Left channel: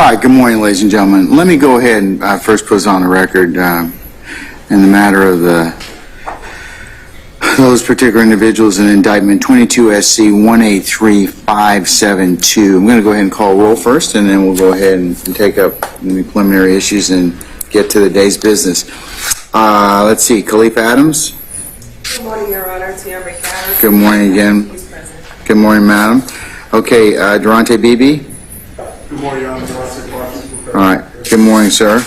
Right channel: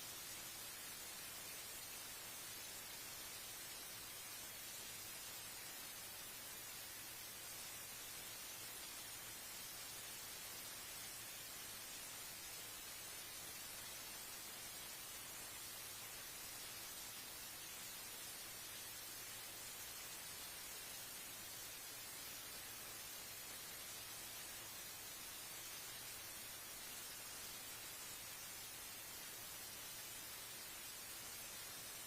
All right, good morning, ladies and gentlemen. Let me go ahead and first put on the record in the matter of those particular individuals in indictment 22 SC 183572. I'm going to go ahead and call roll first, and then we'll go ahead and take up the preliminary issues and get to the day's business. Let's see, Khalif Adams. Good morning, Your Honor. Tiara Carter. Good morning again. He's present. Good morning, madam. Okay, Durante Beebe. Good morning, Your Honor. All right. Good morning, sir.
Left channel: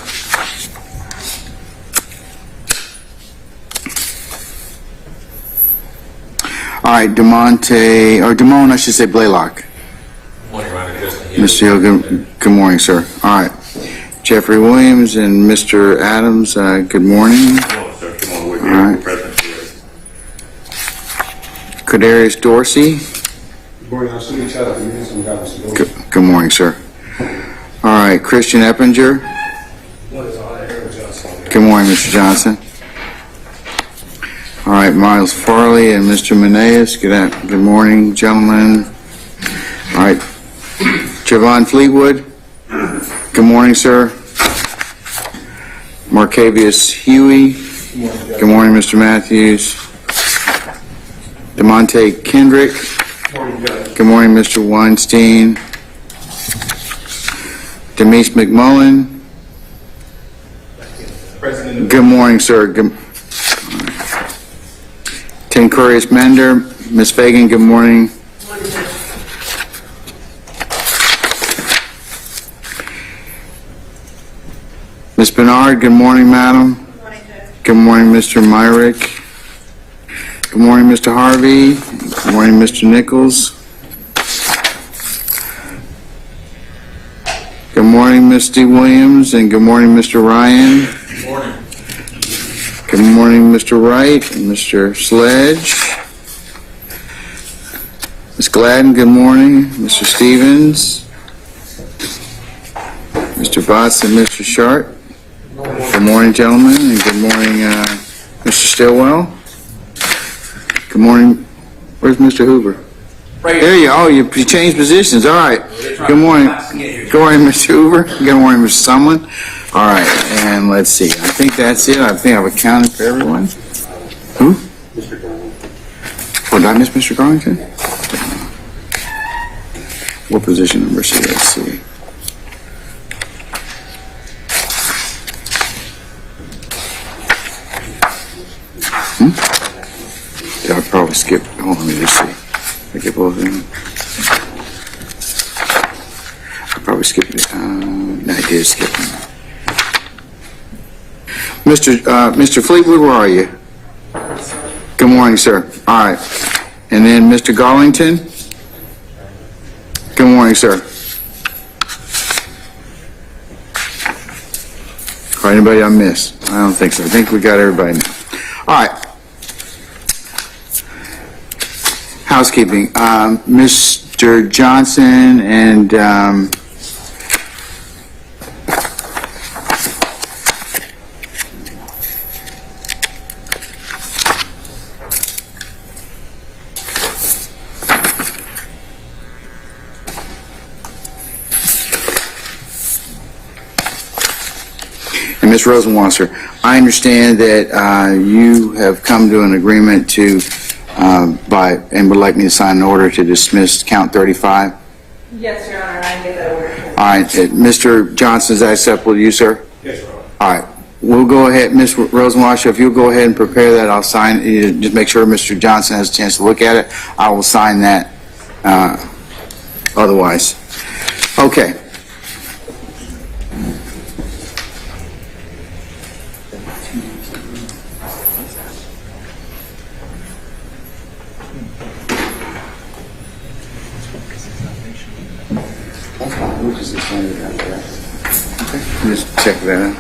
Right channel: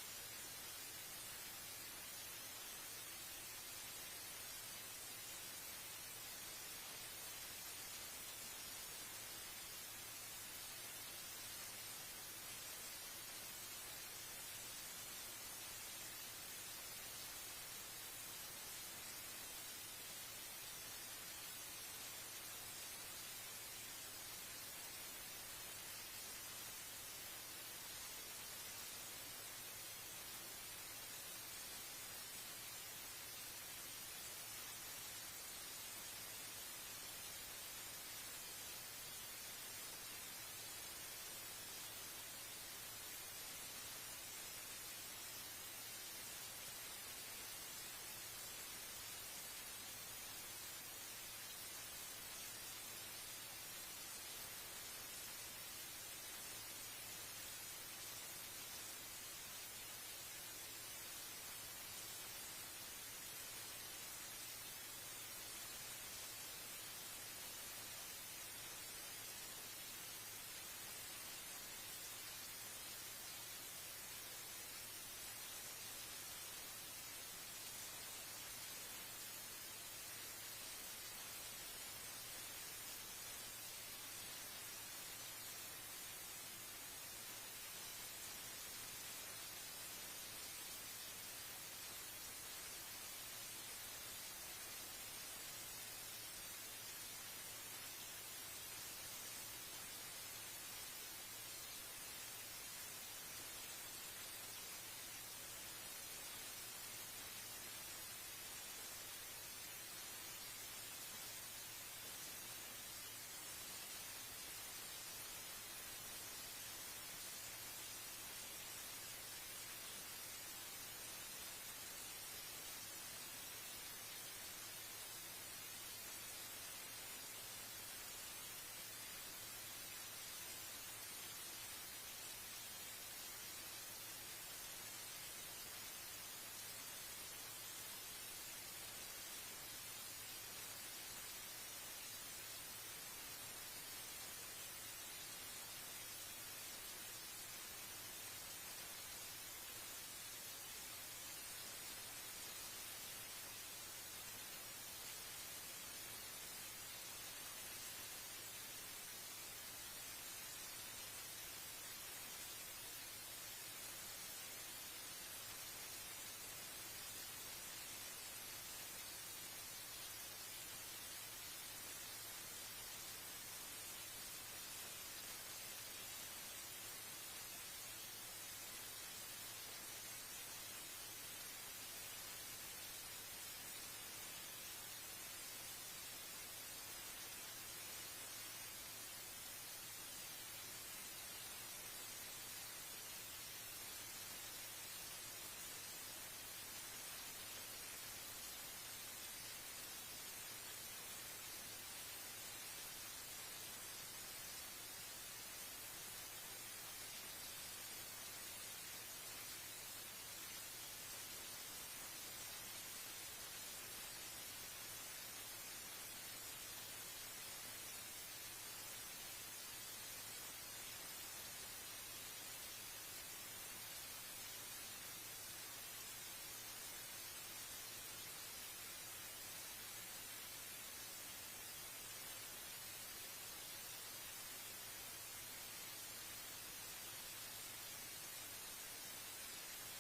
All right, Damone, I should say Blaylock. Good morning, Your Honor. Mr. Hill, good morning, sir. All right. Jeffrey Williams and Mr. Adams, good morning. Hello, sir. Come on, we're All here. right. We're present here. Kadarius Dorsey. Good morning, I'm Sunny Chad. I'm here some guys. Good morning, sir. All right, Christian Eppinger. Good morning, Mr. Johnson. All right, Miles Farley and Mr. Meneas. Good morning, gentlemen. All right, Javon Fleetwood. Good morning, sir. Marcavius Huey. Good morning, Mr. Matthews. DeMonte Kendrick. Good morning, Mr. Weinstein. Demise McMullen. President. Good morning, sir. Tencurius Mender. Ms. Fagan, good morning. Ms. Bernard, good morning, madam. Good morning, Mr. Myrick. Good morning, Mr. Harvey. Good morning, Mr. Nichols. morning, Misty Williams, and good morning, Mr. Ryan. Good morning. Good morning, Mr. Wright and Mr. Sledge. Ms. Gladden, good morning. Mr. Stevens. Mr. Botts and Mr. Sharp. Good morning, gentlemen, and good morning, Mr. Stillwell. Good morning. Where's Mr. Hoover? Right There you are. Oh, you changed positions. All right. Good morning. Good morning, Mr. Hoover. Good morning, Mr. Sumlin. All right, and let's see. I think that's it. I think I've accounted for everyone. Who? Oh, did I miss Mr. Garlington? What position number is he? Let's see. Yeah, I probably skipped. Hold on, let me just see. I get both of them. I probably skipped it. No, I did skip them. Mr. Fleetwood, where are you? Good morning, sir. All right. And then Mr. Garlington? Good morning, sir. Or anybody I missed? I don't think so. I think we got everybody now. All right. Housekeeping. Mr. Johnson and Ms. Rosenwasser, I understand that you have come to an agreement to and would like me to sign an order to dismiss count 35. Yes, Your Honor, I made that order. All right, Mr. Johnson, is that acceptable to you, sir? Yes, Your Honor. All right, we'll go ahead, Ms. Rosenwasser, if you'll go ahead and prepare that, I'll sign, just make sure Mr. Johnson has a chance to look at it. I will sign that otherwise. Okay. Just check that out.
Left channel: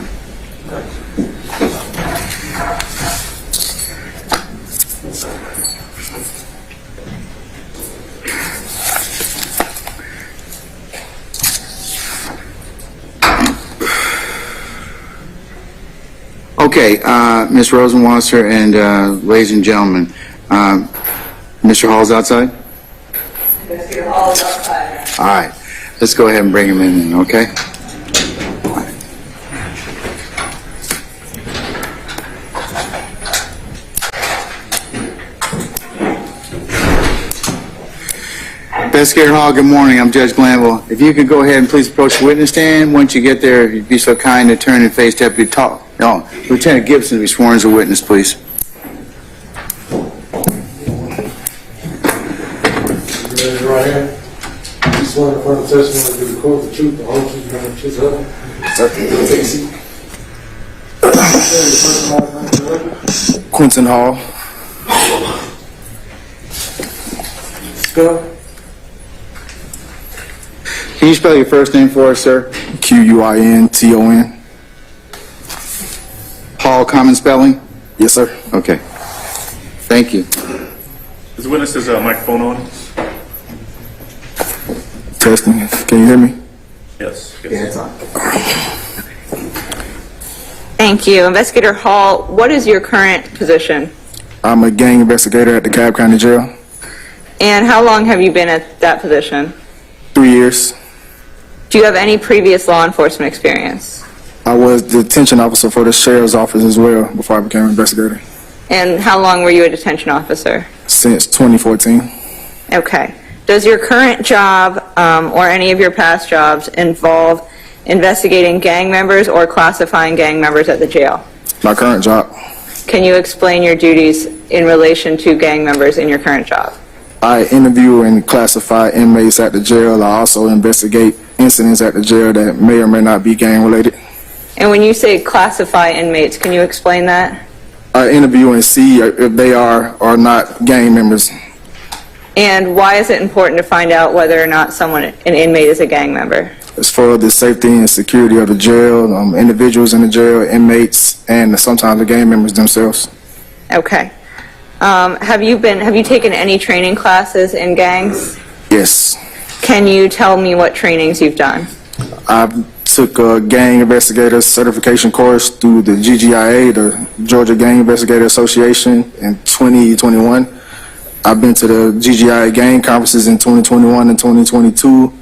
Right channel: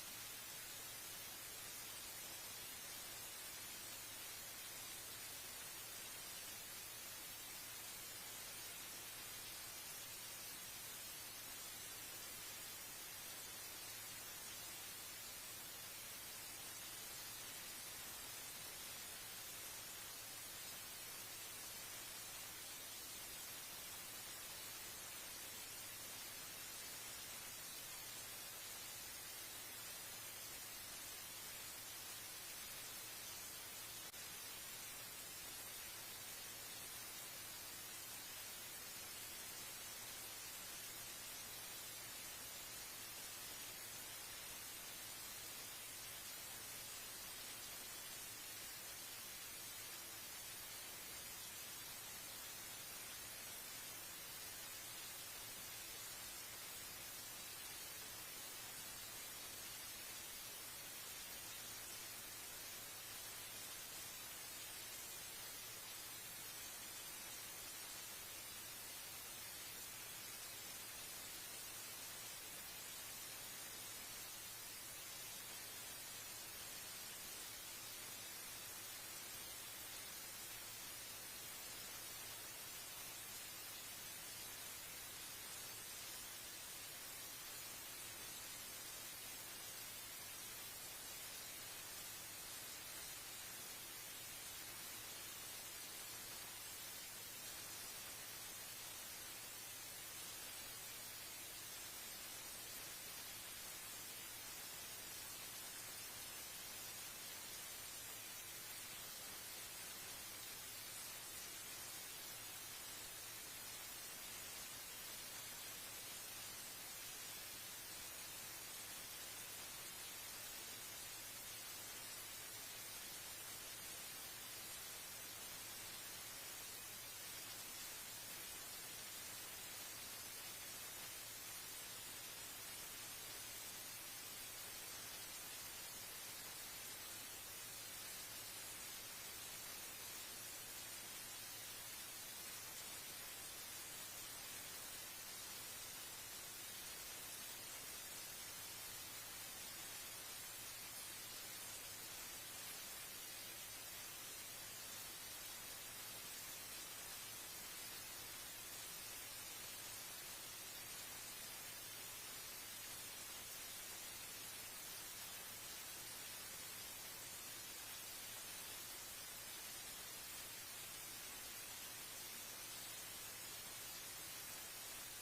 Okay, Ms. Rosenwasser and ladies and gentlemen, Mr. Hall's outside? Mr. Hall is outside. All right, let's go ahead and bring him in, okay? Investigator Hall, good morning. I'm Judge Glanville. If you could go ahead and please approach the witness stand. Once you get there, if you'd be so kind to turn and face Deputy Lieutenant Gibson to be sworn as a witness, please. Raise your right hand. You swear to affirm the testimony to the court, the truth, the whole truth, and nothing but the truth, so help you. Take a seat. Quentin Hall. Spell. Can you spell your first name for us, sir? Quinton. Hall, common spelling? Yes, sir. Okay. Thank you. Is the witness's microphone on? Testing. Can you hear me? Yes. it's on. Thank you. Investigator Hall, what is your current position? I'm a gang investigator at the Cobb County Jail. And how long have you been at that position? 3 years. Do you have any previous law enforcement experience? I was detention officer for the sheriff's office as well before I became an investigator. And how long were you a detention officer? Since 2014. Okay. Does your current job or any of your past jobs involve investigating gang members or classifying gang members at the jail? My current job. Can you explain your duties in relation to gang members in your current job? I interview and classify inmates at the jail. I also investigate incidents at the jail that may or may not be gang related. And when you say classify inmates, can you explain that? I interview and see if they are or not gang members. And why is it important to find out whether or not an inmate is a gang member? as for the safety and security of the jail, individuals in the jail, inmates, and sometimes the gang members themselves. Okay. Have you taken any training classes in gangs? Yes. Can you tell me what trainings you've done? I took a gang investigator certification course through the GGIA, the Georgia Gang Investigator Association, in 2021. I've been to the GGIA gang conferences in 2021 and 2022.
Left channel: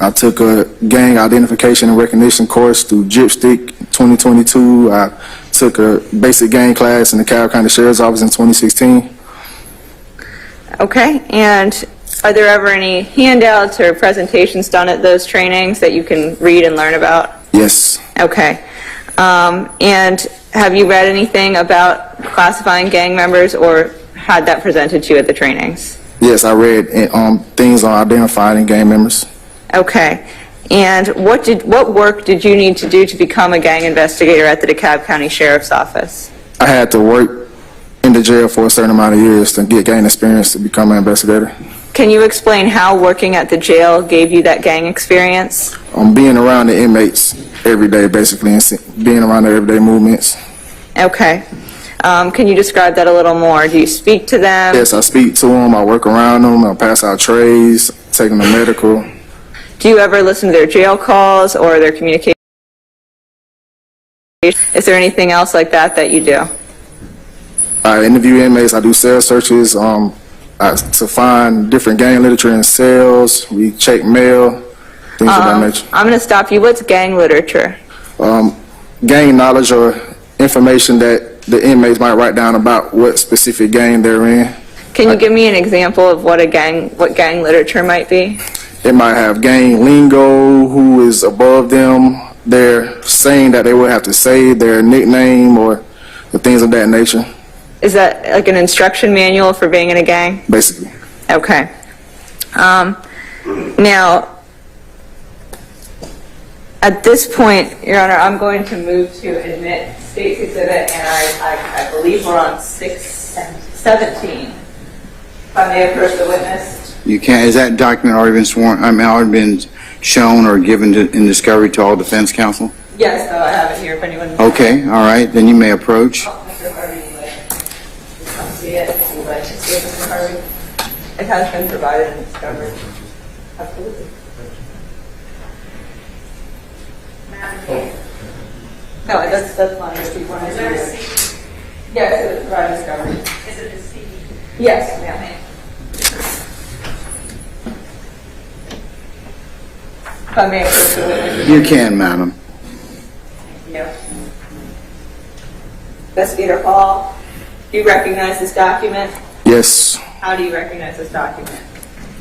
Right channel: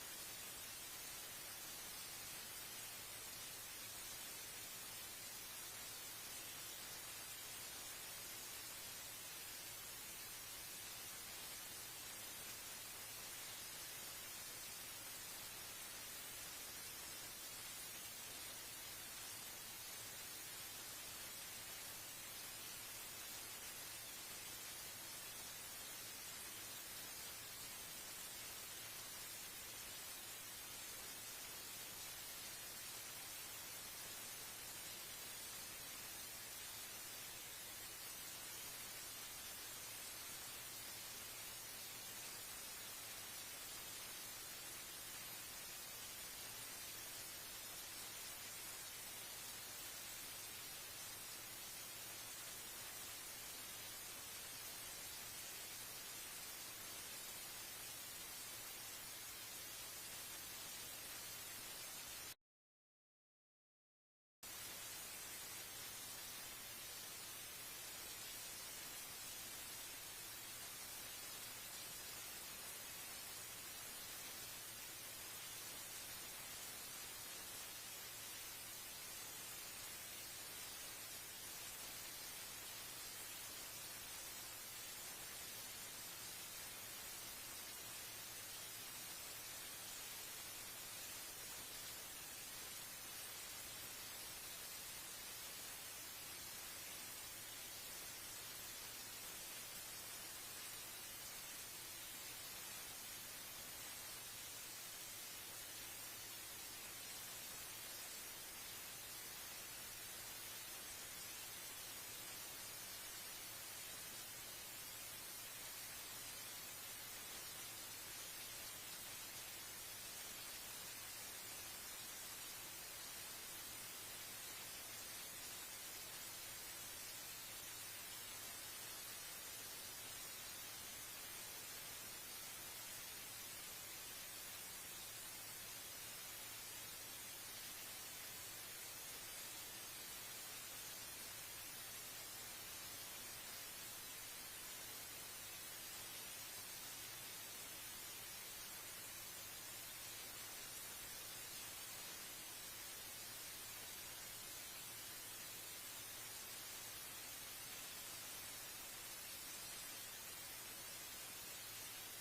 I took a gang identification and recognition course through GIPSTIC 2022. I took a basic gang class in the Cobb County Sheriff's Office in 2016. Okay, and are there ever any handouts or presentations done at those trainings that you can read and learn about? Yes. Okay. And have you read anything about classifying gang members or had that presented to you at the trainings? Yes, I read things on identifying gang members. Okay. And what work did you need to do to become a gang investigator at the DeKalb County Sheriff's Office? I had to work in the jail for a certain amount of years to get gang experience to become an investigator. Can you explain how working at the jail gave you that gang experience? Being around the inmates every day, basically, and being around their everyday movements. Okay. Can you describe that a little more? Do you speak to them? Yes, I speak to them, I work around them, I pass out trays, take them to medical. Do you ever listen to their jail calls or their communication? Is there anything else like that that you do? I interview inmates, I do cell searches to find different gang literature in cells, we check mail, things of that nature. I'm going to stop you. What's gang literature? Gang knowledge or information that the inmates might write down about what specific gang they're in. Can you give me an example of what gang literature might be? It might have gang lingo, who is above them. They're saying that they would have to say their nickname or the things of that nature. Is that like an instruction manual for being in a gang? Basically. Okay. Now, at this point, Your Honor, I'm going to move to admit State's Exhibit, and I believe we're on 617. If I may approach the witness. You can't, is that document already been sworn, already been shown or given in discovery to all defense counsel? Yes, I have it here if anyone. Okay, all right, then you may approach. Mr. Harvey, you may come see it if you'd like to see it, Mr. Harvey. It has been provided in discovery. Absolutely. No, that's fine. If you want to see it. Yes, it was provided discovery. Is it a CD? Yes, ma'am. If I may approach the witness. You can, madam. Yeah. Investigator Hall, do you recognize this document? Yes, How do you recognize this document?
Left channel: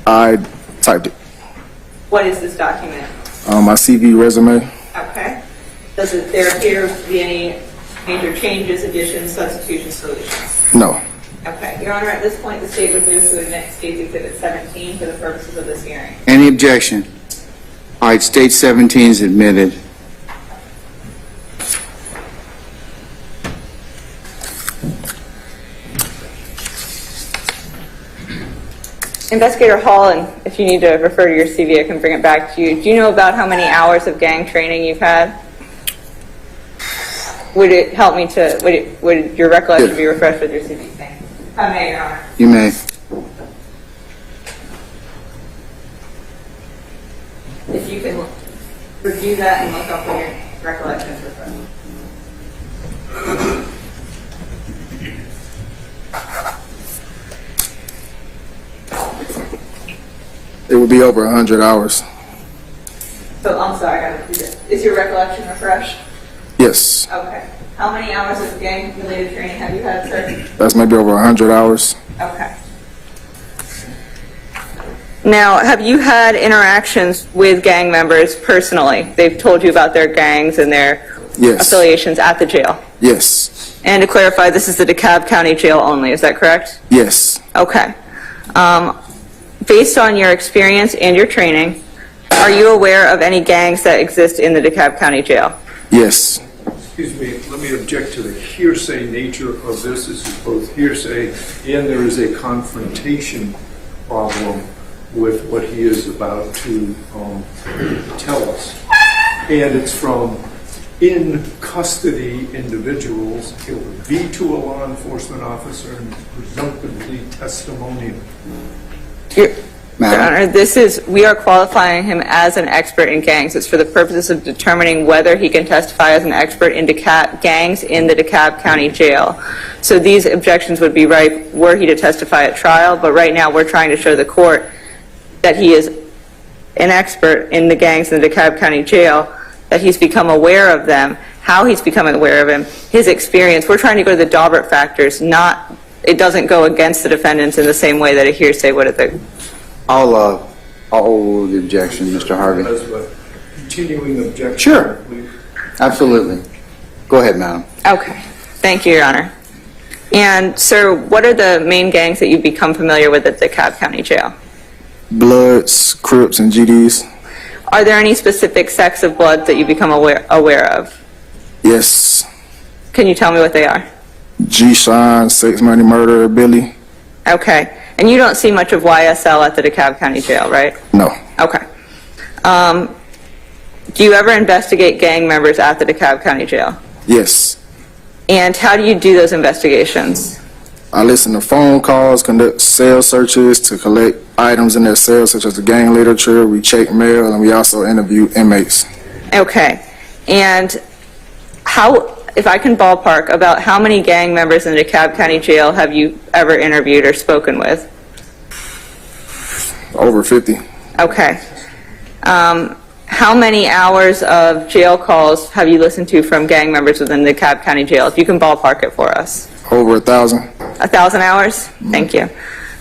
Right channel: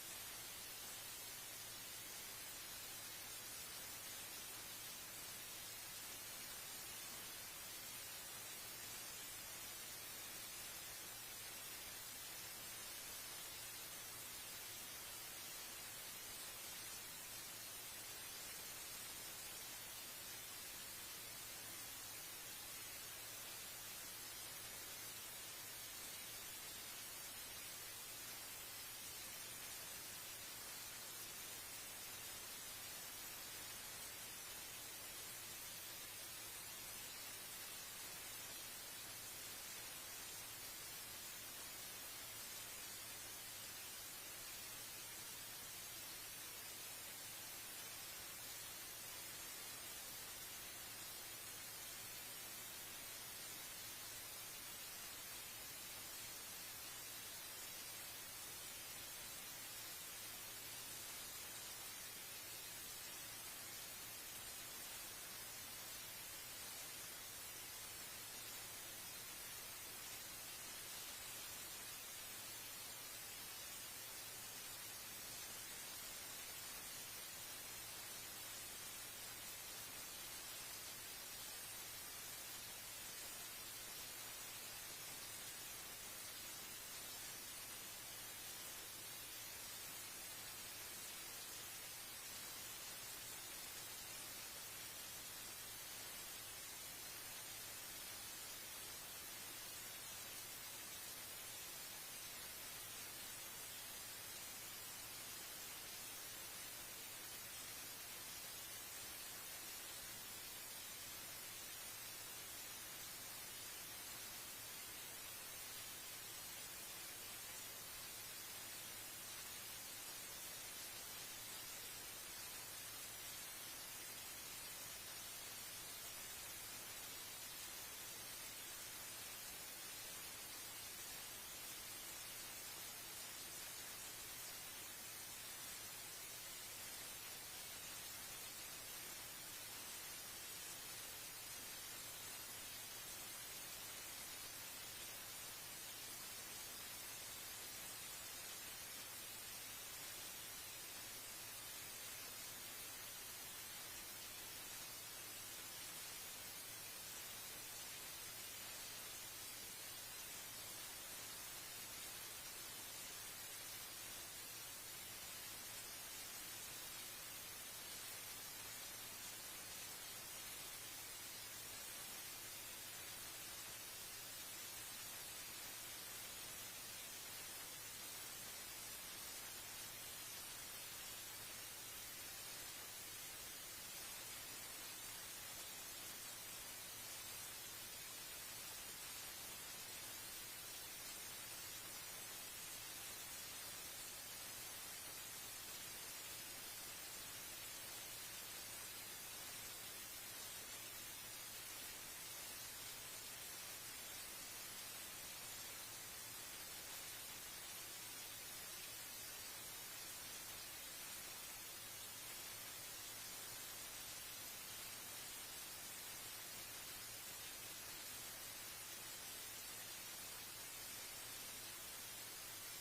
I typed it. What is this document? My CV resume. Okay. Does there appear to be any major changes, additions, substitutions, deletions? No. Okay. Your Honor, at this point, the state would move to admit State's Exhibit 17 for the purposes of this hearing. Any objection? All right, State 17 is admitted. Investigator Hall, and if you need to refer to your CV, I can bring it back to you. Do you know about how many hours of gang training you've had? Would it help me to, would your recollection be refreshed with your CV? Thank you. I may, Your Honor. You may. If you can review that and look up what your recollection is refreshed. It would be over 100 hours. So, I'm sorry, I gotta repeat it. Is your recollection refreshed? Yes, Okay. How many hours of gang-related training have you had, sir? that's maybe over 100 hours. Okay. Now, have you had interactions with gang members personally? They've told you about their gangs and their Yes. affiliations at the jail? Yes. And to clarify, this is the DeKalb County Jail only, is that correct? Yes. Okay. Based on your experience and your training, are you aware of any gangs that exist in the DeKalb County Jail? Yes. Excuse me, let me object to the hearsay nature of this. This is both hearsay and there is a confrontation problem with what he is about to tell us. And it's from in custody individuals. It would be to a law enforcement officer and presumptively testimonial. Your Madam? Honor, we are qualifying him as an expert in gangs. It's for the purposes of determining whether he can testify as an expert in gangs in the DeKalb County Jail. So these objections would be right were he to testify at trial, but right now we're trying to show the court that he is an expert in the gangs in the DeKalb County Jail, that he's become aware of them, how he's becoming aware of them, his experience. We're trying to go to the Daubert factors, it doesn't go against the defendants in the same way that a hearsay would at the... I'll hold the objection, Mr. Harvey. As a continuing objection. Sure. Absolutely. Go ahead, madam. Okay. Thank you, Your Honor. And, sir, what are the main gangs that you've become familiar with at the DeKalb County Jail? Bloods, Crips, and GDs. Are there any specific sects of blood that you become aware of? Yes. Can you tell me what they are? G-Shine, Sex, Money, Murder, Billy. Okay. And you don't see much of YSL at the DeKalb County Jail, right? No. Okay. Do you ever investigate gang members at the DeKalb County Jail? Yes. And how do you do those investigations? I listen to phone calls, conduct cell searches to collect items in their cells, such as the gang literature. We check mail, and we also interview inmates. Okay. And if I can ballpark, about how many gang members in the DeKalb County Jail have you ever interviewed or spoken with? Over 50. Okay. How many hours of jail calls have you listened to from gang members within the DeKalb County Jail? If you can ballpark it for us. Over 1,000. 1,000 hours? Thank you.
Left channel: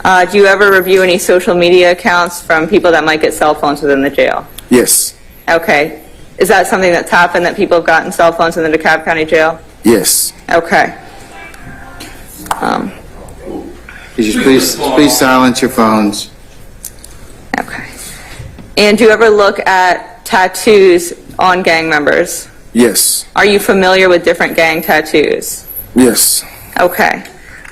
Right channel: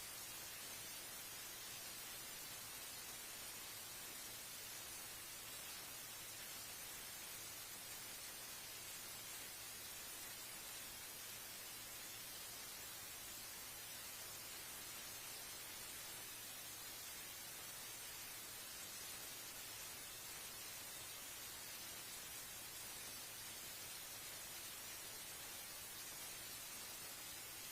Do you ever review any social media accounts from people that might get cell phones within the jail? Yes. Okay. Is that something that's happened, that people have gotten cell phones in the DeKalb County Jail? Yes. Okay. Could you please silence your phones? Okay. And do you ever look at tattoos on gang members? Yes. Are you familiar with different gang tattoos? Yes. Okay.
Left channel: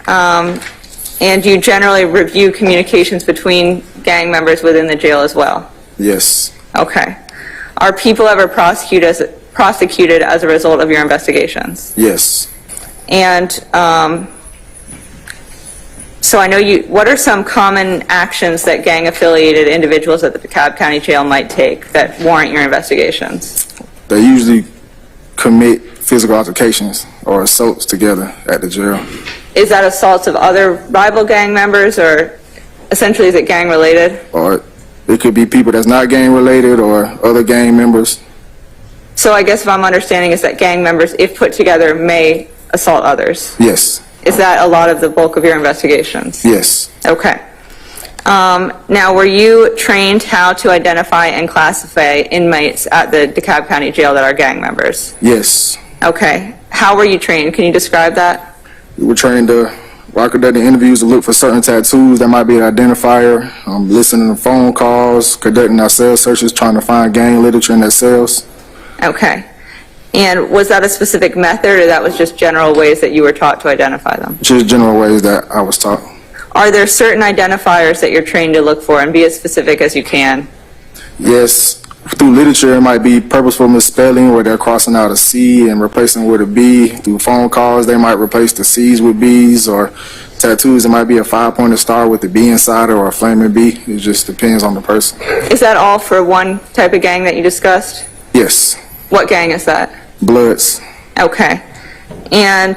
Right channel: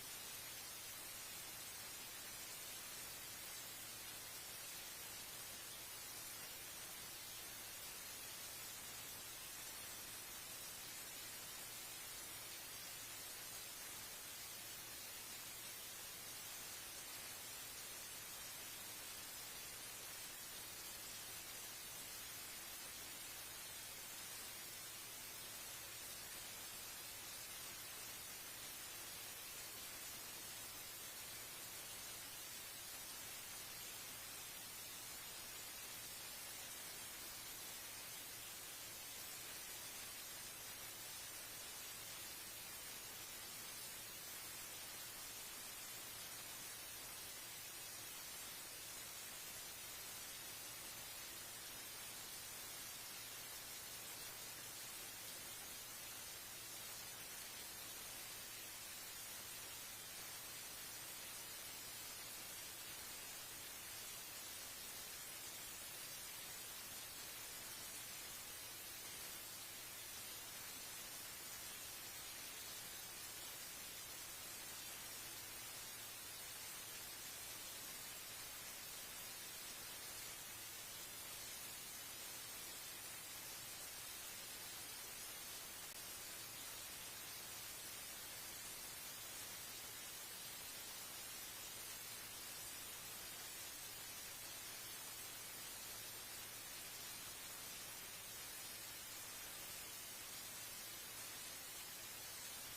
And do you generally review communications between gang members within the jail as well? Yes. Okay. Are people ever prosecuted as a result of your investigations? Yes. And so I know what are some common actions that gang-affiliated individuals at the DeKalb County Jail might take that warrant your investigations? They usually commit physical altercations or assaults together at the jail. Is that assaults of other rival gang members, or essentially is it gang-related? Or it could be people that's not gang-related or other gang members. So I guess if I'm understanding is that gang members, if put together, may assault others. Yes. Is that a lot of the bulk of your investigations? Yes. Okay. Now, were you trained how to identify and classify inmates at the DeKalb County Jail that are gang members? Yes. Okay. How were you trained? Can you describe that? We were trained to conduct the interviews to look for certain tattoos that might be an identifier, listening to phone calls, conducting our cell searches, trying to find gang literature in their cells. Okay. And was that a specific method, or that was just general ways that you were taught to identify them? Just general ways that I was taught. Are there certain identifiers that you're trained to look for, and be as specific as you can? Yes. Through literature, it might be purposeful misspelling where they're crossing out a C and replacing with a B. Through phone calls, they might replace the C's with B's, or tattoos, it might be a 5-pointed star with a B inside it or a flaming B. It just depends on the person. Is that all for one type of gang that you discussed? Yes. What gang is that? Bloods. Okay. And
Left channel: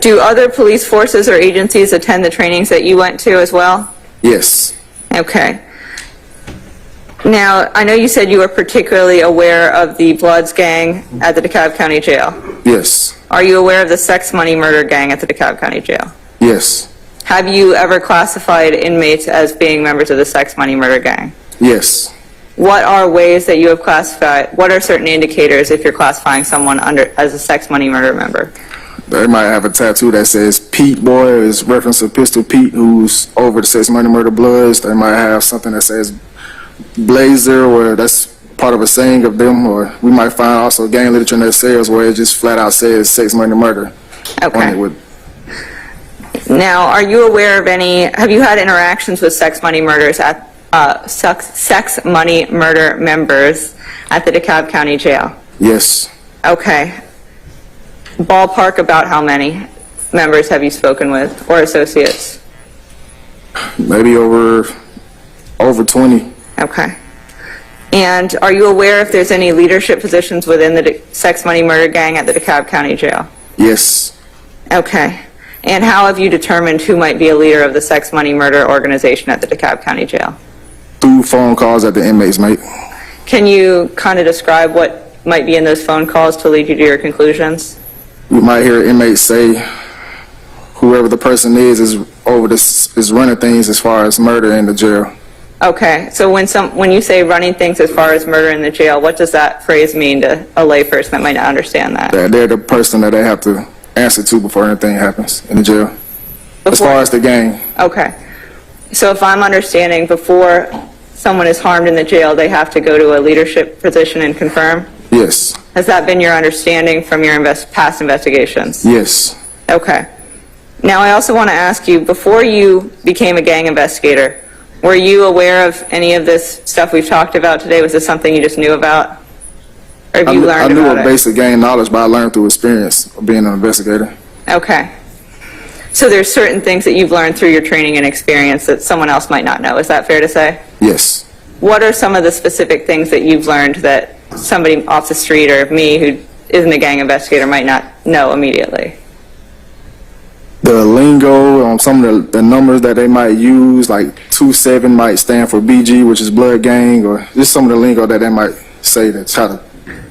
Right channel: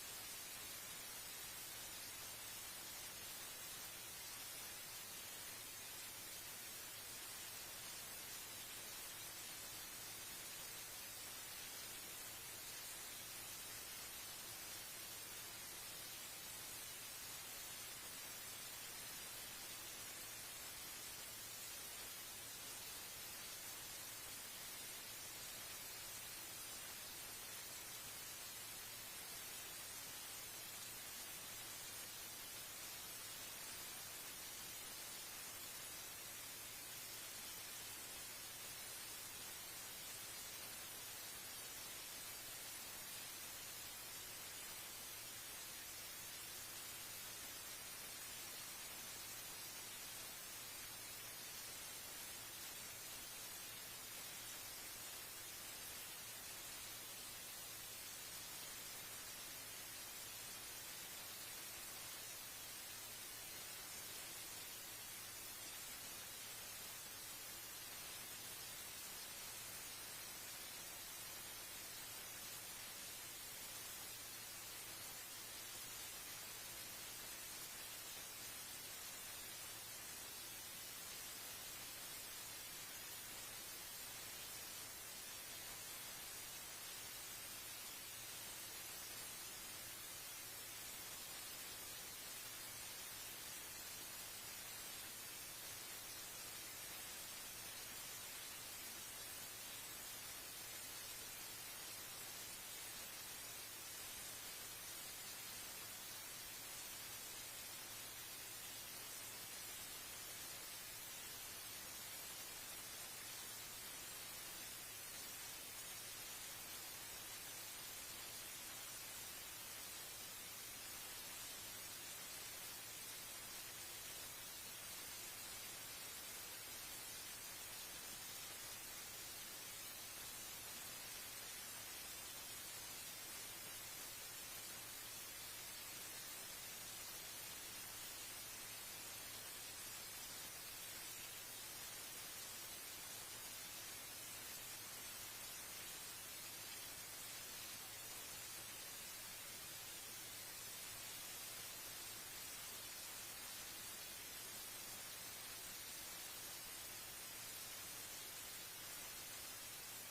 do other police forces or agencies attend the trainings that you went to as well? Yes. Okay. Now, I know you said you were particularly aware of the Bloods gang at the DeKalb County Jail. Yes. Are you aware of the Sex Money Murder gang at the DeKalb County Jail? Yes. Have you ever classified inmates as being members of the Sex Money Murder gang? Yes. What are ways that you have classified, what are certain indicators if you're classifying someone as a Sex Money Murder member? They might have a tattoo that says Pete Boy, is reference to Pistol Pete, who's over the Sex Money Murder Bloods. They might have something that says Blazer, where that's part of a saying of them, or we might find also gang literature in their cells where it just flat out says Sex Money Murder. Okay. Now, are you aware of have you had interactions with sex money murder members at the DeKalb County Jail? Yes. Okay. Ballpark about how many members have you spoken with or associates? Maybe over 20. Okay. And are you aware if there's any leadership positions within the sex money murder gang at the DeKalb County Jail? Yes. Okay. And how have you determined who might be a leader of the sex money murder organization at the DeKalb County Jail? Through phone calls that the inmates make. Can you kind of describe what might be in those phone calls to lead you to your conclusions? You might hear inmates say whoever the person is running things as far as murder in the jail. Okay, so when you say running things as far as murder in the jail, what does that phrase mean to a layperson that might not understand that? That they're the person that they have to answer to before anything happens in the jail. As far as the gang. Okay. So if I'm understanding, before someone is harmed in the jail, they have to go to a leadership position and confirm? Yes. Has that been your understanding from your past investigations? Yes. Okay. Now, I also want to ask you, before you became a gang investigator, were you aware of any of this stuff we've talked about today? Was this something you just knew about? Or have you learned I knew about of it? basic gang knowledge, but I learned through experience of being an investigator. Okay. So there's certain things that you've learned through your training and experience that someone else might not know. Is that fair to say? Yes. What are some of the specific things that you've learned that somebody off the street or me who isn't a gang investigator might not know immediately? The lingo, some of the numbers that they might use, like 27 might stand for BG, which is blood gang, or just some of the lingo that they might say to try to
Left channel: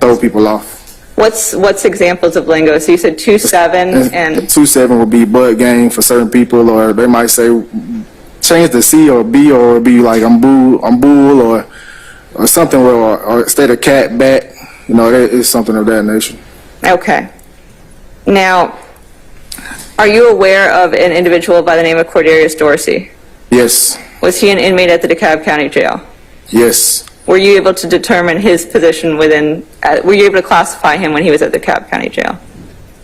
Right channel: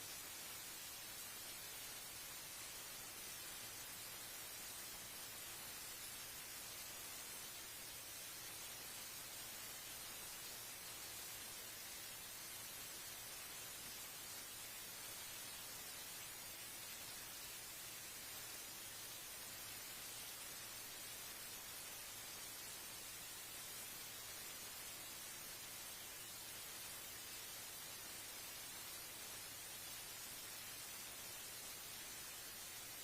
throw people off. What's examples of lingo? So you said 27 and 27 would be blood gang for certain people, or they might say change the C or B, or it'd be like I'm bull, or something, or instead of cat, bat. That is something of that nature. okay. Now, are you aware of an individual by the name of Cordarius Dorsey? Yes. Was he an inmate at the DeKalb County Jail? Yes. Were you able to determine his position were you able to classify him when he was at the DeKalb County Jail?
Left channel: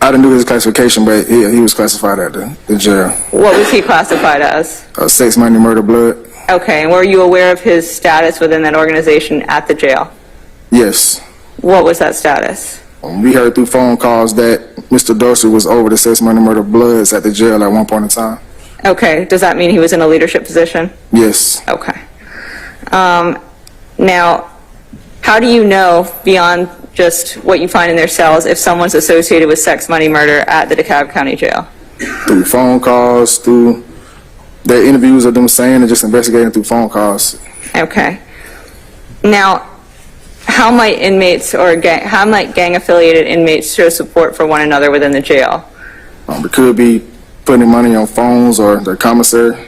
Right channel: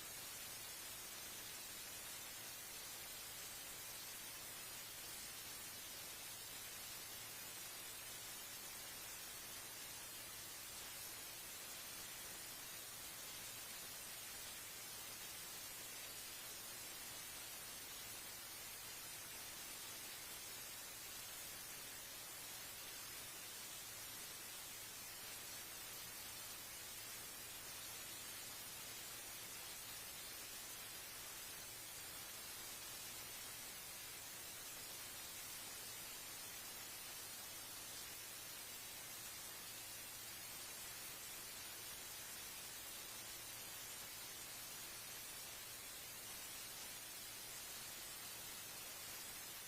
I didn't do his classification, but he was classified at the jail. What was he classified as? Sex, money, murder, blood. Okay, and were you aware of his status within that organization at the jail? Yes. What was that status? We heard through phone calls that Mr. Dorsey was over the sex, money, murder, bloods at the jail at one point in time. Okay, does that mean he was in a leadership position? Yes. Okay. Now, how do you know, beyond just what you find in their cells, if someone's associated with sex, money, murder at the DeKalb County Jail? Through phone calls, through their interviews of them saying, and just investigating through phone calls. Okay. Now, how might gang-affiliated inmates show support for one another within the jail? It could be putting money on phones or their commissary.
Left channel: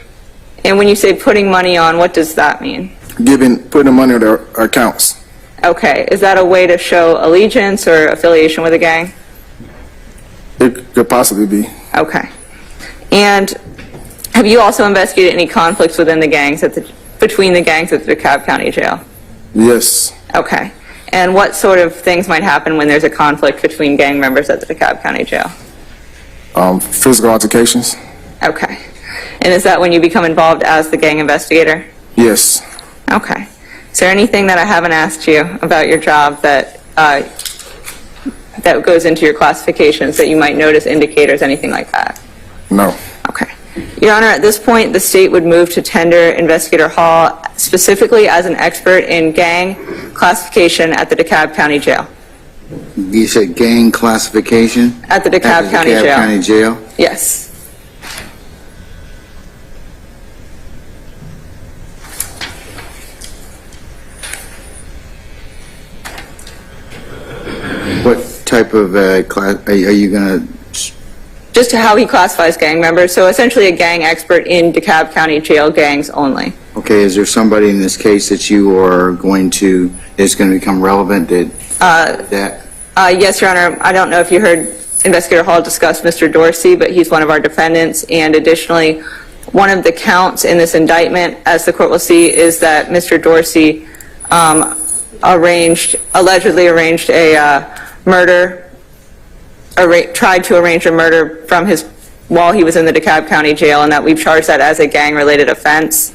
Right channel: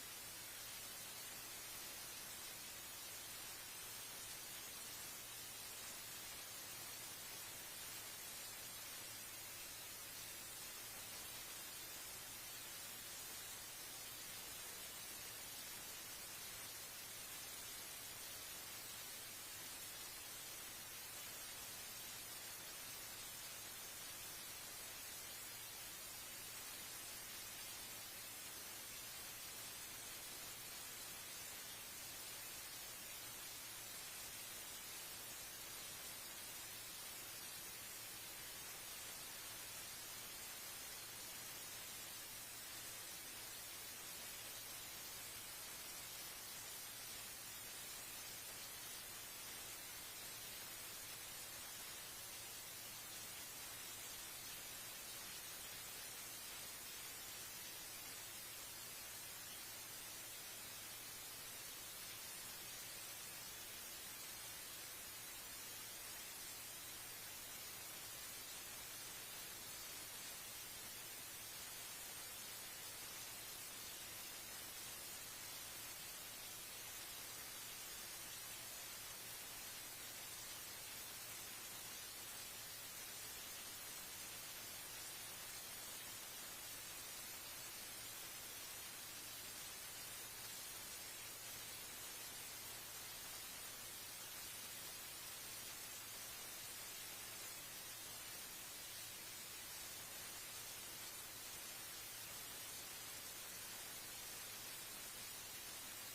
And when you say putting money on, what does that mean? Putting money on their accounts. Okay. Is that a way to show allegiance or affiliation with a gang? It could possibly be. Okay. And have you also investigated any conflicts within the gangs between the gangs at the DeKalb County Jail? Yes. Okay. And what sort of things might happen when there's a conflict between gang members at the DeKalb County Jail? Physical altercations. Okay. And is that when you become involved as the gang investigator? Yes. Okay. Is there anything that I haven't asked you about your job that goes into your classifications that you might notice, indicators, anything like that? No. Okay. Your Honor, at this point, the state would move to tender Investigator Hall specifically as an expert in gang classification at the DeKalb County Jail. You said gang classification? At the DeKalb At County DeKalb Jail. County Jail? Yes. What type of class, are you going to, Just how he classifies gang members. So essentially a gang expert in DeKalb County Jail gangs only. okay, is there somebody in this case that you are going to, that's going to become relevant that? Yes, Your Honor. I don't know if you heard Investigator Hall discuss Mr. Dorsey, but he's one of our defendants. And additionally, one of the counts in this indictment, as the court will see, is that Mr. Dorsey allegedly arranged a murder, tried to arrange a murder from his while he was in the DeKalb County Jail, and that we've charged that as a gang-related offense.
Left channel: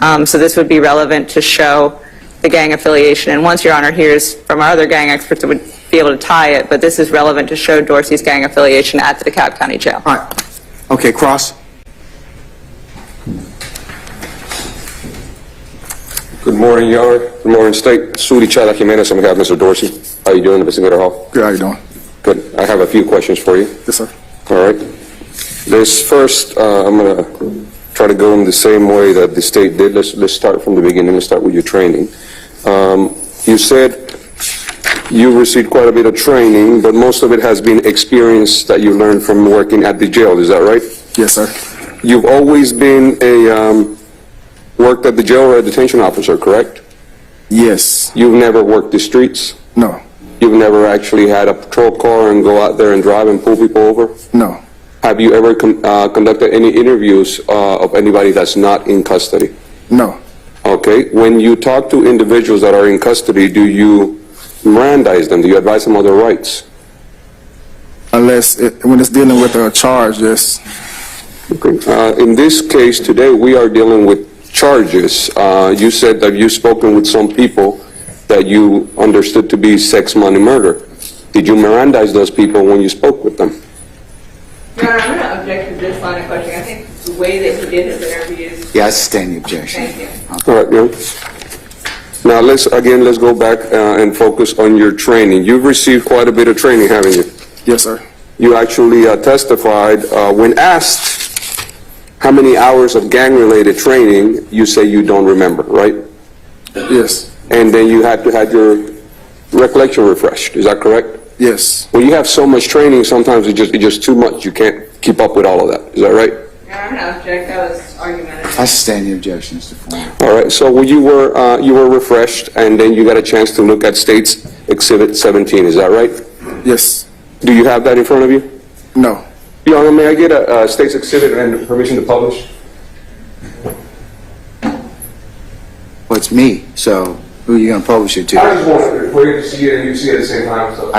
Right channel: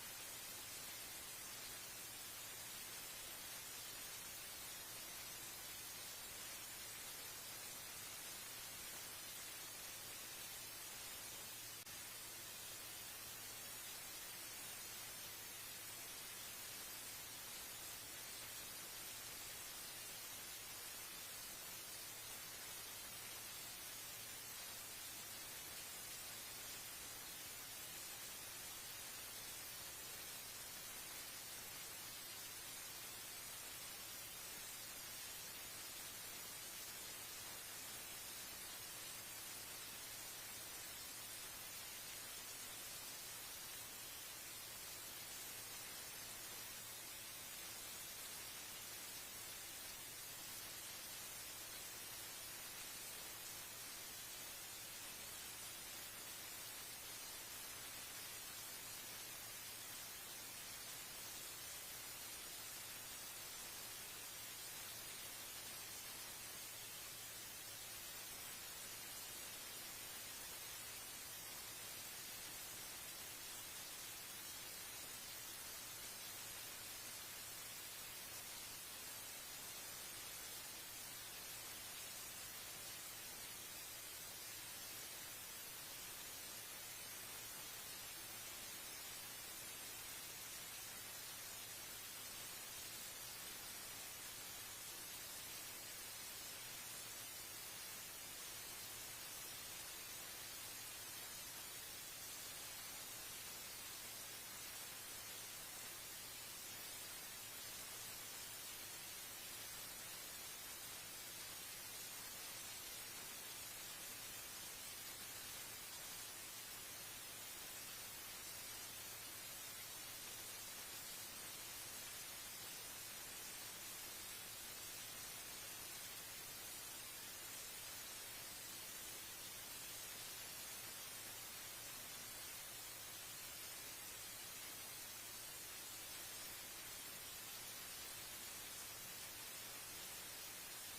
So this would be relevant to show the gang affiliation. And once Your Honor hears from our other gang experts, it would be able to tie it, but this is relevant to show Dorsey's gang affiliation at the DeKalb County Jail. All right. Okay, Cross. Good morning, Your Honor. Good morning, State. Sudi Chala Jimenez on behalf of Mr. Dorsey. How you doing, Investigator Hall? Good, how you doing? Good. I have a few questions for you. Yes, sir. All right. This first, I'm going to try to go in the same way that the State did. Let's start from the beginning. Let's start with your training. You said you received quite a bit of training, but most of it has been experience that you learned from working at the jail. Is that right? Yes, sir. You've always been worked at the jail or a detention officer, correct? Yes. You've never worked the streets? No. You've never actually had a patrol car and go out there and drive and pull people over? No. Have you ever conducted any interviews of anybody that's not in custody? No. Okay. When you talk to individuals that are in custody, do you Mirandize them? Do you advise them of their rights? When it's dealing with a charge, yes. Okay. In this case today, we are dealing with charges. You said that you've spoken with some people that you understood to be sex, money, murder. Did you Mirandize those people when you spoke with them? Your Honor, I'm going to object to this line of questioning. I think the way that he did his interviews. Yeah, I sustain the objection. Thank you. All right, yeah. Now let's go back and focus on your training. You've received quite a bit of training, haven't you? Yes, sir. You actually testified when asked how many hours of gang-related training, you say you don't remember, right? Yes. And then you had to have your recollection refreshed. Is that correct? Yes. When you have so much training, sometimes it's just too much. You can't keep up with all of that. Is that right? Your Honor, I'm going to object. That was argumentative. I sustain the objection, Mr. Foreman. All right. So when you were refreshed, and then you got a chance to look at State's Exhibit 17. Is that right? Yes. Do you have that in front of you? No. Your Honor, may I get a State's Exhibit and permission to publish? Well, it's me, so who are you going to publish it to? just wanted for you to see it and you see it at the same time. So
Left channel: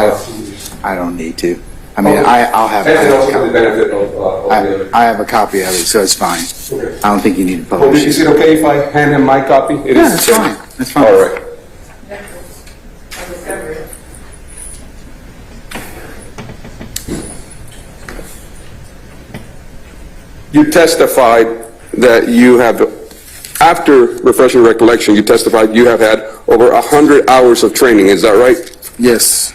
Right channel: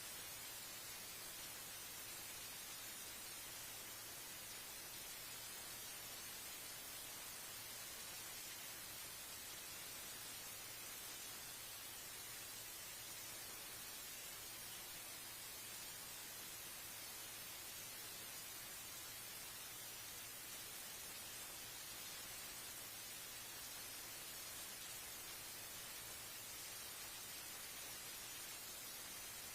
I don't need to. I mean, I'll have And a also for the copy. benefit of the other. I have a copy of it, so it's fine. Okay. I don't think you need to Well, publish is it. it okay if I hand him my copy? It Yeah, is that's the same. fine. That's fine. All right. You testified that you have, after refreshing recollection, you testified you have had over 100 hours of training. Is that right? Yes.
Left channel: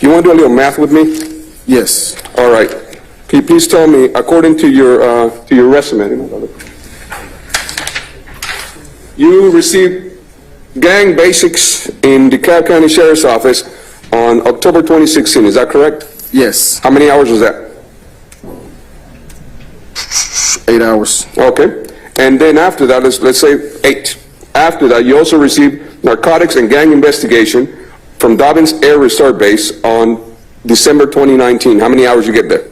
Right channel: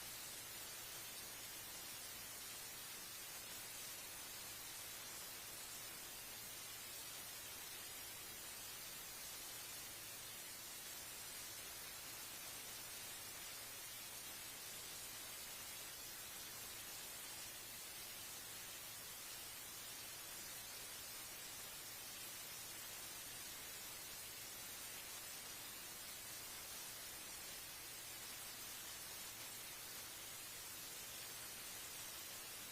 You want to do a little math with me? Yes. All right. Can you please tell me, according to your resume, you received gang basics in DeKalb County Sheriff's Office on October 2016. Is that correct? Yes. How many hours was that? 8 hours. Okay. And then after that, let's say 8. After that, you also received narcotics and gang investigation from Dobbins Air Reserve Base on December 2019. How many hours you get there?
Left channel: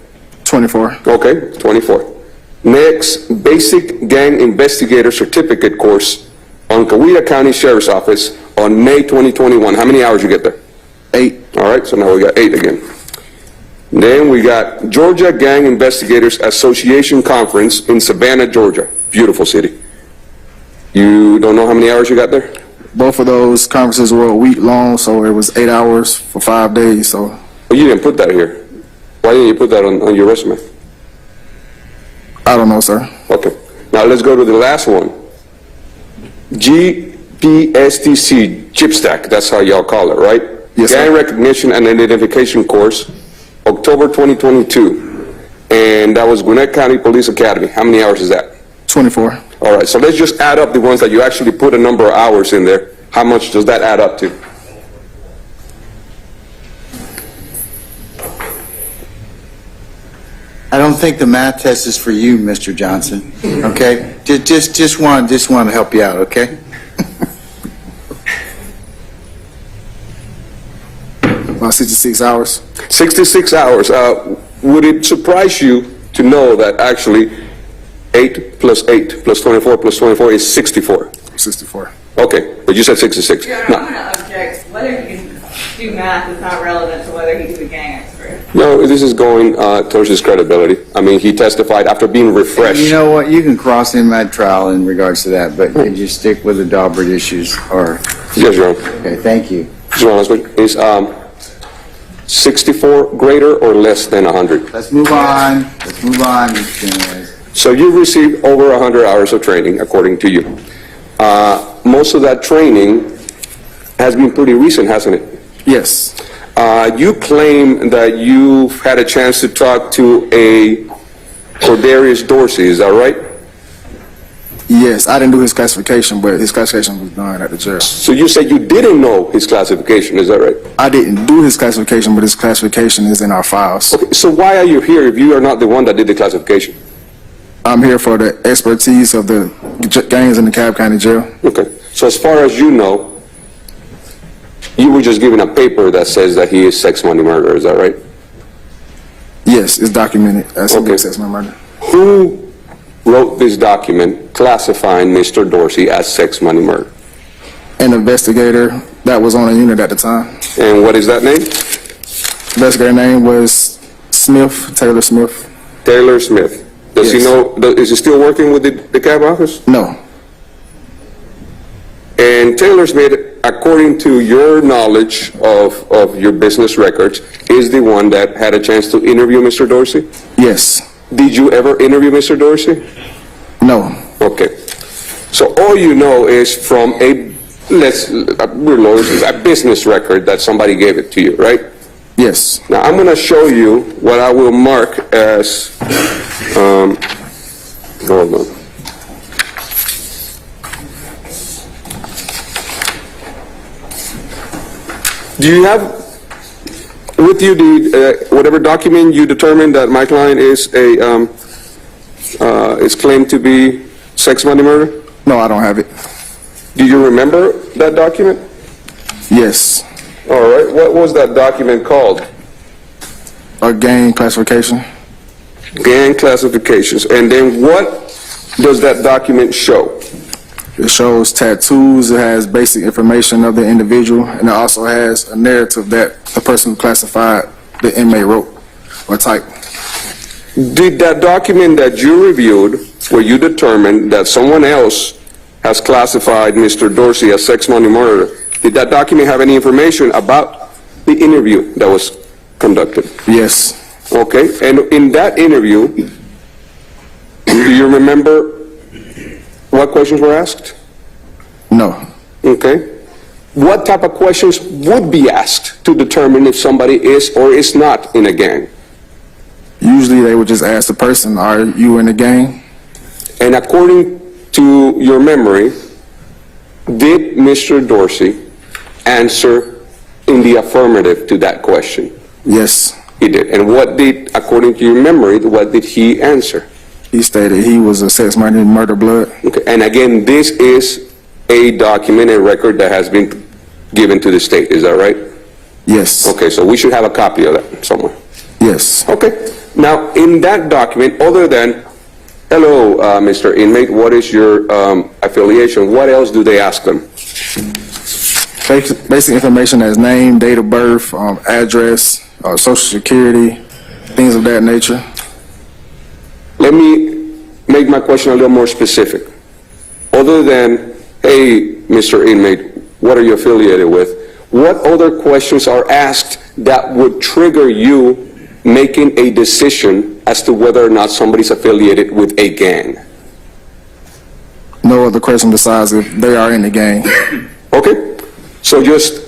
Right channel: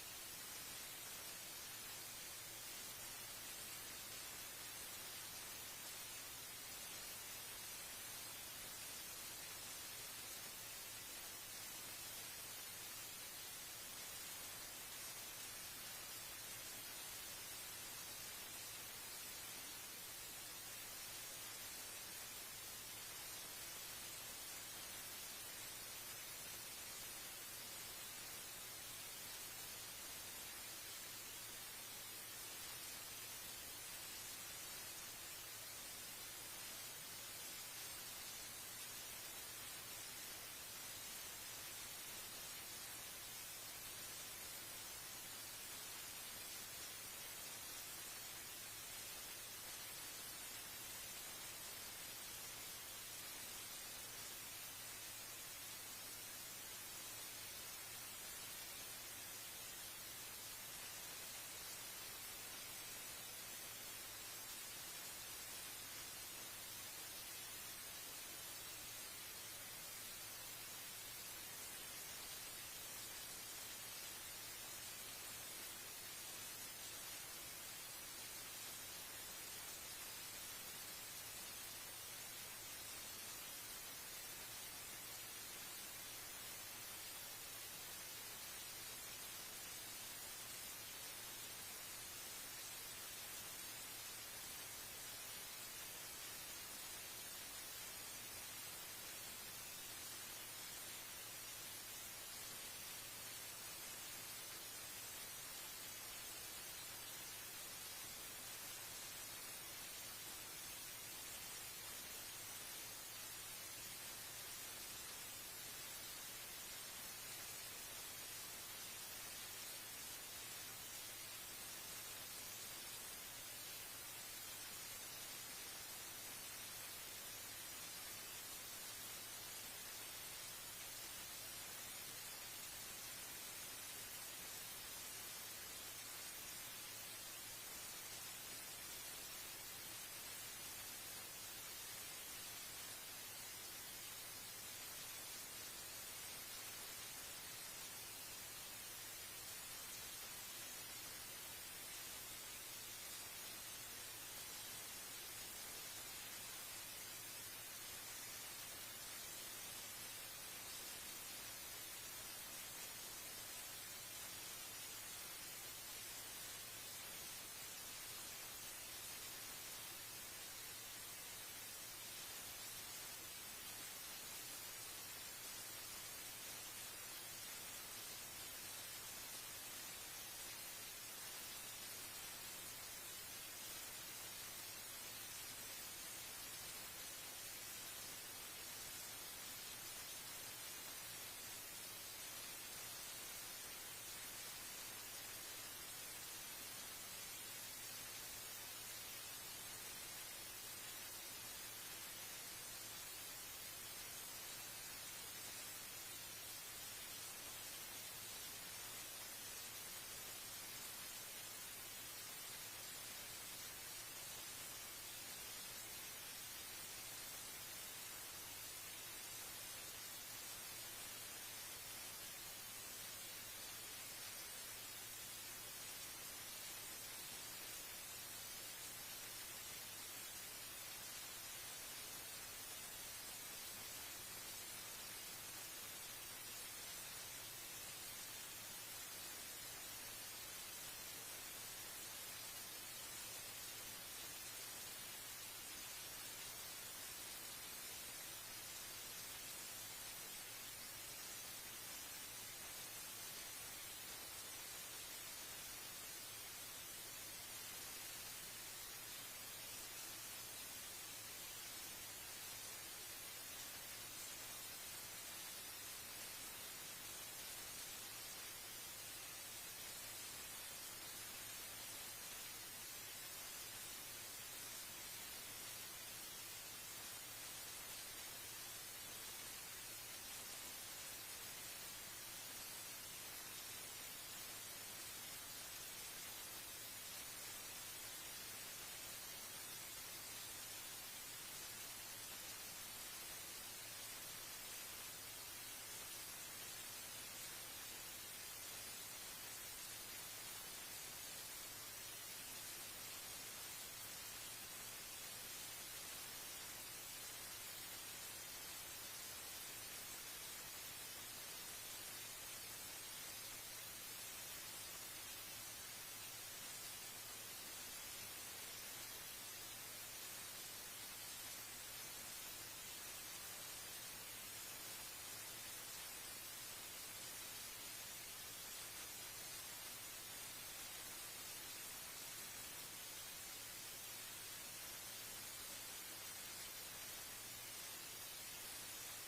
24. Okay, 24. Next, basic gang investigator certificate course on Coweta County Sheriff's Office on May 2021. How many hours you get there? 8. All right, so now we got 8 again. Then we got Georgia Gang Investigators Association Conference in Savannah, Georgia. Beautiful city. You don't know how many hours you got there? Both of those conferences were a week long, so it was 8 hours for 5 days. So Oh, you didn't put that here. Why didn't you put that on your resume? I don't know, sir. Okay. Now let's go to the last one. GPSTC, chip stack, that's how y'all call it, right? Yes, sir. Gang Recognition and Identification Course, October 2022. And that was Gwinnett County Police Academy. How many hours is that? 24. All right, so let's just add up the ones that you actually put a number of hours in there. How much does that add up to? I don't think the math test is for you, Mr. Johnson, okay? Just want to help you out, okay? About 66 hours. 66 hours. Would it surprise you to know that actually 8 plus 8 plus 24 plus 24 is 64? 64. Okay, but you said 66. Your Honor, No. I'm going to object. Whether he can do math is not relevant to whether he's a gang expert. No, this is going towards his credibility. I mean, he testified after being refreshed. You know what, you can cross him at trial in regards to that, but could you stick with the Daubert issues, or, Yes, Your Honor. okay, thank you. Just want to ask, is 64 greater or less than 100? Let's move on, Mr. Jimenez. So you received over 100 hours of training, according to you. Most of that training has been pretty recent, hasn't it? Yes. You claim that you've had a chance to talk to a Cordarius Dorsey, is that right? Yes, I didn't do his classification, but his classification was done at the jail. So you said you didn't know his classification, is that right? I didn't do his classification, but his classification is in our files. Okay, so why are you here if you are not the one that did the classification? I'm here for the expertise of the gangs in the DeKalb County Jail. Okay, so as far as you know, you were just given a paper that says that he is sex money murderer, is that right? Yes, it's documented as Okay. a sex murder. Who wrote this document classifying Mr. Dorsey as sex money murder? An investigator that was on a unit at the time. And what is that name? Investigator name was Smith, Taylor Smith. Taylor Smith. Does he Yes. know, is he still working with the cab office? No, And Taylor Smith, according to your knowledge of your business records, is the one that had a chance to interview Mr. Dorsey? yes, Did you ever interview Mr. Dorsey? no, Okay. So all you know is from we're lawyers, a business record that somebody gave it to you, right? yes. Now, I'm going to show you what I will mark as, hold on. Do you have with you the, whatever document you determined that my client is is claimed to be sex money murder? No, I don't have it. Do you remember that document? Yes, All right, what was that document called? a gang classification. Gang classifications. And then what does that document show? It shows tattoos, it has basic information of the individual, and it also has a narrative that the person who classified the inmate wrote or typed. Did that document that you reviewed, where you determined that someone else has classified Mr. Dorsey as sex money murderer, did that document have any information about the interview that was conducted? Yes, Okay, and in that interview, do you remember what questions were asked? no, Okay. What type of questions would be asked to determine if somebody is or is not in a gang? usually they would just ask the person, are you in a gang? And according to your memory, did Mr. Dorsey answer in the affirmative to that question? Yes, He did. And what did, according to your memory, what did he answer? he stated he was a sex murder blood. Okay. And again, this is a documented record that has been given to the state, is that right? Yes, Okay, so we should have a copy of that somewhere. yes. Okay. Now, in that document, other than, hello, Mr. Inmate, what is your affiliation? What else do they ask them? Basic information as name, date of birth, address, social security, things of that nature. Let me make my question a little more specific. Other than, hey, Mr. Inmate, what are you affiliated with? What other questions are asked that would trigger you making a decision as to whether or not somebody's affiliated with a gang? No other question besides if they are in the gang. Okay? So just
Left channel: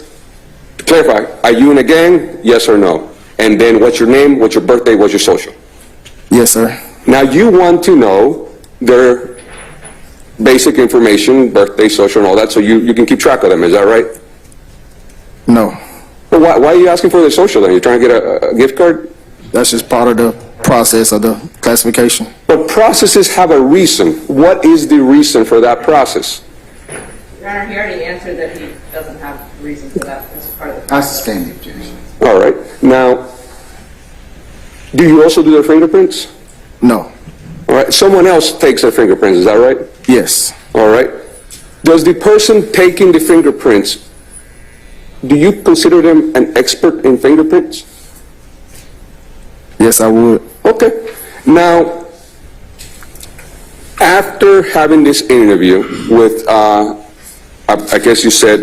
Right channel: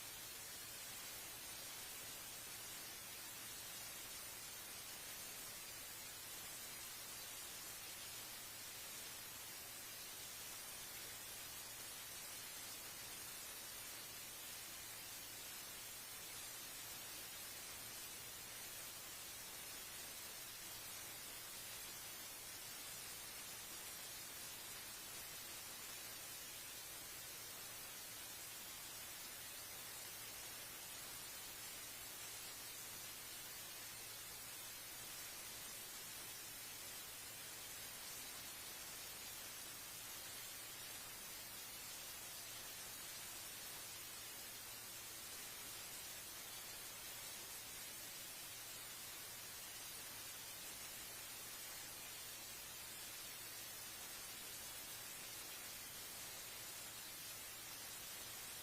to clarify, are you in a gang? Yes or no? And then what's your name, what's your birthday, what's your social? Yes, sir. Now you want to know their basic information, birthday, social, and all that, so you can keep track of them, is that right? No, Well, why are you asking for their social then? You're trying to get a gift card? that's just part of the process of the classification. But processes have a reason. What is the reason for that process? Your Honor, he already answered that he doesn't have a reason for that as part of the I sustain the objection. All right. Now, do you also do their fingerprints? No, All right. Someone else takes their fingerprints, is that right? yes, All right. Does the person taking the fingerprints, do you consider them an expert in fingerprints? Yes, I would. Okay. Now, after having this interview with, I guess you said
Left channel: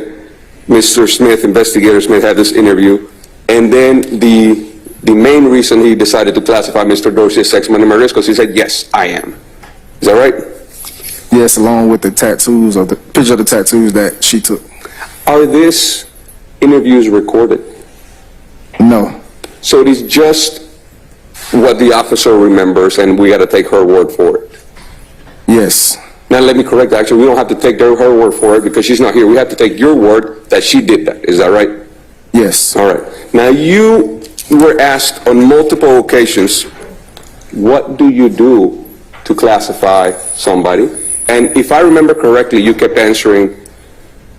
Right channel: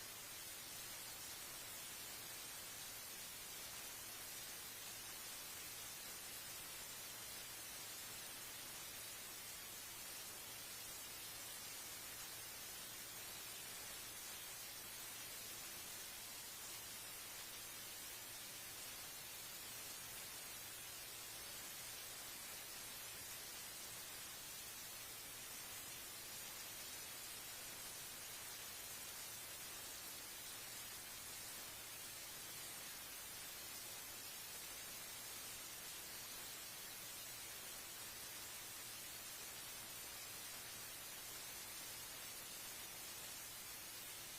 Mr. Smith, Investigator Smith had this interview, and then the main reason he decided to classify Mr. Dorsey as sex, money, murder is because he said, yes, I am. Is that right? Yes, along with the tattoos or the picture of the tattoos that she took. Are these interviews recorded? No. So it is just what the officer remembers, and we got to take her word for it. Yes. Now, let me correct, actually, we don't have to take her word for it because she's not here. We have to take your word that she did that. Is that right? Yes. All right. Now, you were asked on multiple occasions, what do you do to classify somebody? And if I remember correctly, you kept answering,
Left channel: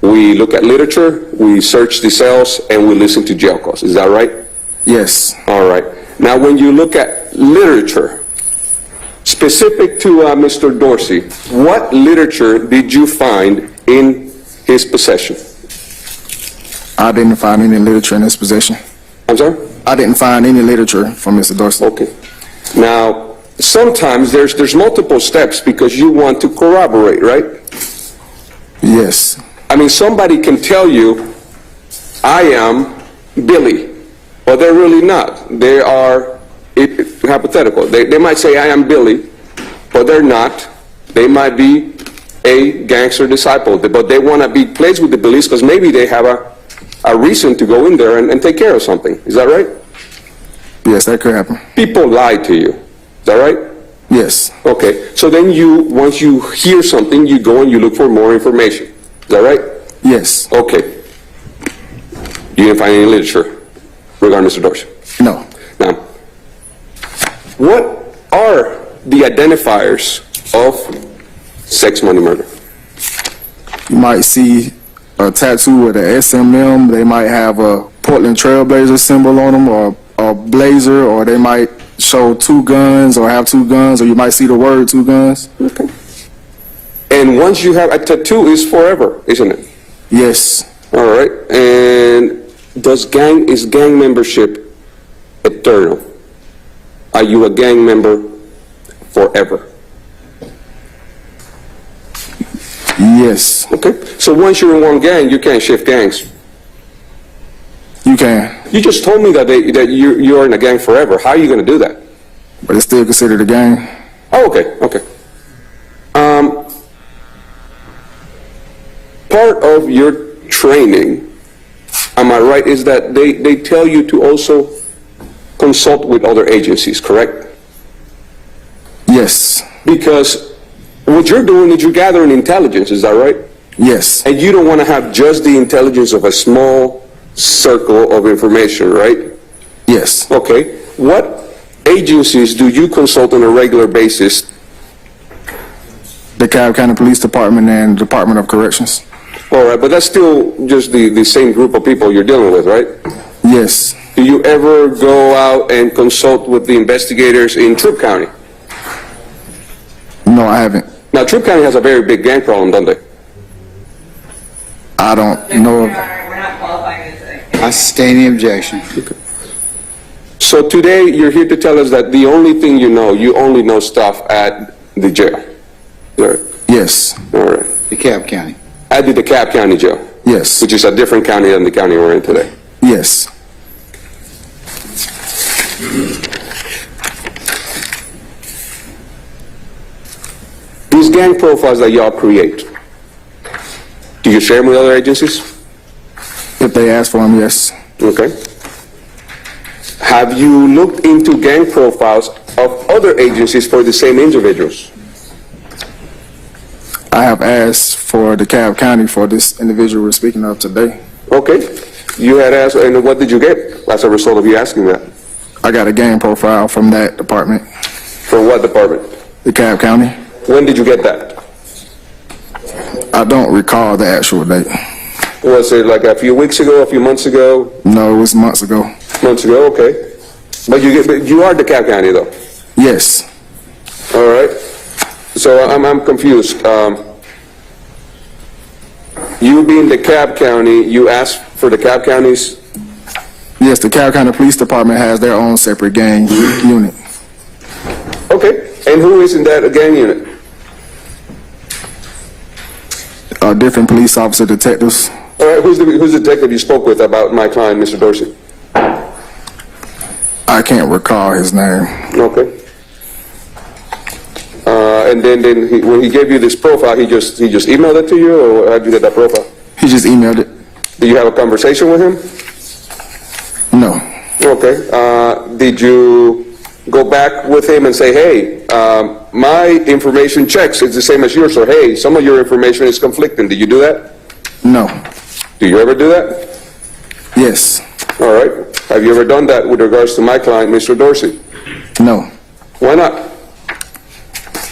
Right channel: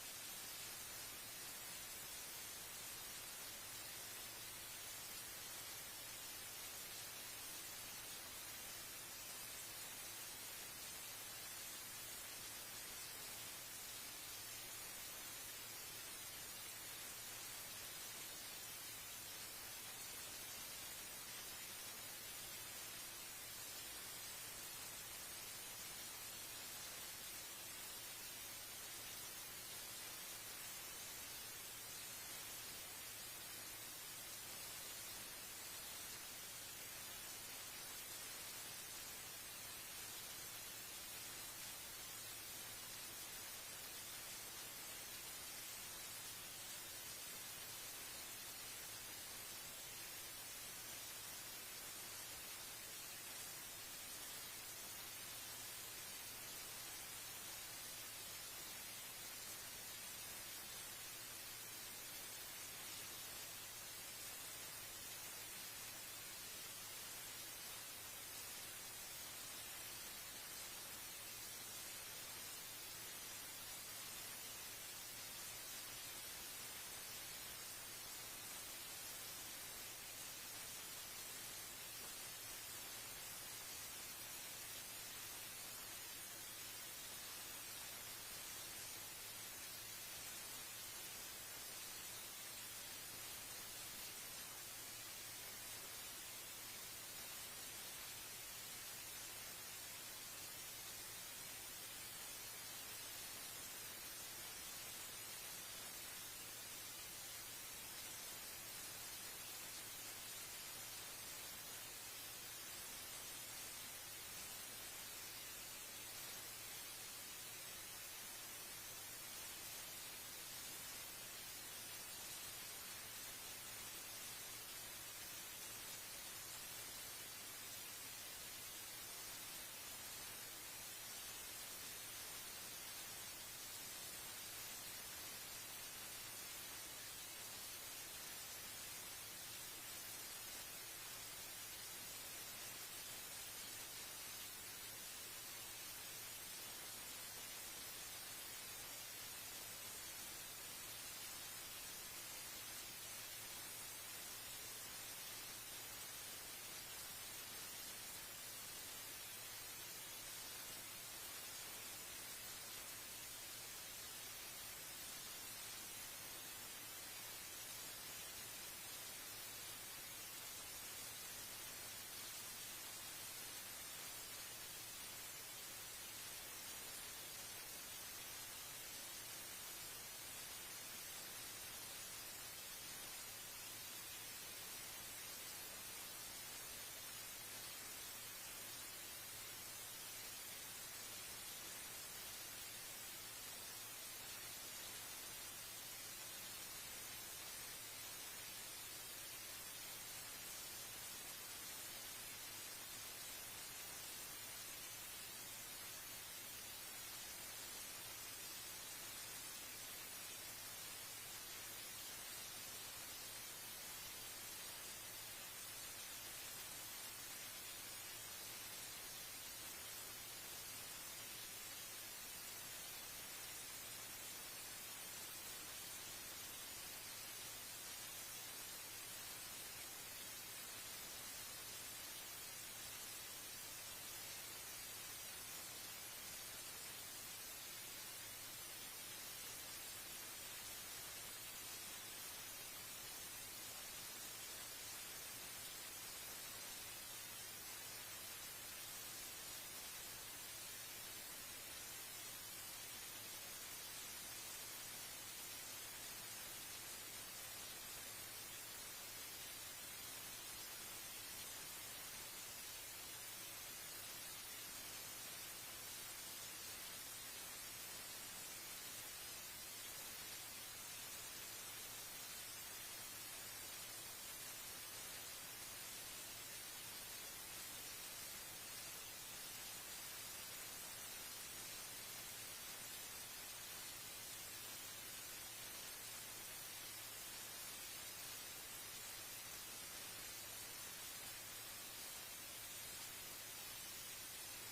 we look at literature, we search the cells, and we listen to jail calls. Is that right? Yes. All right. Now, when you look at literature, specific to Mr. Dorsey, what literature did you find in his possession? I didn't find any literature in his possession. I'm sorry? I didn't find any literature from Mr. Dorsey. Okay. Now, sometimes there's multiple steps because you want to corroborate, right? Yes. I mean, somebody can tell you, I am Billy, but they're really not. They are hypothetical. They might say, I am Billy, but they're not. They might be a gangster disciple, but they want to be placed with the Billies because maybe they have a reason to go in there and take care of something. Is that right? Yes, that could happen. People lie to you. Is that right? Yes. Okay. So then once you hear something, you go and you look for more information. Is that right? Yes. Okay. You didn't find any literature regarding Mr. Dorsey? No. Now, what are the identifiers of sex, money, murder? You might see a tattoo with a SMM. They might have a Portland Trailblazer symbol on them, or a blazer, or they might show two guns or have two guns, or you might see the word two guns. Okay. And once you have a tattoo, it's forever, isn't it? Yes. All right. And is gang membership eternal? Are you a gang member forever? Yes. Okay. So once you're in one gang, you can't shift gangs. You can, You just told me that you're in a gang forever. How are you going to do that? but it's still considered a gang. Oh, okay, okay. Part of your training, am I right, is that they tell you to also consult with other agencies, correct? Yes. Because what you're doing is you're gathering intelligence, is that right? Yes. And you don't want to have just the intelligence of a small circle of information, right? Yes. Okay. What agencies do you consult on a regular basis? The Cobb County Police Department and Department of Corrections. All right, but that's still just the same group of people you're dealing with, right? Yes. Do you ever go out and consult with the investigators in Troup County? No, I haven't. Now, Troup County has a very big gang problem, don't they? I don't know. We're not qualifying this. I sustain the objection. So today, you're here to tell us that the only thing you only know stuff at the jail. All right. Yes. All right. DeKalb County. At the DeKalb County Jail, Yes. which is a different county than the county we're in today. Yes. These gang profiles that y'all create, do you share them with other agencies? If they ask for them, yes. Okay. Have you looked into gang profiles of other agencies for the same individuals? I have asked for DeKalb County for this individual we're speaking of today. Okay. You had asked, and what did you get as a result of you asking that? I got a gang profile from that department, For what department? DeKalb County. When did you get that? I don't recall the actual date. Was it like a few weeks ago, a few months ago? No, it was months ago. Months ago, okay. But you are DeKalb County, though. Yes. All right. So I'm confused. You being DeKalb County, you asked for DeKalb County's Yes, the Carroll County Police Department has their own separate gang unit. Okay, and who is in that gang unit? Different police officer detectives. All right, who's the detective you spoke with about my client, Mr. Dorsey? I can't recall his name. Okay. And then when he gave you this profile, he just emailed it to you, or how did you get that profile? He just emailed it. Did you have a conversation with him? No. Okay. Did you go back with him and say, hey, my information checks, it's the same as yours, or hey, some of your information is conflicting. Did you do that? No. Do you ever do that? Yes. All right. Have you ever done that with regards to my client, Mr. Dorsey? No. Why not?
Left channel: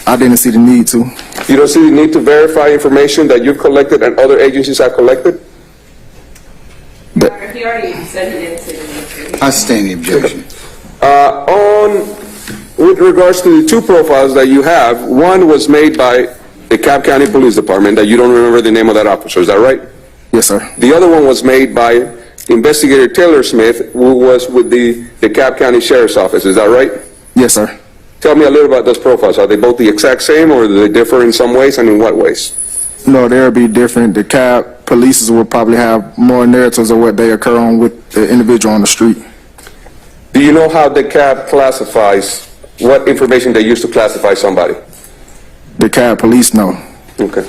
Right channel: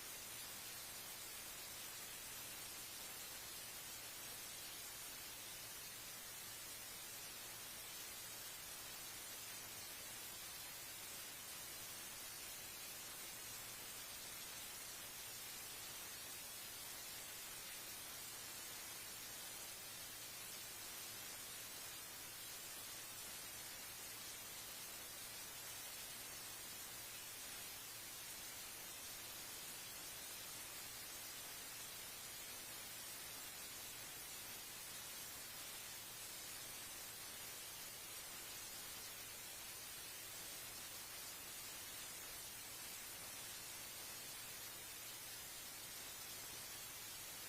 I didn't see the need to. You don't see the need to verify information that you've collected and other agencies have collected? He already said he didn't see the need to. I sustain the objection. With regards to the two profiles that you have, one was made by the Cobb County Police Department, that you don't remember the name of that officer, is that right? Yes, sir. The other one was made by Investigator Taylor Smith, who was with the Cobb County Sheriff's Office, is that right? Yes, sir. Tell me a little about those profiles. Are they both the exact same, or do they differ in some ways, and in what ways? No, they'll be different. The cab police will probably have more narratives of what they occur on with the individual on the street. Do you know how the CAB classifies, what information they use to classify somebody? The cab police, no. Okay.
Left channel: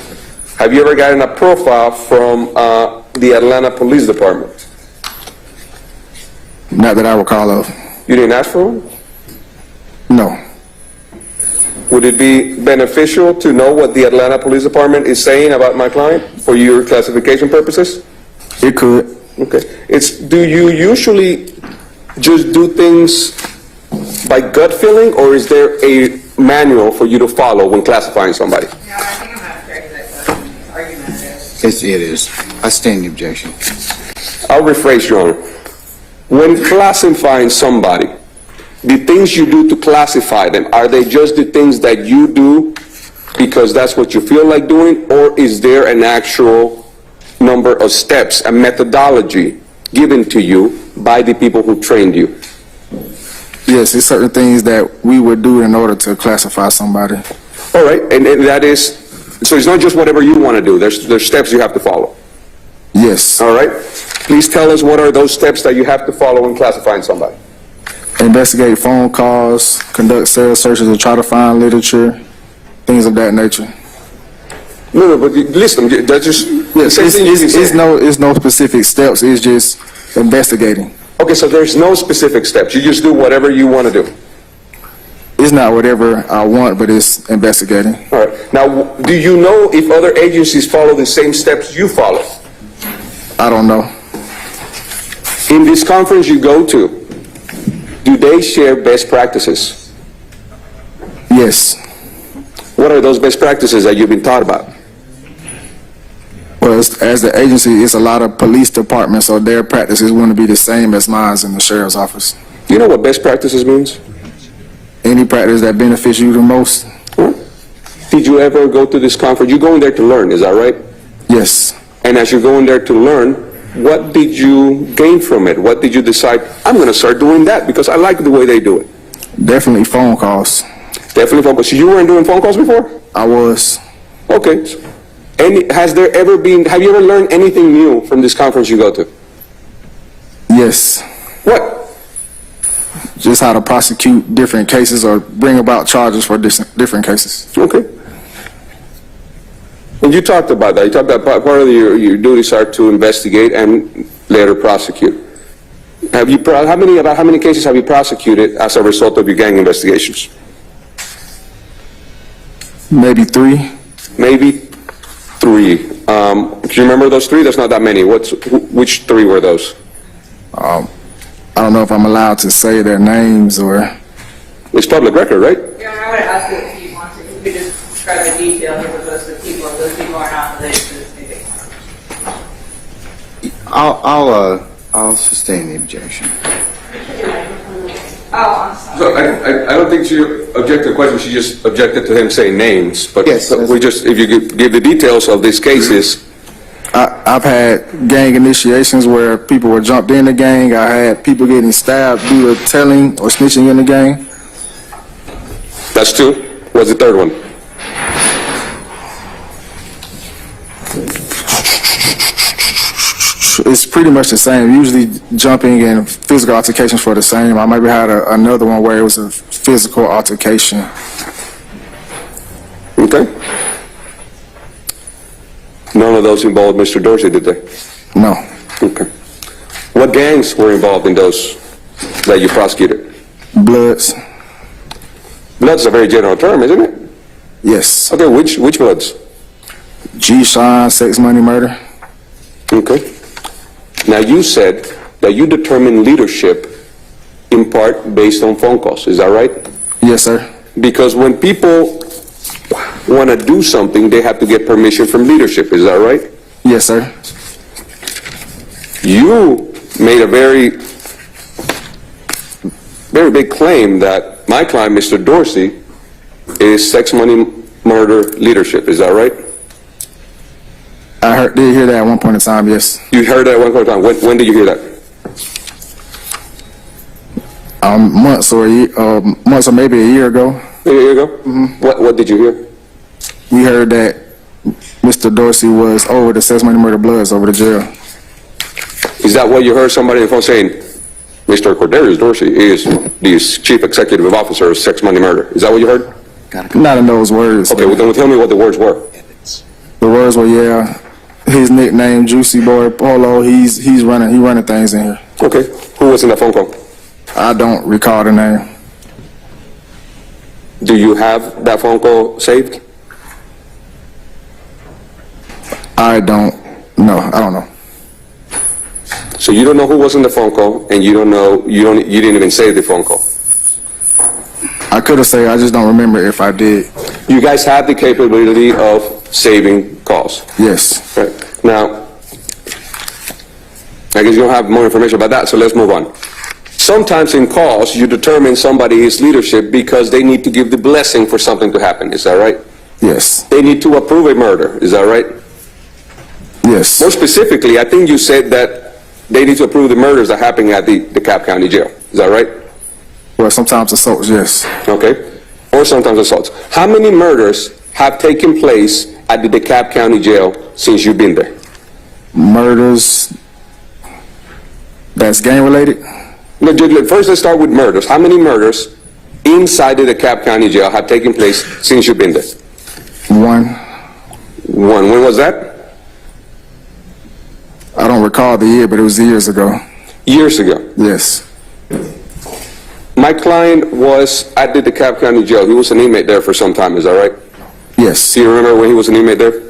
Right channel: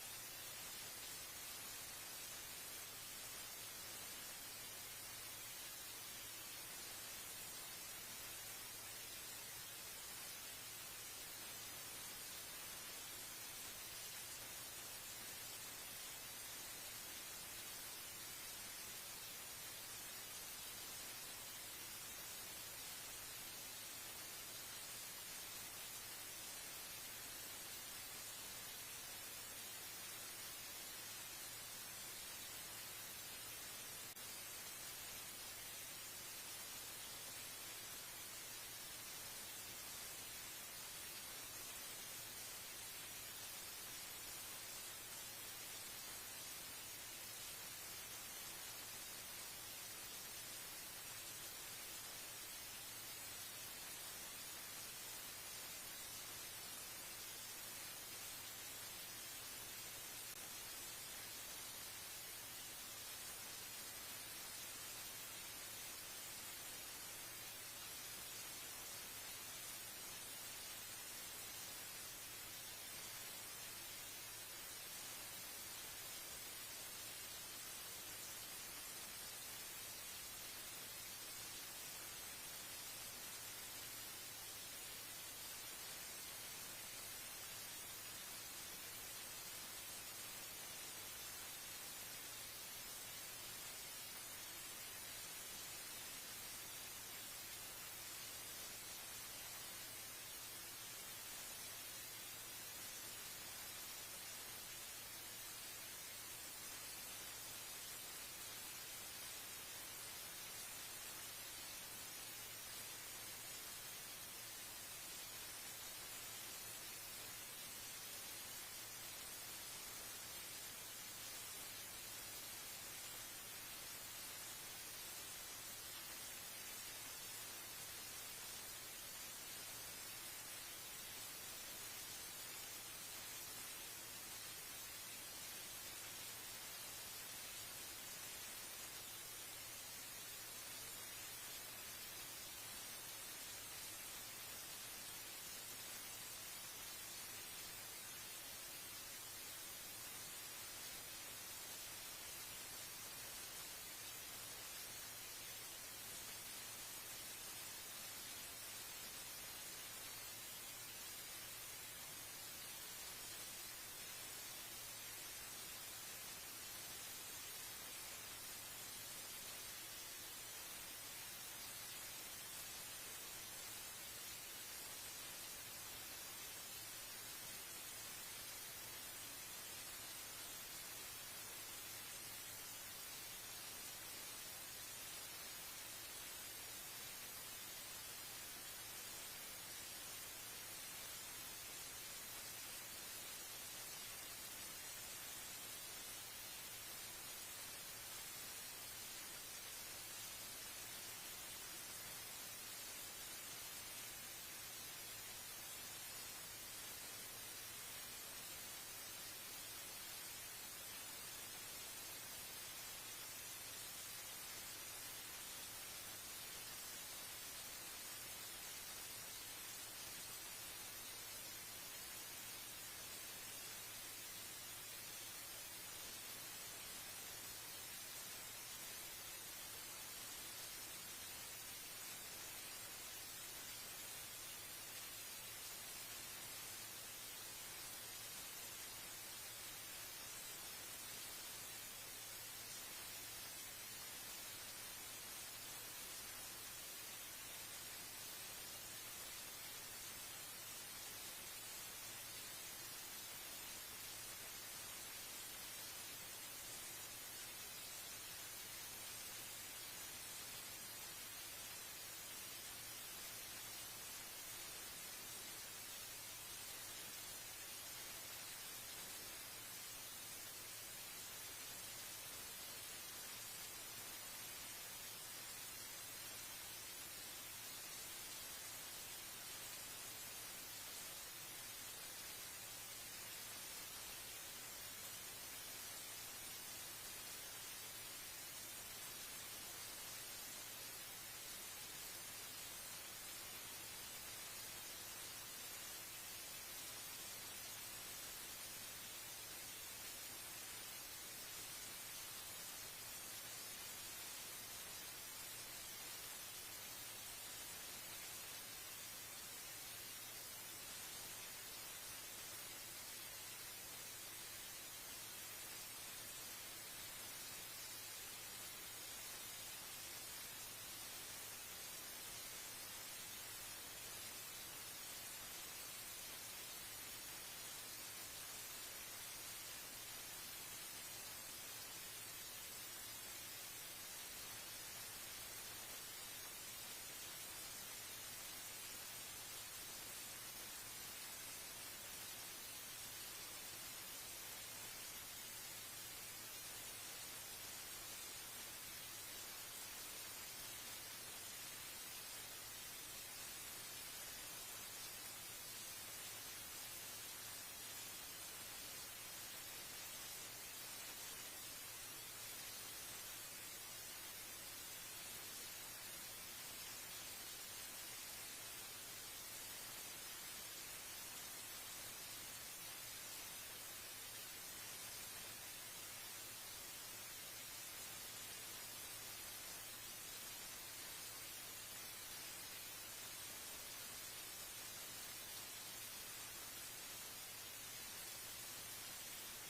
Have you ever gotten a profile from the Atlanta Police Department? Not that I recall of. You didn't ask for one? No. Would it be beneficial to know what the Atlanta Police Department is saying about my client for your classification purposes? It could. Okay. Do you usually just do things by gut feeling, or is there a manual for you to follow when classifying somebody? No, I think I'm not correct with that argument. It is. I sustain the objection. I'll rephrase, Your Honor. When classifying somebody, the things you do to classify them, are they just the things that you do because that's what you feel like doing, or is there an actual number of steps, a methodology given to you by the people who trained you? Yes, it's certain things that we would do in order to classify somebody. All right, and that is, so it's not just whatever you want to do, there's steps you have to follow. Yes. All right? Please tell us what are those steps that you have to follow when classifying somebody. Investigate phone calls, conduct cell searches to try to find literature, things of that nature. No, but listen, that's just the Yes, same thing you can say. it's no specific steps. It's just investigating. Okay, so there's no specific steps. You just do whatever you want to do. It's not whatever I want, but it's investigating. All right. Now, do you know if other agencies follow the same steps you follow? I don't know. In this conference you go to, do they share best practices? Yes. What are those best practices that you've been taught about? Well, as the agency, it's a lot of police departments, so their practices wouldn't be the same as mine in the sheriff's office. Do you know what best practices means? Any practice that benefits you the most? Huh? Did you ever go to this conference? You're going there to learn, is that right? Yes. And as you're going there to learn, what did you gain from it? What did you decide, I'm going to start doing that because I like the way they do it? Definitely phone calls. Definitely phone calls. So you weren't doing phone calls before? I was. Okay. Have you ever learned anything new from this conference you go to? Yes. What? Just how to prosecute different cases or bring about charges for different cases. Okay. And you talked about that. You talked about part of your duties are to investigate and later prosecute. How many cases have you prosecuted as a result of your gang investigations? Maybe 3. Maybe 3. Do you remember those 3? That's not that many. Which 3 were those? I don't know if I'm allowed to say their names or... It's public record, right? Yeah, I would ask you if you want to, if you could just describe the details of those people, if those people are not related to this meeting. I'll sustain the objection. Oh, I'm sorry. So I don't think she objected to the question. She just objected to him saying names. But Yes, we just, if you give the details of these cases, I've had gang initiations where people were jumped in the gang. I had people getting stabbed due to telling or snitching in the gang. That's two. What's the third one? It's pretty much the same. Usually jumping and physical altercations for the same. I maybe had another one where it was a physical altercation. Okay. None of those involved Mr. Dorsey, did they? No. Okay. What gangs were involved in those that you prosecuted? Bloods. Blood's a very general term, isn't it? Yes. Okay, which bloods? G-Shine, sex, money, murder. Okay. Now, you said that you determine leadership in part based on phone calls. Is that right? Yes, sir. Because when people want to do something, they have to get permission from leadership. Is that right? Yes, sir. You made a very big claim that my client, Mr. Dorsey, is sex, money, murder leadership. Is that right? I did hear that at one point in time, yes. You heard that at one point in time. When did you hear that? Months or maybe a year ago. A year ago? Mm-hmm. What did you hear? We heard that Mr. Dorsey was over the sex, money, murder, bloods over the jail. Is that what you heard somebody on the phone saying? Mr. Cordarius Dorsey is the chief executive officer of sex, money, murder. Is that what you heard? Not in those words. Okay, well, then tell me what the words were. The words were, yeah, his nickname, Juicy Boy Polo, he's running things in here. Okay, who was in that phone call? I don't recall the name. Do you have that phone call saved? I don't know. So you don't know who was in the phone call, and you didn't even save the phone call. I could have said, I just don't remember if I did. You guys have the capability of saving calls. Yes. Right. Now, I guess you don't have more information about that, so let's move on. Sometimes in calls, you determine somebody is leadership because they need to give the blessing for something to happen. Is that right? Yes. They need to approve a murder. Is that right? Yes. More specifically, I think you said that they need to approve the murders that happen at the DeKalb County Jail. Is that right? Well, sometimes assaults, yes. Okay. Or sometimes assaults. How many murders have taken place at the DeKalb County Jail since you've been there? Murders that's gang related? No, first, let's start with murders. How many murders inside the DeKalb County Jail have taken place since you've been there? One. One. When was that? I don't recall the year, but it was years ago. Years ago. Yes. My client was at the DeKalb County Jail. He was an inmate there for some time. Is that right? Yes. Do you remember when he was an inmate there?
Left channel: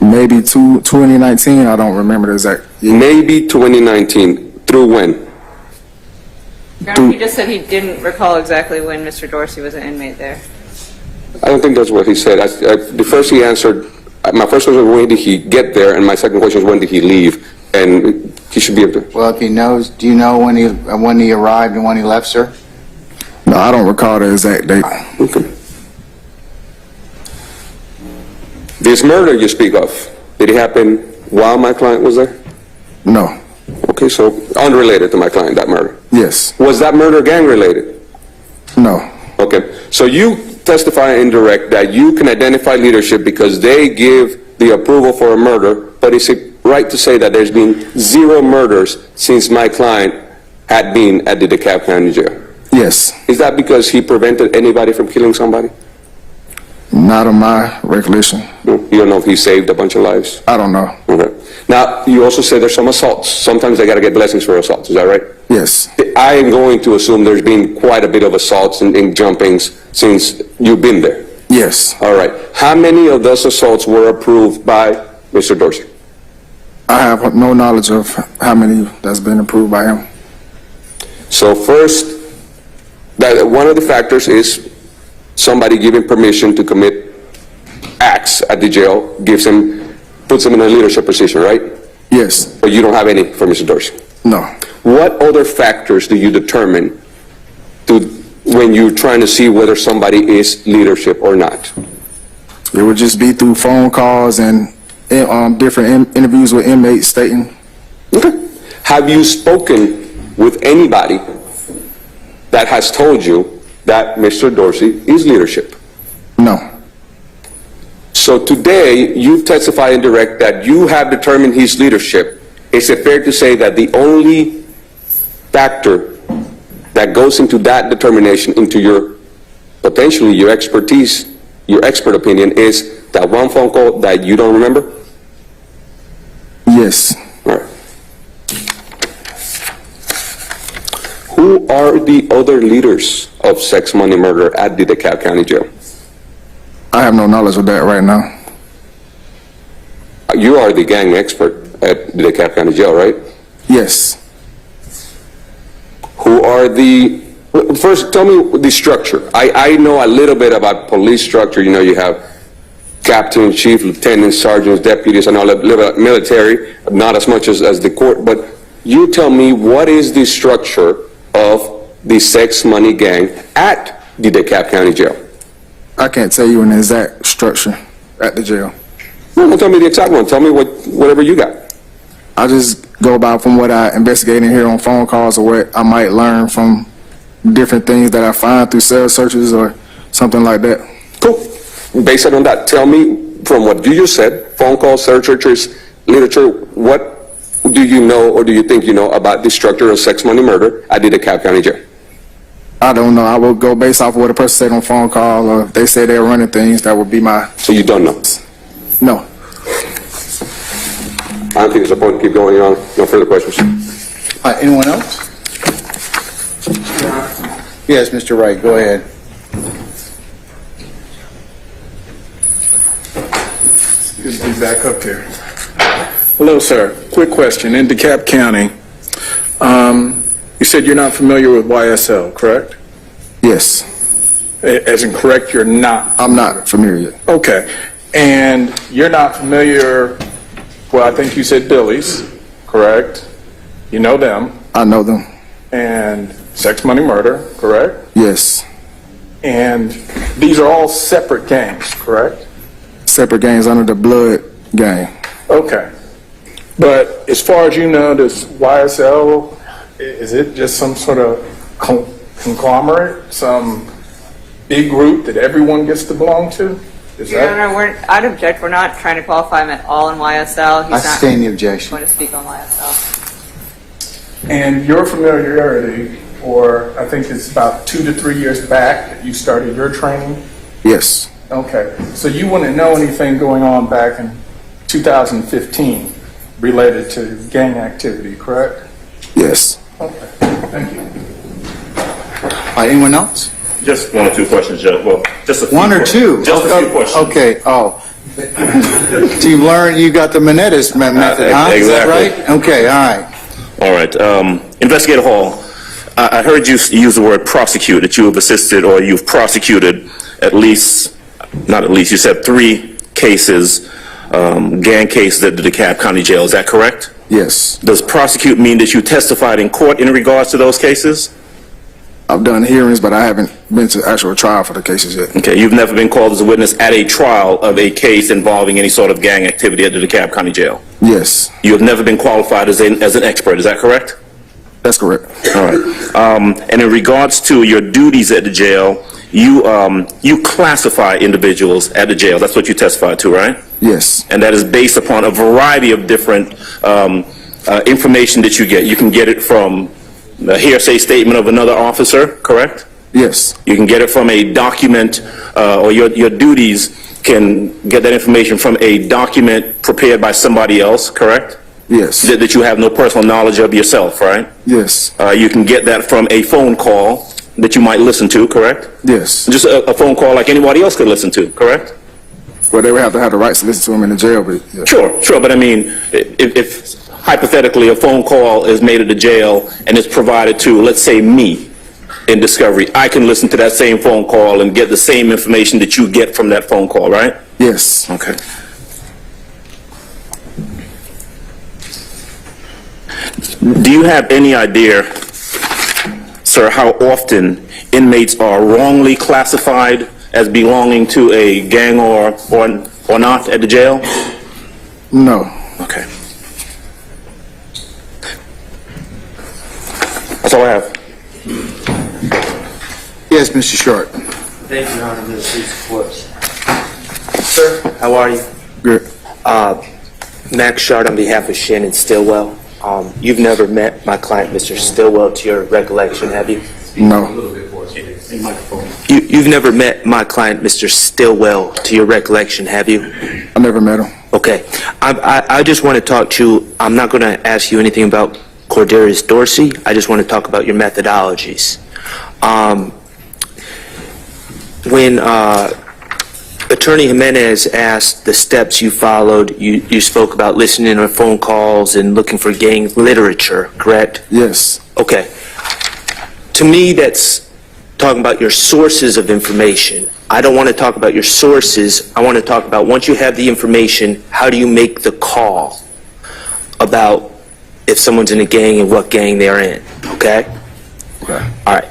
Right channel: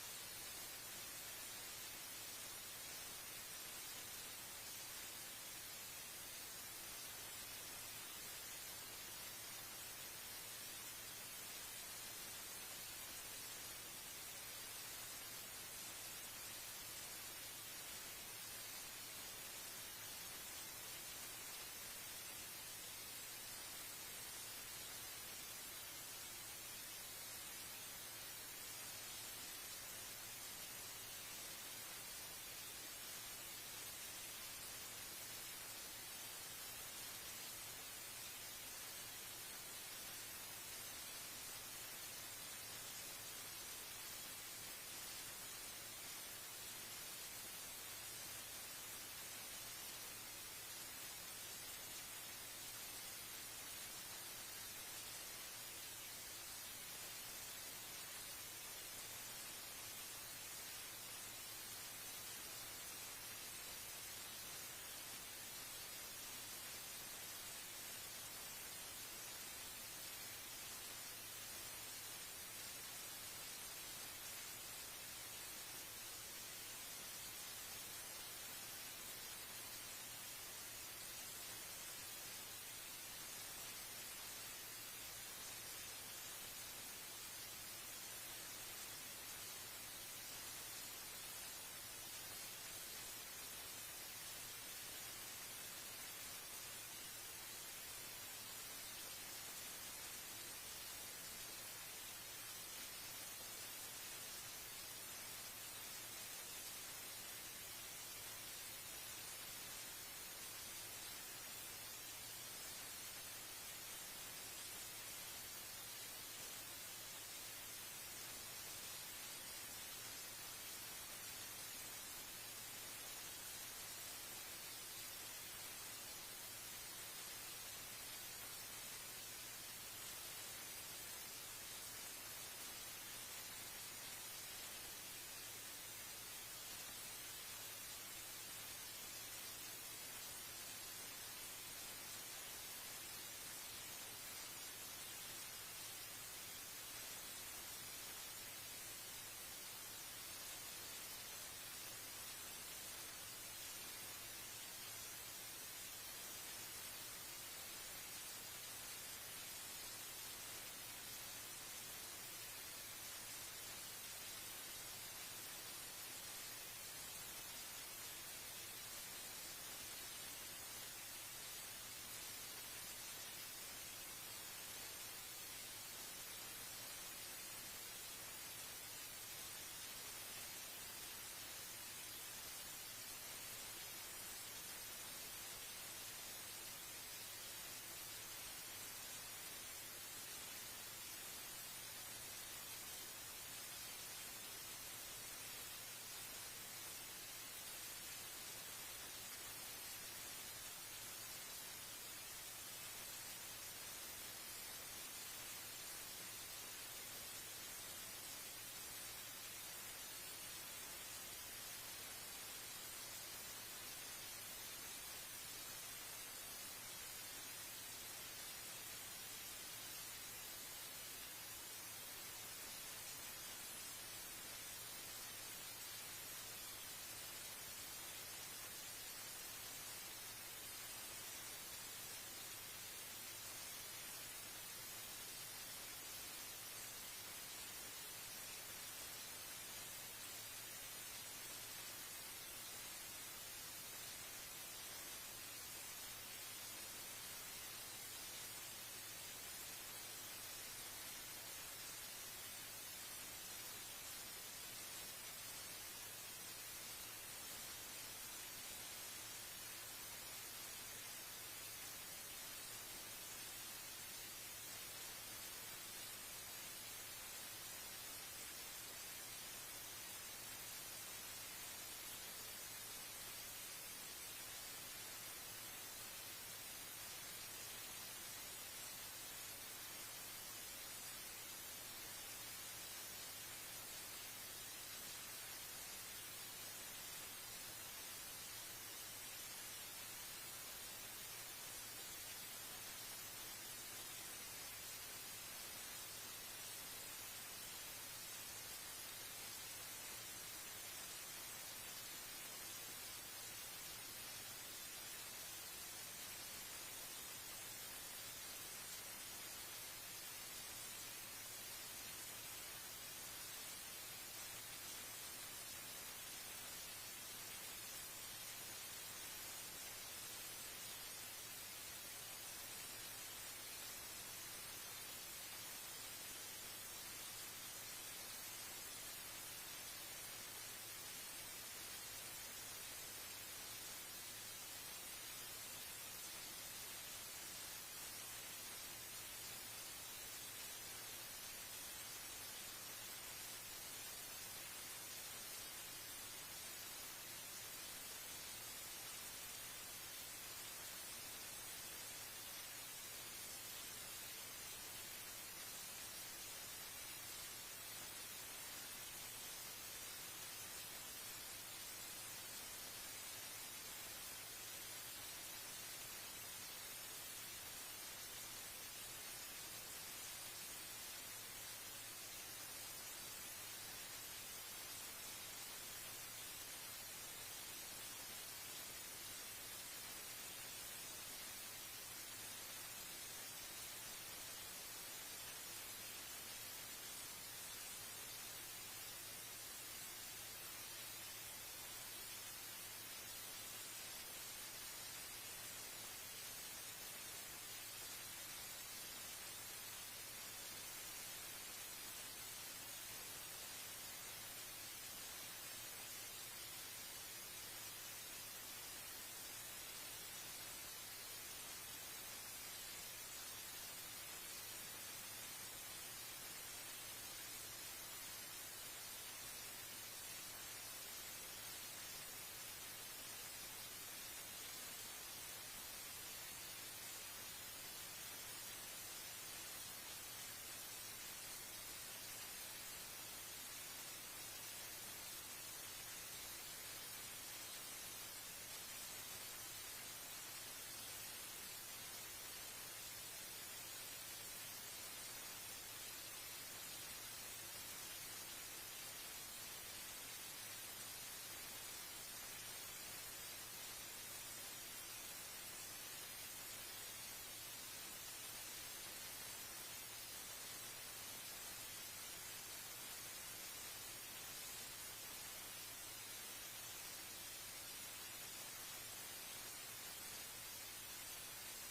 Maybe 2019. I don't remember the exact year. Maybe 2019. Through when? He just said he didn't recall exactly when Mr. Dorsey was an inmate there. I don't think that's what he said. The first he answered, my first question was when did he get there, and my second question is when did he leave, and he should be able to. Well, if he knows, do you know when he arrived and when he left, sir? No, I don't recall the exact date. Okay. This murder you speak of, did it happen while my client was there? No. Okay, so unrelated to my client, that murder. Yes. Was that murder gang related? No. Okay, so you testify in direct that you can identify leadership because they give the approval for a murder, but is it right to say that there's been 0 murders since my client had been at the DeKalb County Jail? Yes. Is that because he prevented anybody from killing somebody? Not of my recollection. No, you don't know if he saved a bunch of lives? I don't know. Okay. Now, you also said there's some assaults. Sometimes they got to get blessings for assaults. Is that right? Yes. I am going to assume there's been quite a bit of assaults and jumpings since you've been there. Yes. All right. How many of those assaults were approved by Mr. Dorsey? I have no knowledge of how many that's been approved by him. So first, one of the factors is somebody giving permission to commit acts at the jail puts him in a leadership position, right? Yes. But you don't have any for Mr. Dorsey. No. What other factors do you determine when you're trying to see whether somebody is leadership or not? It would just be through phone calls and different interviews with inmates stating, Okay. Have you spoken with anybody that has told you that Mr. Dorsey is leadership? no, So today, you've testified in direct that you have determined his leadership. Is it fair to say that the only factor that goes into that determination, into your, potentially your expertise, your expert opinion, is that one phone call that you don't remember? yes. All right. Who are the other leaders of sex, money, murder at the DeKalb County Jail? I have no knowledge of that right now. You are the gang expert at the DeKalb County Jail, right? Yes. Who are the, first tell me the structure. I know a little bit about police structure. You know, you have captain, chief, lieutenants, sergeants, deputies, and all that, military, not as much as the court, but you tell me what is the structure of the sex money gang at the DeKalb County Jail? I can't tell you an exact structure at the jail. No, don't tell me the exact one. Tell me whatever you got. I just go by from what I investigate and hear on phone calls or what I might learn from different things that I find through cell searches or something like that. Cool. Based on that, tell me from what you just said, phone calls, searches, literature, what do you know or do you think you know about the structure of sex, money, murder at the DeKalb County Jail? I don't know. I will go based off of what a person said on phone call, or if they say they're running things, that would be my... So you don't know? No. I don't think there's a point to keep going on. No further questions. Anyone else? Yes, Mr. Wright, go ahead. Good to be back up here. Hello, sir. Quick question. In DeKalb County, you said you're not familiar with YSL, correct? Yes. As in correct, you're not. I'm not familiar yet. Okay. And you're not familiar, well, I think you said Billy's, correct? You know them. I know them. And sex, money, murder, correct? Yes. And these are all separate gangs, correct? Separate gangs under the blood gang. Okay. But as far as you know, does YSL, is it just some sort of conglomerate, some big group that everyone gets to belong to? Is Your Honor, I'd object. We're not trying to qualify him at all in YSL. I sustain the objection. going to speak on YSL. And your familiarity, or I think it's about 2 to 3 years back that you started your training? Yes. Okay. So you wouldn't know anything going on back in 2015 related to gang activity, correct? Yes. Okay. Thank you. Anyone else? Just one or two questions, Judge. Well, just a few One or two? Just a few questions. Okay, oh. So you've learned, you got the Menendez method, huh? Is that exactly. right? Okay, all right. All right. Investigator Hall, I heard you use the word prosecute, that you have assisted or you've prosecuted at least, not at least, you said 3 cases, gang cases at the DeKalb County Jail. Is that correct? Yes. Does prosecute mean that you testified in court in regards to those cases? I've done hearings, but I haven't been to actual trial for the cases yet. Okay, you've never been called as a witness at a trial of a case involving any sort of gang activity at the DeKalb County Jail? Yes. You have never been qualified as an expert, is that correct? That's correct. All right. And in regards to your duties at the jail, you classify individuals at the jail. That's what you testified to, right? Yes. And that is based upon a variety of different information that you get. You can get it from a hearsay statement of another officer, correct? Yes. You can get it from a document, or your duties can get that information from a document prepared by somebody else, correct? Yes. That you have no personal knowledge of yourself, right? Yes. You can get that from a phone call that you might listen to, correct? Yes. Just a phone call like anybody else could listen to, correct? Well, they would have to have the rights to listen to them in the jail, but yeah. Sure, but I mean, if hypothetically a phone call is made at the jail and it's provided to, let's say, me in discovery, I can listen to that same phone call and get the same information that you get from that phone call, right? Yes. Okay. Do you have any idea, sir, how often inmates are wrongly classified as belonging to a gang or not at the jail? No. Okay. That's all I have. Yes, Mr. Short. Thank you, Your Honor. This is Clips. Sir, how are you? Good. Max Shard on behalf of Shannon Stillwell. You've never met my client, Mr. Stillwell, to your recollection, have you? No. You've never met my client, Mr. Stillwell, to your recollection, have you? I never met him. Okay. I just want to talk to you. I'm not going to ask you anything about Cordarius Dorsey. I just want to talk about your methodologies. When Attorney Jimenez asked the steps you followed, you spoke about listening to phone calls and looking for gang literature, correct? Yes. Okay. To me, that's talking about your sources of information. I don't want to talk about your sources. I want to talk about, once you have the information, how do you make the call about if someone's in a gang and what gang they're in, okay? Okay. All right.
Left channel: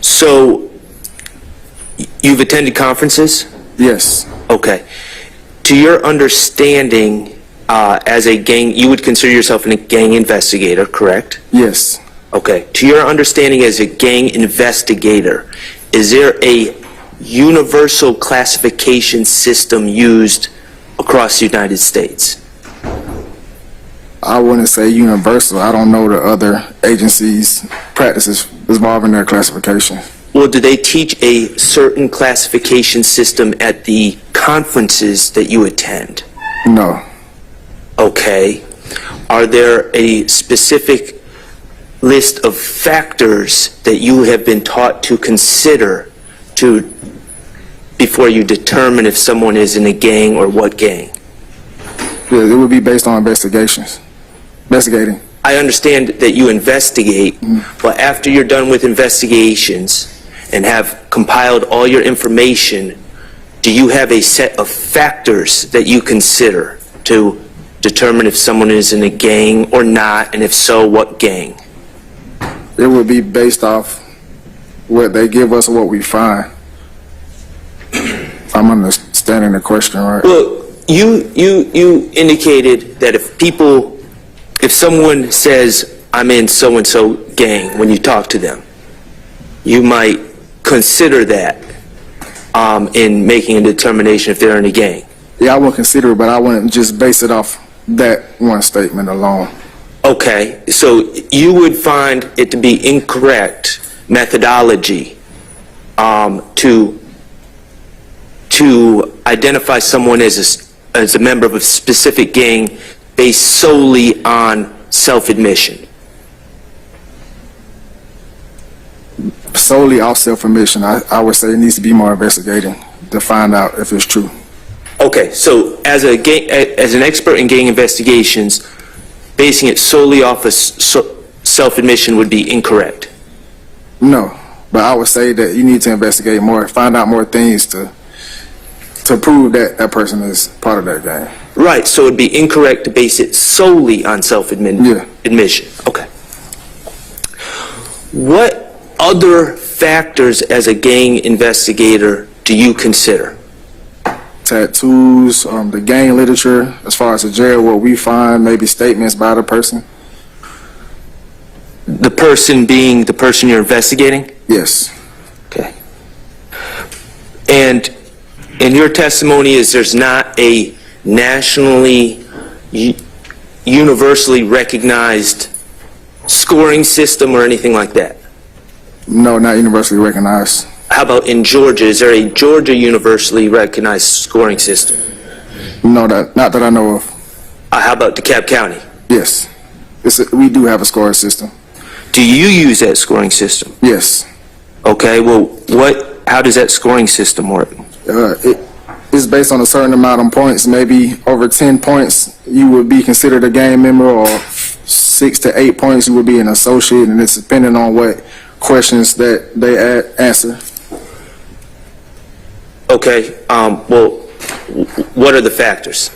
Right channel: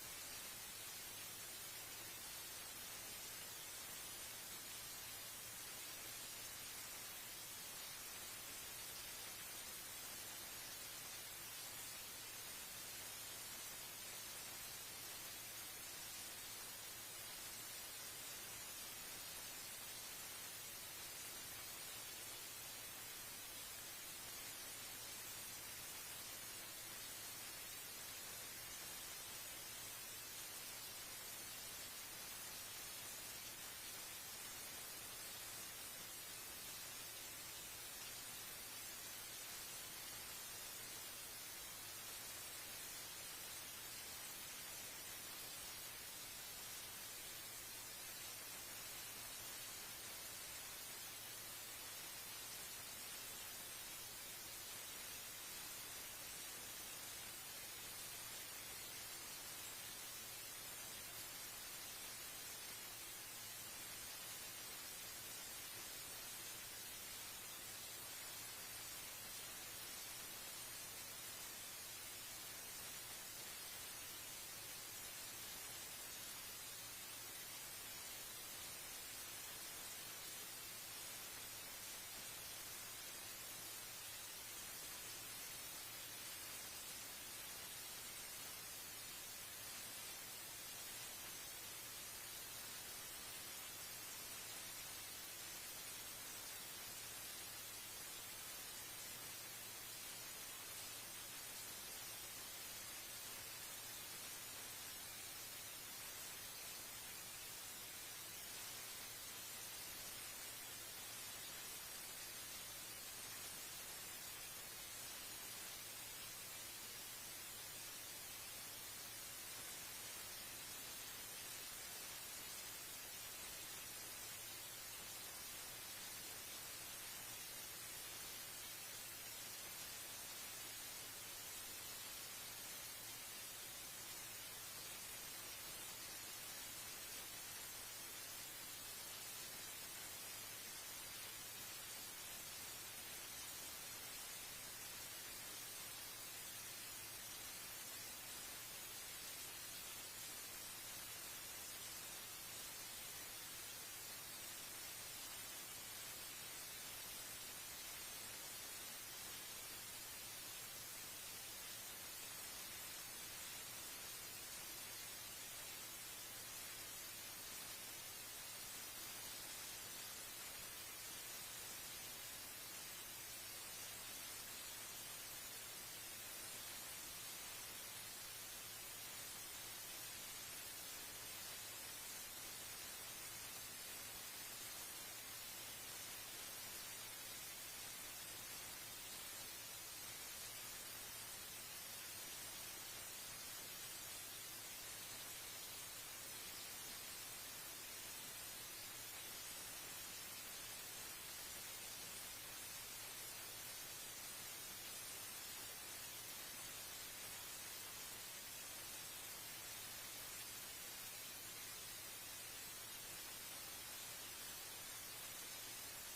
So, you've attended conferences? Yes. Okay. To your understanding, as a gang, you would consider yourself a gang investigator, correct? Yes. Okay. To your understanding as a gang investigator, is there a universal classification system used across the United States? I wouldn't say universal. I don't know the other agencies' practices involving their classification. Well, do they teach a certain classification system at the conferences that you attend? No. Okay. Are there a specific list of factors that you have been taught to consider before you determine if someone is in a gang or what gang? Yeah, it would be based on investigating. I understand that you investigate, but after you're done with investigations and have compiled all your information, do you have a set of factors that you consider to determine if someone is in a gang or not, and if so, what gang? It would be based off what they give us or what we find. If I'm understanding the question right. Well, you indicated that if someone says, I'm in so-and-so gang, when you talk to them, you might consider that in making a determination if they're in a gang. Yeah, I would consider it, but I wouldn't just base it off that one statement alone. Okay, so you would find it to be incorrect methodology to identify someone as a member of a specific gang based solely on self-admission. Solely off self-admission, I would say it needs to be more investigating to find out if it's true. Okay, so as an expert in gang investigations, basing it solely off of self-admission would be incorrect. No, but I would say that you need to investigate more, find out more things to prove that that person is part of that gang. Right, so it'd be incorrect to base it solely on self-admission. Okay. What other factors as a gang investigator do you consider? Tattoos, the gang literature, as far as the jail, what we find, maybe statements by the person. The person being the person you're investigating? Yes. Okay. And in your testimony, there's not a nationally, universally recognized scoring system or anything like that? No, not universally recognized. How about in Georgia? Is there a Georgia universally recognized scoring system? No, not that I know of. How about DeKalb County? Yes. We do have a scoring system. Do you use that scoring system? Yes. Okay, well, how does that scoring system work? It's based on a certain amount of points. Maybe over 10 points, you would be considered a gang member, or 6 to 8 points, you would be an associate, and it's depending on what questions that they answer. Okay, well, what are the factors?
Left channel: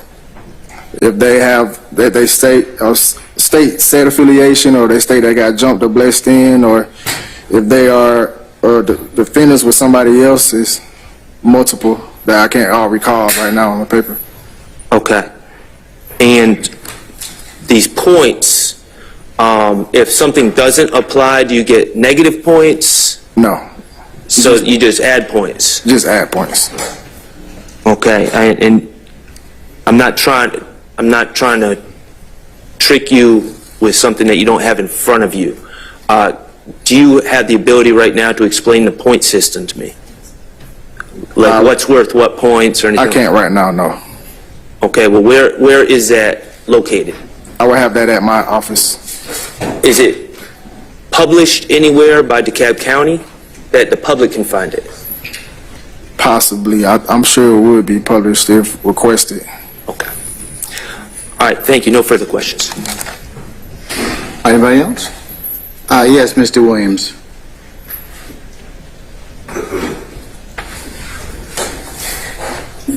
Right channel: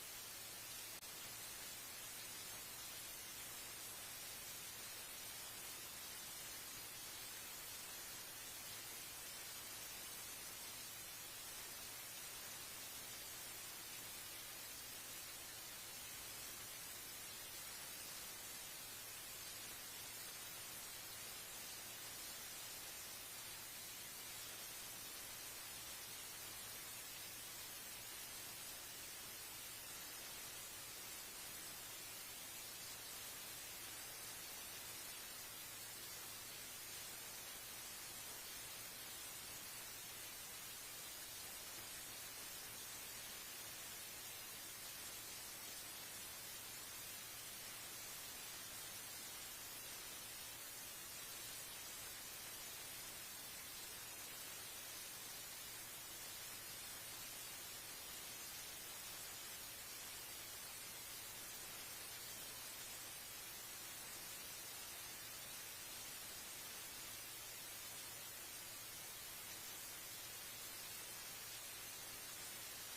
If they state said affiliation, or they state they got jumped or blessed in, or if they are the defendants with somebody else, is multiple that I can't all recall right now on the paper. Okay. And these points, if something doesn't apply, do you get negative points? No, So you just add points? just add points. Okay, and I'm not trying to trick you with something that you don't have in front of you. Do you have the ability right now to explain the point system to me? Like what's worth what points or anything? I can't right now, no. Okay, well, where is that located? I will have that at my office. Is it published anywhere by DeKalb County that the public can find it? Possibly. I'm sure it would be published if requested. Okay. All right, thank you. No further questions. Anybody else? Yes, Mr. Williams.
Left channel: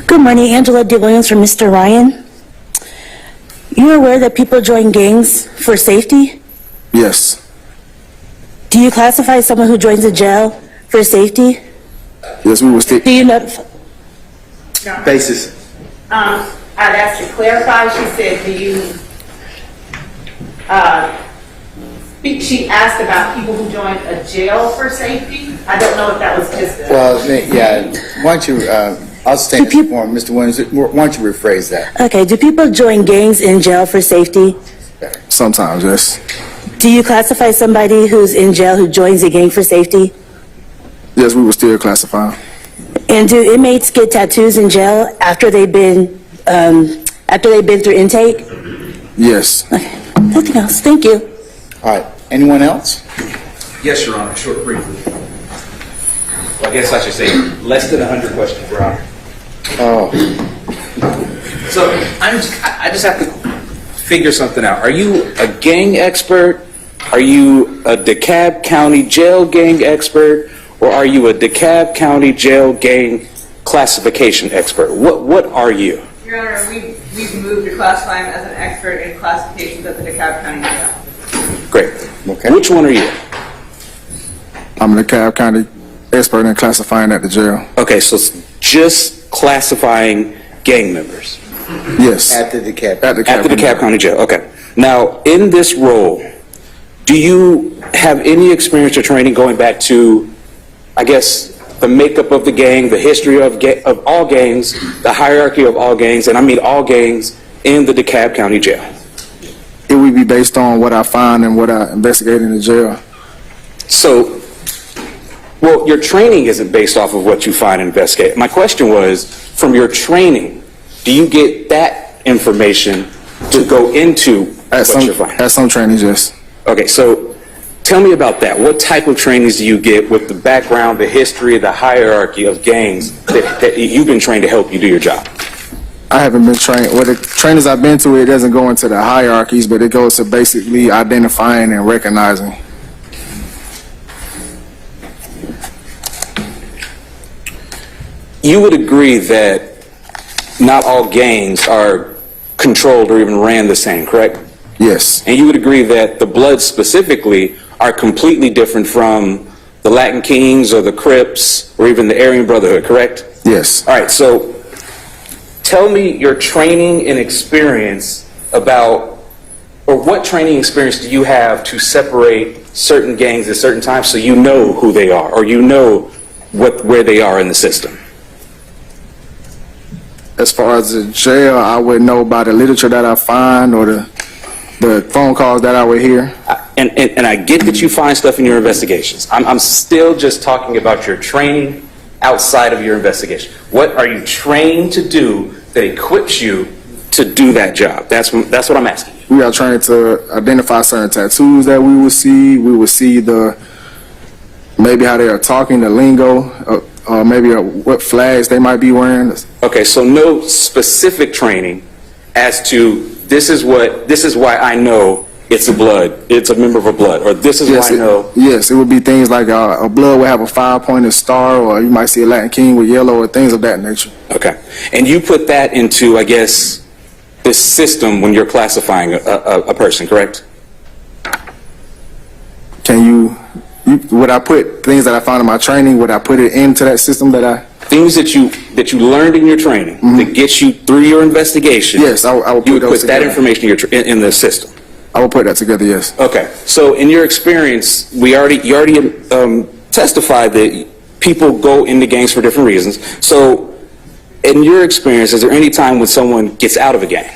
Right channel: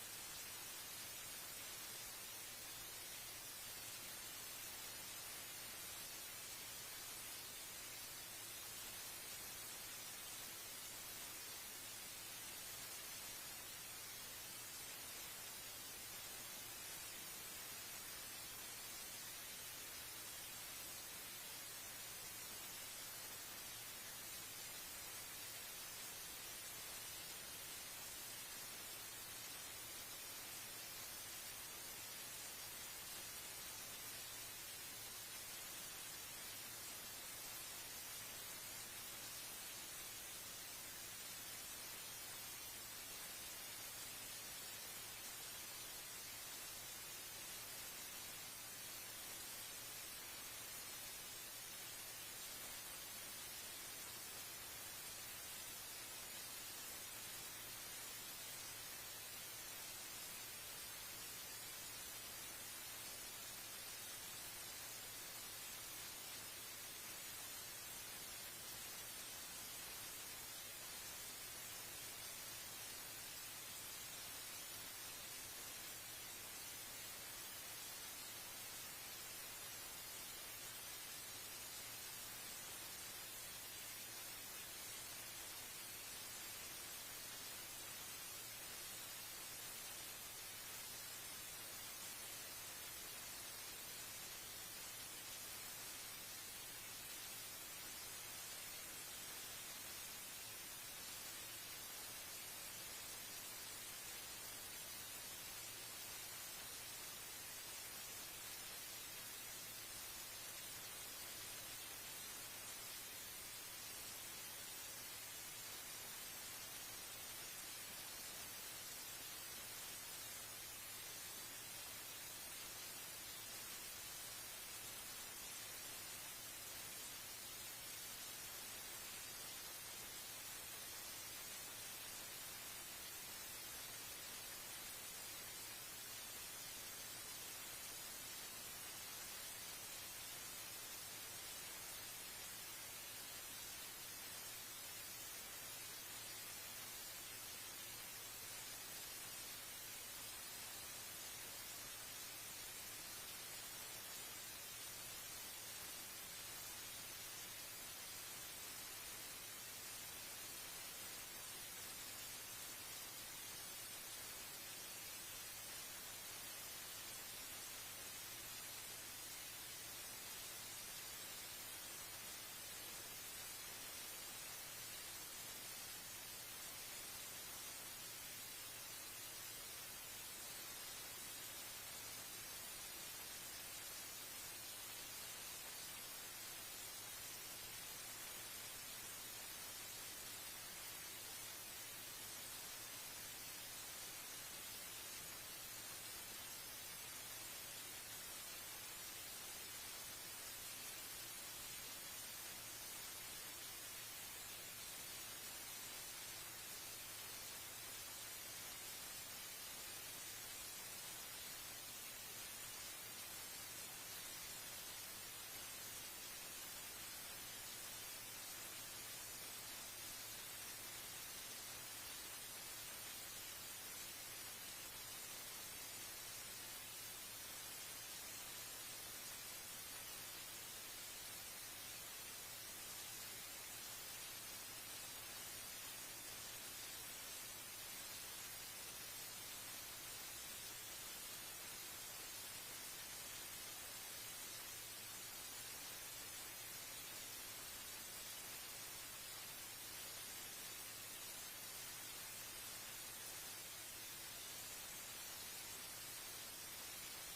Good morning, Angela D. Williams for Mr. Ryan. You're aware that people join gangs for safety? Yes. Do you classify someone who joins a jail for safety? Yes, we will stick. Do you know? Basis. I'd ask to clarify, she said, do you, she asked about people who join a jail for safety? I don't know if that was just a... Well, yeah, why don't you, I'll stand this form, Mr. Williams, why don't you rephrase that? Okay, do people join gangs in jail for safety? Sometimes, yes. Do you classify somebody who's in jail who joins a gang for safety? Yes, we will still classify. And do inmates get tattoos in jail after they've been through intake? Yes. Okay, nothing else. Thank you. All right, anyone else? Yes, Your Honor, short briefly. Well, I guess I should say less than 100 questions, Your Honor. Oh, So I just have to figure something out. Are you a gang expert? Are you a DeKalb County jail gang expert? Or are you a DeKalb County jail gang classification expert? What are you? Your Honor, we've moved to classify him as an expert in classifications at the DeKalb County Jail. Great. okay. Which one are you? I'm the DeKalb County expert in classifying at the jail. Okay, so it's just classifying gang members Yes. At the DeKalb. At the at the DeKalb County Jail. Okay. Now, in this role, do you have any experience or training going back to, I guess, the makeup of the gang, the history of all gangs, the hierarchy of all gangs, and I mean all gangs in the DeKalb County Jail? It would be based on what I find and what I investigate in the jail. So, well, your training isn't based off of what you find and investigate. My question was, from your training, do you get that information to go into At what you're finding? some trainings, yes. Okay, so tell me about that. What type of trainings do you get with the background, the history, the hierarchy of gangs that you've been trained to help you do your job? I haven't been trained. Well, the trainings I've been to, it doesn't go into the hierarchies, but it goes to basically identifying and recognizing. You would agree that not all gangs are controlled or even ran the same, correct? Yes. And you would agree that the Bloods specifically are completely different from the Latin Kings or the Crips or even the Aryan Brotherhood, correct? Yes. All right, so tell me your training and experience about, or what training experience do you have to separate certain gangs at certain times so you know who they are or you know where they are in the system? As far as the jail, I would know by the literature that I find or the phone calls that I would hear. And I get that you find stuff in your investigations. I'm still just talking about your training outside of your investigation. What are you trained to do that equips you to do that job? That's what I'm asking you. We are trained to identify certain tattoos that we will see. We will see maybe how they are talking, the lingo, maybe what flags they might be wearing. Okay, so no specific training as to this is why I know it's a member of a blood, or this is why I know. Yes, it would be things like a blood would have a 5-pointed star, or you might see a Latin King with yellow, or things of that nature. Okay, and you put that into, I guess, this system when you're classifying a person, correct? Would I put things that I found in my training, would I put it into that system that I... things that you learned in your training that gets you through your investigation. Yes, I will You put would those put that together. information in the system. I will put that together, yes. Okay. So in your experience, you already testified that people go into gangs for different reasons. So in your experience, is there any time when someone gets out of a gang?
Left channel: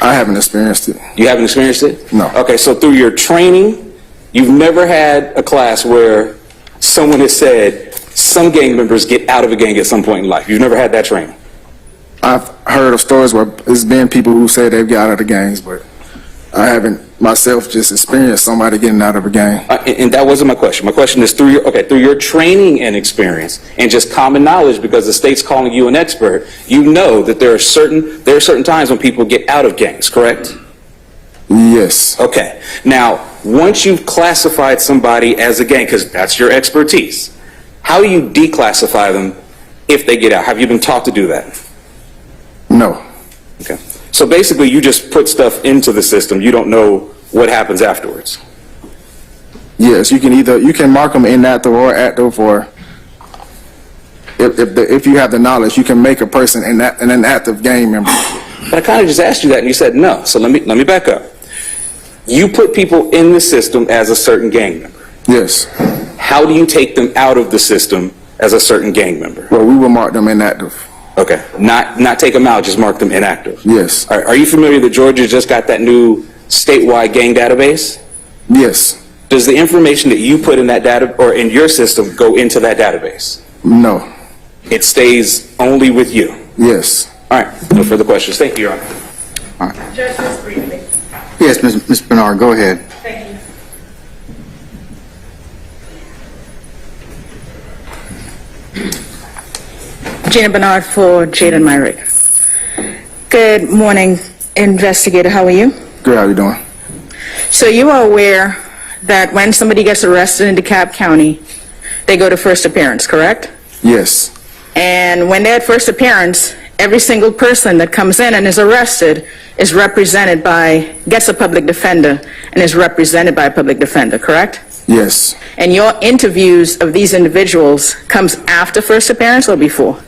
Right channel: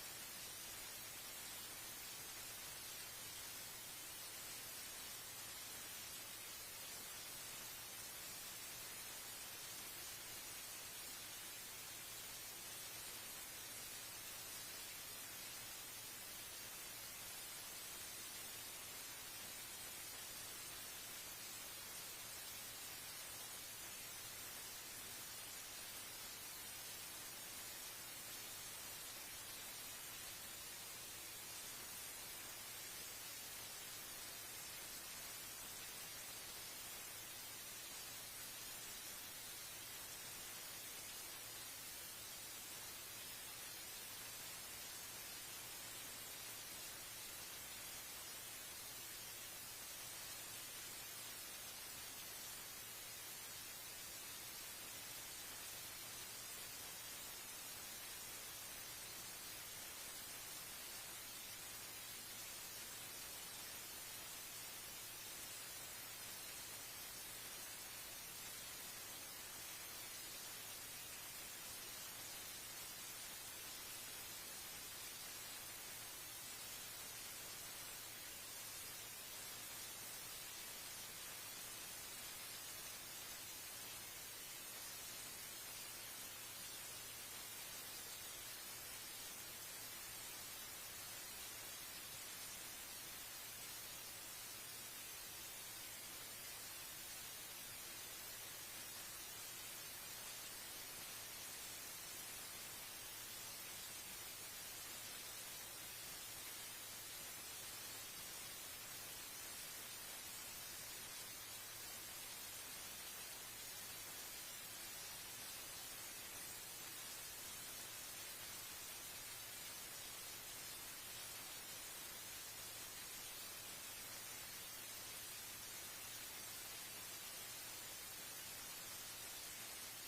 I haven't experienced it. You haven't experienced it? No. Okay, so through your training, you've never had a class where someone has said some gang members get out of a gang at some point in life. You've never had that training? I've heard of stories where it's been people who say they've got out of the gangs, but I haven't myself just experienced somebody getting out of a gang. And that wasn't my question. My question is through your training and experience and just common knowledge, because the state's calling you an expert, you know that there are certain times when people get out of gangs, correct? Yes. Okay. Now, once you've classified somebody as a gang, because that's your expertise, how do you declassify them if they get out? Have you been taught to do that? No. Okay. So basically, you just put stuff into the system. You don't know what happens afterwards. Yes, you can mark them inactive or active, or if you have the knowledge, you can make a person an inactive gang member. But I kind of just asked you that, and you said no. So let me back up. You put people in the system as a certain gang member. Yes. How do you take them out of the system as a certain gang member? Well, we will mark them inactive. Okay. Not take them out, just mark them inactive. Yes. Are you familiar that Georgia just got that new statewide gang database? Yes. Does the information that you put in that data or in your system go into that database? No. It stays only with you. Yes. All right. No further questions. Thank you, Your Honor. All right. Judge, just briefly. Yes, Ms. Bernard, go ahead. Thank you. Gina Bernard for Jaden Myrick. Good morning, investigator. How are you? Good, how you doing? So you are aware that when somebody gets arrested in DeKalb County, they go to first appearance, correct? Yes. And when they're at first appearance, every single person that comes in and is arrested is represented by, gets a public defender and is represented by a public defender, correct? Yes. And your interviews of these individuals comes after first appearance or before?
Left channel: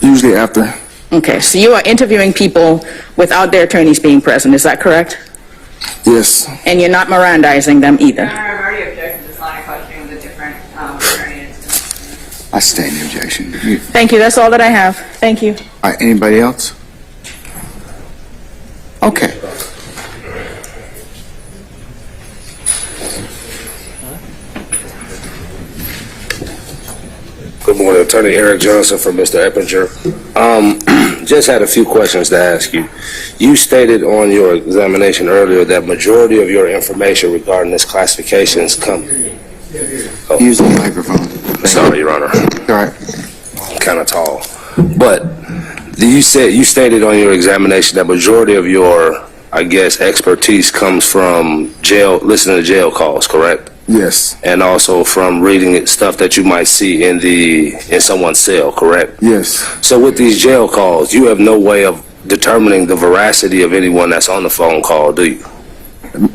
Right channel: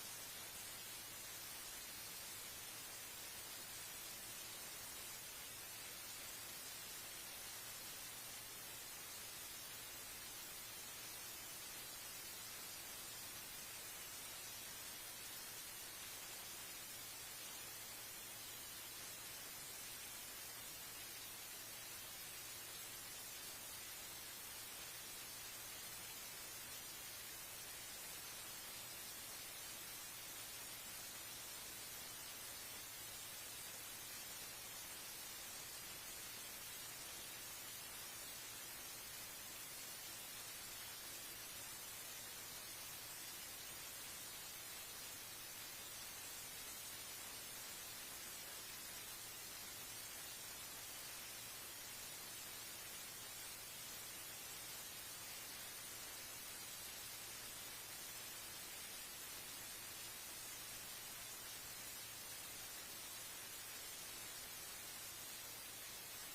Usually after. Okay, so you are interviewing people without their attorneys being present, is that correct? Yes. And you're not Mirandizing them either? I've already objected to this line of questioning the different attorneys. I stay in the objection. Thank you, that's all that I have. Thank you. All right, anybody else? Okay. Good morning, Attorney Eric Johnson for Mr. Eppinger. Just had a few questions to ask you. You stated on your examination earlier that majority of your information regarding this classifications come. Use the microphone. Sorry, Your Honor. All right. I'm kind of tall. But you stated on your examination that majority of your, I guess, expertise comes from listening to jail calls, correct? Yes. And also from reading stuff that you might see in someone's cell, correct? Yes. So with these jail calls, you have no way of determining the veracity of anyone that's on the phone call, do you?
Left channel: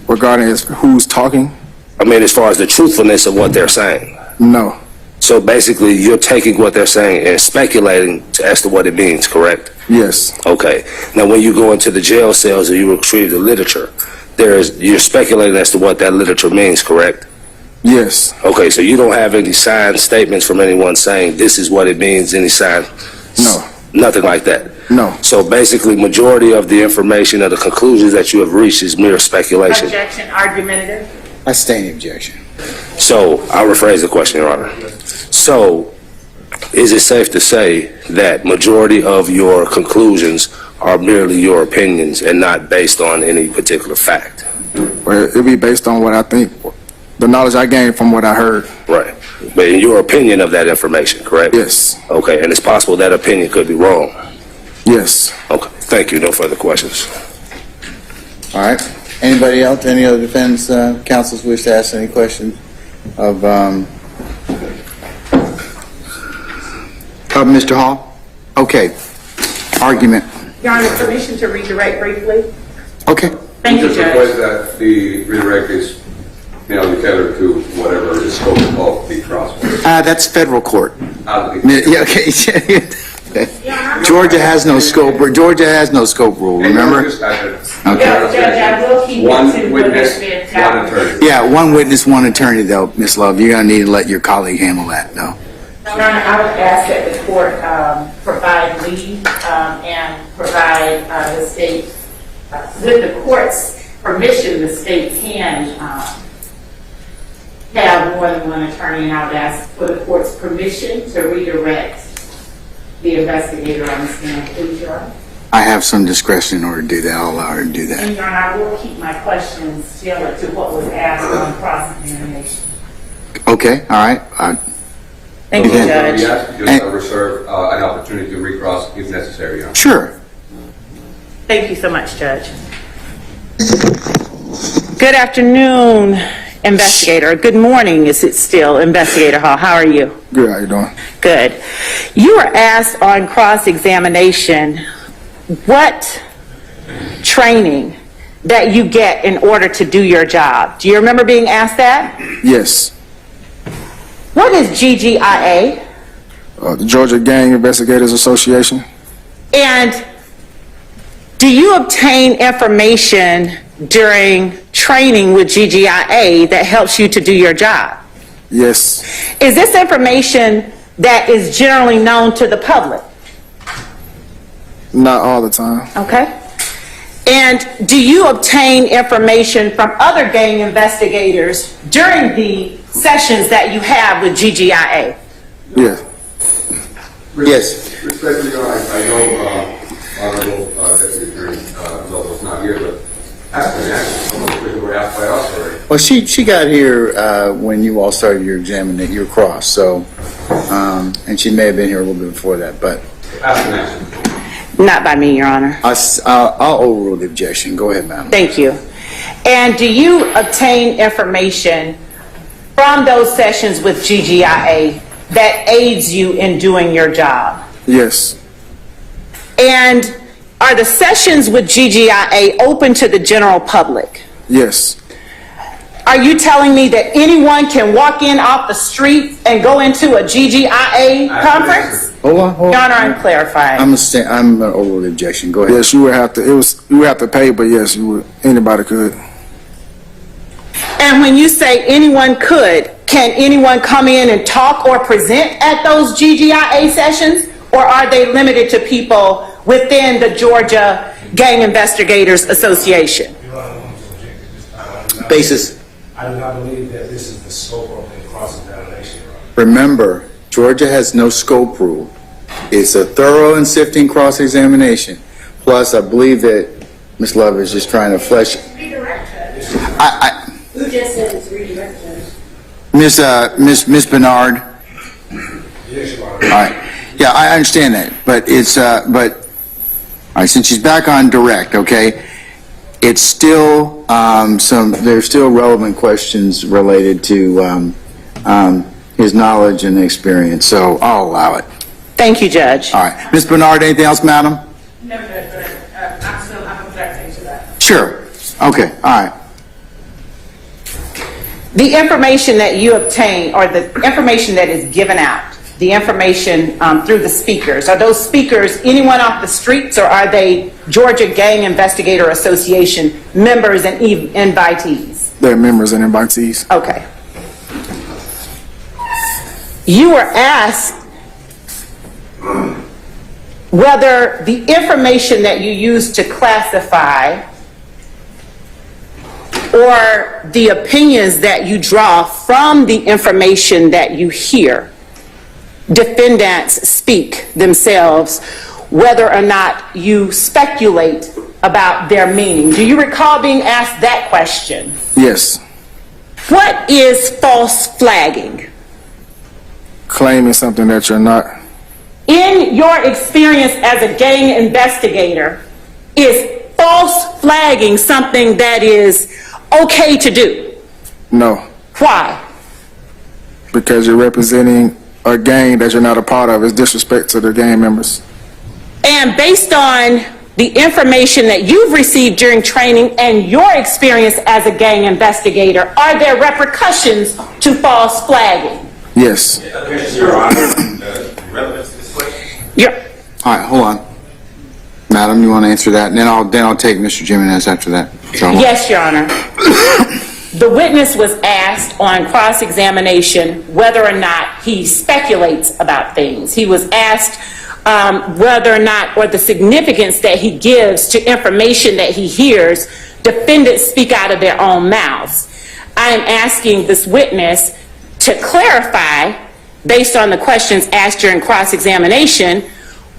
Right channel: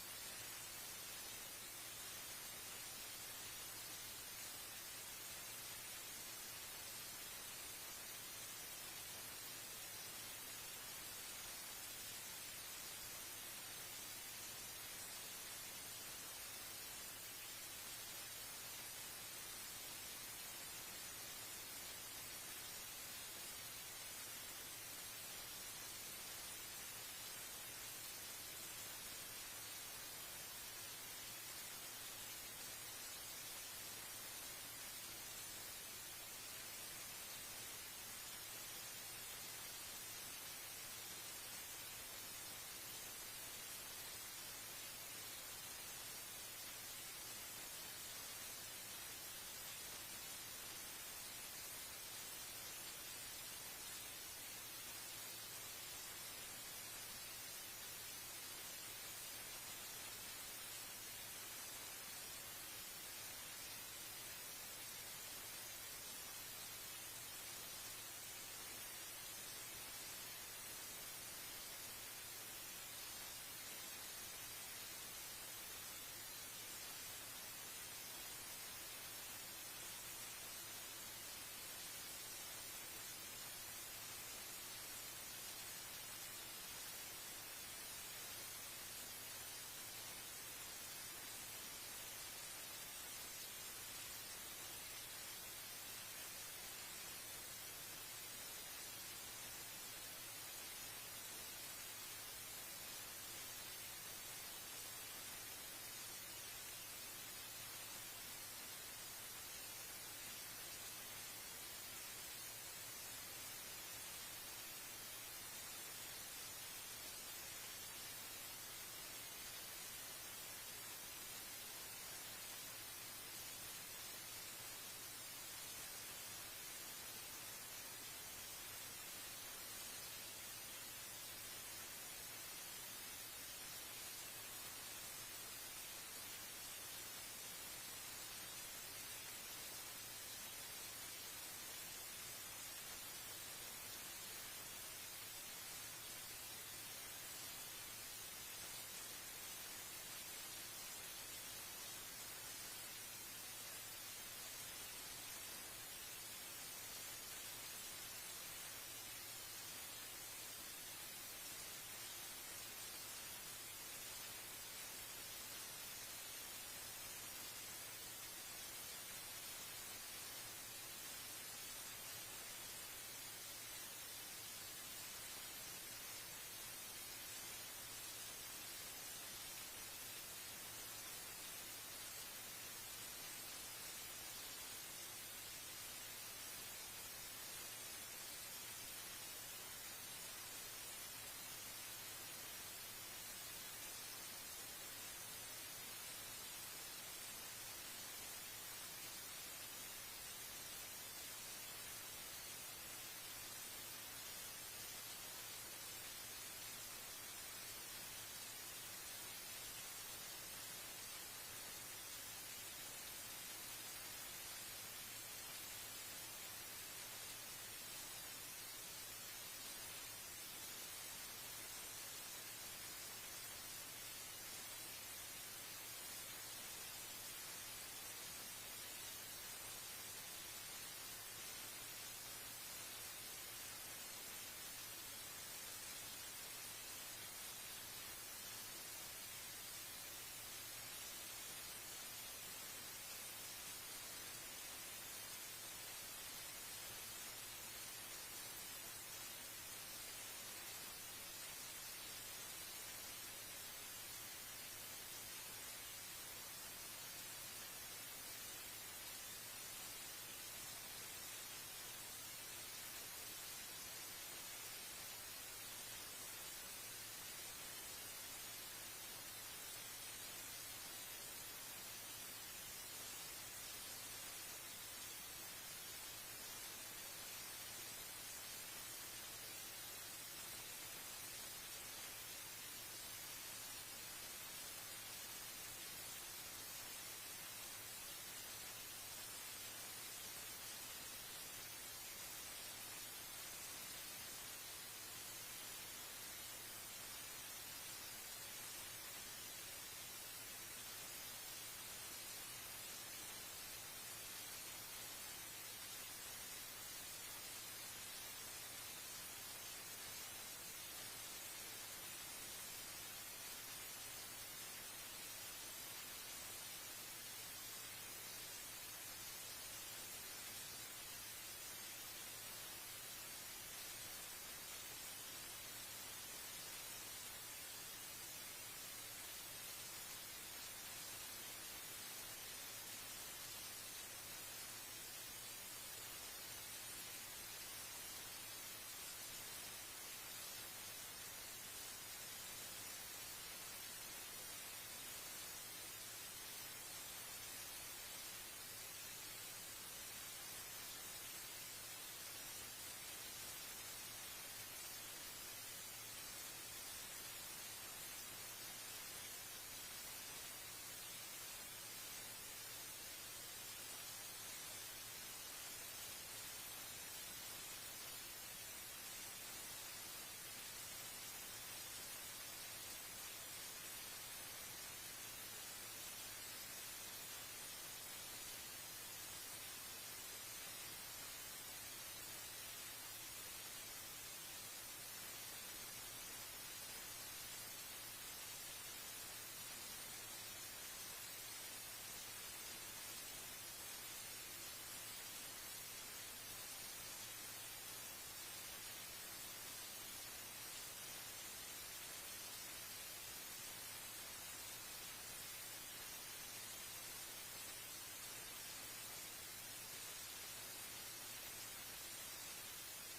Regarding who's talking? I mean, as far as the truthfulness of what they're saying. No. So basically, you're taking what they're saying and speculating as to what it means, correct? Yes. Okay. Now, when you go into the jail cells and you retrieve the literature, you're speculating as to what that literature means, correct? Yes. Okay, so you don't have any signed statements from anyone saying this is what it means, any sign? No. Nothing like that? No. So basically, majority of the information or the conclusions that you have reached is mere speculation. Objection, argumentative. I stay in the objection. So, I'll rephrase the question, Your Honor. So, is it safe to say that majority of your conclusions are merely your opinions and not based on any particular fact? Well, it'll be based on what I think, the knowledge I gained from what I heard. Right. But in your opinion of that information, correct? Yes. Okay, and it's possible that opinion could be wrong? Yes. Okay, thank you. No further questions. All right. Anybody else, any other defense counsels wish to ask any questions of Mr. Hall? Okay. Argument. Your Honor, permission to redirect briefly? Okay. Thank you, Just Judge. request that the redirect is together to whatever is scope of the cross. That's federal court. out of the. Yeah, okay. Georgia has no scope, rule, remember? Judge, Okay. I will keep it One to witness, what has been one attorney. Yeah, one witness, one attorney, though, Ms. Love. You're gonna need to let your colleague handle that, though. Your Honor, I would ask that the court provide leave and provide the state, with the court's permission, the state can have more than one attorney, and I would ask for the court's permission to redirect the investigator on the stand, please, Your Honor. I have some discretion in order to do that. I'll allow her to do that. And Your Honor, I will keep my questions tailored to what was asked on cross-examination. Okay, all right. Thank you, Okay. Judge. Yes, just reserve an opportunity to recross if necessary, Your Honor. Sure. Thank you so much, Judge. Good afternoon, investigator. Good morning, is it still, Investigator Hall? How are you? Good, how you doing? Good. You were asked on cross-examination what training that you get in order to do your job. Do you remember being asked that? Yes. What is GGIA? The Georgia Gang Investigators Association. And do you obtain information during training with GGIA that helps you to do your job? Yes. Is this information that is generally known to the public? Not all the time. Okay. And do you obtain information from other gang investigators during the sessions that you have with GGIA? Yes. Yes. Respectfully, Your Honor, I know Honorable Deputy Attorney Lobo's not here, but ask an answer. Some of the questions were asked by us already. Well, she got here when you all started your examination, your cross, so, and she may have been here a little bit before that, but Ask an answer. Not by me, Your Honor. I'll overrule the objection. Go ahead, ma'am. Thank you. And do you obtain information from those sessions with GGIA that aids you in doing your job? Yes. And are the sessions with GGIA open to the general public? Yes. Are you telling me that anyone can walk in off the street and go into a GGIA conference? Hold on. Your Honor, I'm clarifying. I'm gonna overrule the objection. Go ahead. Yes, you would have to. You would have to pay, but yes, you would. Anybody could. And when you say anyone could, can anyone come in and talk or present at those GGIA sessions? Or are they limited to people within the Georgia Gang Investigators Association? Basis. I do not believe that this is the scope of the cross-examination. Remember, Georgia has no scope rule. It's a thorough and sifting cross-examination. Plus, I believe that Ms. Love is just trying to flesh. Who just said it's redirected? Miss Bernard. Yes, Your Honor. All right. Yeah, I understand that, but it's all right. Since she's back on direct, okay, it's still there's still relevant questions related to his knowledge and experience. So I'll allow it. Thank you, Judge. All right, Ms. Bernard, anything else, madam? No, but I'm objecting to that. Sure. Okay. All right. The information that you obtain, or the information that is given out, the information through the speakers, are those speakers anyone off the streets, or are they Georgia Gang Investigator Association members and invitees? They're members and invitees. Okay. You were asked whether the information that you use to classify or the opinions that you draw from the information that you hear defendants speak themselves, whether or not you speculate about their meaning. Do you recall being asked that question? Yes. What is false flagging? Claiming something that you're not. In your experience as a gang investigator, is false flagging something that is okay to do? No. Why? Because you're representing a gang that you're not a part of. It's disrespect to the gang members. And based on the information that you've received during training and your experience as a gang investigator, are there repercussions to false flagging? Yes. Your Honor, relevance to this question? Yeah. All right, hold on. Madam, you want to answer that? And then I'll take Mr. Jimenez after that. So, Yes, Your Honor. The witness was asked on cross-examination whether or not he speculates about things. He was asked whether or not, or the significance that he gives to information that he hears defendants speak out of their own mouths. I am asking this witness to clarify, based on the questions asked during cross-examination,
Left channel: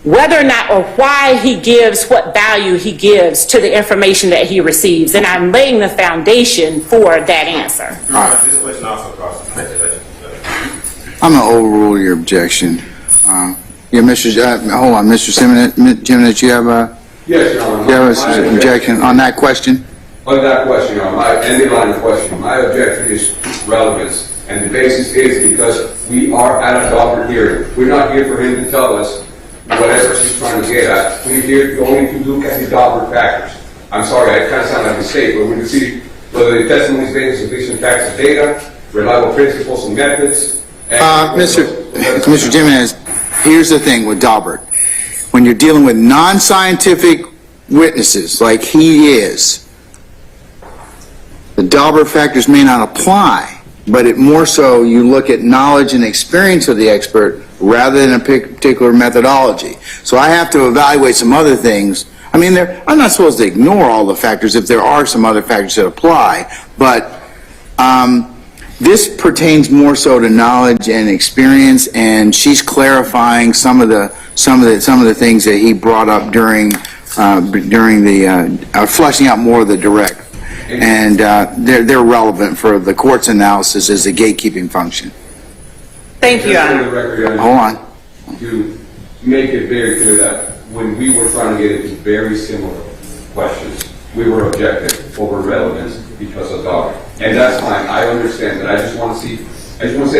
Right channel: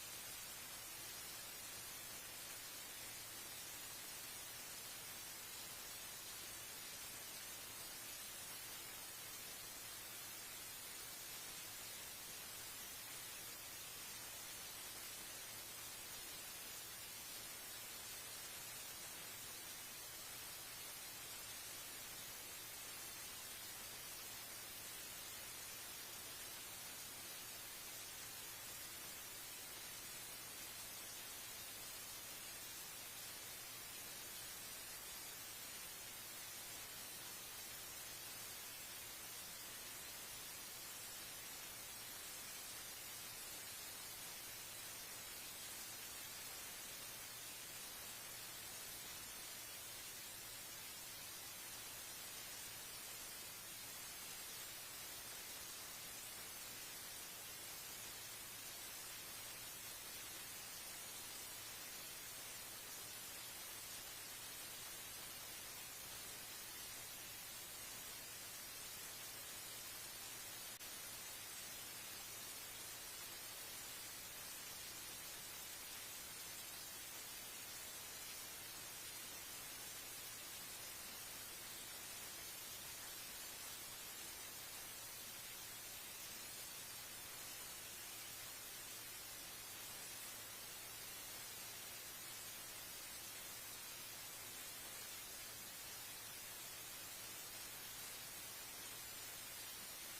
whether or not or why he gives what value he gives to the information that he receives. And I'm laying the foundation for that answer. This question also crosses speculation. I'm going to overrule your objection. Yeah, hold on, Mr. Jimenez, you have Yes, Your Honor. you have an objection on that question? On that question, Your Honor, my ending line of question, my objection is relevance. And the basis is because we are at a Daubert hearing. We're not here for him to tell us whatever she's trying to get at. We're here only to look at the Daubert factors. I'm sorry, I kind of sound like a mistake, but we can see whether the testimony is based on sufficient facts and data, reliable principles and methods. Mr. Jimenez, here's the thing with Daubert. When you're dealing with non-scientific witnesses like he is, the Daubert factors may not apply, but it more so you look at knowledge and experience of the expert rather than a particular methodology. So I have to evaluate some other things. I mean, I'm not supposed to ignore all the factors if there are some other factors that apply, but this pertains more so to knowledge and experience, and she's clarifying some of the things that he brought up during the fleshing out more of the direct. And they're relevant for the court's analysis as a gatekeeping function. Thank you, Your Honor. Hold on. To make it very clear that when we were trying to get into very similar questions, we were objecting over relevance because of Daubert. And that's fine, I understand, but I just want to say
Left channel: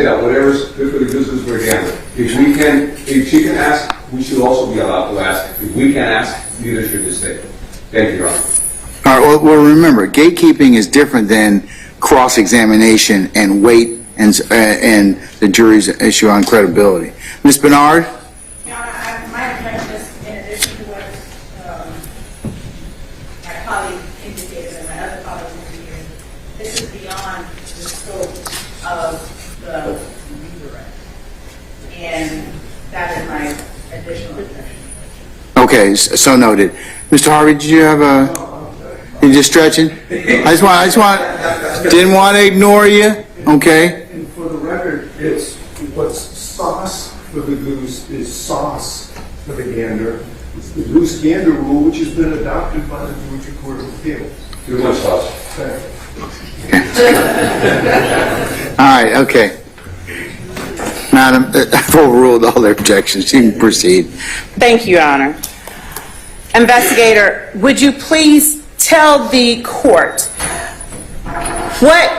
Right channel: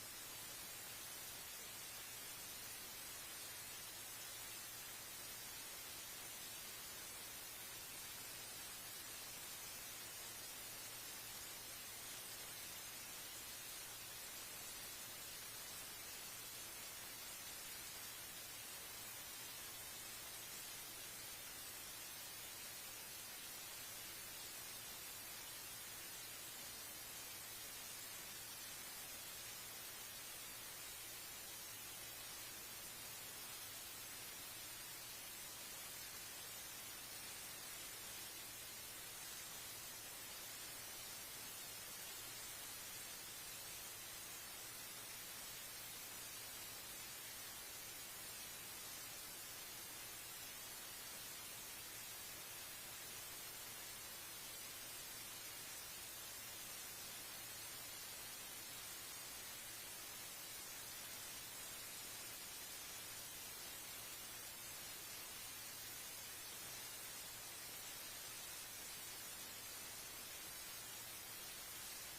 that whatever's good for the goose is for the gander. If she can ask, we should also be allowed to ask. If we can't ask, neither should the state. Thank you, Your Honor. All right, well, remember, gatekeeping is different than cross-examination and weight and the jury's issue on credibility. Ms. Bernard? Your Honor, my objection is, in addition to what my colleague indicated and my other colleagues indicated, this is beyond the scope of the redirect. And that is my additional objection. Okay, so noted. Mr. Harvey, did you have a... You just stretching? I just didn't want to ignore you. Okay. And for the record, it's what's sauce for the goose is sauce for the gander. It's the goose-gander rule, which has been adopted by the Georgia Court of Appeals. Too much sauce. All right, okay. Madam, I've overruled all their objections. You can proceed. Thank you, Your Honor. Investigator, would you please tell the court what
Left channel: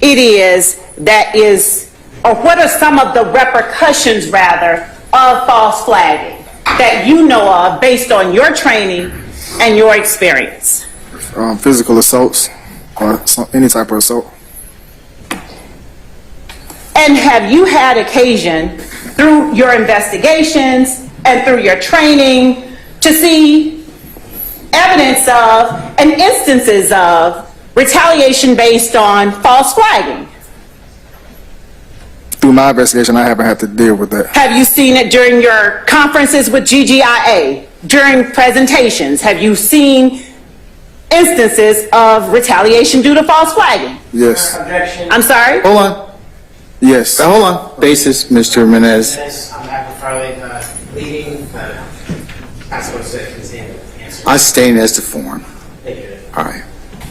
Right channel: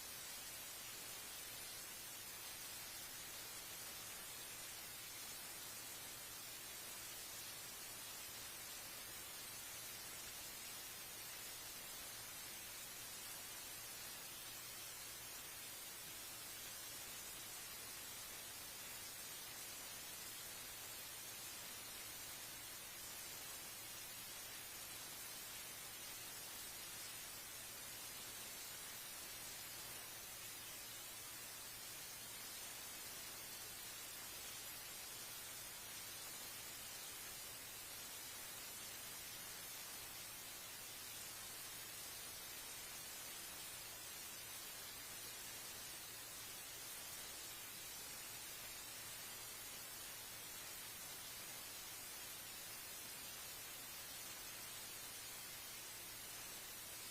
it is that is, or what are some of the repercussions, rather, of false flagging that you know of based on your training and your experience? Physical assaults or any type of assault. And have you had occasion, through your investigations and through your training, to see evidence of and instances of retaliation based on false flagging? Through my investigation, I haven't had to deal with that. Have you seen it during your conferences with GGIA, during presentations? Have you seen instances of retaliation due to false flagging? Yes. I'm sorry? Hold on. Yes. Hold on. Basis, Mr. Menez. I'm Michael Farley, leading. I suppose to continue to answer. I stay as the form. Thank you. All right.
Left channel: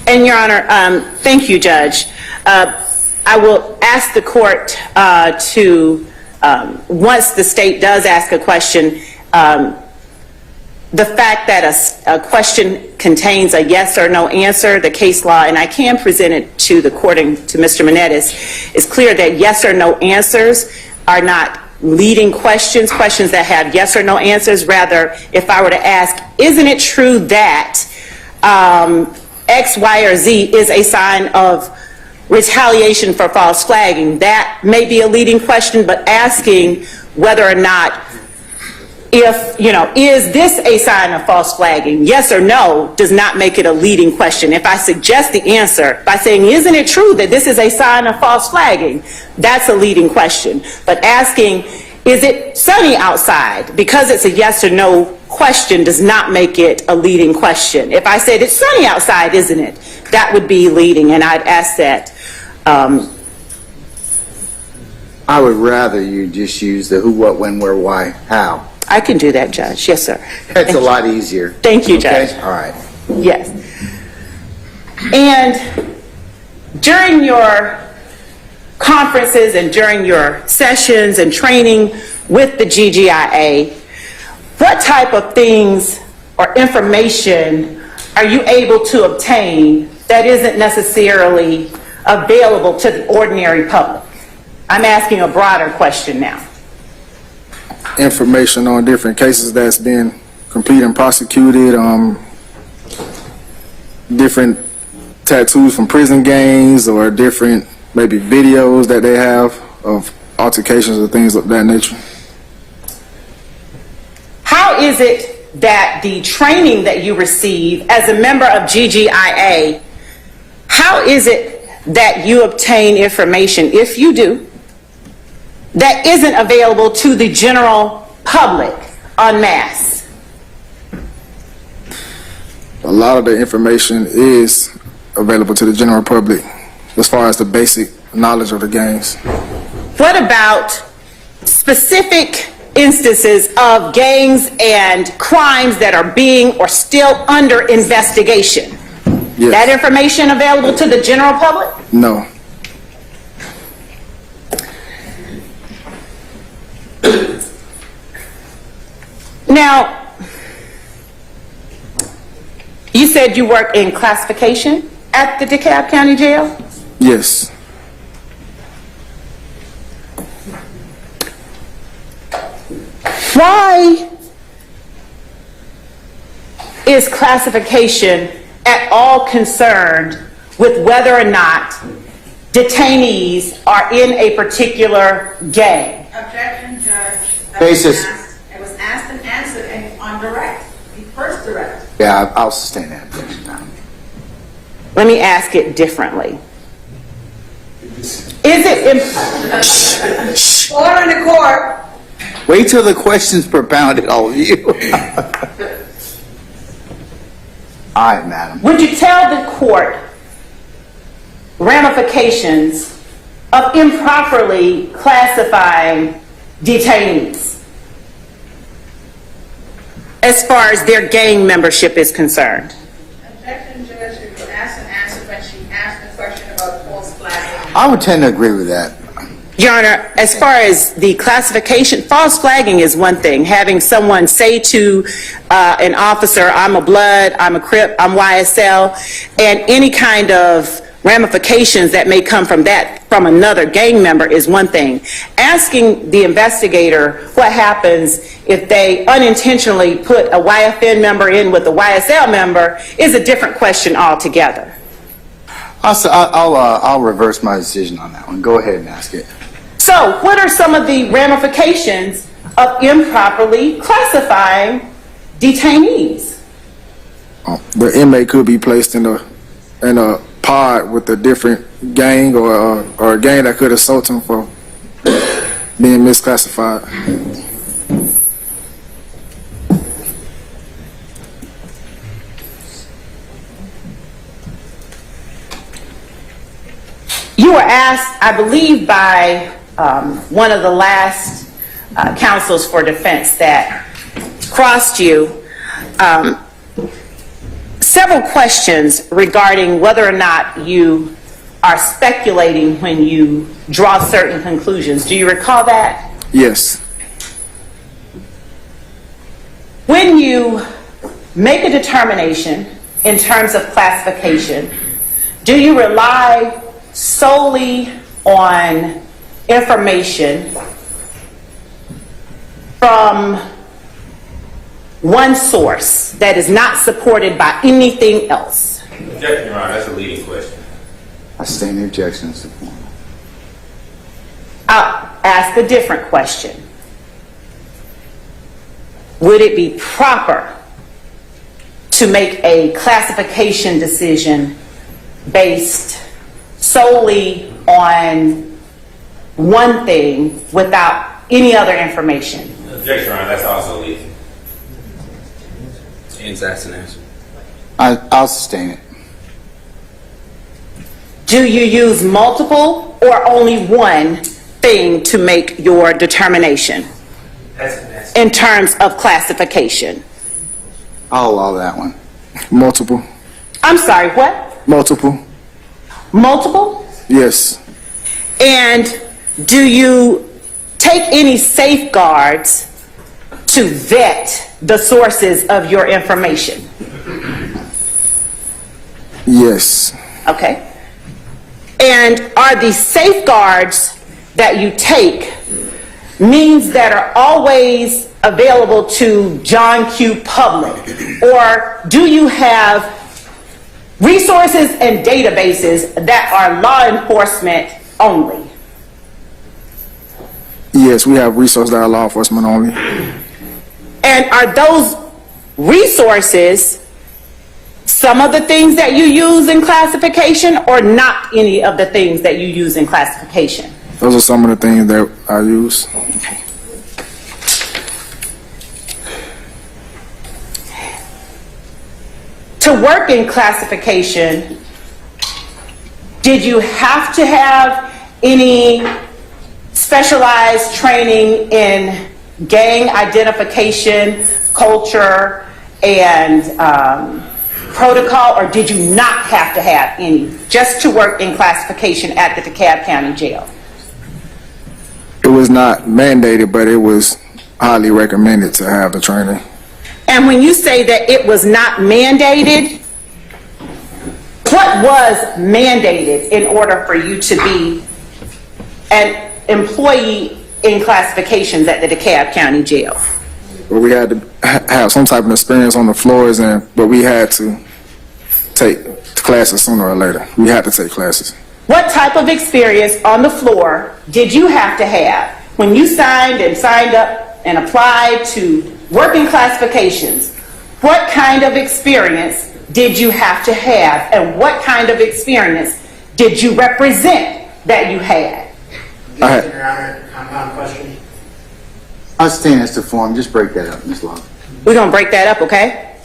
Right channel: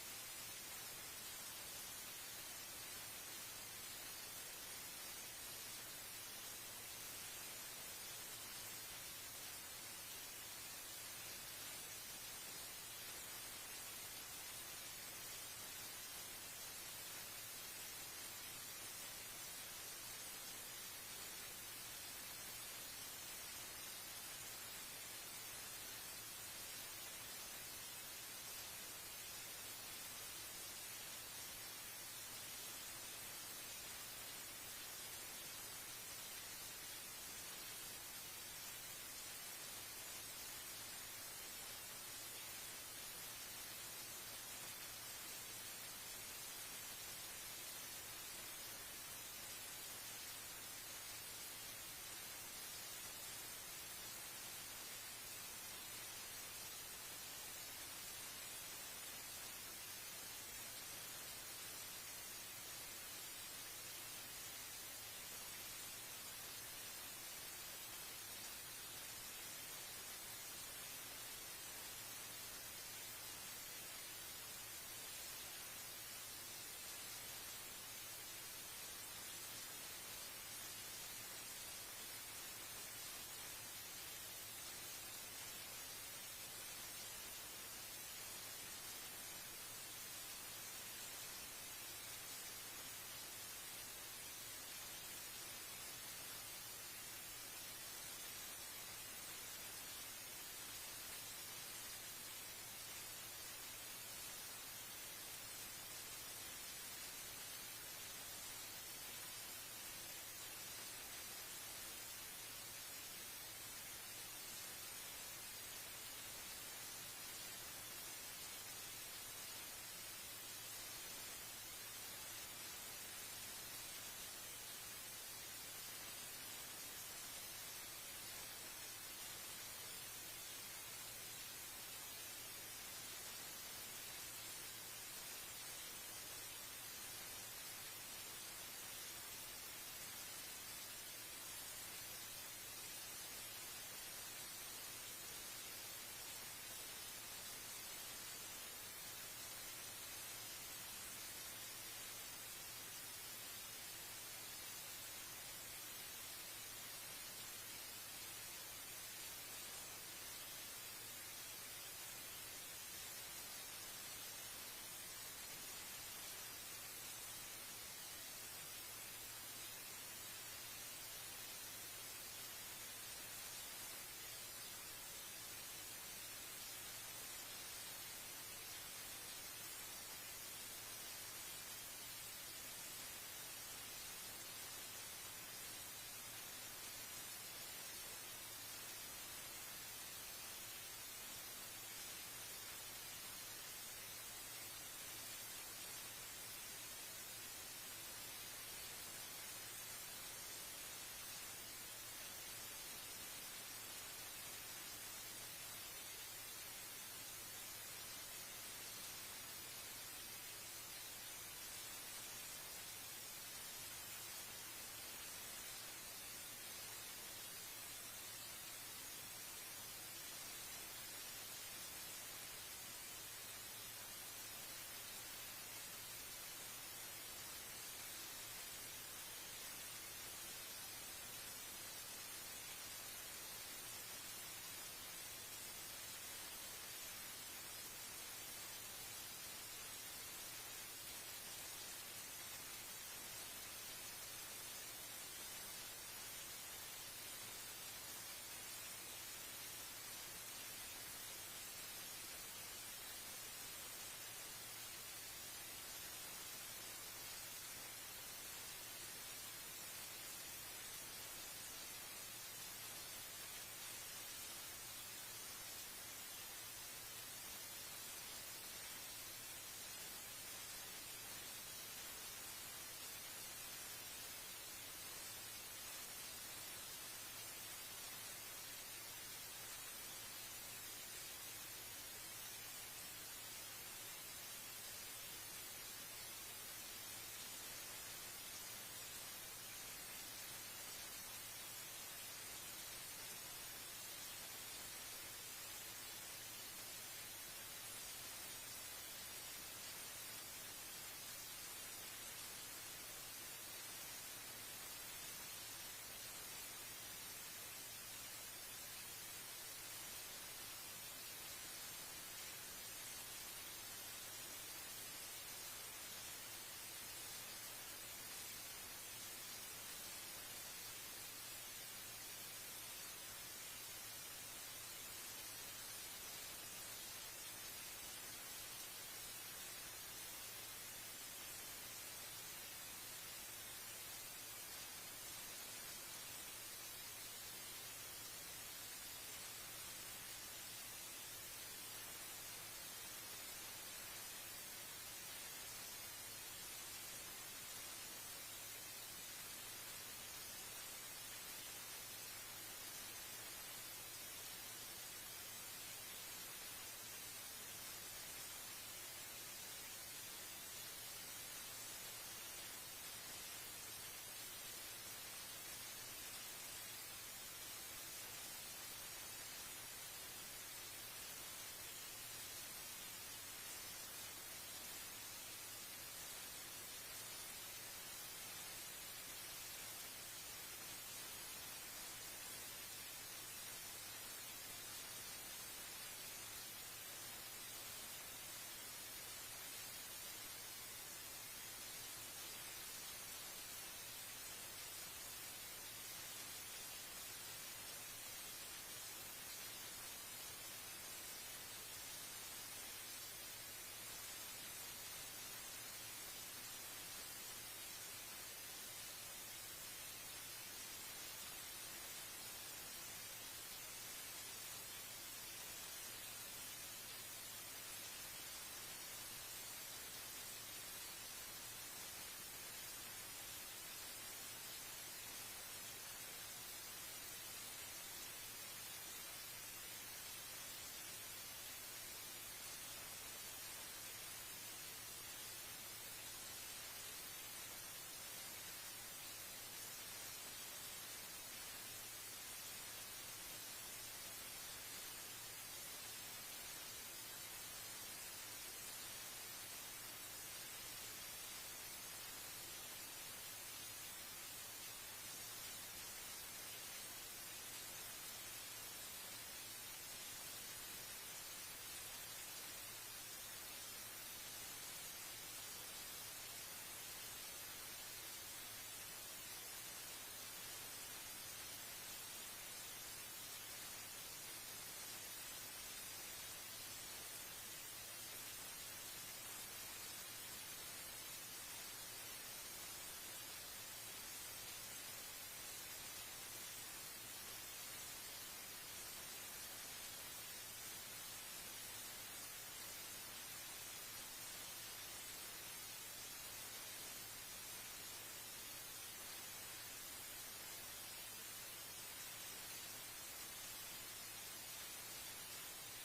And Your Honor, thank you, Judge. I will ask the court to, once the state does ask a question, the fact that a question contains a yes or no answer, the case law, and I can present it to the court and to Mr. Menendez, is clear that yes or no answers are not leading questions that have yes or no answers. Rather, if I were to ask, isn't it true that X, Y, or Z is a sign of retaliation for false flagging, that may be a leading question, but asking whether or not if, is this a sign of false flagging? Yes or no does not make it a leading question. If I suggest the answer by saying, isn't it true that this is a sign of false flagging? That's a leading question. But asking, is it sunny outside? Because it's a yes or no question does not make it a leading question. If I said, it's sunny outside, isn't it? That would be leading, and I'd ask that. I would rather you just use the who, what, when, where, why, how. I can do that, Judge. Yes, sir. That's a lot easier. Thank you, Okay? Judge. All right. Yes. And during your conferences and during your sessions and training with the GGIA, what type of things or information are you able to obtain that isn't necessarily available to the ordinary public? I'm asking a broader question now. Information on different cases that's been completed and prosecuted, different tattoos from prison gangs, or different maybe videos that they have of altercations or things of that nature. How is it that the training that you receive as a member of GGIA, how is it that you obtain information, if you do, that isn't available to the general public en masse? A lot of the information is available to the general public as far as the basic knowledge of the gangs. What about specific instances of gangs and crimes that are being or still under investigation? Yes. That information available to the general public? No. Now, you said you work in classification at the DeKalb County Jail? Yes. Why is classification at all concerned with whether or not detainees are in a particular gang? Objection, Judge. Basis. It was asked and answered and on direct, the first direct. Yeah, I'll sustain that objection now. Let me ask it differently. Is it Order in the court. Wait till the question's propounded, all of you. All right, madam. Would you tell the court ramifications of improperly classifying detainees as far as their gang membership is concerned? Objection, Judge. It was asked and answered when she asked the question about false flagging. I would tend to agree with that. Your Honor, as far as the classification, false flagging is one thing. Having someone say to an officer, I'm a Blood, I'm a Crip, I'm YSL, and any kind of ramifications that may come from that from another gang member is one thing. Asking the investigator what happens if they unintentionally put a YFN member in with a YSL member is a different question altogether. I'll reverse my decision on that one. Go ahead and ask it. So, what are some of the ramifications of improperly classifying detainees? The inmate could be placed in a pod with a different gang or a gang that could assault him for being misclassified. You were asked, I believe, by one of the last counsels for defense that crossed you, several questions regarding whether or not you are speculating when you draw certain conclusions. Do you recall that? Yes. When you make a determination in terms of classification, do you rely solely on information from one source that is not supported by anything else? Objection, Your Honor, that's a leading question. I sustain the objection, Mr. Foreman. I'll ask a different question. Would it be proper to make a classification decision based solely on one thing without any other information? Objection, Your Honor, that's also legal. And that's an answer. I'll sustain it. Do you use multiple or only one thing to make your determination That's an answer. in terms of classification? I'll allow that one. Multiple. I'm sorry, what? Multiple. Multiple? Yes. And do you take any safeguards to vet the sources of your information? Yes. Okay. And are the safeguards that you take means that are always available to John Q. public? Or do you have resources and databases that are law enforcement only? Yes, we have resources that are law enforcement only. And are those resources some of the things that you use in classification or not any of the things that you use in classification? Those are some of the things that I use. Okay. To work in classification, did you have to have any specialized training in gang identification, culture, and protocol, or did you not have to have any just to work in classification at the DeKalb County Jail? It was not mandated, but it was highly recommended to have the training. And when you say that it was not mandated, what was mandated in order for you to be an employee in classifications at the DeKalb County Jail? But we had to have some type of experience on the floors, but we had to take classes sooner or later. We had to take classes. What type of experience on the floor did you have to have when you signed up and applied to work in classifications? What kind of experience did you have to have, and what kind of experience did you represent that you had? Your Honor, compound question. I'll sustain as to form. Just break that up, Ms. Love. We're going to break that up, okay?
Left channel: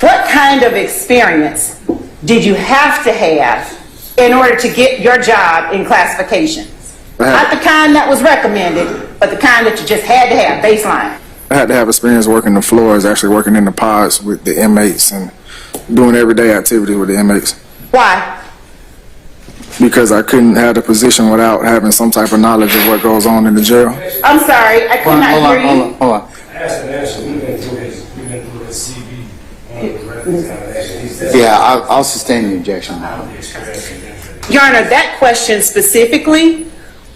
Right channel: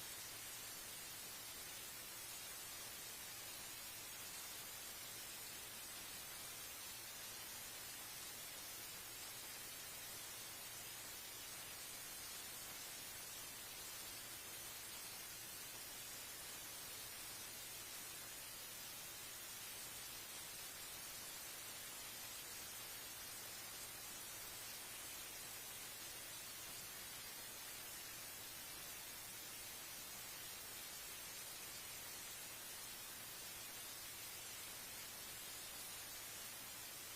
What kind of experience did you have to have in order to get your job in classifications? Not the kind that was recommended, but the kind that you just had to have, baseline. I had to have experience working the floors, actually working in the pods with the inmates and doing everyday activity with the inmates. Why? Because I couldn't have the position without having some type of knowledge of what goes on in the jail. I'm sorry, I could not hear you. Hold on. Yeah, I'll sustain the objection now. Your Honor, that question specifically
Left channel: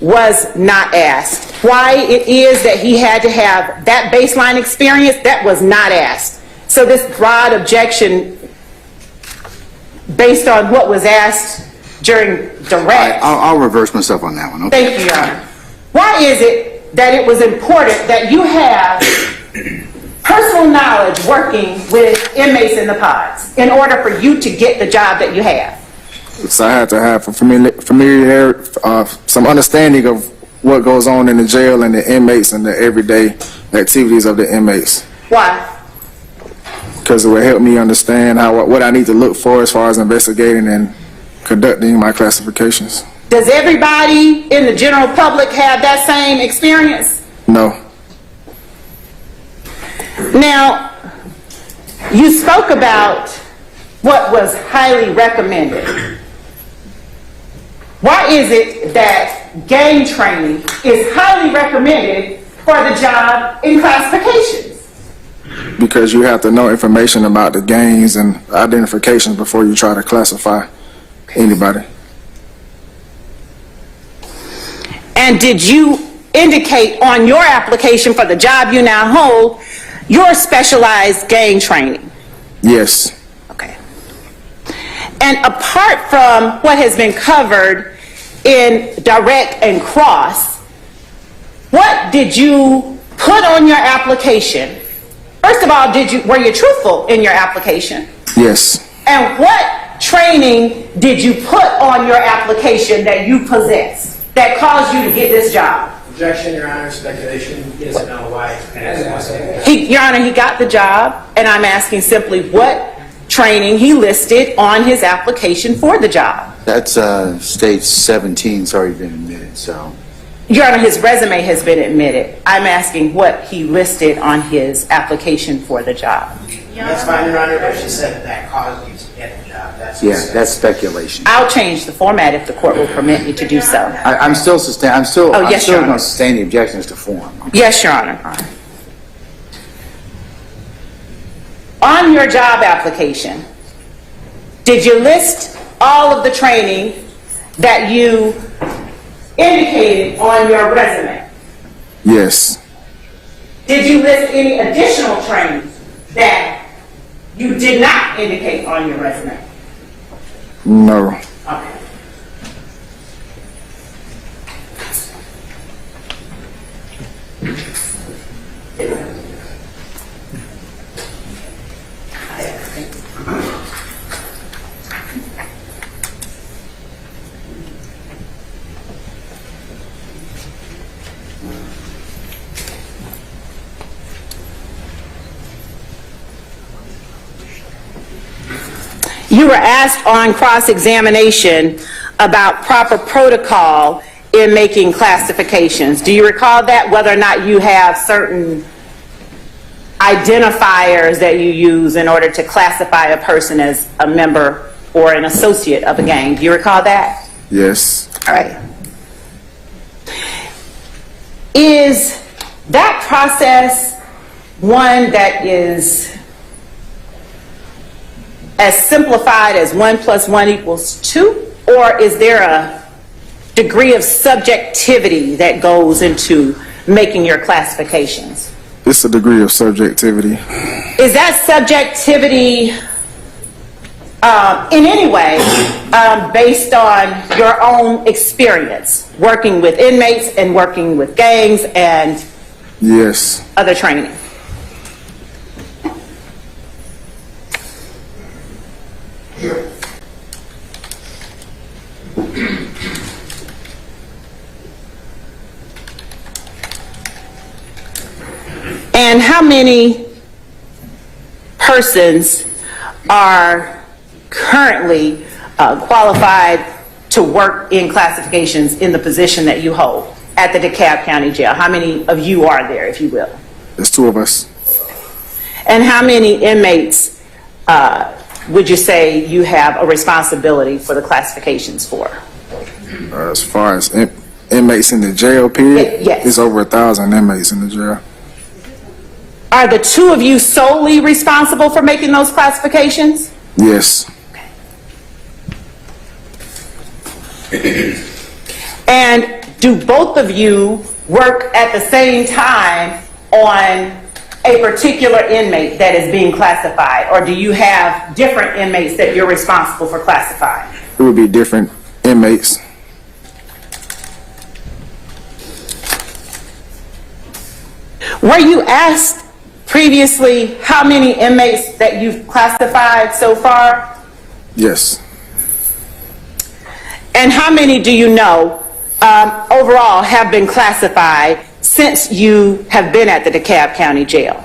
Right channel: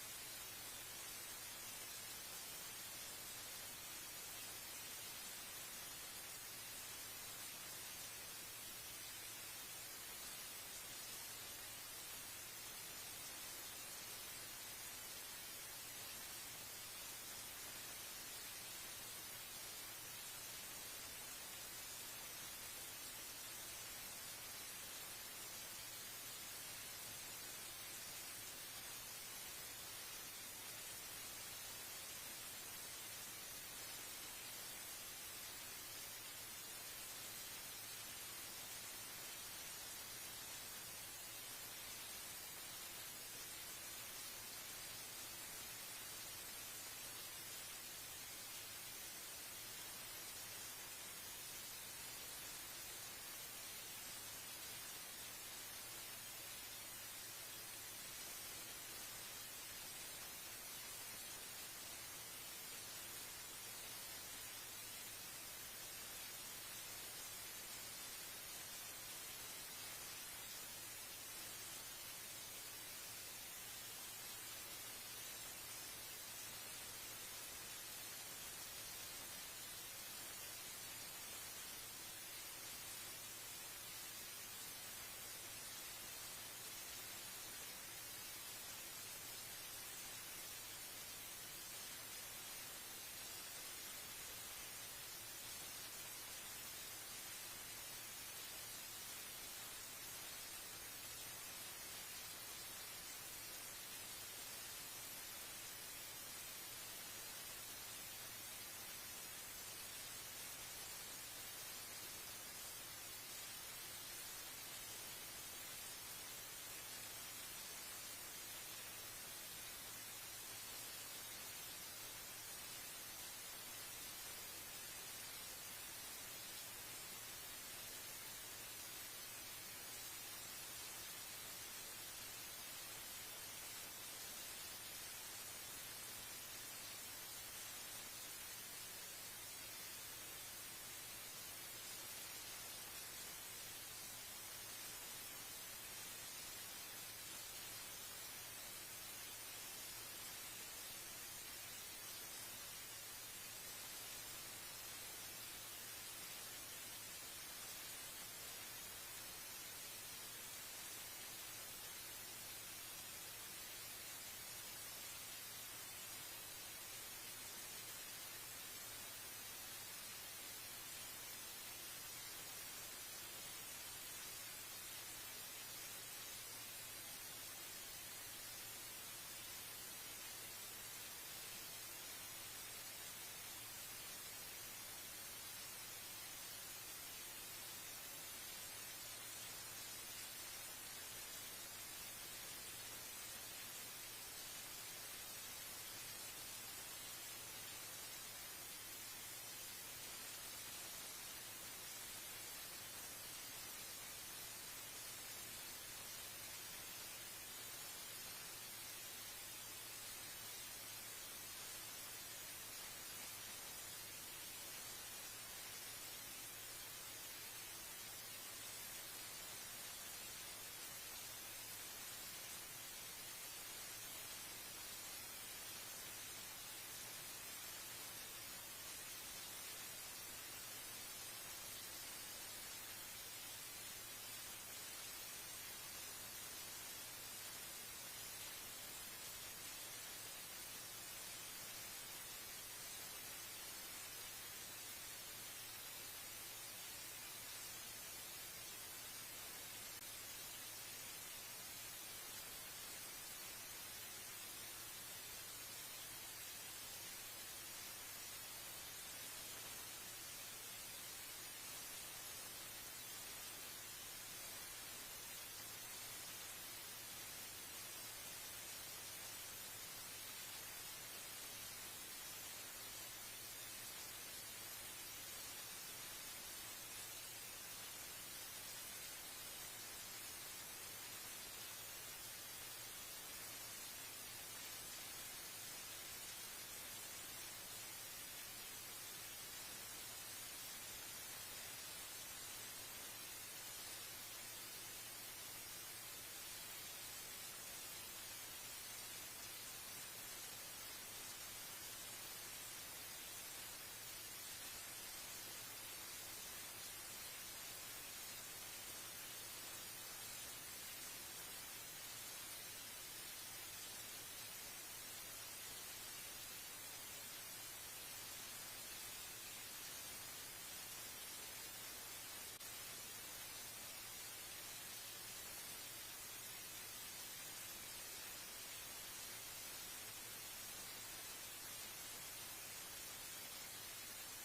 was not asked. Why it is that he had to have that baseline experience, that was not asked. So this broad objection based on what was asked during direct. I'll reverse myself on that one. Okay. Thank you, Your Honor. Why is it that it was important that you have personal knowledge working with inmates in the pods in order for you to get the job that you have? So I had to have a familiarity, some understanding of what goes on in the jail and the inmates and the everyday activities of the inmates. Why? Because it would help me understand what I need to look for as far as investigating and conducting my classifications. Does everybody in the general public have that same experience? No. Now, you spoke about what was highly recommended. Why is it that gang training is highly recommended for the job in classifications? Because you have to know information about the gangs and identifications before you try to classify anybody. And did you indicate on your application for the job you now hold your specialized gang training? Yes. Okay. And apart from what has been covered in direct and cross, what did you put on your application? First of all, were you truthful in your application? Yes. And what training did you put on your application that you possess that caused you to get this job? Objection, Your Honor, speculation. He doesn't know why. Your Honor, he got the job, and I'm asking simply what training he listed on his application for the job. That's stage 17, it's already been admitted, so. Your Honor, his resume has been admitted. I'm asking what he listed on his application for the job. That's fine, Your Honor, but she said that caused you to get the job. Yeah, that's speculation. I'll change the format if the court will permit me to do so. I'm still Oh, yes, Your going Honor. to sustain the objections to form. Yes, Your Honor. On your job application, did you list all of the training that you indicated on your resume? Yes. Did you list any additional training that you did not indicate on your resume? No. Okay. You were asked on cross-examination about proper protocol in making classifications. Do you recall that, whether or not you have certain identifiers that you use in order to classify a person as a member or an associate of a gang? Do you recall that? Yes. All right. Is that process one that is as simplified as 1 + 1 = 2, or is there a degree of subjectivity that goes into making your classifications? It's a degree of subjectivity. Is that subjectivity in any way based on your own experience working with inmates and working with gangs and Yes. other training? And how many persons are currently qualified to work in classifications in the position that you hold at the DeKalb County Jail? How many of you are there, if you will? There's 2 of us. And how many inmates would you say you have a responsibility for the classifications for? As far as inmates in the jail, period, Yes. it's over 1,000 inmates in the jail. Are the 2 of you solely responsible for making those classifications? Yes. And do both of you work at the same time on a particular inmate that is being classified, or do you have different inmates that you're responsible for classifying? It would be different inmates. Were you asked previously how many inmates that you've classified so far? Yes. And how many do you know overall have been classified since you have been at the DeKalb County Jail?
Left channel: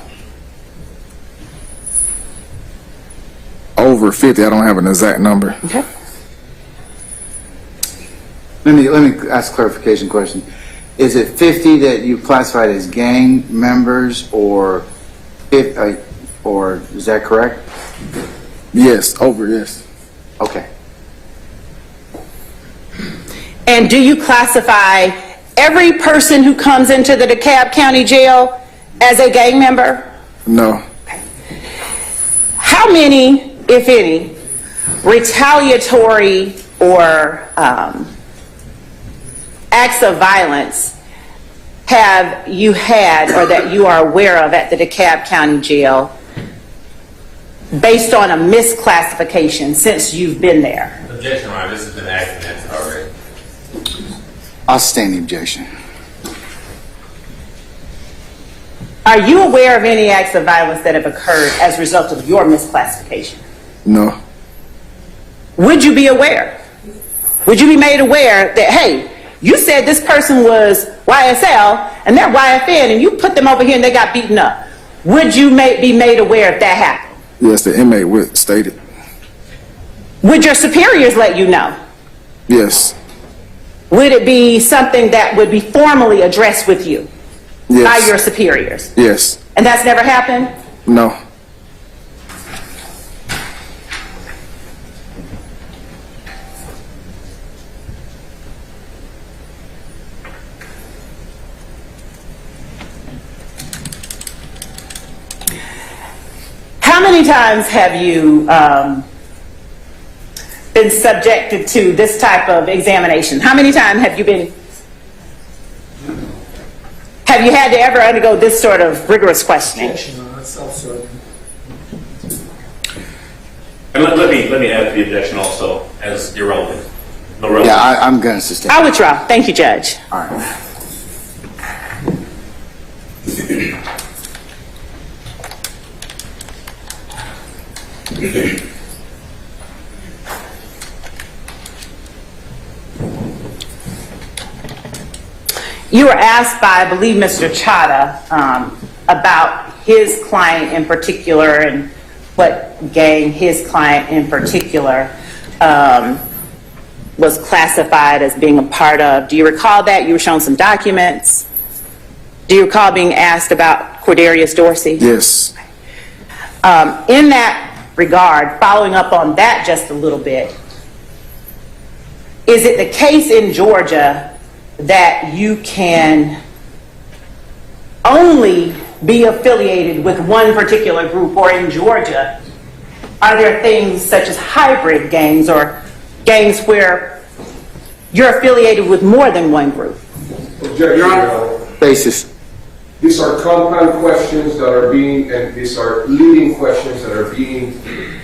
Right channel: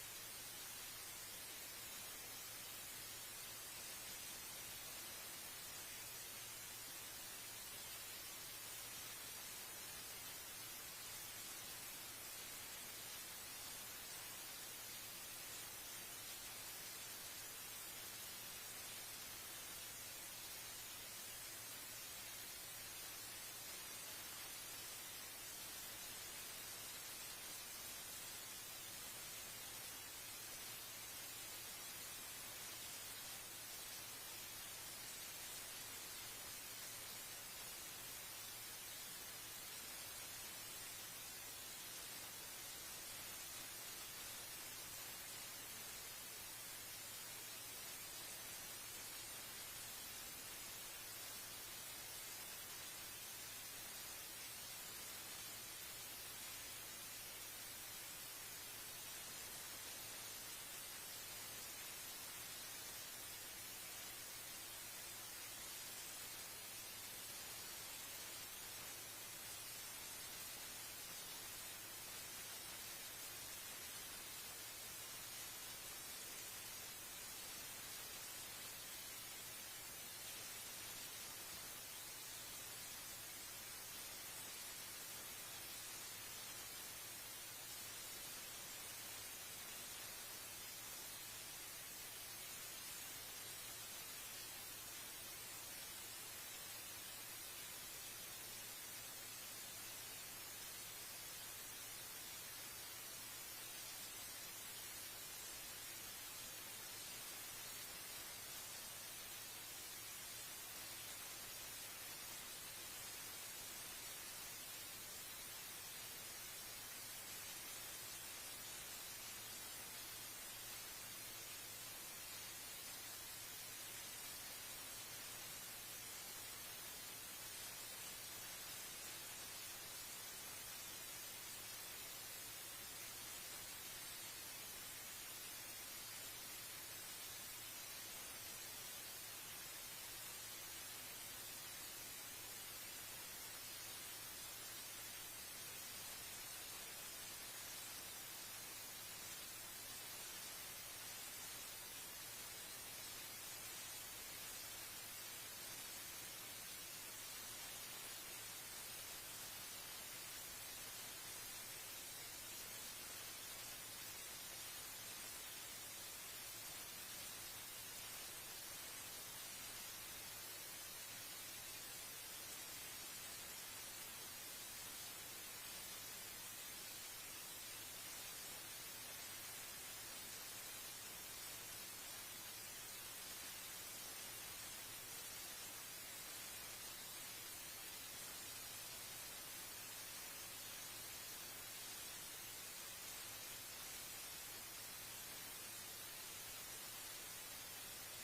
Over 50. I don't have an exact number. Okay. Let me ask a clarification question. Is it 50 that you classified as gang members, or is that correct? Yes, over, yes. Okay. And do you classify every person who comes into the DeKalb County Jail as a gang member? No. How many, if any, retaliatory or acts of violence have you had or that you are aware of at the DeKalb County Jail based on a misclassification since you've been there? Objection, Your Honor. This has been asked and answered already. I'll sustain the objection. Are you aware of any acts of violence that have occurred as a result of your misclassification? No. Would you be aware? Would you be made aware that, hey, you said this person was YSL and they're YFN and you put them over here and they got beaten up? Would you be made aware if that happened? Yes, the inmate would state it. Would your superiors let you know? Yes. Would it be something that would be formally addressed with you by Yes. your superiors? Yes. And that's never happened? No. How many times have you been subjected to this type of examination? How many times have you had to ever undergo this sort of rigorous questioning? And let me add to the objection also as irrelevant. No relevance. Yeah, I'm going to sustain. I withdraw. Thank you, Judge. All right. You were asked by, I believe, Mr. Chada about his client in particular and what gang his client in particular was classified as being a part of. Do you recall that? You were shown some documents. Do you recall being asked about Cordarius Dorsey? Yes. In that regard, following up on that just a little bit, is it the case in Georgia that you can only be affiliated with one particular group, or in Georgia, are there things such as hybrid gangs or gangs where you're affiliated with more than one group? Objection, Your Honor. Basis. These are compound questions that are being, and these are leading questions that are being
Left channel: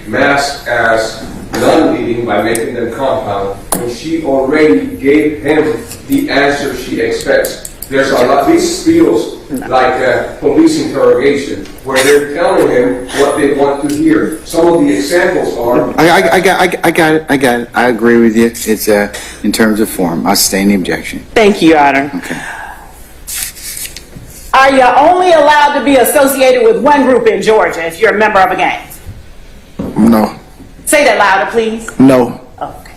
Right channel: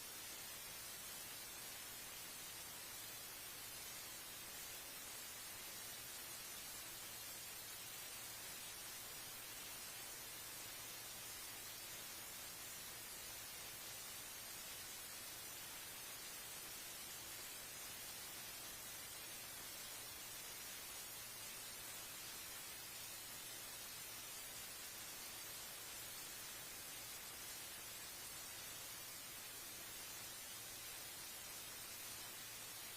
masked as non-leading by making them compound, when she already gave him the answer she expects. There's a lot, this feels like a police interrogation, where they're telling him what they want to hear. Some of the examples are... I got it. I agree with you. It's in terms of form. I'll sustain the objection. Thank you, Your Honor. Okay. Are you only allowed to be associated with one group in Georgia if you're a member of a gang? No. Say that louder, please. No. Okay.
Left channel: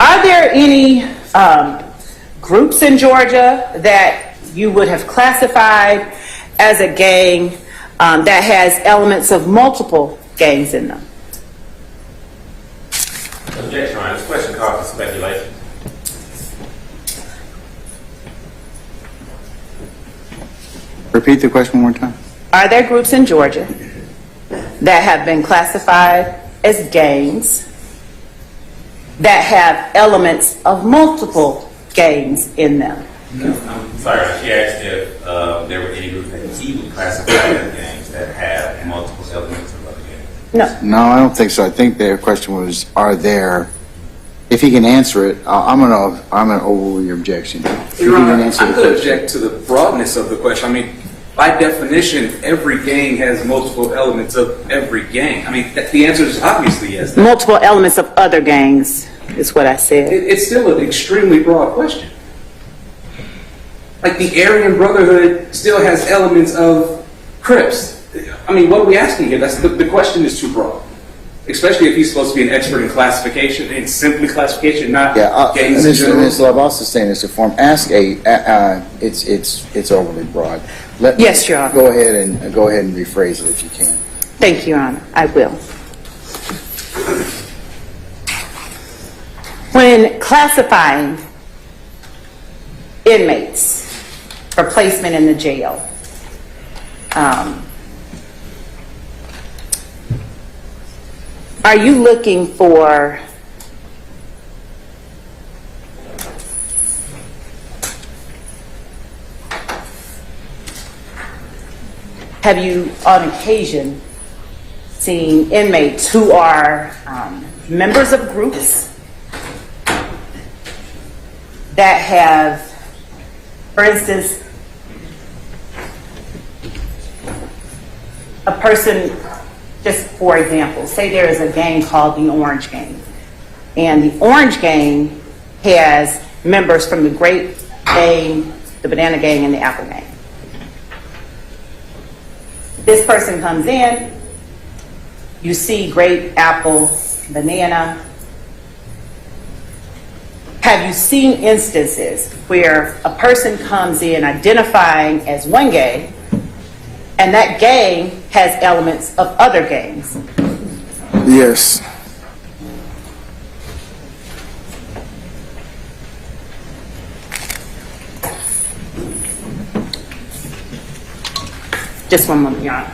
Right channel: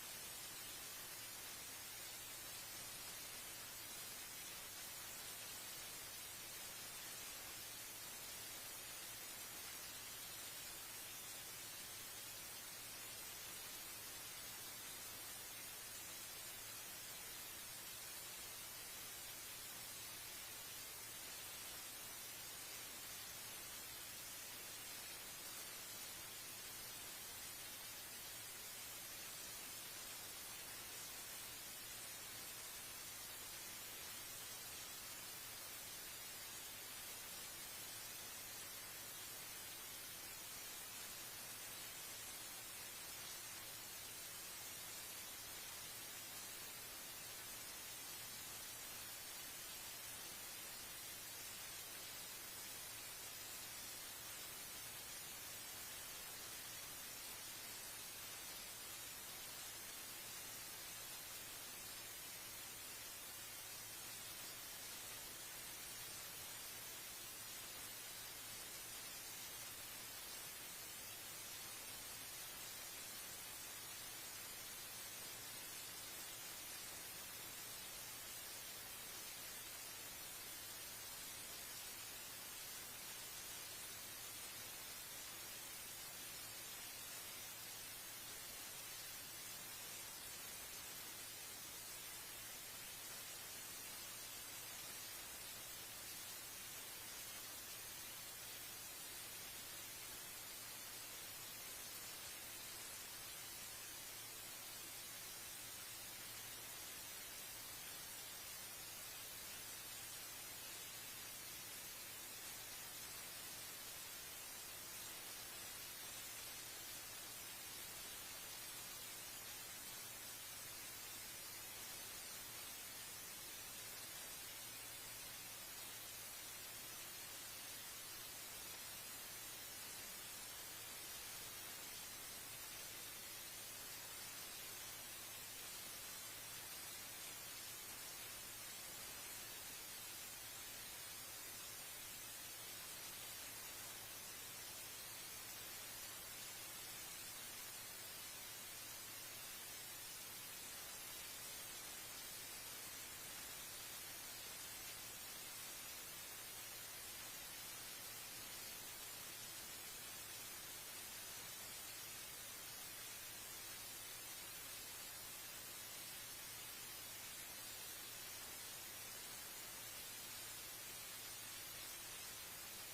Are there any groups in Georgia that you would have classified as a gang that has elements of multiple gangs in them? Objection, Your Honor. This question calls for speculation. Repeat the question one more time. Are there groups in Georgia that have been classified as gangs that have elements of multiple gangs in them? I'm sorry. She asked if there were any groups that he would classify as gangs that have multiple elements of other gangs. No. No, I don't think so. I think their question was, are there, if he can answer it, I'm gonna overrule your objection. If he Your can Honor, answer I'm the going to question. object to the broadness of the question. I mean, by definition, every gang has multiple elements of every gang. I mean, the answer is obviously yes. Multiple elements of other gangs is what I said. It's still an extremely broad question. Like, the Aryan Brotherhood still has elements of Crips. I mean, what are we asking here? The question is too broad. Especially if he's supposed to be an expert in classification, and simply classification, not gangs in general. Ms. Love, I'll sustain this form. Ask it's overly broad. Yes, Your Honor. Go ahead and rephrase it if you can. Thank you, Your Honor. I will. When classifying inmates for placement in the jail, are Are you looking for have you on occasion seen inmates who are members of groups that have, for instance, a person, just for example, say there is a gang called the Orange Gang, and the Orange Gang has members from the Grape Gang, the Banana Gang, and the Apple Gang. This person comes in, you see grape, apple, banana. Have you seen instances where a person comes in identifying as one gang, and that gang has elements of other gangs? Yes. Just one moment, Your Honor.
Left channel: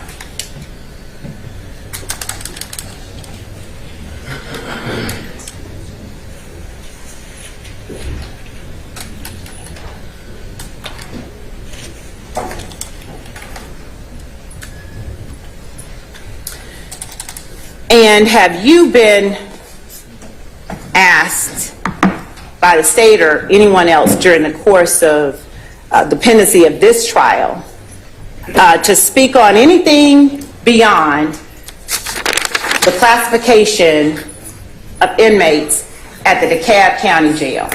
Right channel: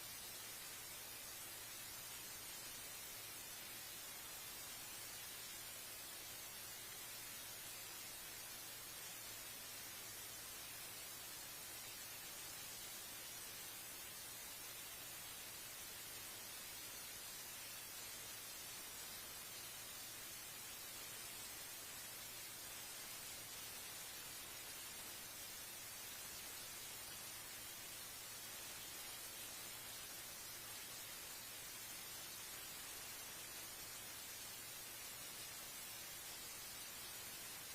And have you been asked by the state or anyone else during the course of the pendency of this trial to speak on anything beyond the classification of inmates at the DeKalb County Jail?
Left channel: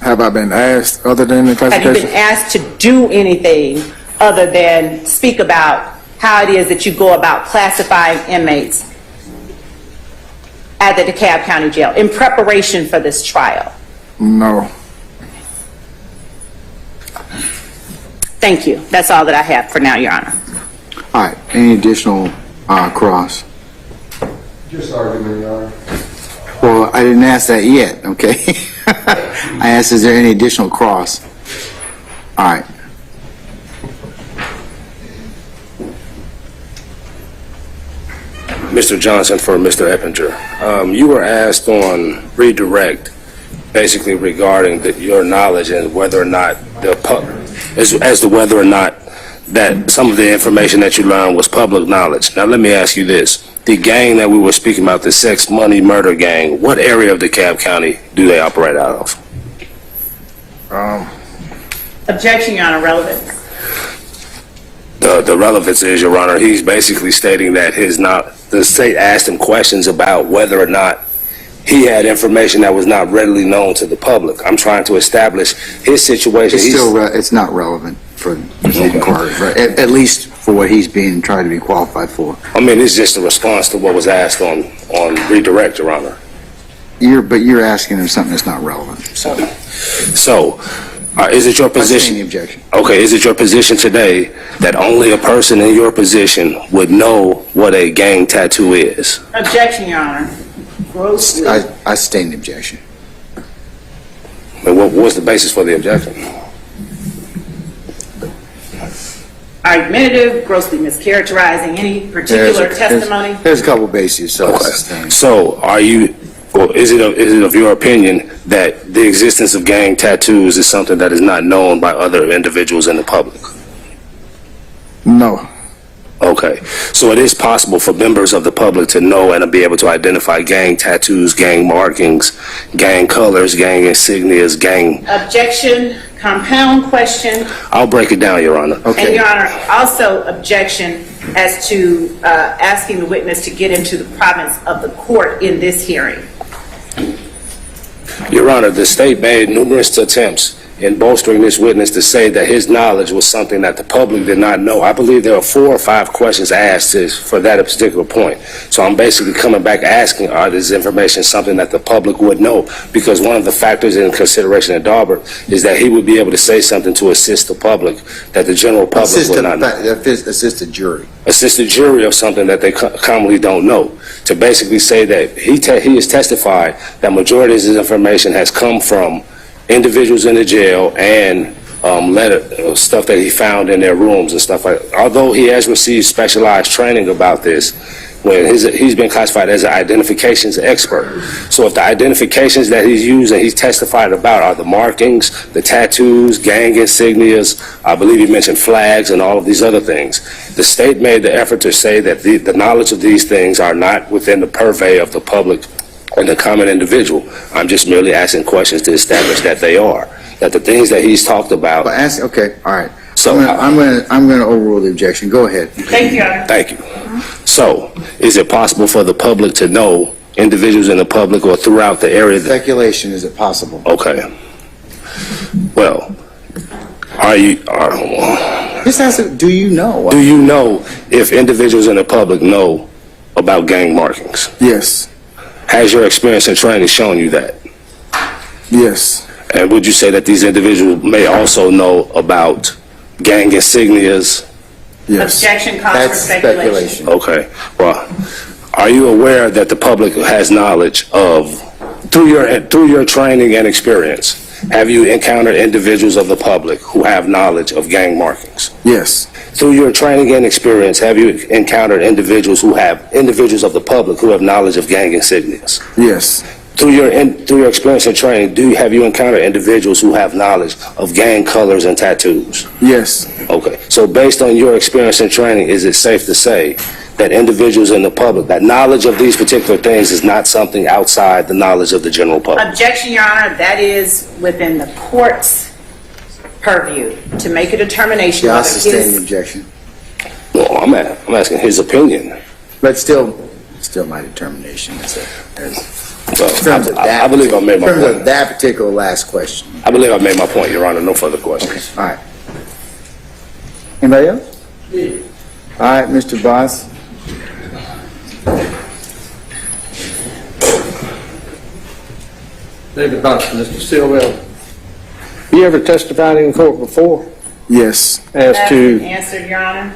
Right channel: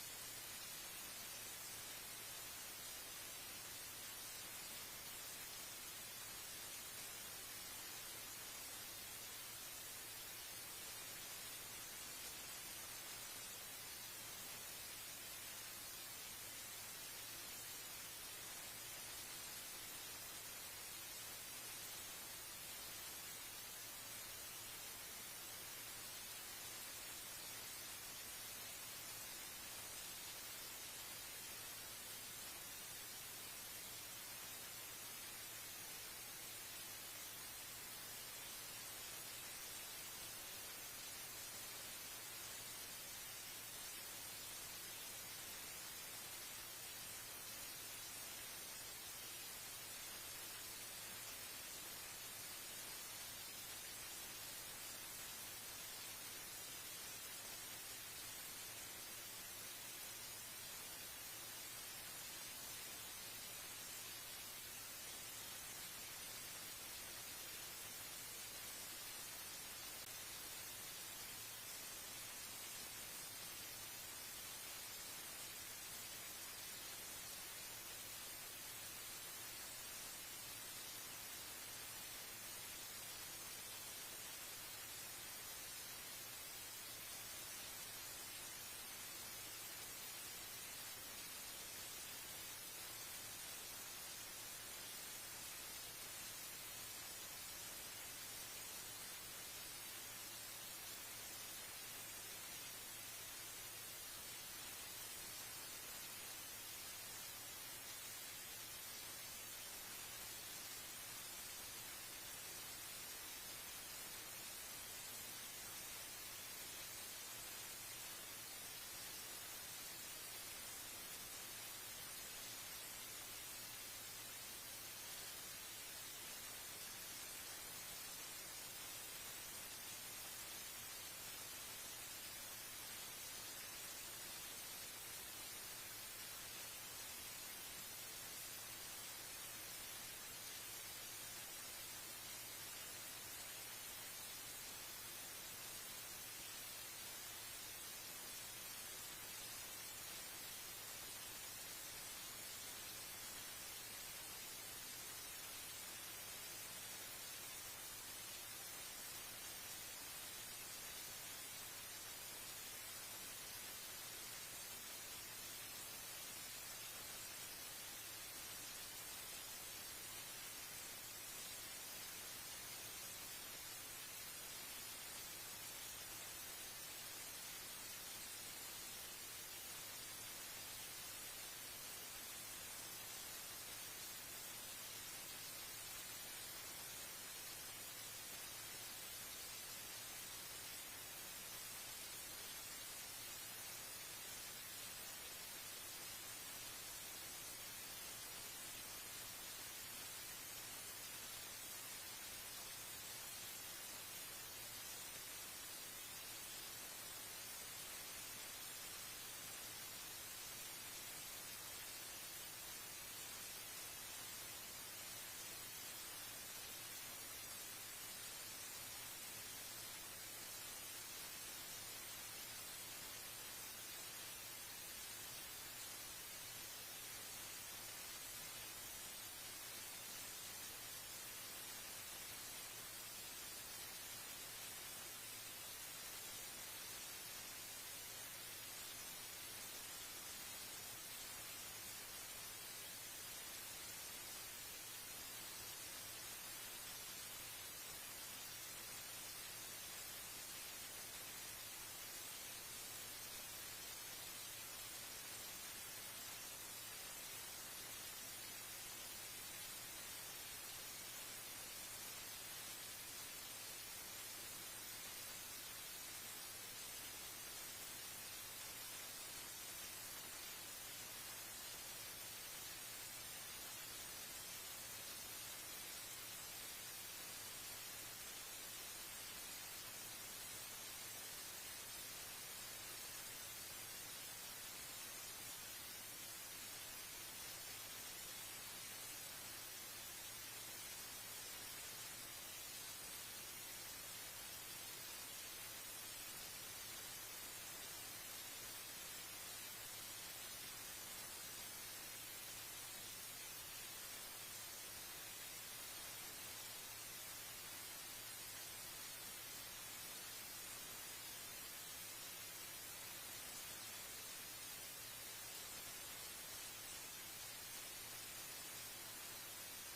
Have I been asked other than the Have you classification? been asked to do anything other than speak about how it is that you go about classifying inmates at the DeKalb County Jail in preparation for this trial? No. Thank you. That's all that I have for now, Your Honor. All right, any additional cross? Just argument, Your Honor. Well, I didn't ask that yet, okay? I asked, is there any additional cross? All right. Mr. Johnson for Mr. Eppinger. You were asked on redirect, basically regarding your knowledge and whether or not as to whether or not that some of the information that you learned was public knowledge. Now let me ask you this. The gang that we were speaking about, the sex, money, murder gang, what area of DeKalb County do they operate out of? Objection, Your Honor. Relevance. The relevance is, Your Honor, he's basically stating that the state asked him questions about whether or not he had information that was not readily known to the public. I'm trying to establish his situation. It's still, it's not relevant for the inquiry, right? At least for what he's being tried to be qualified for. I mean, it's just a response to what was asked on redirect, Your Honor. But you're asking him something that's not relevant. So, is it your position? I stand the objection. Okay, is it your position today that only a person in your position would know what a gang tattoo is? Objection, Your Honor. Grossly. I stand the objection. And what was the basis for the objection? Argumentative, grossly mischaracterizing any particular testimony. There's a couple bases, so I Okay. sustain. So, is it of your opinion that the existence of gang tattoos is something that is not known by other individuals in the public? No. Okay. So it is possible for members of the public to know and to be able to identify gang tattoos, gang markings, gang colors, gang insignias, gang... Objection, compound question. I'll break it down, Your Honor. And Your Honor, also objection as to asking the witness to get into the province of the court in this hearing. Your Honor, the state made numerous attempts in bolstering this witness to say that his knowledge was something that the public did not know. I believe there are 4 or 5 questions asked for that particular point. So I'm basically coming back asking, are this information something that the public would know? Because one of the factors in consideration at Daubert is that he would be able to say something to assist the public that the general public would not know. Assist the jury. Assist the jury of something that they commonly don't know. To basically say that he has testified that majority of his information has come from individuals in the jail and stuff that he found in their rooms and stuff like that. Although he has received specialized training about this, when he's been classified as an identifications expert. So if the identifications that he's used and he's testified about are the markings, the tattoos, gang insignias, I believe he mentioned flags and all of these other things, the state made the effort to say that the knowledge of these things are not within the purvey of the public and the common individual. I'm just merely asking questions to establish that they are, that the things that he's talked about. Okay, all right. So I'm going to overrule the objection. Go ahead. Thank you, Your Honor. Thank you. So, is it possible for the public to know, individuals in the public or throughout the area? Speculation, is it possible? Okay. Well, Just ask, do you know? do you know if individuals in the public know about gang markings? Yes. Has your experience and training shown you that? Yes. And would you say that these individuals may also know about gang insignias? Yes. Objection calls for speculation. Okay. Well, are you aware that the public has knowledge of, through your training and experience, have you encountered individuals of the public who have knowledge of gang markings? Yes. Through your training and experience, have you encountered individuals of the public who have knowledge of gang insignias? Yes. Through your experience and training, have you encountered individuals who have knowledge of gang colors and tattoos? Yes. Okay. So based on your experience and training, is it safe to say that individuals in the public, that knowledge of these particular things is not something outside the knowledge of the general public? Objection, Your Honor. That is within the court's purview to make a determination Yeah, I'll whether sustain the his... objection. No, I'm asking his opinion. But still my determination. Well, I believe I made my point. In terms point. of that particular last question. I believe I made my point, Your Honor. No further questions. All right. Anybody else? All right, Mr. Boss. David Boston, Mr. Stilwell. You ever testified in court before? Yes. As That's to, been answered, Your Honor.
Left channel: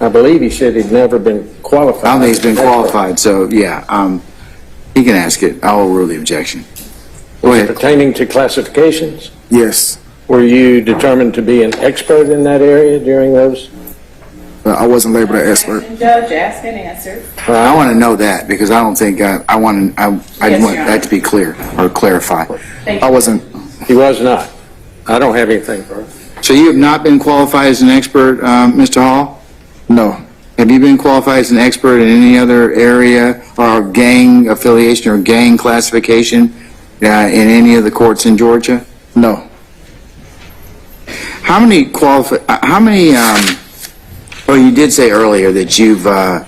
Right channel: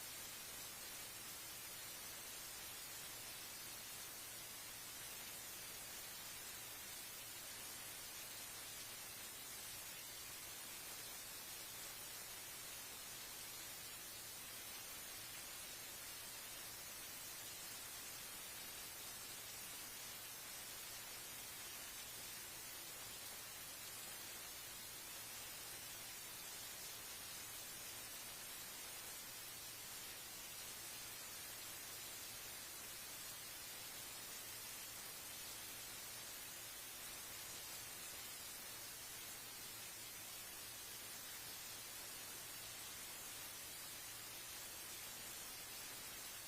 I believe he said he'd never been qualified. I don't think he's been qualified, so yeah, he can ask it. I'll overrule the objection. Go ahead. Pertaining to classifications? Yes. Were you determined to be an expert in that area during those? I wasn't labeled an expert. Judge, ask and answer. I want to know that because I don't think I want that to be clear or clarify. Thank I you. wasn't. He was not. I don't have anything for it. So you have not been qualified as an expert, Mr. Hall? No. Have you been qualified as an expert in any other area or gang affiliation or gang classification in any of the courts in Georgia? No. How many oh, you did say earlier that you've done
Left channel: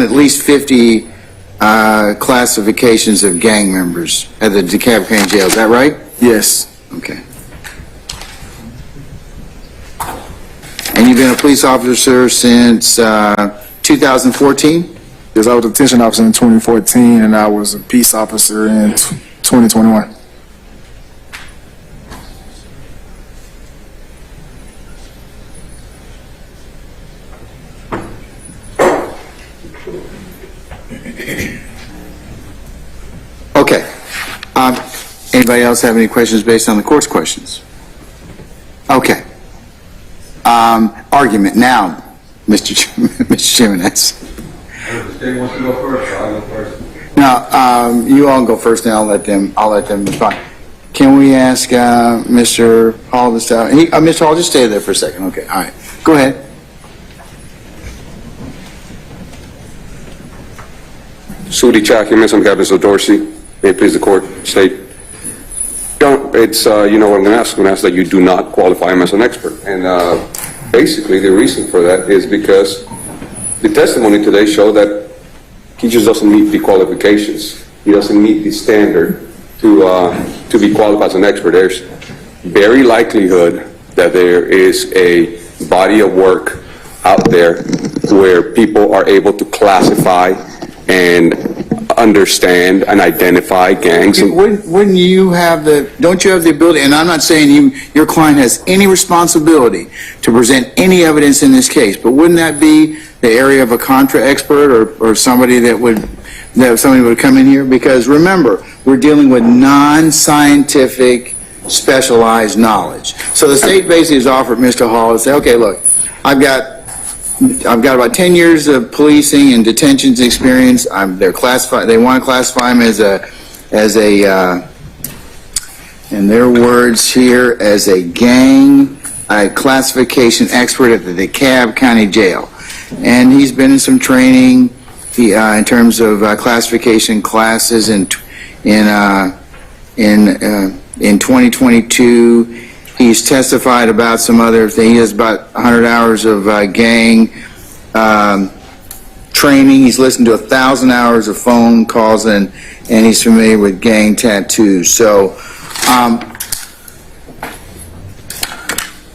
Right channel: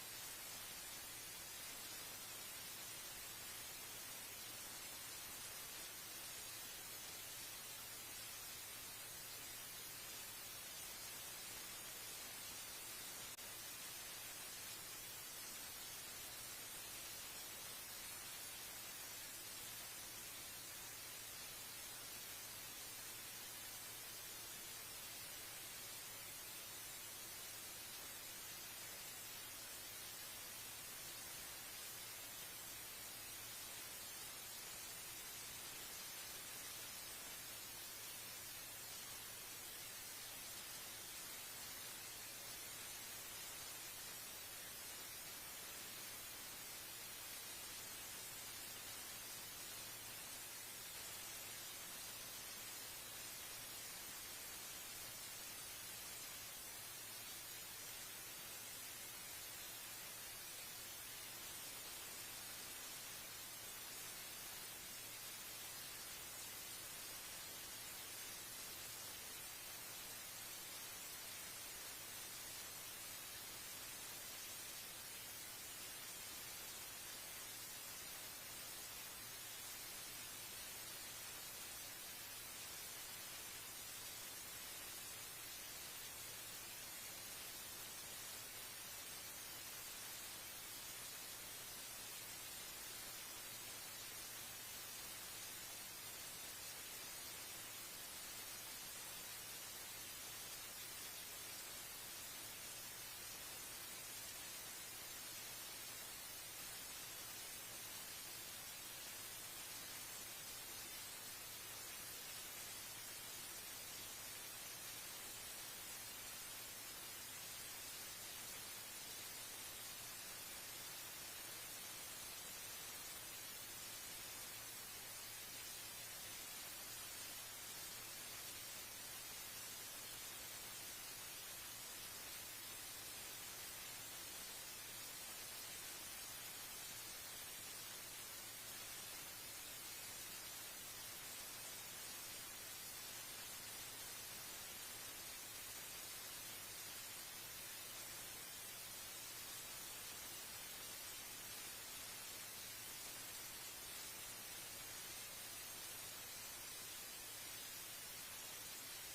at least 50 classifications of gang members at the DeKalb County Jail. Is that right? Yes. Okay. And you've been a police officer since 2014? Yes, I was a detention officer in 2014, and I was a peace officer in 2021. Okay. Anybody else have any questions based on the court's questions? Okay. Argument now, Mr. Jimenez. The state wants to go first, so I'll go first. Now, you all go first, and I'll let them respond. Can we ask Mr. Hall to start? Mr. Hall, just stay there for a second. Okay, all right. Go ahead. Sudi documents on behalf of Dorsey. May it please the court state. It's, you know what I'm going to ask? I'm going to ask that you do not qualify him as an expert. And basically the reason for that is because the testimony today showed that he just doesn't meet the qualifications. He doesn't meet the standard to be qualified as an expert. There's very likelihood that there is a body of work out there where people are able to classify and understand and identify gangs. Wouldn't you have don't you have the ability, and I'm not saying your client has any responsibility to present any evidence in this case, but wouldn't that be the area of a contra expert or somebody that somebody would come in here? Because remember, we're dealing with non-scientific specialized knowledge. So the state basically has offered Mr. Hall to say, okay, look, I've got I've got about 10 years of policing and detentions experience. They're classified. They want to classify him as a, in their words here, as a gang classification expert at the DeKalb County Jail, and he's been in some training in terms of classification classes in 2022. He's testified about some other things. He has about 100 hours of gang training. He's listened to 1,000 hours of phone calls, and he's familiar with gang tattoos. So,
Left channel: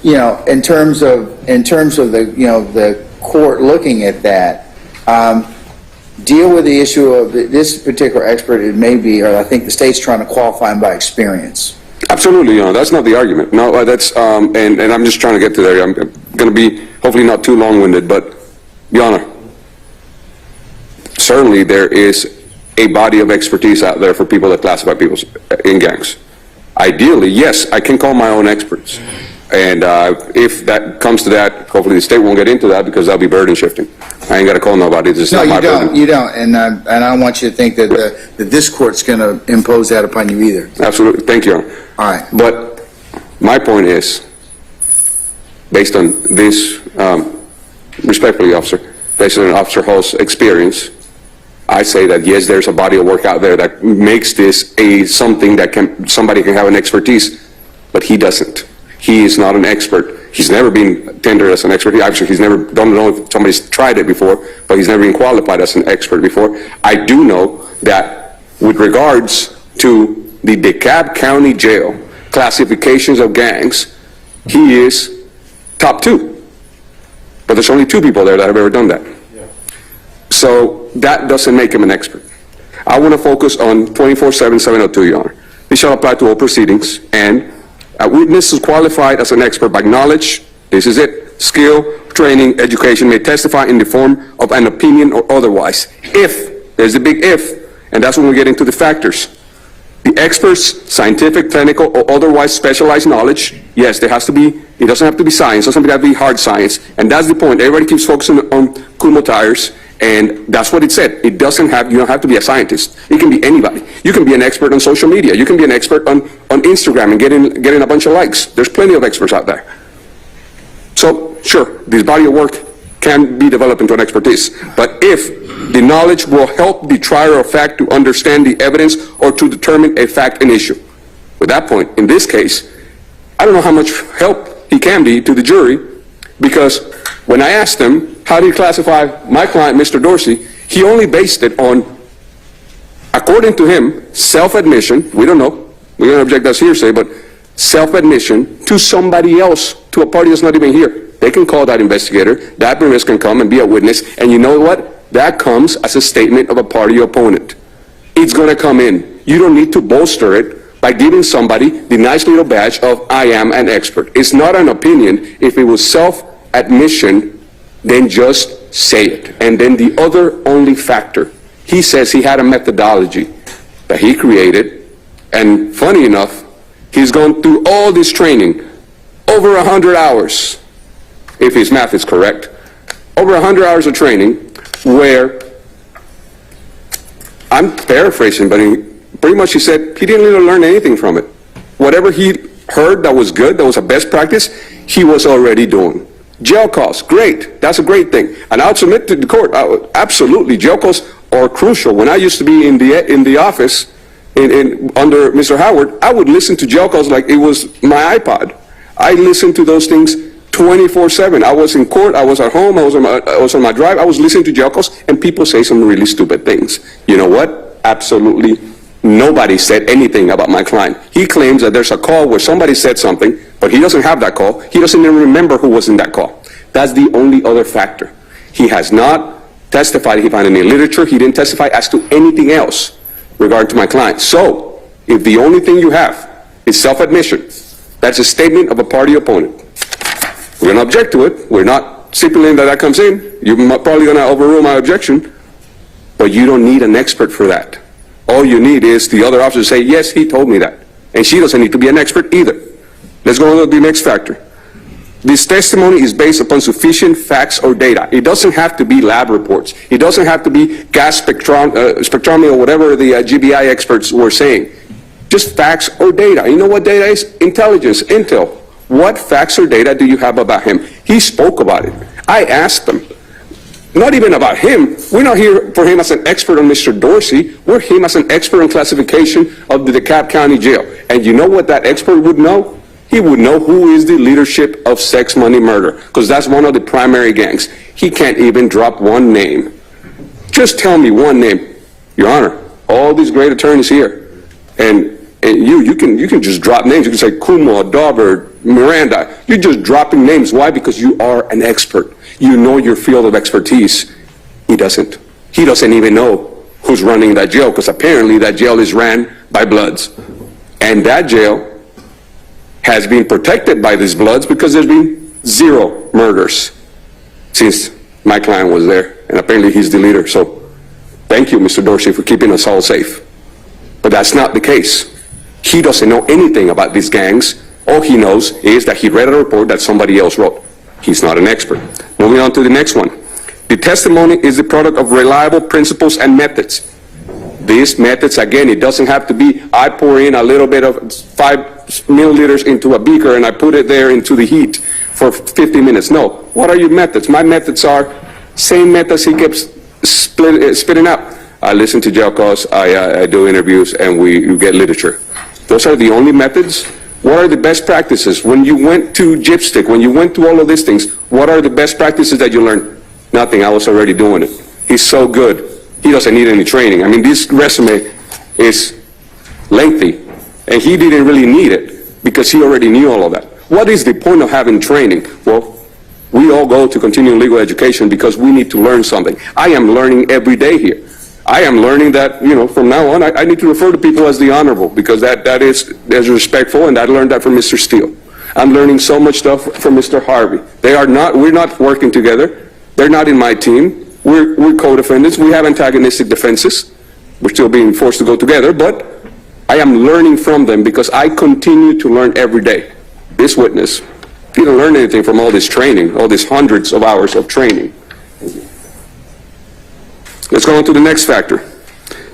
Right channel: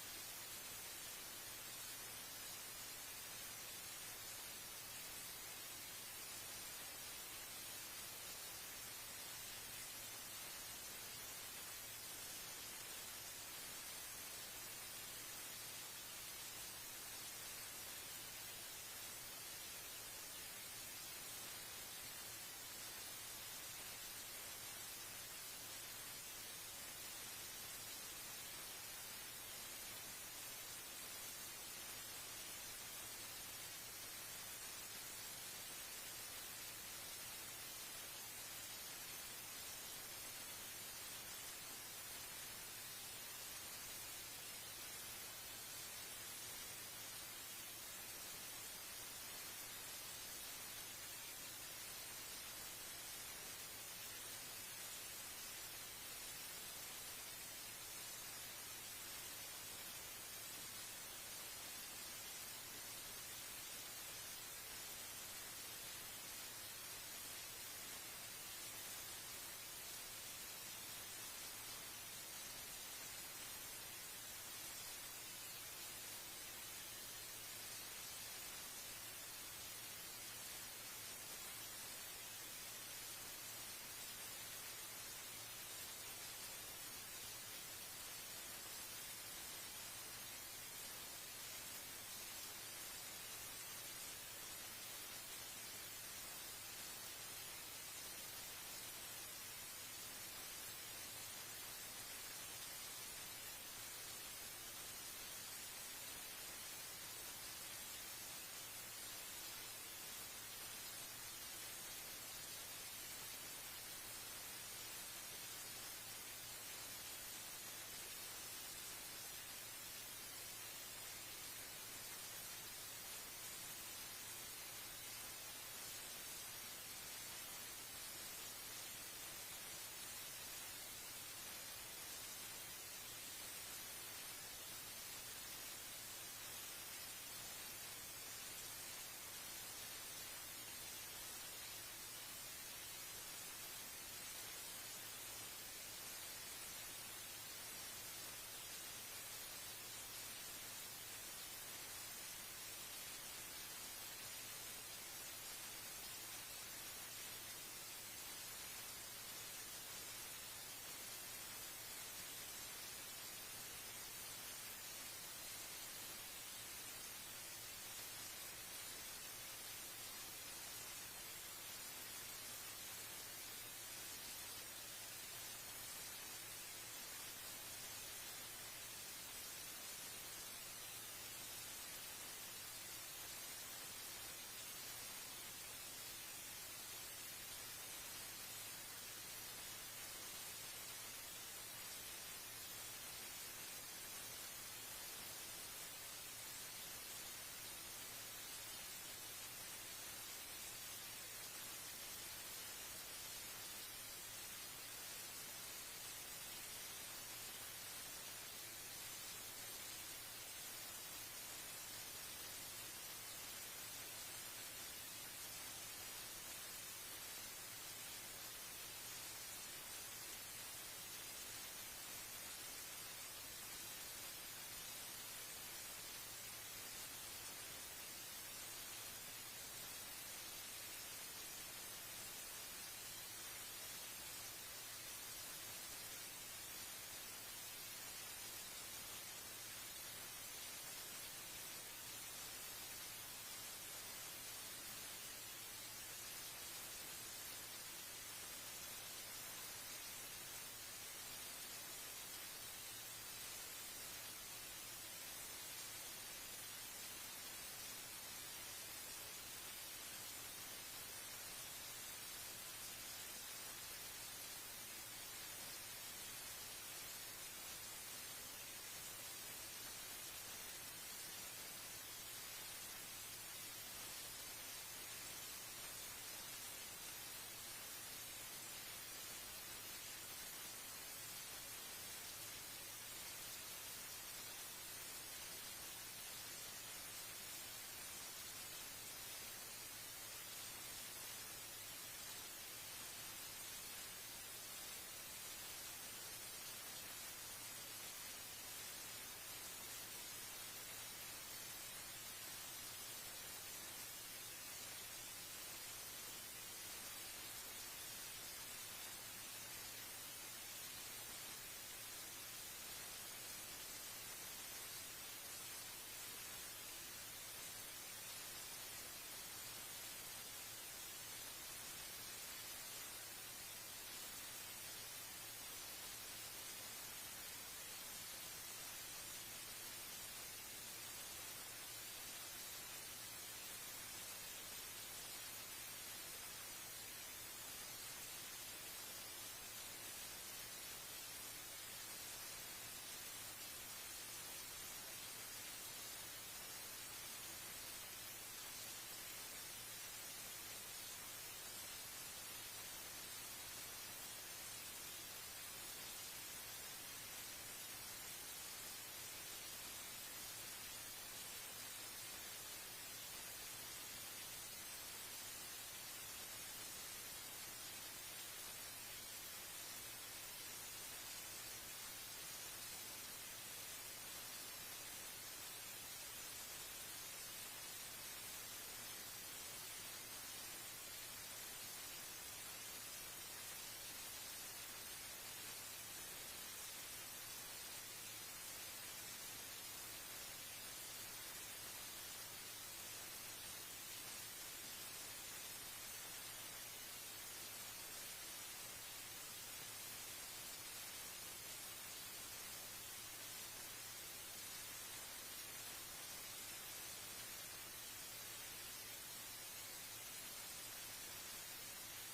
you know, in terms of the, you know, the court looking at that, deal with the issue of this particular expert. It may be, or I think the state's trying to qualify him by experience. Absolutely, Your Honor. That's not the argument. No, that's, and I'm just trying to get to there. I'm going to be hopefully not too long-winded, but, Your Honor, certainly there is a body of expertise out there for people that classify people in gangs. Ideally, yes, I can call my own experts. And if that comes to that, hopefully the state won't get into that because that'll be burden shifting. I ain't got to call nobody. This is not my burden. You don't. And I don't want you to think that that this court's going to impose that upon you either. Absolutely. Thank you, Your Honor. All right. But my point is, based on this, respectfully, officer, based on Officer Hall's experience, I say that yes, there's a body of work out there that makes this something that somebody can have an expertise, but he doesn't. He is not an expert. He's never been tendered as an expert. Actually, he's never, don't know if somebody's tried it before, but he's never been qualified as an expert before. I do know that with regards to the DeKalb County Jail classifications of gangs, he is top 2. But there's only 2 people there that have ever done that. So that doesn't make him an expert. I want to focus on 24-7-702, Your Honor. This shall apply to all proceedings, and a witness is qualified as an expert by knowledge, this is it, skill, training, education, may testify in the form of an opinion or otherwise. If, there's a big if, and that's when we get into the factors. The expert's scientific, clinical, or otherwise specialized knowledge, yes, there has to be, it doesn't have to be science, it doesn't have to be hard science, and that's the point. Everybody keeps focusing on Kumo tires, and that's what it said. It doesn't have, you don't have to be a scientist. It can be anybody. You can be an expert on social media. You can be an expert on Instagram and getting a bunch of likes. There's plenty of experts out there. So, sure, this body of work can be developed into an expertise, but if the knowledge will help the trier of fact to understand the evidence or to determine a fact and issue. At that point, in this case, I don't know how much help he can be to the jury, because when I asked him, how do you classify my client, Mr. Dorsey, he only based it on, according to him, self-admission, we don't know, we don't object that's hearsay, but self-admission to somebody else, to a party that's not even here. They can call that investigator, that witness can come and be a witness, and you know what? That comes as a statement of a party opponent. It's going to come in. You don't need to bolster it by giving somebody the nice little badge of I am an expert. It's not an opinion. If it was self-admission, then just say it. And then the other only factor, he says he had a methodology that he created, and funny enough, he's gone through all this training, over 100 hours, if his math is correct, over 100 hours of training, where, I'm paraphrasing, but pretty much he said he didn't really learn anything from it. Whatever he heard that was good, that was a best practice, he was already doing. Jail calls, great, that's a great thing. And I'll submit to the court, absolutely, jail calls are crucial. When I used to be in the office under Mr. Howard, I would listen to jail calls like it was my iPod. I listened to those things 24/7. I was in court, I was at home, I was on my drive, I was listening to jail calls, and people say some really stupid things. You know what? Absolutely nobody said anything about my client. He claims that there's a call where somebody said something, but he doesn't have that call. He doesn't even remember who was in that call. That's the only other factor. He has not testified, he found any literature, he didn't testify as to anything else regarding to my client. So, if the only thing you have is self-admission, that's a statement of a party opponent. We're going to object to it. We're not stipulating that comes in. You're probably going to overrule my objection, but you don't need an expert for that. All you need is the other officer to say, yes, he told me that. And she doesn't need to be an expert either. Let's go on to the next factor. This testimony is based upon sufficient facts or data. It doesn't have to be lab reports. It doesn't have to be gas spectrometry or whatever the GBI experts were saying. Just facts or data. You know what data is? Intelligence, intel. What facts or data do you have about him? He spoke about it. I asked him. Not even about him. We're not here for him as an expert on Mr. Dorsey. We're him as an expert on classification of the DeKalb County Jail. And you know what that expert would know? He would know who is the leadership of sex, money, murder, because that's one of the primary gangs. He can't even drop one name. Just tell me one name. Your Honor, all these great attorneys here, and you can just drop names. You can say Kumo, Dauber, Miranda. You're just dropping names. Why? Because you are an expert. You know your field of expertise. He doesn't. He doesn't even know who's running that jail, because apparently that jail is ran by Bloods. And that jail has been protected by these Bloods because there's been 0 murders since my client was there, and apparently he's the leader. So thank you, Mr. Dorsey, for keeping us all safe. But that's not the case. He doesn't know anything about these gangs. All he knows is that he read a report that somebody else wrote. He's not an expert. Moving on to the next one. The testimony is the product of reliable principles and methods. These methods, again, it doesn't have to be, I pour in a little bit of 5 milliliters into a beaker and I put it there into the heat for 50 minutes. No. What are your methods? My methods are same methods he keeps spitting out. I listen to jail calls, I do interviews, and we get literature. Those are the only methods. What are the best practices? When you went to Gypstick, when you went to all of these things, what are the best practices that you learned? Nothing. I was already doing it. He's so good. He doesn't need any training. I mean, this resume is lengthy, and he didn't really need it because he already knew all of that. What is the point of having training? Well, we all go to continuing legal education because we need to learn something. I am learning every day here. I am learning that, from now on, I need to refer to people as the Honorable, because that is respectful, and I learned that from Mr. Steele. I'm learning so much stuff from Mr. Harvey. We're not working together. They're not in my team. We're co-defendants. We have antagonistic defenses. We're still being forced to go together, but I am learning from them because I continue to learn every day. This witness didn't learn anything from all this training, all these hundreds of hours of training. Let's go on to the next factor.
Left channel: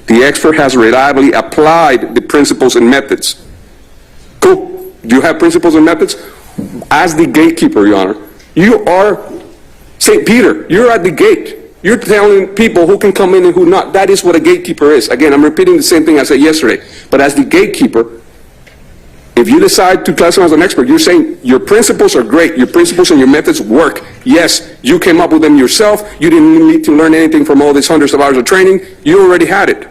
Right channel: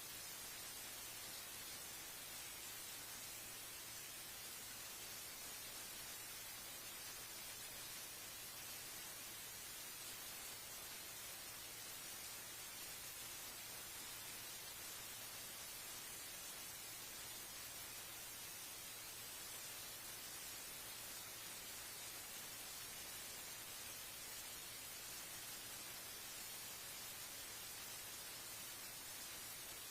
The expert has reliably applied the principles and methods. Cool. Do you have principles and methods? As the gatekeeper, Your Honor, you are St. Peter. You're at the gate. You're telling people who can come in and who not. That is what a gatekeeper is. Again, I'm repeating the same thing I said yesterday. But as the gatekeeper, if you decide to classify as an expert, you're saying your principles are great. Your principles and your methods work. Yes, you came up with them yourself. You didn't need to learn anything from all these hundreds of hours of training. You already had it.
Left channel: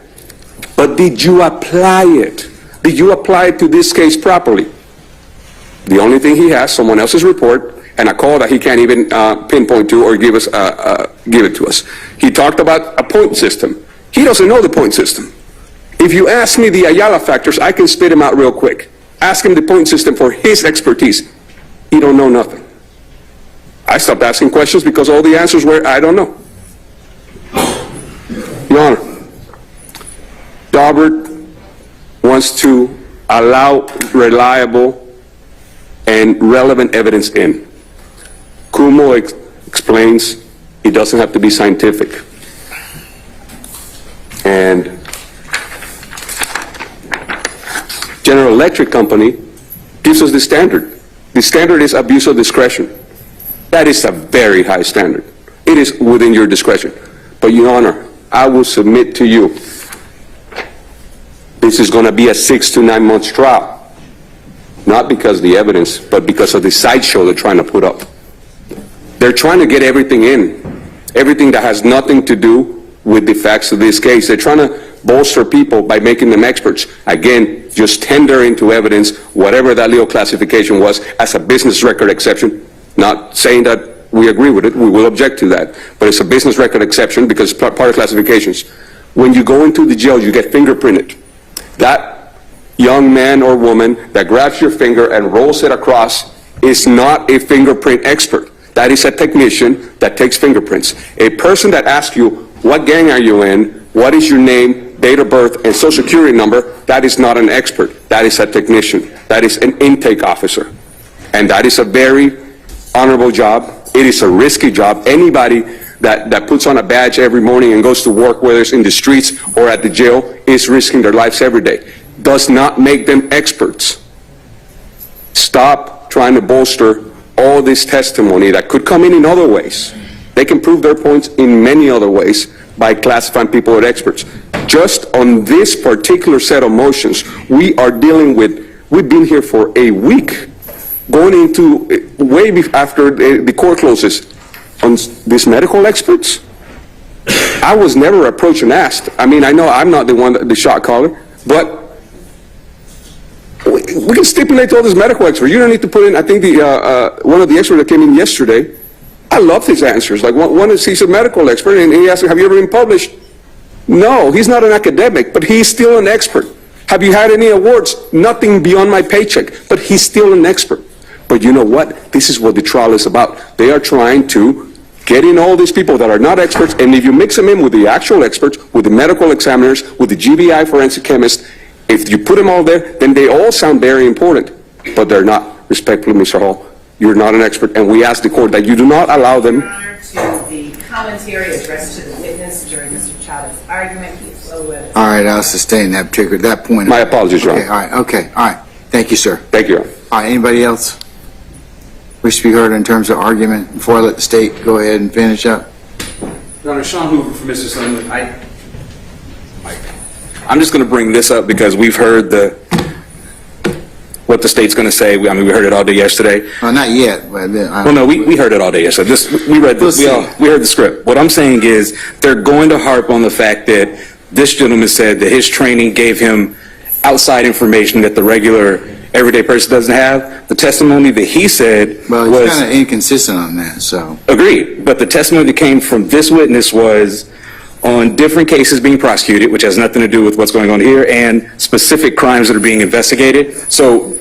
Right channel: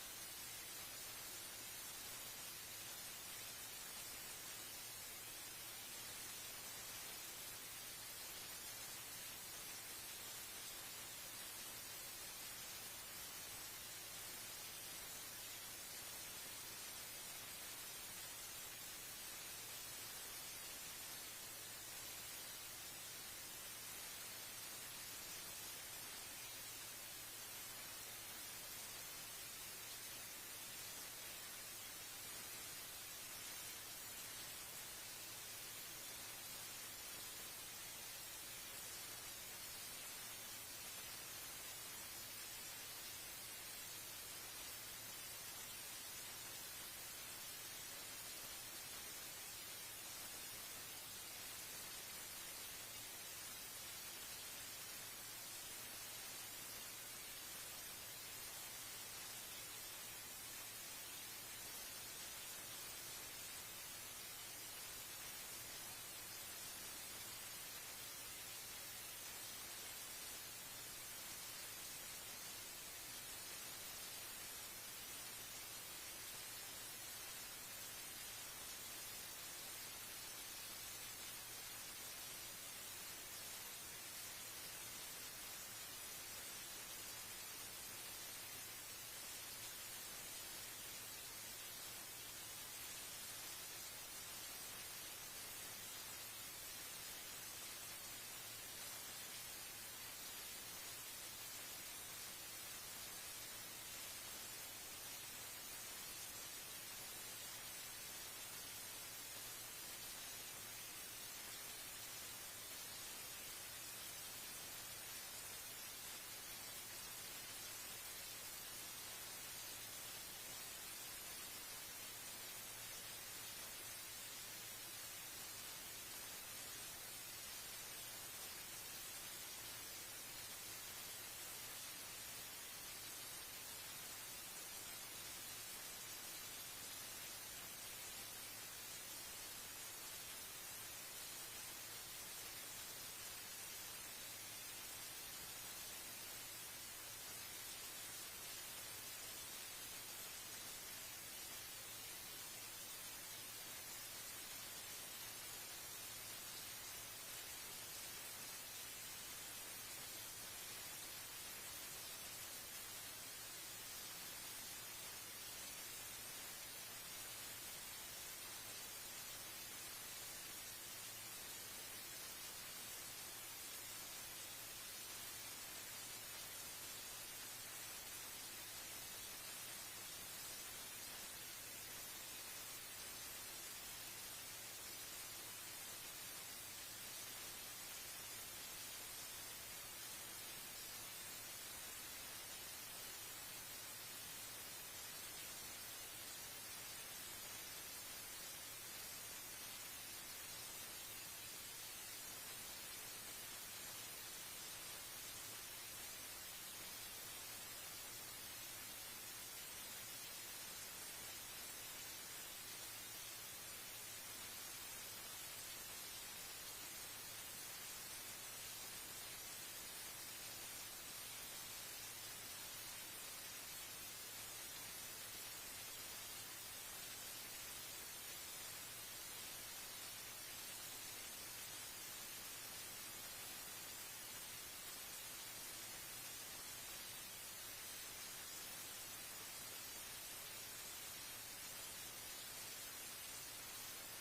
But did you apply it? Did you apply it to this case properly? The only thing he has, someone else's report, and a call that he can't even pinpoint to or give it to us. He talked about a point system. He doesn't know the point system. If you ask me the Ayala factors, I can spit him out real quick. Ask him the point system for his expertise. He don't know nothing. I stopped asking questions because all the answers were, I don't know. Your Honor, Daubert wants to allow reliable and relevant evidence in. Kumo explains it doesn't have to be scientific. And General Electric Company gives us the standard. The standard is abuse of discretion. That is a very high standard. It is within your discretion. But, Your Honor, I will submit to you, this is going to be a 6 to 9 months trial. Not because of the evidence, but because of the sideshow they're trying to put up. They're trying to get everything in, everything that has nothing to do with the facts of this case. They're trying to bolster people by making them experts. Again, just tender into evidence whatever that legal classification was as a business record exception. Not saying that we agree with it, we will object to that. But it's a business record exception because it's part of classifications. When you go into the jail, you get fingerprinted. That young man or woman that grabs your finger and rolls it across is not a fingerprint expert. That is a technician that takes fingerprints. A person that asks you, what gang are you in, what is your name, date of birth, and social security number, that is not an expert. That is a technician. That is an intake officer. And that is a very honorable job. It is a risky job. Anybody that puts on a badge every morning and goes to work, whether it's in the streets or at the jail, is risking their lives every day. Does not make them experts. Stop trying to bolster all this testimony that could come in other ways. They can prove their points in many other ways by classifying people as experts. Just on this particular set of motions, we are dealing with, we've been here for a week, going into after the court closes, on these medical experts. I was never approached and asked. I mean, I know I'm not the shot caller, but we can stipulate to all these medical experts. You don't need to put in, I think one of the experts that came in yesterday, I love his answers. Like one is, he's a medical expert, and he asked, have you ever been published? No, he's not an academic, but he's still an expert. Have you had any awards? Nothing beyond my paycheck, but he's still an expert. But you know what? This is what the trial is about. They are trying to get in all these people that are not experts, and if you mix them in with the actual experts, with the medical examiners, with the GBI forensic chemists, if you put them all there, then they all sound very important, but they're not. Respectfully, Mr. Hall, you're not an expert, and we ask the court that you do not allow them. Your Honor, to the commentary addressed to the witness during Mr. Chavez's argument, he flow with. All right, I'll sustain that point. My apologies, Your Okay, Honor. all right. Thank you, sir. Thank you, Your Honor. All right, anybody else wish to be heard in terms of argument before I let the state go ahead and finish up? Your Honor, Sean Hoover for Mr. Sullivan. I'm just going to bring this up because we've heard what the state's going to say. I mean, we heard it all day yesterday. Well, not yet. But Well, no, we heard it all day yesterday. We heard the script. What I'm saying is they're going to harp on the fact that this gentleman said that his training gave him outside information that the regular everyday person doesn't have. The testimony that he said Well, was he's kind of inconsistent on that, so. agreed, but the testimony that came from this witness was on different cases being prosecuted, which has nothing to do with what's going on here, and specific crimes that are being investigated. So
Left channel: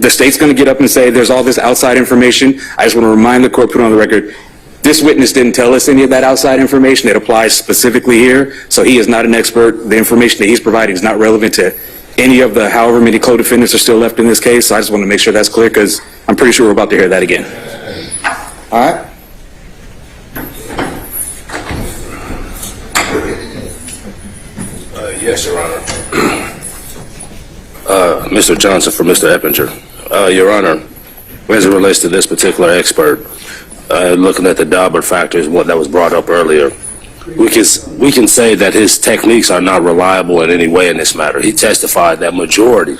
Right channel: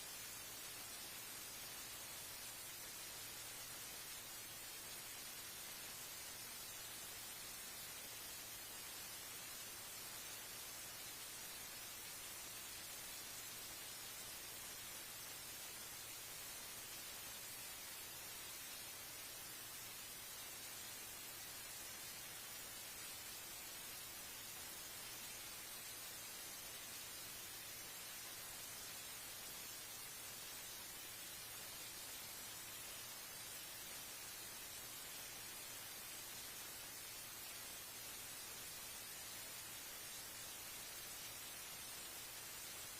the state's going to get up and say there's all this outside information. I just want to remind the court, put on the record, this witness didn't tell us any of that outside information. It applies specifically here, so he is not an expert. The information that he's providing is not relevant to any of the however many co-defendants are still left in this case. So I just want to make sure that's clear because I'm pretty sure we're about to hear that again. All right. Yes, Your Honor. Mr. Johnson for Mr. Eppinger. Your Honor, as it relates to this particular expert, looking at the Daubert factors, what that was brought up earlier, we can say that his techniques are not reliable in any way in this matter. He testified that majority,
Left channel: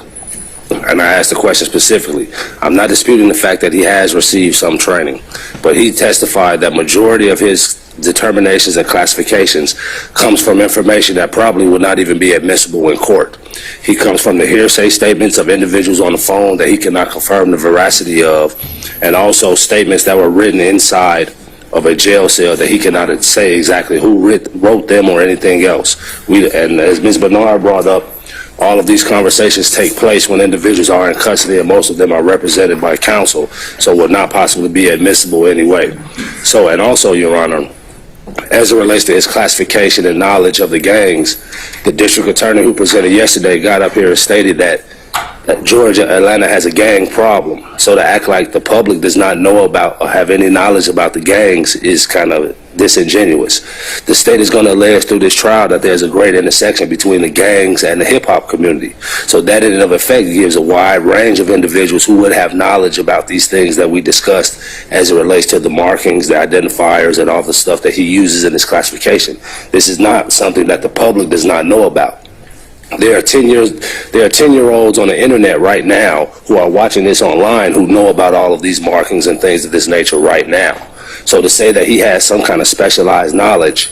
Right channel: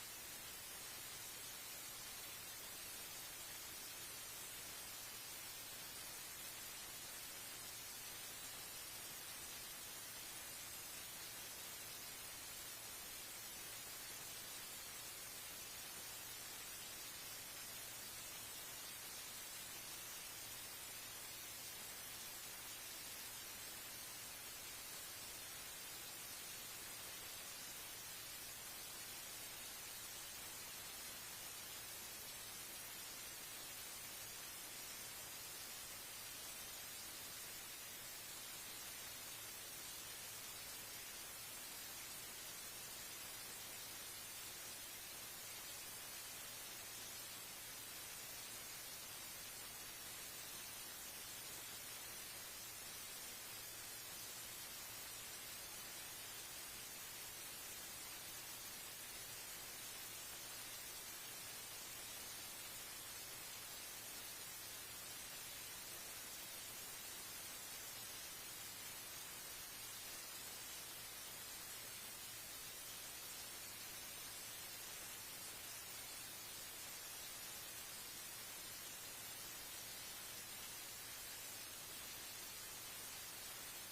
and I asked the question specifically, I'm not disputing the fact that he has received some training, but he testified that majority of his determinations and classifications comes from information that probably would not even be admissible in court. He comes from the hearsay statements of individuals on the phone that he cannot confirm the veracity of, and also statements that were written inside of a jail cell that he cannot say exactly who wrote them or anything else. And as Ms. Bernard brought up, all of these conversations take place when individuals are in custody, and most of them are represented by counsel, so would not possibly be admissible anyway. So, and also, Your Honor, as it relates to his classification and knowledge of the gangs, the district attorney who presented yesterday got up here and stated that Georgia, Atlanta has a gang problem. So to act like the public does not know about or have any knowledge about the gangs is kind of disingenuous. The state is going to allege through this trial that there's a great intersection between the gangs and the hip-hop community. So that in and of effect gives a wide range of individuals who would have knowledge about these things that we discussed as it relates to the markings, the identifiers, and all the stuff that he uses in his classification. This is not something that the public does not know about. There are 10-year-olds on the internet right now who are watching this online who know about all of these markings and things of this nature right now. So to say that he has some kind of specialized knowledge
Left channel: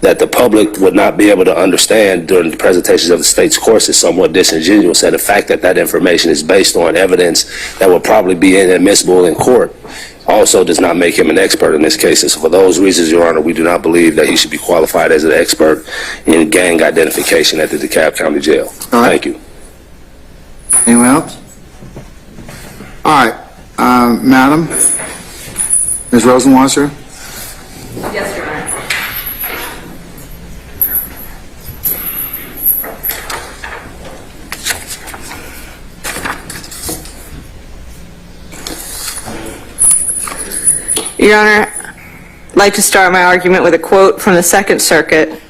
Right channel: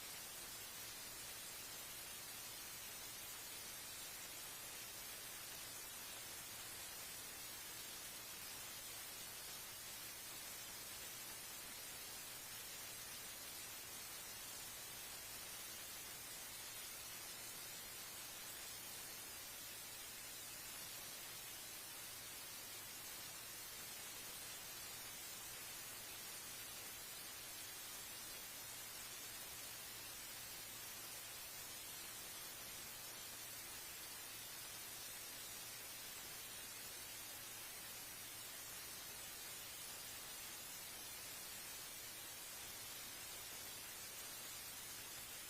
that the public would not be able to understand during the presentations of the state's course is somewhat disingenuous, and the fact that that information is based on evidence that would probably be inadmissible in court also does not make him an expert in this case. And so for those reasons, Your Honor, we do not believe that he should be qualified as an expert in gang identification at the DeKalb County Jail. All right. Thank you. Anyone else? All right, Madam, Ms. Rosenwasser? Yes, Your Honor. Your Honor, I'd like to start my argument with a quote from the Second Circuit.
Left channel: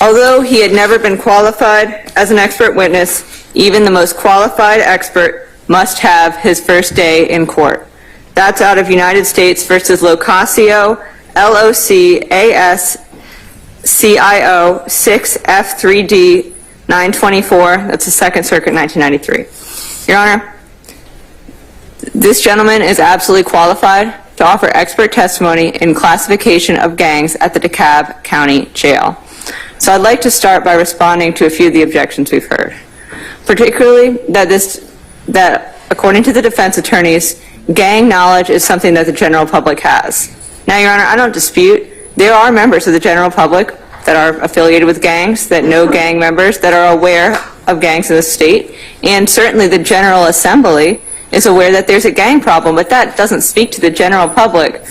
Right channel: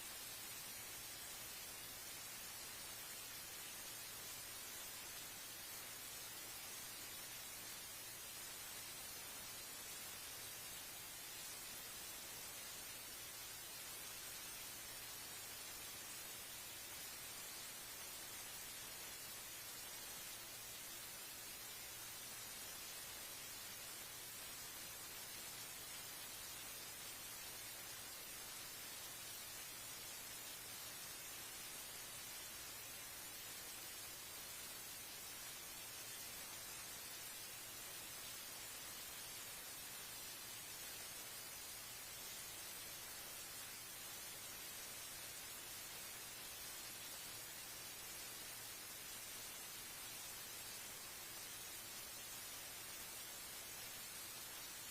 Although he had never been qualified as an expert witness, even the most qualified expert must have his first day in court. That's out of United States versus Locascio, LOCASCIO 6F3D 924. That's the Second Circuit, 1993. Your Honor, this gentleman is absolutely qualified to offer expert testimony in classification of gangs at the DeKalb County Jail. So I'd like to start by responding to a few of the objections we've heard, particularly that according to the defense attorneys, gang knowledge is something that the general public has. Now, Your Honor, I don't dispute there are members of the general public that are affiliated with gangs, that know gang members, that are aware of gangs in the state, and certainly the General Assembly is aware that there's a gang problem, but that doesn't speak to the general public.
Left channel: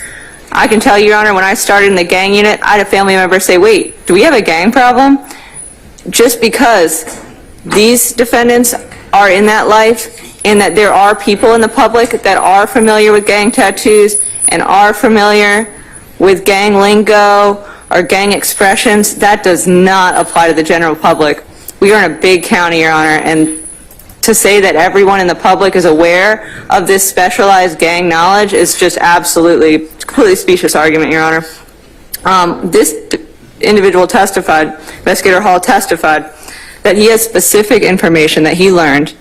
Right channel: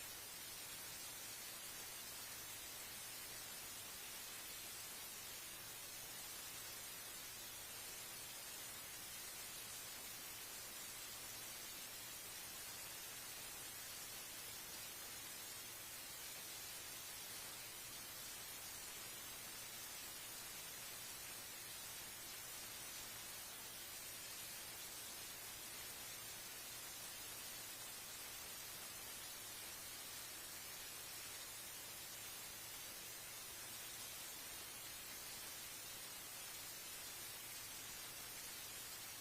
I can tell you, Your Honor, when I started in the gang unit, I had a family member say, wait, do we have a gang problem? Just because these defendants are in that life and that there are people in the public that are familiar with gang tattoos and are familiar with gang lingo or gang expressions, that does not apply to the general public. We are in a big county, Your Honor, and to say that everyone in the public is aware of this specialized gang knowledge is just absolutely, completely specious argument, Your Honor. This individual testified, Investigator Hall testified, that he has specific information that he learned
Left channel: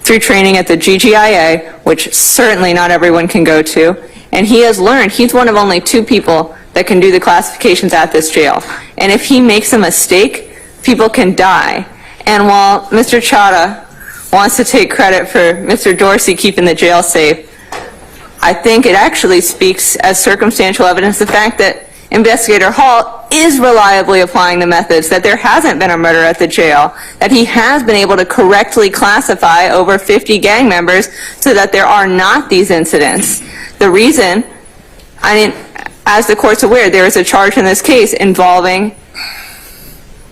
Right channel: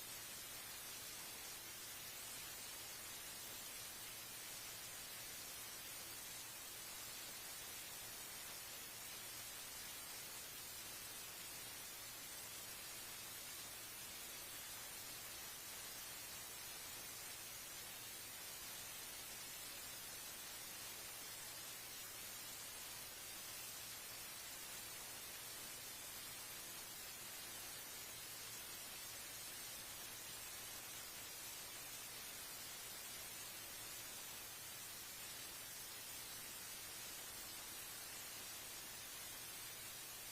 through training at the GGIA, which certainly not everyone can go to, and he has learned, he's one of only 2 people that can do the classifications at this jail. And if he makes a mistake, people can die. And while Mr. Chadha wants to take credit for Mr. Dorsey keeping the jail safe, I think it actually speaks as circumstantial evidence the fact that Investigator Hall is reliably applying the methods, that there hasn't been a murder at the jail, that he has been able to correctly classify over 50 gang members so that there are not these incidents. The reason, as the court's aware, there is a charge in this case involving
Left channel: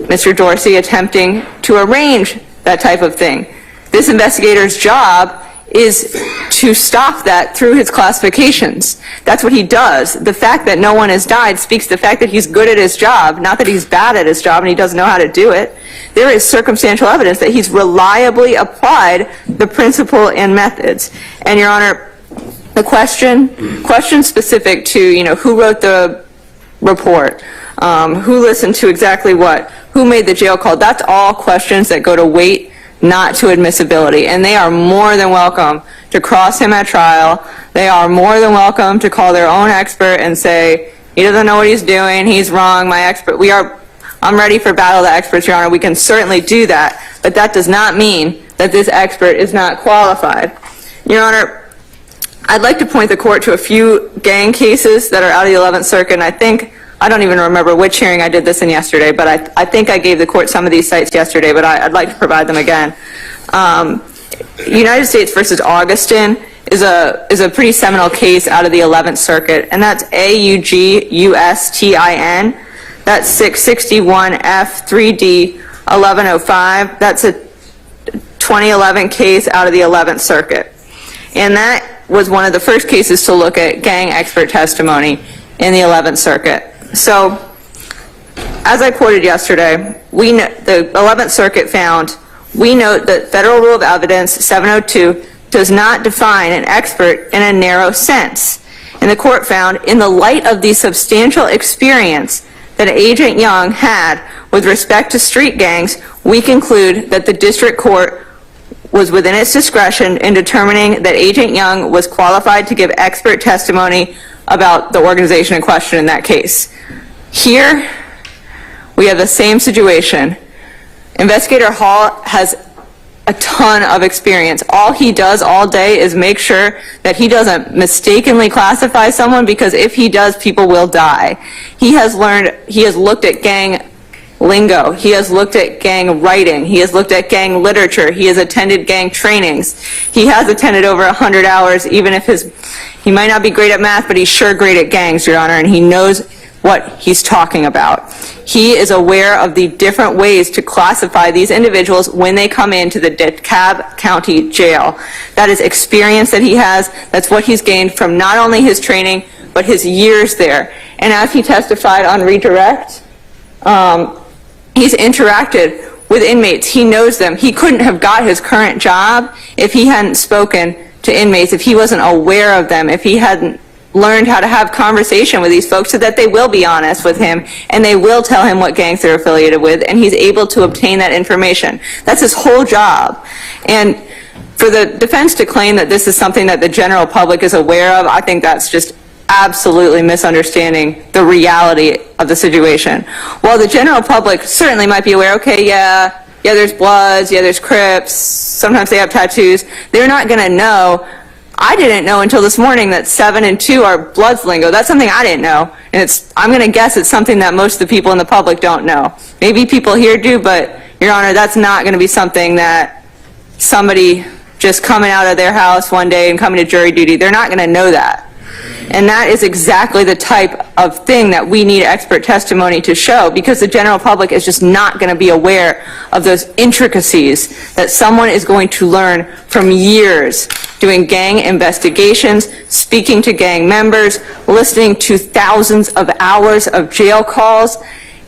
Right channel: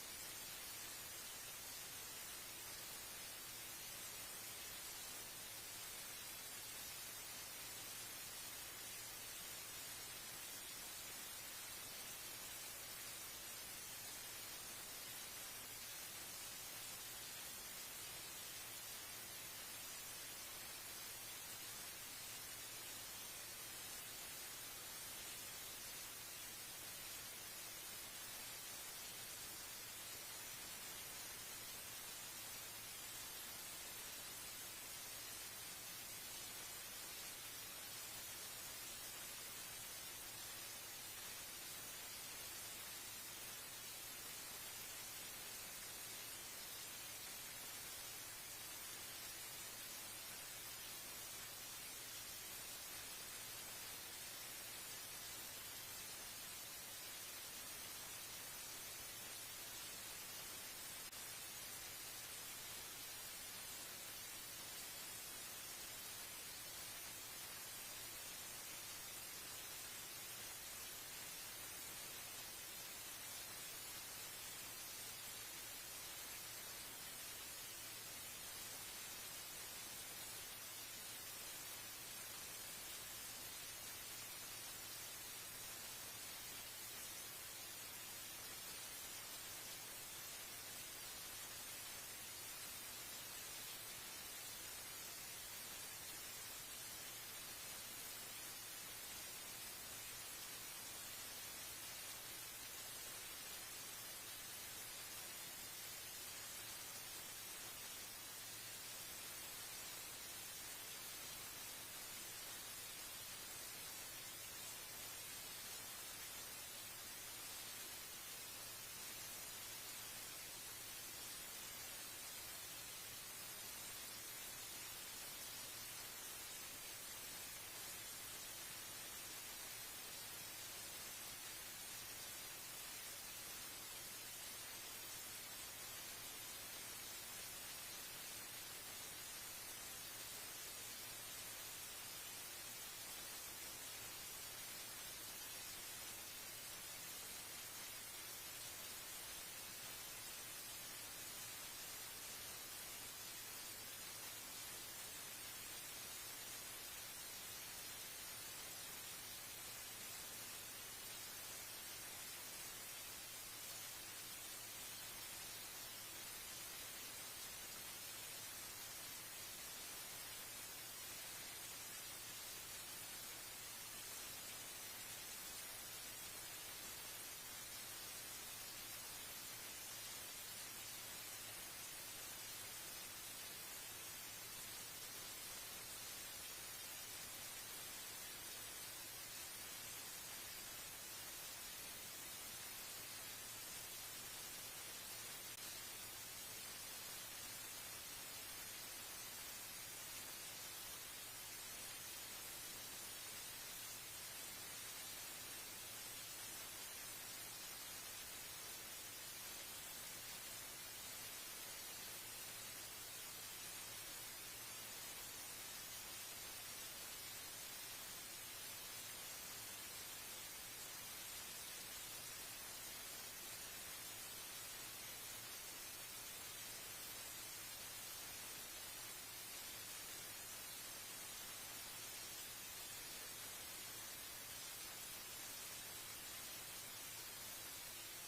Mr. Dorsey attempting to arrange that type of thing. This investigator's job is to stop that through his classifications. That's what he does. The fact that no one has died speaks to the fact that he's good at his job, not that he's bad at his job and he doesn't know how to do it. There is circumstantial evidence that he's reliably applied the principle and methods. And, Your Honor, the question specific to, who wrote the report, who listened to exactly what, who made the jail call, that's all questions that go to weight, not to admissibility. And they are more than welcome to cross him at trial. They are more than welcome to call their own expert and say, he doesn't know what he's doing, he's wrong, my expert, I'm ready for battle of the experts, Your Honor. We can certainly do that, but that does not mean that this expert is not qualified. Your Honor, I'd like to point the court to a few gang cases that are out of the 11th Circuit, and I don't even remember which hearing I did this in yesterday, but I think I gave the court some of these sites yesterday, but I'd like to provide them again. United States versus Augustin is a pretty seminal case out of the 11th Circuit, and that's AUGUSTIN. That's 661F3D 1105. That's a 2011 case out of the 11th Circuit. And that was one of the first cases to look at gang expert testimony in the 11th Circuit. So, as I quoted yesterday, the 11th Circuit found, we note that Federal Rule of Evidence 702 does not define an expert in a narrow sense. And the court found, in the light of the substantial experience that Agent Young had with respect to street gangs, we conclude that the district court was within its discretion in determining that Agent Young was qualified to give expert testimony about the organization in question in that case. Here, we have the same situation. Investigator Hall has a ton of experience. All he does all day is make sure that he doesn't mistakenly classify someone, because if he does, people will die. He has looked at gang lingo. He has looked at gang writing. He has looked at gang literature. He has attended gang trainings. He has attended over 100 hours, even if he might not be great at math, but he's sure great at gangs, Your Honor, and he knows what he's talking about. He is aware of the different ways to classify these individuals when they come into the DeKalb County Jail. That is experience that he has. That's what he's gained from not only his training, but his years there. And as he testified on redirect, he's interacted with inmates. He knows them. He couldn't have got his current job if he hadn't spoken to inmates, if he wasn't aware of them, if he hadn't learned how to have conversation with these folks so that they will be honest with him and they will tell him what gangs they're affiliated with, and he's able to obtain that information. That's his whole job. And for the defense to claim that this is something that the general public is aware of, I think that's just absolutely misunderstanding the reality of the situation. While the general public certainly might be aware, okay, yeah, there's Bloods, yeah, there's Crips, sometimes they have tattoos, they're not going to know. I didn't know until this morning that 7 and 2 are Bloods lingo. That's something I didn't know. And I'm going to guess it's something that most of the people in the public don't know. Maybe people here do, but, Your Honor, that's not going to be something that somebody just coming out of their house one day and coming to jury duty, they're not going to know that. And that is exactly the type of thing that we need expert testimony to show, because the general public is just not going to be aware of those intricacies that someone is going to learn from years doing gang investigations, speaking to gang members, listening to thousands of hours of jail calls,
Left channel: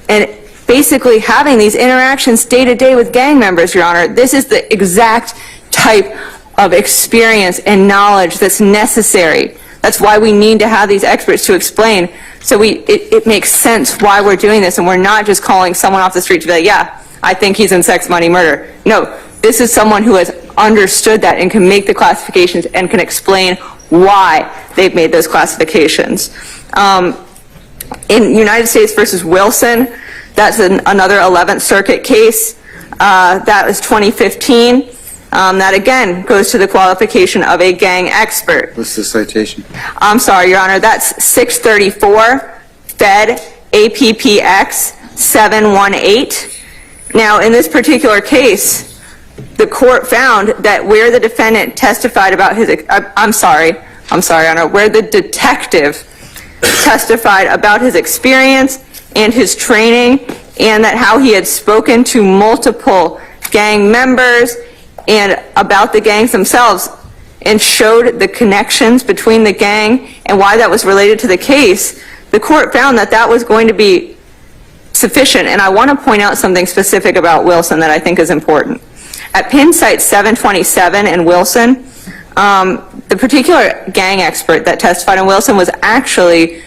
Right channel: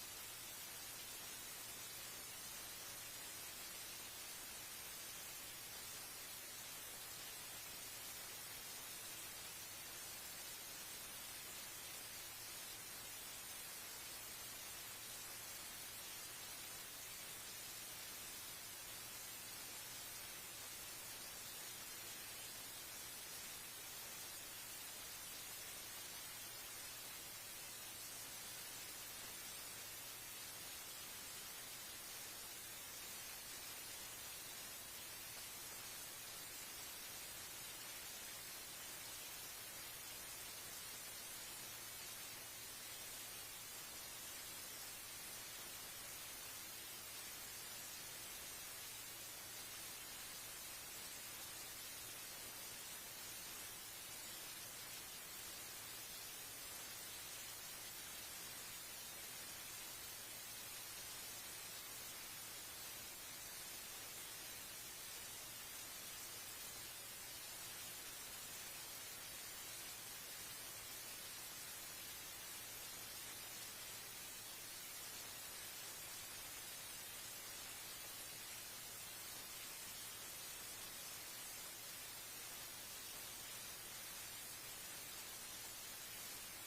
and basically having these interactions day to day with gang members, Your Honor. This is the exact type of experience and knowledge that's necessary. That's why we need to have these experts to explain, so it makes sense why we're doing this, and we're not just calling someone off the street to be like, yeah, I think he's in sex, money, murder. No, this is someone who has understood that and can make the classifications and can explain why they've made those classifications. In United States versus Wilson, that's another 11th Circuit case. That was 2015. That again goes to the qualification of a gang expert. What's the citation? I'm sorry, Your Honor, that's 634 Fed APPX 718. Now, in this particular case, the court found that where the defendant testified about his, I'm sorry, Your Honor, where the detective testified about his experience and his training, and that how he had spoken to multiple gang members and about the gangs themselves, and showed the connections between the gang and why that was related to the case, the court found that that was going to be sufficient. And I want to point out something specific about Wilson that I think is important. At Penn Site 727 in Wilson, the particular gang expert that testified in Wilson was actually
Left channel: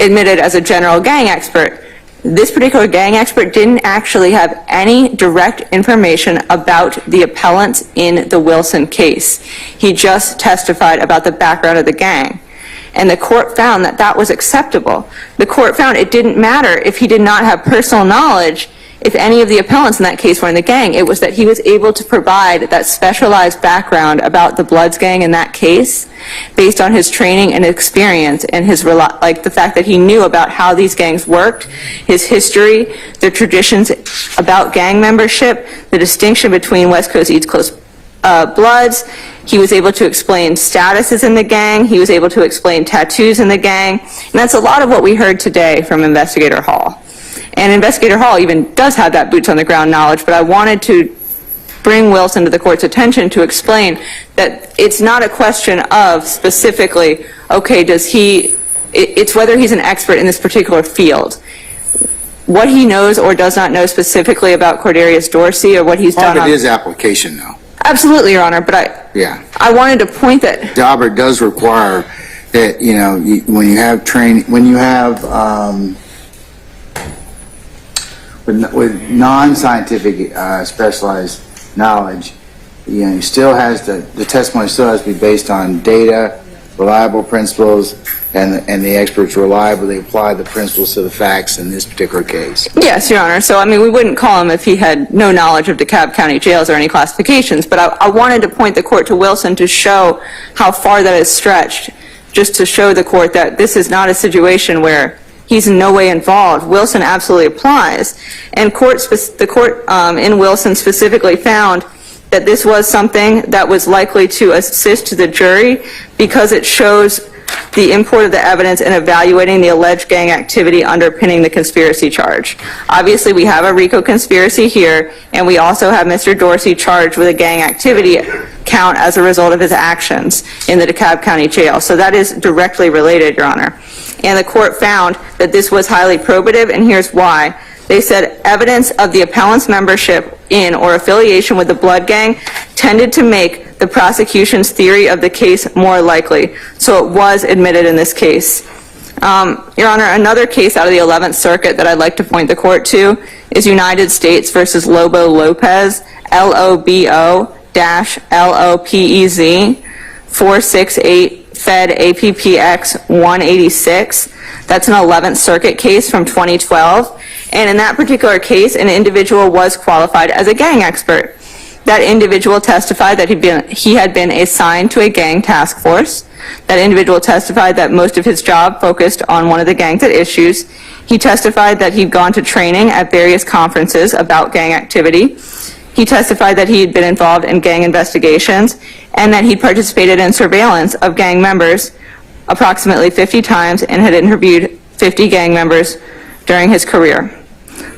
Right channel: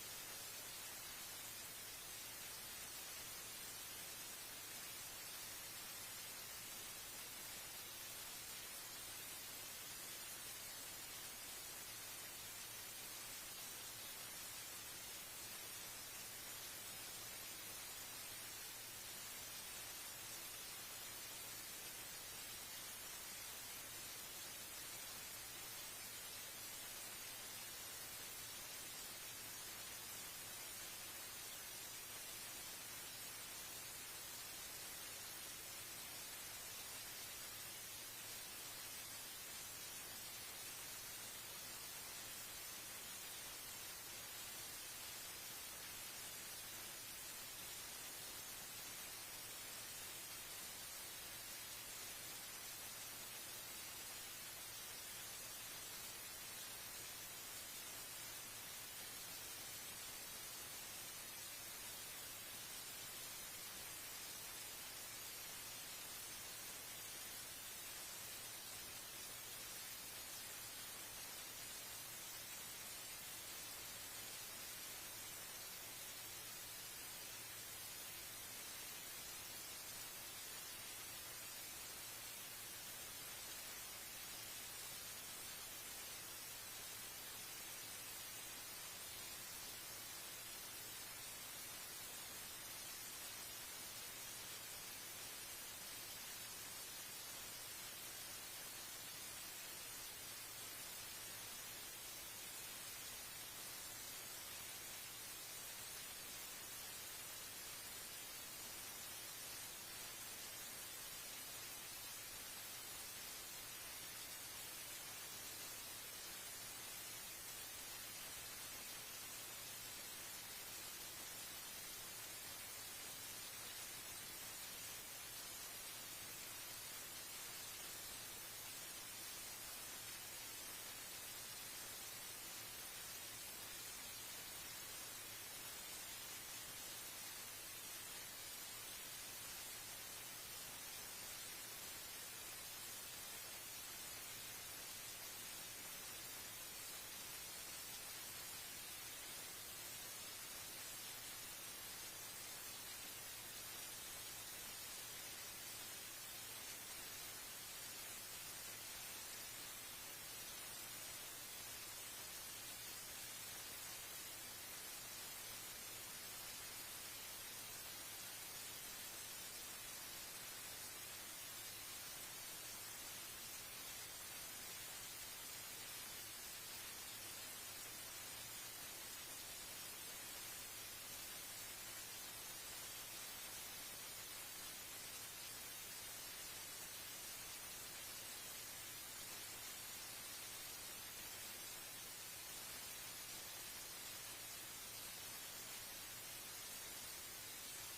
admitted as a general gang expert. This particular gang expert didn't actually have any direct information about the appellants in the Wilson case. He just testified about the background of the gang. And the court found that that was acceptable. The court found it didn't matter if he did not have personal knowledge if any of the appellants in that case were in the gang. It was that he was able to provide that specialized background about the Bloods gang in that case based on his training and experience and his the fact that he knew about how these gangs worked, his history, the traditions about gang membership, the distinction between West Coast, East Coast Bloods. He was able to explain statuses in the gang. He was able to explain tattoos in the gang. And that's a lot of what we heard today from Investigator Hall. And Investigator Hall even does have that boots on the ground knowledge, but I wanted to bring Wilson to the court's attention to explain that it's not a question of specifically, okay, it's whether he's an expert in this particular field. What he knows or does not know specifically about Cordarius Dorsey or what he's done. Part of his application, though. Absolutely, Your Honor, but I wanted to point that Dauber does require that, when you have training, when you have with non-scientific specialized knowledge, you still has the testimony still has to be based on data, reliable principles, and the experts reliably apply the principles to the facts in this particular case. Yes, Your Honor. So, we wouldn't call him if he had no knowledge of DeKalb County jails or any classifications, but I wanted to point the court to Wilson to show how far that is stretched, just to show the court that this is not a situation where he's in no way involved. Wilson absolutely applies. And the court in Wilson specifically found that this was something that was likely to assist the jury because it shows the import of the evidence in evaluating the alleged gang activity underpinning the conspiracy charge. Obviously, we have a RICO conspiracy here, and we also have Mr. Dorsey charged with a gang activity count as a result of his actions in the DeKalb County Jail. So that is directly related, Your Honor. and the court found that this was highly probative, and here's why. They said evidence of the appellant's membership in or affiliation with the blood gang tended to make the prosecution's theory of the case more likely, so it was admitted in this case. Your Honor, another case out of the 11th Circuit that I'd like to point the court to is United States versus Lobo Lopez, LOBO-LOPEZ, 468 Fed APPX 186. That's an 11th Circuit case from 2012. And in that particular case, an individual was qualified as a gang expert. That individual testified that he had been assigned to a gang task force. That individual testified that most of his job focused on one of the gangs at issues. He testified that he'd gone to training at various conferences about gang activity. He testified that he had been involved in gang investigations and that he participated in surveillance of gang members approximately 50 times and had interviewed 50 gang members during his career.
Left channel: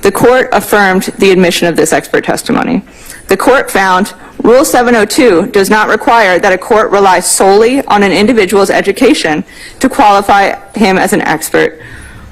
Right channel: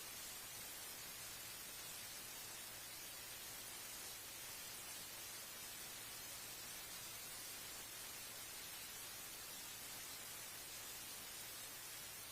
The court affirmed the admission of this expert testimony. The court found Rule 702 does not require that a court rely solely on an individual's education to qualify him as an expert.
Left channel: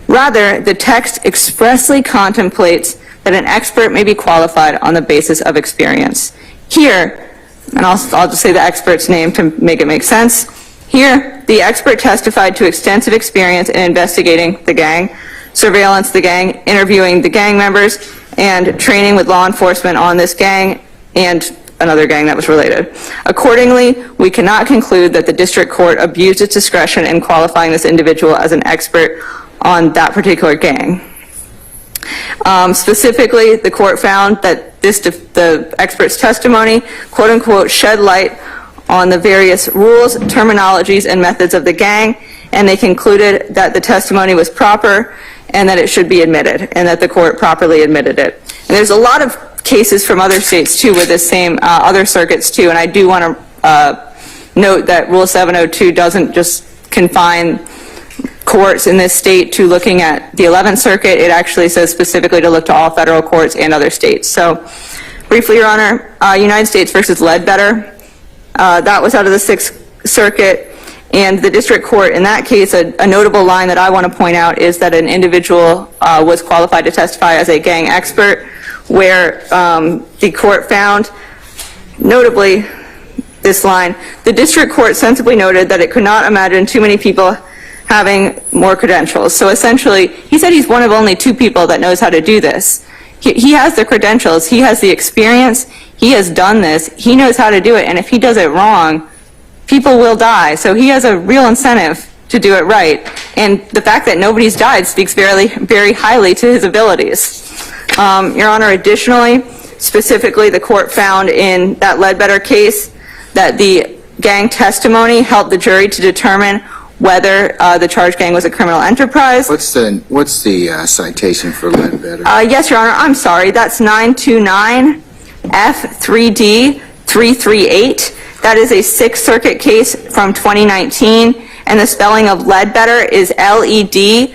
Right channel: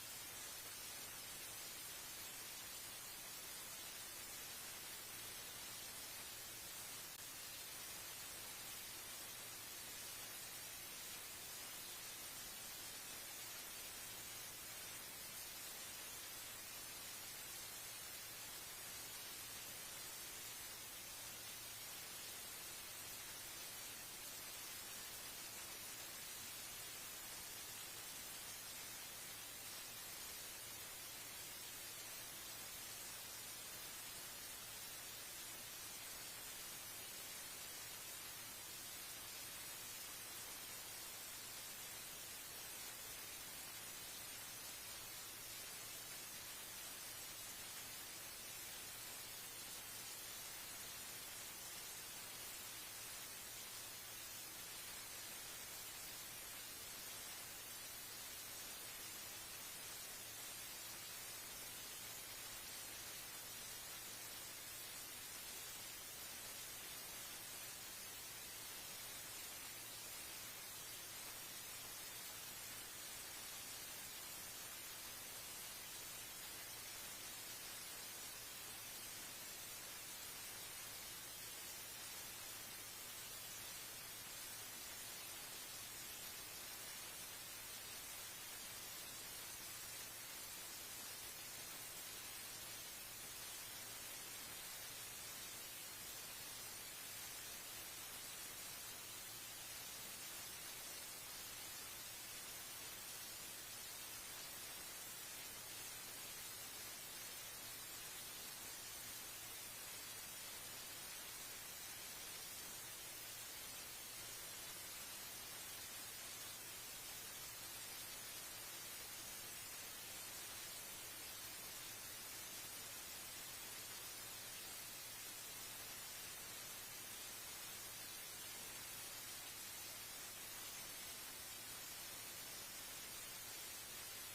Rather, the text expressly contemplates that an expert may be qualified on the basis of experience. Here, and I'll just say the expert's name to make it make sense. Here, the expert testified to extensive experience in investigating the gang, surveillance the gang, interviewing the gang members, and training with law enforcement on this gang and another gang that was related. Accordingly, we cannot conclude that the district court abused its discretion in qualifying this individual as an expert on that particular gang. Specifically, the court found that the expert's testimony, quote unquote, shed light on the various rules, terminologies, and methods of the gang, and they concluded that the testimony was proper and that it should be admitted, and that the court properly admitted it. And there's a lot of cases from other states too with this same, other circuits too, and I do want to note that Rule 702 doesn't just confine courts in this state to looking at the 11th Circuit. It actually says specifically to look to all federal courts and other states. So briefly, Your Honor, United States versus Ledbetter, that was out of the 6th Circuit. And the district court, in that case, a notable line that I want to point out is that an individual was qualified to testify as a gang expert, where the court found, notably, this line, the district court sensibly noted that it could not imagine too many people having more credentials. So essentially, he said he's one of only 2 people that knows how to do this. He has the credentials, he has the experience, he has done this, he knows how to do it, and if he does it wrong, people will die. So he has a real incentive to do it right. And the fact that nobody's died speaks very, very highly to his abilities. Your Honor, additionally, specifically, the court found in that Ledbetter case that the gang testimony helped the jury to determine whether the charged gang was a criminal enterprise. What's the citation for Ledbetter? Yes, Your Honor, I'm sorry. That's 929 F3D 338. That is a 6th Circuit case from 2019, and the spelling of Ledbetter is Ledbetter.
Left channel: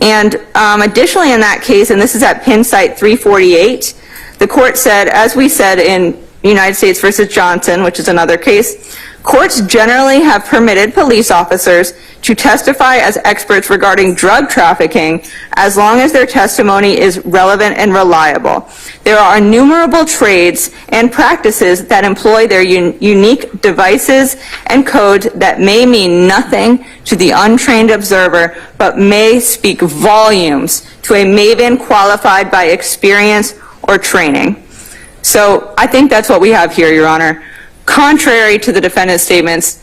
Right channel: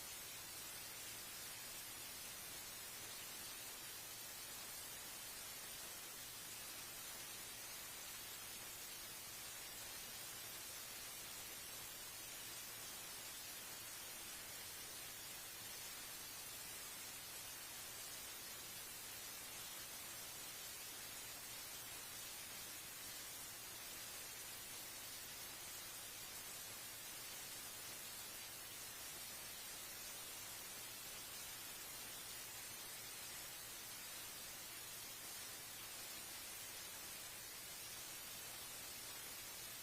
And additionally in that case, and this is at Pin Site 348, the court said, as we said in United States versus Johnson, which is another case, courts generally have permitted police officers to testify as experts regarding drug trafficking as long as their testimony is relevant and reliable. There are innumerable trades and practices that employ their unique devices and codes that may mean nothing to the untrained observer, but may speak volumes to a maven qualified by experience or training. So I think that's what we have here, Your Honor. Contrary to the defendant's statements,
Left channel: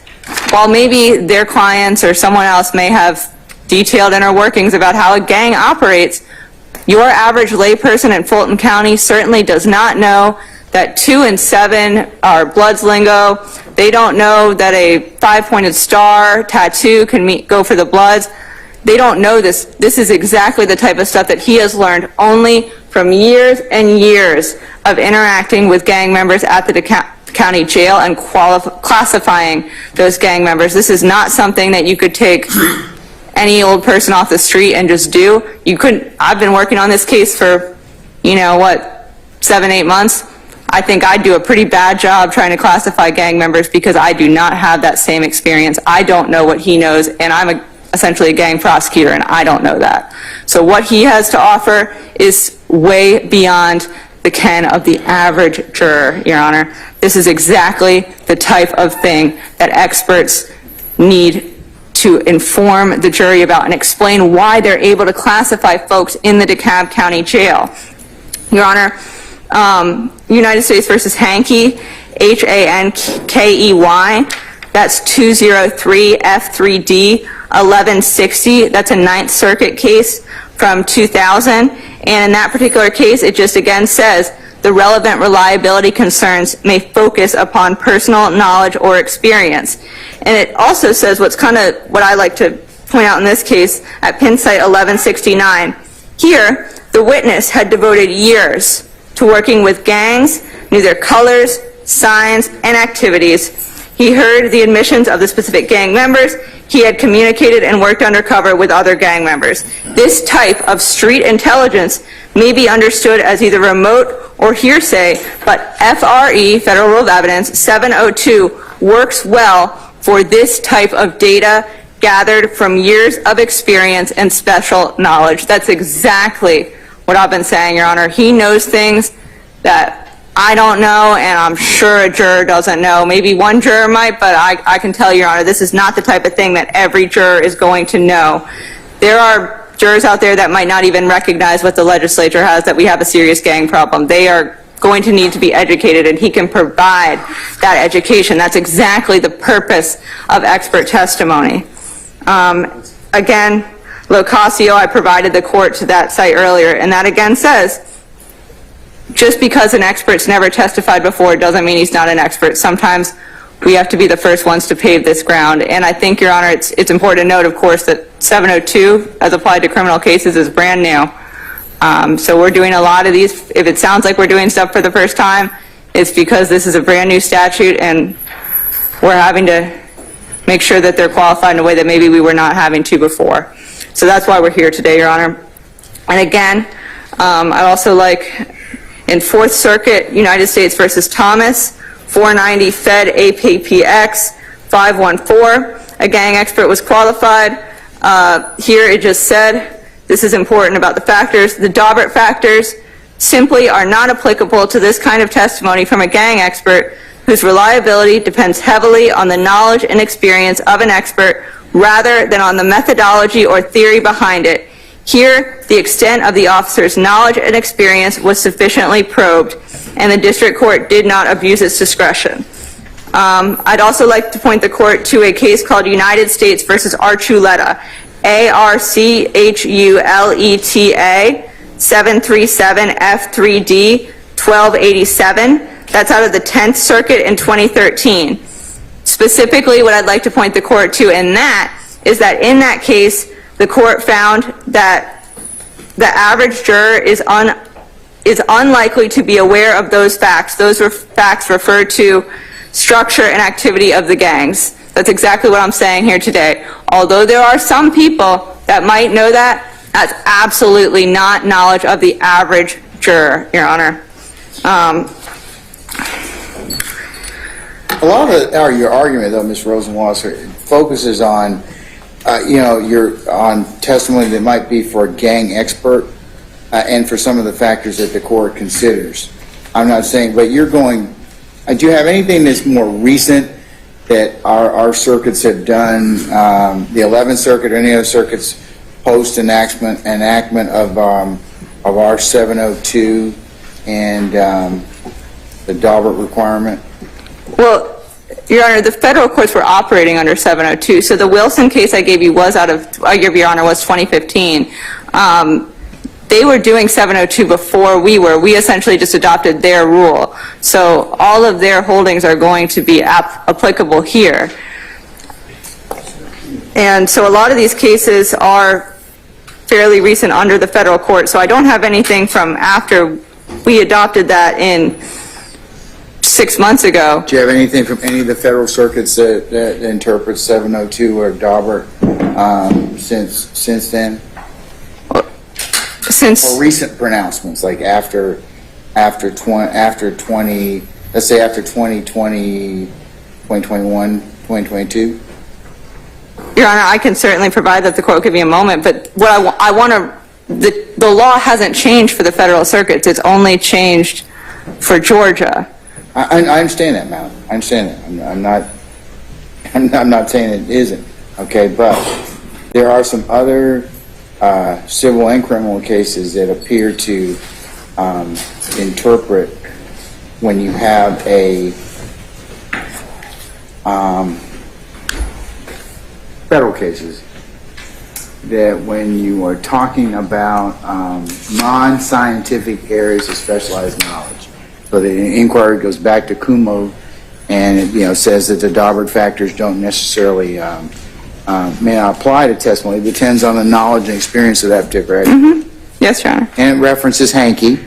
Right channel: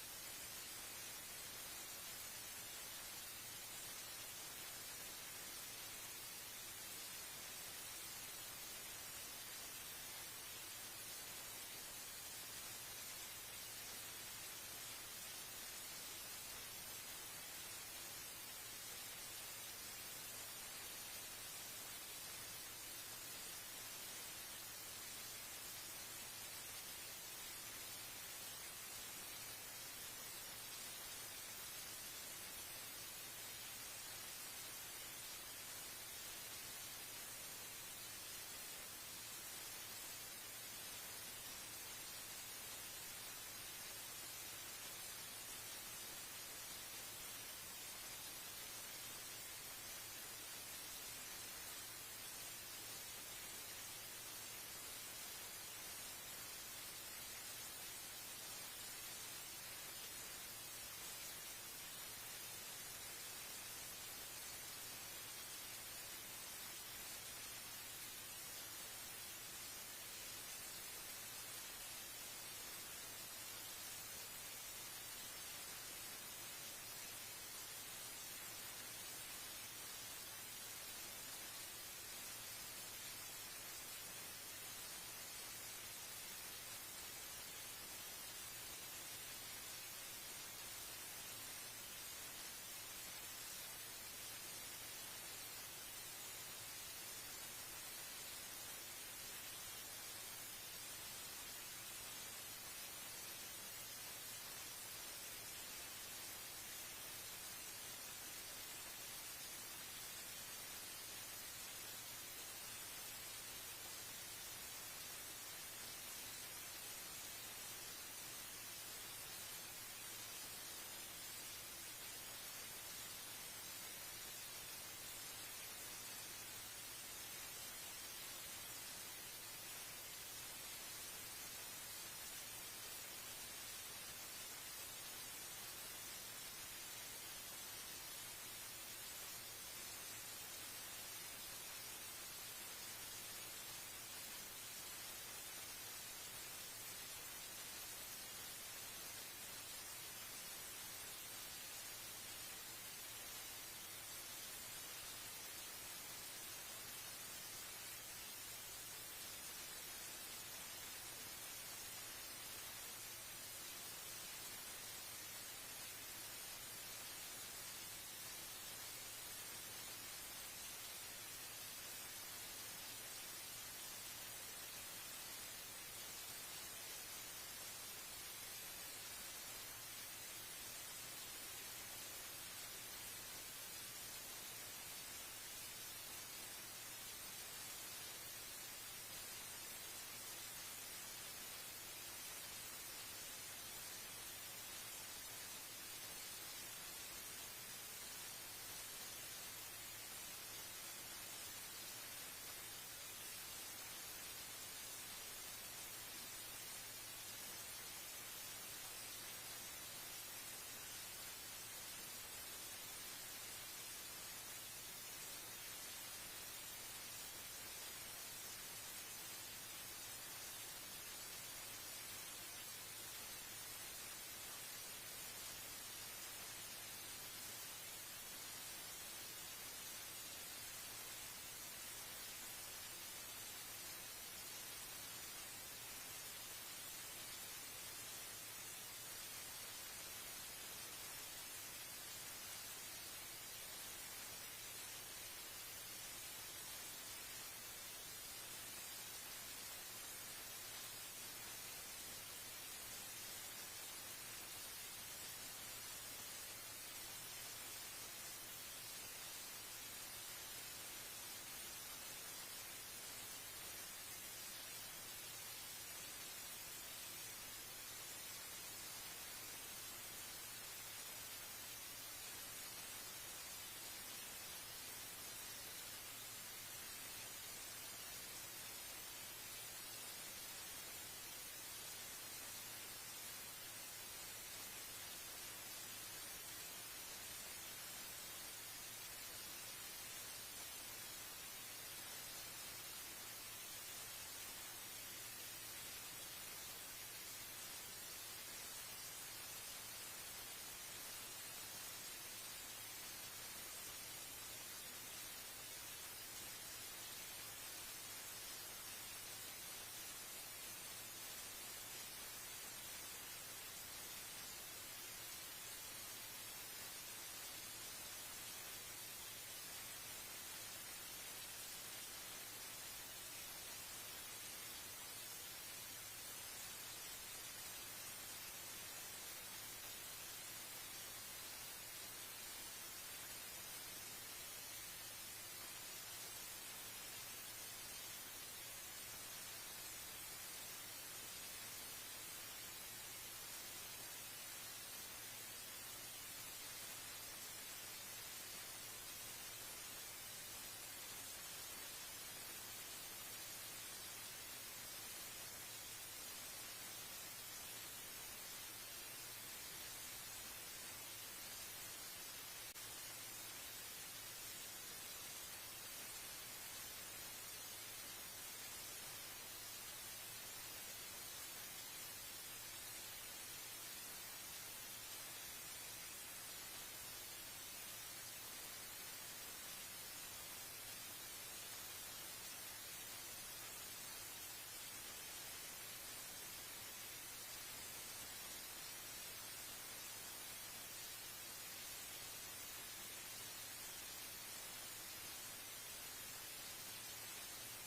while maybe their clients or someone else may have detailed inner workings about how a gang operates, your average layperson in Fulton County certainly does not know that 2 and 7 are Bloods lingo. They don't know that a 5-pointed star tattoo can go for the Bloods. They don't know this. This is exactly the type of stuff that he has learned only from years and years of interacting with gang members at the county jail and classifying those gang members. This is not something that you could take any old person off the street and just do. You couldn't. I've been working on this case for, 7-8 months. I think I do a pretty bad job trying to classify gang members because I do not have that same experience. I don't know what he knows, and I'm essentially a gang prosecutor, and I don't know that. So what he has to offer is way beyond the ken of the average juror, Your Honor. This is exactly the type of thing that experts need to inform the jury about and explain why they're able to classify folks in the DeKalb County Jail. Your Honor, United States versus Hankey, Hankey, that's 203 F3D 1160. That's a Ninth Circuit case from 2000. And in that particular case, it just again says the relevant reliability concerns may focus upon personal knowledge or experience. And it also says what's kind of what I like to point out in this case at Pin Site 1169. Here, the witness had devoted years to working with gangs, knew their colors, signs, and activities. He heard the admissions of the specific gang members. He had communicated and worked undercover with other gang members. This type of street intelligence may be understood as either remote or hearsay, but FRE, Federal Rule of Evidence 702, works well for this type of data gathered from years of experience and special knowledge. That's exactly what I've been saying, Your Honor. He knows things that I don't know, and I'm sure a juror doesn't know. Maybe one juror might, but I can tell you, Your Honor, this is not the type of thing that every juror is going to know. There are jurors out there that might not even recognize what the legislature has, that we have a serious gang problem. They are going to need to be educated, and he can provide that education. That's exactly the purpose of expert testimony. Again, Locasio, I provided the court to that site earlier, and that again says, just because an expert's never testified before doesn't mean he's not an expert. Sometimes we have to be the first ones to pave this ground. And I think, Your Honor, it's important to note, of course, that 702, as applied to criminal cases, is brand new. So we're doing a lot of these. If it sounds like we're doing stuff for the first time, it's because this is a brand new statute, and we're having to make sure that they're qualified in a way that maybe we were not having to before. So that's why we're here today, Your Honor. And again, I'd also like, in Fourth Circuit, United States versus Thomas, 490 Fed APPX 514, a gang expert was qualified. Here it just said, this is important about the factors. The Daubert factors simply are not applicable to this kind of testimony from a gang expert whose reliability depends heavily on the knowledge and experience of an expert rather than on the methodology or theory behind it. Here, the extent of the officer's knowledge and experience was sufficiently probed, and the district court did not abuse its discretion. I'd also like to point the court to a case called United States versus Archuleta, ARCHULETA, 737 F3D 1287. That's out of the 10th Circuit in 2013. Specifically, what I'd like to point the court to in that is that in that case, the court found that the average juror is unlikely to be aware of those facts. Those were facts referred to structure and activity of the gangs. That's exactly what I'm saying here today. Although there are some people that might know that, that's absolutely not knowledge of the average juror, Your Honor. A lot of your argument, though, Ms. Rosenwasser, focuses on, on testimony that might be for a gang expert and for some of the factors that the court considers. I'm not saying, but you're going, do you have anything that's more recent that our circuits have done, the 11th Circuit or any other circuits post-enactment of our 702 and the Daubert requirement? Well, Your Honor, the federal courts were operating under 702. So the Wilson case I gave you was Your Honor, was 2015. They were doing 702 before we were. We essentially just adopted their rule. So all of their holdings are going to be applicable here. And so a lot of these cases are fairly recent under the federal court. So I don't have anything from after we adopted that in 6 months ago. Do you have anything from any of the federal circuits that interpret 702 or Daubert since then? Since or recent pronouncements, like after after 20, let's say after 2020, 2021, 2022? Your Honor, I can certainly provide that. The court give me a moment, but what I want to, the law hasn't changed for the federal circuits. It's only changed for Georgia. I understand that, Mal. I understand that. I'm not saying it isn't, okay, but there are some other civil and criminal cases that appear to interpret when you have a federal cases, that when you are talking about non-scientific areas of specialized knowledge. So the inquiry goes back to Kumo, and it says that the Daubert factors don't necessarily may not apply to testimony. It depends on the knowledge and experience of that particular area. Mm-hmm. Yes, Your Honor. And it references Hankey,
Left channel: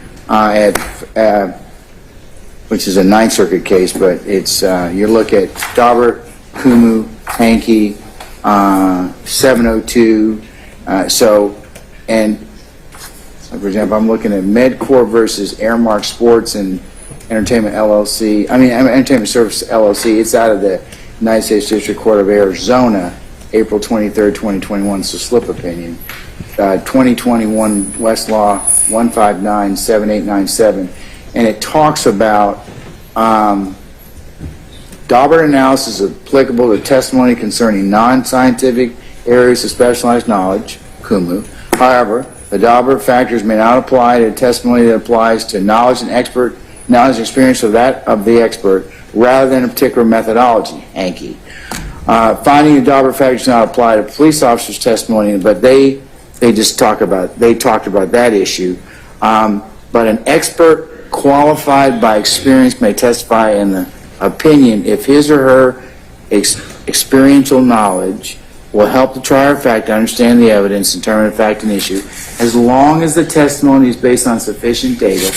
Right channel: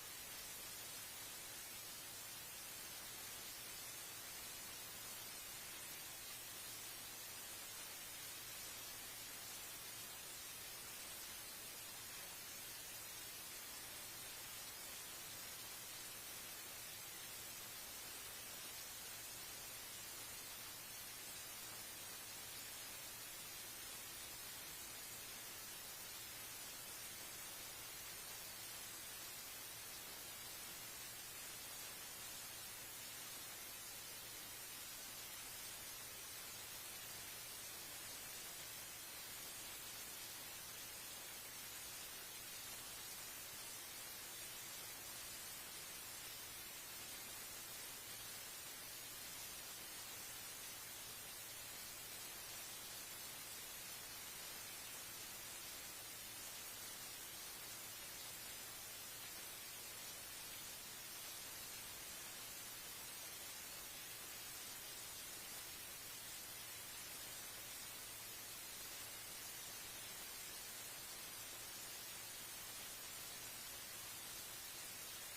which is a Ninth Circuit case, but it's you look at Daubert, Kumu, Hankey, 702. For example, I'm looking at MedCorp versus Airmark Sports and Entertainment LLC. Entertainment Service LLC. It's out of the United States District Court of Arizona, April 23rd, 2021. It's a slip opinion. 2021 Westlaw 1597897, and it talks about Daubert analysis is applicable to testimony concerning non-scientific areas of specialized knowledge, Kumu. However, the Daubert factors may not apply to testimony that applies to knowledge and experience of the expert rather than a particular methodology, Hankey. Finding the Daubert factors not apply to police officers' testimony, but they talked about that issue. But an expert qualified by experience may testify in the opinion if his or her experiential knowledge will help the trier of fact to understand the evidence and determine a fact and issue, as long as the testimony is based on sufficient data,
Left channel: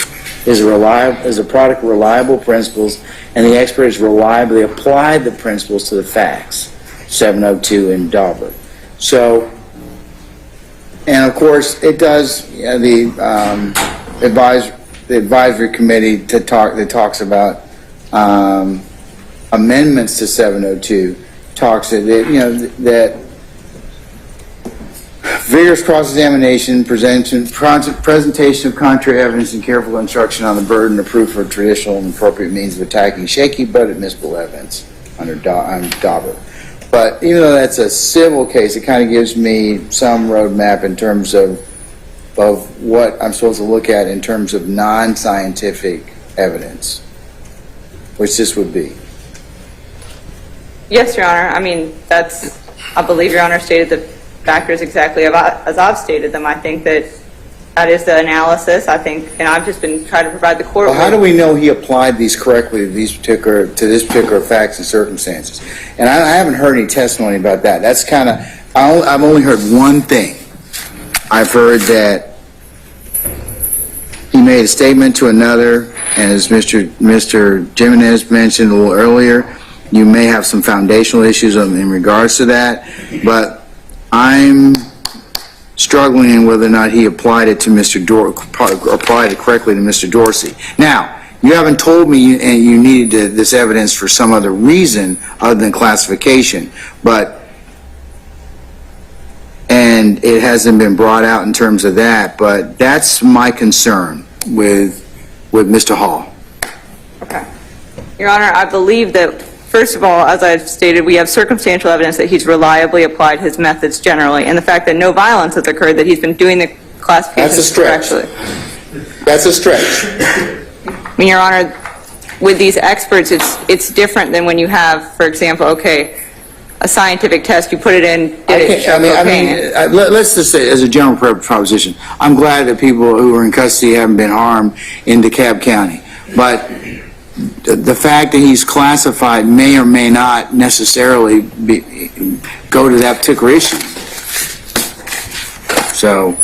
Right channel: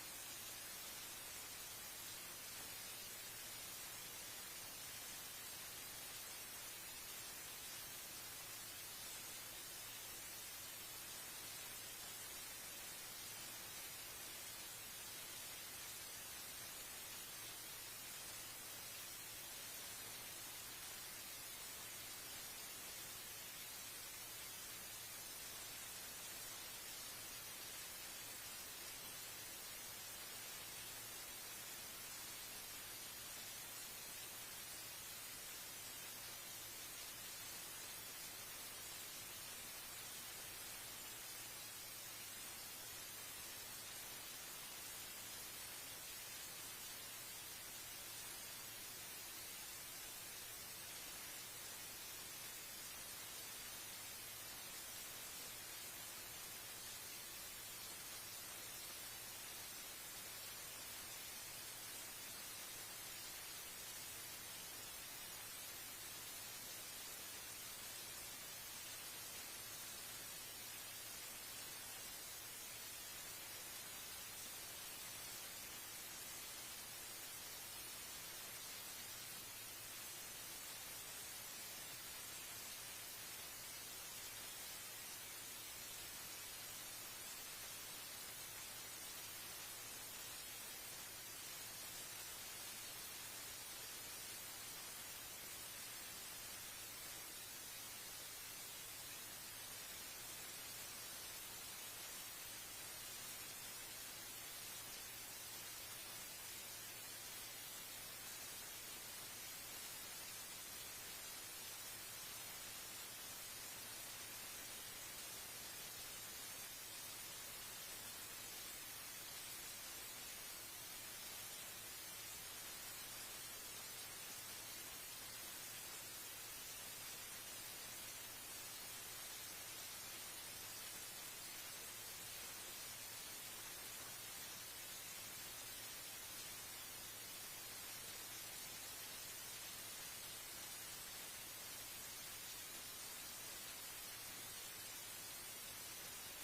is a product of reliable principles, and the expert has reliably applied the principles to the facts. 702 in Daubert. So, and of course, it does the advisory committee that talks about amendments to 702 talks that vigorous cross-examination, presentation of contrary evidence, and careful instruction on the burden of proof for traditional and appropriate means of attacking shaky but admissible evidence under Daubert. But even though that's a civil case, it kind of gives me some roadmap in terms of what I'm supposed to look at in terms of non-scientific evidence, which this would be. Yes, Your Honor. I believe Your Honor stated the factors exactly as I've stated them. I think that is the analysis. And I've just been trying to provide the court. Well, how do we know he applied these correctly to this particular facts and circumstances? And I haven't heard any testimony about that. That's kind of, I've only heard one thing. I've heard that he made a statement to another, and as Mr. Jimenez mentioned a little earlier, you may have some foundational issues in regards to that, but I'm struggling in whether or not he applied it to applied it correctly to Mr. Dorsey. Now, you haven't told me and you needed this evidence for some other reason other than classification, and it hasn't been brought out in terms of that, but that's my concern with Mr. Hall. Okay. Your Honor, I believe that, first of all, as I've stated, we have circumstantial evidence that he's reliably applied his methods generally, and the fact that no violence has occurred, that he's been doing the classifications correctly. That's a stretch. Your Honor, with these experts, it's different than when you have, for example, a scientific test, you put it in, let's just say, as a general proposition, I'm glad that people who are in custody haven't been harmed in DeKalb County, but the fact that he's classified may or may not necessarily go to that particular issue. So.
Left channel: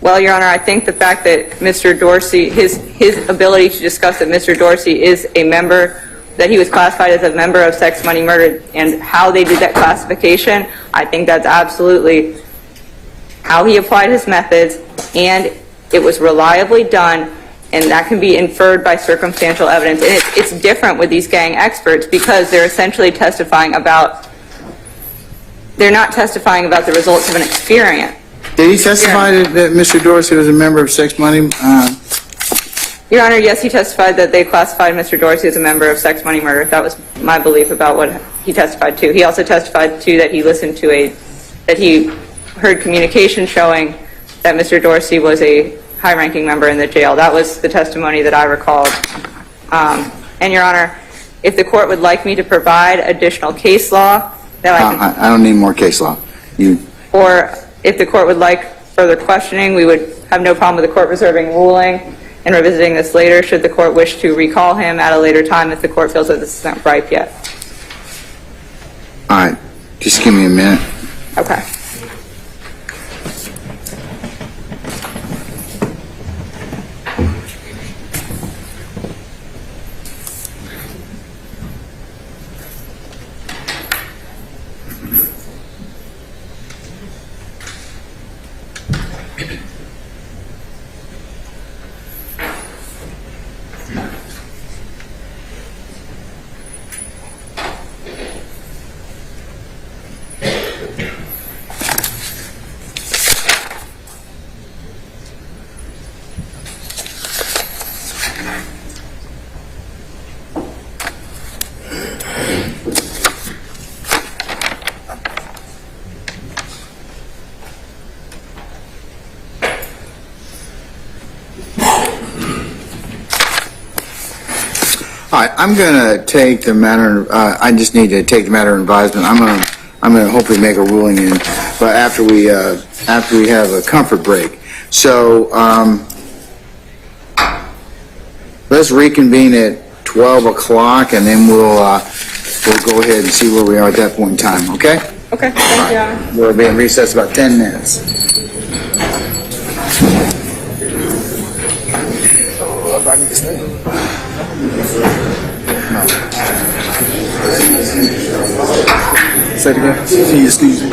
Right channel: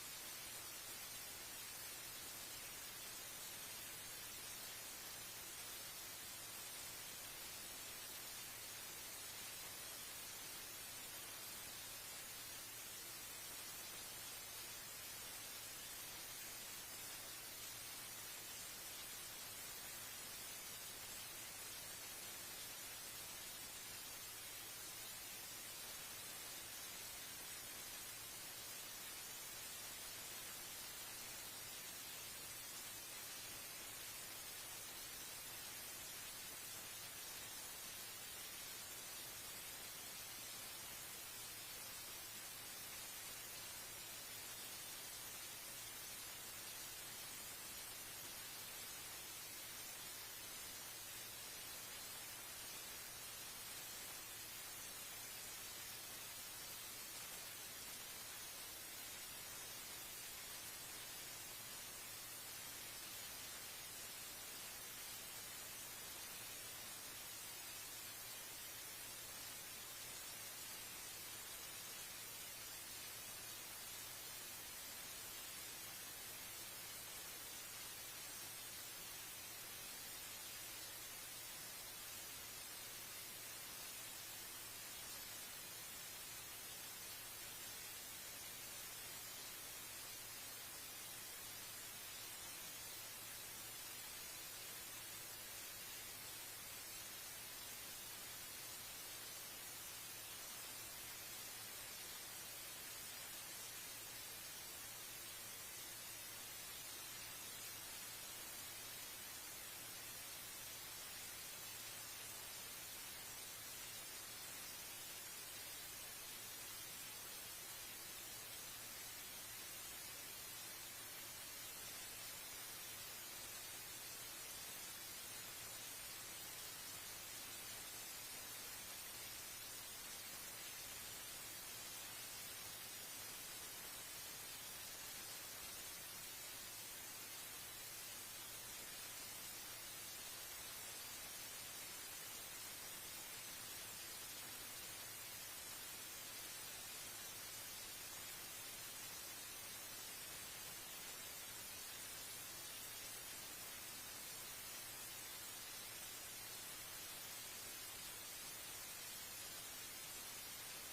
Well, Your Honor, I think the fact that Mr. Dorsey, his ability to discuss that Mr. Dorsey is a member, that he was classified as a member of Sex, Money, Murder, and how they did that classification, I think that's absolutely how he applied his methods, and it was reliably done, And that can be inferred by circumstantial evidence. And it's different with these gang experts because they're essentially testifying about, they're not testifying about the results of an experience. Did he testify that Mr. Dorsey was a member of Sex Money? Your Honor, yes, he testified that they classified Mr. Dorsey as a member of Sex, Money, Murder. That was my belief about what he testified to. He also testified to that he listened to that he heard communication showing that Mr. Dorsey was a high-ranking member in the jail. That was the testimony that I recalled. And Your Honor, if the court would like me to provide additional case law, that I can... I don't need more case law. Or if the court would like further questioning, we would have no problem with the court reserving ruling and revisiting this later should the court wish to recall him at a later time if the court feels that this is not ripe yet. All right. Just give me a minute. Okay. All right, I'm going to take the matter, I just need to take the matter of advisement. I'm going to hopefully make a ruling in, but after we have a comfort break. So, let's reconvene at 12 o'clock and then we'll go ahead and see where we are at that point in time, okay? Okay, thank you, Your Honor. We'll be in recess about 10 minutes. Say it again. Can you excuse me?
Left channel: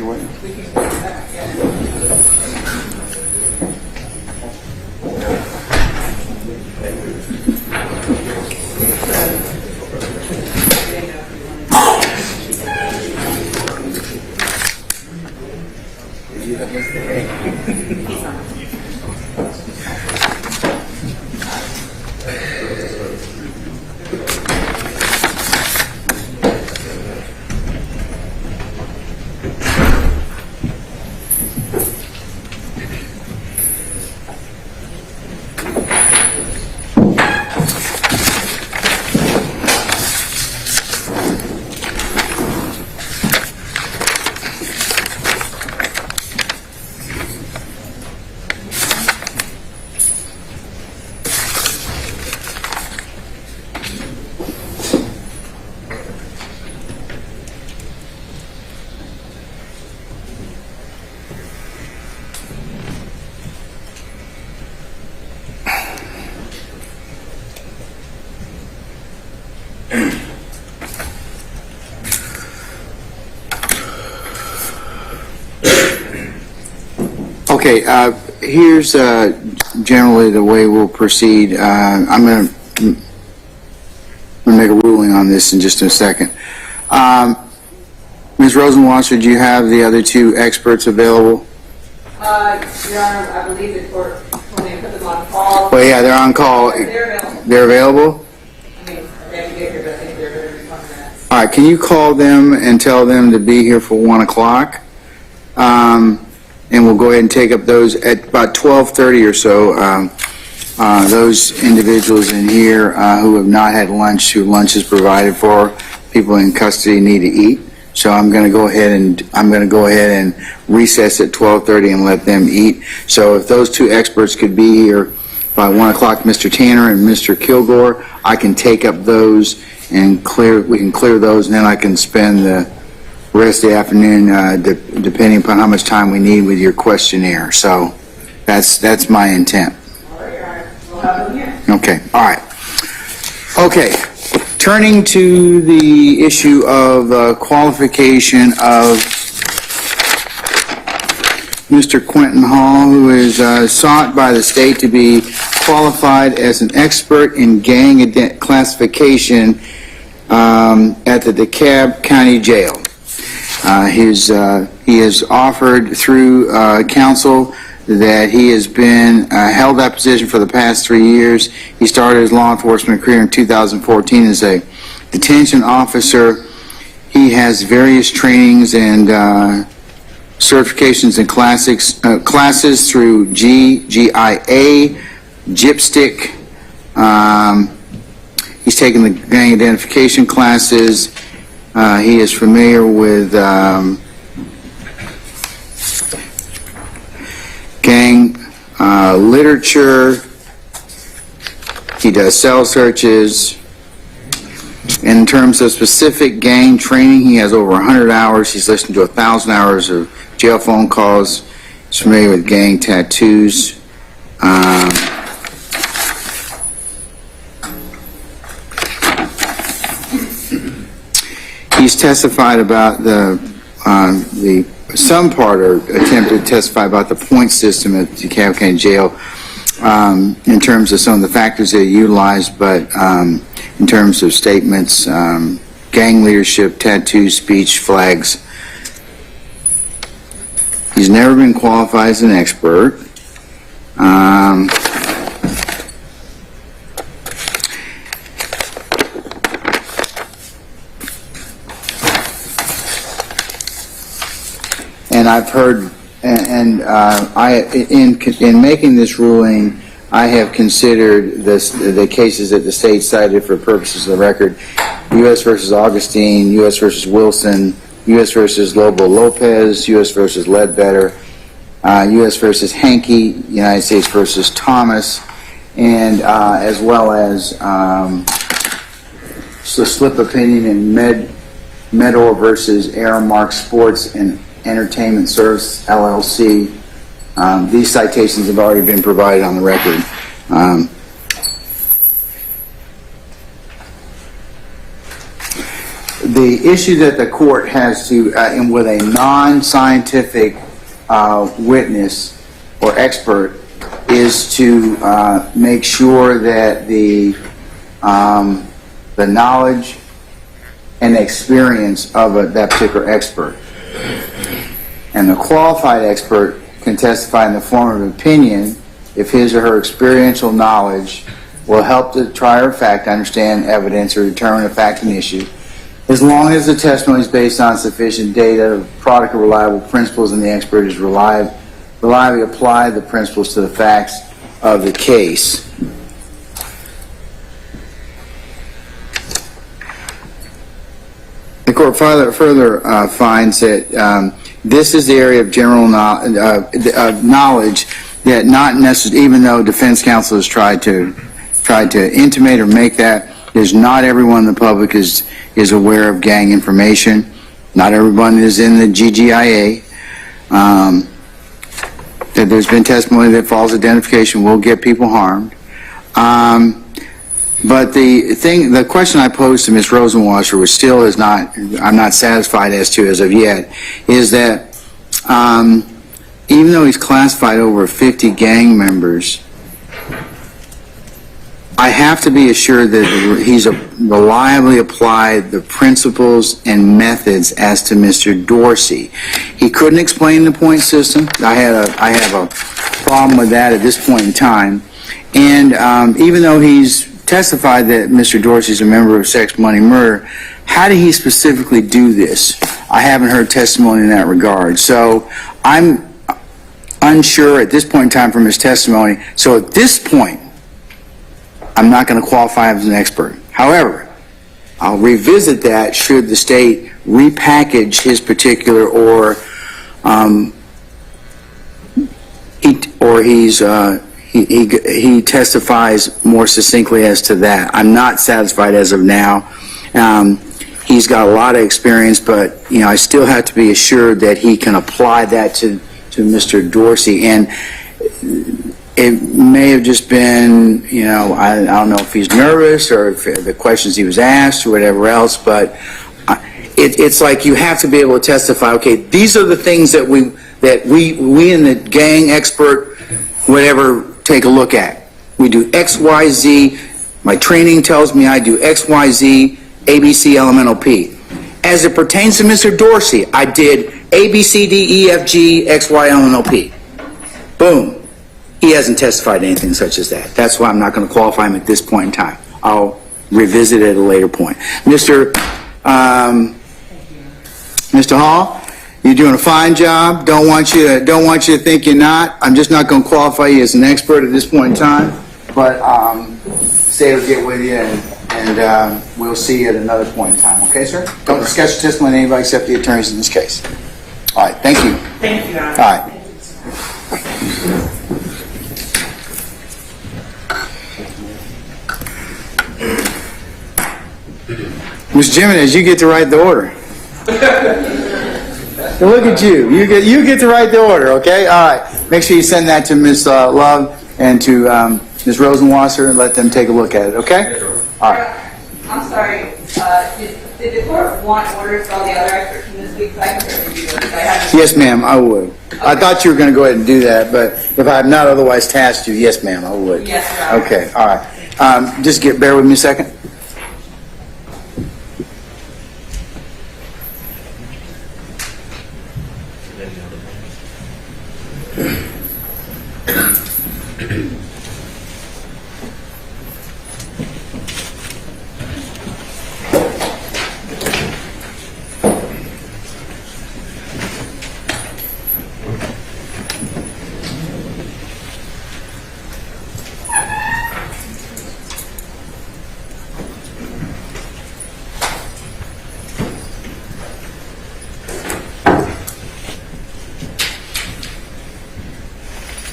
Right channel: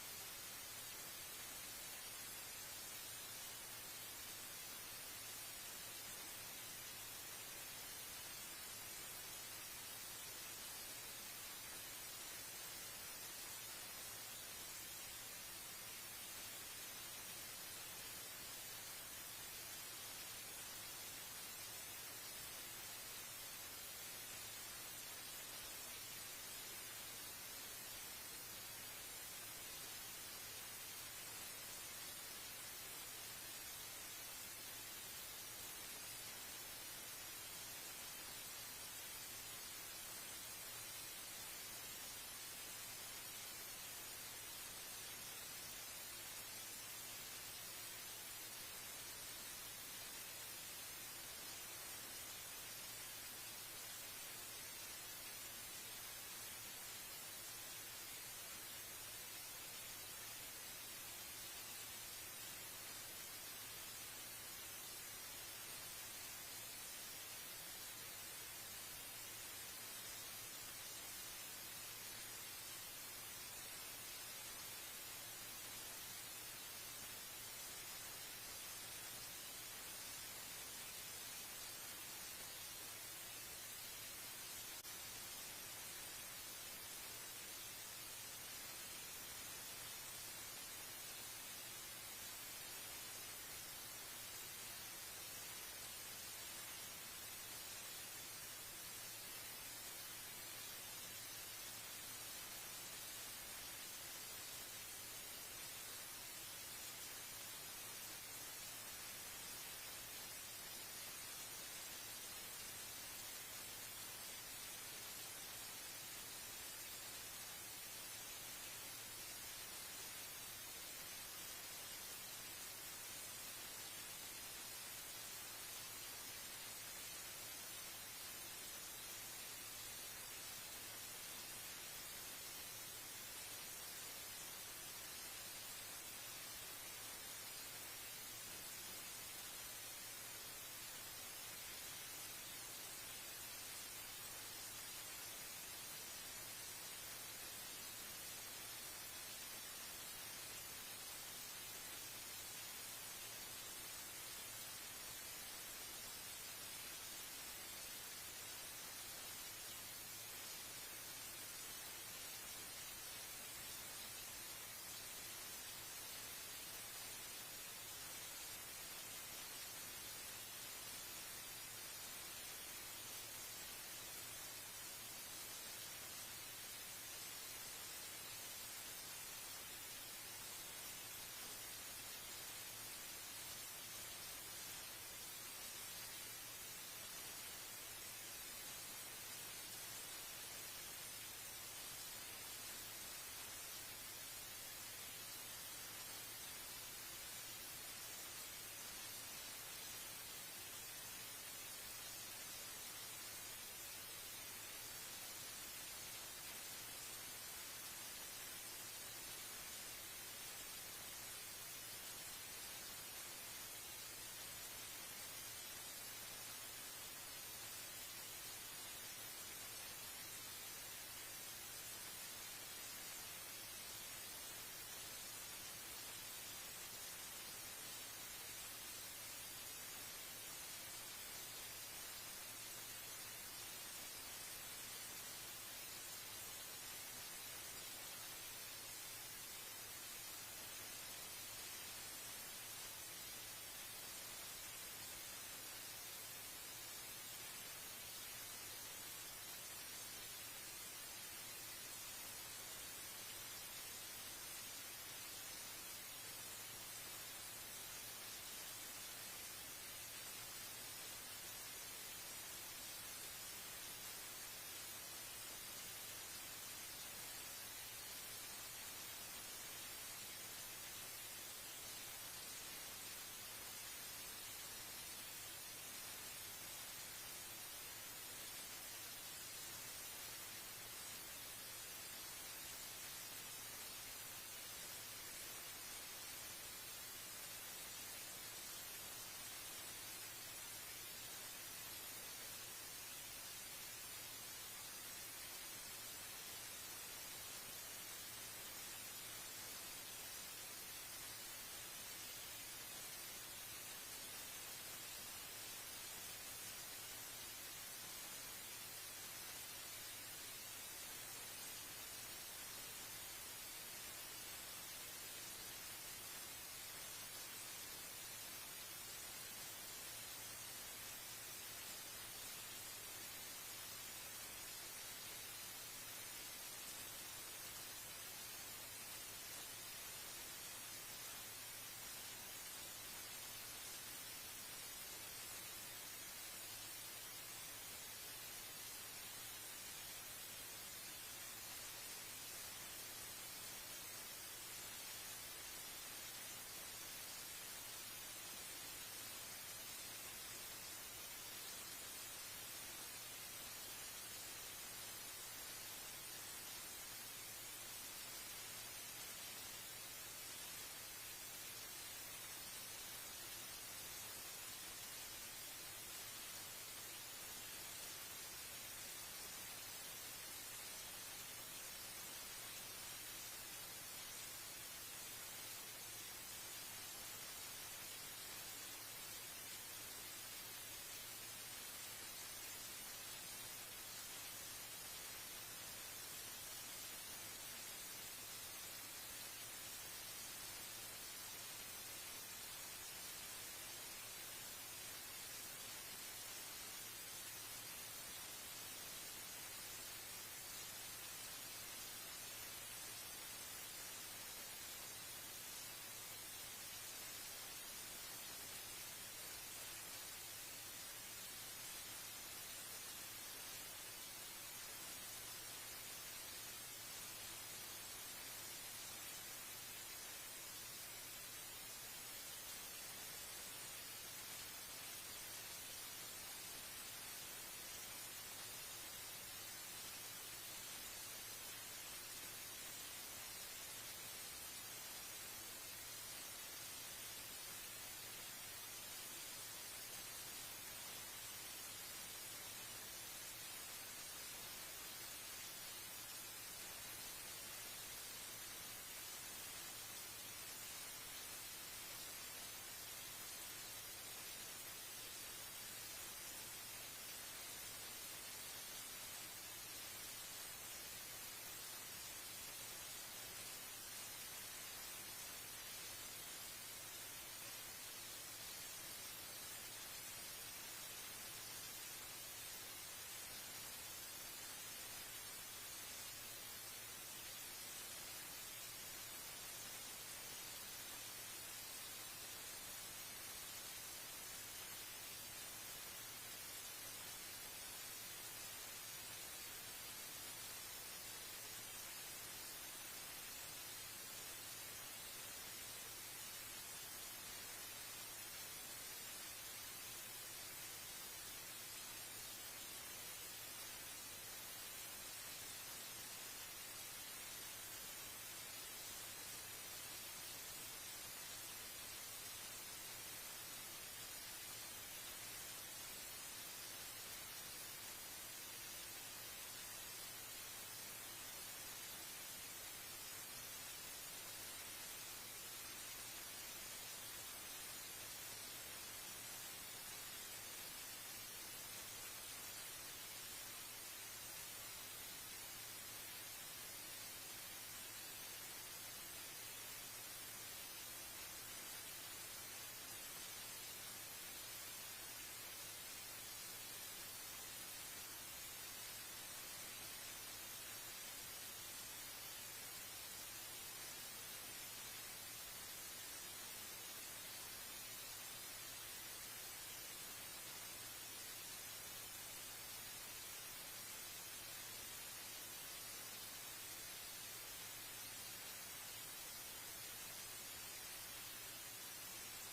your way. Okay, here's generally the way we'll proceed. I'm going to make a ruling on this in just a second. Ms. Rosenwasser, do you have the other two experts available? Your Honor, I believe the court told me to put them on call. Well, yeah, they're on call. They're available. They're available? I mean, they have to get here, but I think they're going to be 20 minutes. All right, can you call them and tell them to be here for 1 o'clock? And we'll go ahead and take up those at about 12:30 or so. Those individuals in here who have not had lunch, who lunch is provided for, people in custody need to eat. So I'm going to go ahead and recess at 12:30 and let them eat. So if those two experts could be here by 1 o'clock, Mr. Tanner and Mr. Kilgore, I can take up those and we can clear those, and then I can spend the rest of the afternoon, depending upon how much time we need with your questionnaire. So that's my intent. All right, Your Honor. We'll have them here. Okay, all right. Okay, turning to the issue of qualification of Mr. Quentin Hall, who is sought by the state to be qualified as an expert in gang classification at the DeKalb County Jail. He has offered through counsel that he has been held that position for the past 3 years. He started his law enforcement career in 2014 as a detention officer. He has various trainings and certifications and classes through GIA, GIPSTIC. He's taken the gang identification classes. He is familiar with gang literature. He does cell searches. In terms of specific gang training, he has over 100 hours. He's listened to 1,000 hours of jail phone calls. He's familiar with gang tattoos. He's testified about some part, or attempted to testify about the point system at the DeKalb County Jail in terms of some of the factors they utilized, but in terms of statements, gang leadership, tattoos, speech, flags. He's never been qualified as an expert. And I've heard, in making this ruling, I have considered the cases that the state cited for purposes of the record: U.S. versus Augustine, U.S. versus Wilson, U.S. versus Lobo Lopez, U.S. versus Ledbetter, U.S. versus Hankey, United States versus Thomas, and as well as the slip opinion in Medor versus Aramark Sports and Entertainment Service, LLC. These citations have already been provided on the record. the issue that the court has to, and with a non-scientific witness or expert, is to make sure that the knowledge and experience of that particular expert. And the qualified expert can testify in the form of opinion if his or her experiential knowledge will help the trier of fact understand evidence or determine a fact and issue, as long as the testimony is based on sufficient data, product of reliable principles, and the expert has reliably applied the principles to the facts of the case. The court further finds that this is the area of general knowledge that not necessarily, even though defense counsel has tried to intimate or make that, is not everyone in the public is aware of gang information. Not everyone is in the GGIA. That there's been testimony that false identification will get people harmed. But the question I posed to Ms. Rosenwasser, which still is not, I'm not satisfied as to as of yet, is that even though he's classified over 50 gang members, I have to be assured that he's reliably applied the principles and methods as to Mr. Dorsey. He couldn't explain the point system. I have a problem with that at this point in time. And even though he's testified that Mr. Dorsey's a member of Sex, Money, Murder, how did he specifically do this? I haven't heard testimony in that regard. So I'm unsure at this point in time from his testimony. So at this point, I'm not going to qualify him as an expert. However, I'll revisit that should the state repackage his particular he testifies more succinctly as to that. I'm not satisfied as of now. He's got a lot of experience, but I still have to be assured that he can apply that to Mr. Dorsey. And it may have just been, I don't know if he's nervous or if the questions he was asked or whatever else, but it's like you have to be able to testify, okay, these are the things that we in the gang expert, whatever, take a look at. We do X, Y, Z. My training tells me I do X, Y, Z, A, B, C, L, M, N, O, P. As it pertains to Mr. Dorsey, I did A, B, C, D, E, F, G, X, Y, L, M, N, O, P. Boom. He hasn't testified anything such as that. That's why I'm not going to qualify him at this point in time. I'll revisit it at a later point. Mr. Hall, you're doing a fine job. Don't want you to think you're not. I'm just not going to qualify you as an expert at this point in time. But State will get with you, and we'll see you at another point in time. Okay, sir? Don't discuss your testimony with anybody except the attorneys in this case. All right. Thank you. Thank you, Your Honor. All right. Ms. Jimenez, you get to write the order. Look at you. You get to write the order, okay? All right. Make sure you send that to Ms. Love and to Ms. Rosenwasser and let them take a look at it, okay? All right. I'm sorry, did the court want orders for all the other experts from this week? So I can certainly do those. Yes, ma'am, I would. Okay. I thought you were going to go ahead and do that, but if I have not otherwise tasked you, yes, ma'am, I would. Yes, Your Honor. Okay, all right. Just bear with me a second.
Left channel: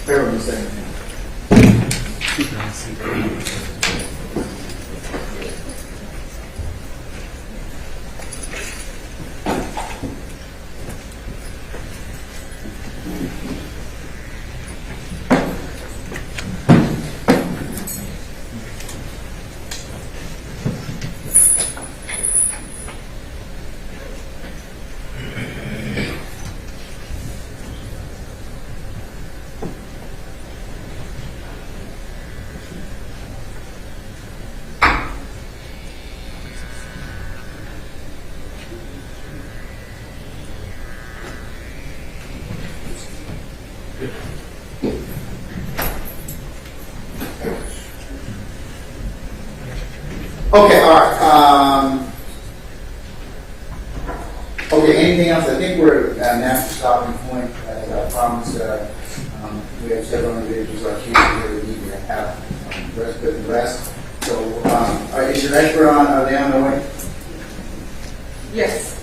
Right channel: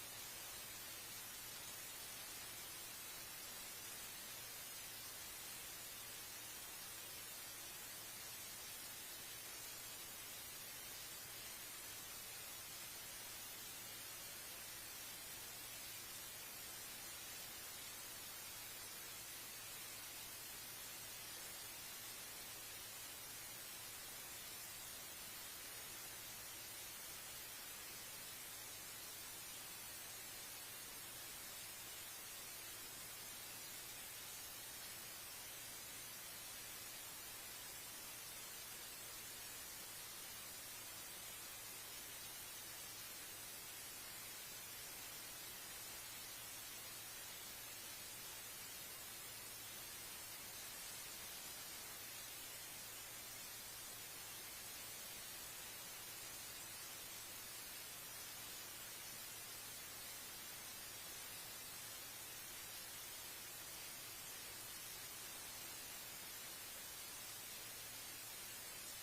Bear with me a second. Okay, all right. Okay, anything else? I think we're at a natural stopping point. As I promised, we have several individuals on here that we need to have put the rest. So, is your expert on, are they on the way? Yes.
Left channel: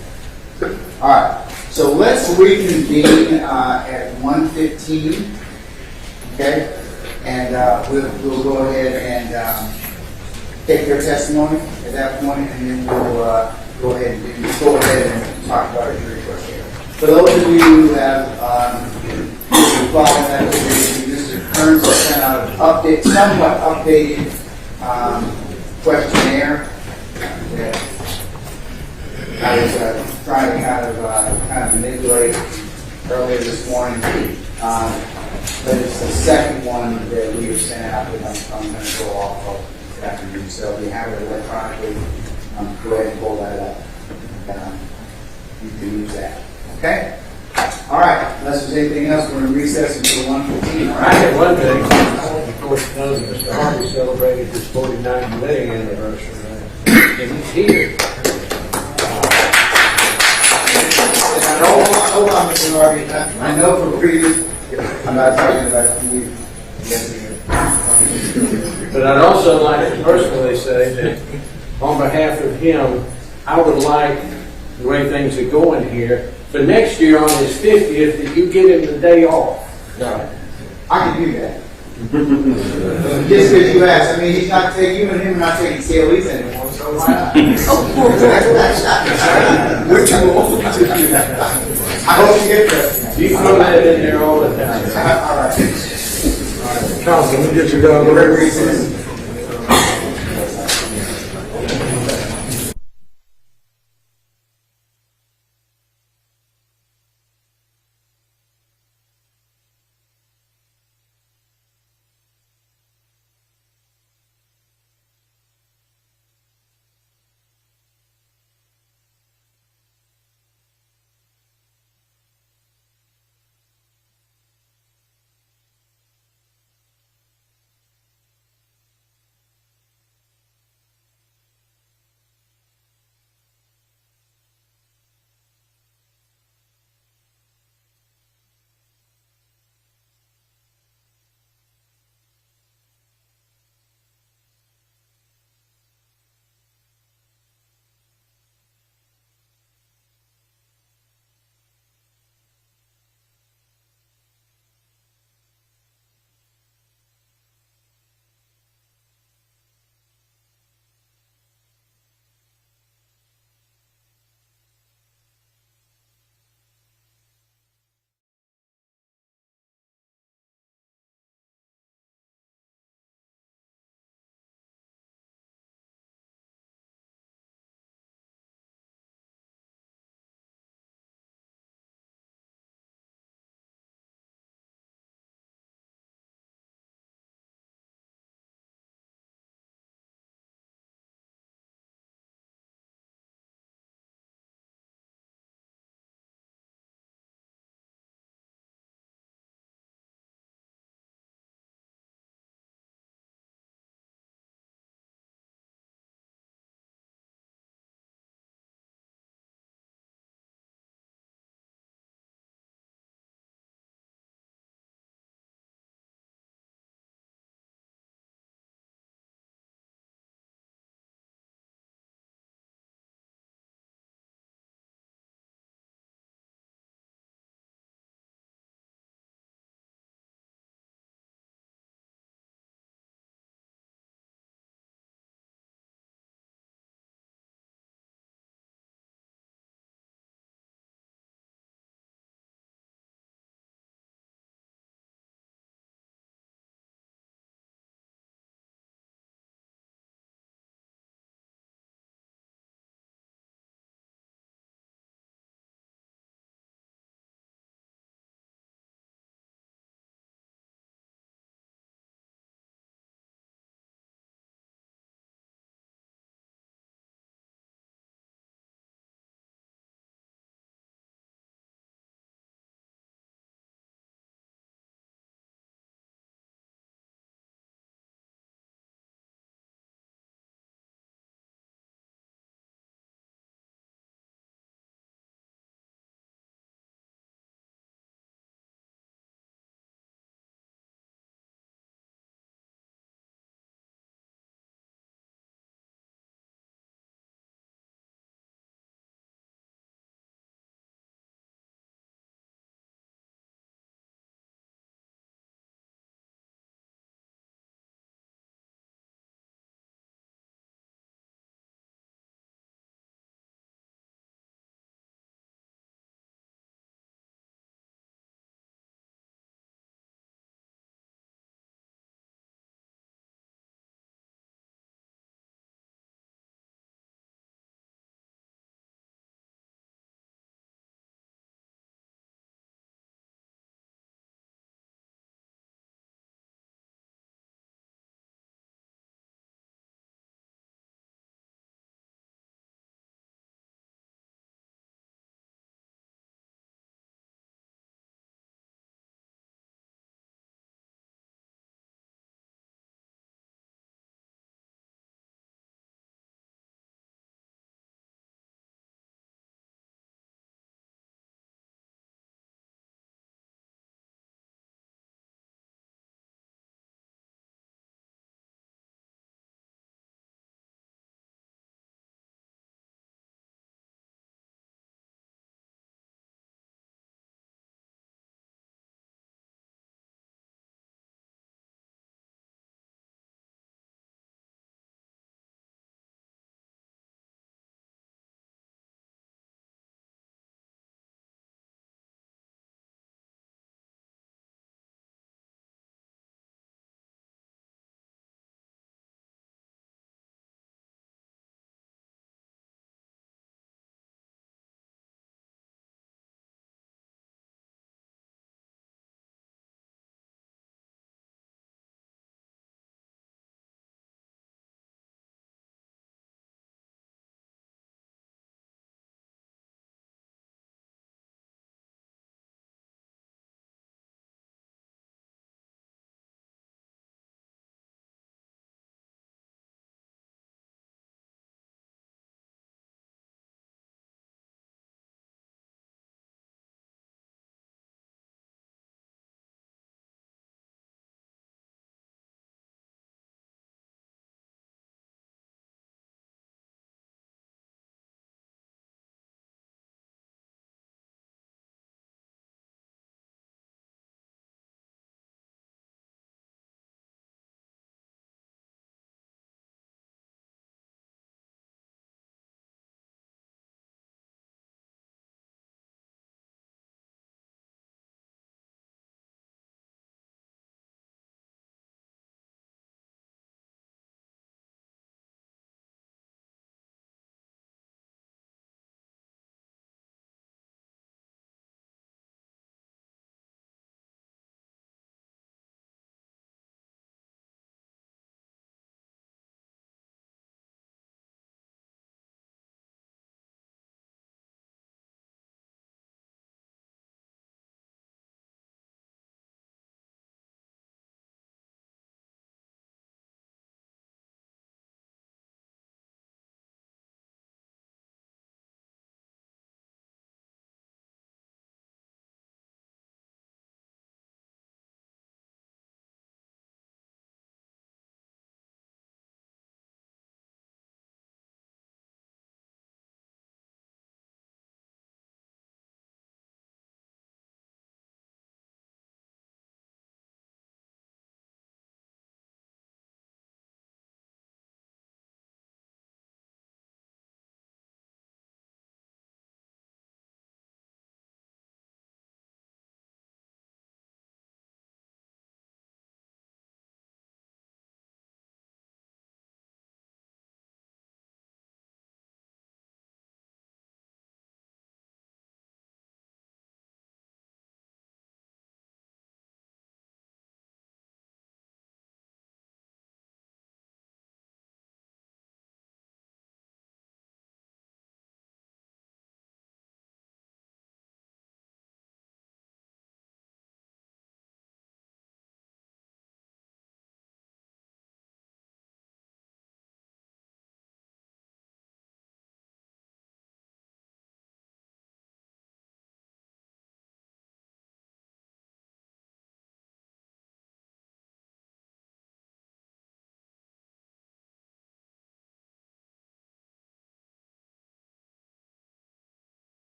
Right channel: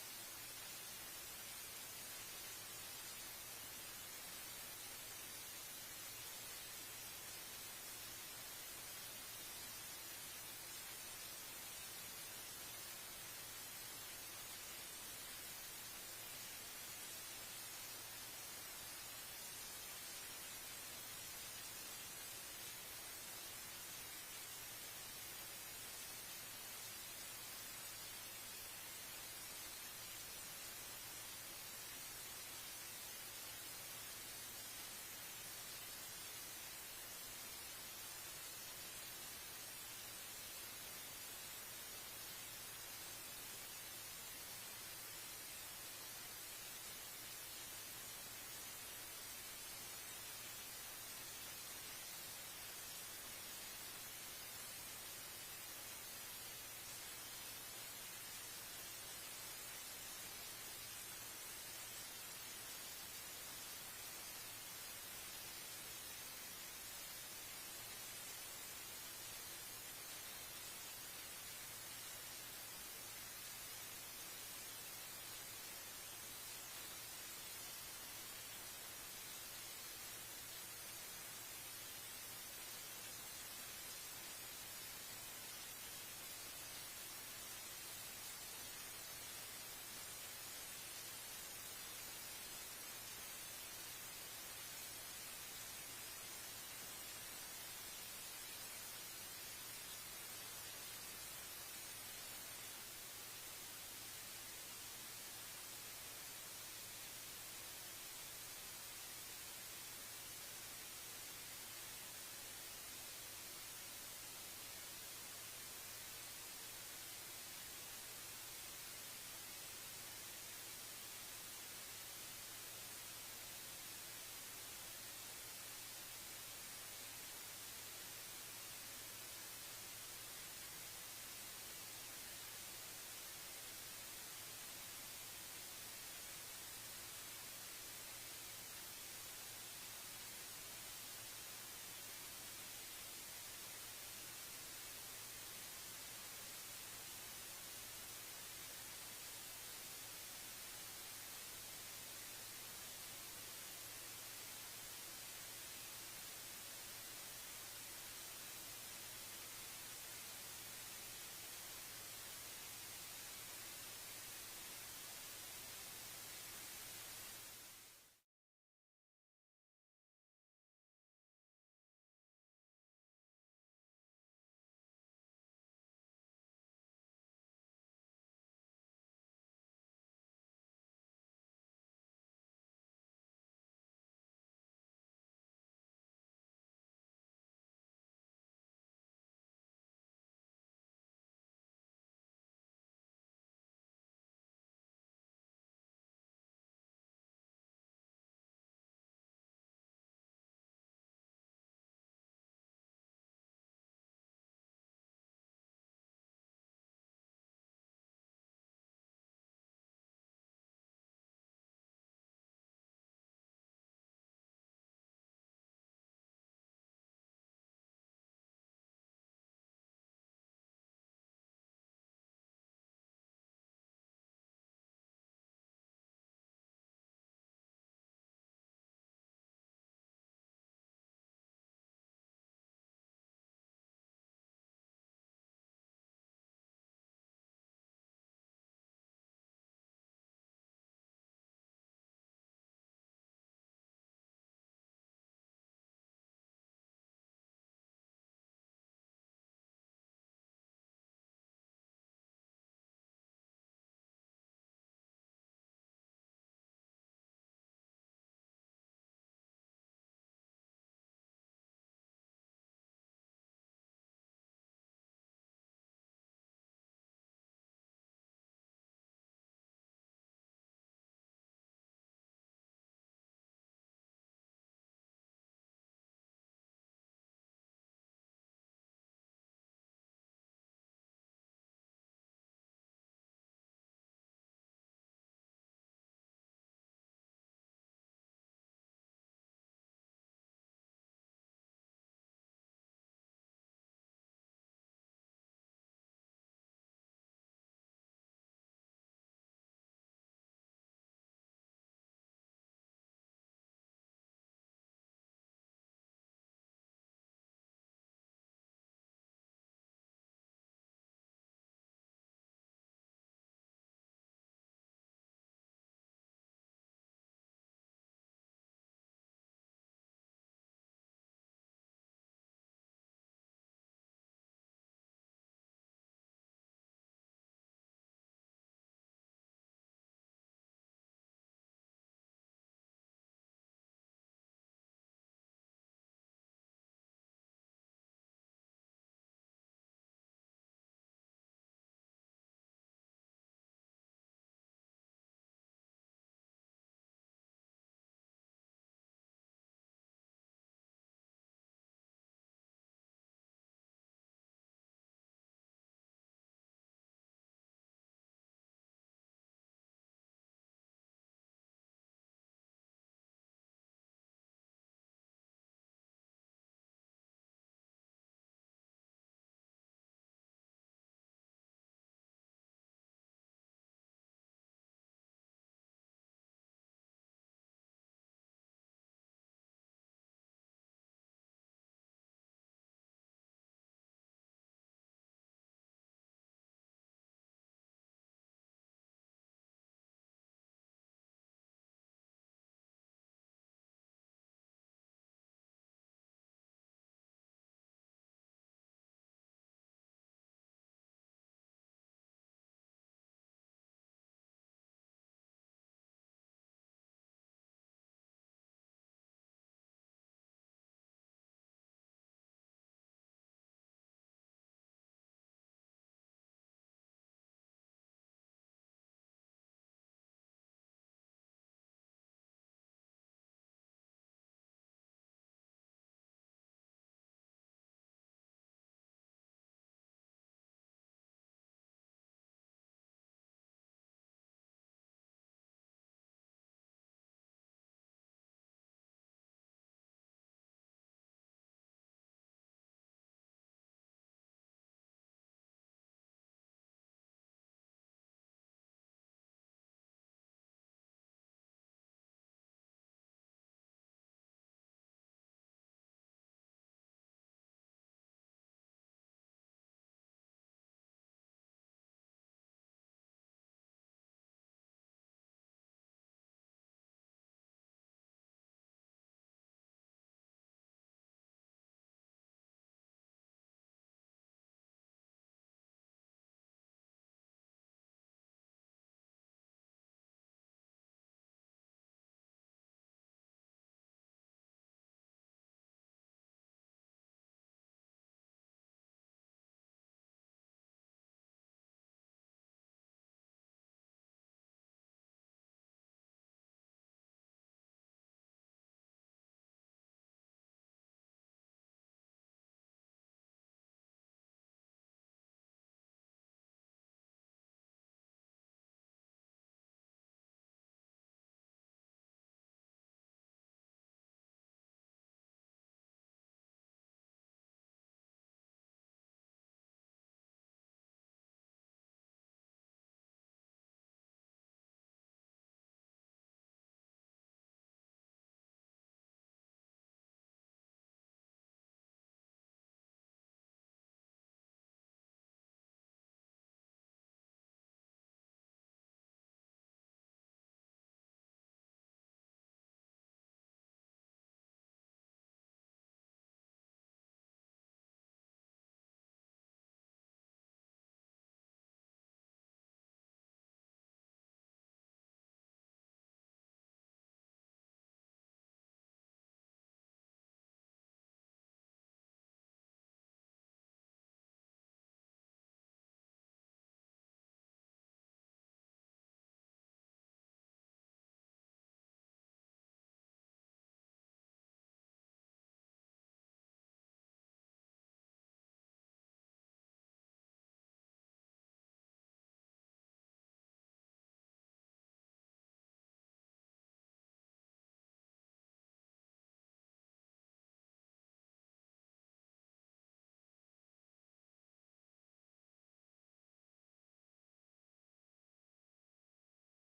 All right. So let's reconvene at 1:15. Okay, and we'll go ahead and take their testimony at that point, and then we'll go ahead and talk about our jury question. For those of you who have followed that, Mr. Kearns has sent out an somewhat updated questionnaire that I was trying to kind of manipulate earlier this morning. But it's the second one that we have sent out that I'm going to go off of this afternoon. So if you have it electronically, go ahead and pull that up. You can use that. Okay? All right. Unless there's anything else, we're going to recess until 1:15. All I right? had one thing. Of course, knows that Mr. Harvey celebrated his 49th wedding anniversary, and he's here. Hold on, Mr. Harvey. I know from previous, I'm not talking about you. But I'd also like to personally say that on behalf of him, I would like, the way things are going here, for next year on his 50th, that you give him the day off. No. I can do that. Just because you asked. I mean, he's not taking, you and him are not taking CLEs anymore, so why not? We're too old to do that. I hope you get that. You throw that in there all the time. All right. Council, let me get you down. We're at recess.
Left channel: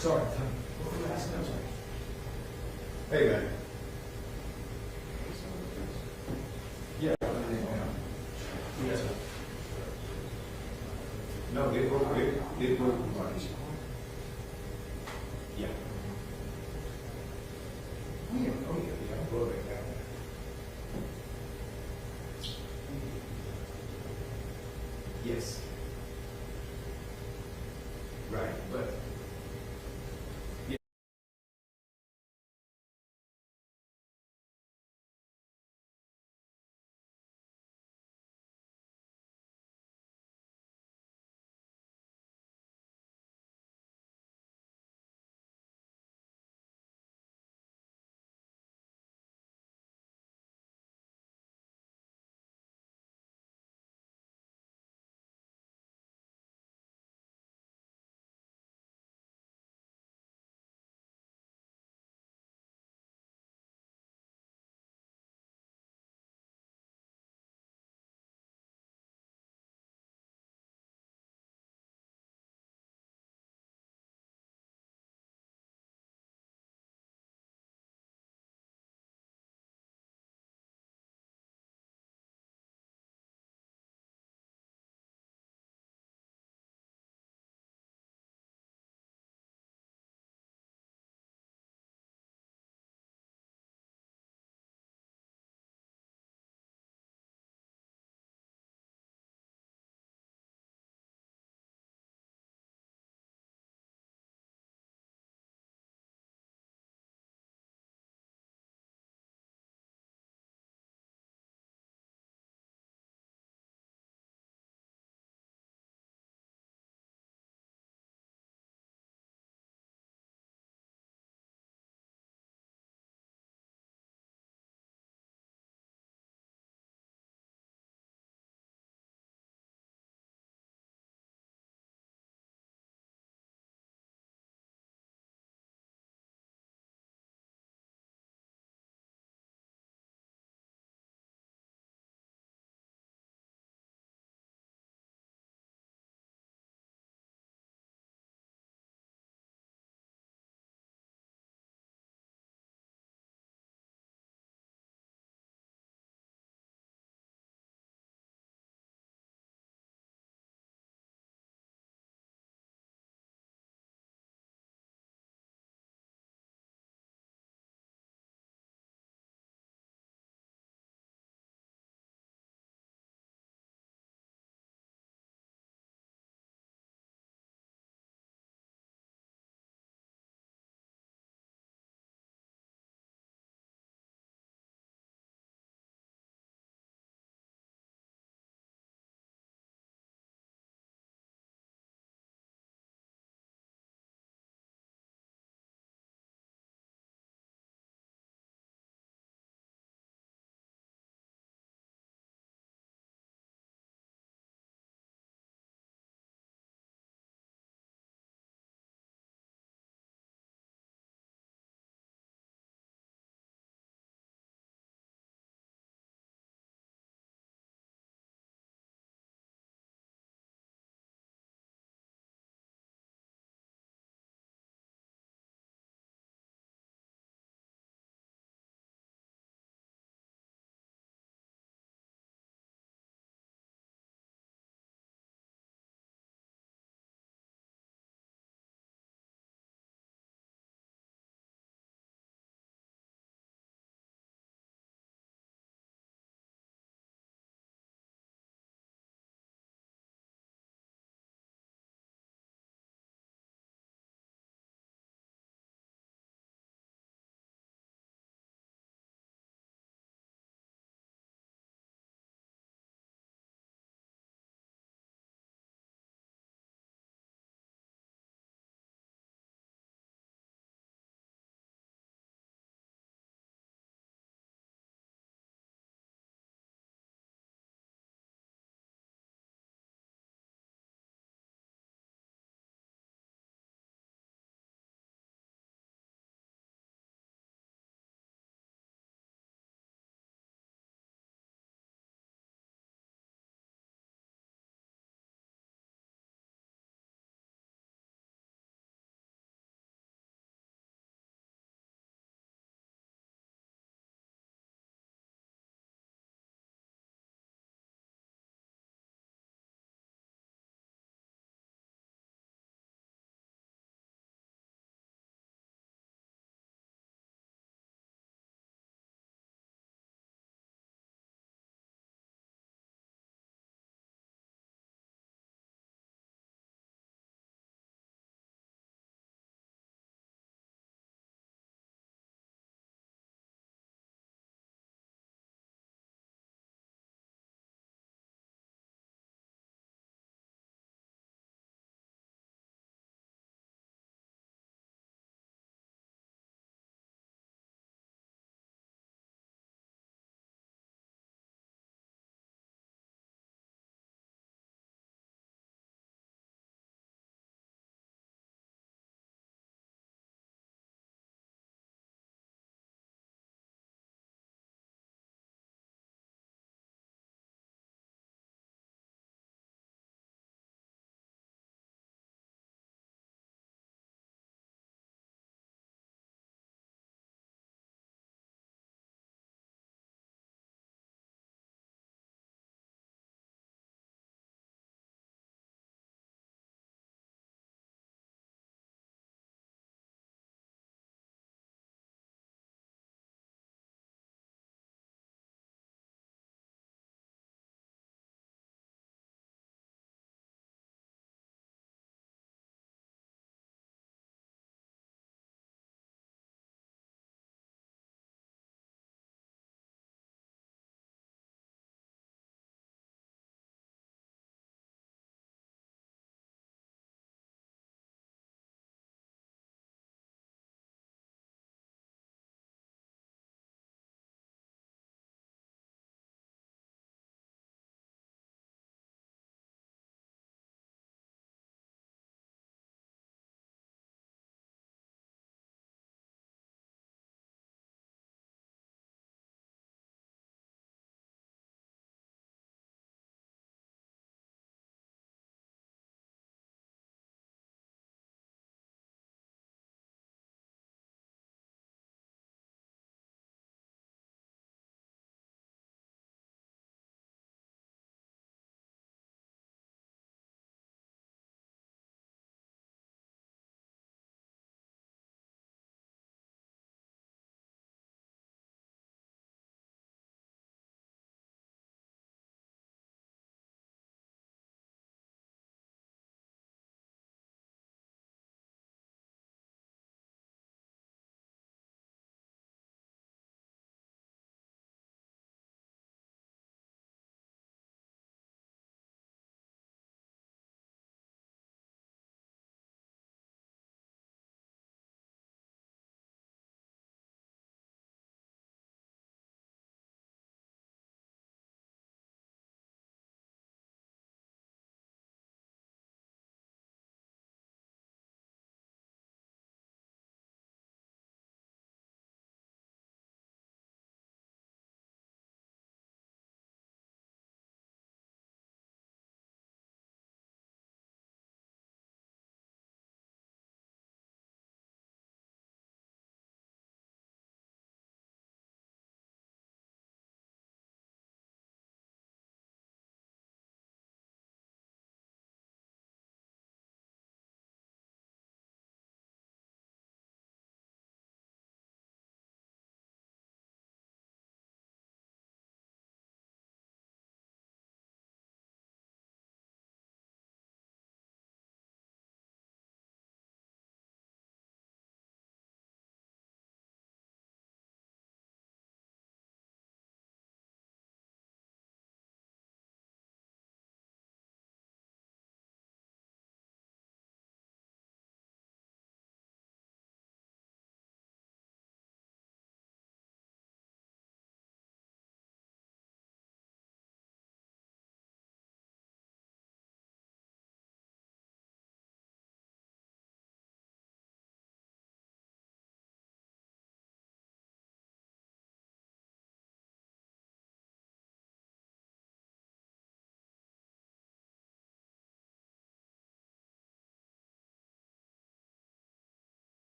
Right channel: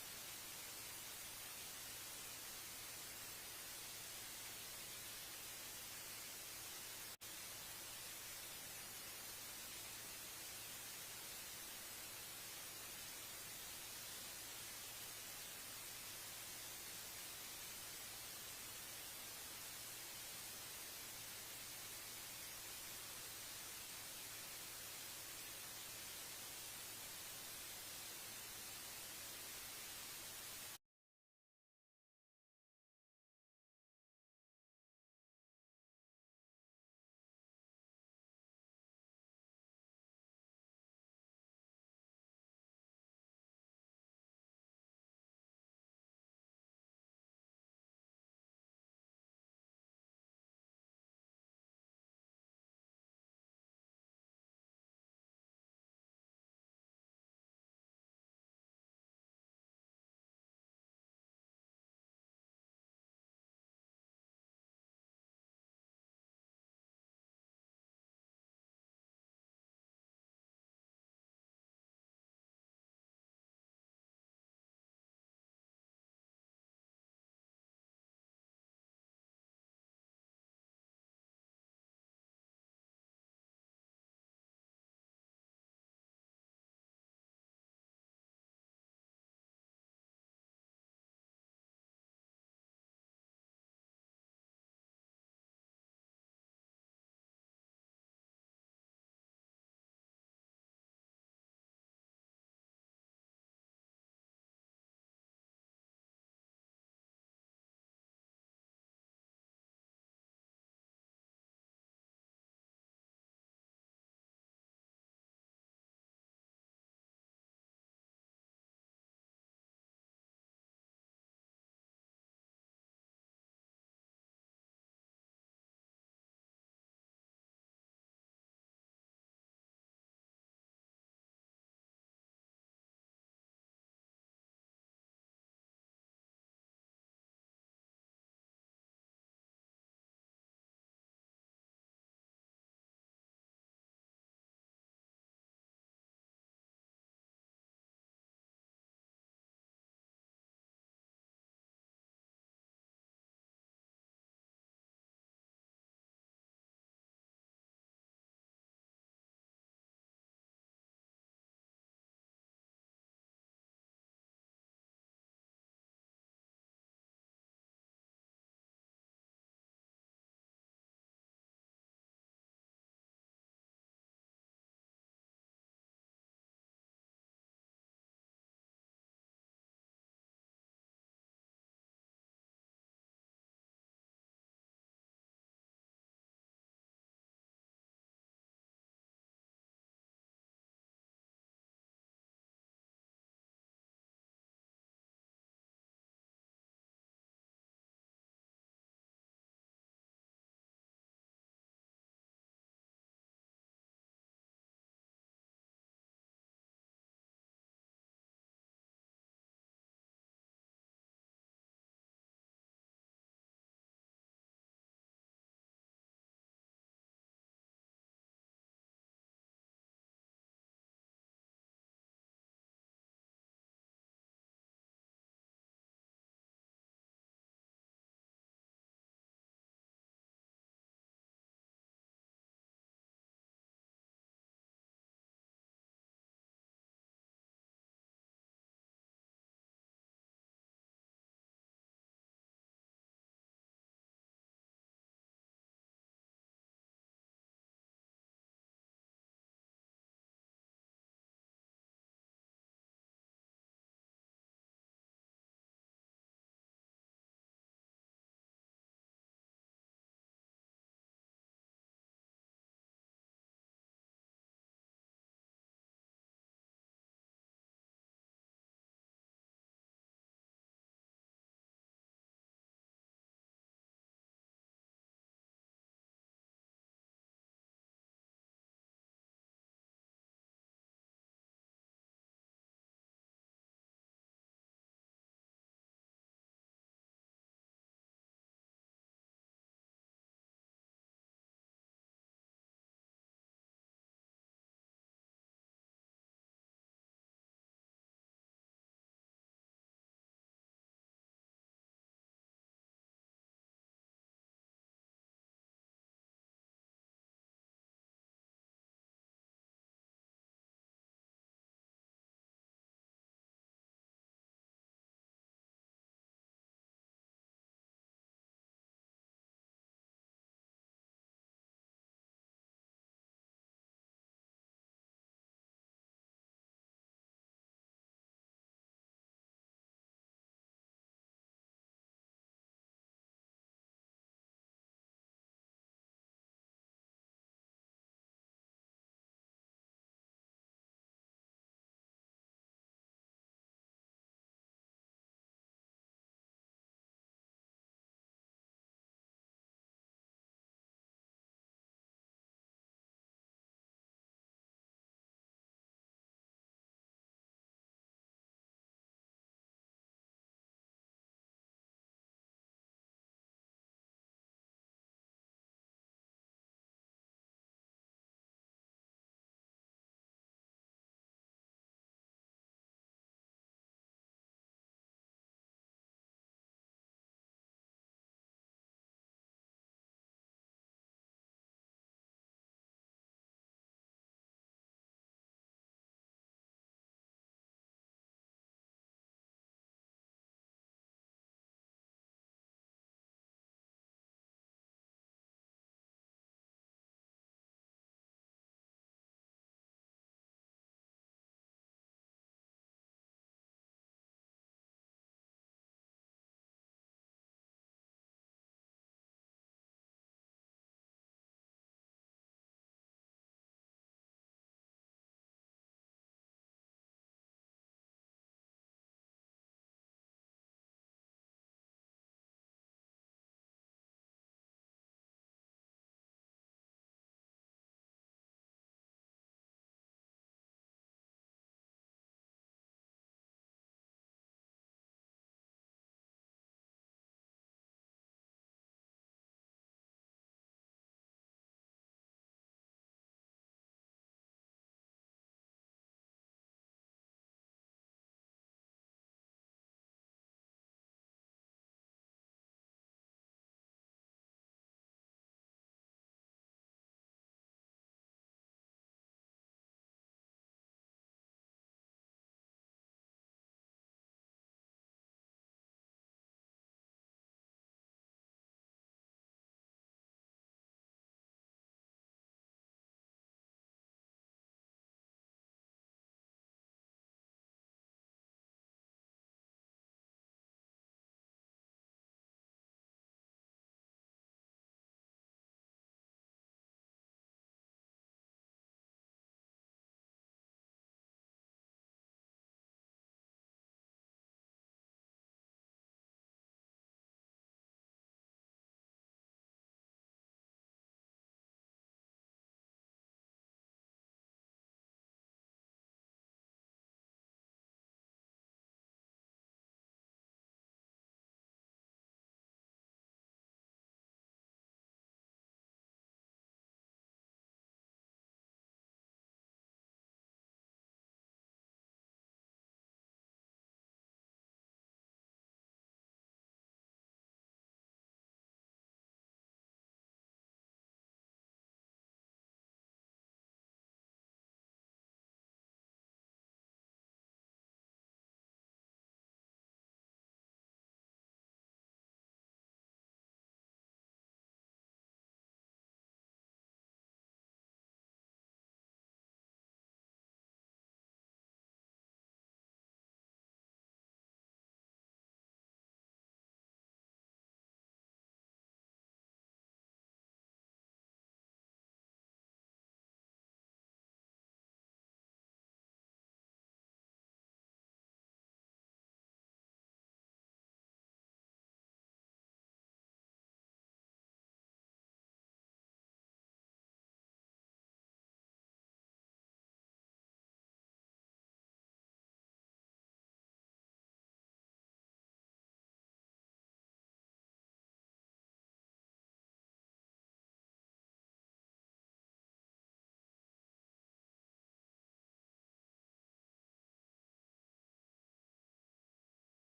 Sorry. Hey, man. Yeah. Yes, sir. No, get broke. Yeah. Yes. Right, but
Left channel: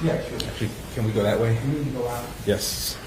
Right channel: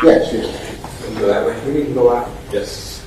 Yes, we need to go out. Yes.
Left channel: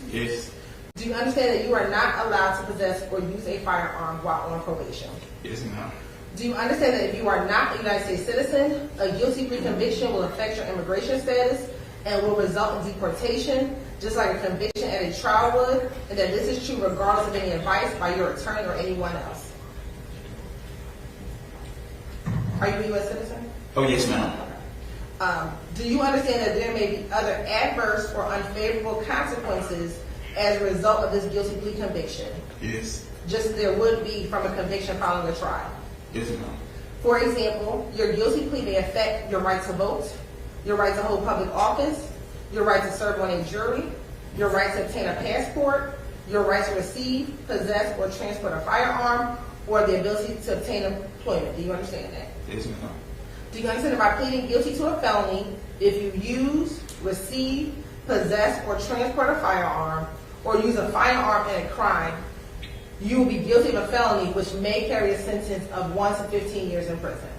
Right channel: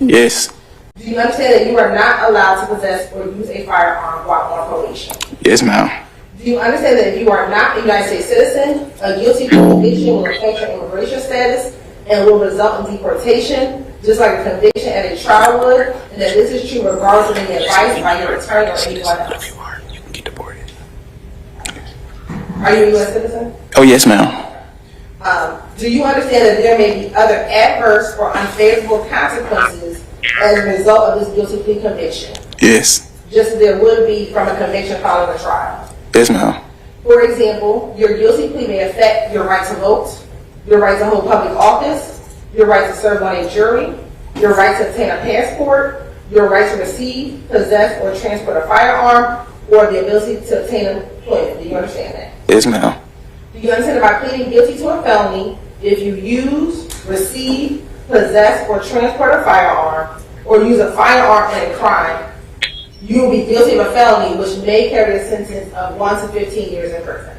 Yes. Do you understand that you are not allowed to possess or use a firearm while on probation? Yes, ma'am. Do you understand that you are not a United States citizen? A guilty conviction will affect your immigration status and will result in deportation, just like a conviction at a trial would, and that this is true regardless of any advice by your attorney or anyone else. You can get deported. Are you a U.S. citizen? Oh, yes, ma'am. Do you understand that there may be other adverse or unfavorable consequences as a result of this guilty plea conviction, Yes. just as there would be from a conviction following a trial? Yes, ma'am. For example, your guilty plea may affect your right to vote, your right to hold public office, your right to serve on a jury, your right to obtain a passport, your right to receive, possess, or transport a firearm, or the ability to obtain employment. Do you understand that? Yes, ma'am. Do you understand that by pleading guilty to a felony, if you use, receive, possess, or transport a firearm, or use a firearm in a crime, you will be guilty of a felony which may carry a sentence of 1 to 15 years in prison?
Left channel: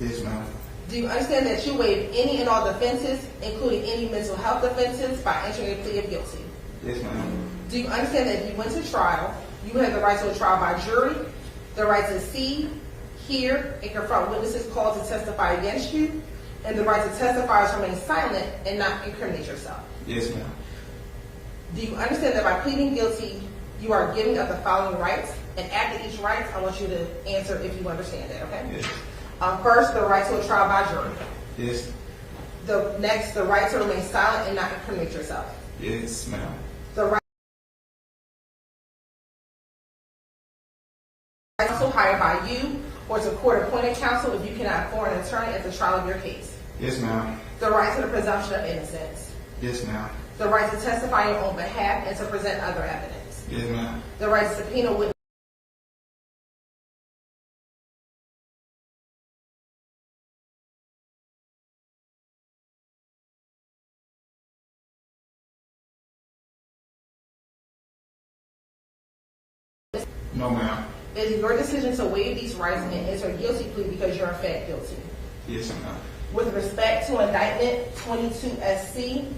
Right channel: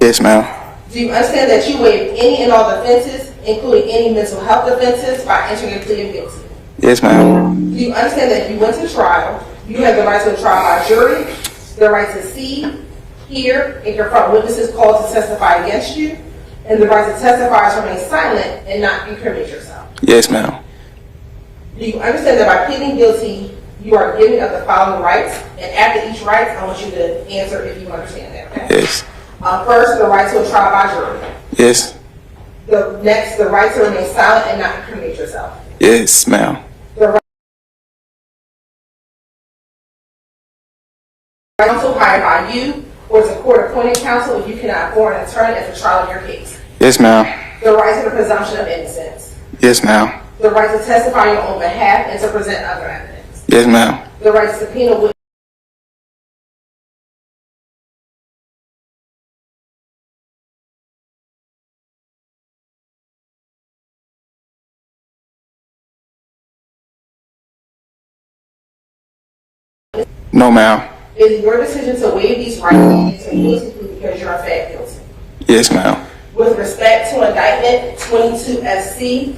Yes, ma'am. Do you understand that you waive any and all offenses, including any mental health offenses, by entering a plea of guilty? Yes, ma'am. Do you understand that if you went to trial, you have the right to a trial by jury, the right to see, hear, and confront witnesses called to testify against you, and the right to testify to remain silent and not incriminate yourself? Yes, ma'am. Do you understand that by pleading guilty, you are giving up the following rights, and after each right, I want you to answer if you understand that, okay? Yes. First, the right to a trial by jury. Yes. Next, the right to remain silent and not incriminate yourself. Yes, ma'am. The right counsel hired by you or to court-appointed counsel if you cannot afford an attorney at the trial of your case. Yes, ma'am. The right to the presumption of innocence. Yes, ma'am. The right to testify on your own behalf and to present other evidence. Yes, ma'am. The right to subpoena witnesses. No, ma'am. It is your decision to waive these rights and enter a guilty plea because you're in fact guilty. Yes, ma'am. With respect to indictment 22 FC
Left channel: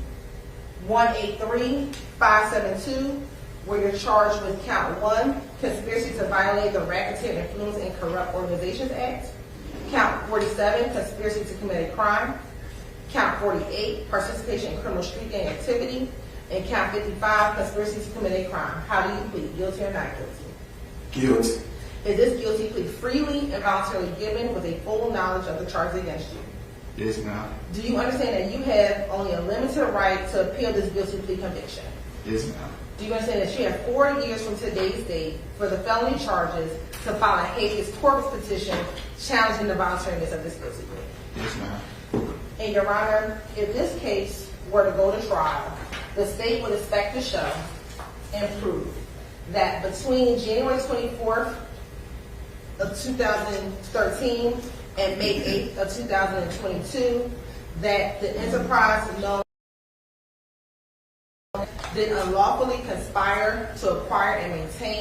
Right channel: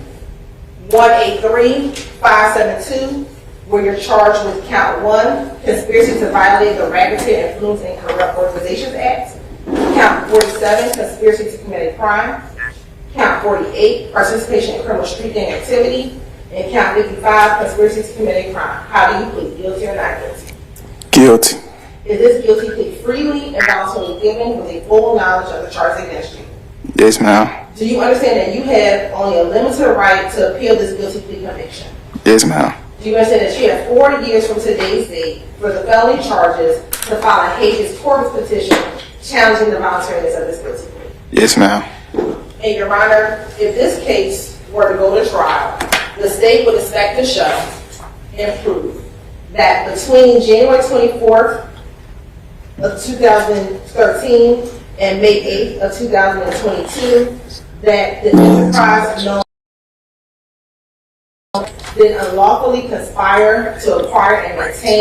183572, where you're charged with count 1, conspiracy to violate the Racketeer Influence and Corrupt Organizations Act, count 47, conspiracy to commit a crime, count 48, participation in criminal street gang activity, and count 55, conspiracy to commit a crime. How do you plead, guilty or not guilty? Guilty. Is this guilty plea freely and voluntarily given with a full knowledge of the charges against you? Yes, ma'am. Do you understand that you have only a limited right to appeal this guilty plea conviction? Yes, ma'am. Do you understand that you have 4 years from today's date for the felony charges to file a habeas corpus petition challenging the voluntariness of this guilty plea? Yes, ma'am. And Your Honor, if this case were to go to trial, the state would expect to show and prove that between January 24th of 2013 and May 8th of 2022, that the enterprise known did unlawfully conspire to acquire and maintain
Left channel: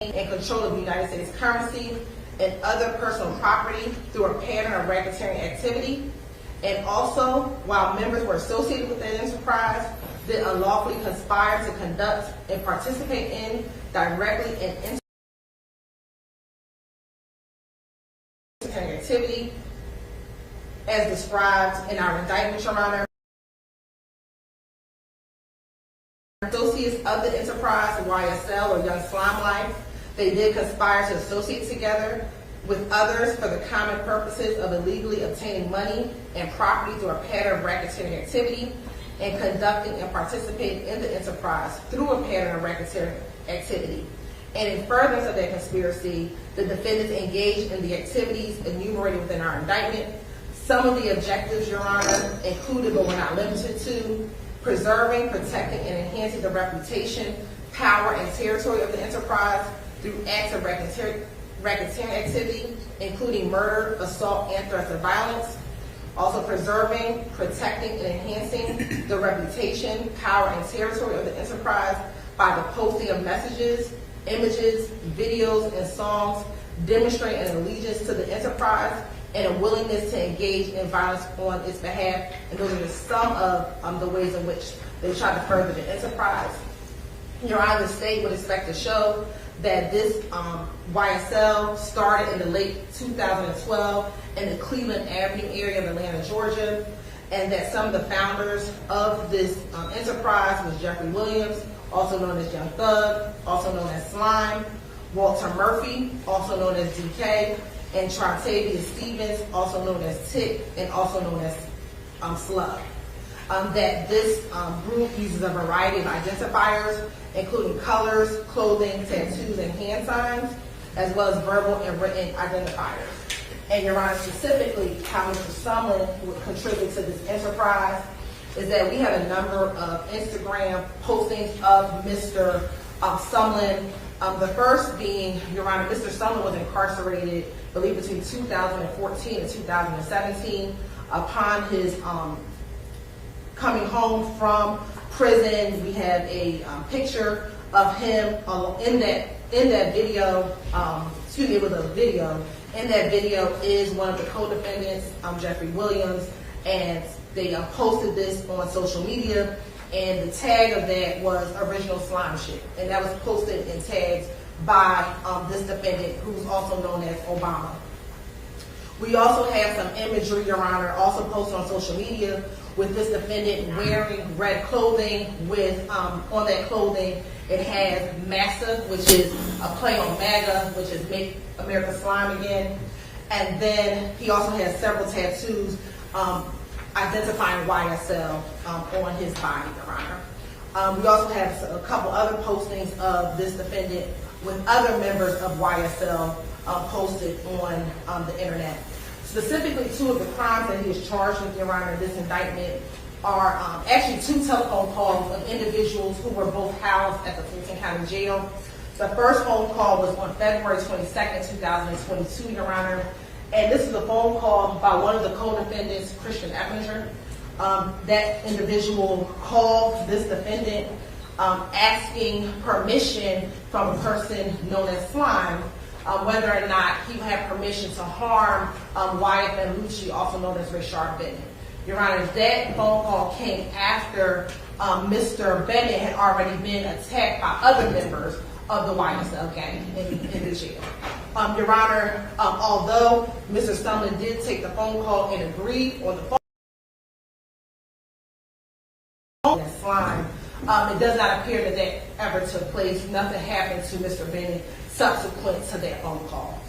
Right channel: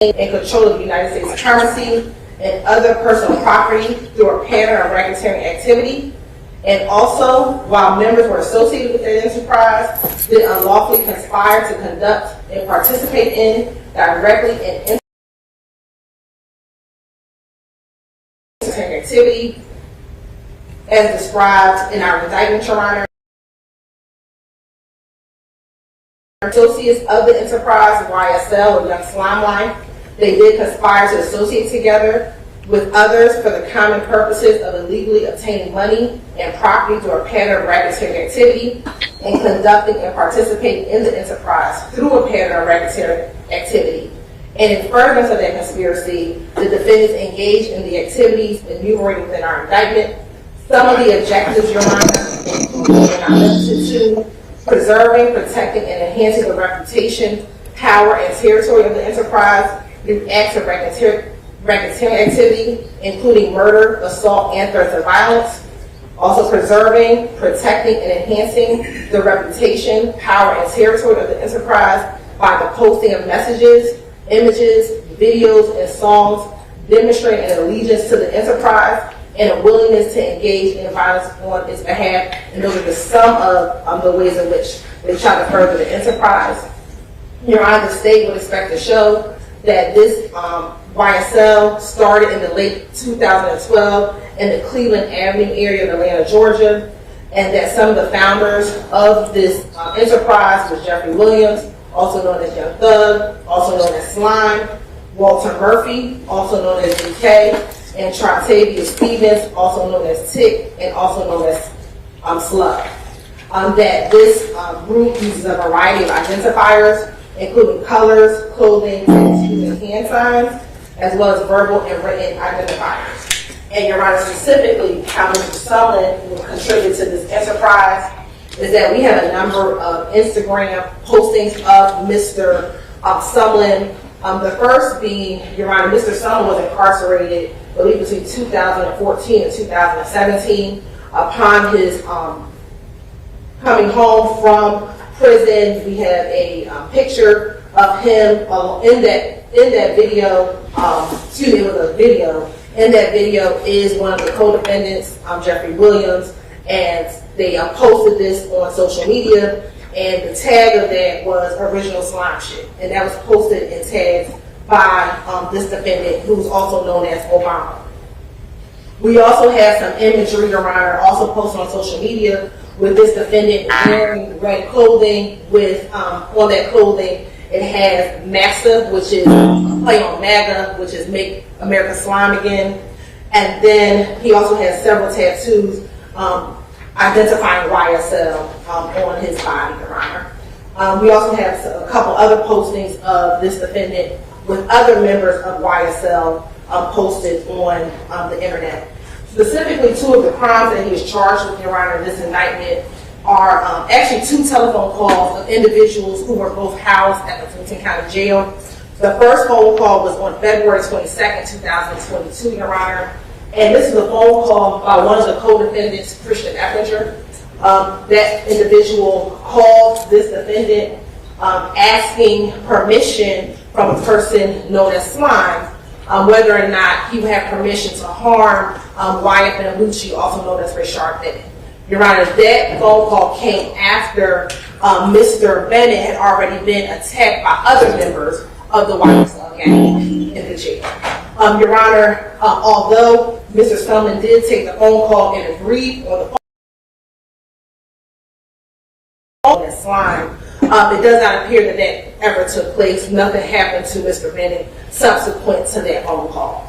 and control of the United States currency and other personal property through a pattern of racketeering activity, and also, while members were associated with that enterprise, did unlawfully conspire to conduct and participate in directly in activity as described in our indictment, Your Honor. Associates of the enterprise, YSL or Young Slime Life, they did conspire to associate together with others for the common purposes of illegally obtaining money and property through a pattern of racketeering activity and conducting and participating in the enterprise through a pattern of racketeering activity. And in furtherance of that conspiracy, the defendants engaged in the activities enumerated within our indictment. Some of the objectives, Your Honor, include but not limited to preserving, protecting, and enhancing the reputation, power, and territory of the enterprise through acts of racketeering activity, including murder, assault, and threats of violence. Also preserving, protecting, and enhancing the reputation, power, and territory of the enterprise by the posting of messages, images, videos, and songs demonstrating an allegiance to the enterprise and a willingness to engage in violence on its behalf. And those are just some of the ways in which they try to further the enterprise. Your Honor, the state would expect to show that this YSL started in the late 2012 in the Cleveland Avenue area of Atlanta, Georgia, and that some of the founders of this enterprise was Jeffrey Williams, also known as Young Thug, also known as Slime, Walter Murphy, also known as DK, and Trotavia Stevens, also known as Tick, and also known as Slug. That this group uses a variety of identifiers, including colors, clothing, tattoos, and hand signs, as well as verbal and written identifiers. And Your Honor, specifically, how Mr. Sullivan will contribute to this enterprise is that we have a number of Instagram postings of Mr. Sullivan. The first being, Your Honor, Mr. Sullivan was incarcerated, I believe, between 2014 and 2017. Upon his coming home from prison, we have a picture of him in that video. It was a video. In that video is one of the co-defendants, Jeffrey Williams, and they posted this on social media, and the tag of that was original slime shit, and that was posted and tagged by this defendant, who's also known as Obama. We also have some imagery, Your Honor, also posted on social media with this defendant wearing red clothing with, on that clothing, it has MAXA, which is a play on MAGA, which is Make America Slime Again. And then he also has several tattoos identifying YSL on his body, Your Honor. We also have a couple other postings of this defendant with other members of YSL posted on the internet. Specifically, two of the crimes that he is charged with, Your Honor, in this indictment are actually two telephone calls of individuals who were both housed at the Fulton County Jail. The first phone call was on February 22nd, 2022, Your Honor. And this is a phone call by one of the co-defendants, Christian Eppinger. That individual called this defendant asking permission from a person known as Slime, whether or not he would have permission to harm Wyatt Benalucci, also known as Rashard Bennett. Your Honor, that phone call came after Mr. Bennett had already been attacked by other members of the YSL gang in the jail. Your Honor, although Mr. Sullivan did take the phone call and agreed on the phone and Slime, it does not appear that that ever took place. Nothing happened to Mr. Bennett subsequent to that phone call.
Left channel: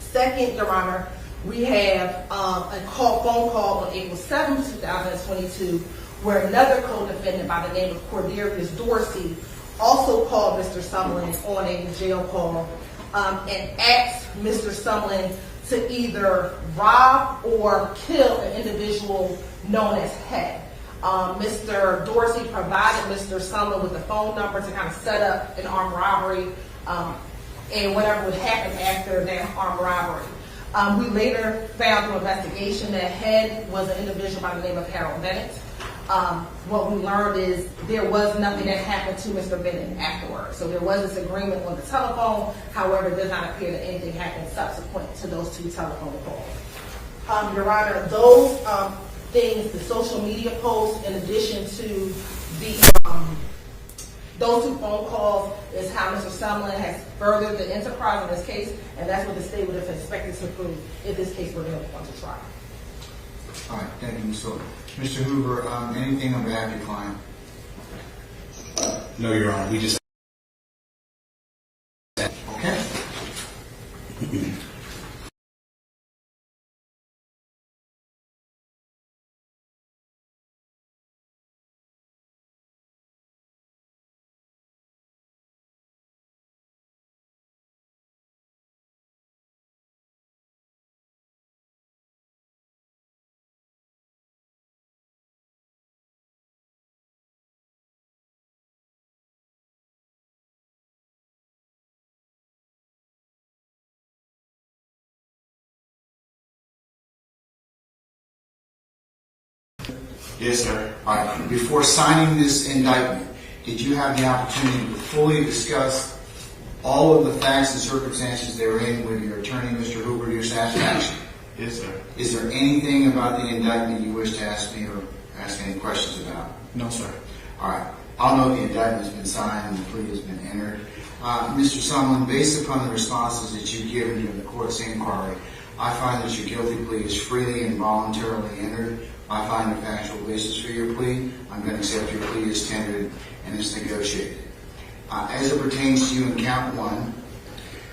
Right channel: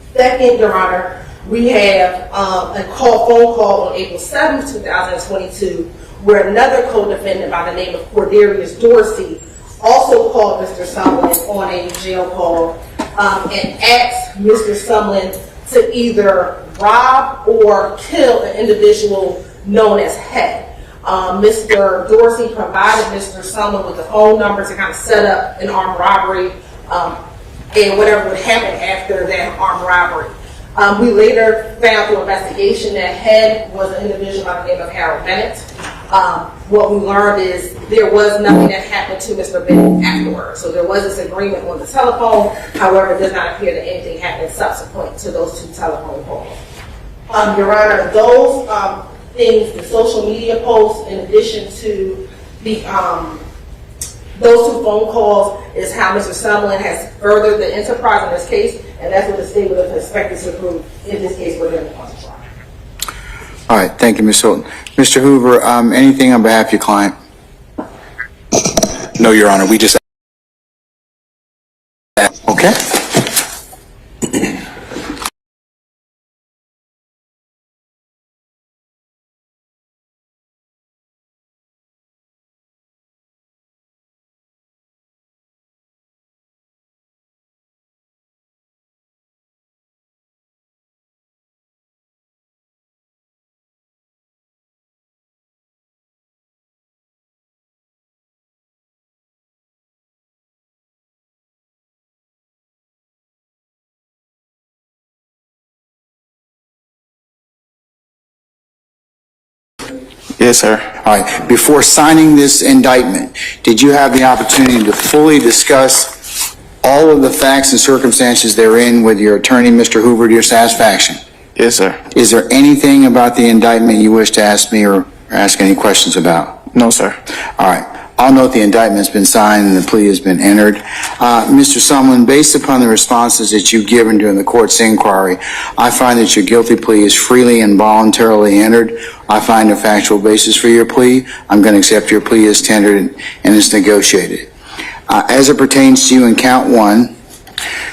Second, Your Honor, we have a phone call on April 7, 2022, where another co-defendant by the name of Cordarius Dorsey also called Mr. Sullivan on a jail call and asked Mr. Sullivan to either rob or kill an individual known as Head. Mr. Dorsey provided Mr. Sullivan with a phone number to kind of set up an armed robbery and whatever would happen after that armed robbery. We later found through investigation that Head was an individual by the name of Harold Bennett. What we learned is there was nothing that happened to Mr. Bennett afterwards. So there was this agreement on the telephone. However, it does not appear that anything happened subsequent to those two telephone calls. Your Honor, those things, the social media posts, in addition to the those two phone calls, is how Mr. Sullivan has furthered the enterprise in this case, and that's what the state would have expected to prove in this case where they're going to trial. All right, thank you, Ms. Hilton. Mr. Hoover, anything on behalf of your client? No, Your Honor, we just... Okay. Yes, sir. All right. Before signing this indictment, did you have the opportunity to fully discuss all of the facts and circumstances therein with your attorney, Mr. Hoover, to your satisfaction? Yes, sir. Is there anything about the indictment you wish to ask me or ask any questions about? No, sir. All right. I'll note the indictment's been signed and the plea has been entered. Mr. Sumlin, based upon the responses that you've given during the court's inquiry, I find that your guilty plea is freely and voluntarily entered. I find a factual basis for your plea. I'm going to accept your plea as tendered and as negotiated. As it pertains to you in count 1,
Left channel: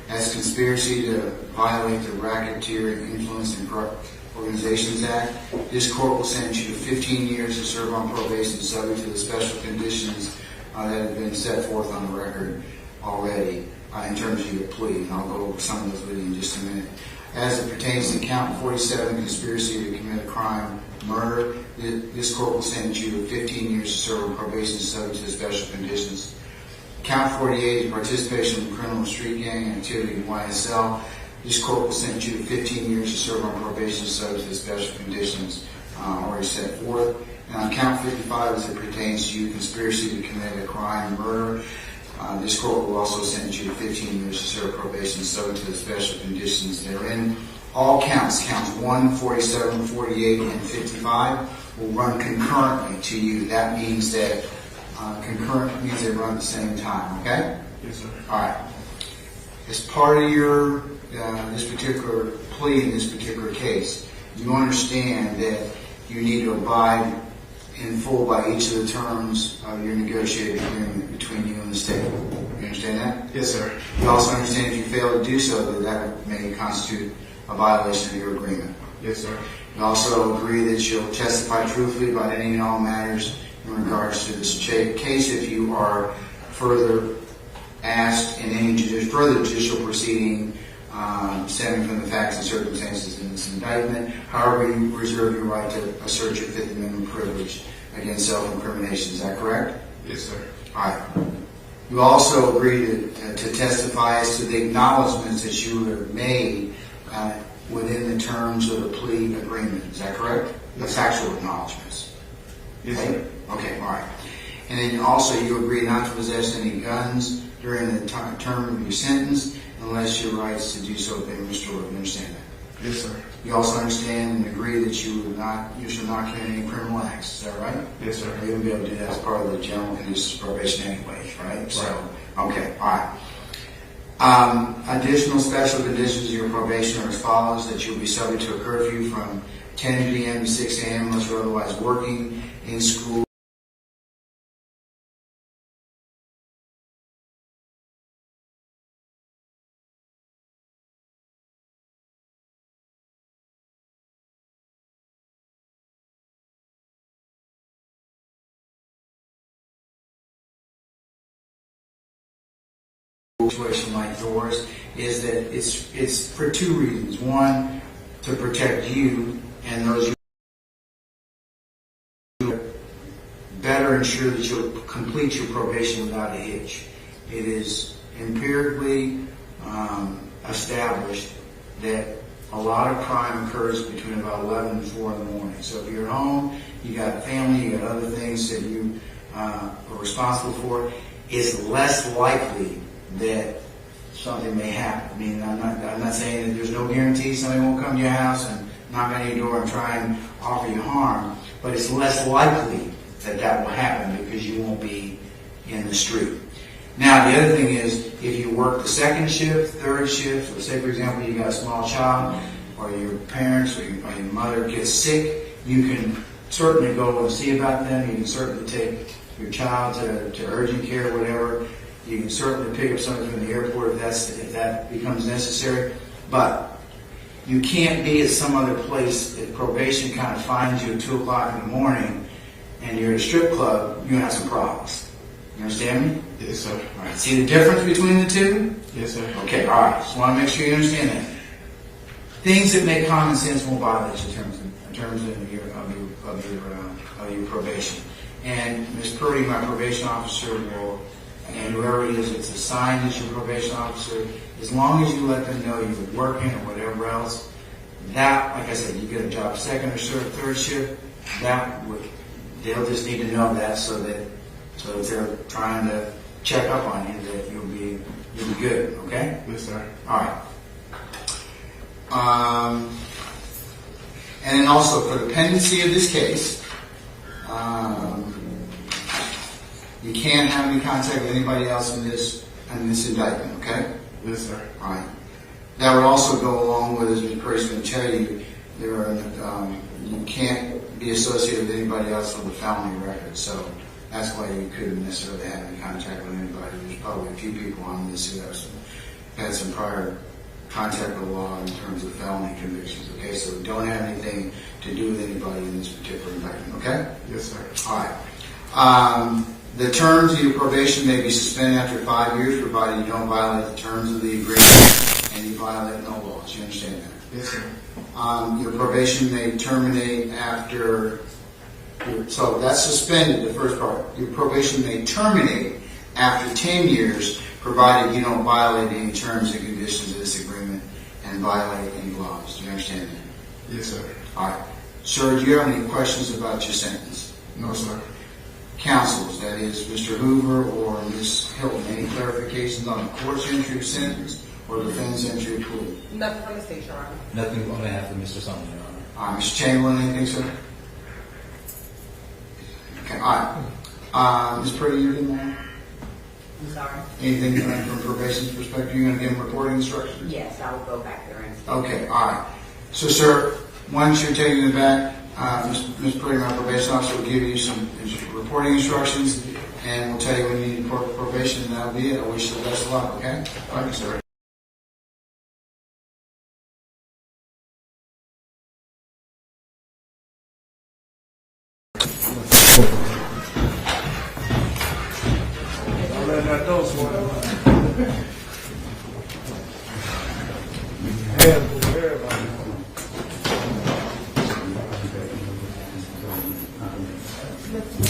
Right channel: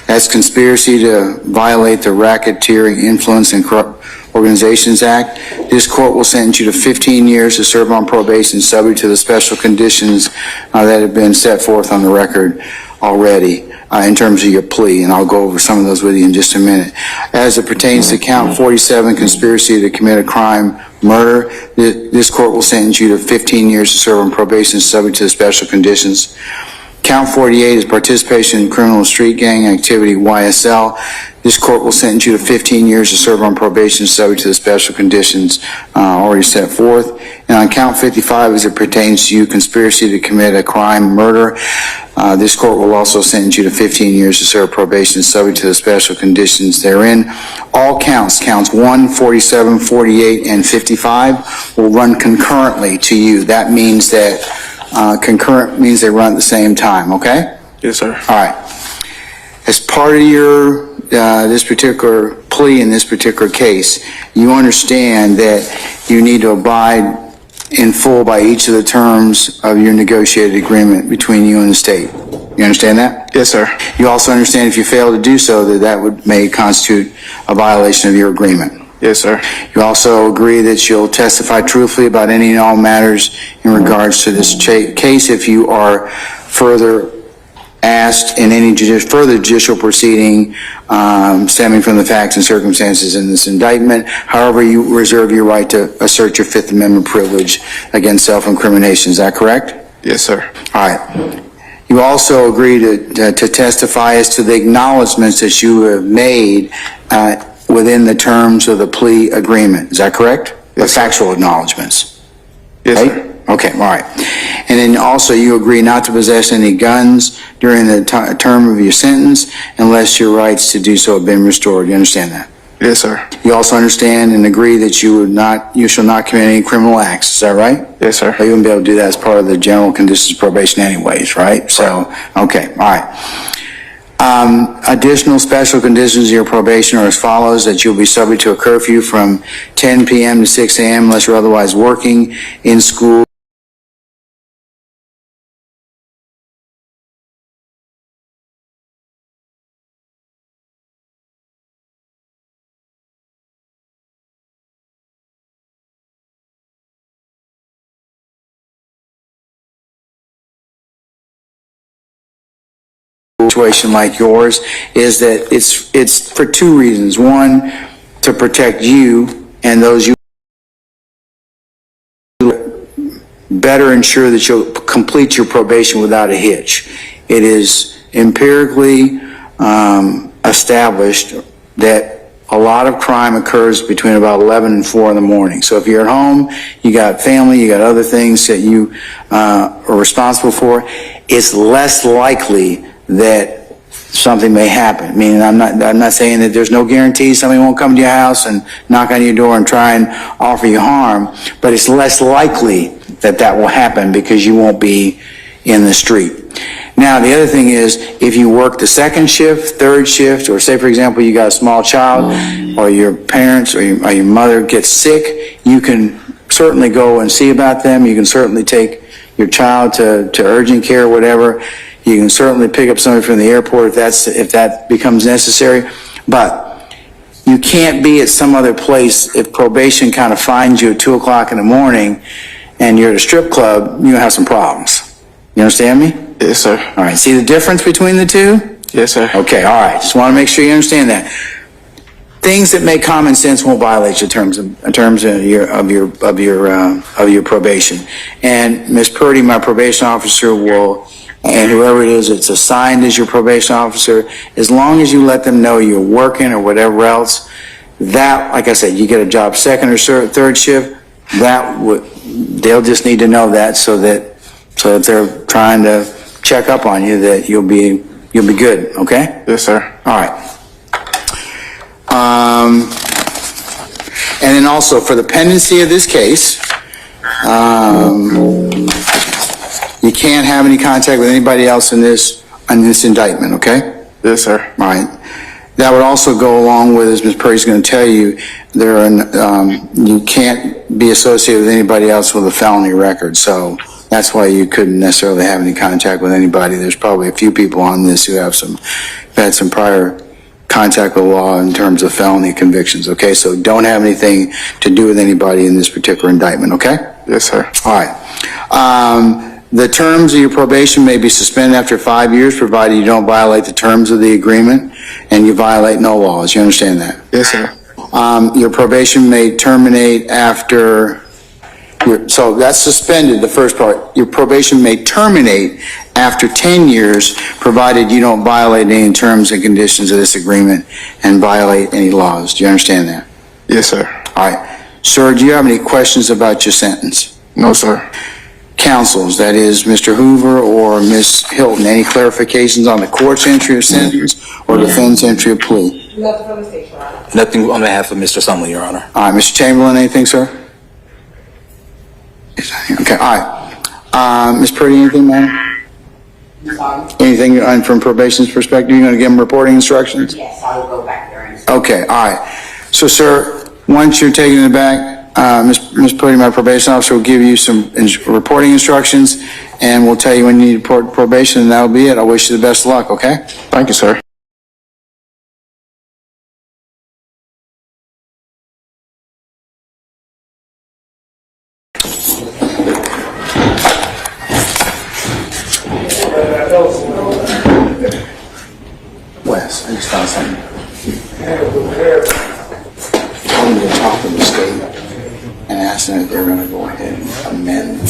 that's conspiracy to violate the Racketeering, Influence, and Corrupt Organizations Act. This court will sentence you to 15 years to serve on probation subject to the special conditions that have been set forth on the record already in terms of your plea, and I'll go over some of those with you in just a minute. As it pertains to count 47, conspiracy to commit a crime, murder, this court will sentence you to 15 years to serve on probation subject to the special conditions. Count 48 is participation in criminal street gang activity, YSL. This court will sentence you to 15 years to serve on probation subject to the special conditions already set forth. And on count 55, as it pertains to you, conspiracy to commit a crime, murder, this court will also sentence you to 15 years to serve probation subject to the special conditions therein. All counts 1, 47, 48, and 55 will run concurrently to you. That means that concurrent means they run at the same time, okay? Yes, sir. All right. As part of your this particular plea in this particular case, you understand that you need to abide in full by each of the terms of your negotiated agreement between you and the state. You understand that? Yes, sir. You also understand if you fail to do so, that may constitute a violation of your agreement. Yes, sir. You also agree that you'll testify truthfully about any and all matters in regards to this case if you are further asked in any further judicial proceeding stemming from the facts and circumstances in this indictment. However, you reserve your right to assert your Fifth Amendment privilege against self-incrimination. Is that correct? Yes, sir. All right. You also agree to testify as to the acknowledgments that you have made within the terms of the plea agreement. Is that correct? Yes, the factual acknowledgments. Yes, right? sir. Okay, all right. And then also you agree not to possess any guns during the term of your sentence unless your rights to do so have been restored. You understand that? Yes, sir. You also understand and agree that you shall not commit any criminal acts. Is that right? Yes, sir. You wouldn't be able to do that as part of the general conditions of probation anyways, right? So, okay, all right. Additional special conditions of your probation are as follows: that you'll be subject to a curfew from 10 p.m. to 6 a.m. unless you're otherwise working, in school, situation like yours is that it's for two reasons. One, to protect you and those you better ensure that you'll complete your probation without a hitch. It is empirically established that a lot of crime occurs between about 11 and 4 in the morning. So if you're at home, you got family, you got other things that you are responsible for, it's less likely that something may happen. Meaning, I'm not saying that there's no guarantee somebody won't come to your house and knock on your door and try and offer you harm, but it's less likely that that will happen because you won't be in the street. Now, the other thing is, if you work the second shift, third shift, or say, for example, you got a small child, or your parents or your mother gets sick, you can certainly go and see about them. You can certainly take your child to urgent care or whatever. You can certainly pick up somebody from the airport if that becomes necessary. But you can't be at some other place if probation kind of finds you at 2 o'clock in the morning and you're at a strip club, you have some problems. You understand me? Yes, sir. All right. See the difference between the two? Yes, sir. Okay. All right. Just want to make sure you understand that. Things that make common sense won't violate your terms of your probation. And Ms. Purdy, my probation officer, will, and whoever it is that's assigned as your probation officer, as long as you let them know you're working or whatever else, that, like I said, you get a job second or third shift, they'll just need to know that so that they're trying to check up on you, that you'll be good, okay? Yes, sir. All right. And then also, for the pendency of this case, you can't have any contact with anybody else in this indictment, okay? Yes, sir. All right. That would also go along with, as Ms. Perry's going to tell you, you can't be associated with anybody else with a felony record, so that's why you couldn't necessarily have any contact with anybody. There's probably a few people on this who have had some prior contact with the law in terms of felony convictions, okay? So don't have anything to do with anybody in this particular indictment, okay? Yes, sir. All right. The terms of your probation may be suspended after 5 years, provided you don't violate the terms of the agreement and you violate no laws. You understand that? Yes, sir. Your probation may terminate after, so that's suspended, the first part. Your probation may terminate after 10 years, provided you don't violate any terms and conditions of this agreement and violate any laws. Do you understand that? Yes, sir. All right. Sir, do you have any questions about your sentence? No, sir. Counsels, that is Mr. Hoover or Ms. Hilton, any clarifications on the court's entry of sentence or defendant's entry of plea? Nothing from the state, Your Honor. Nothing on behalf of Mr. Sumlin, Your Honor. All right, Mr. Chamberlain, anything, sir? Okay, all right. Ms. Purdy, anything, ma'am? Anything from probation's perspective? You're going to give them reporting instructions? Yes, I will go back there and. Okay, all right. So, sir, once you're taking it back, Ms. Purdy, my probation officer, will give you some reporting instructions, and we'll tell you when you need to report probation, and that'll be it. I wish you the best of luck, okay? Thank you, sir. Wes, I just found something. I'm going to talk to the state and ask them if they're going to go ahead and amend.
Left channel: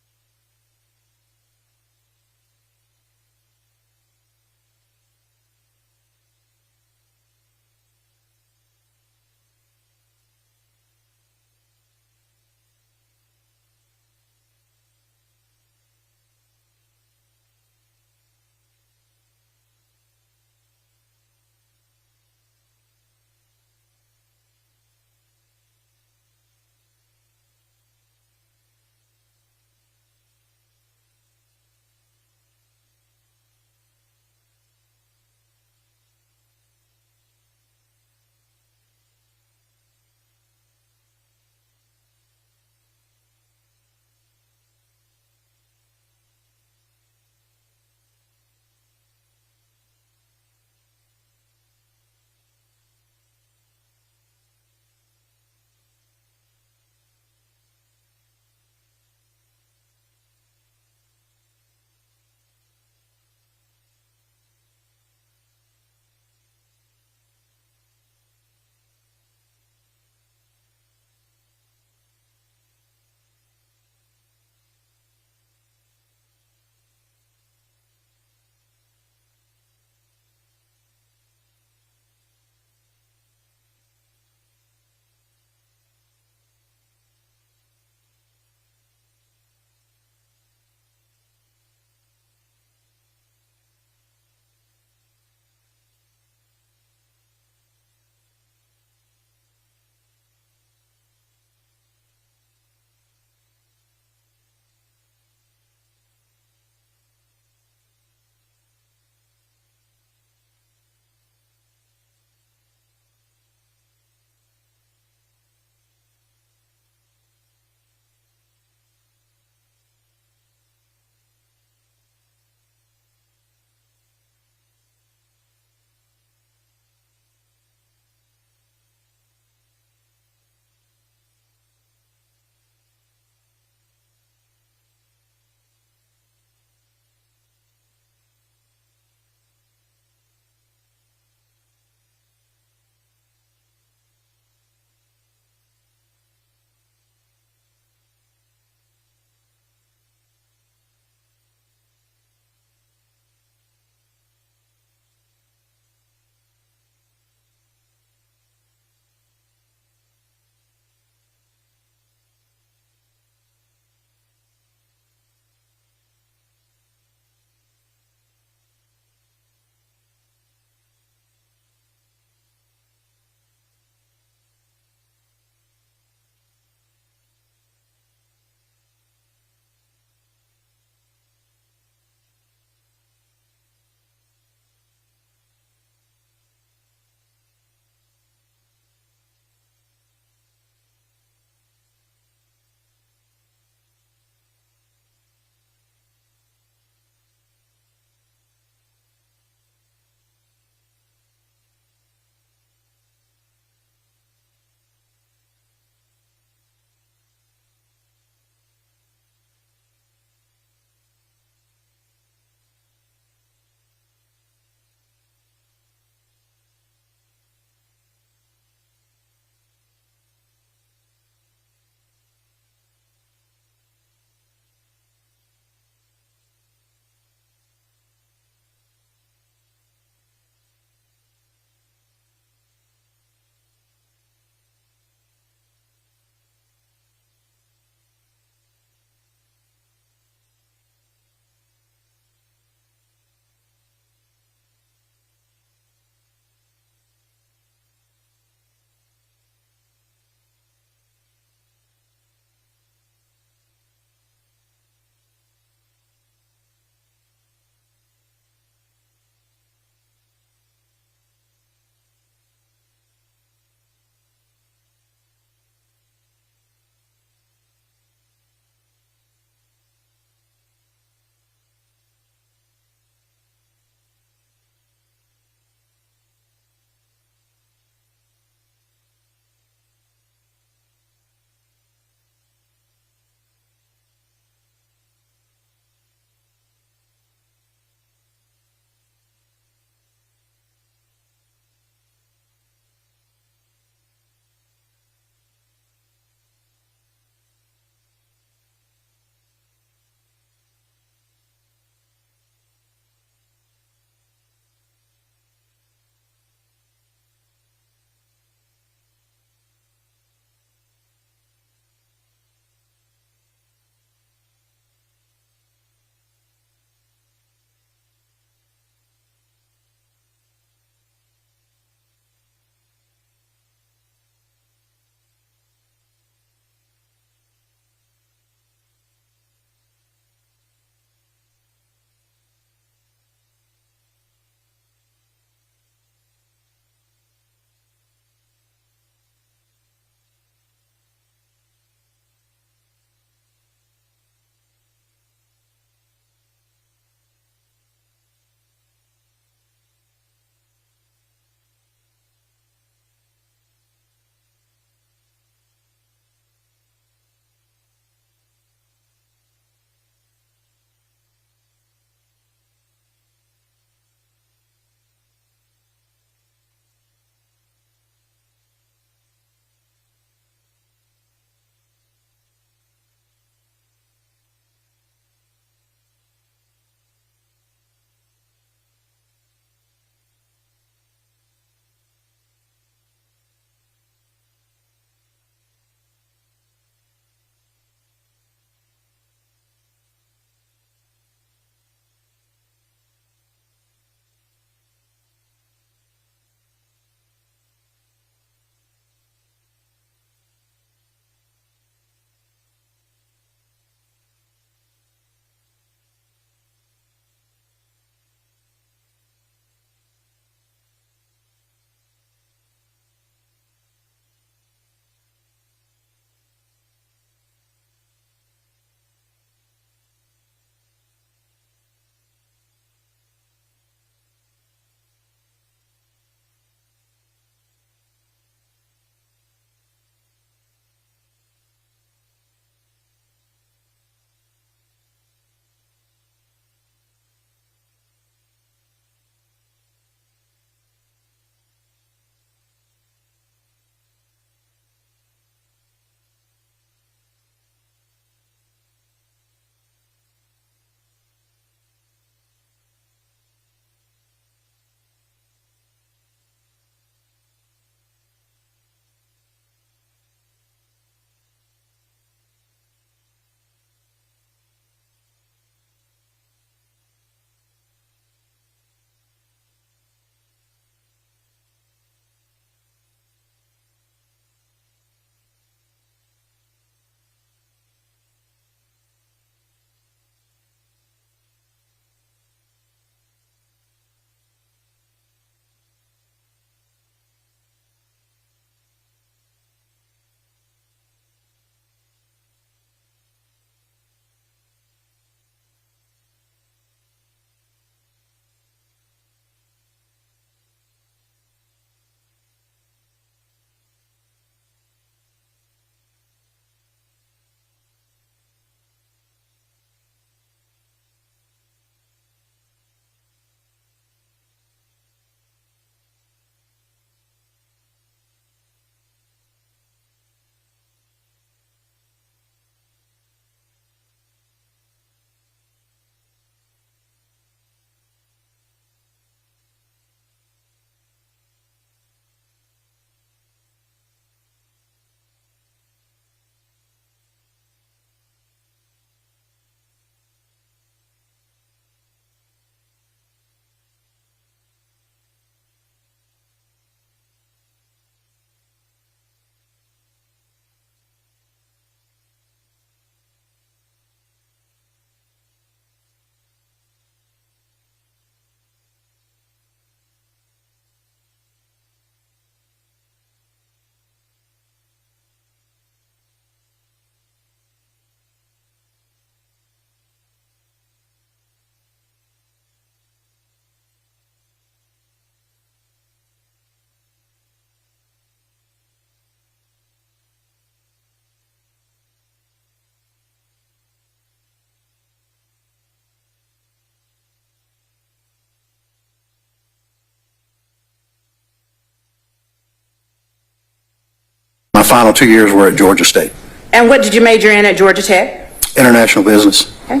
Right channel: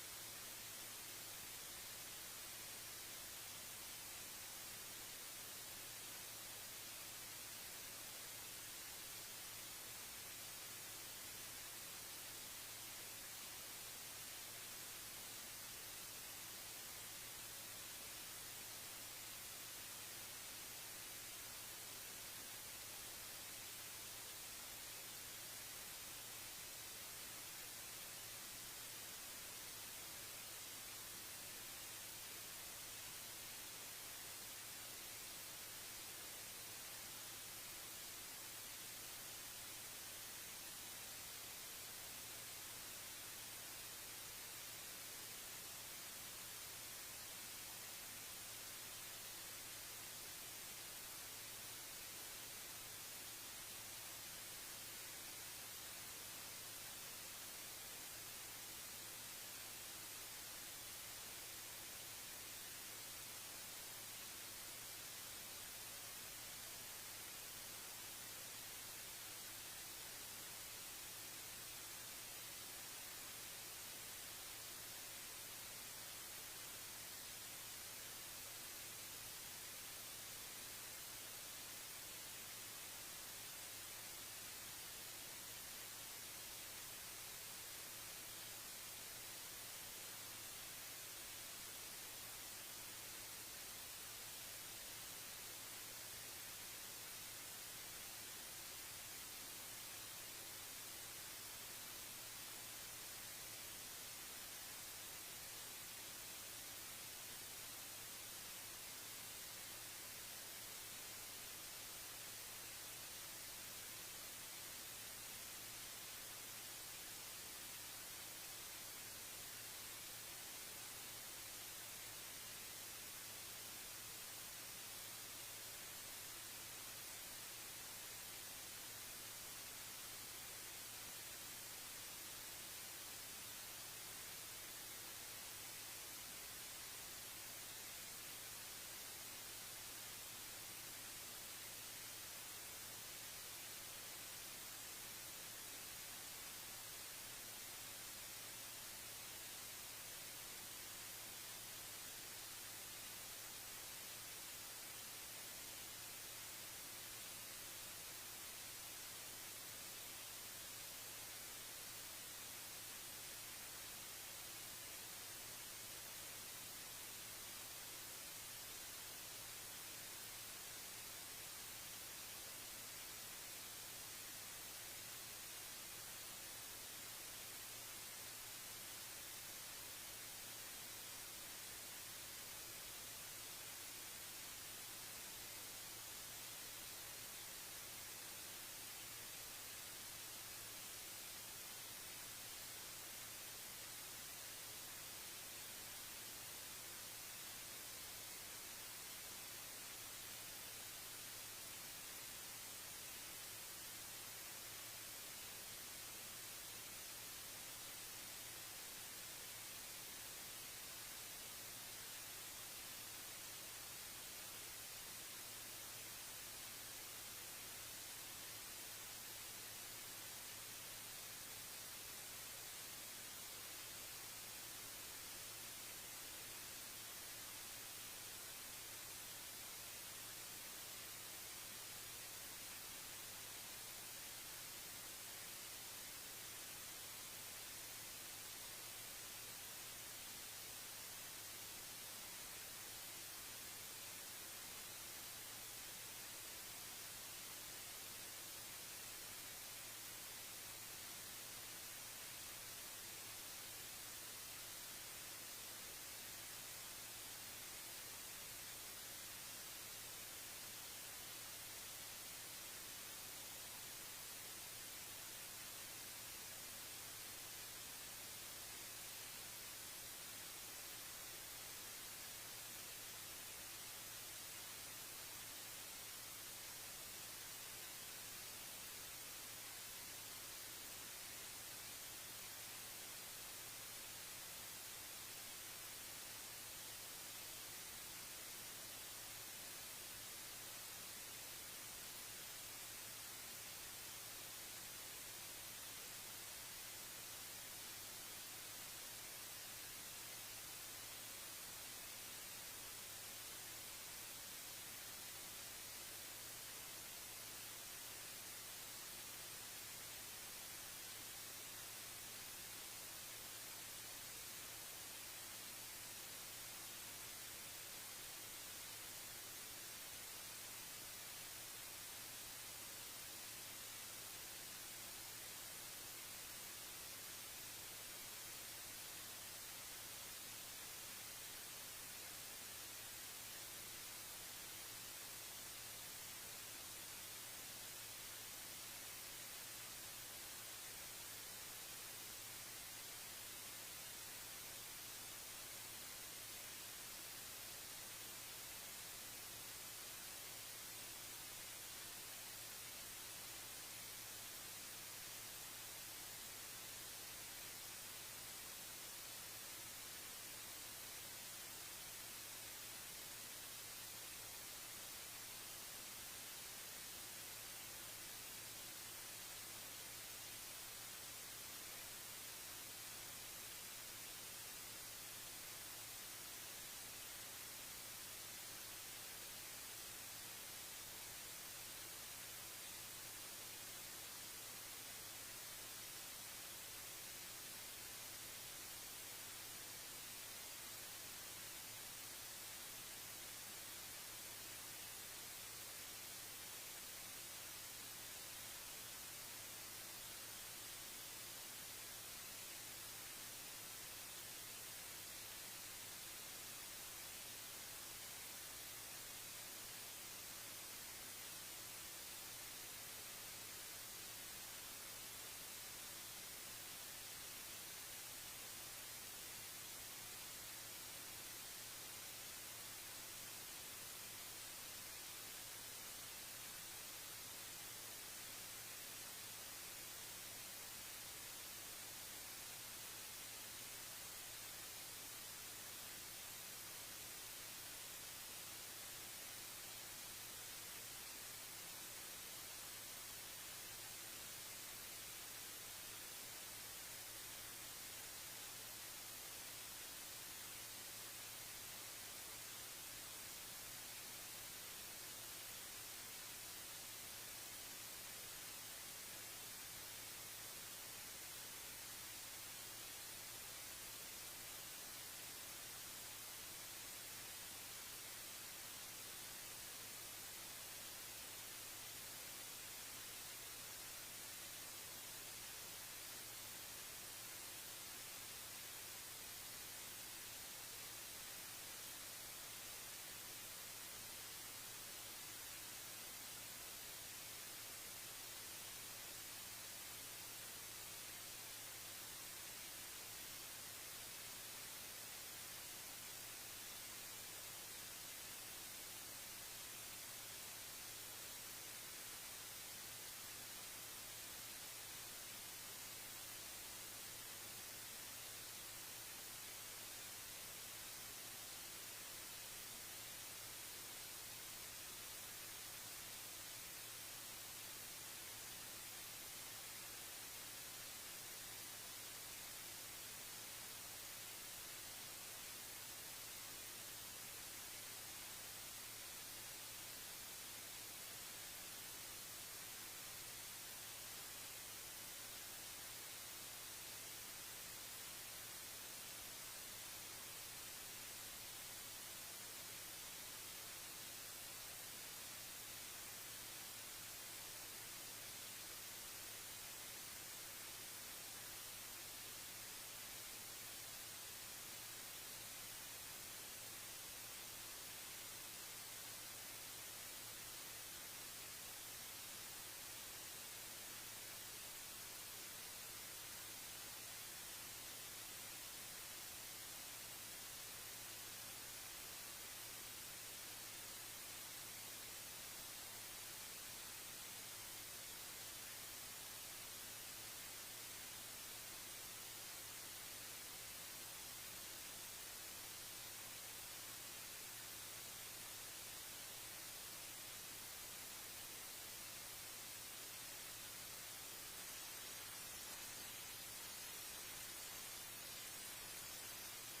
My final 2 years were at Georgia State. And what did you major in at Georgia Tech? International business. Okay.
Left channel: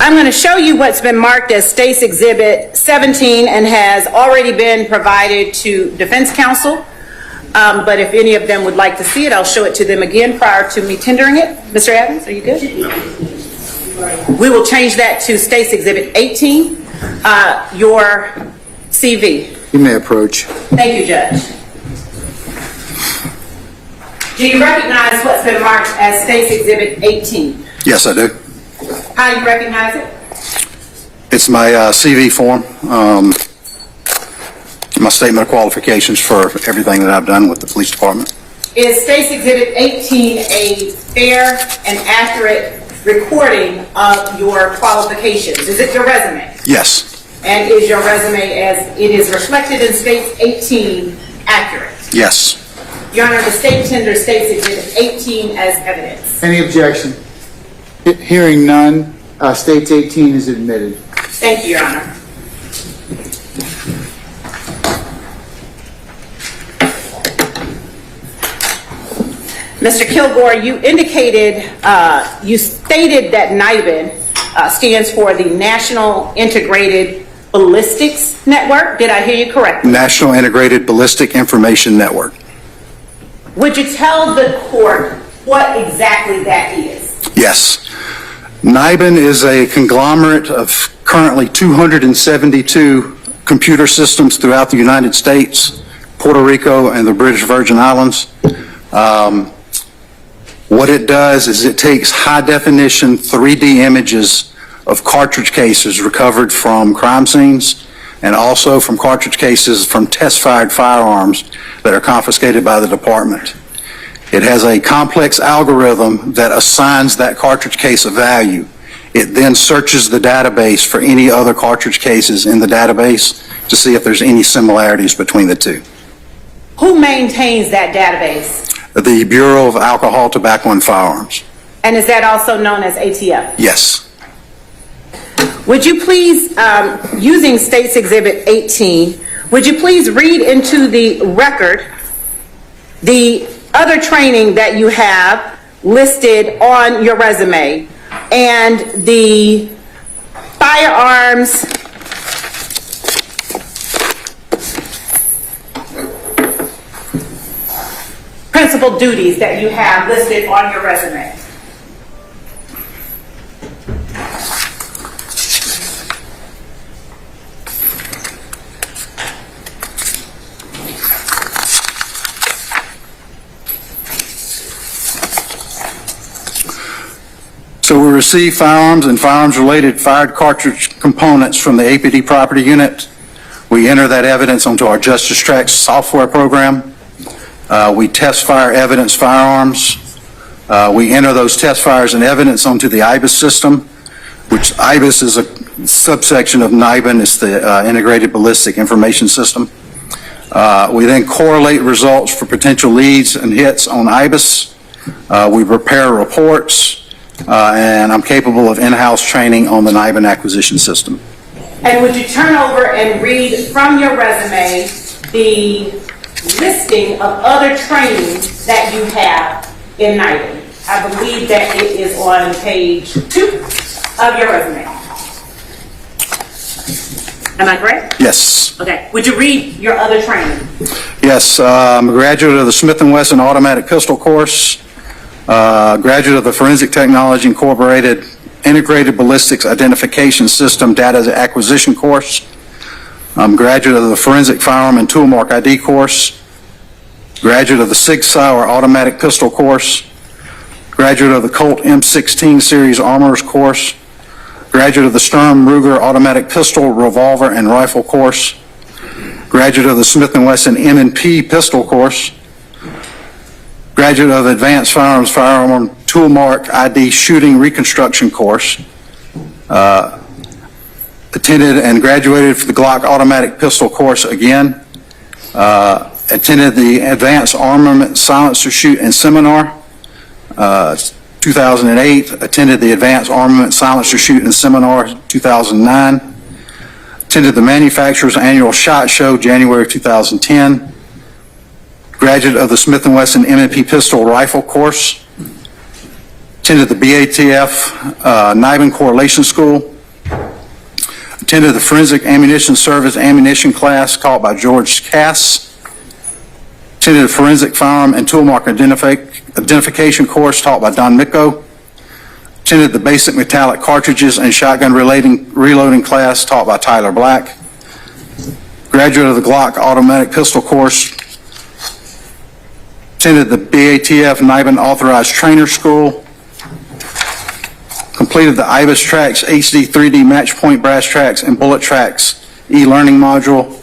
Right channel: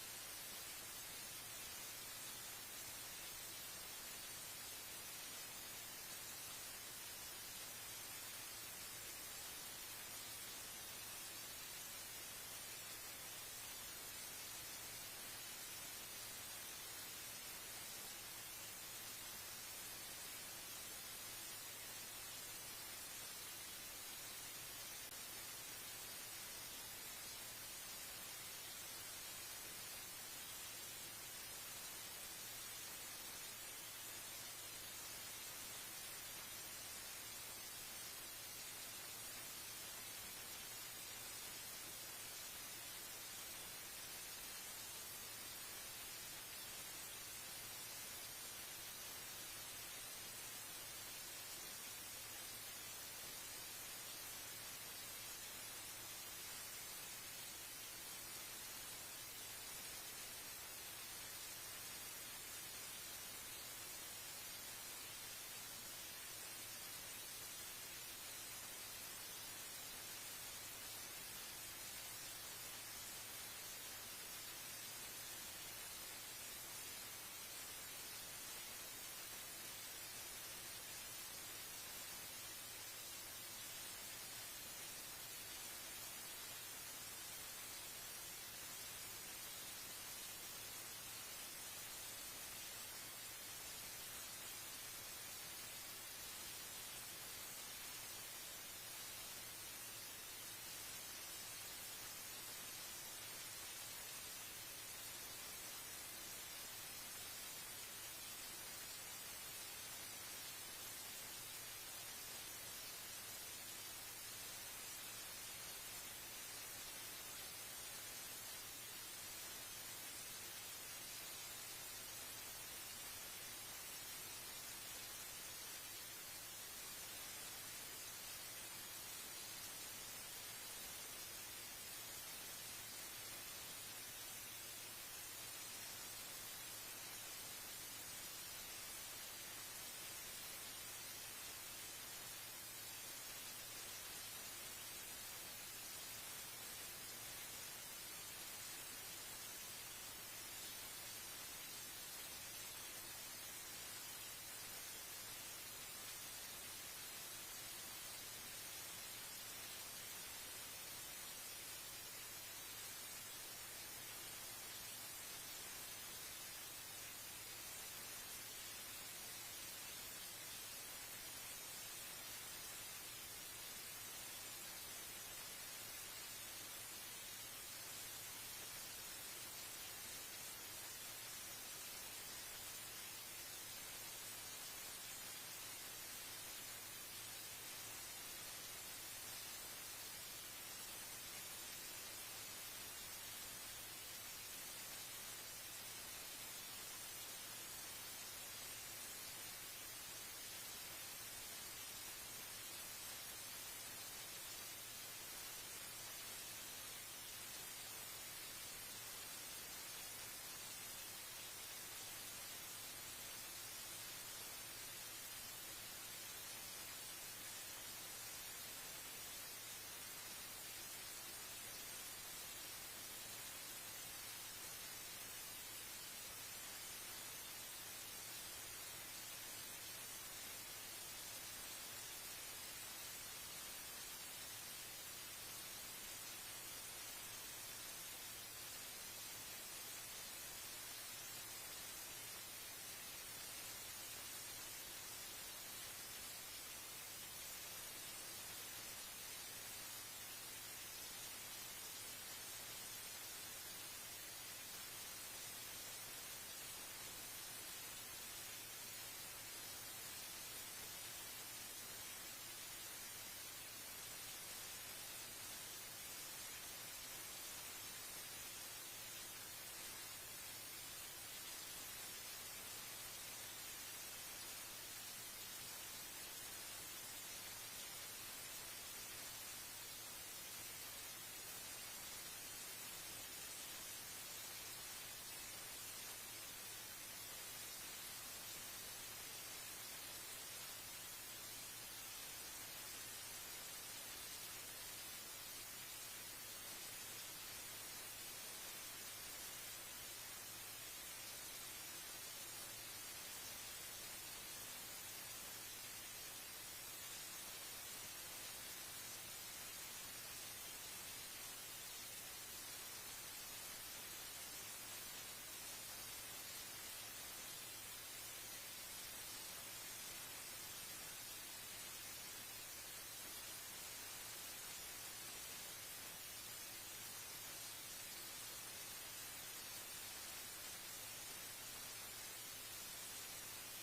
I'm going to show you what's been marked as State's Exhibit 17 and has already been provided to Defense Counsel. But if any of them would like to see it, I'll show it to them again prior to me tendering it. Mr. Evans, are you good? We will change that to State's Exhibit 18, your CV. You may approach. Thank you, Judge. Do you recognize what's been marked as State's Exhibit 18? Yes, I do. How do you recognize it? It's my CV form, my statement of qualifications for everything that I've done with the police department. Is State's Exhibit 18 a fair and accurate recording of your qualifications? Is it your resume? Yes. And is your resume, as it is reflected in State's 18, accurate? Yes. Your Honor, the State tenders State's Exhibit 18 as evidence. Any objection? Hearing none, State's 18 is admitted. Thank you, Your Honor. Mr. Kilgore, you indicated, you stated that NIBIN stands for the National Integrated Ballistics Network. Did I hear you correctly? National Integrated Ballistic Information Network. Would you tell the court what exactly that is? Yes. NIBIN is a conglomerate of currently 272 computer systems throughout the United States, Puerto Rico, and the British Virgin Islands. What it does is it takes high-definition 3D images of cartridge cases recovered from crime scenes and also from cartridge cases from test-fired firearms that are confiscated by the department. It has a complex algorithm that assigns that cartridge case a value. It then searches the database for any other cartridge cases in the database to see if there's any similarities between the two. Who maintains that database? The Bureau of Alcohol, Tobacco, and Firearms. And is that also known as ATF? Yes. Would you please, using State's Exhibit 18, would you please read into the record the other training that you have listed on your resume and the firearms principal duties that you have listed on your resume? So we receive firearms and firearms-related fired cartridge components from the APD property unit. We enter that evidence onto our Justice Tracks software program. We test fire evidence firearms. We enter those test fires and evidence onto the IBIS system, which IBIS is a subsection of NIBIN. It's the Integrated Ballistic Information System. We then correlate results for potential leads and hits on IBIS. We prepare reports. And I'm capable of in-house training on the NIBIN acquisition system. And would you turn over and read from your resume the listing of other trainings that you have in NIBIN? I believe that it is on page 2 of your resume. Am I correct? Yes. Okay. Would you read your other training? Yes. I'm a graduate of the Smith & Wesson Automatic Pistol Course. Graduate of the Forensic Technology Incorporated Integrated Ballistics Identification System Data Acquisition Course. I'm graduate of the Forensic Firearm and Tool Mark ID course. Graduate of the Sig Sauer Automatic Pistol Course. Graduate of the Colt M16 Series Armorers Course. Graduate of the Sturm Ruger Automatic Pistol, Revolver, and Rifle Course. Graduate of the Smith & Wesson M&P Pistol Course. Graduate of the Advanced Firearms Firearm Tool Mark ID Shooting Reconstruction Course. Attended and graduated for the Glock Automatic Pistol Course again. Attended the Advanced Armament Silencer Shoot and Seminar, 2008. Attended the Advanced Armament Silencer Shoot and Seminar, 2009. Attended the manufacturer's annual SHOT Show, January 2010. Graduate of the Smith & Wesson M&P Pistol Rifle course. Attended the BATF NIBIN Correlation School. Attended the Forensic Ammunition Service ammunition class taught by George Cass. Attended the Forensic Firearm and Tool Mark Identification course taught by Don Micco. Attended the Basic Metallic Cartridges and Shotgun Reloading class taught by Tyler Black. Graduate of the Glock Automatic Pistol course. Attended the BATF NIBIN Authorized Trainer School. Completed the IBIS Tracks HD 3D Match Point Brass Tracks and Bullet Tracks e-learning module.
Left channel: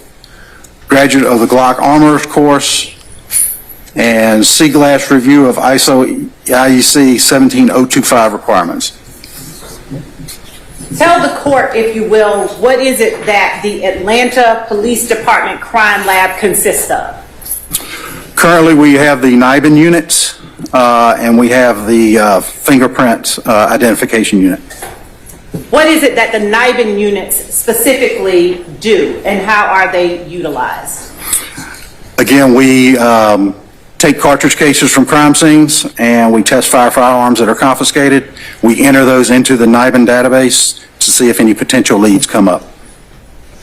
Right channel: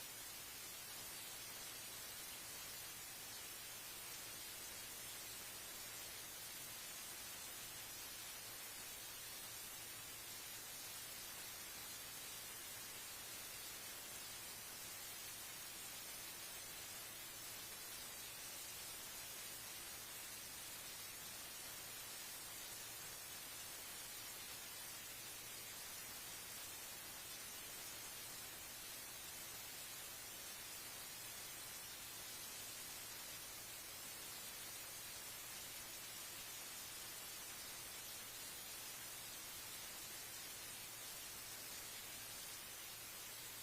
Graduate of the Glock Armorers course. And C-Glass review of ISO IEC 17025 requirements. Tell the court, if you will, what is it that the Atlanta Police Department Crime Lab consists of? Currently, we have the NIBIN unit, and we have the fingerprint identification unit. What is it that the NIBIN units specifically do, and how are they utilized? Again, we take cartridge cases from crime scenes, and we test firearms that are confiscated. We enter those into the NIBIN database to see if any potential leads come up.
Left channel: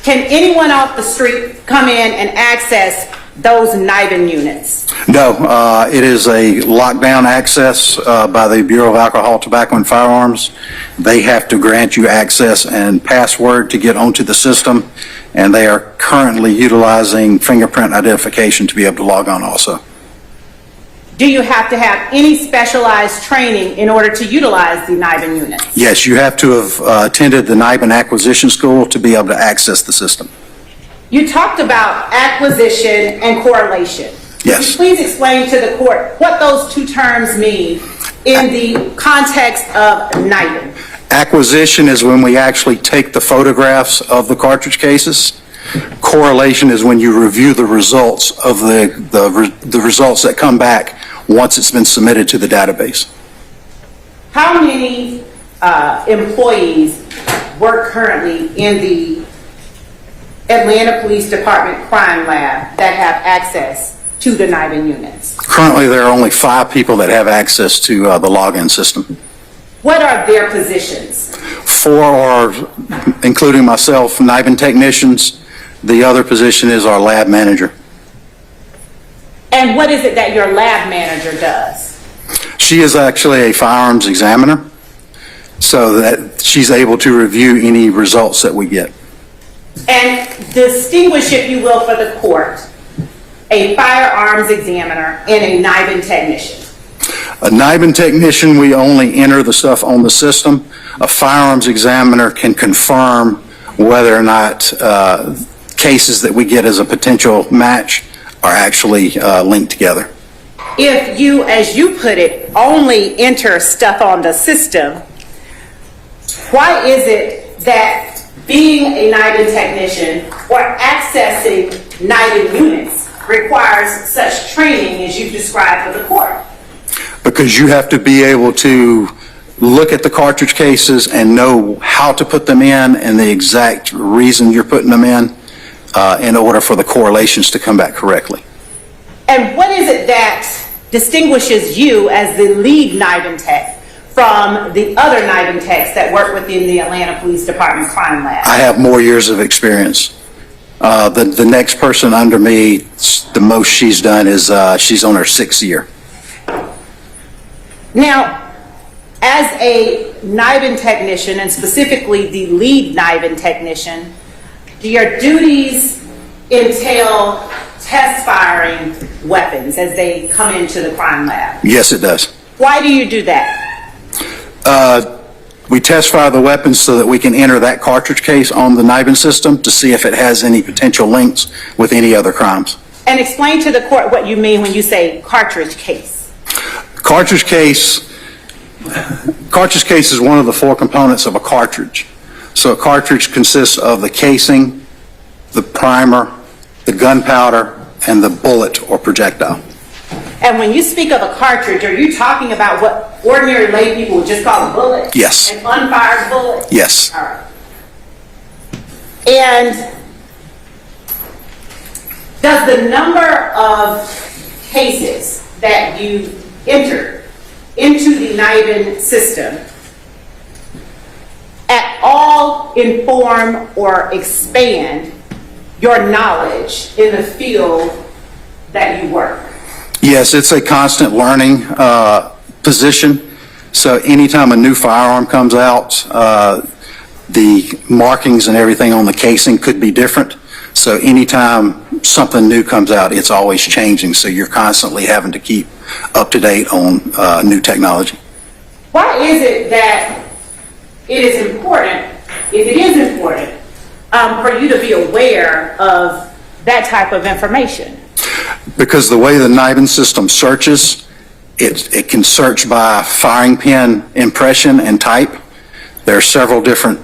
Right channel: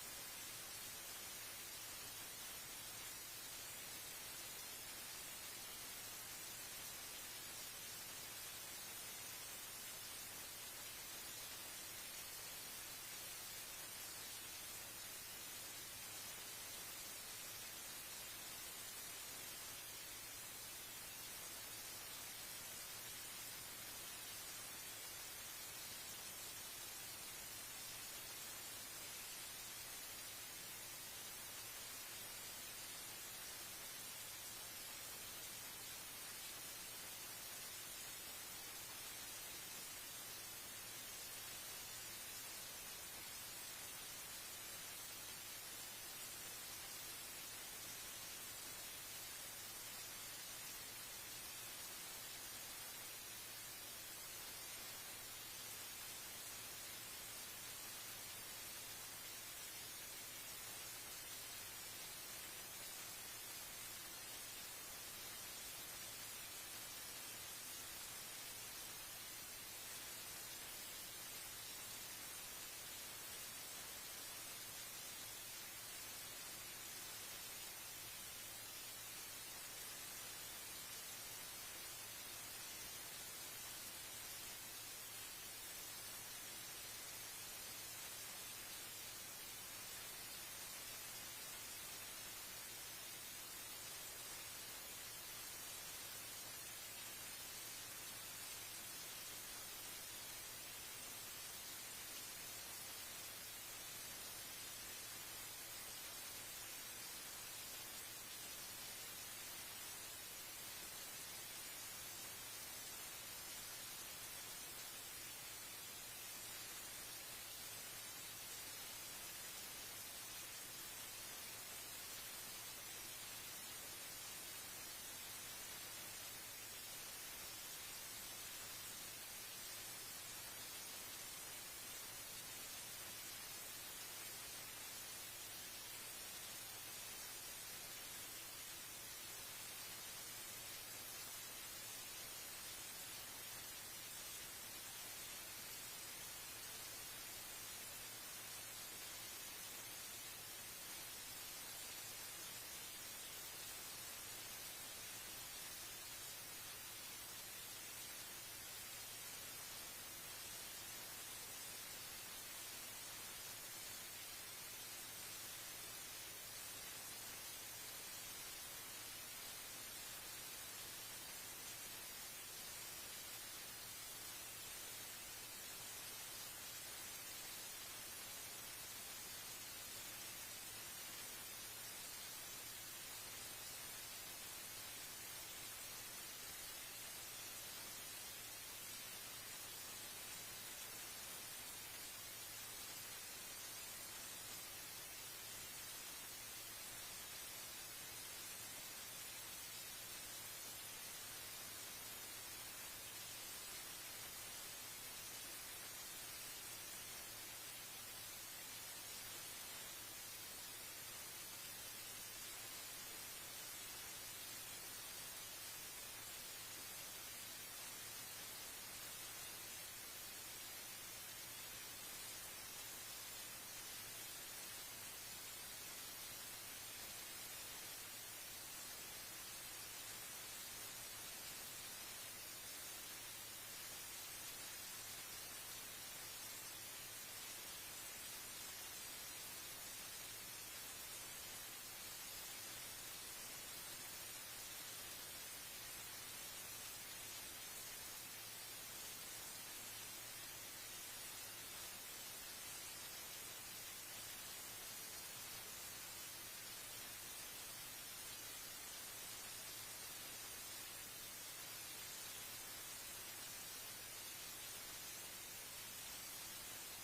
Can anyone off the street come in and access those NIBIN units? No, it is a lockdown access by the Bureau of Alcohol, Tobacco, and Firearms. They have to grant you access and password to get onto the system, and they are currently utilizing fingerprint identification to be able to log on also. Do you have to have any specialized training in order to utilize the NIBIN units? Yes, you have to have attended the NIBIN acquisition school to be able to access the system. You talked about acquisition and correlation. Yes. Could you please explain to the court what those two terms mean in the context of NIBIN? Acquisition is when we actually take the photographs of the cartridge cases. Correlation is when you review the results of the results that come back once it's been submitted to the database. How many employees work currently in the Atlanta Police Department Crime Lab that have access to the NIBIN units? Currently, there are only 5 people that have access to the login system. What are their positions? 4 are, including myself, NIBIN technicians. The other position is our lab manager. And what is it that your lab manager does? She is actually a firearms examiner, so that she's able to review any results that we get. And distinguish, if you will, for the court, a firearms examiner and a NIBIN technician. A NIBIN technician, we only enter the stuff on the system. A firearms examiner can confirm whether or not cases that we get as a potential match are actually linked together. If you, as you put it, only enter stuff on the system, why is it that being a NIBIN technician or accessing NIBIN units requires such training as you've described for the court? Because you have to be able to look at the cartridge cases and know how to put them in and the exact reason you're putting them in order for the correlations to come back correctly. And what is it that distinguishes you as the lead NIBIN tech from the other NIBIN techs that work within the Atlanta Police Department Crime Lab? I have more years of experience. The next person under me, the most she's done is she's on her 6th year. Now, as a NIBIN technician, and specifically the lead NIBIN technician, do your duties entail test firing weapons as they come into the crime lab? Yes, it does. Why do you do that? We test fire the weapons so that we can enter that cartridge case on the NIBIN system to see if it has any potential links with any other crimes. And explain to the court what you mean when you say cartridge case. Cartridge case is one of the 4 components of a cartridge. So a cartridge consists of the casing, the primer, the gunpowder, and the bullet or projectile. And when you speak of a cartridge, are you talking about what ordinary lay people would just call a bullet? Yes. An unfired bullet? Yes. All right. And does the number of cases that you entered into the NIBIN system at all inform or expand your knowledge in the field that you work? Yes, it's a constant learning position. So anytime a new firearm comes out, the markings and everything on the casing could be different. So anytime something new comes out, it's always changing. So you're constantly having to keep up to date on new technology. Why is it that it is important, if it is important, for you to be aware of that type of information? Because the way the NIBIN system searches, it can search by firing pin impression and type. There are several different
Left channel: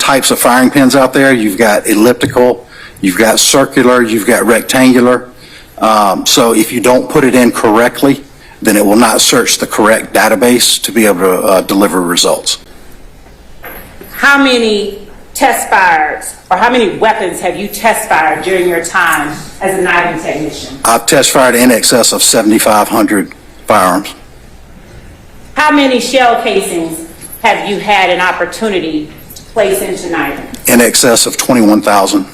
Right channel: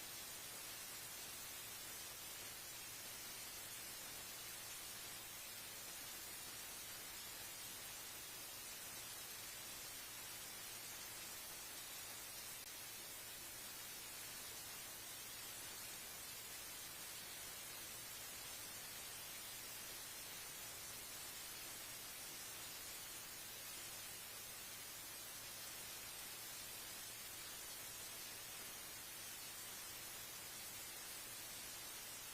types of firing pins out there. You've got elliptical, you've got circular, you've got rectangular. So if you don't put it in correctly, then it will not search the correct database to be able to deliver results. How many test fires or how many weapons have you test fired during your time as a NIBIN technician? I've test fired in excess of 7,500 firearms. How many shell casings have you had an opportunity to place into NIBIN? In excess of 21,000.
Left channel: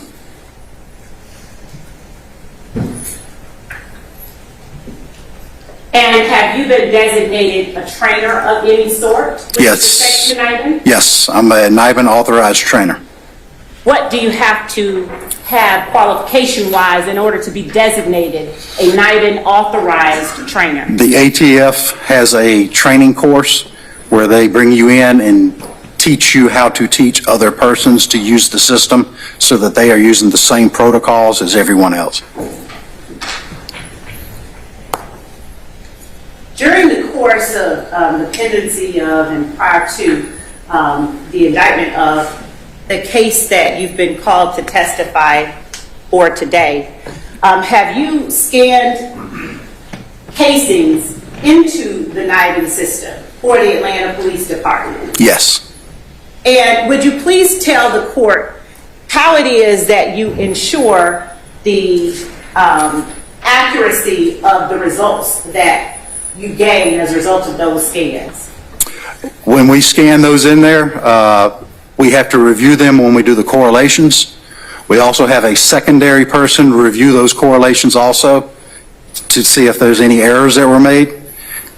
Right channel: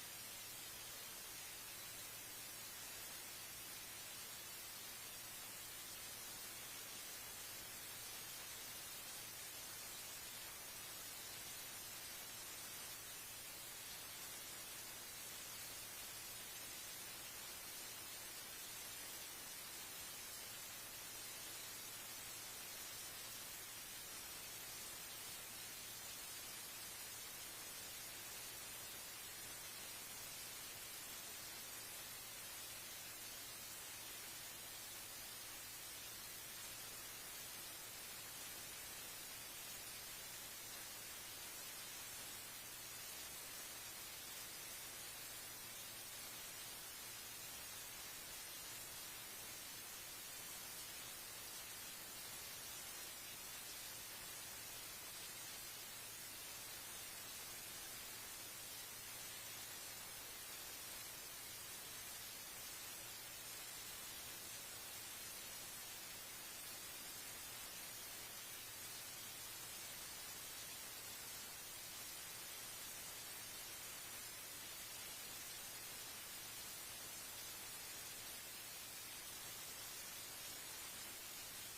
And have you been designated a trainer of any sort with Yes. respect to NIBIN? Yes, I'm a NIBIN authorized trainer. What do you have to have qualification-wise in order to be designated a NIBIN authorized trainer? The ATF has a training course where they bring you in and teach you how to teach other persons to use the system so that they are using the same protocols as everyone else. During the course of the pendency of and prior to the indictment of the case that you've been called to testify for today, have you scanned casings into the NIBIN system for the Atlanta Police Department? Yes. And would you please tell the court how it is that you ensure the accuracy of the results that you gain as a result of those scans? When we scan those in there, we have to review them when we do the correlations. We also have a secondary person review those correlations also to see if there's any errors that were made.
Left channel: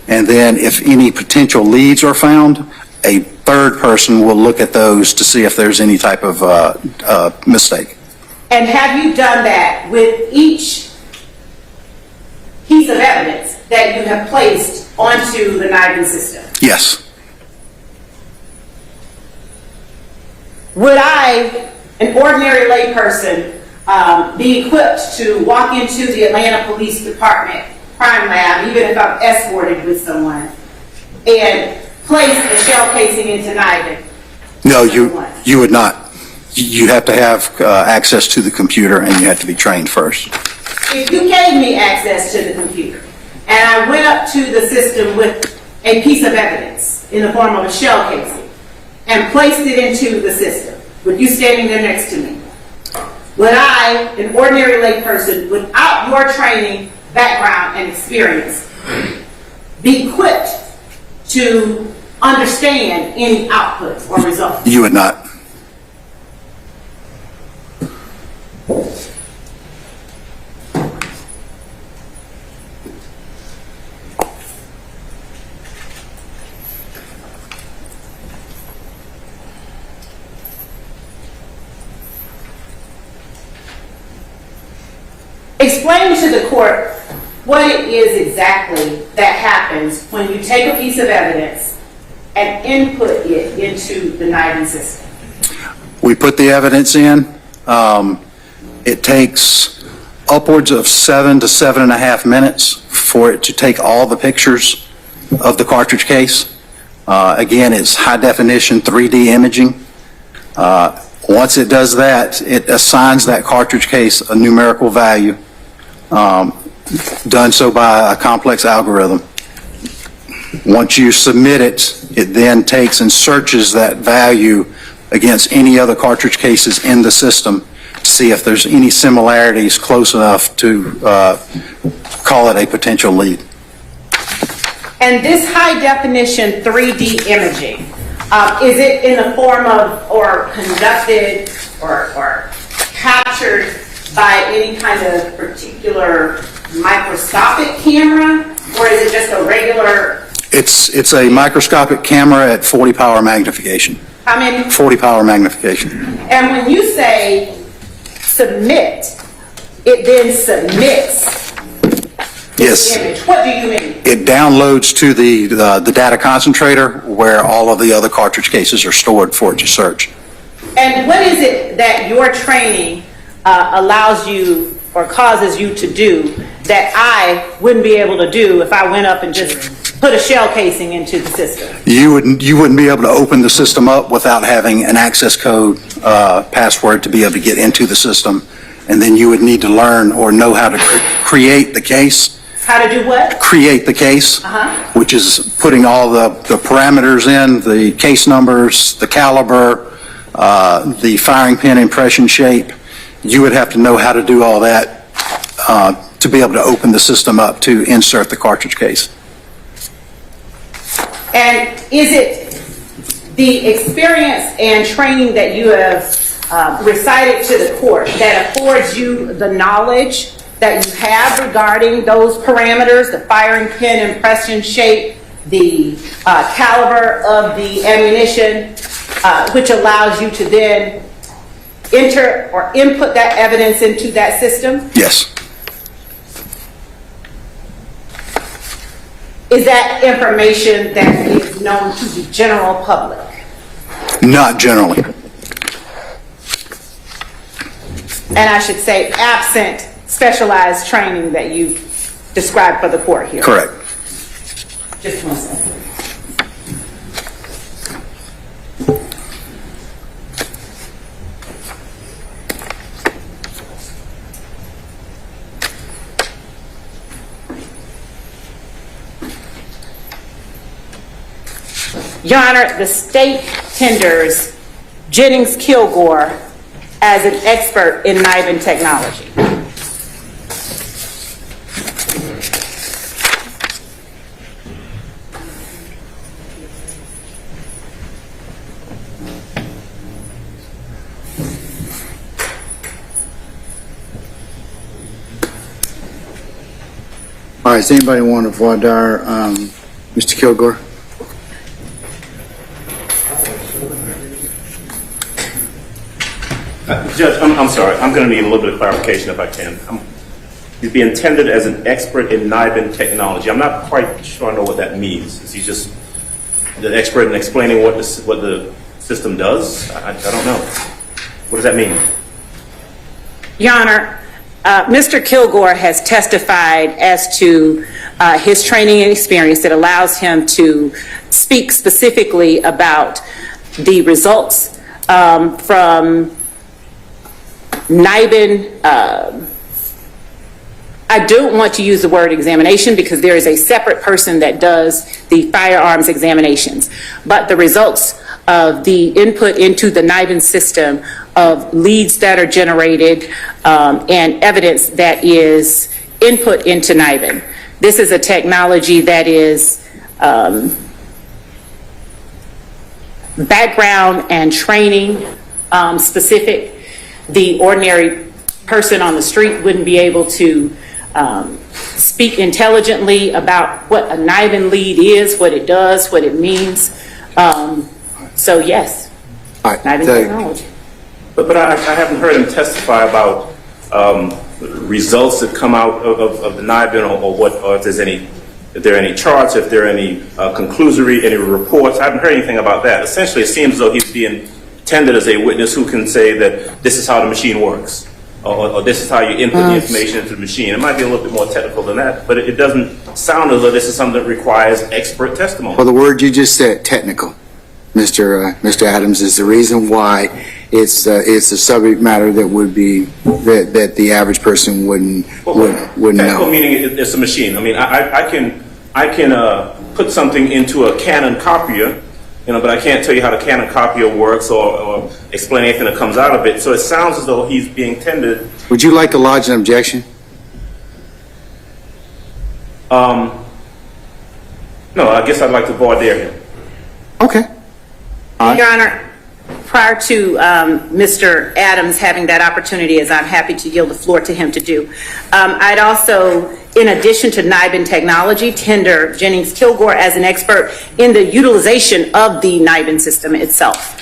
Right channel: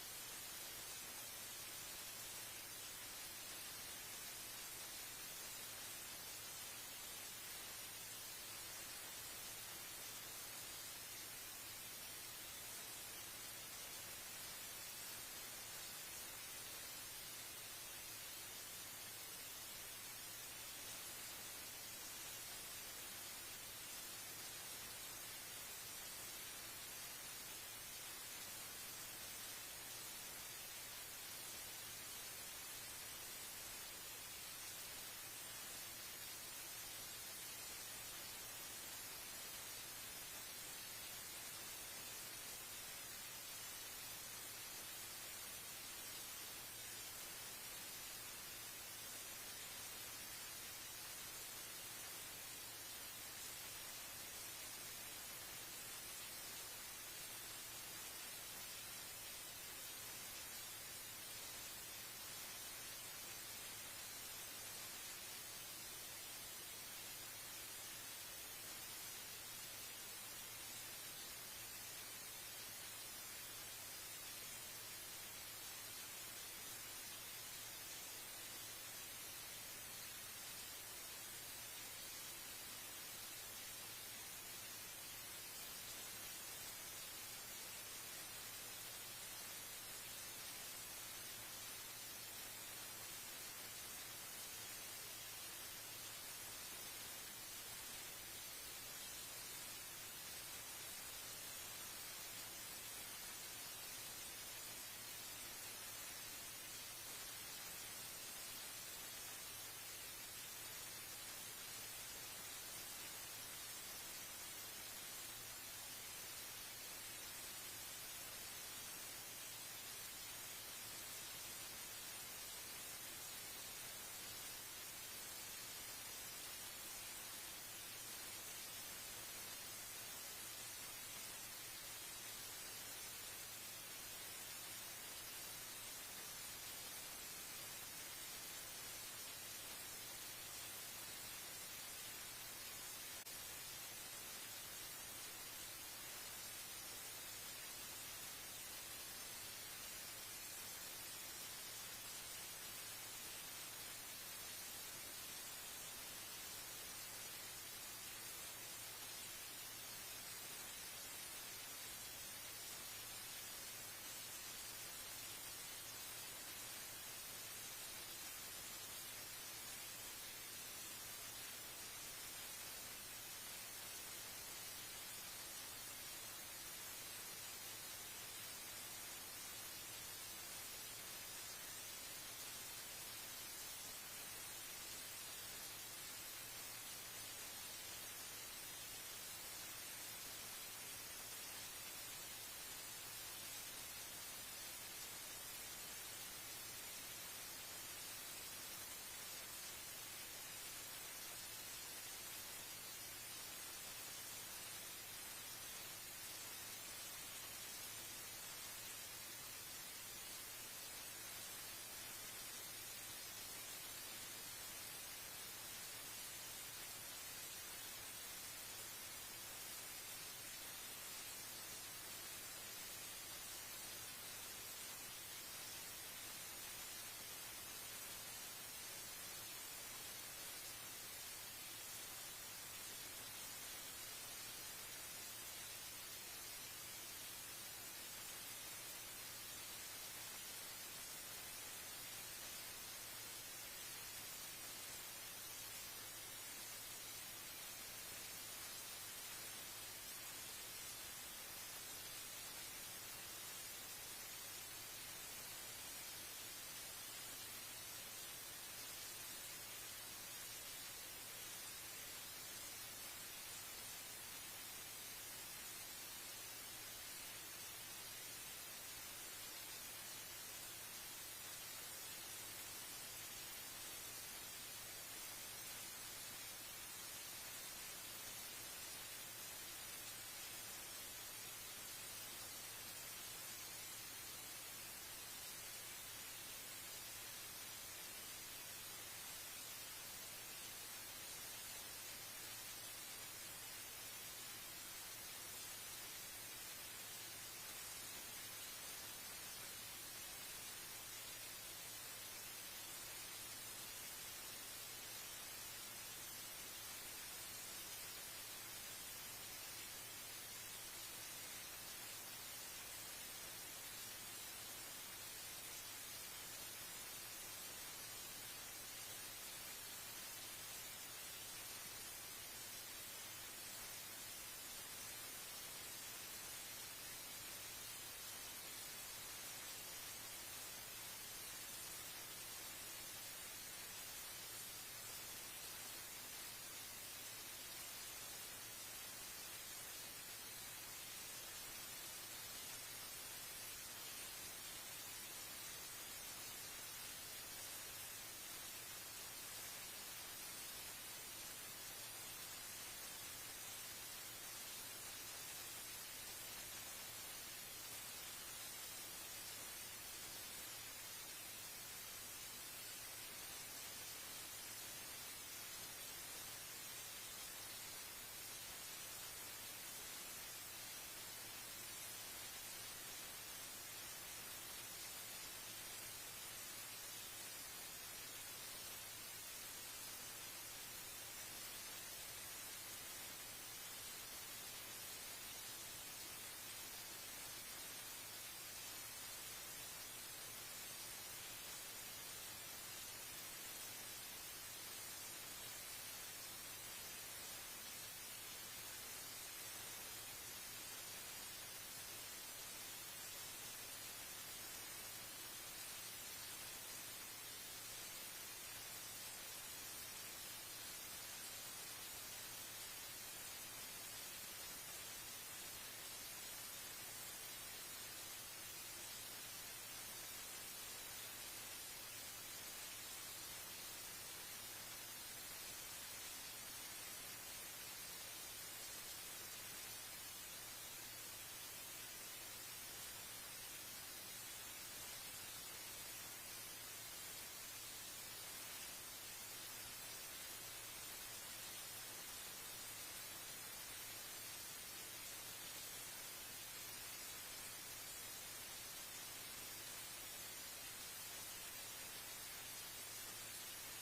And then if any potential leads are found, a third person will look at those to see if there's any type of mistake. And have you done that with each piece of evidence that you have placed onto the NIBIN system? Yes. Would I, an ordinary layperson, be equipped to walk into the Atlanta Police Department crime lab, even if I'm escorted with someone, and place a shell casing into NIBIN? No, you would not. You have to have access to the computer and you have to be trained first. If you gave me access to the computer and I went up to the system with a piece of evidence in the form of a shell casing and placed it into the system, with you standing there next to me, would I, an ordinary layperson, without your training, background, and experience, be equipped to understand any output or result? You would not. Explain to the court what it is exactly that happens when you take a piece of evidence and input it into the NIBIN system. We put the evidence in. It takes upwards of 7 to 7.5 minutes for it to take all the pictures of the cartridge case. Again, it's high definition 3D imaging. Once it does that, it assigns that cartridge case a numerical value, done so by a complex algorithm. Once you submit it, it then takes and searches that value against any other cartridge cases in the system to see if there's any similarities close enough to call it a potential lead. And this high definition 3D imaging, is it in the form of, or conducted, or captured by any kind of particular microscopic camera, or is it just a regular? It's a microscopic camera at 40 power magnification. How many? 40 power magnification. And when you say submit, it then submits Yes. this image. What do you mean? It downloads to the data concentrator where all of the other cartridge cases are stored for it to search. And what is it that your training allows you or causes you to do that I wouldn't be able to do if I went up and just put a shell casing into the system? You wouldn't be able to open the system up without having an access code password to be able to get into the system, and then you would need to learn or know how to create the case. How to do what? Create the case, which is putting all the parameters in, the case numbers, the caliber, the firing pin impression shape. You would have to know how to do all that to be able to open the system up to insert the cartridge case. And is it the experience and training that you have recited to the court that affords you the knowledge that you have regarding those parameters, the firing pin impression shape, the caliber of the ammunition, which allows you to then enter or input that evidence into that system? Yes. Is that information that is known to the general public? Not generally. And I should say absent specialized training that you described for the court here? Correct. Just one second. Your Honor, the state tenders Jennings Kilgore as an expert in NIBIN technology. All right, does anybody want to voir dire Mr. Kilgore? Judge, I'm sorry. I'm going to need a little bit of clarification if I can. He's being intended as an expert in NIBIN technology. I'm not quite sure I know what that means. Is he just the expert in explaining what the system does? I don't know. What does that mean? Your Honor, Mr. Kilgore has testified as to his training and experience that allows him to speak specifically about the results from NIBIN. I don't want to use the word examination because there is a separate person that does the firearms examinations. But the results of the input into the NIBIN system of leads that are generated and evidence that is input into NIBIN. This is a technology that is background and training specific. The ordinary person on the street wouldn't be able to speak intelligently about what a NIBIN lead is, what it does, what it means. So yes, NIBIN technology. But I haven't heard him testify about results that come out of the NIBIN or if there are any charts, if there are any conclusory, any reports. I haven't heard anything about that. Essentially, it seems as though he's being tended as a witness who can say that this is how the machine works, or this is how you input the information into the machine. It might be a little bit more technical than that, but it doesn't sound as though this is something that requires expert testimony. Well, the word you just said, technical, Mr. Adams, is the reason why it's a subject matter that would be that the average person wouldn't Technical know. meaning it's a machine. I mean, I can put something into a Canon copier but I can't tell you how the Canon copier works or explain anything that comes out of it. So it sounds as though he's being tended. Would you like to lodge an objection? No, I guess I'd like to voir dire him. Okay. Your Honor, prior to Mr. Adams having that opportunity, as I'm happy to yield the floor to him to do, I'd also, in addition to NIBIN technology, tender Jennings Kilgore as an expert in the utilization of the NIBIN system itself.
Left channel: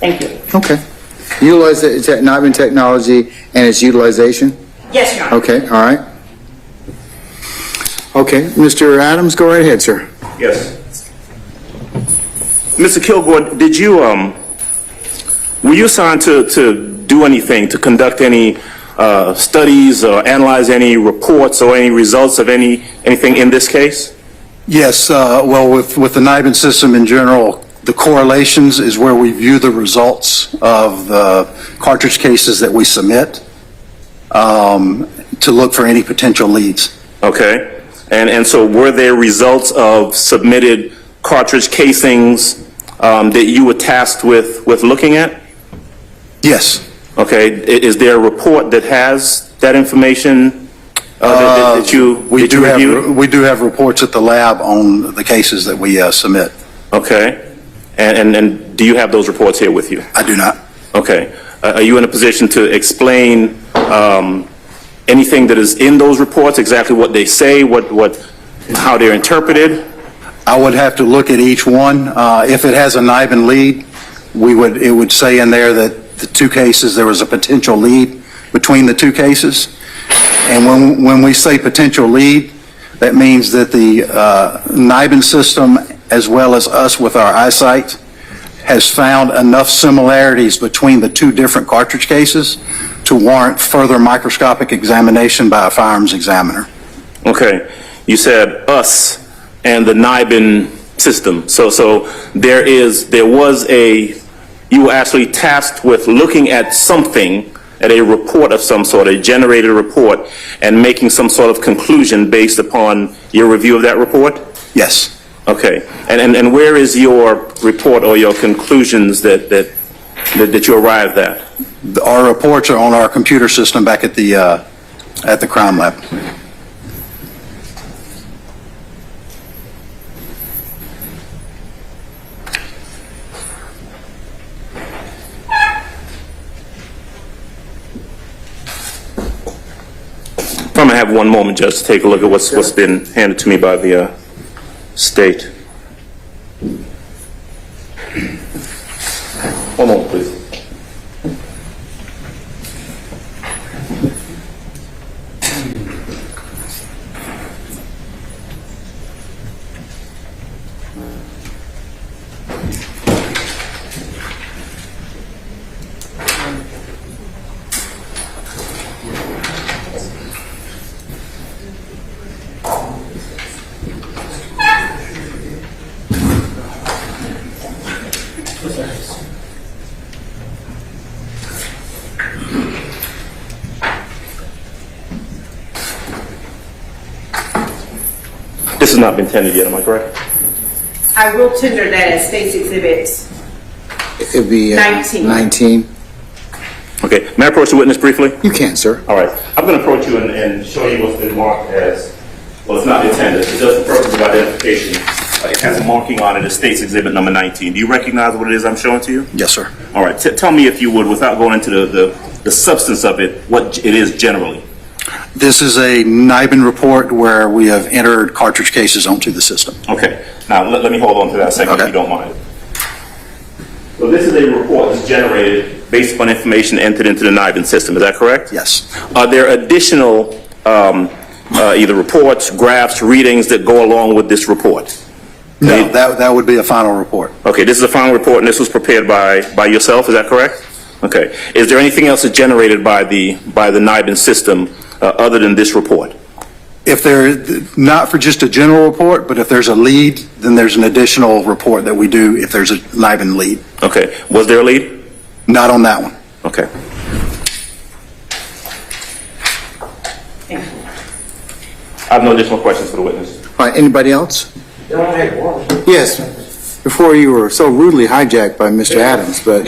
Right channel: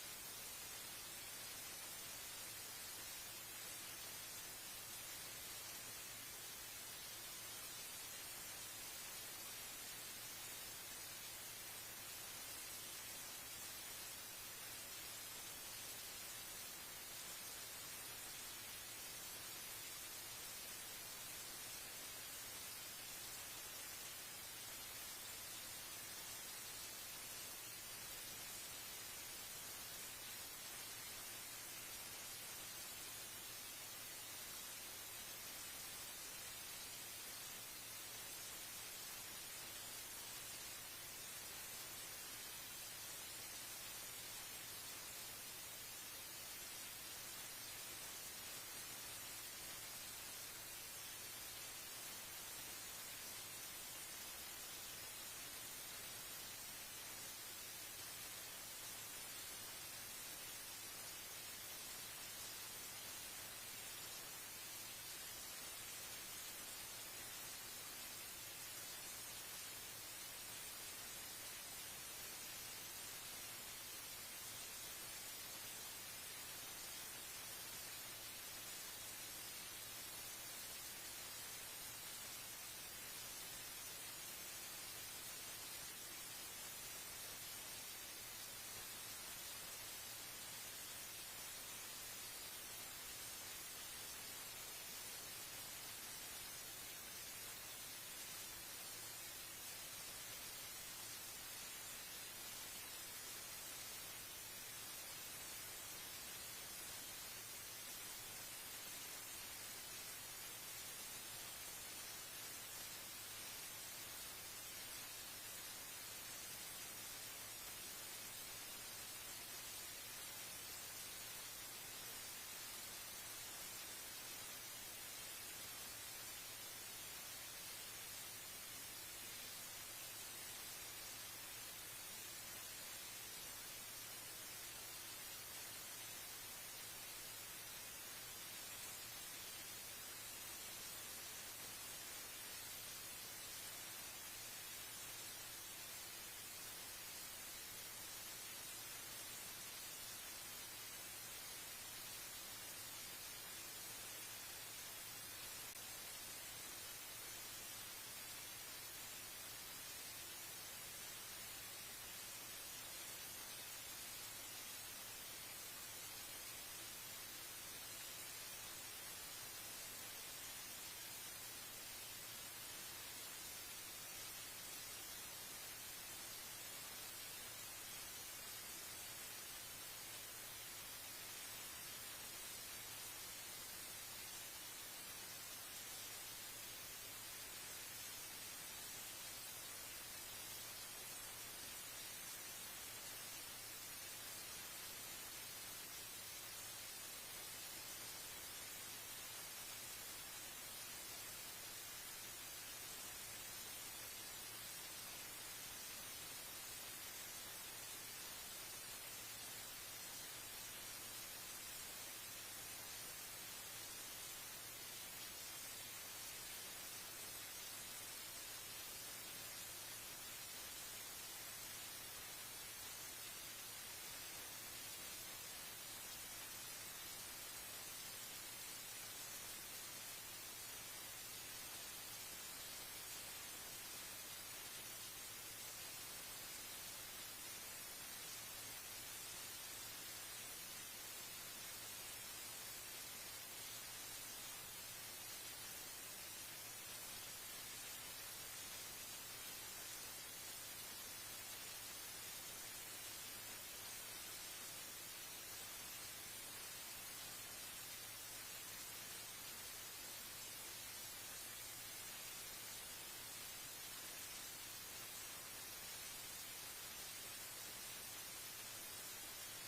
Thank you. Okay. Utilize the NIBIN technology and its utilization? Yes, Your Honor. Okay, all right. Okay, Mr. Adams, go right ahead, sir. Yes. Mr. Kilgore, did you, were you assigned to do anything, to conduct any studies or analyze any reports or any results of anything in this case? Yes, well, with the NIBIN system in general, the correlations is where we view the results of the cartridge cases that we submit to look for any potential leads. Okay. And so were there results of submitted cartridge casings that you were tasked with looking at? Yes. Okay. Is there a report that has that information that you reviewed? We do have reports at the lab on the cases that we submit. Okay. And do you have those reports here with you? I do not. Okay. Are you in a position to explain anything that is in those reports, exactly what they say, how they're interpreted? I would have to look at each one. If it has a NIBIN lead, it would say in there that the two cases, there was a potential lead between the two cases. And when we say potential lead, that means that the NIBIN system, as well as us with our eyesight, has found enough similarities between the two different cartridge cases to warrant further microscopic examination by a firearms examiner. Okay. You said us and the NIBIN system. So you were actually tasked with looking at something, at a report of some sort, a generated report, and making some sort of conclusion based upon your review of that report? Yes. Okay. And where is your report or your conclusions that you arrived at? Our reports are on our computer system back at the crime lab. I'm going to have one moment just to take a look at what's been handed to me by the state. One moment, please. This has not been tendered yet, am I correct? I will tender that as State's Exhibit It'd be 19. Okay. May I approach the witness briefly? You can, sir. All right. I'm going to approach you and show you what's been marked as, well, it's not intended. It does the purpose of identification. It has a marking on it as State's Exhibit number 19. Do you recognize what it is I'm showing to you? Yes, sir. All right. Tell me, if you would, without going into the substance of it, what it is generally. This is a NIBIN report where we have entered cartridge cases onto the system. Okay. Now, let me hold on to that a second, if you don't mind. So this is a report that's generated based upon information entered into the NIBIN system. Is that correct? Yes. Are there additional either reports, graphs, readings that go along with this report? No, that would be a final report. Okay, this is a final report, and this was prepared by yourself. Is that correct? Okay. Is there anything else that's generated by the NIBIN system other than this report? If not for just a general report, but if there's a lead, then there's an additional report that we do if there's a NIBIN lead. Okay. Was there a lead? Not on that one. Okay. I have no additional questions for the witness. All right, anybody else? Yes. before you were so rudely hijacked by Mr. Adams, but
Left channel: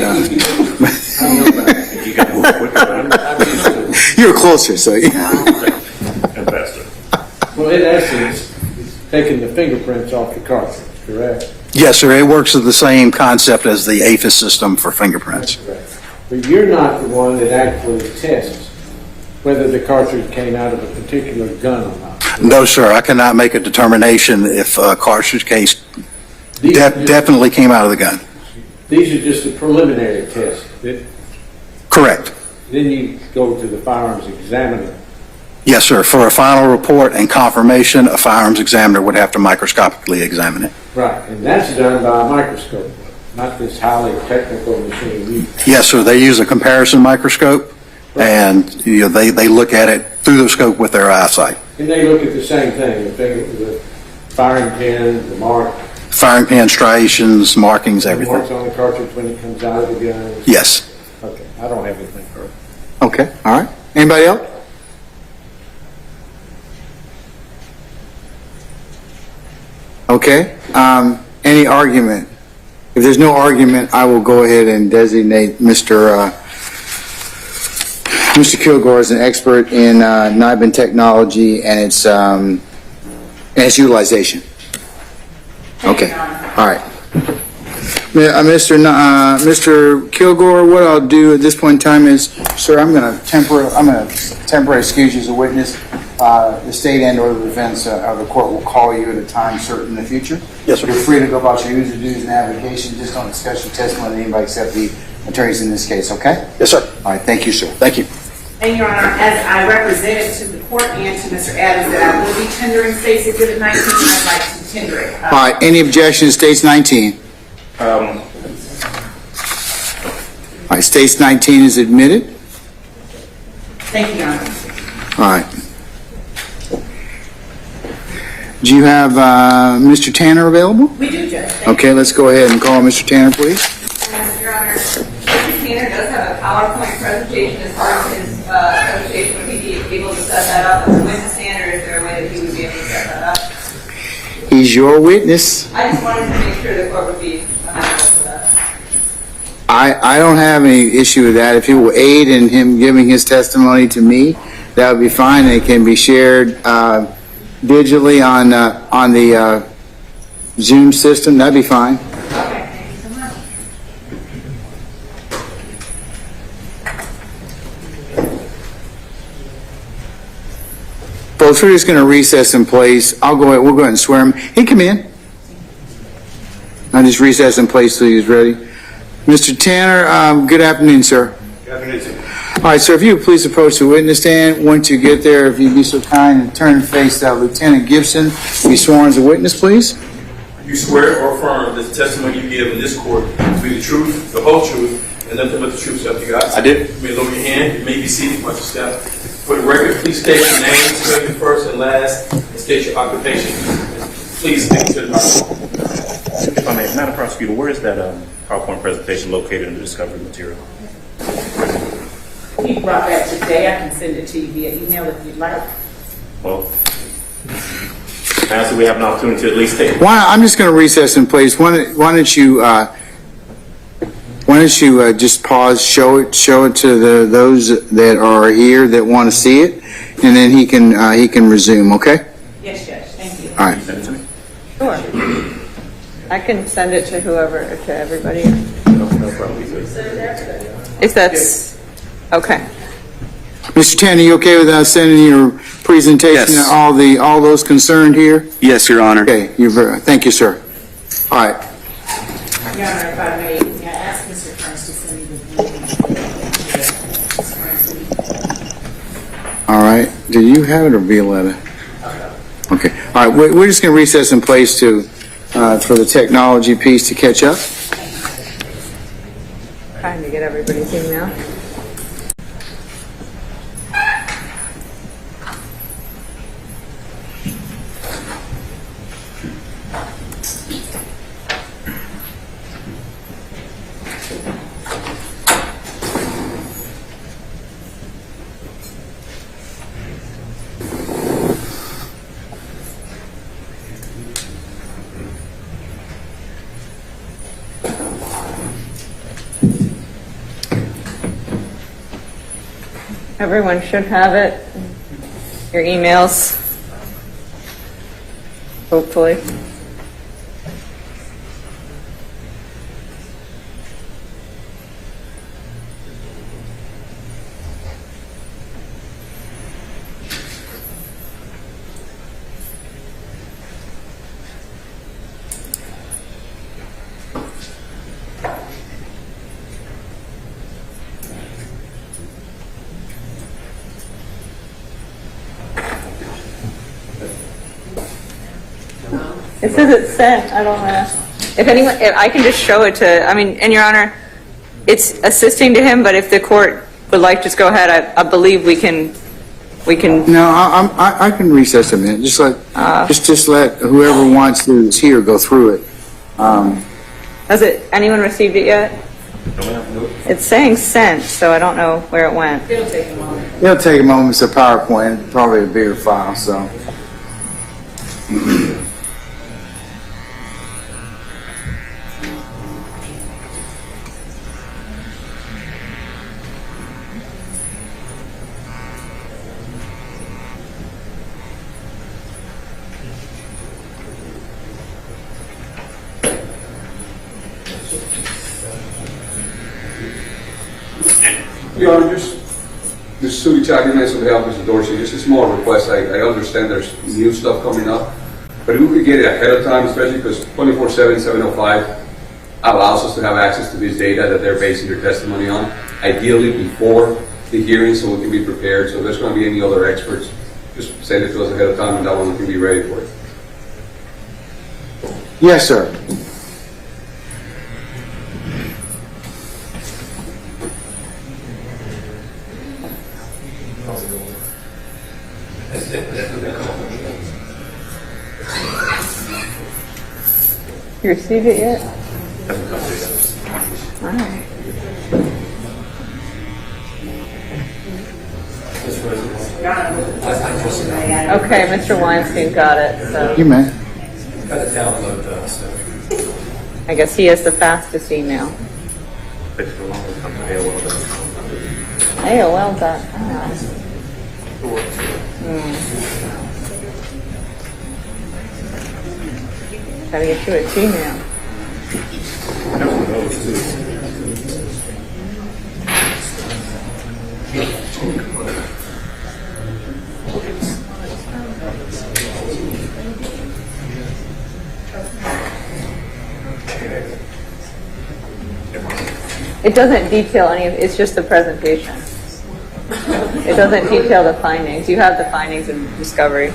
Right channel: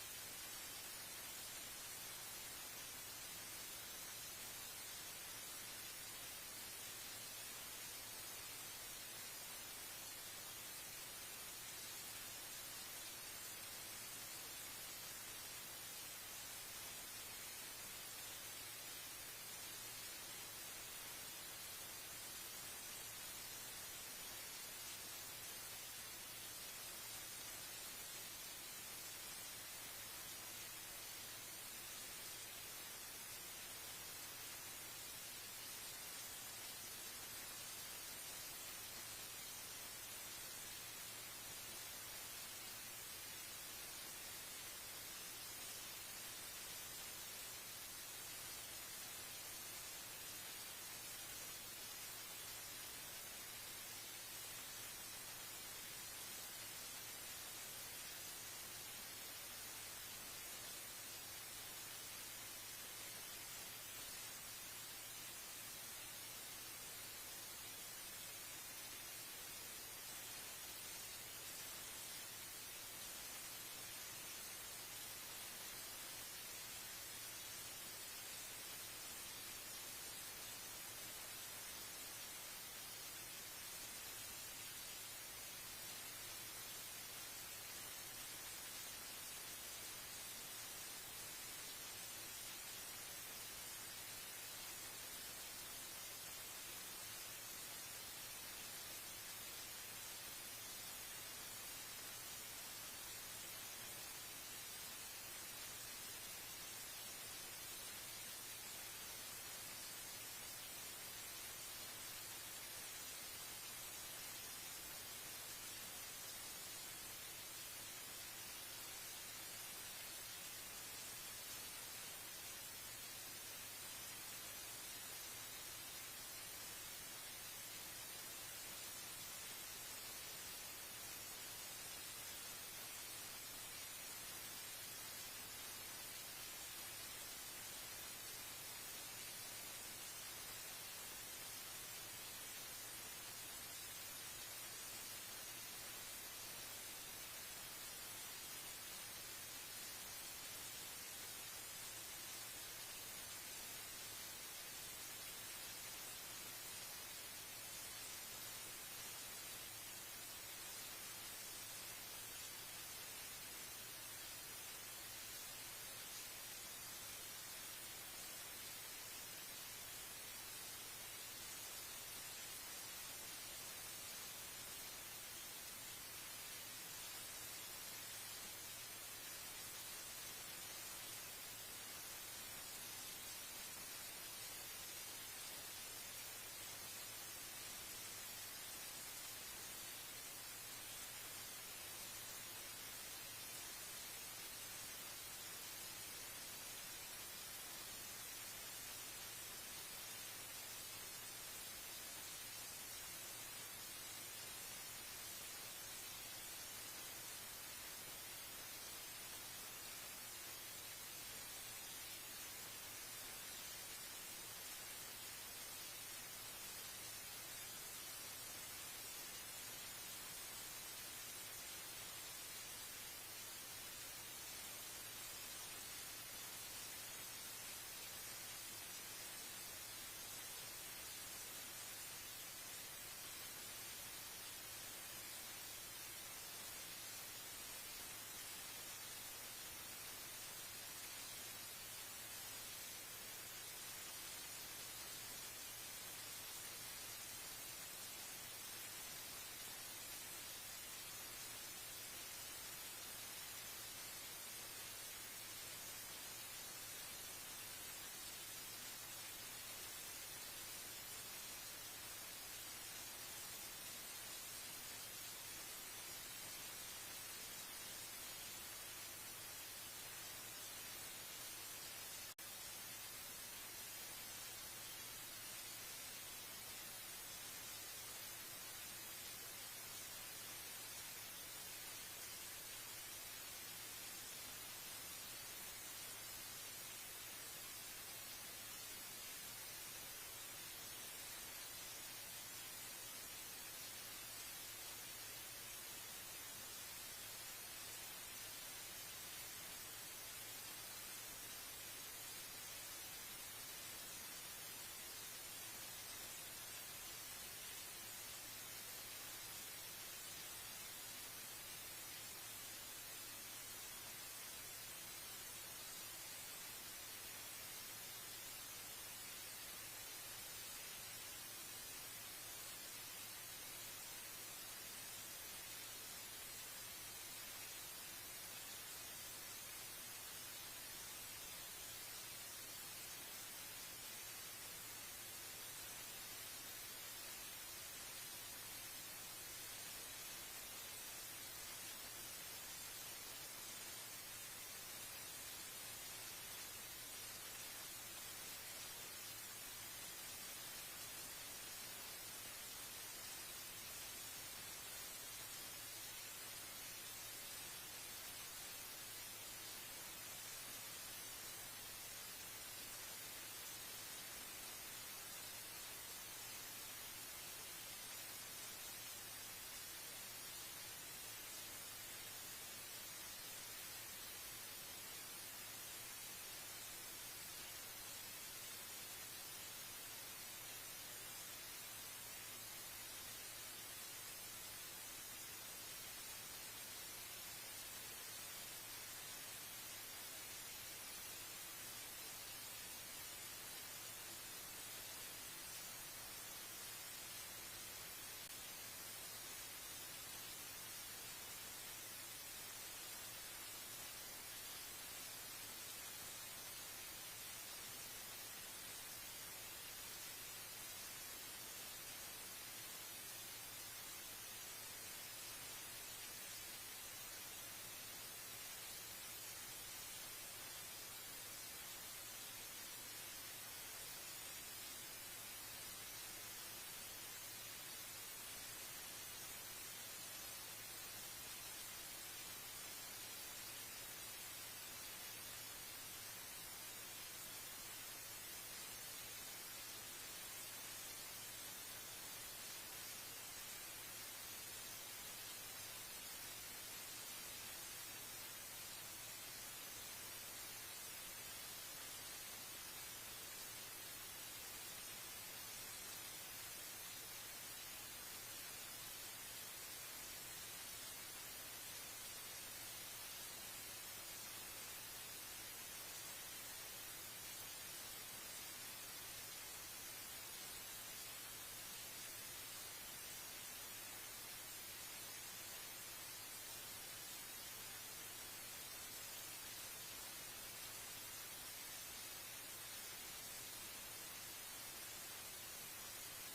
you were closer, so. Well, in essence, it's taking the fingerprints off the cartridge, correct? Yes, sir. It works with the same concept as the APHIS system for fingerprints. But you're not the one that actually tests whether the cartridge came out of a particular gun or not. No, sir. I cannot make a determination if a cartridge case definitely came out of the gun. These are just the preliminary tests. Correct. Then you go to the firearms examiner. Yes, sir. For a final report and confirmation, a firearms examiner would have to microscopically examine it. Right, and that's done by a microscope, not this highly technical machine. Yes, sir. They use a comparison microscope, and they look at it through the scope with their eyesight. And they look at the same thing, the firing pin, the mark. Firing pin striations, markings, The everything. marks on the cartridge when it comes out of the gun. Yes. Okay, I don't have anything further. Okay, all right. Anybody else? Okay, any argument? If there's no argument, I will go ahead and designate Mr. Kilgore as an expert in NIBIN technology and its utilization. Okay, all right. Mr. Kilgore, what I'll do at this point in time is, sir, I'm going to temporarily excuse you as a witness. The state and/or the defense of the court will call you at a time certain in the future. Yes, sir. You're free to go about your usual duties and avocation. Just don't discuss your testimony with anybody except the attorneys in this case, okay? Yes, sir. All right, thank you, sir. Thank you. And Your Honor, as I represented to the court and to Mr. Adams that I will be tendering State's Exhibit 19, I'd like to tender it. All right, any objection to States 19? All right, States 19 is admitted. Thank you, Your Honor. All right. Do you have Mr. Tanner available? We do, Judge. Okay, let's go ahead and call Mr. Tanner, please. Your Honor, Mr. Tanner does have a PowerPoint presentation as part of his presentation. Would he be able to set that up as a witness stand, or is there a way that he would be able to set that up? He's your witness. I just wanted to make sure the court would be amenable to that. I don't have any issue with that. If he will aid in him giving his testimony to me, that would be fine. It can be shared digitally on the Zoom system. That'd be fine. Okay, thank you so much. Folks, we're just going to recess in place. We'll go ahead and swear him. He come in. I'll just recess in place till he's ready. Mr. Tanner, good afternoon, sir. Good afternoon, sir. All right, sir, if you would please approach the witness stand. Once you get there, if you'd be so kind and turn and face Lieutenant Gibson, be sworn as a witness, please. You swear or affirm that the testimony you give in this court to be the truth, the whole truth, and nothing but the truth, so help you God? I did. You may lower your hand. You may be seated once you step. For the record, please state your name, spell your first and last, and state your occupation. Please speak to the microphone. If I may, Madam Prosecutor, where is that PowerPoint presentation located in the discovery material? He brought that today. I can send it to you via email if you'd like. Well, now so we have an opportunity to at least take. I'm just going to recess in place. Why don't you just pause, show it to those that are here that want to see it, and then he can resume. Okay. Yes, Judge. Thank you. All right. Sure. I can send it to whoever, to everybody. If that's, okay. Mr. Tanner, you okay with us sending your presentation to all those concerned here? Yes, Your Honor. Okay. Thank you, sir. All right. Your Honor, if I may ask Mr. Kearns to send me the All right. Do you have it or Violetta? Okay. All right. We're just going to recess in place for the technology piece to catch up. Trying to get everybody's email. Everyone should have it. Your emails. Hopefully. It says it's sent. I don't know. If I can just show it to, I mean, and Your Honor, it's assisting to him, but if the court would like, just go ahead. I believe we can. No, I can recess a minute. Just let whoever wants to is here go through it. Has anyone received it yet? It's saying sent, so I don't know where it went. It'll take a moment. It's a PowerPoint, probably a bigger file, so. Your Honor, just Sue Chagriness on behalf of Mr. Dorsey, just a small request. I understand there's new stuff coming up, but if we could get it ahead of time, especially because 24/7, 705 allows us to have access to this data that they're basing their testimony on, ideally before the hearing so we can be prepared. So if there's going to be any other experts, just send it to us ahead of time and that one we can be ready for it. Yes, sir. You received it yet? All right. Okay, Mr. Weinstein got it, so. You may. I guess he has the fastest email. AOL.com. Gotta get you a Gmail. It doesn't detail any of, it's just the presentation. It doesn't detail the findings. You have the findings in discovery.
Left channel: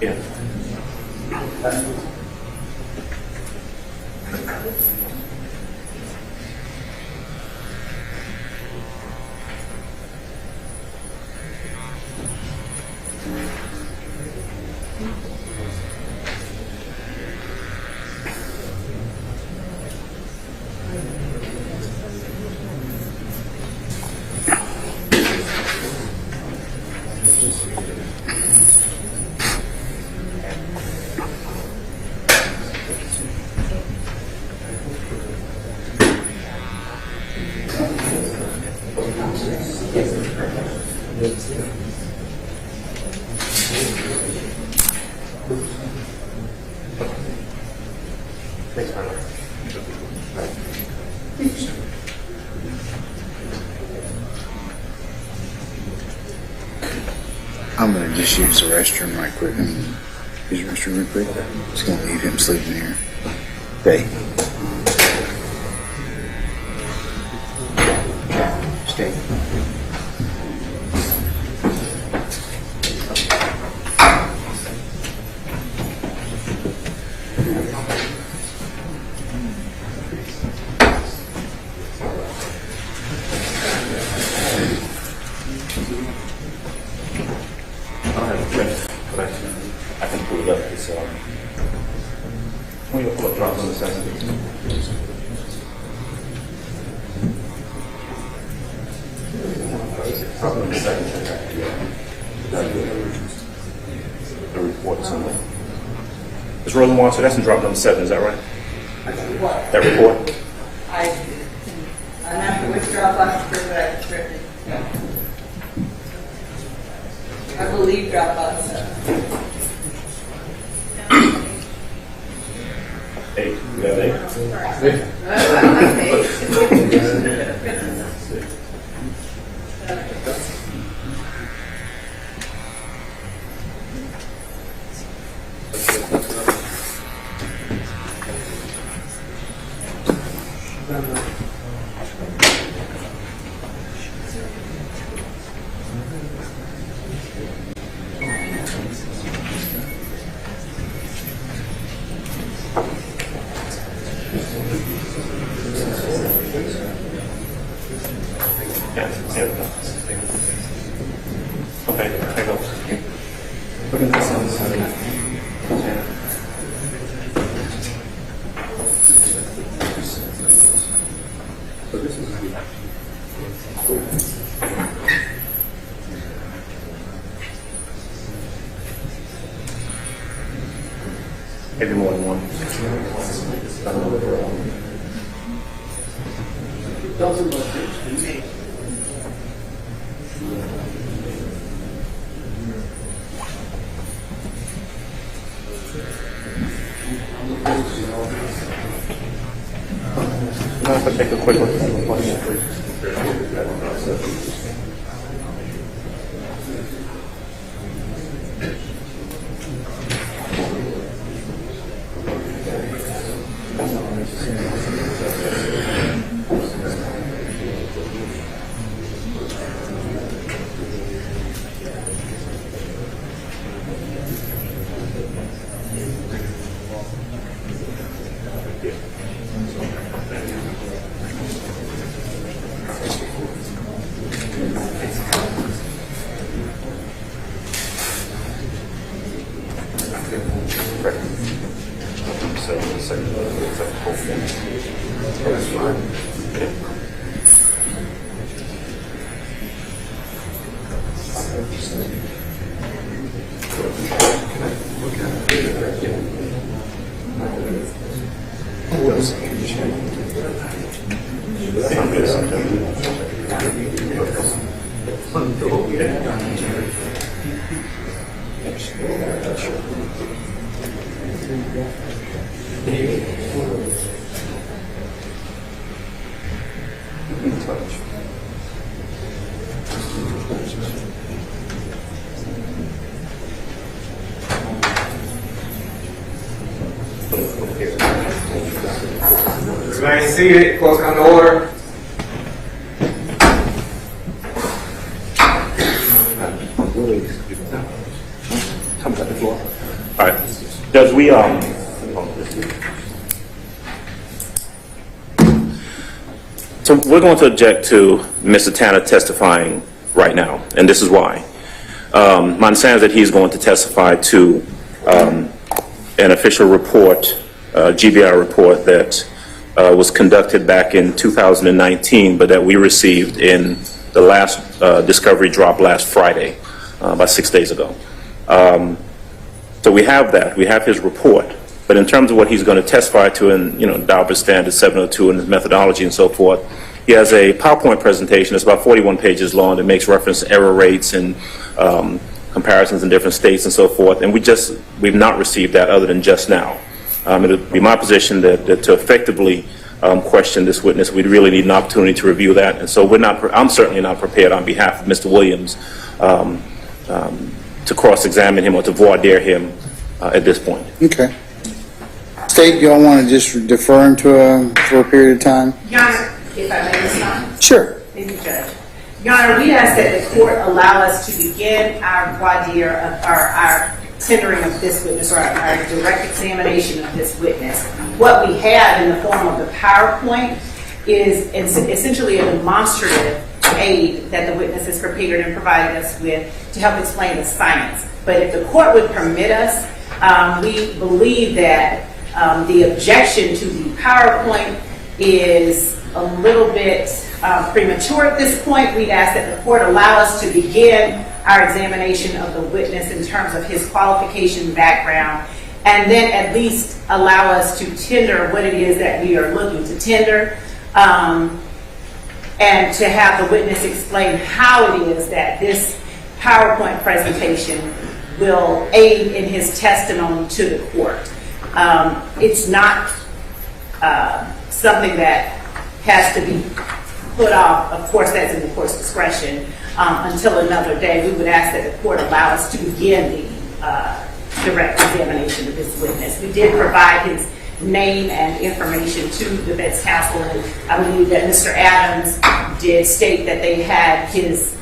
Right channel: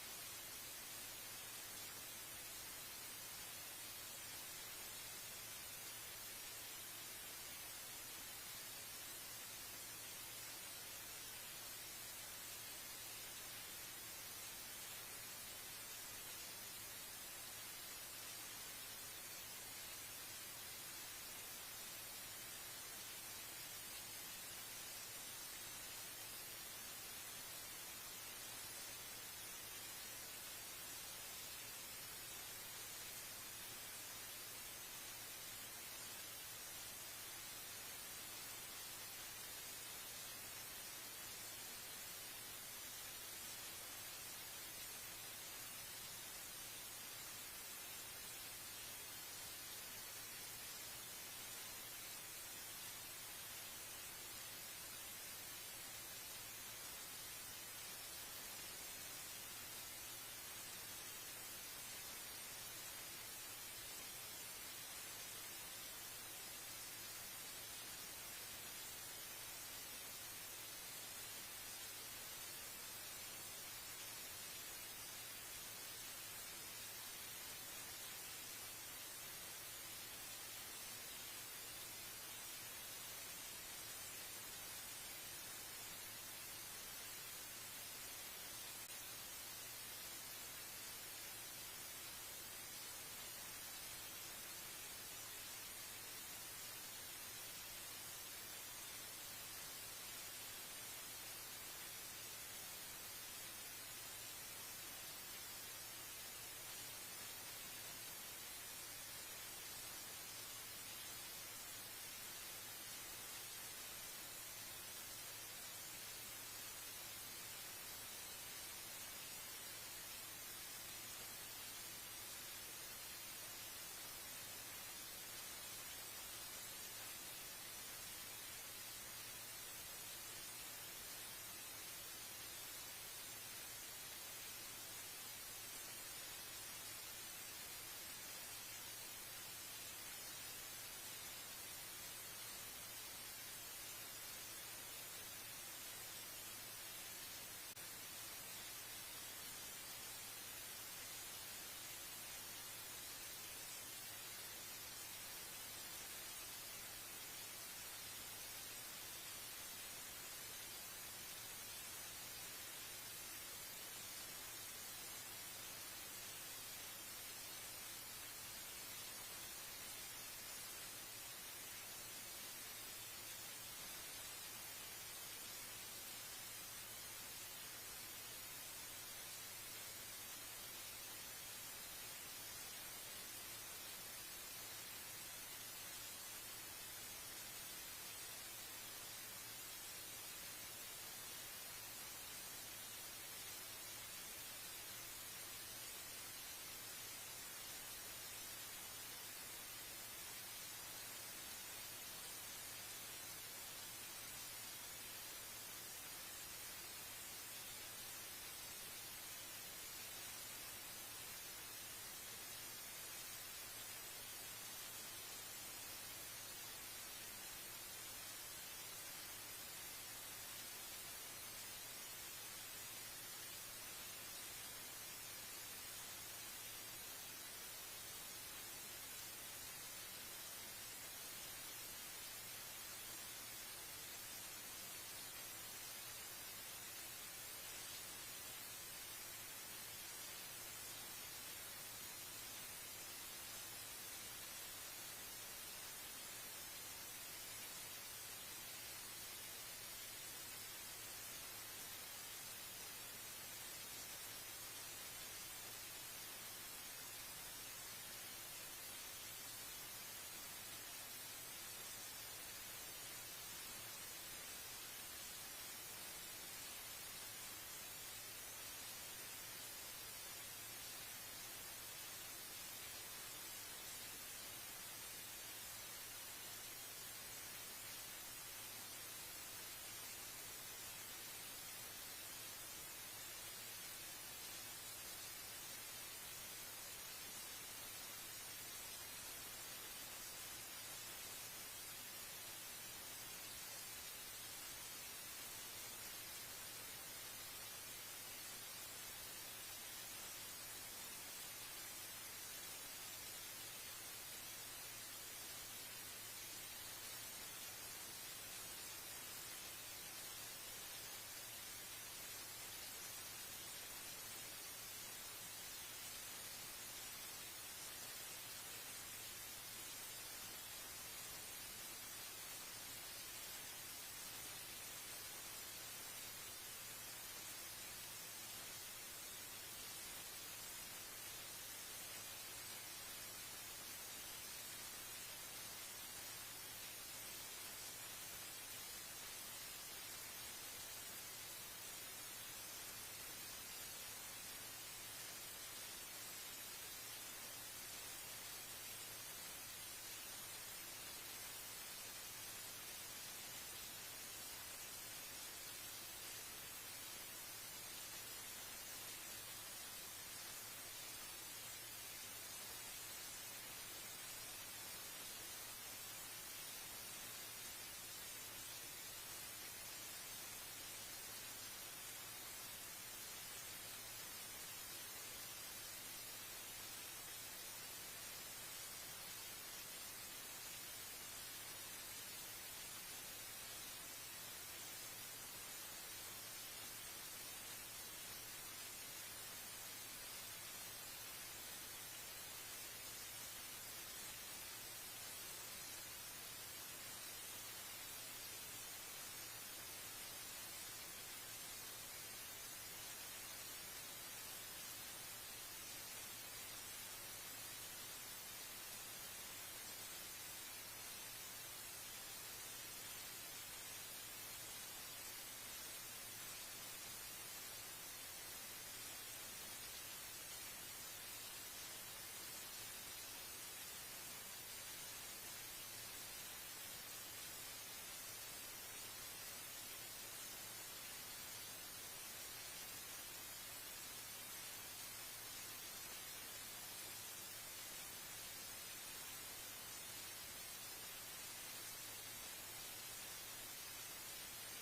Yeah. I'm gonna just use the restroom right quick and use the restroom real quick. Just gonna leave him sleeping here. Okay. Stay. I can pull it up. It's we pull it drops on the second. The report somewhere. Ms. Rosenwald, so that's in drop number 7, is that right? What? That report? I'm not sure which Dropbox is that I've written. I believe Dropbox. 8. You got 8? Okay, there goes. Look at this on the side. So this is maybe more than one. If I take a quick look at the question, please. Remain seated, close come to order. Come to the floor. All right. Judge, so we're going to object to Mr. Tanner testifying right now, and this is why. My understanding is that he's going to testify to an official report, GBI report that was conducted back in 2019, but that we received in the last discovery drop last Friday, about 6 days ago. So we have that. We have his report. But in terms of what he's going to testify to in, Daubert Standard 702 and his methodology and so forth, he has a PowerPoint presentation that's about 41 pages long that makes reference to error rates and comparisons in different states and so forth. And we've not received that other than just now. It would be my position that to effectively question this witness, we'd really need an opportunity to review that. And so I'm certainly not prepared on behalf of Mr. Williams to cross-examine him or to voir dire him at this point. Okay. State, you all want to just defer him for a period of time? Your Honor, if I may respond. Sure. Thank you, Judge. Your Honor, we ask that the court allow us to begin our voir dire, our tendering of this witness, or our direct examination of this witness. What we have in the form of the PowerPoint is essentially a demonstrative aid that the witness has prepared and provided us with to help explain the science. But if the court would permit us, we believe that the objection to the PowerPoint is a little bit premature at this point. We'd ask that the court allow us to begin our examination of the witness in terms of his qualification background, and then at least allow us to tender what it is that we are looking to tender, and to have the witness explain how it is that this PowerPoint presentation will aid in his testimony to the court. It's not something that has to be put off. Of course, that's in the court's discretion until another day. We would ask that the court allow us to begin the direct examination of this witness. We did provide his name and information to the defense counsel, and I believe that Mr. Adams did state that they had his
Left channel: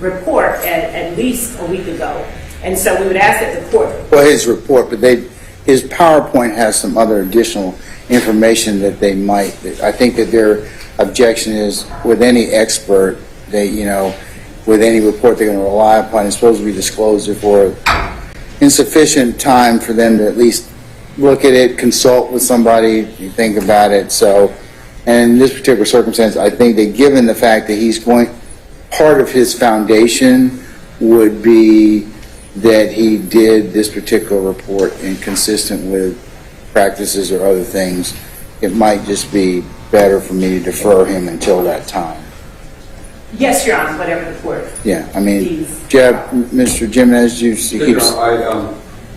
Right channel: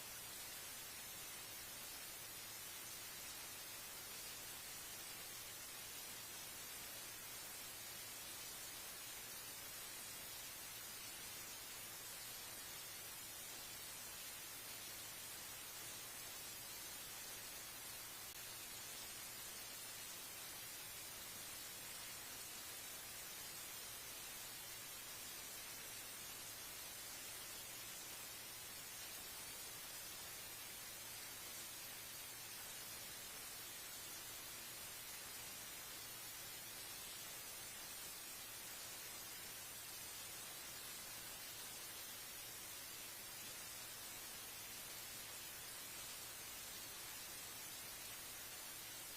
report at least a week ago. And so we would ask that the court... Well, his report, but his PowerPoint has some other additional information that they might... I think that their objection is with any expert, with any report they're going to rely upon, it's supposed to be disclosed for insufficient time for them to at least look at it, consult with somebody, think about it. So, and in this particular circumstance, I think that given the fact that part of his foundation would be that he did this particular report inconsistent with practices or other things, it might just be better for me to defer him until that time. Yes, Your Honor, whatever the court... Yeah, I mean, Mr. Jimenez,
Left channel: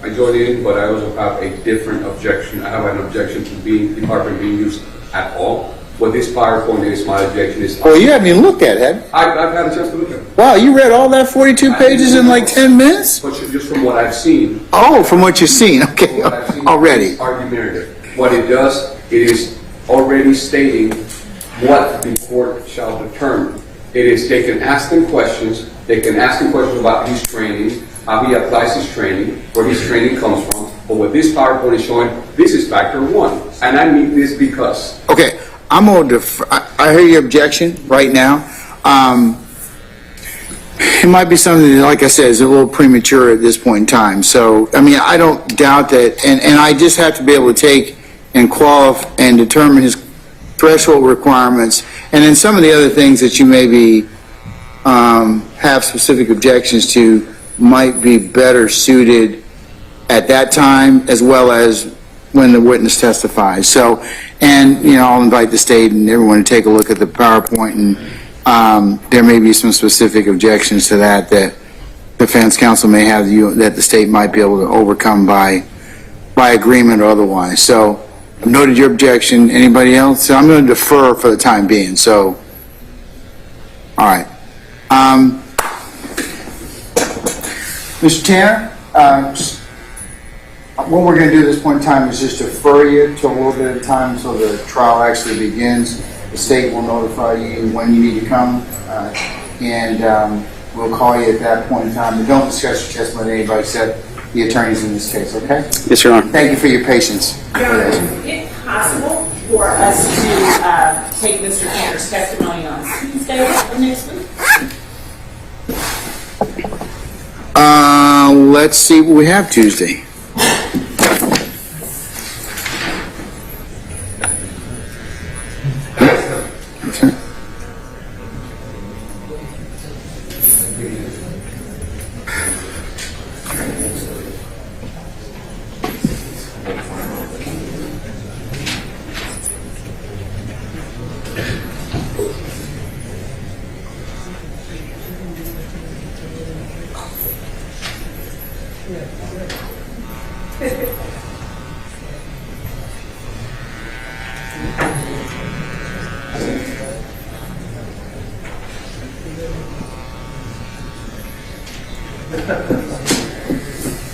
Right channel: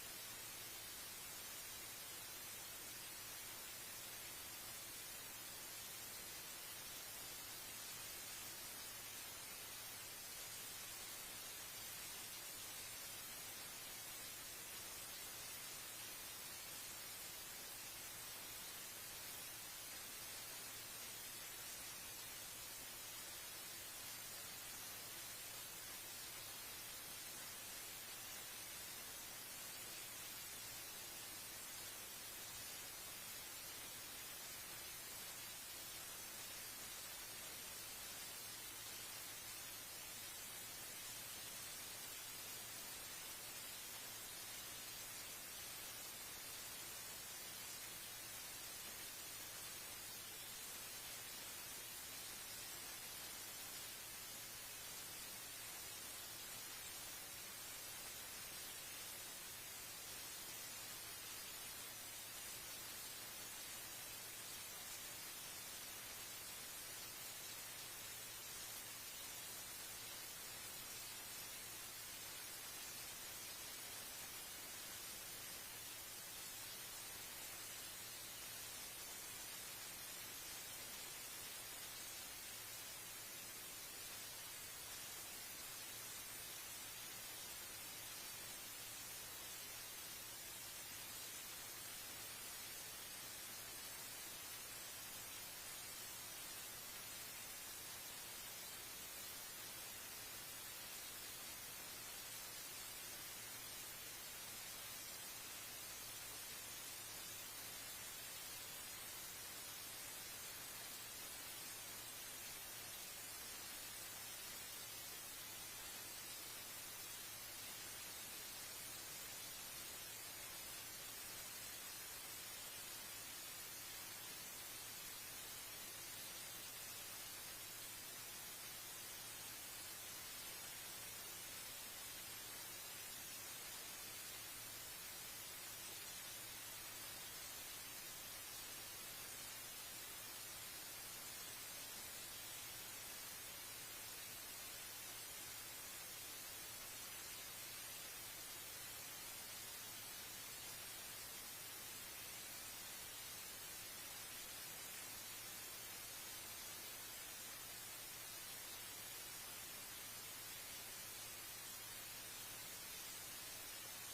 I joined in, but I also have a different objection. I have an objection to the department being used at all. What this PowerPoint is, my objection is... Well, you haven't even looked at it, have I've had a chance to look at it. Wow, you read all that 42 pages in like 10 minutes? But just from what I've seen... Oh, from what you've seen, okay, already. What it does, it is already stating what the court shall determine. It is, they can ask him questions, about his training, how he applies his training, where his training comes from. But what this PowerPoint is showing, this is factor one. And I mean this because... Okay, I'm going to defer. I hear your objection right now. It might be something that, like I said, is a little premature at this point in time. So, I mean, I don't doubt that, and I just have to be able to take and qualify and determine his threshold requirements, and then some of the other things that you maybe have specific objections to might be better suited at that time as well as when the witness testifies. So, and, I'll invite the state and everyone to take a look at the PowerPoint, and there may be some specific objections to that defense counsel may have that the state might be able to overcome by agreement or otherwise. So, I've noted your objection. Anybody else? So I'm going to defer for the time being. So, all right. Mr. Tanner, what we're going to do at this point in time is just defer you to a little bit of time until the trial actually begins. The state will notify you when you need to come, and we'll call you at that point in time. But don't discuss your testimony with anybody except the attorneys in this case, okay? Yes, Your Honor. Thank you for your patience. Your Honor, is it possible for us to take Mr. Cantor's testimony on Tuesday of next week? Let's see what we have Tuesday. Okay.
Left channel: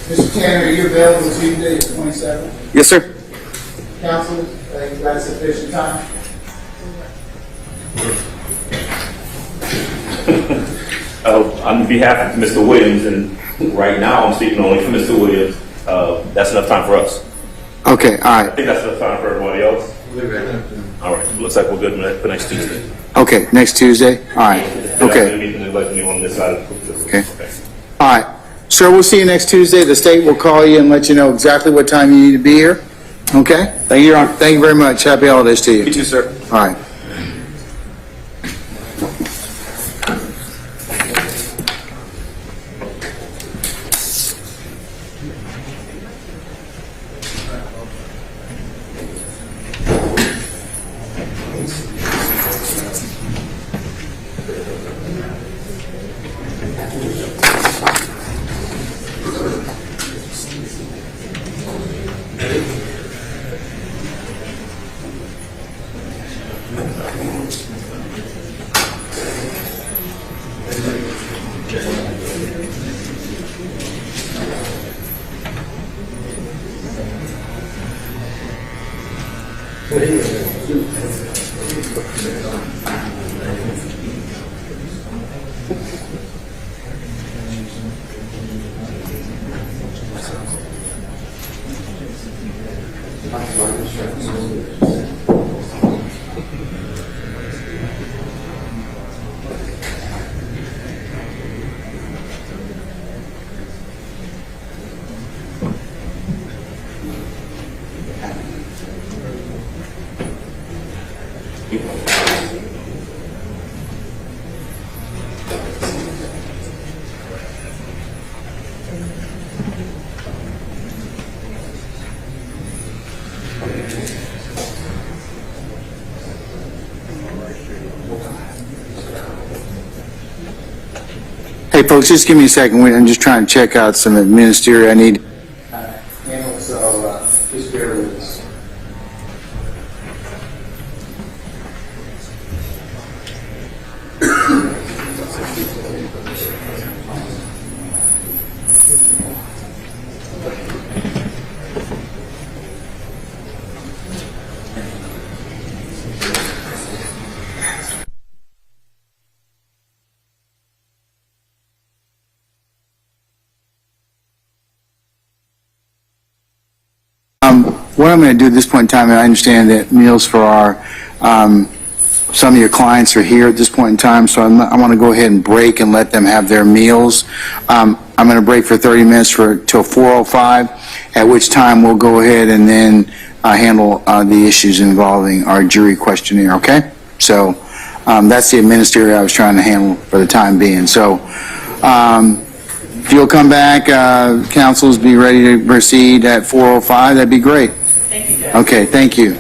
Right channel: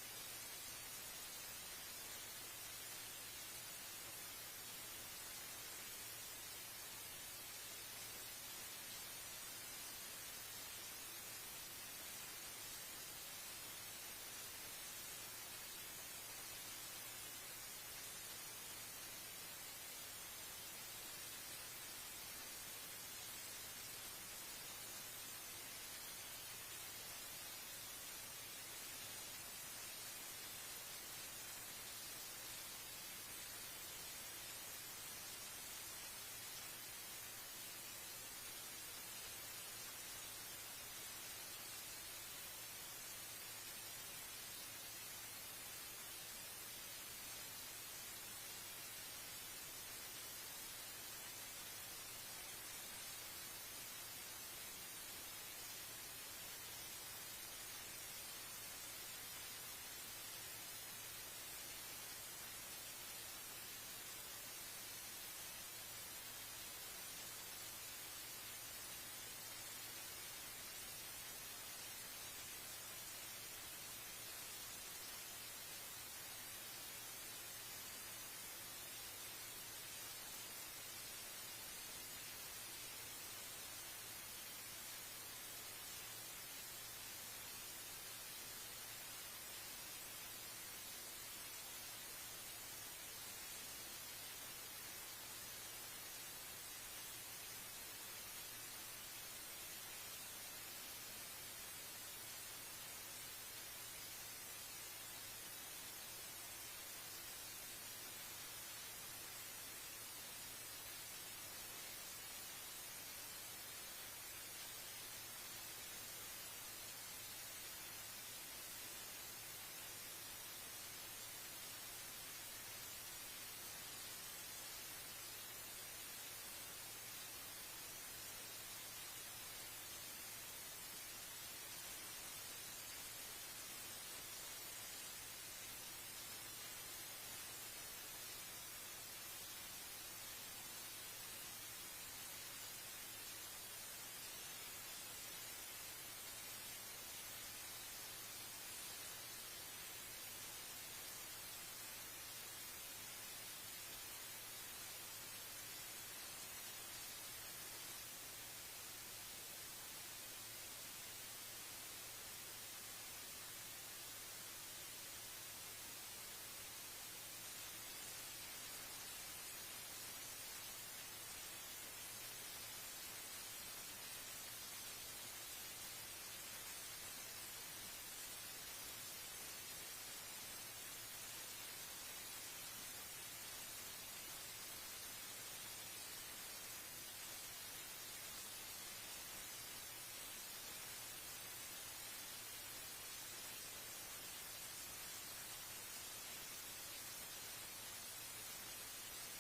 Mr. Tanner, are you available Tuesday, the 27th? Yes, sir. Council, you've got sufficient time? On behalf of Mr. Williams, and right now I'm speaking only for Mr. Williams, that's enough time for us. Okay, all I right. think that's enough time for everybody else. All right, looks like we're good for next Tuesday. Okay, next Tuesday? All right. Okay. Okay. All right. Sir, we'll see you next Tuesday. The state will call you and let you know exactly what time you need to be here. Okay? Thank you, Your Honor. Thank you very much. Happy holidays to you. You too, sir. All right. Hey, folks, just give me a second. I'm just trying to check out some administrative I need. So, just bear with us. What I'm going to do at this point in time, and I understand that meals for our, some of your clients are here at this point in time, so I want to go ahead and break and let them have their meals. I'm going to break for 30 minutes till 4:05, at which time we'll go ahead and then handle the issues involving our jury questionnaire, okay? So that's the administrative I was trying to handle for the time being. So if you'll come back, councils be ready to proceed at 4:05, that'd be great. Thank you, Judge. Okay, thank you.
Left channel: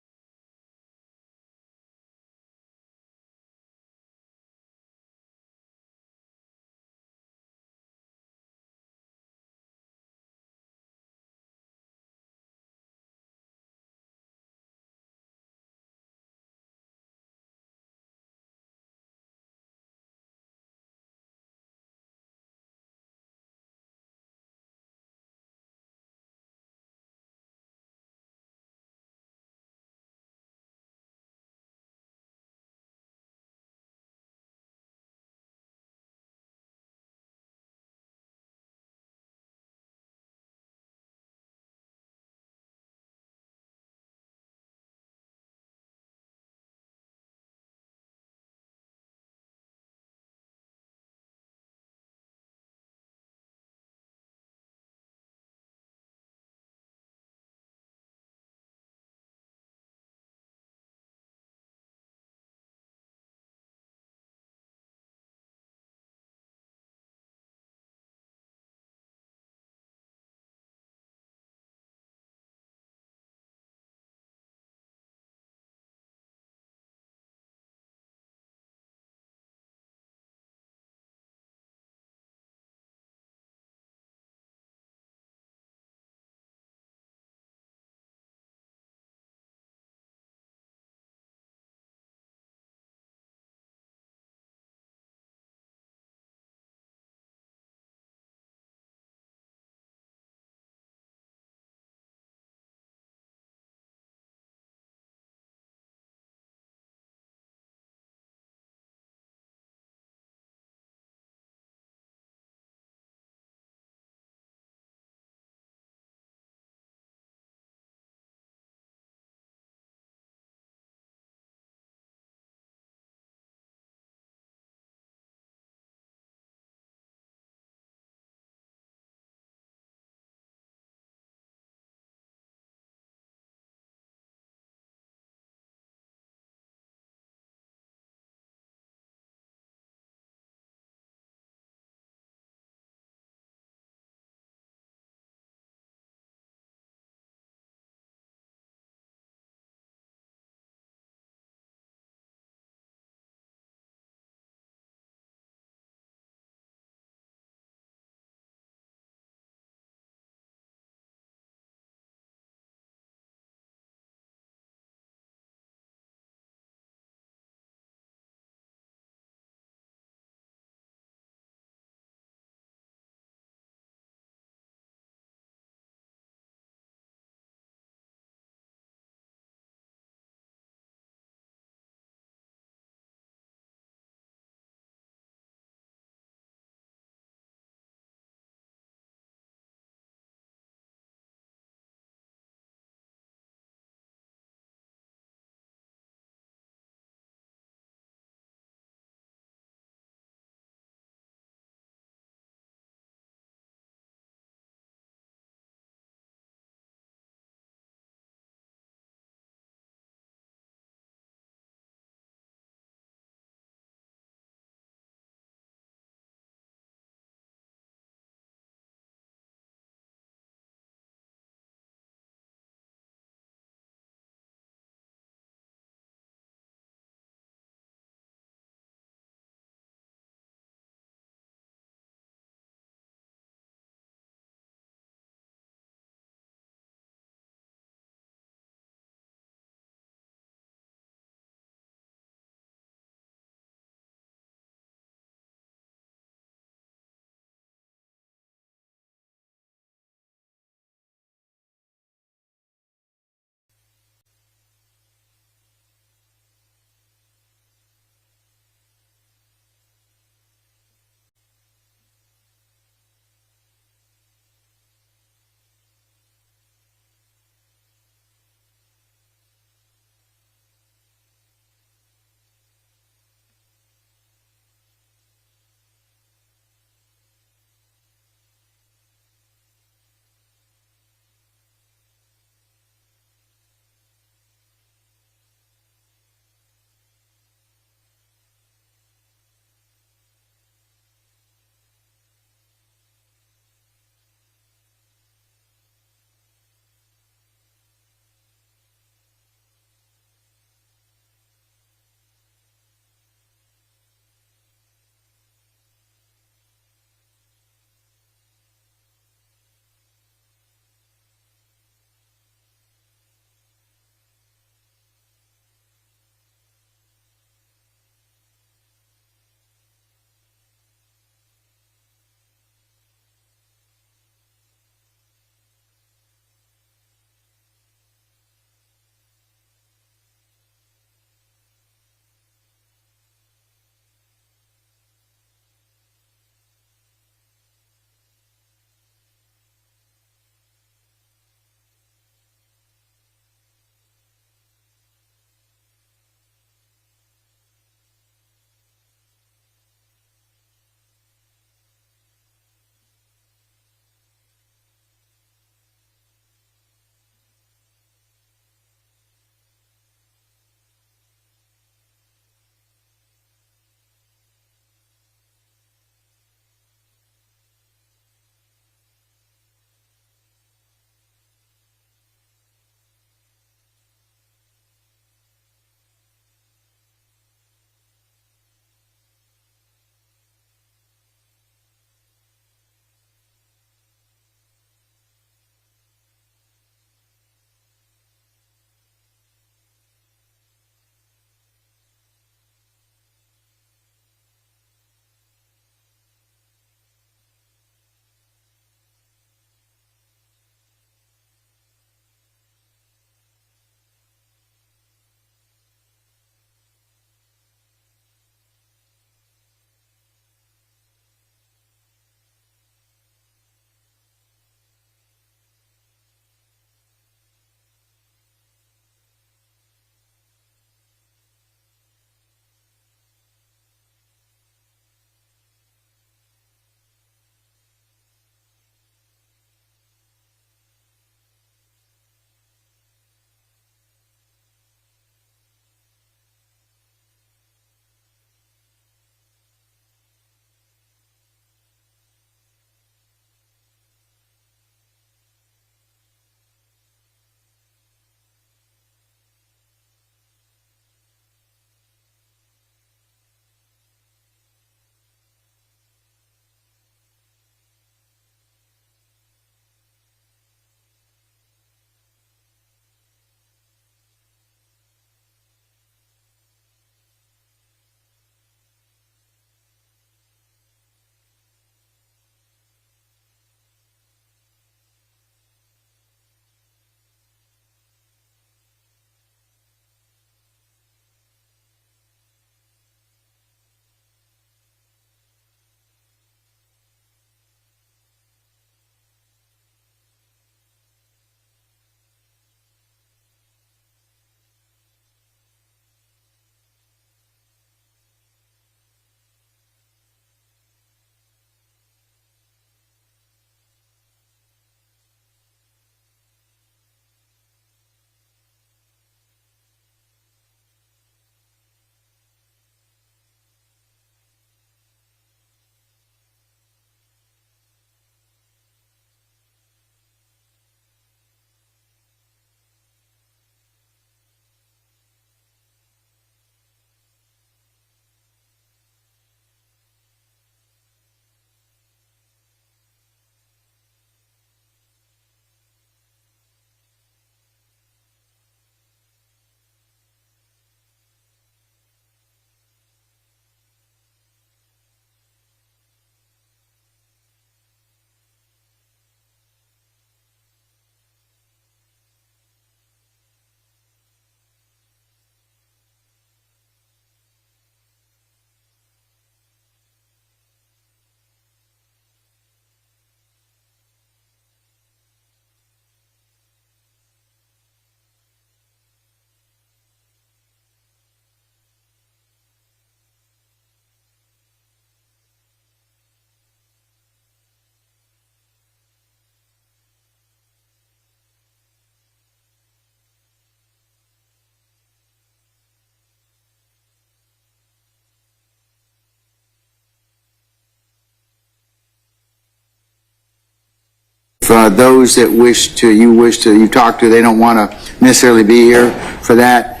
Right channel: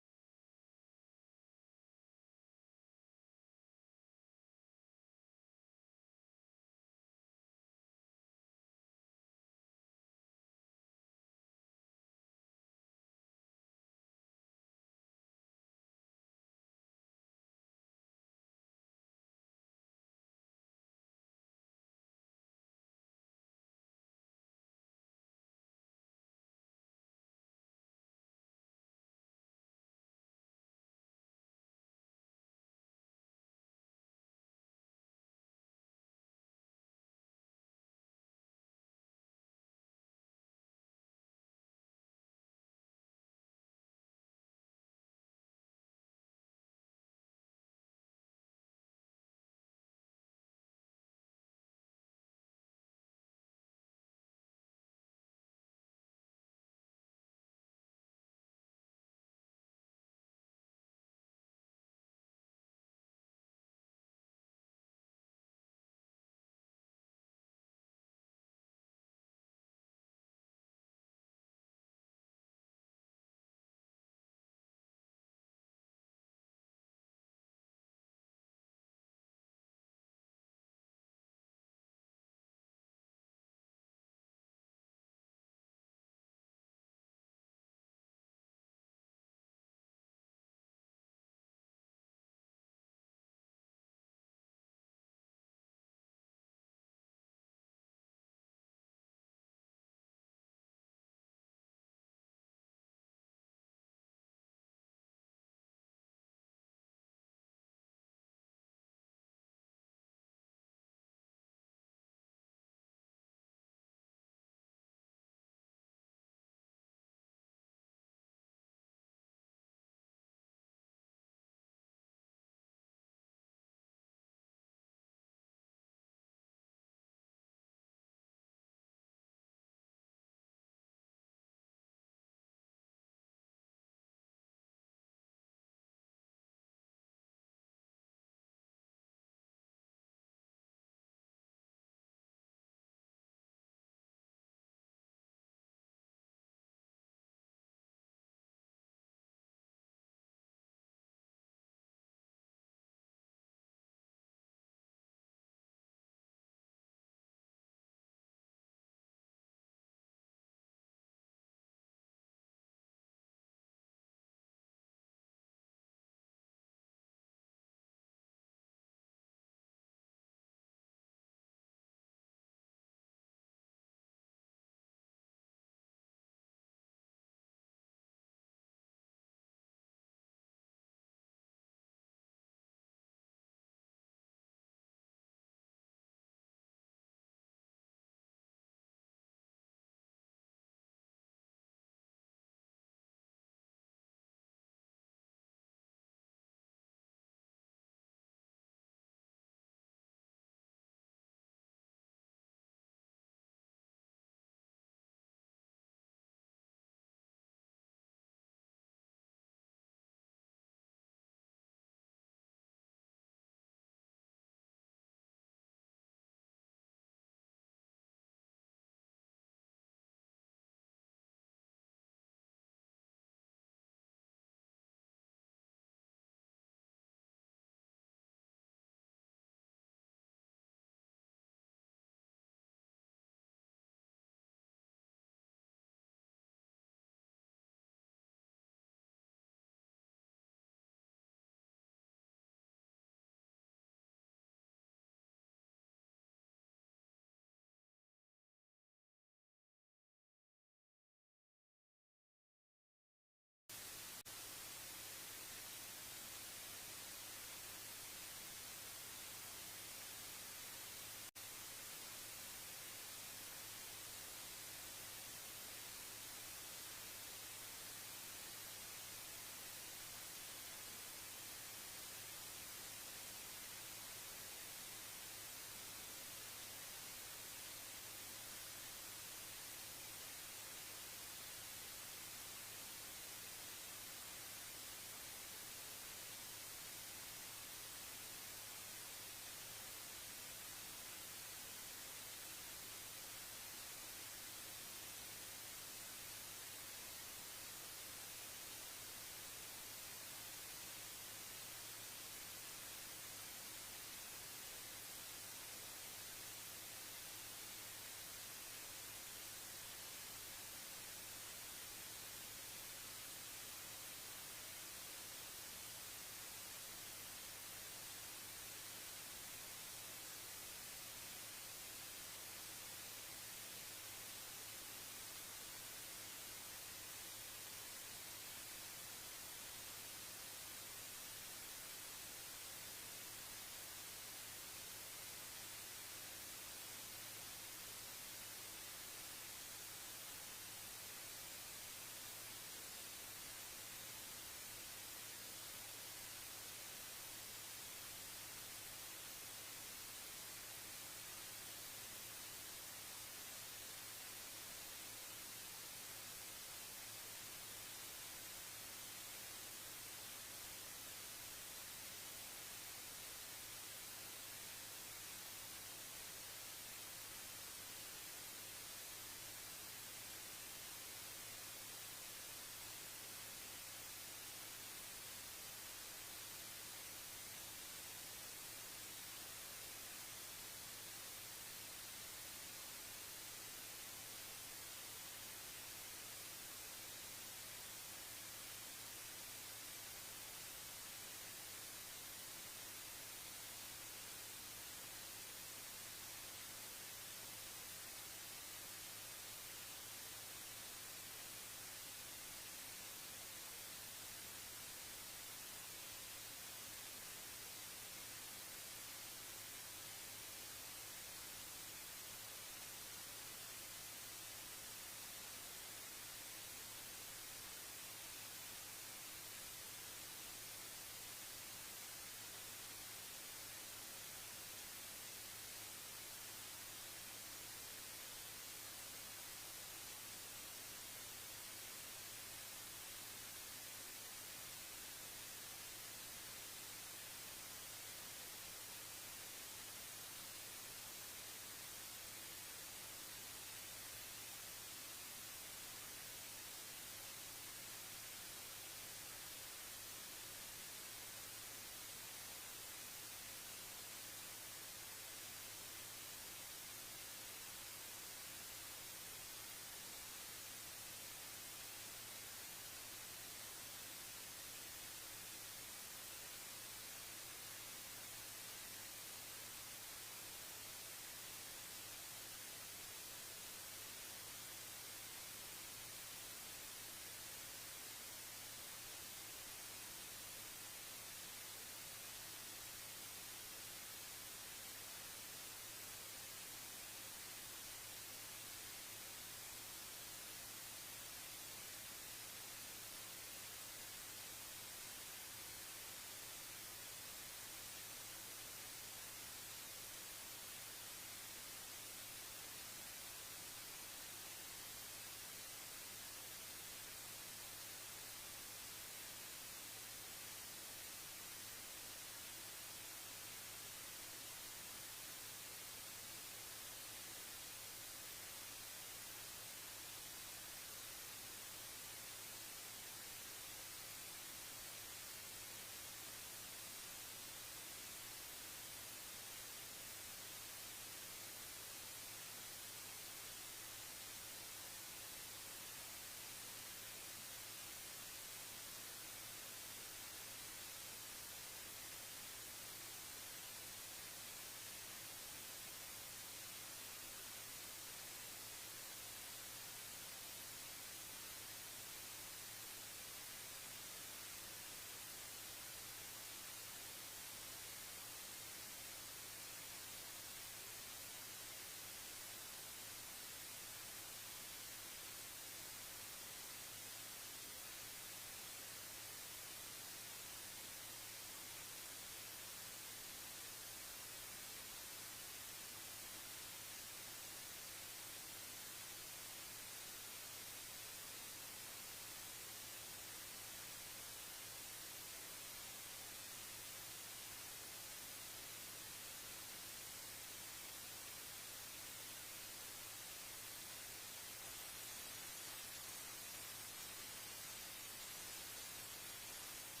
those that you talk to, they don't want to necessarily be here for that,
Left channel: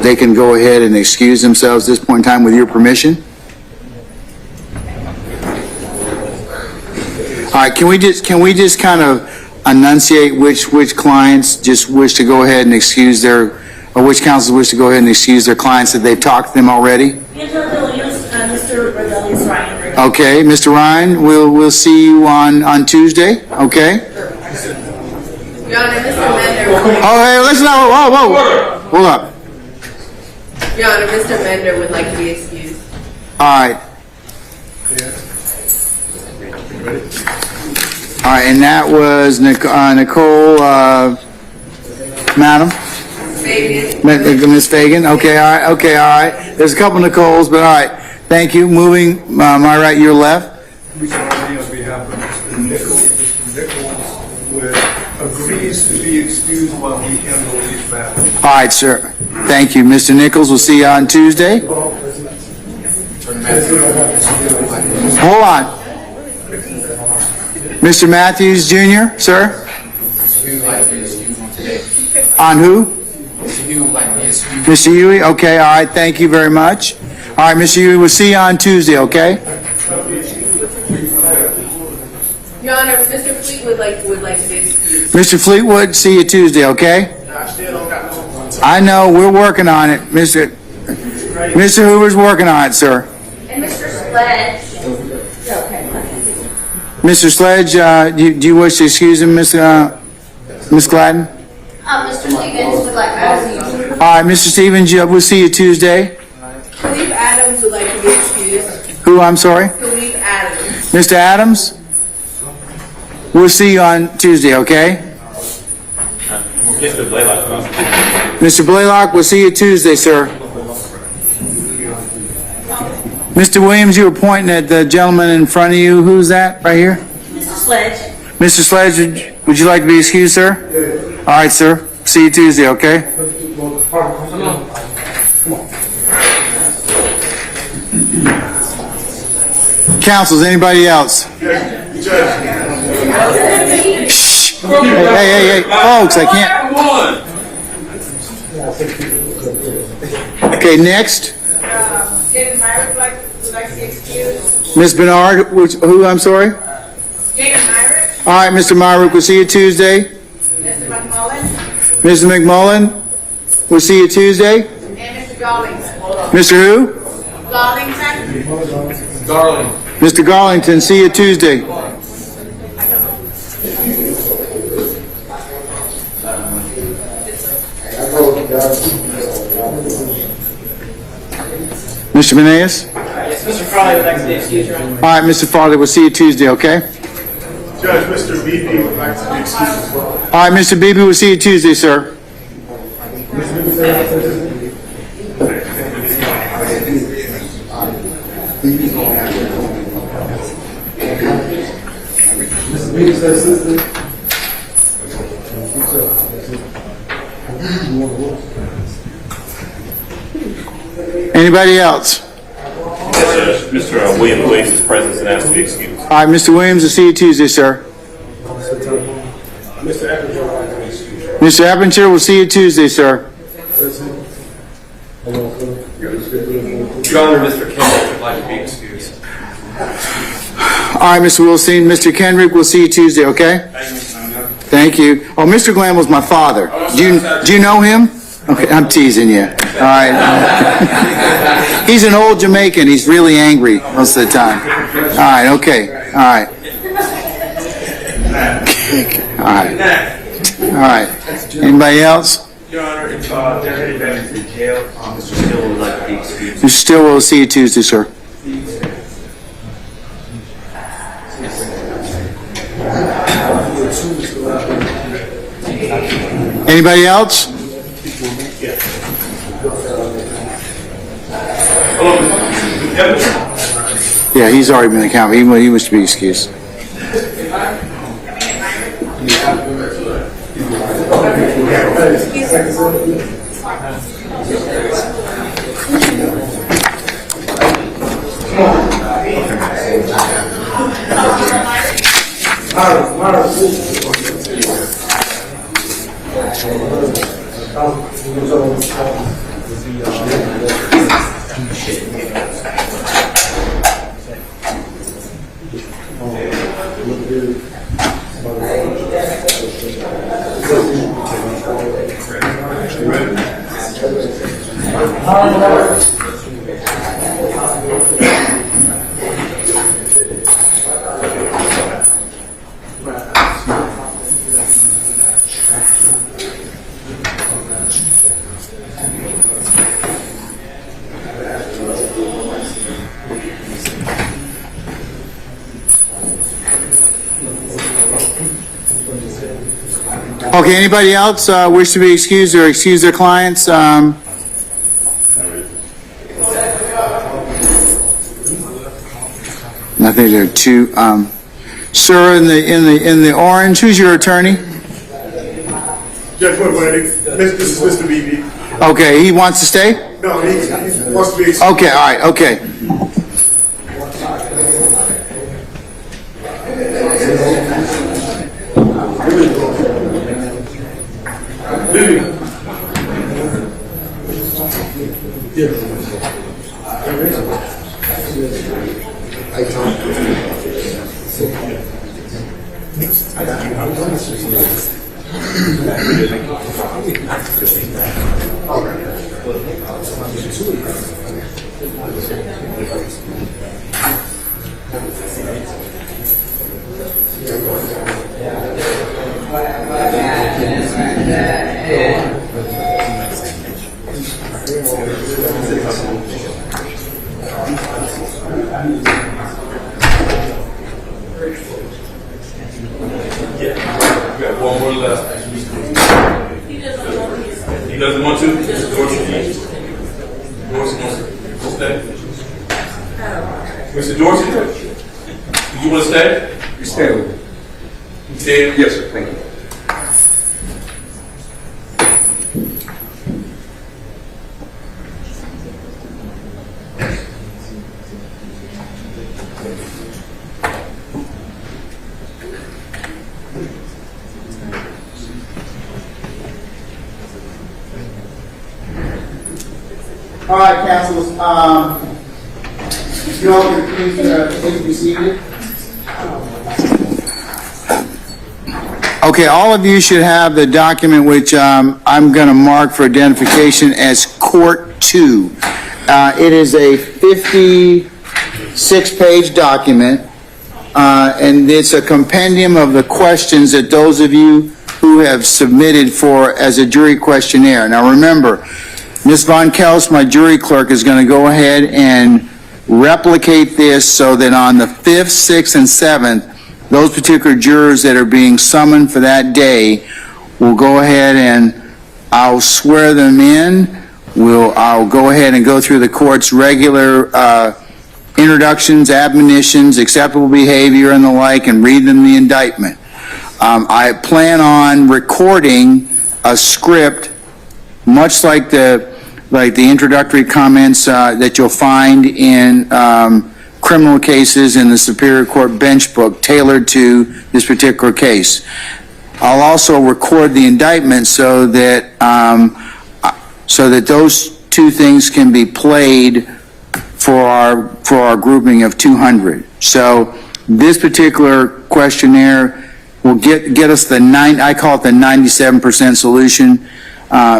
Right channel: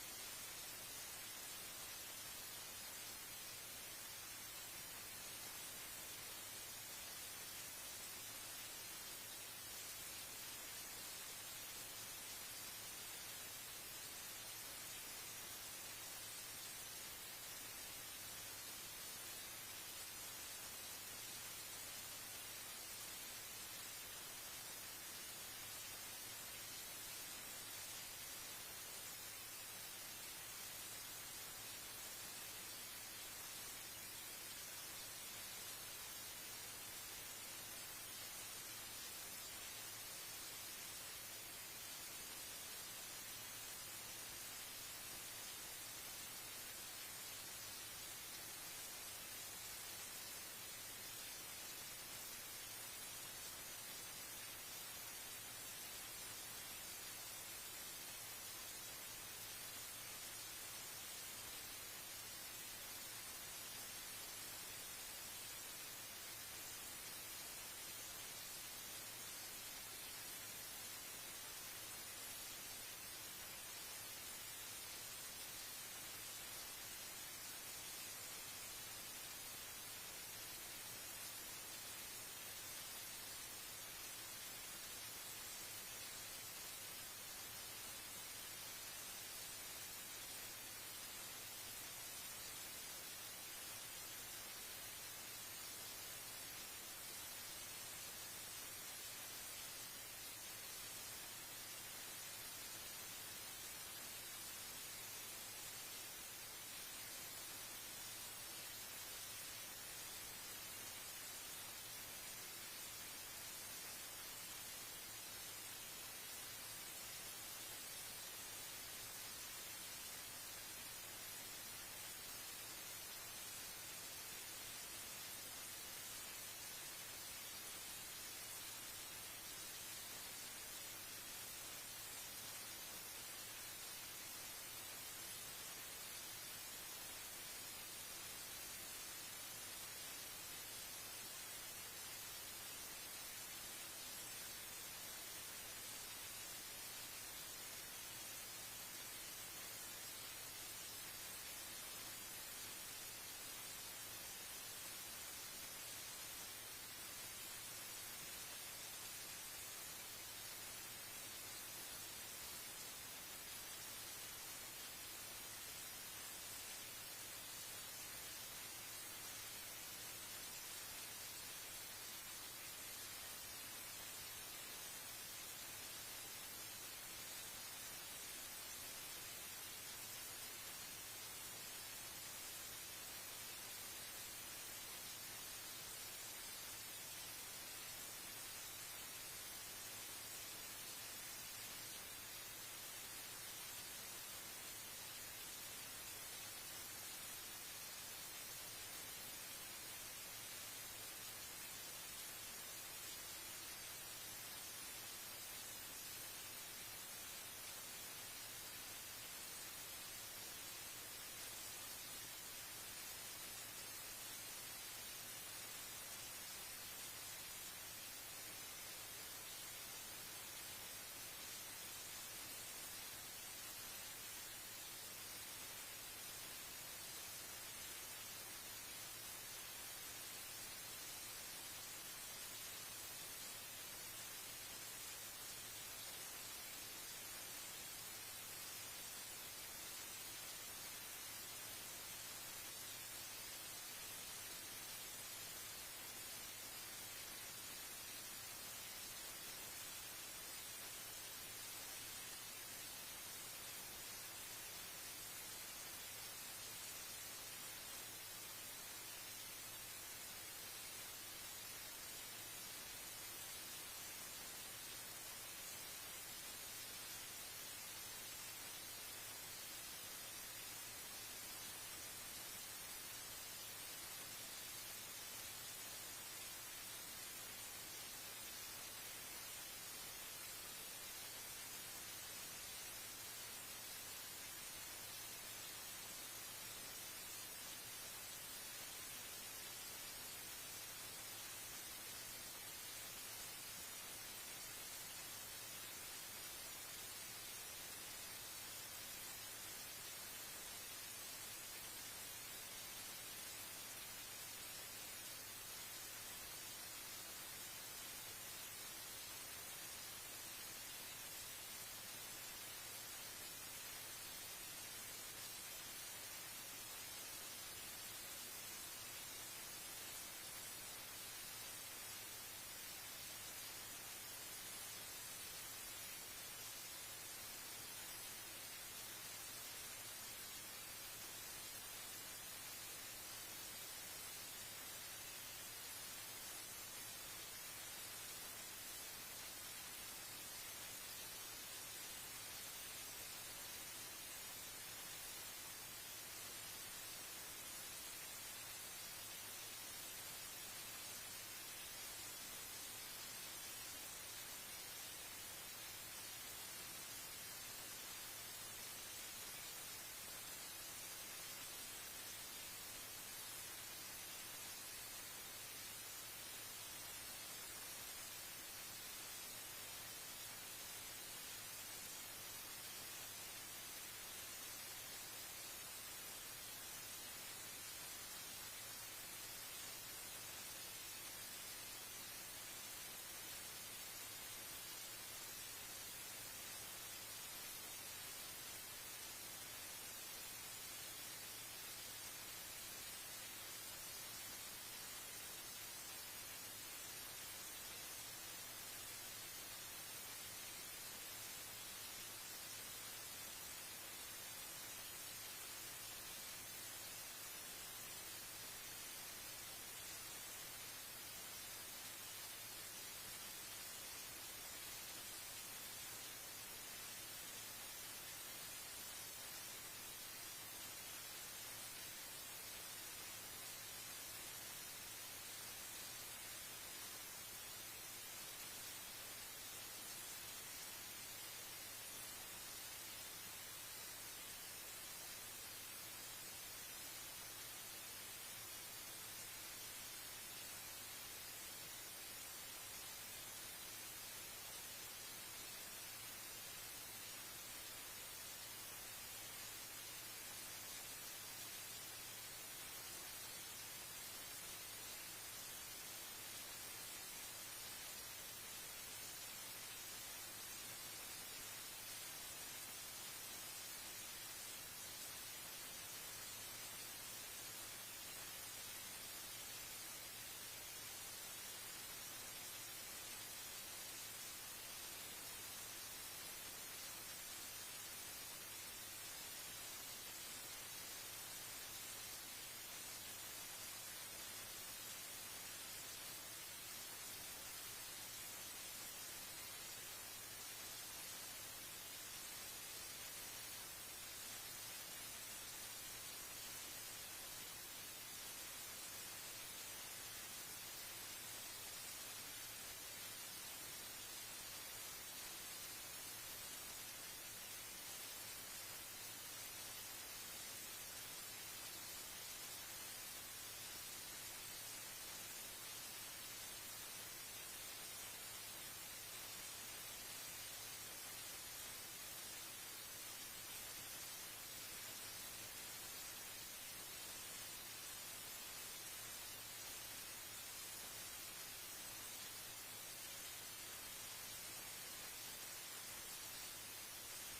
they can go ahead and excuse themselves at this point in time with your permission? All right, can we just kind of enunciate which clients just wish to go ahead and excuse or which councils wish to go ahead and excuse their clients that they've talked to them already? Mr. Rebellious Ryan. Okay, Mr. Ryan, we'll see you on Tuesday, okay? Your Honor, Mr. Mender. Oh, hey, listen, whoa, hold up. Your Honor, Mr. Mender would like to be excused. All right. All right, and that was Nicole, Madam? Ms. Fagan, okay, all right. There's a couple Nicoles, but all right. Thank you. Moving, my right, your left. We sorry on behalf of Mr. Nichols. Mr. Nichols agrees to be excused while we handle these matters. All right, sir. Thank you. Mr. Nichols, we'll see you on Tuesday. Hold on. Mr. Matthews Jr., sir? On who? Mr. Huey, okay, all right, thank you very much. All right, Mr. Huey, we'll see you on Tuesday, okay? Your Honor, Mr. Fleetwood would like to be excused. Mr. Fleetwood, see you Tuesday, okay? I know, we're working on it. Mr. Hoover's working on it, sir. And Mr. Sledge. Mr. Sledge, do you wish to excuse him, Ms. Gladden? Mr. Stevens would like to be excused. All right, Mr. Stevens, we'll see you Tuesday. Khalif Adams would like to be excused. Who, I'm sorry? Khalif Adams. Mr. Adams? We'll see you on Tuesday, okay? Mr. Blaylock. Mr. Blaylock, we'll see you Tuesday, sir. Mr. Williams, you were pointing at the gentleman in front of you. Who's that, right here? Mr. Sledge. Mr. Sledge, would you like to be excused, sir? All right, sir. See you Tuesday, okay? Councils, anybody else? Shh. Hey, folks, I can't. Okay, next. David Myrick would like to be excused. Ms. Bernard, who, I'm sorry? David Myrick. All right, Mr. Myrick, we'll see you Tuesday. Mr. McMullen. Mr. McMullen, we'll see you Tuesday. And Mr. Garlington. Mr. who? Garlington. Darling. Mr. Garlington, see you Tuesday. Mr. Meneas? Yes, Mr. Farley would like to be excused, Your Honor. All right, Mr. Farley, we'll see you Tuesday, okay? Judge, Mr. Beebe would like to be excused as well. All right, Mr. Beebe, we'll see you Tuesday, sir. Anybody else? Yes, sir. Mr. Williams waives his presence and asks to be excused. All right, Mr. Williams, we'll see you Tuesday, sir. Mr. Eppinger, we'll see you Tuesday, sir. Your Honor, Mr. Kendrick would like to be excused. All right, Mr. Wilson, Mr. Kendrick, we'll see you Tuesday, okay? Thank you. Oh, Mr. Glenn was my father. Do you know him? Okay, I'm teasing you. All right. He's an old Jamaican. He's really angry most of the time. All right, okay. All right. All right. All right. Anybody else? Your Honor, if they're headed back to the jail, Mr. Stillwell would like to be excused. Mr. Stillwell, we'll see you Tuesday, sir. Anybody else? Yeah, he's already been accounted. He was to be excused. Okay, anybody else wish to be excused or excuse their clients? I think there are two. Sir, in the orange, who's your attorney? Judge Woodward, this is Mr. Beebe. Okay, he wants to stay? No, he wants to be. Okay, all right, okay. One more left. He doesn't want to? Dorsey wants to stay? Mr. Dorsey, do you want to stay? You stay with me. You stay? Yes, sir, thank you. All right, councilors, you all can please be seated. Okay, all of you should have the document which I'm going to mark for identification as Court 2. It is a 56-page document, and it's a compendium of the questions that those of you who have submitted for as a jury questionnaire. Now remember, Ms. Von Kels, my jury clerk, is going to go ahead and replicate this so that on the 5th, 6th, and 7th, those particular jurors that are being summoned for that day will go ahead and I'll swear them in. I'll go ahead and go through the court's regular introductions, admonitions, acceptable behavior, and the like, and read them the indictment. I plan on recording a script much like the introductory comments that you'll find in criminal cases in the Superior Court bench book tailored to this particular case. I'll also record the indictment so that those two things can be played for our grouping of 200. So this particular questionnaire will get us I call it the 97% solution.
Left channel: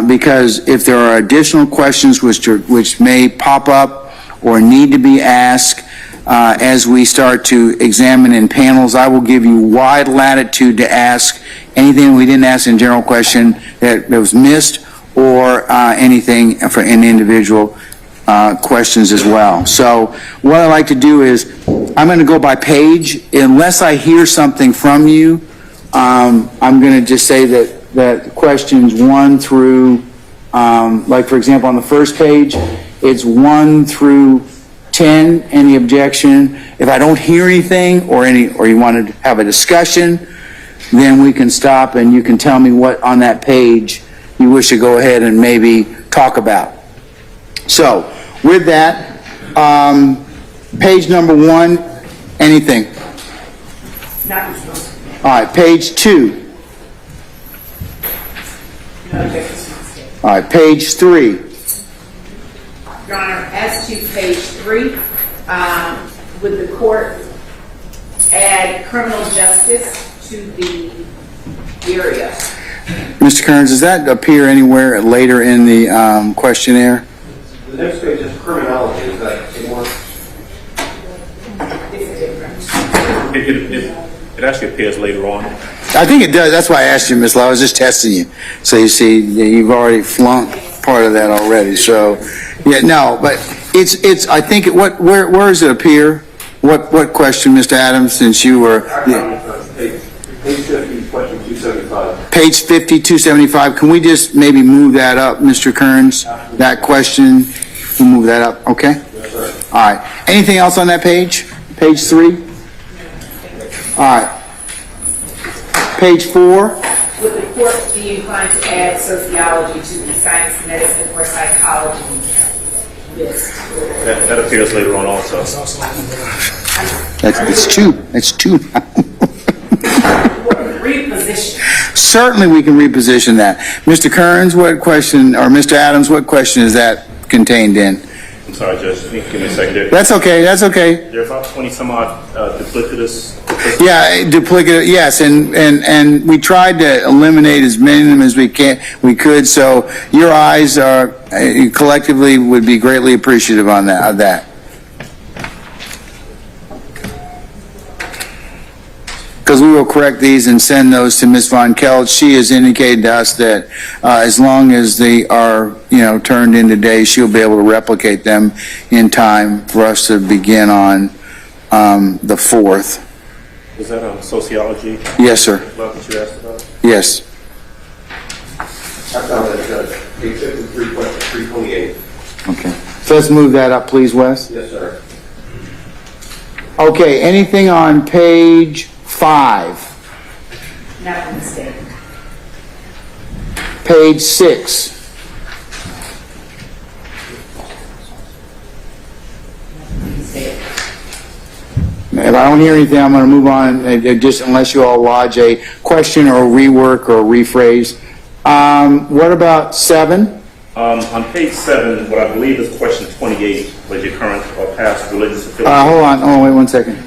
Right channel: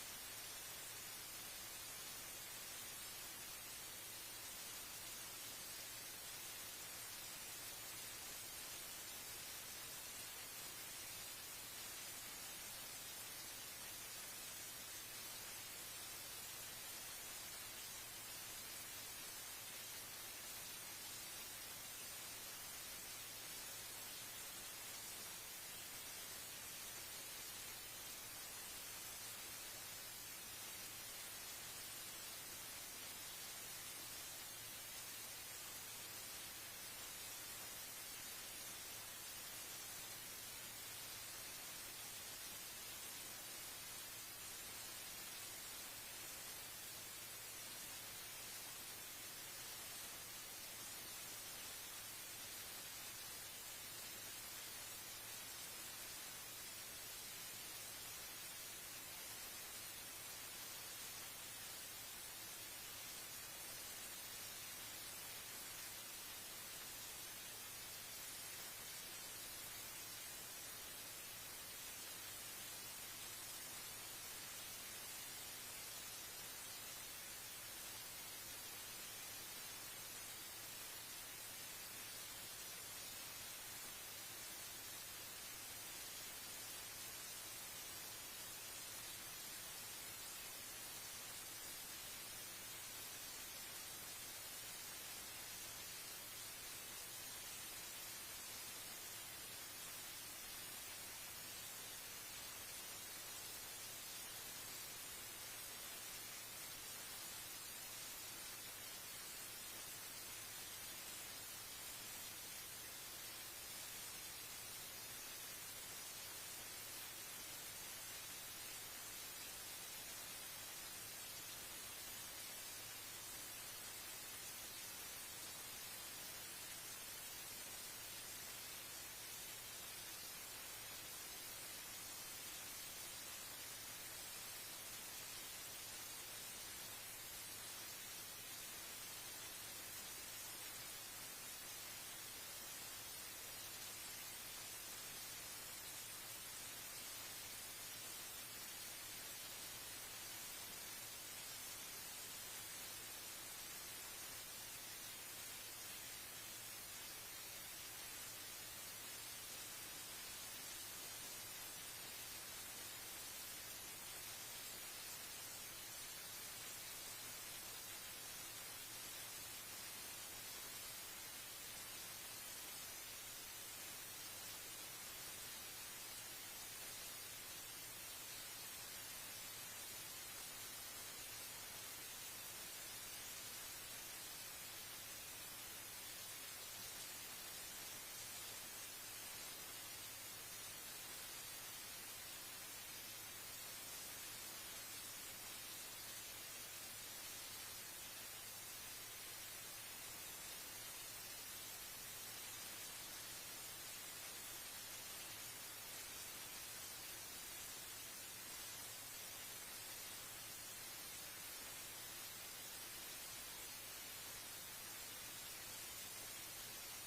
Because if there are additional questions which may pop up or need to be asked as we start to examine in panels, I will give you wide latitude to ask anything we didn't ask in general question that was missed, or anything for in individual questions as well. So what I like to do is I'm going to go by page. Unless I hear something from you, I'm going to just say that questions 1 through, like for example on the first page, it's 1 through 10, any objection. If I don't hear anything or you want to have a discussion, then we can stop and you can tell me what on that page you wish to go ahead and maybe talk about. So with that, page number 1, anything? Not All right, page 2. no objections to the state. All right, page 3. Your Honor, as to page 3, would the court add criminal justice to the area? Mr. Kearns, does that appear anywhere later in the questionnaire? The next page is criminology, is that more? It actually appears later on. I think it does. That's why I asked you, Ms. Law. I was just testing you. So you see, you've already flunked part of that already. So, yeah, no, but it's. I think where does it appear? What question, Mr. Adams? Since you were Page 50, question 275. page 50, 275. Can we just maybe move that up, Mr. Kearns? That question. We'll move that up. Okay. Yes, sir. All right. Anything else on that page? Page 3. All right. Page 4. Would the court be inclined to add sociology to the science, medicine, or psychology list? That appears later on also. It's 2. That's 2. Reposition. Certainly we can reposition that. Mr. Kearns, what question, or Mr. Adams, what question is that contained in? I'm sorry, Judge. Give me a second. That's okay, that's okay. There are about 20 some odd duplicitous. Yeah, duplicate, yes, and we tried to eliminate as many of them as we could, so your eyes are, collectively would be greatly appreciative of that. Because we will correct these and send those to Ms. Von Kelt. She has indicated to us that as long as they are, turned in today, she'll be able to replicate them in time for us to begin on the 4th. Is that on sociology? Yes, sir. What you asked about? Yes. I found that, Judge. Page 53, question 328. Okay. So let's move that up, please, Wes. Yes, sir. Okay, anything on page 5? Not a mistake. Page 6? If I don't hear anything, I'm going to move on, just unless you all lodge a question or rework or rephrase. What about 7? On page 7, what I believe is question 28, was your current or past religious affiliation. Hold on, wait 1 second.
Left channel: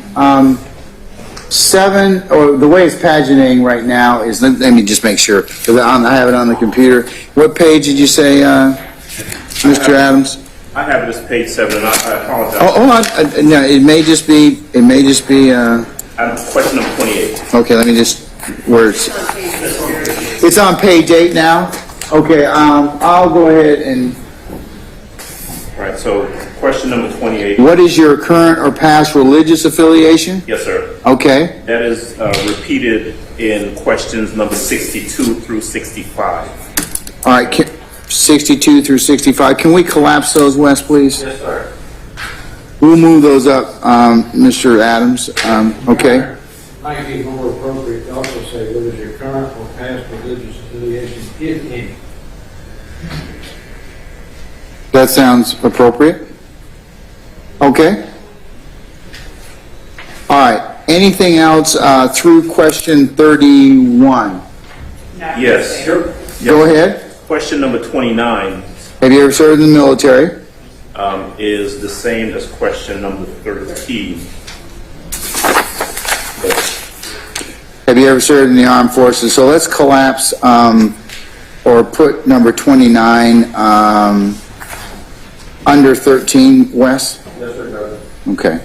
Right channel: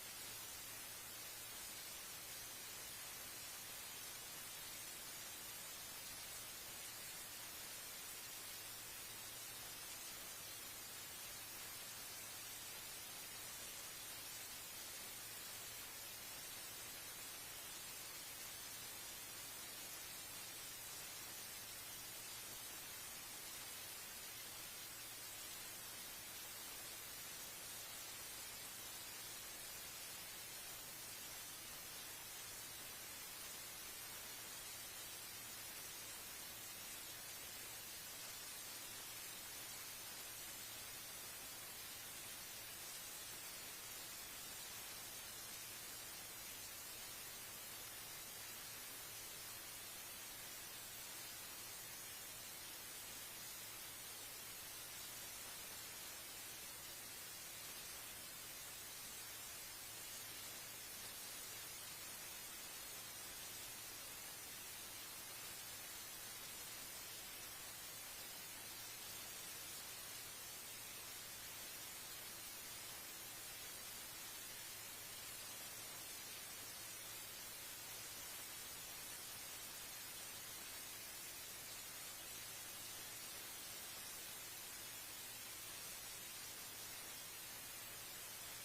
7, or the way it's paginating right now is, let me just make sure, because I have it on the computer. What page did you say, Mr. Adams? I have it as page 7, and I apologize. Oh, hold on. No, it may just be. Question number 28. Okay, let me just. Words. It's on page 8 now. Okay, I'll go ahead and. All right. So, question number 28. What is your current or past religious affiliation? Yes, sir. Okay. That is repeated in questions number 62 through 65. All right. 62 through 65. Can we collapse those, Wes, please? Yes, sir. We'll move those up, Mr. Adams. Okay. Might be more appropriate to also say what is your current or past religious affiliation, if any. That sounds appropriate. Okay. All right. Anything else through question 31? Yes. Go ahead. Question number 29 Have you ever served in the military? is the same as question number 13. Have you ever served in the armed forces? So let's collapse or put number 29 under 13, Wes? Yes, sir. Okay.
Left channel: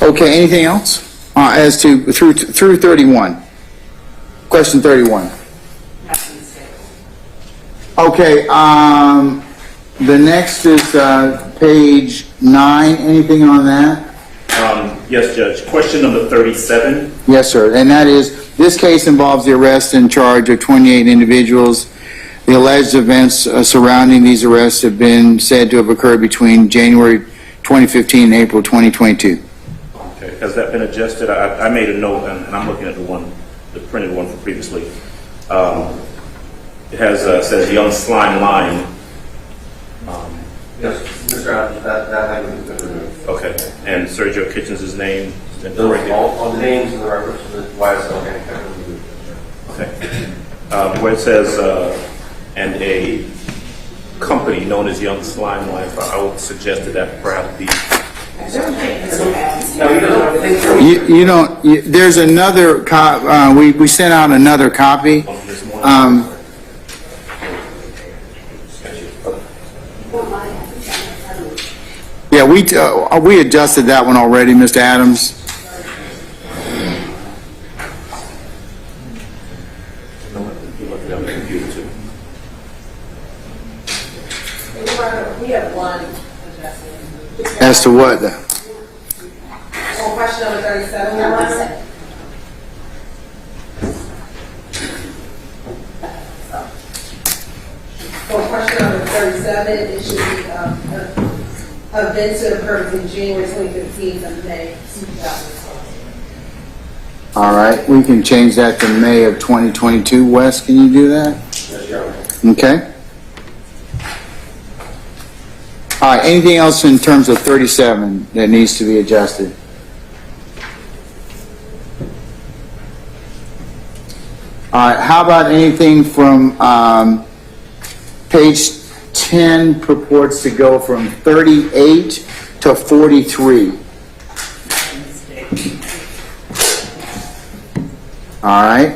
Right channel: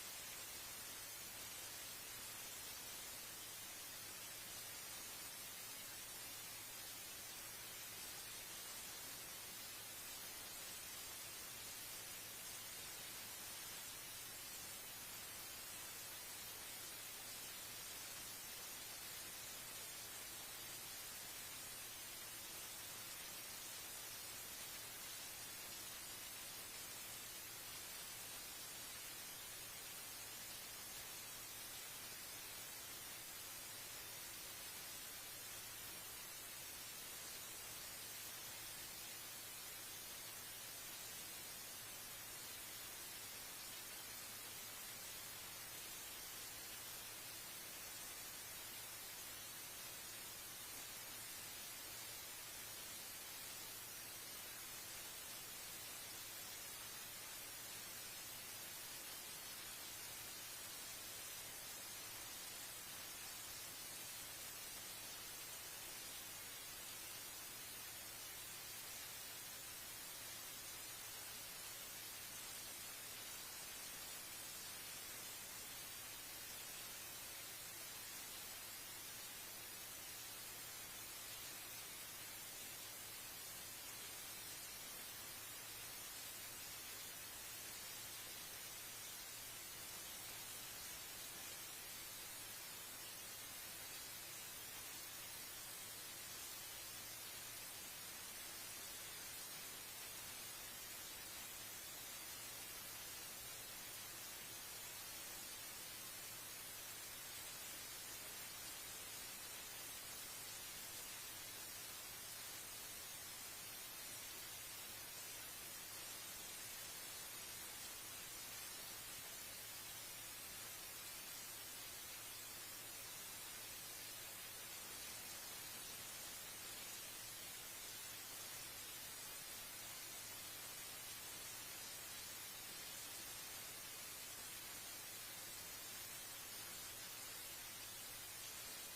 Okay, anything else? As to through 31. Question 31. Okay, the next is page 9. Anything on that? Yes, Judge. Question number 37. Yes, sir. And that is, this case involves the arrest and charge of 28 individuals. The alleged events surrounding these arrests have been said to have occurred between January 2015 and April 2022. Okay. Has that been adjusted? I made a note, and I'm looking at the printed one from previously. It has says young slime line. Yes, Mr. Adams, that language has been removed. Okay. And Sergio Kitchens' name? Has been Those, right there? all the names and the reference to the YSL gang have been removed. Okay. Where it says, and a company known as Young Slime Life, I would suggest that perhaps be. You don't, there's another, we sent out another copy. Yeah, we adjusted that one already, Mr. Adams. We have one adjustment. As to what? On question number 37, Your Honor. For question number 37, it should be events that occurred between January 2015 and May 2012. All right, we can change that to May of 2022. Wes, can you do that? Yes, Your Honor. Okay. All right, anything else in terms of 37 that needs to be adjusted? All right, how about anything from page 10 purports to go from 38 to 43? All right.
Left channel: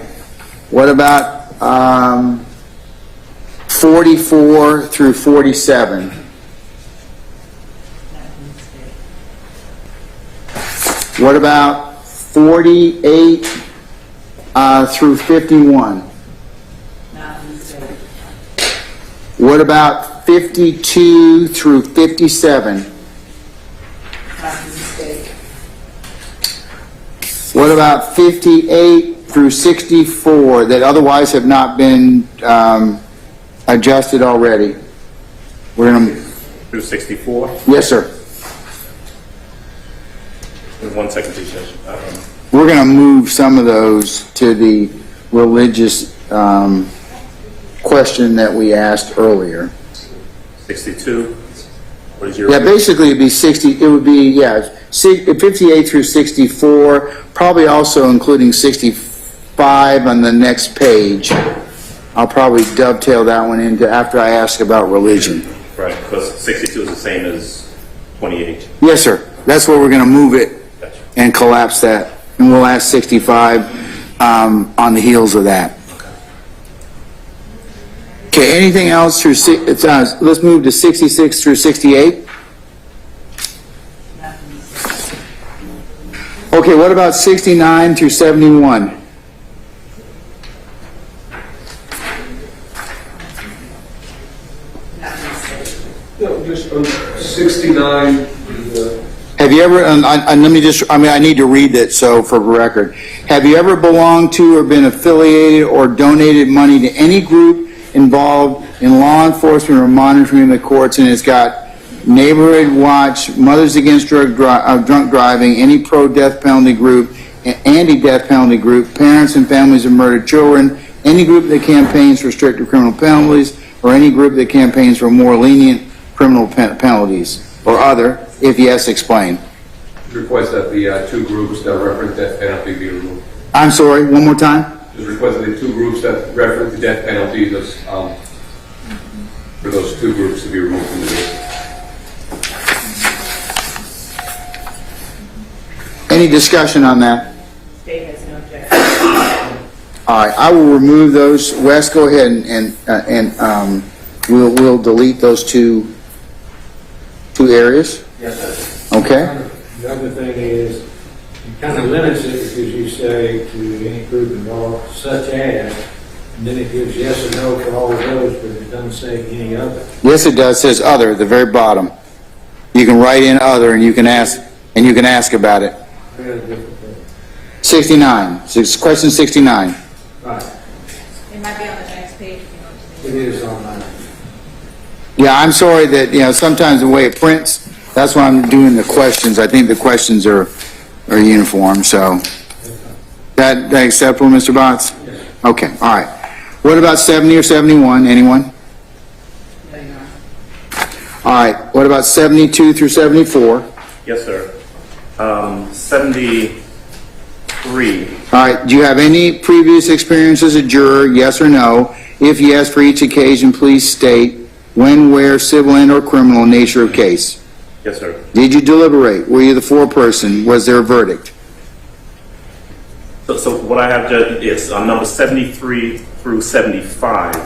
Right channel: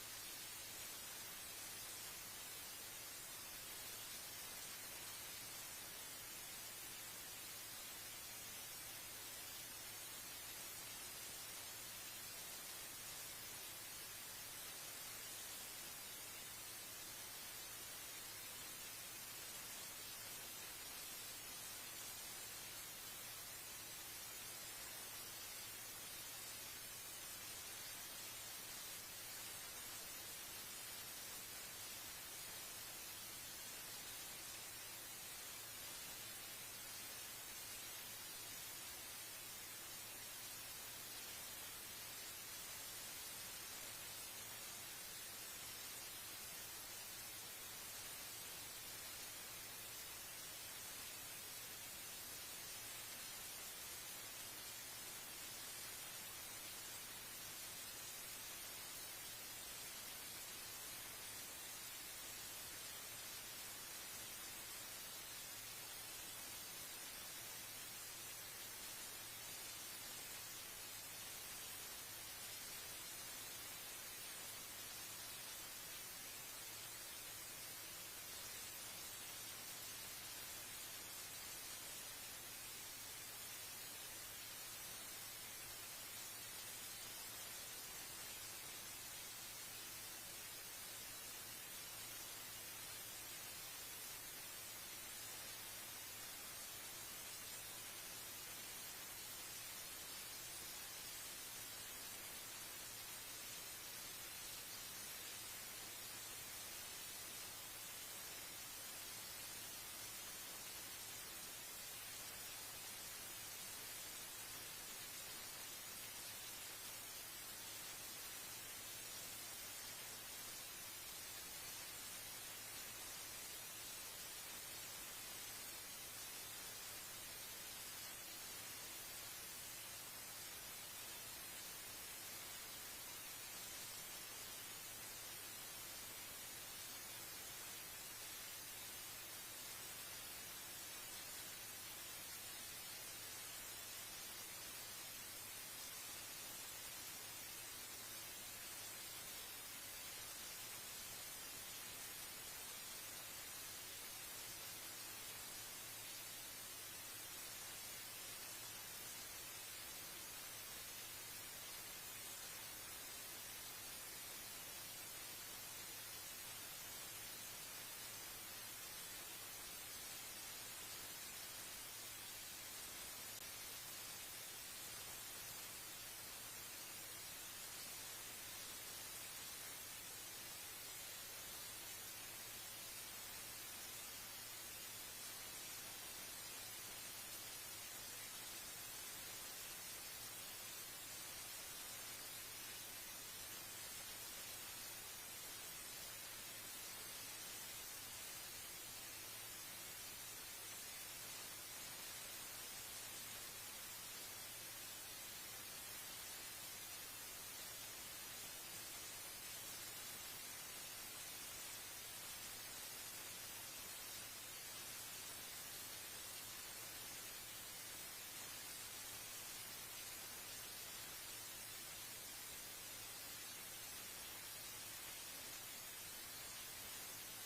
What about 44 through 47? What about 48 through 51? What about 52 through 57? What about 58 through 64 that otherwise have not been adjusted already? We're going to... Through 64? Yes, sir. 1 second, please, Judge. We're going to move some of those to the religious question that we asked earlier. 62? What is your... Yeah, basically it'd be 60, it would be, 58 through 64, probably also including 65 on the next page. I'll probably dovetail that one into after I ask about religion. Right, because 62 is the same as 28. Yes, sir. That's where we're going to move it and collapse that. And we'll ask 65 on the heels of that. Okay, anything else through, let's move to 66 through 68. Okay, what about 69 through 71? No, just 69. Have you ever, and let me just, I need to read it so for record. Have you ever belonged to or been affiliated or donated money to any group involved in law enforcement or monitoring the courts? And it's got Neighborhood Watch, Mothers Against Drunk Driving, any pro-death penalty group, anti-death penalty group, parents and families of murdered children, any group that campaigns for stricter criminal penalties, or any group that campaigns for more lenient criminal penalties, or other. If yes, explain. Request that the two groups that reference death penalty be removed. I'm sorry, one more time? Just request that the two groups that reference the death penalty, for those two groups to be removed from the list. Any discussion on that? State has no objection. All right, I will remove those. Wes, go ahead and we'll delete those two areas. Yes, sir. Okay. The other thing is, you kind of limits it because you say to any group involved, such as, and then it gives yes or no for all of those, but it doesn't say any other. Yes, it does. It says other at the very bottom. You can write in other, and you can ask about it. 69. Question 69. Right. It might be on the next page. It is on mine. Yeah, I'm sorry that sometimes the way it prints. That's why I'm doing the questions. I think the questions are uniform. So that acceptable, Mr. Botts? Yes. Okay. All right. What about 70 or 71? Anyone? All right, what about 72 through 74? Yes, sir. 73. All right, do you have any previous experience as a juror, yes or no? If yes, for each occasion, please state when, where, civil and or criminal nature of case. Yes, sir. Did you deliberate? Were you the foreperson? Was there a verdict? So what I have, Judge, is on number 73 through 75.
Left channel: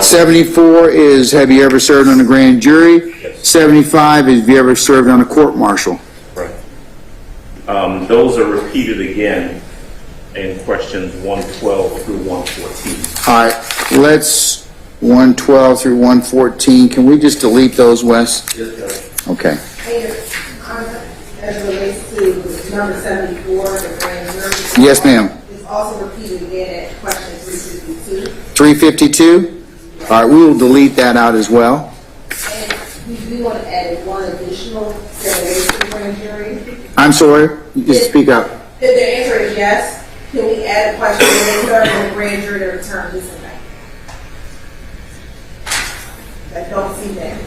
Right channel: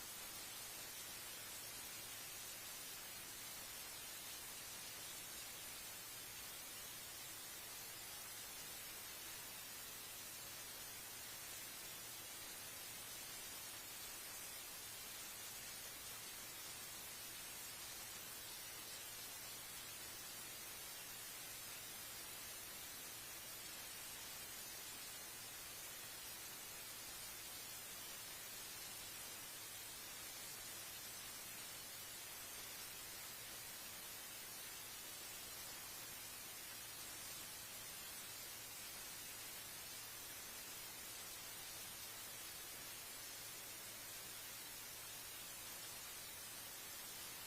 74 is, have you ever served on a grand jury? Yes. 75 is, have you ever served on a court-martial? Right. Those are repeated again in questions 112 through 114. All right, let's 112 through 114. Can we just delete those, Wes? Yes, sir. Okay. As it relates to number 74, the grand jury. Yes, ma'am. It's also repeated again at question 352. 352? All right, we will delete that out as well. And we do want to add one additional derivation to the grand jury. I'm sorry, just speak up. If the answer is yes, can we add a question when they serve in the grand jury to return this event? I don't see that.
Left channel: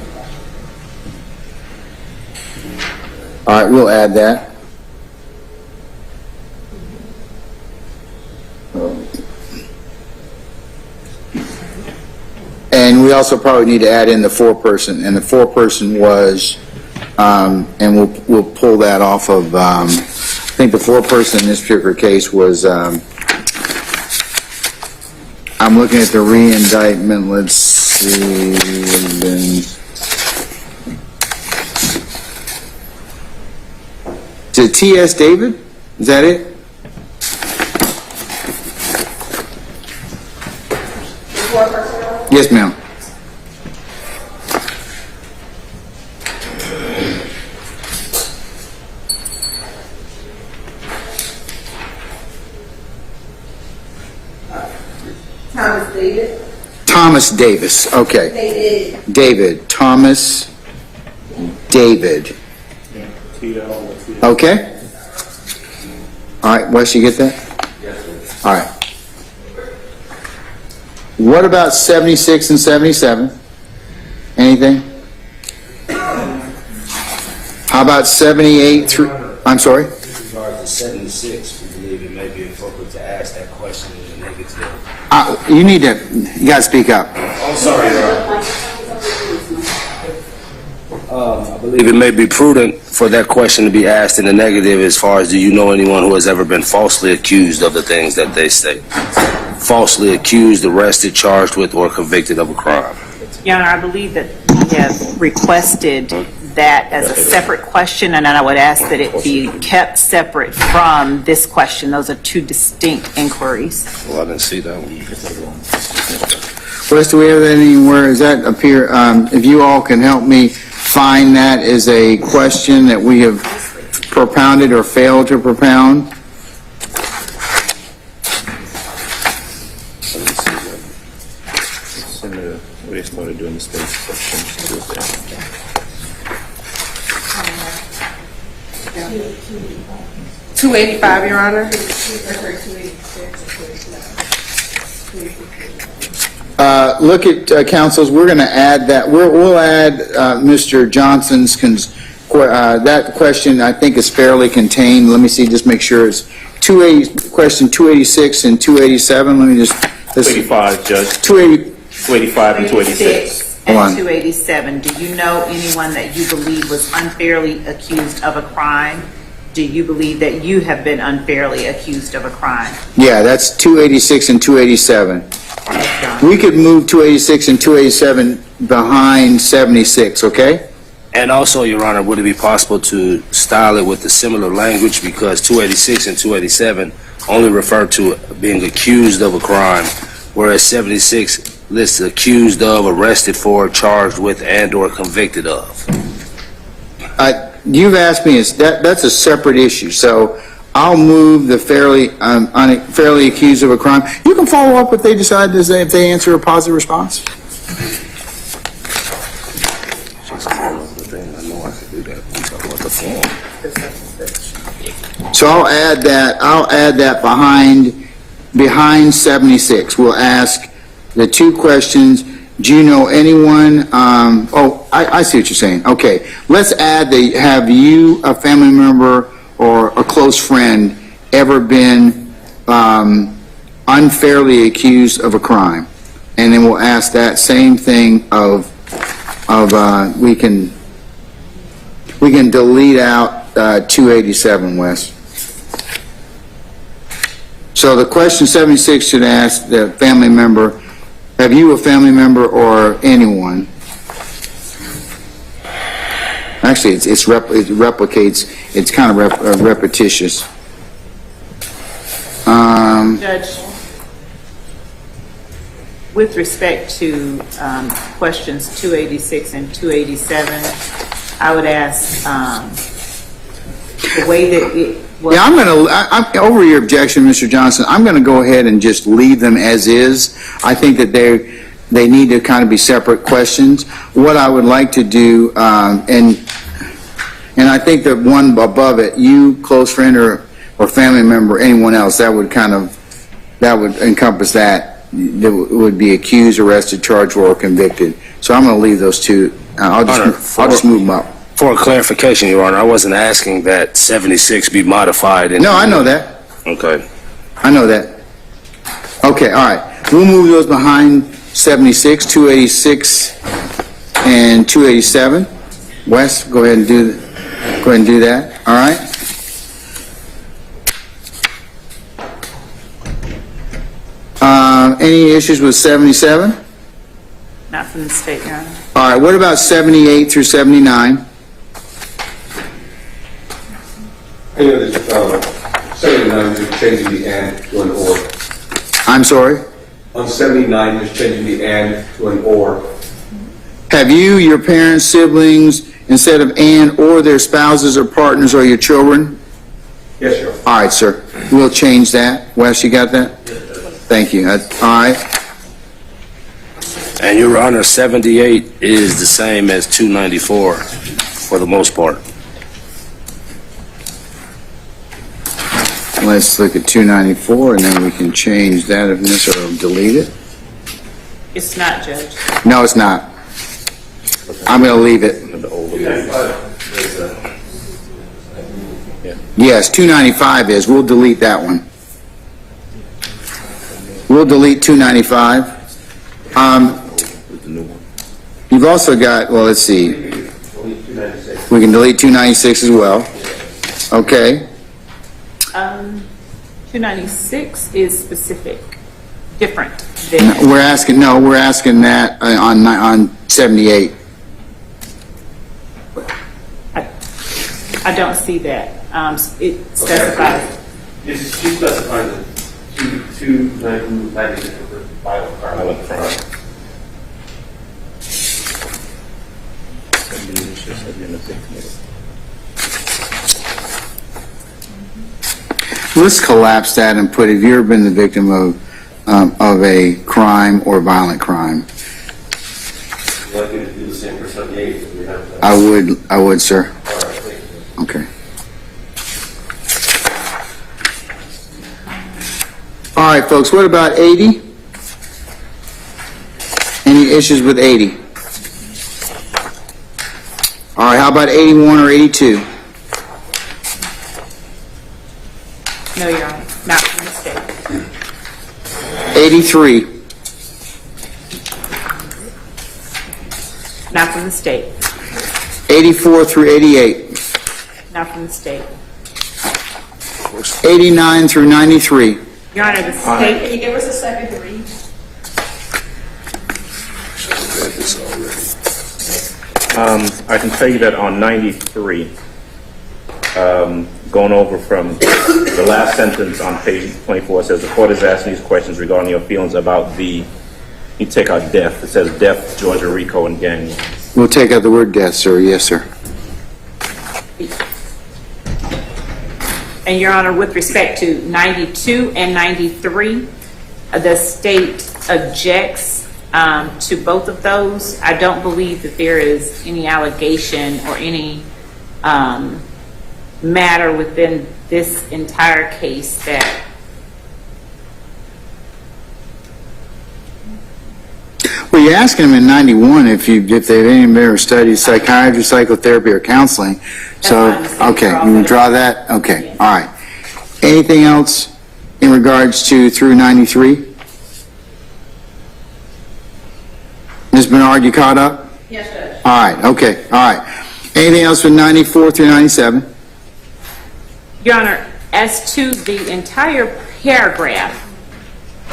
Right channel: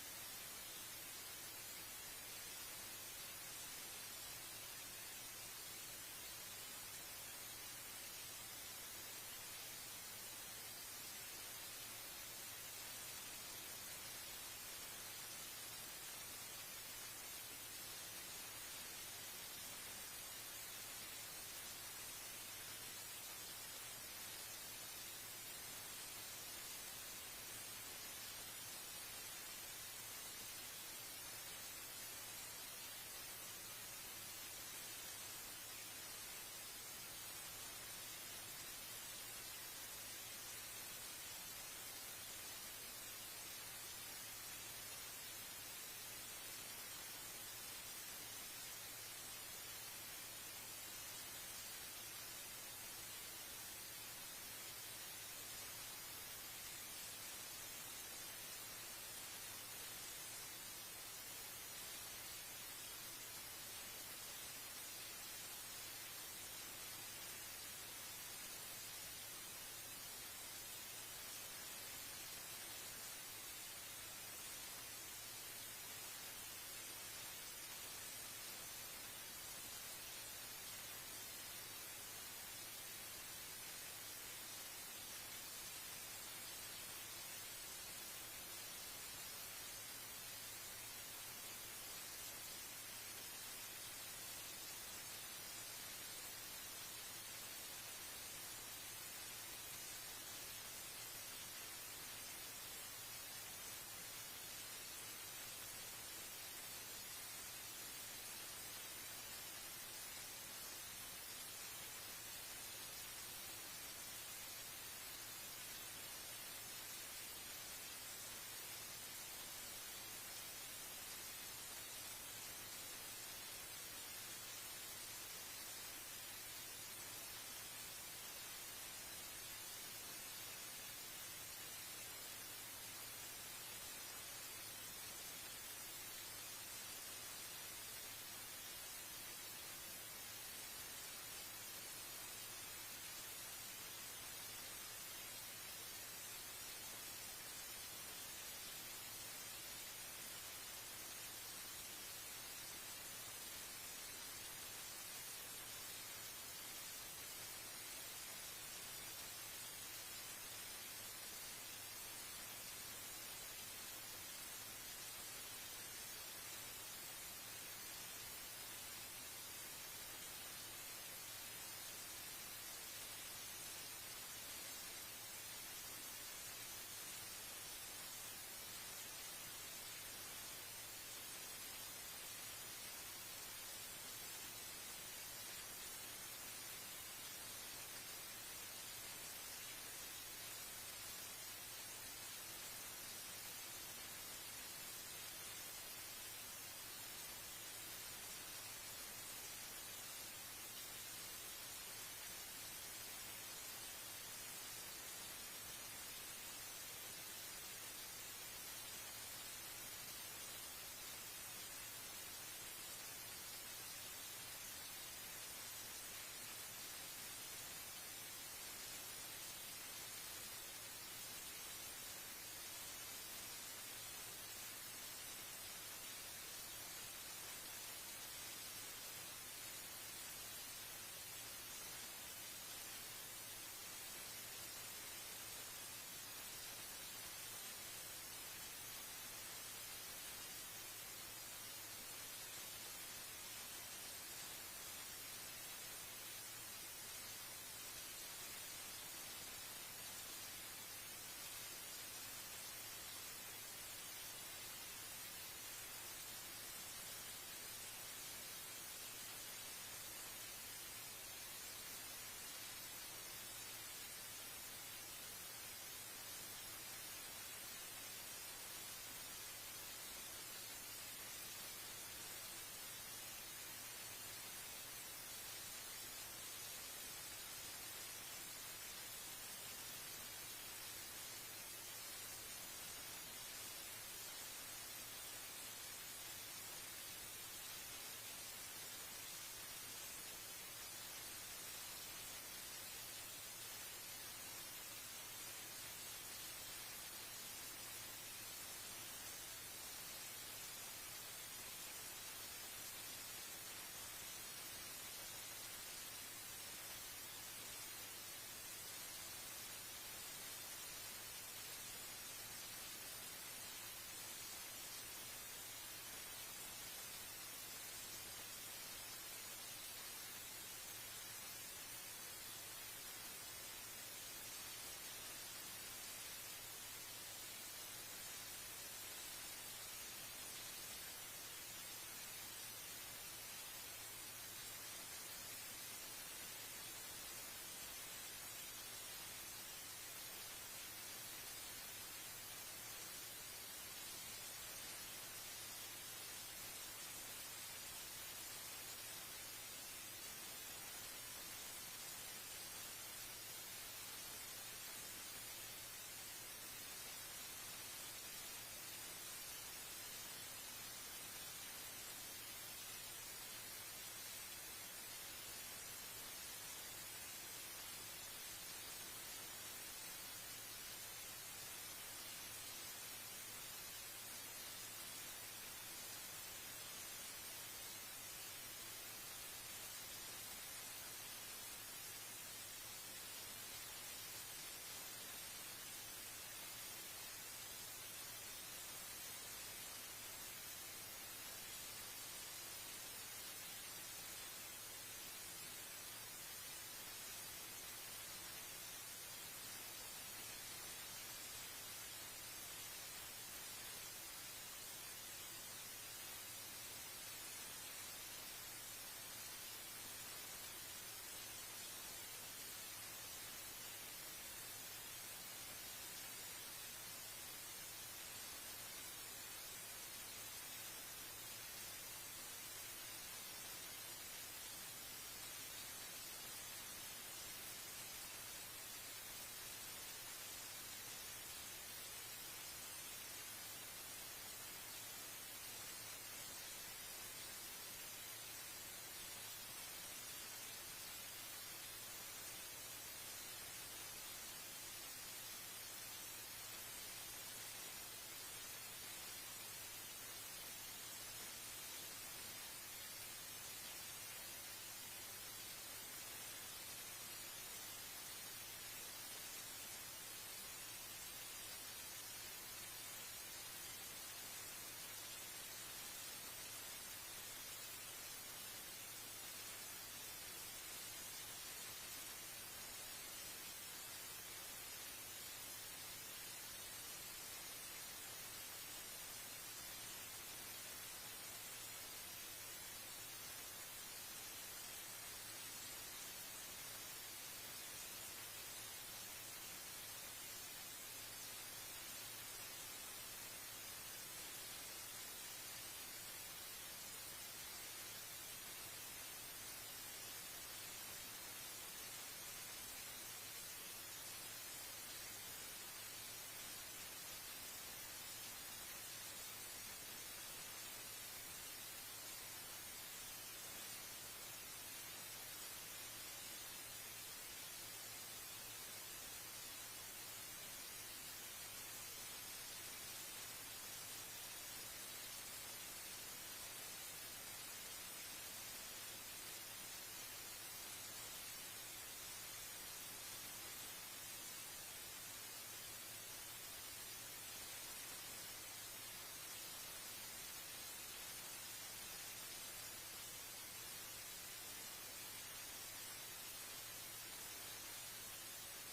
All right, we'll add that. And we also probably need to add in the foreperson, and the foreperson was, and we'll pull that off of, I think the foreperson in this particular case was, I'm looking at the re-indictment, let's see, to T.S. David? Is that it? Yes, ma'am. Thomas David. Thomas Davis, okay. David, Thomas David. Okay? All right, Wes, you get that? Yes, sir. All right. What about 76 and 77? Anything? How about 78 through, I'm sorry? With regard to 76, we believe it may be appropriate to ask that question in the negative. You got to speak up. I'm sorry, I believe it may be prudent for that question to be asked in the negative as far as do you know anyone who has ever been falsely accused of the things that they state? Falsely accused, arrested, charged with, or convicted of a crime. Your Honor, I believe that we have requested that as a separate question, and I would ask that it be kept separate from this question. Those are two distinct inquiries. Well, I didn't see that one. Wes, do we have that anywhere? Does that appear, if you all can help me find that as a question that we have propounded or failed to propound? We started doing the state questions. 285, Your Honor. Look at councils. We're going to add that. We'll add Mr. Johnson's that question. I think is fairly contained. Let me see. Just make sure it's question 286 and 287. Let me just. 285, Judge. 285 and 286. And 287. Do you know anyone that you believe was unfairly accused of a crime? Do you believe that you have been unfairly accused of a crime? Yeah, that's 286 and 287. We could move 286 and 287 behind 76, okay? And also, Your Honor, would it be possible to style it with a similar language because 286 and 287 only refer to being accused of a crime, whereas 76 lists accused of, arrested for, charged with, and or convicted of? You've asked me, that's a separate issue, so I'll move the fairly accused of a crime. You can follow up if they decide to say, if they answer a positive response. So I'll add that behind 76. We'll ask the two questions, Do you know anyone, I see what you're saying. Okay, let's add have you, a family member or a close friend, ever been unfairly accused of a crime? And then we'll ask that same thing we can delete out 287, Wes. So the question 76 should ask the family member, have you, a family member, or anyone? Actually, it replicates, it's kind of repetitious. Judge, with respect to questions 286 and 287, I would ask the way that it was. Yeah, I'm over your objection, Mr. Johnson. I'm going to go ahead and just leave them as is. I think that they need to kind of be separate questions. What I would like to do, and I think that one above it, you, close friend or family member, anyone else, that would encompass that. That would be accused, arrested, charged, or convicted. So I'm going to leave those two. I'll just move them up. For clarification, Your Honor, I wasn't asking that 76 be modified. No, I know that. Okay. I know that. Okay, all right. We'll move those behind 76, 286, and 287. Wes, go ahead and do that. All right. Any issues with 77? Not from the state, Your Honor. All right. What about 78 through 79? Any of this, 79, just changing the and to an or. I'm sorry? On 79, just changing the and to an or. Have you, your parents, siblings, instead of and or their spouses or partners or your children? Yes, sir. All right, sir. We'll change that. Wes, you got that? Thank you. All right. And Your Honor, 78 is the same as 294 for the most part. Let's look at 294, and then we can change that if necessary, or delete it. It's not, Judge. No, it's not. I'm going to leave it. Yes, 295 is. We'll delete that one. We'll delete 295. You've also got, well, let's see. We can delete 296 as well. Okay. 296 is specific, different than. We're asking that on 78. I don't see that. It specifies. She specifies it. 296 for vital carbon. Let's collapse that and put, have you ever been the victim of a crime or violent crime? Would you like me to do the same for 78? If we have that? I would, sir. All right, thank you. Okay. All right, folks, what about 80? Any issues with 80? All right, how about 81 or 82? No, Your Honor, not from the state. 83? Not from the state. 84 through 88? Not from the state. 89 through 93? Your Honor, the state. Can you give us a second to read? I can tell you that on 93, going over from the last sentence on page 24, it says the court is asking these questions regarding your feelings about you take out death. It says death, Georgia, RICO, and gang. We'll take out the word death, sir. Yes, sir. And Your Honor, with respect to 92 and 93, the state objects to both of those. I don't believe that there is any allegation or any matter within this entire case that Well, you asked them in 91 if they have any ever studied psychiatry, psychotherapy, or counseling. So, okay, you withdraw that? Okay, all right. Anything else in regards to through 93? Ms. Bernard, you caught up? Yes, Judge. All right, okay, all right. Anything else with 94 through 97? Your Honor, as to the entire paragraph,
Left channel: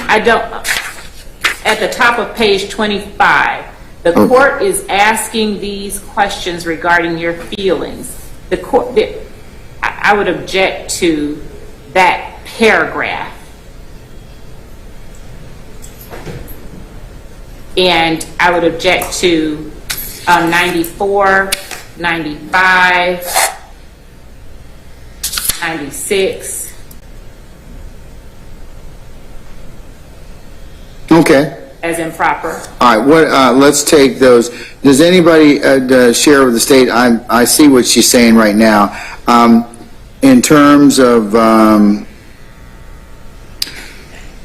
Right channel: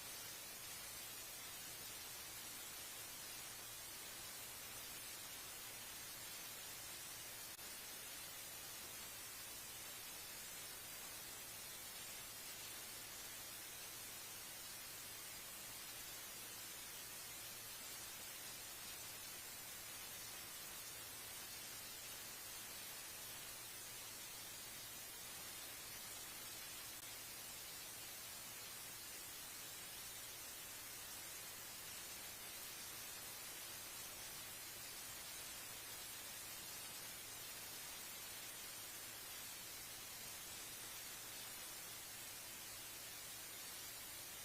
at the top of page 25, the court is asking these questions regarding your feelings. I would object to that paragraph. And I would object to 94, 95, 96. Okay. As improper. All right, let's take those. Does anybody share with the state? I see what she's saying right now. In terms of,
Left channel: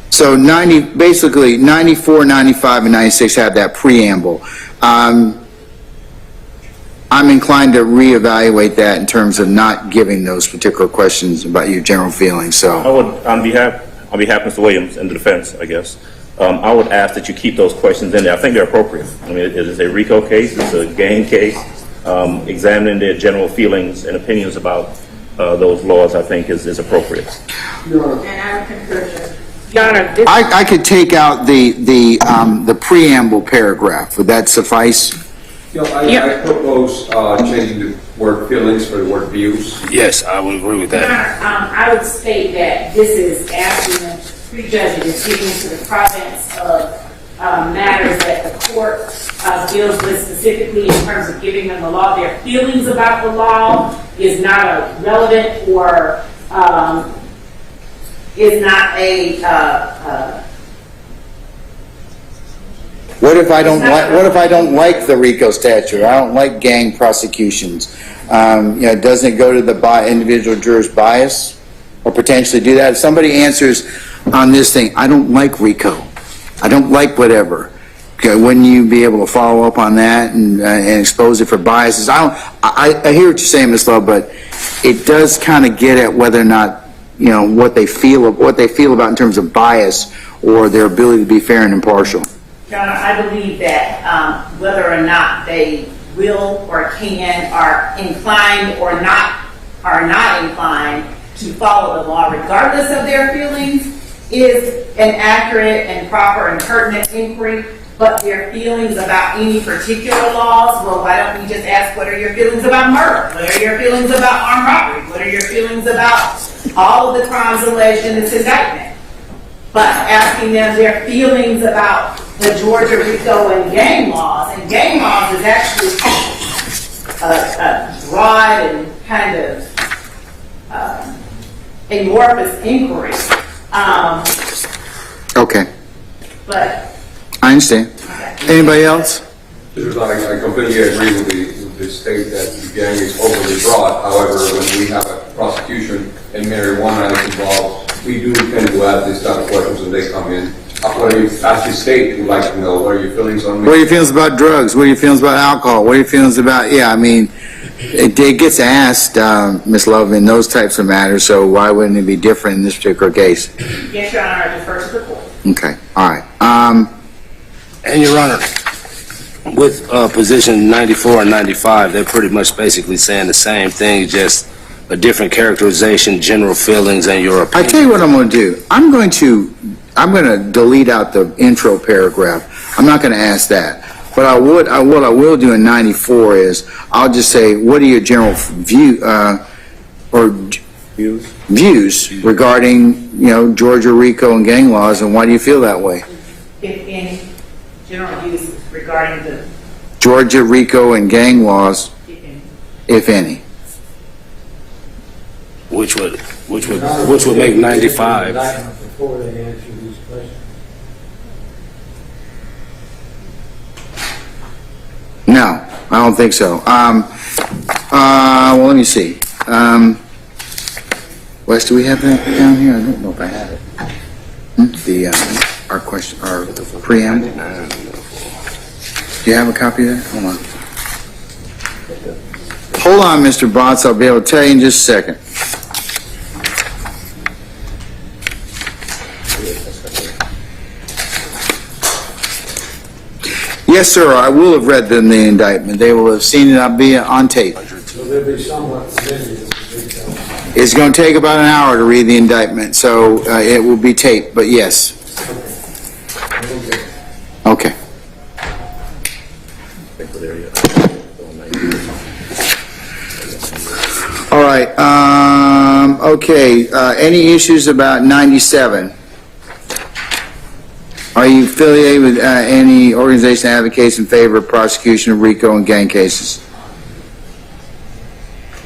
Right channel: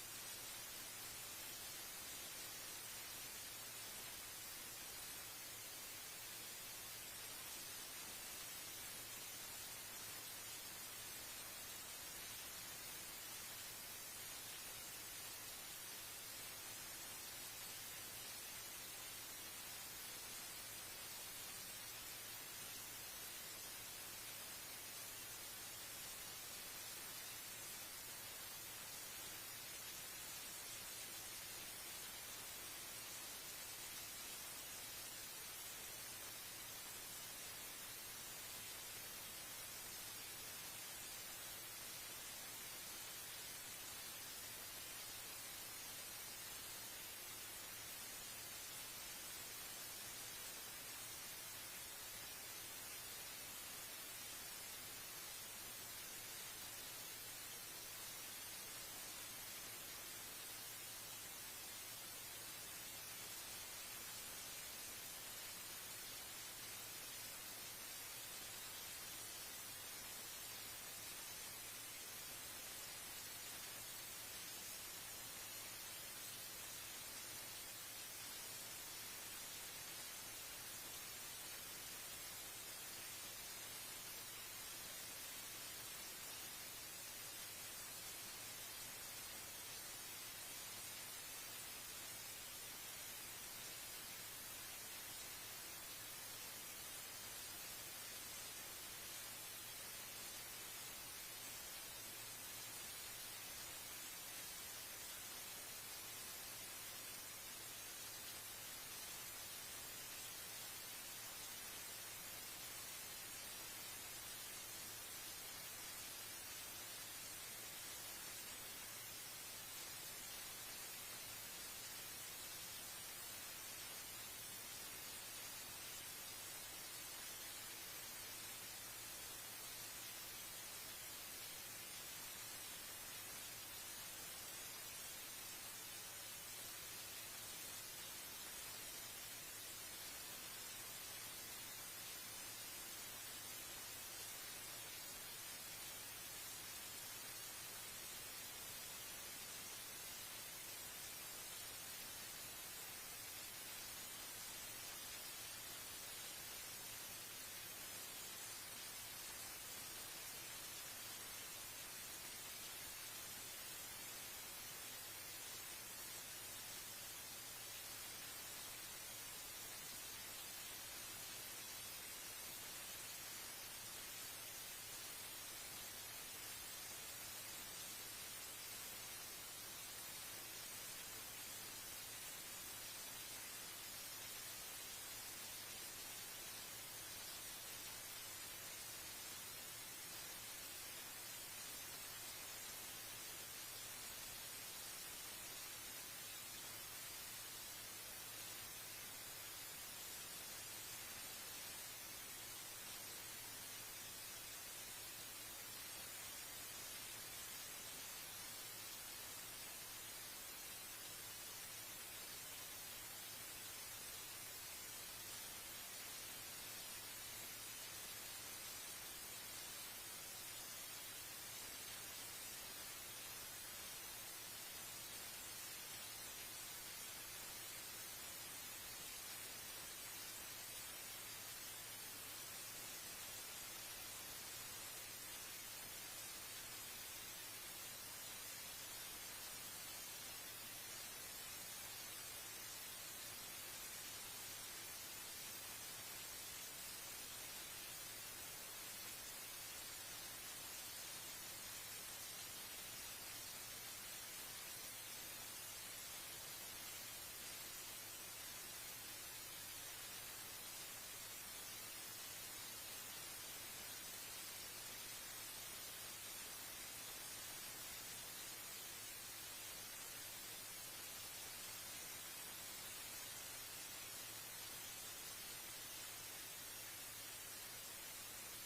so basically 94, 95, and 96 have that preamble. I'm inclined to reevaluate that in terms of not giving those particular questions about your general feelings. So I would, on behalf of Mr. Williams and the defense, I guess, I would ask that you keep those questions in there. I think they're appropriate. I mean, it is a RICO case, it's a gang case. Examining their general feelings and opinions about those laws, I think, is appropriate. And I would concur. Your Honor, I could take out the preamble paragraph. Would that suffice? I propose changing the word feelings for the word views. Yes, I would agree with Your that. Honor, I would state that this is asking the prejudging is getting into the province of matters that the court deals with specifically in terms of giving them the law. Their feelings about the law is not relevant or is not a. What if I don't like the RICO statute? I don't like gang prosecutions. Doesn't it go to the individual juror's bias, or potentially do that? If somebody answers on this thing, I don't like RICO, I don't like whatever. Okay, wouldn't you be able to follow up on that and expose it for biases? I hear what you're saying, Ms. Love, but it does kind of get at whether or not what they feel about in terms of bias or their ability to be fair and impartial. Your Honor, I believe that whether or not they will or can, are inclined or are not inclined to follow the law, regardless of their feelings, is an accurate and proper and pertinent inquiry. But their feelings about any particular laws, well, why don't we just ask, what are your feelings about murder? What are your feelings about armed robbery? What are your feelings about all of the crimes alleged in this indictment? But asking them their feelings about the Georgia RICO and gang laws is actually a broad and kind of amorphous inquiry. Okay. But I understand. Anybody else? I completely agree with the state that the gang is overly broad. However, when we have a prosecution and marijuana is involved, we do tend to ask these type of questions when they come in. What are you, as the state, would like to know, what are your feelings on me? What are your feelings about drugs? What are your feelings about alcohol? What are your feelings about, it gets asked, Ms. Love, in those types of matters, so why wouldn't it be different in this particular case? yes, Your Honor, I defer to the court. Okay, all right. And Your Honor, with position 94 and 95, they're pretty much basically saying the same thing, just a different characterization, general feelings, and your opinion. I tell you what I'm going to do. I'm going to delete out the intro paragraph. I'm not going to ask that. But what I will do in 94 is I'll just say, what are your general views regarding Georgia RICO and gang laws, and why do you feel that way? If any general views regarding the Georgia RICO and gang laws, if any. Which would make 95. Before they answer these questions. No, I don't think so. Well, let me see. Wes, do we have that down here? I don't know if I have it. Our preamble. Do you have a copy of that? Hold on. Hold on, Mr. Botts. I'll be able to tell you in just a second. Yes, sir. I will have read them the indictment. They will have seen it. I'll be on tape. So they'll be somewhat familiar. It's going to take about an hour to read the indictment, so it will be taped. But yes. Okay. All right. Okay. Any issues about 97? Are you affiliated with any organization that advocates in favor of prosecution of RICO and gang cases?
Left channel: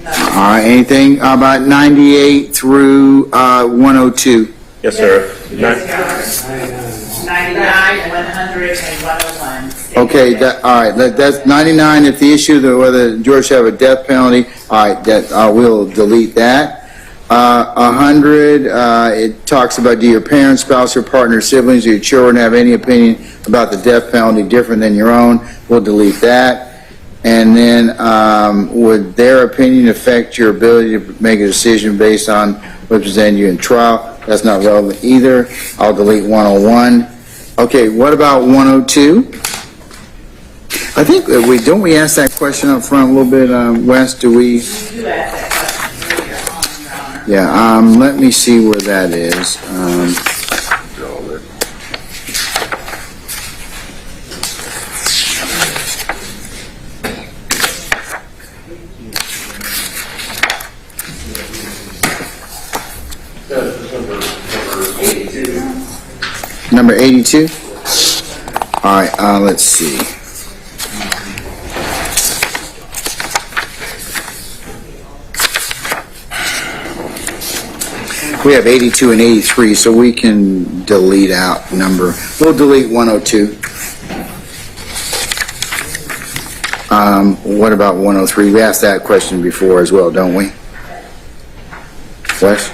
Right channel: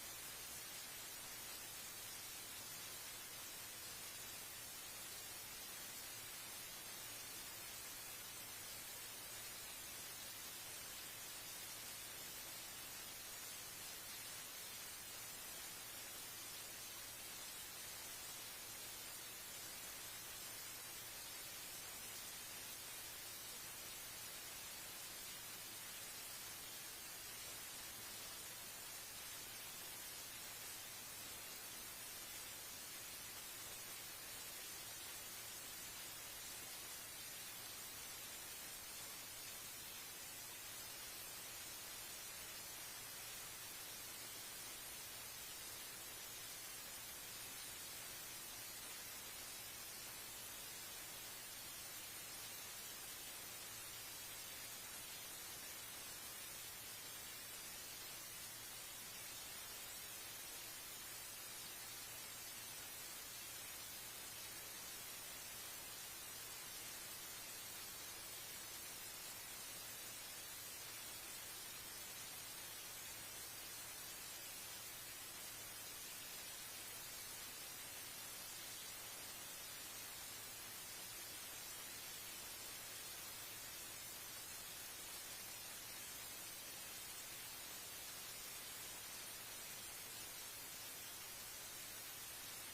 All right. Anything about 98 through 102? Yes, sir. 99, 100, and 101. Okay, all right, that's 99 if the issue that whether George should have a death penalty, all right, that, we'll delete that. 100, it talks about do your parents, spouse, or partner, siblings, or your children have any opinion about the death penalty different than your own, we'll delete that. And then, would their opinion affect your ability to make a decision based on what presented you in trial? That's not relevant either. I'll delete 101. Okay, what about 102? I think don't we ask that question up front a little bit, Wes? Do we? You do ask that question earlier on, Your Honor. Yeah. Let me see where that is. Number 82? All right, let's see. We have 82 and 83, so we can delete out number. We'll delete 102. What about 103? We asked that question before as well, don't we? Wes?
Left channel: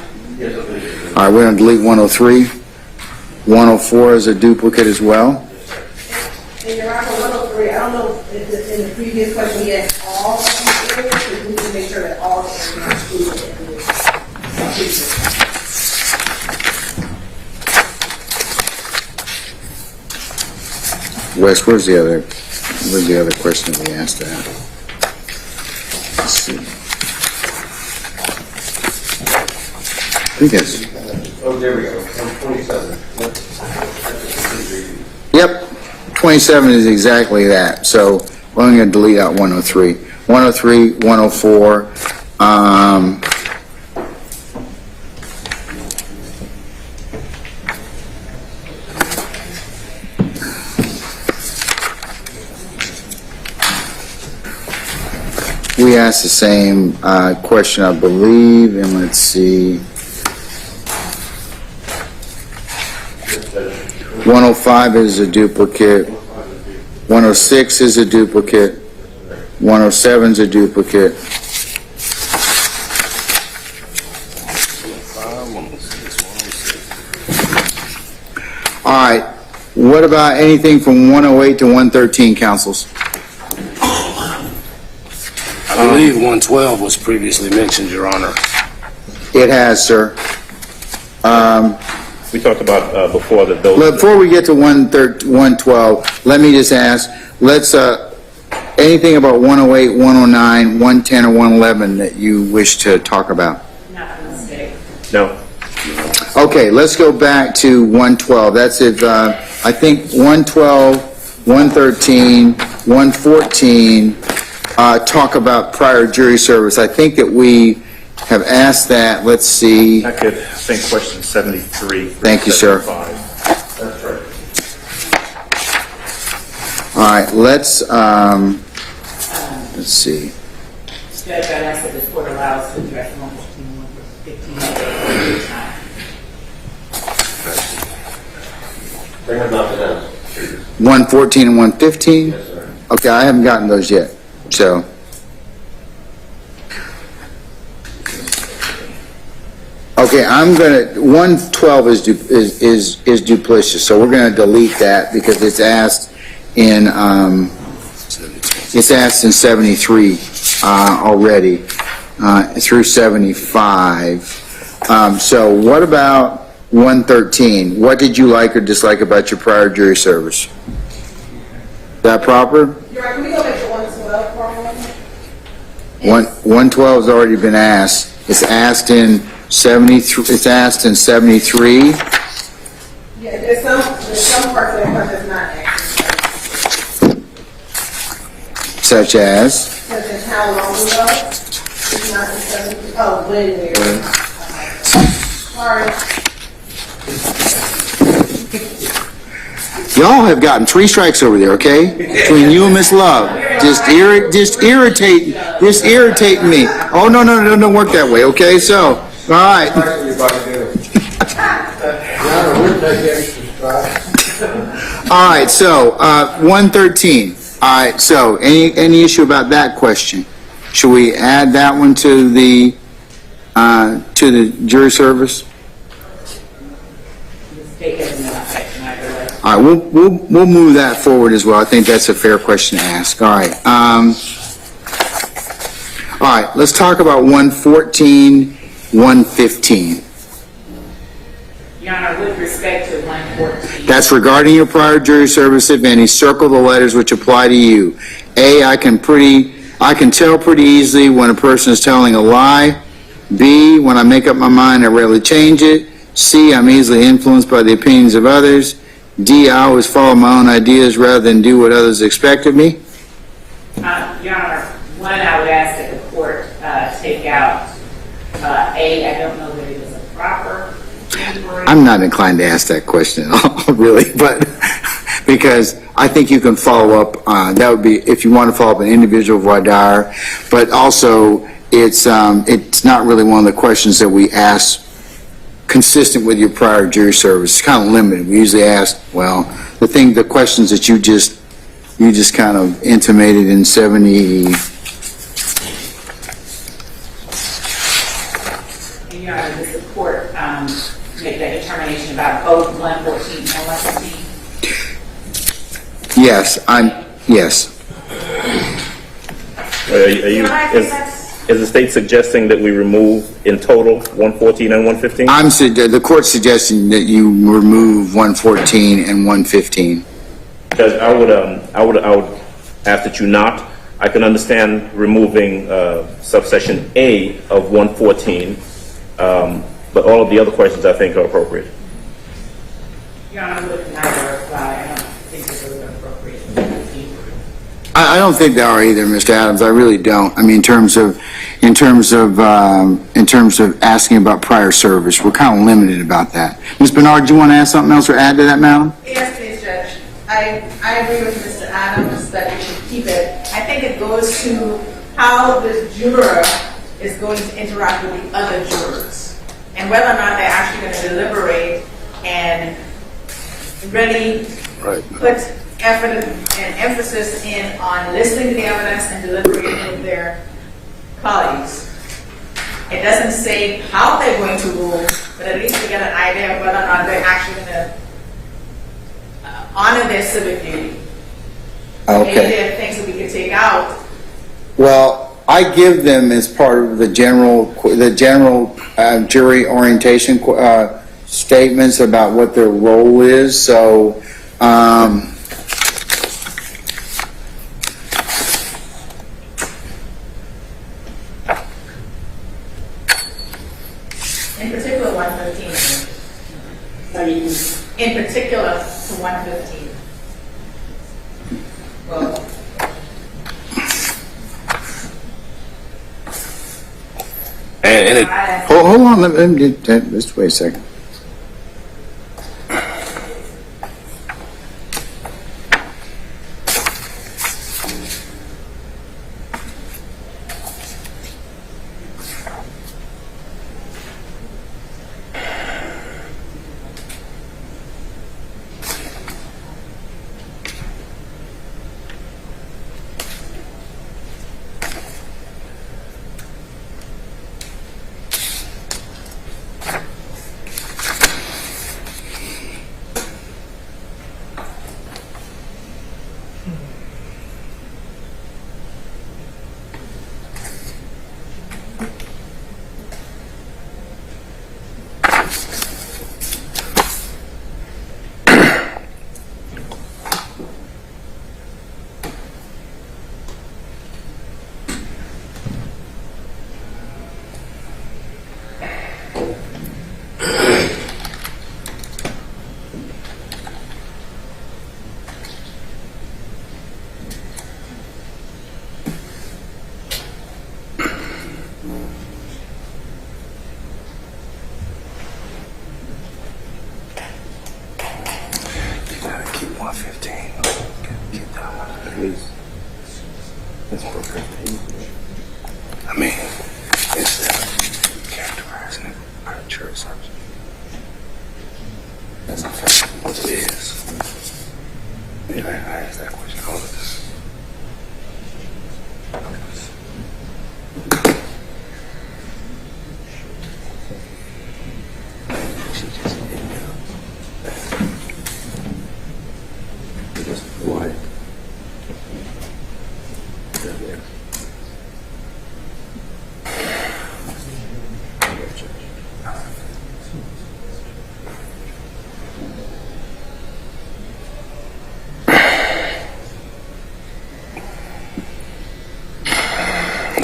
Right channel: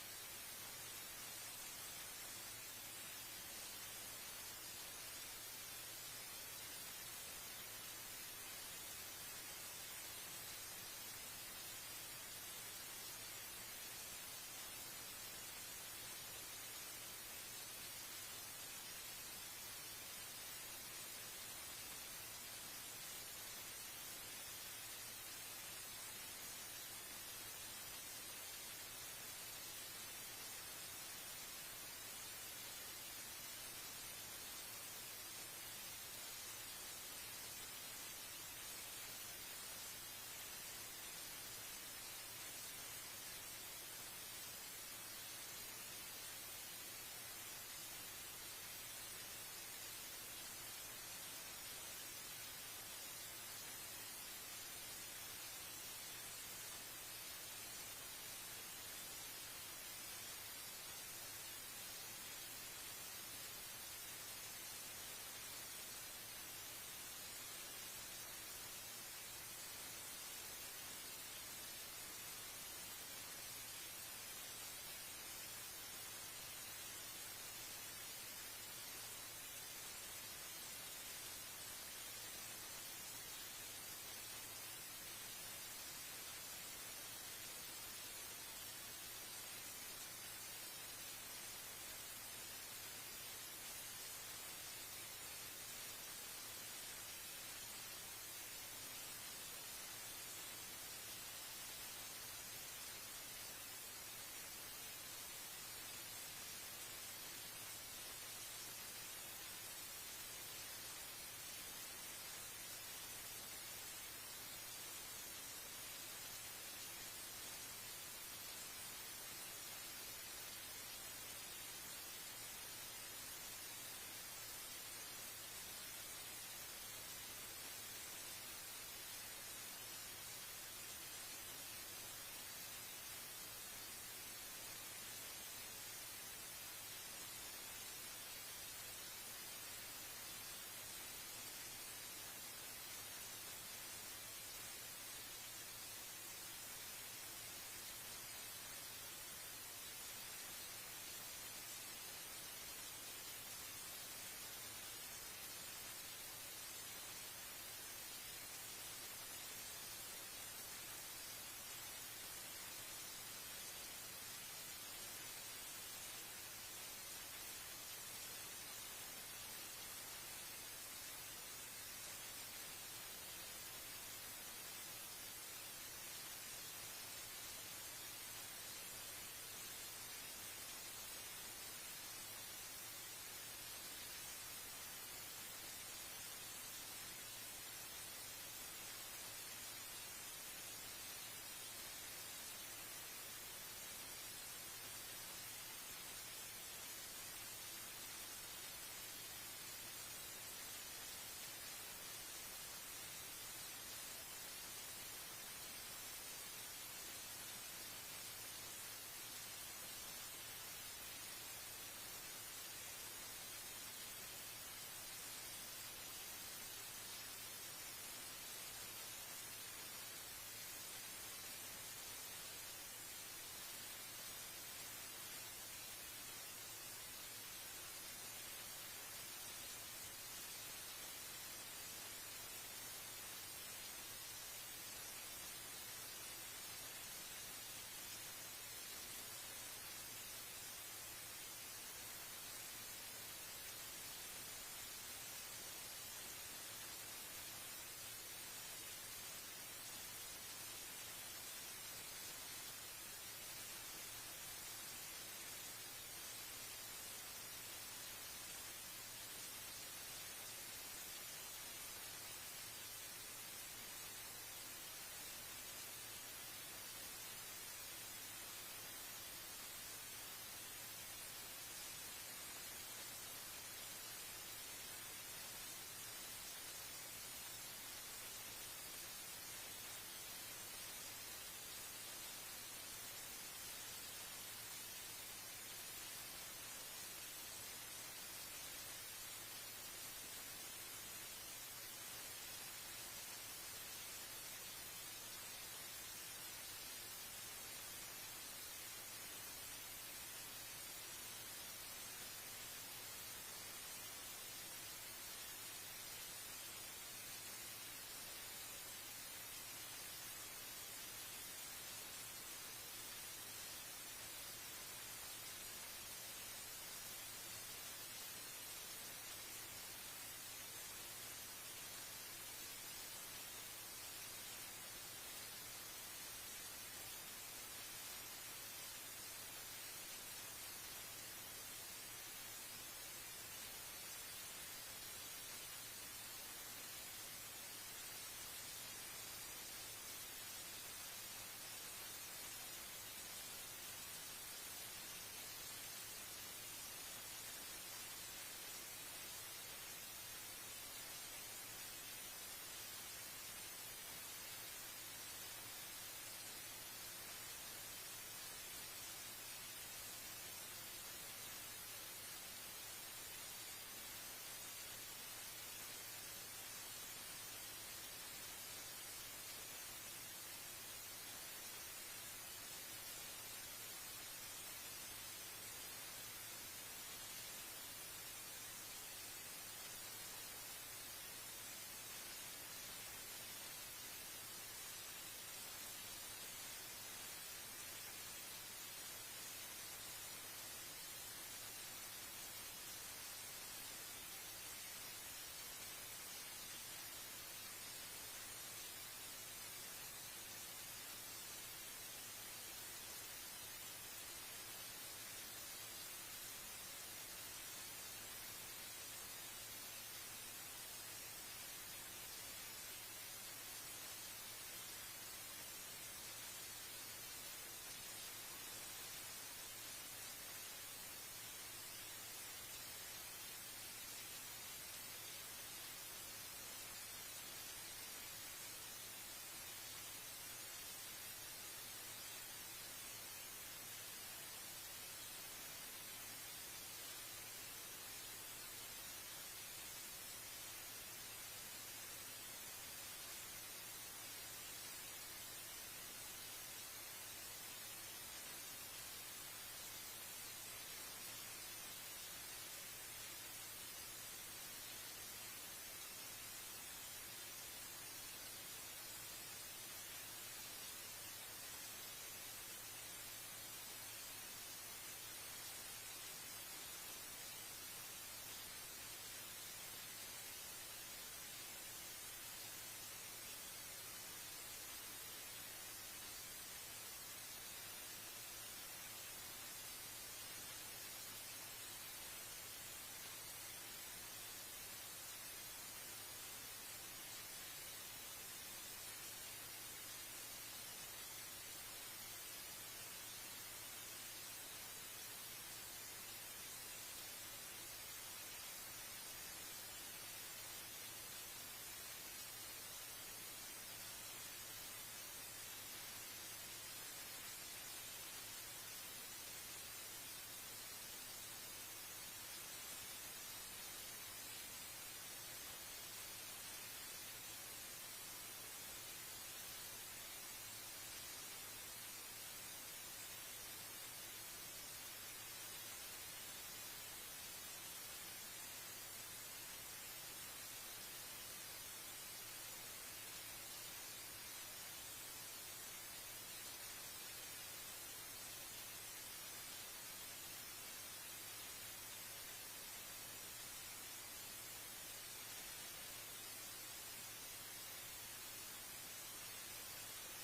All right, we're going to delete 103. 104 is a duplicate as well. And Your Honor, 103, I don't know if in the previous question we asked all of these areas, but we need to make sure that all of them are included in this. Wes, where's the other question that we asked that? Let's see. I think that's. Oh, there we go. 27. Yep, 27 is exactly that. So I'm going to delete out 103. 103, 104. We asked the same question, I believe, and let's see. 105 is a duplicate. 106 is a duplicate. 107 is a duplicate. All right. What about anything from 108 to 113, councils? I believe 112 was previously mentioned, Your Honor. It has, sir. We talked about before that those. Before we get to 112, let me just ask, anything about 108, 109, 110, or 111 that you wish to talk about? Not a mistake. No. Okay, let's go back to 112. That's it. I think 112, 113, 114 talk about prior jury service. I think that we have asked that. Let's see. I think question 73. Thank you, sir. 75. That's right. All right, let's see. Judge, I'd ask that this court allows to address 114, 115 at They have nothing else. 114 and 115? Yes, sir. Okay, I haven't gotten those yet, so. Okay, 112 is duplicitous, so we're gonna delete that because it's asked in it's asked in 73 already, through 75. So what about 113? What did you like or dislike about your prior jury service? Is that proper? You're right, can we go back to 112 for a moment? 112 has already been asked. It's asked in 73. It's asked in 73. Yeah, there's some parts of the part that's not accurate. Such as? Such as how long ago? It's not in 70, oh, when. Sorry. Y'all have gotten 3 strikes over there, okay? Between you and Miss Love. Just irritating me. Oh, no, don't work that way, okay? So, all right. All right, so, 113. All right, so, any issue about that question? Should we add that one to the jury service? All right, we'll move that forward as well. I think that's a fair question to ask. All right. All right, let's talk about 114, 115. Your Honor, with respect to 114. That's regarding your prior jury service, if any. Circle the letters which apply to you. A, I can tell pretty easily when a person is telling a lie. B, when I make up my mind, I rarely change it. C, I'm easily influenced by the opinions of others. D, I always follow my own ideas rather than do what others expect of me. Your Honor, one, I would ask that the court take out A. I don't know that it is a proper inquiry. I'm not inclined to ask that question at all, really, but because I think you can follow up. That would be if you want to follow up an individual voir dire, but also it's not really one of the questions that we ask consistent with your prior jury service. It's kind of limited. We usually ask, well, the questions that you just kind of intimated in 70. Your Honor, does the court make that determination about both 114 and 115? Yes, yes. Is the state suggesting that we remove in total 114 and 115? The court's suggesting that you remove 114 and 115. Because I would ask that you not. I can understand removing subsection A of 114, but all of the other questions I think are appropriate. Your Honor, with neither reply, I don't think that those are appropriate. I don't think they are either, Mr. Adams. I really don't. I mean, in terms of asking about prior service, we're kind of limited about that. Ms. Bernard, do you want to ask something else or add to that, madam? Yes, please, Judge. I agree with Mr. Adams that we should keep it. I think it goes to how the juror is going to interact with the other jurors and whether or not they're actually going to deliberate and really put effort and emphasis on listening to the evidence and deliberating with their colleagues. It doesn't say how they're going to rule, but at least we get an idea of whether or not they're actually going to honor their civic duty. Okay. Maybe there are things that we could take out. Well, I give them as part of the general jury orientation statements about what their role is. So, In particular, 115. In particular, to 115. Well, And hold on, let me just wait a second.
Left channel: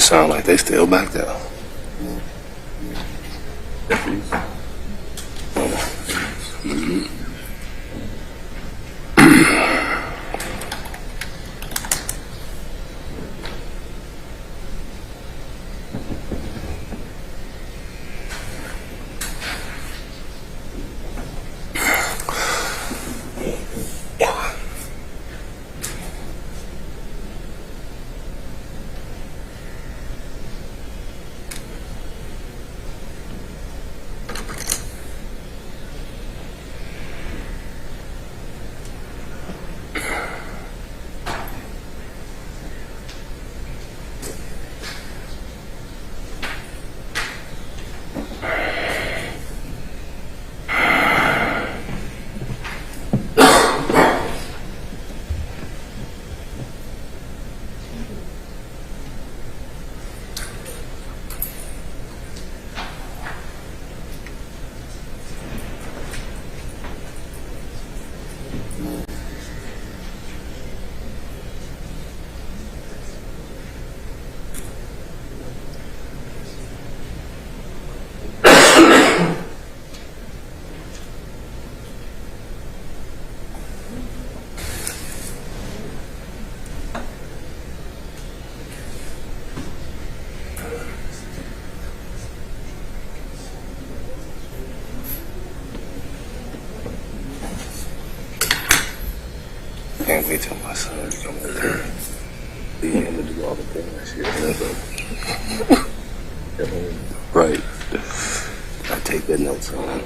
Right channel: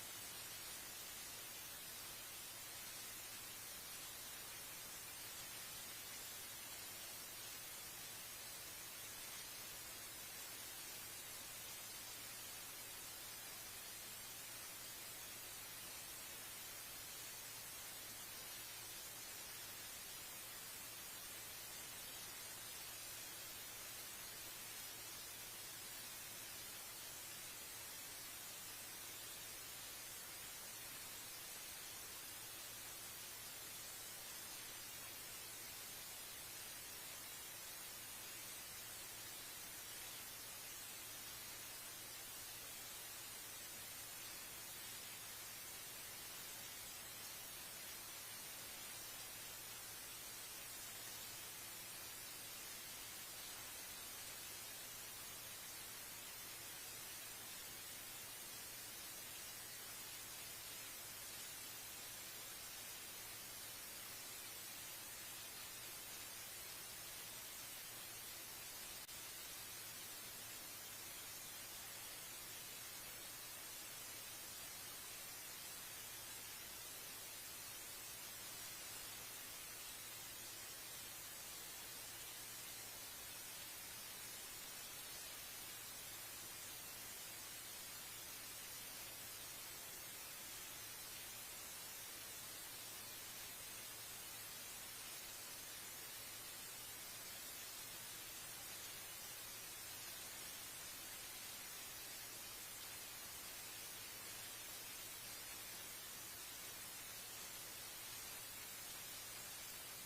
sound like they still back there. Mhm. Can't wait till my son becomes a parent. Be him to do all the things. Right. I take that notes on.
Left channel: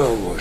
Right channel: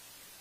Oh boy.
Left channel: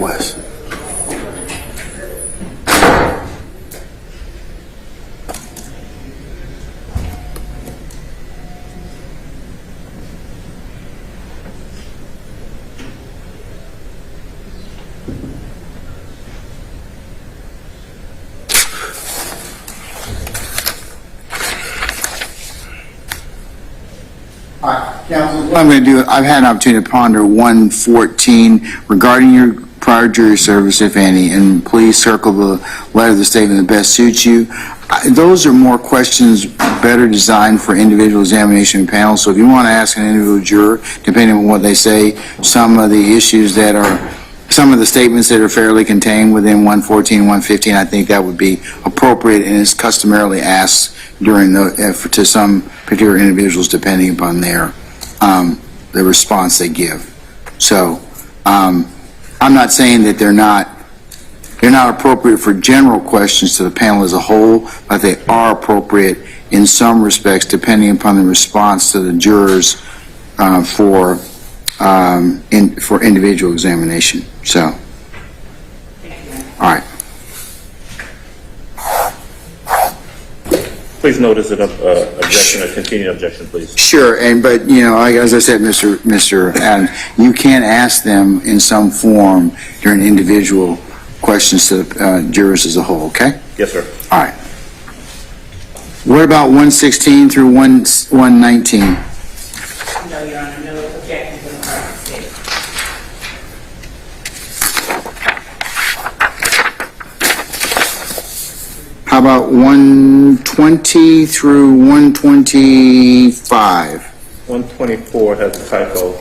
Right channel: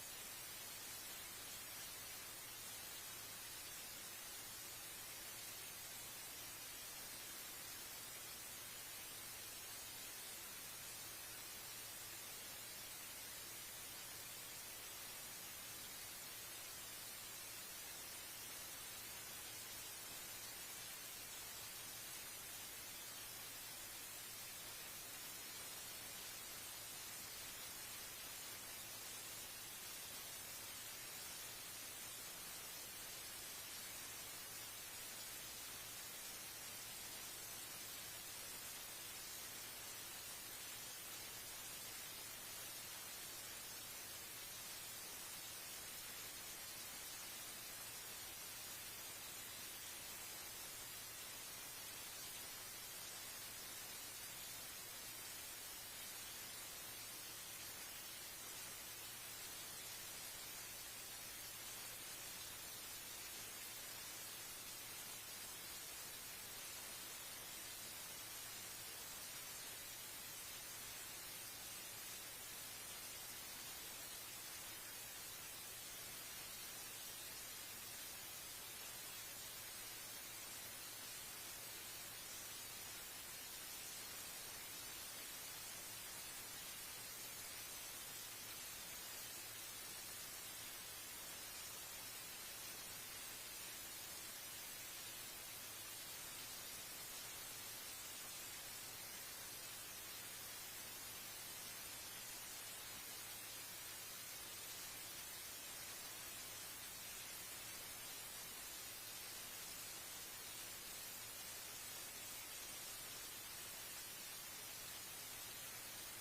Wes. All right, counsel. What I'm going to do, I've had an opportunity to ponder 114 regarding your prior jury service, if any, and please circle the letter of the statement that best suits you. Those are more questions better designed for individual examination panels. So if you want to ask an individual juror, depending on what they say, some of the issues that are, some of the statements that are fairly contained within 114, 115, I think that would be appropriate and is customarily asked during the, to some particular individuals depending upon their, the response they give. So, I'm not saying that they're not appropriate for general questions to the panel as a whole, but they are appropriate in some respects depending upon the response to the jurors for individual examination. So, all right. Please notice an objection, a continued objection, please. Sure, but as I said, Mr. Adams, you can ask them in some form during individual questions to the jurors as a whole. Okay. Yes, sir. All right. What about 116 through 119? No, Your Honor, no objection to the prior statement. How about 120 through 125? 124 has a typo.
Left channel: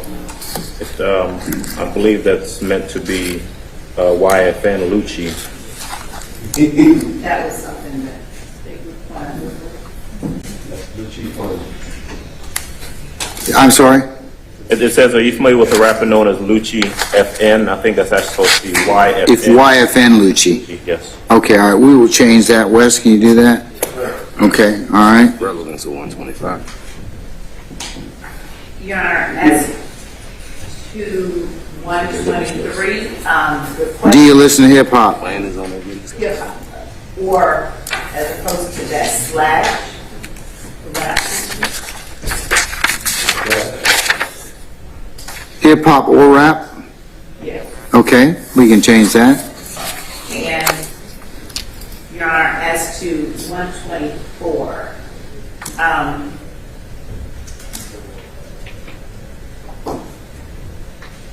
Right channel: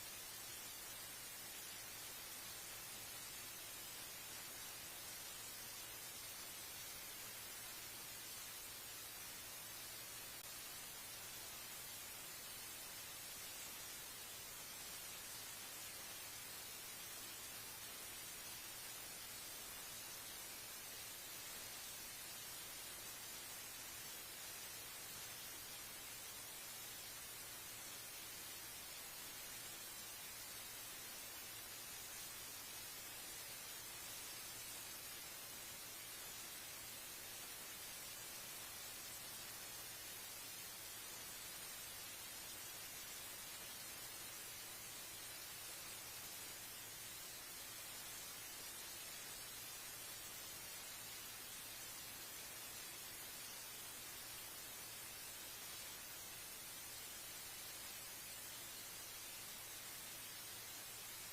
I believe that's meant to be YFN Lucci. That was something that they required. I'm sorry? It says, are you familiar with the rapper known as Lucci FN? I think that's actually supposed to be YFN. If YFN Lucci. Yes. Okay, all right, we will change that. Wes, can you do that? Okay, all right. Relevance of 125. Your Honor, as to 123, the question... Do you listen to hip hop? Yeah, or as opposed to that slash, rap. Hip hop or rap? Yeah. Okay, we can change that. And, Your Honor, as to 124,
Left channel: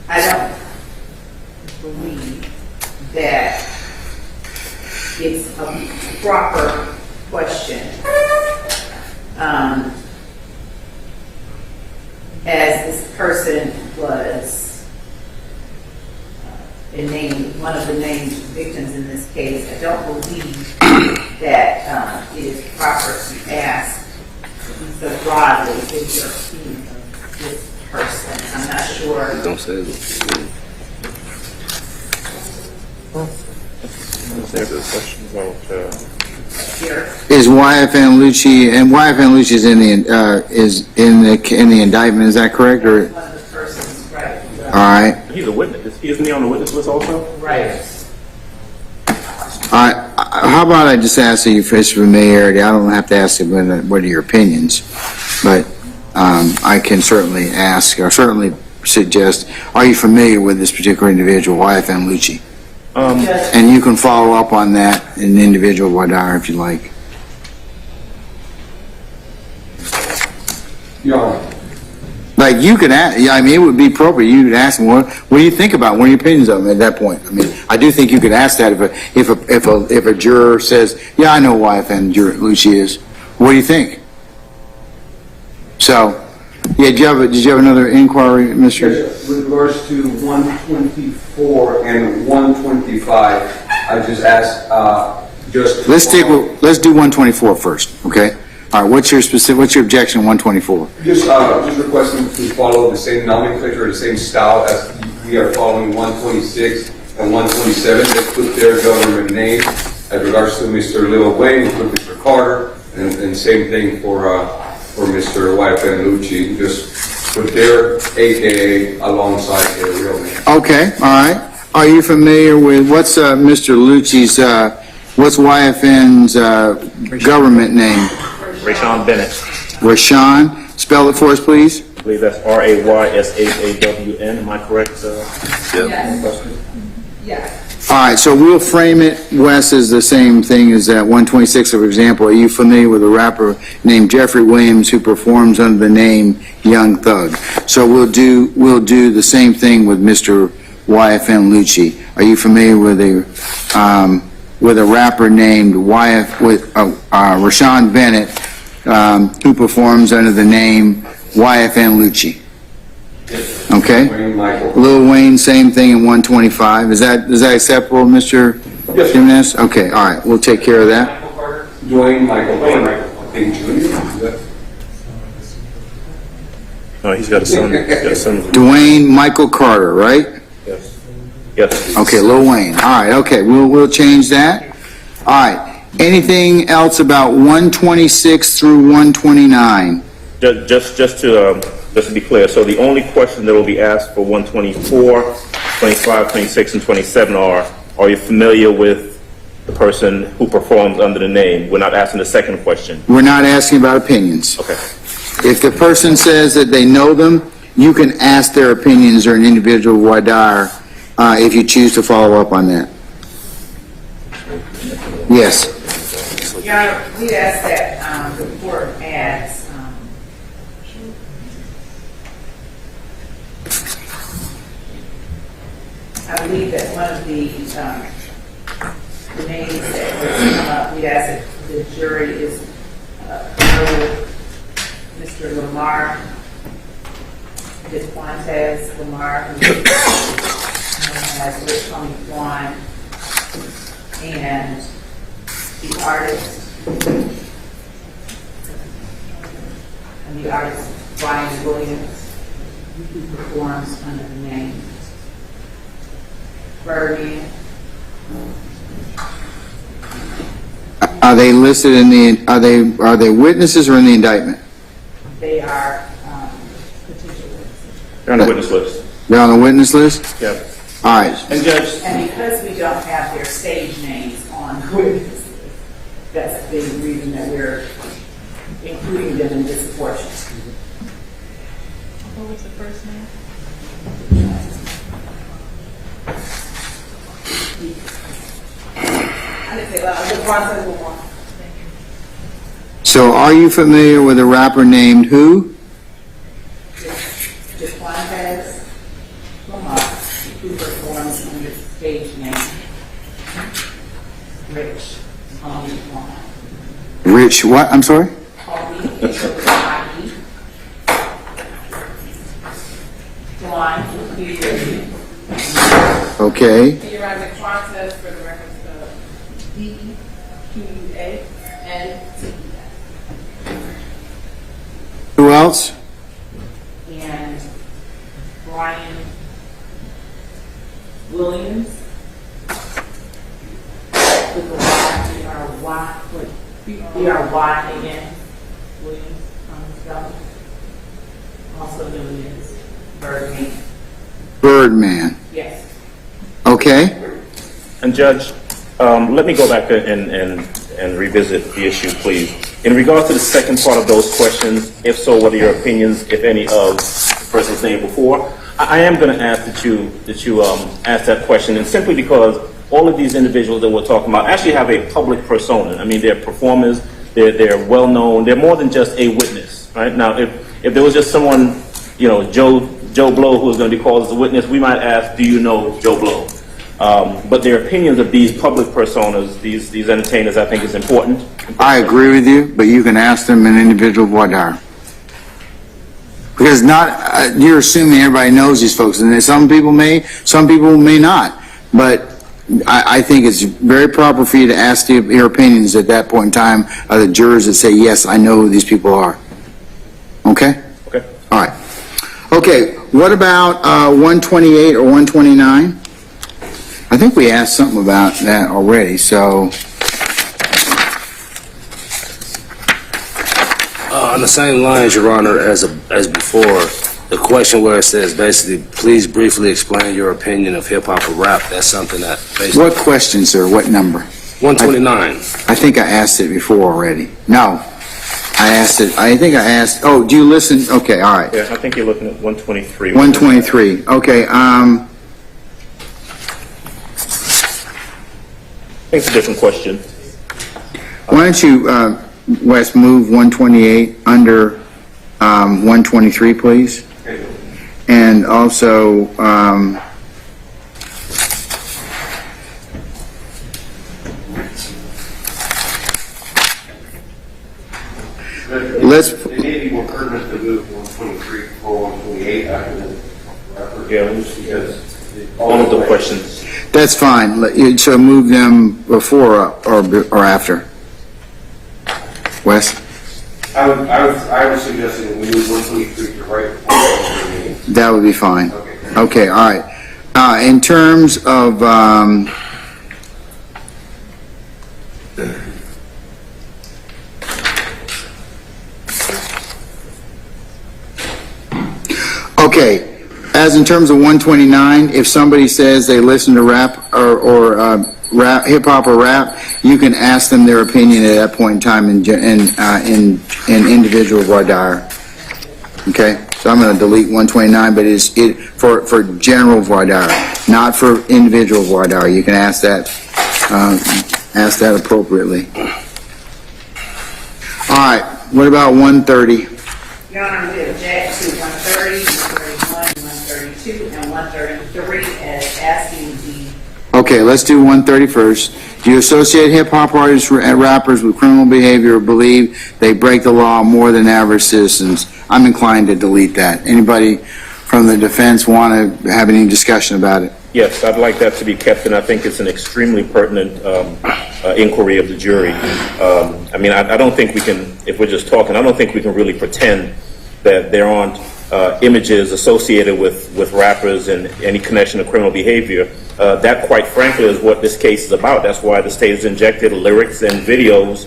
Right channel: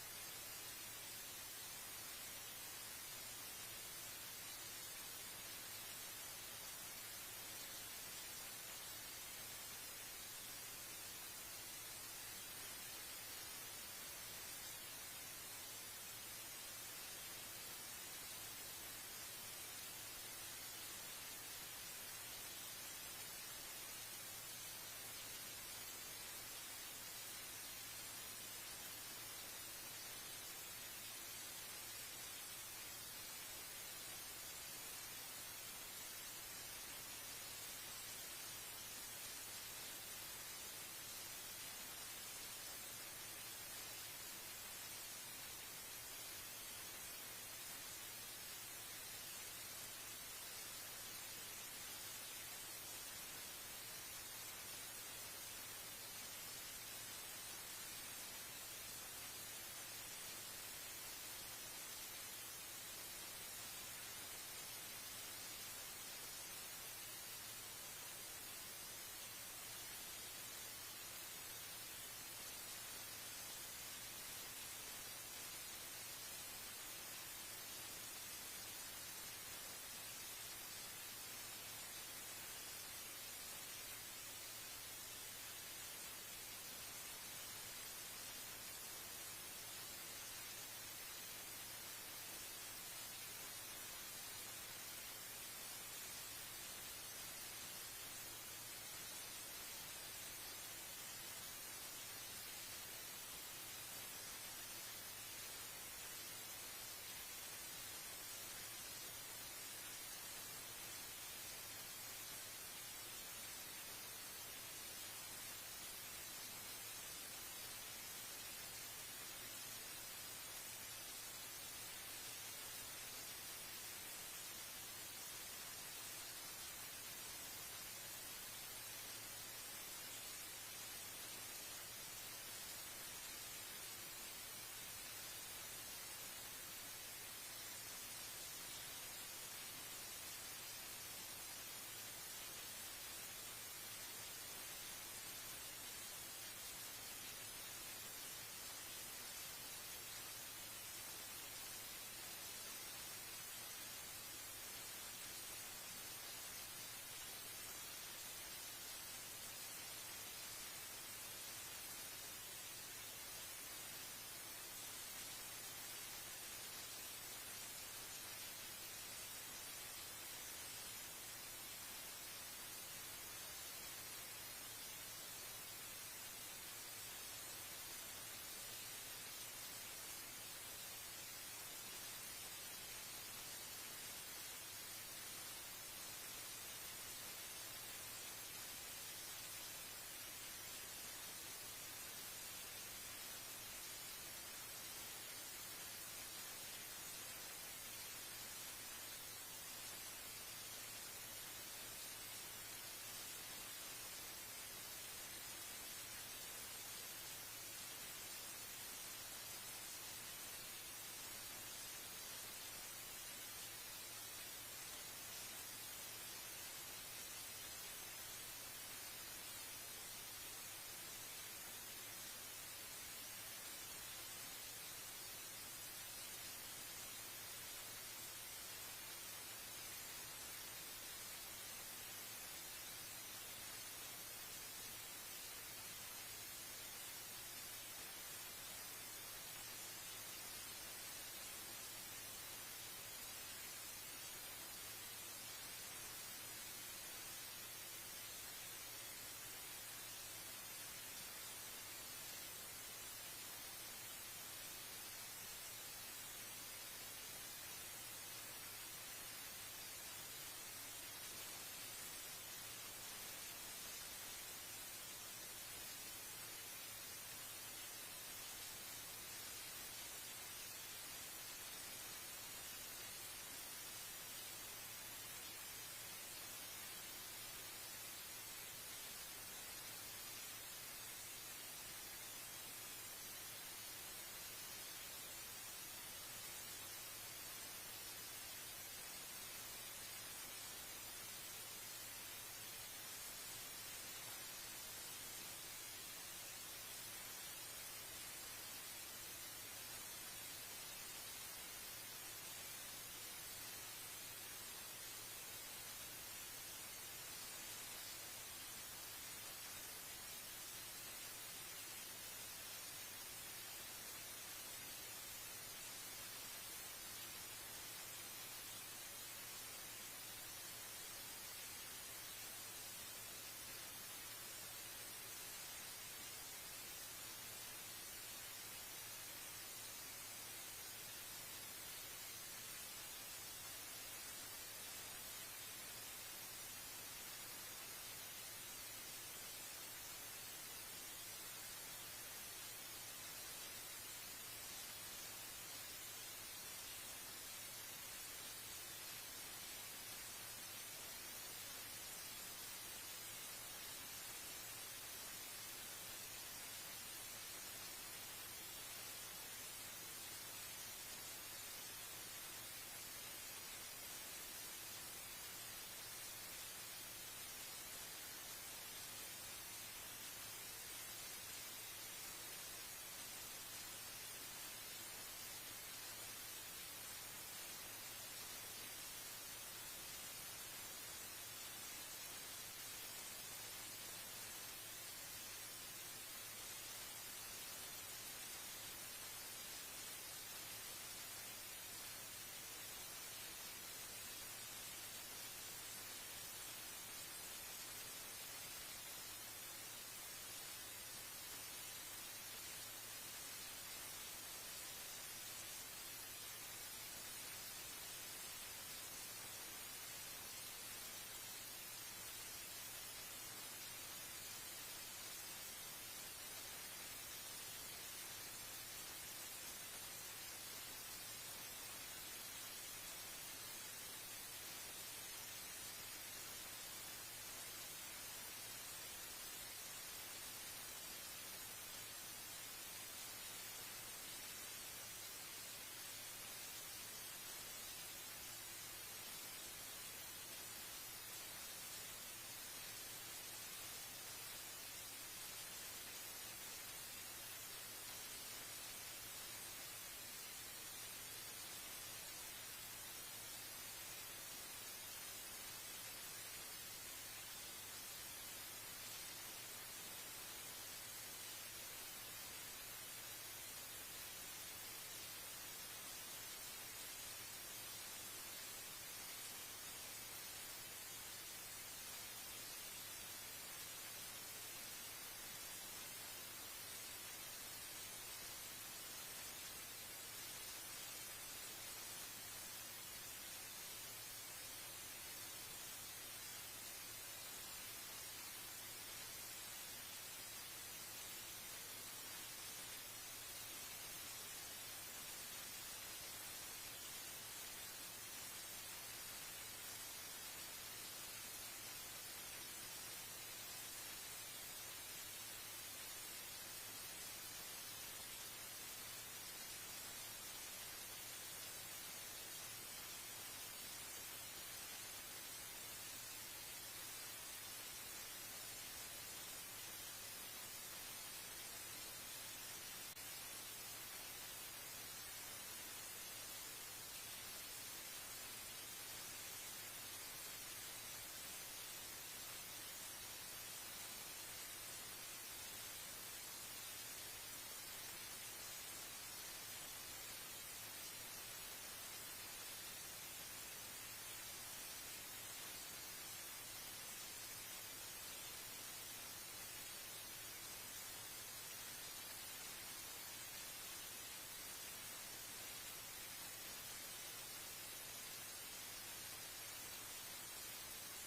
I don't believe that it's a proper question. As this person was one of the named victims in this case, I don't believe that it is proper to ask so broadly if you're opinion of this person. I'm not sure. Don't say it. There's a question about, Here. Is YFN Lucci, and YFN Lucci is in the indictment, is that correct? Or? One of the persons, right. All right. he's a witness. Isn't he on the witness list also? Right. How about I just ask you for his familiarity? I don't have to ask you what are your opinions, but I can certainly ask, or certainly suggest, are you familiar with this particular individual, YFN Lucci? And you can follow up on that in individual Wadar if you like. Your Honor. Like you can ask, yeah, I mean, it would be appropriate. You could ask him, what do you think about? What are your opinions of him at that point? I mean, I do think you could ask that if a juror says, yeah, I know YFN Lucci is. What do you think? So, yeah, did you have another inquiry, Mr.? Yes, with regards to 124 and 125, I just asked, Let's do 124 first, okay? All right, what's your objection on 124? Just requesting to follow the same nomenclature, the same style as we are following 126 and 127. They put their government name. As regards to Mr. Lil Wayne, we put Mr. Carter, and same thing for Mr. YFN Lucci. Just put their AKA alongside their real name. Okay, all right. are you familiar with, what's Mr. Lucci's, what's YFN's government name? Rashawn Bennett. Rashawn? Spell it for us, please. I believe that's RAYSHAWN. Am I correct? Yes. All right, so we'll frame it, Wes, as the same thing as that 126, for example. Are you familiar with a rapper named Jeffrey Williams who performs under the name Young Thug? So we'll do the same thing with Mr. YFN Lucci. Are you familiar with a rapper named Rashawn Bennett who performs under the name YFN Lucci? Okay. Lil Wayne, same thing in 125. Is that acceptable, Mr. Jimenez? Okay, all right, we'll take care of that. Dwayne Michael Carter. I think Junior. No, he's got a son. Dwayne Michael Carter, right? Yes. Okay, Lil Wayne. All right, okay, we'll change that. All right, anything else about 126 through 129? Just to be clear, so the only question that will be asked for 124, 25, 26, and 27 are you familiar with the person who performs under the name? We're not asking the second question. We're not asking about opinions. Okay. If the person says that they know them, you can ask their opinions or an individual Wadar if you choose to follow up on that. Yes. Your Honor, we asked that the court adds I believe that one of the names that was come up, we asked that the jury is Mr. Lamar, Desquantes Lamar, who has Rich on one, and the artist, Brian Williams, who performs under the name Birdie. Are they listed in the, are they witnesses or in the indictment? They are potential witnesses. They're on the witness list. They're on the witness list? Yeah. All right. And Judge, And because we don't have their stage names on the witness list, that's the reason that we're including them in this portion. What was the first name? So are you familiar with a rapper named who? Desquantes Lamar, who performs under the stage name Rich Homie Juan. Rich what? I'm sorry? Okay. Can you write the Desquantes for the records of D-E-Q-U-A-N-T-E-S. Who else? And Brian Williams with the Y, B-R-Y again, Williams on the spelling. Also known as Birdman. Birdman. Yes. Okay. and Judge, let me go back and revisit the issue, please. In regards to the second part of those questions, if so, what are your opinions, if any, of the person's name before? I am going to ask that you ask that question, and simply because all of these individuals that we're talking about actually have a public persona. I mean, they're performers, they're well known, they're more than just a witness, right? Now, if there was just someone, you know, Joe Blow, who was going to be called as a witness, we might ask, do you know Joe Blow? But their opinions of these public personas, these entertainers, I think is important. I agree with you, but you can ask them an individual voir dire. Because you're assuming everybody knows these folks, and some people may not. But I think it's very proper for you to ask your opinions at that point in time of the jurors that say, yes, I know who these people are. Okay? Okay. All right. Okay, what about 128 or 129? I think we asked something about that already, so... On the same lines, Your Honor, as before, the question where it says basically, please briefly explain your opinion of hip hop or rap, that's something that basically. What question, sir? What number? 129. I think I asked it before already. No. I asked it, I think I asked, oh, do you listen? Okay, all right. Yeah, I think you're looking at 123. 123. Okay, I think it's a different question. why don't you, Wes, move 128 under 123, please? And also, let's, It may be more pertinent to move 123 or 128 after the rapper. Yeah, because one of the questions. that's fine. So move them before or after. Wes? I was suggesting we move 123 to right before 128. That would be fine. Okay, all right. In terms of, okay, as in terms of 129, if somebody says they listen to rap or rap, hip hop or rap, you can ask them their opinion at that point in time in individual voir dire. Okay, so I'm going to delete 129, but it's for general voir dire, not for individual voir dire. You can ask that appropriately. All right, what about 130? Your Honor, we object to 130, 131, 132, and 133 as asking the... Okay, let's do 130 first. Do you associate hip-hop artists and rappers with criminal behavior or believe they break the law more than average citizens? I'm inclined to delete that. Anybody from the defense want to have any discussion about it? Yes, I'd like that to be kept, and I think it's an extremely pertinent inquiry of the jury. I mean, I don't think we can, if we're just talking, I don't think we can really pretend that there aren't images associated with rappers and any connection to criminal behavior. That, quite frankly, is what this case is about. That's why the state has injected lyrics and videos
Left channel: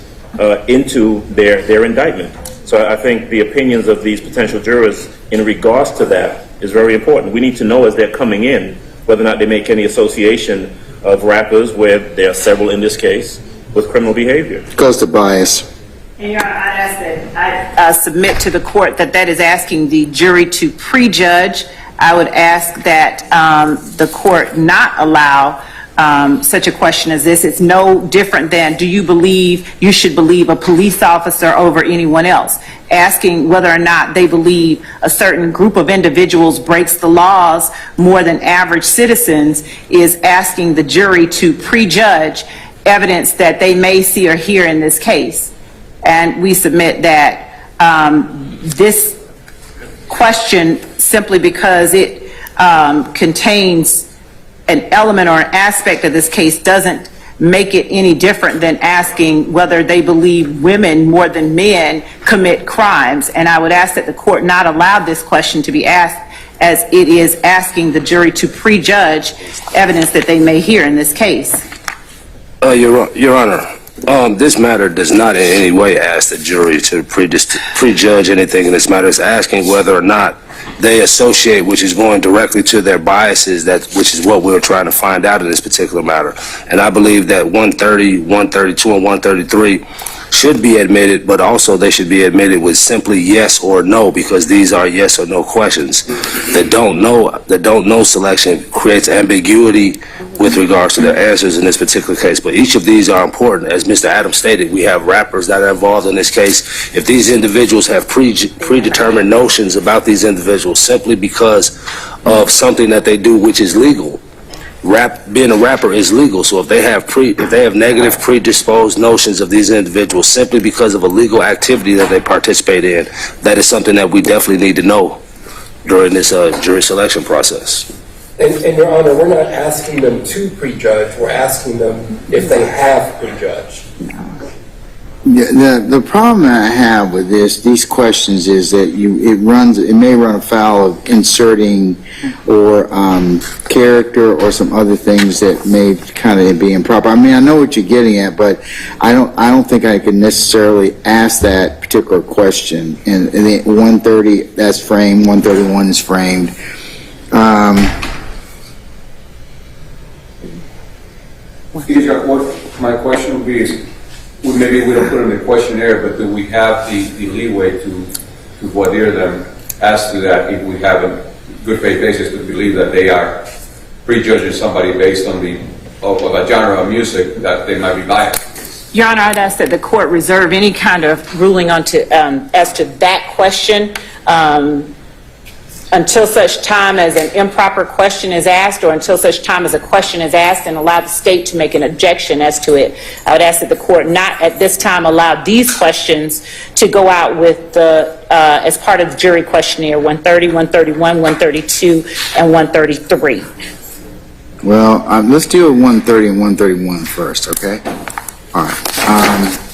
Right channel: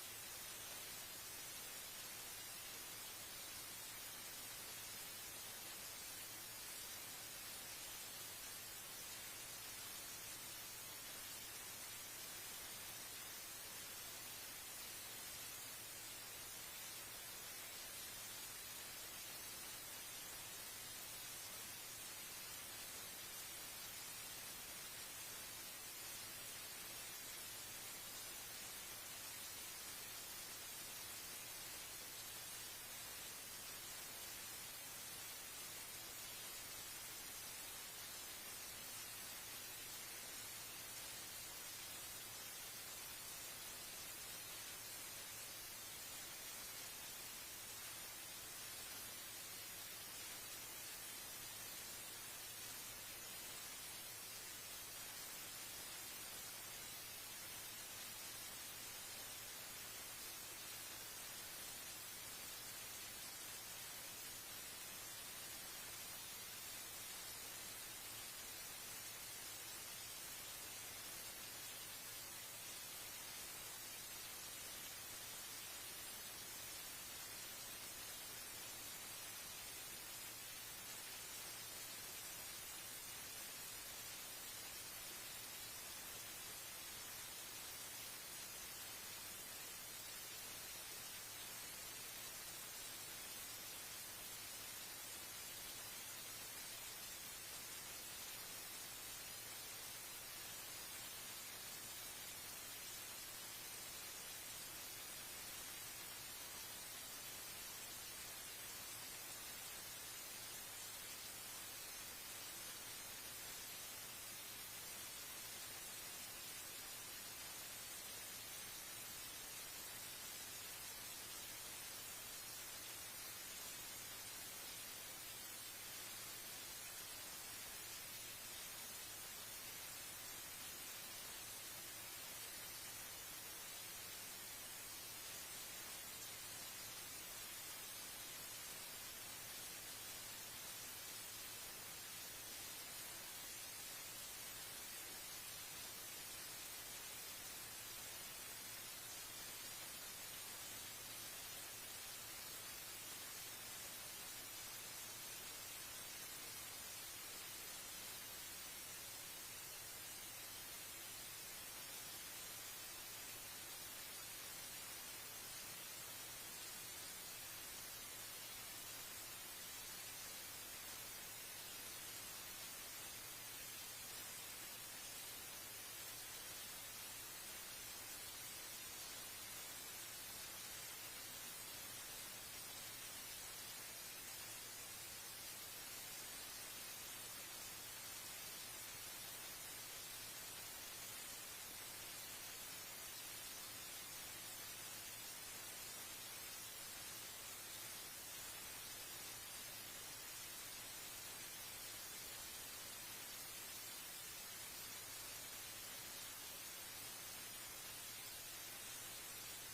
into their indictment. So I think the opinions of these potential jurors in regards to that is very important. We need to know as they're coming in whether or not they make any association of rappers, where there are several in this case, with criminal behavior. Goes to bias. And Your Honor, I'd ask that I submit to the court that is asking the jury to prejudge. I would ask that the court not allow such a question as this. It's no different than, do you believe you should believe a police officer over anyone else? Asking whether or not they believe a certain group of individuals breaks the laws more than average citizens is asking the jury to prejudge evidence that they may see or hear in this case. And we submit that this question, simply because it contains an element or an aspect of this case, doesn't make it any different than asking whether they believe women more than men commit crimes. And I would ask that the court not allow this question to be asked, as it is asking the jury to prejudge evidence that they may hear in this case. Your Honor, this matter does not in any way ask the jury to prejudge anything in this matter. It's asking whether or not they associate, which is going directly to their biases, which is what we're trying to find out in this particular matter. And I believe that 130, 132, and 133 should be admitted, but also they should be admitted with simply yes or no, because these are yes or no questions. The don't know selection creates ambiguity with regards to their answers in this particular case. But each of these are important. As Mr. Adams stated, we have rappers that are involved in this case. If these individuals have predetermined notions about these individuals simply because of something that they do which is legal, being a rapper is legal. So if they have negative predisposed notions of these individuals simply because of a legal activity that they participate in, that is something that we definitely need to know during this jury selection process. And Your Honor, we're not asking them to prejudge, we're asking them if they have prejudged. The problem that I have with these questions is that it may run afoul of inserting or character or some other things that may kind of be improper. I mean, I know what you're getting at, but I don't think I could necessarily ask that particular question. And the 130, that's framed, 131 is framed. My question would be, maybe we don't put in the questionnaire, but do we have the leeway to voir dire them as to that if we have a good faith basis to believe that they are prejudging somebody based on of a genre of music that they might be biased? Your Honor, I'd ask that the court reserve any kind of ruling as to that question until such time as an improper question is asked, or until such time as a question is asked and allow the state to make an objection as to it. I would ask that the court not at this time allow these questions to go out with as part of the jury questionnaire 130, 131, 132, and 133. Well, let's deal with 130 and 131 first, okay? All right.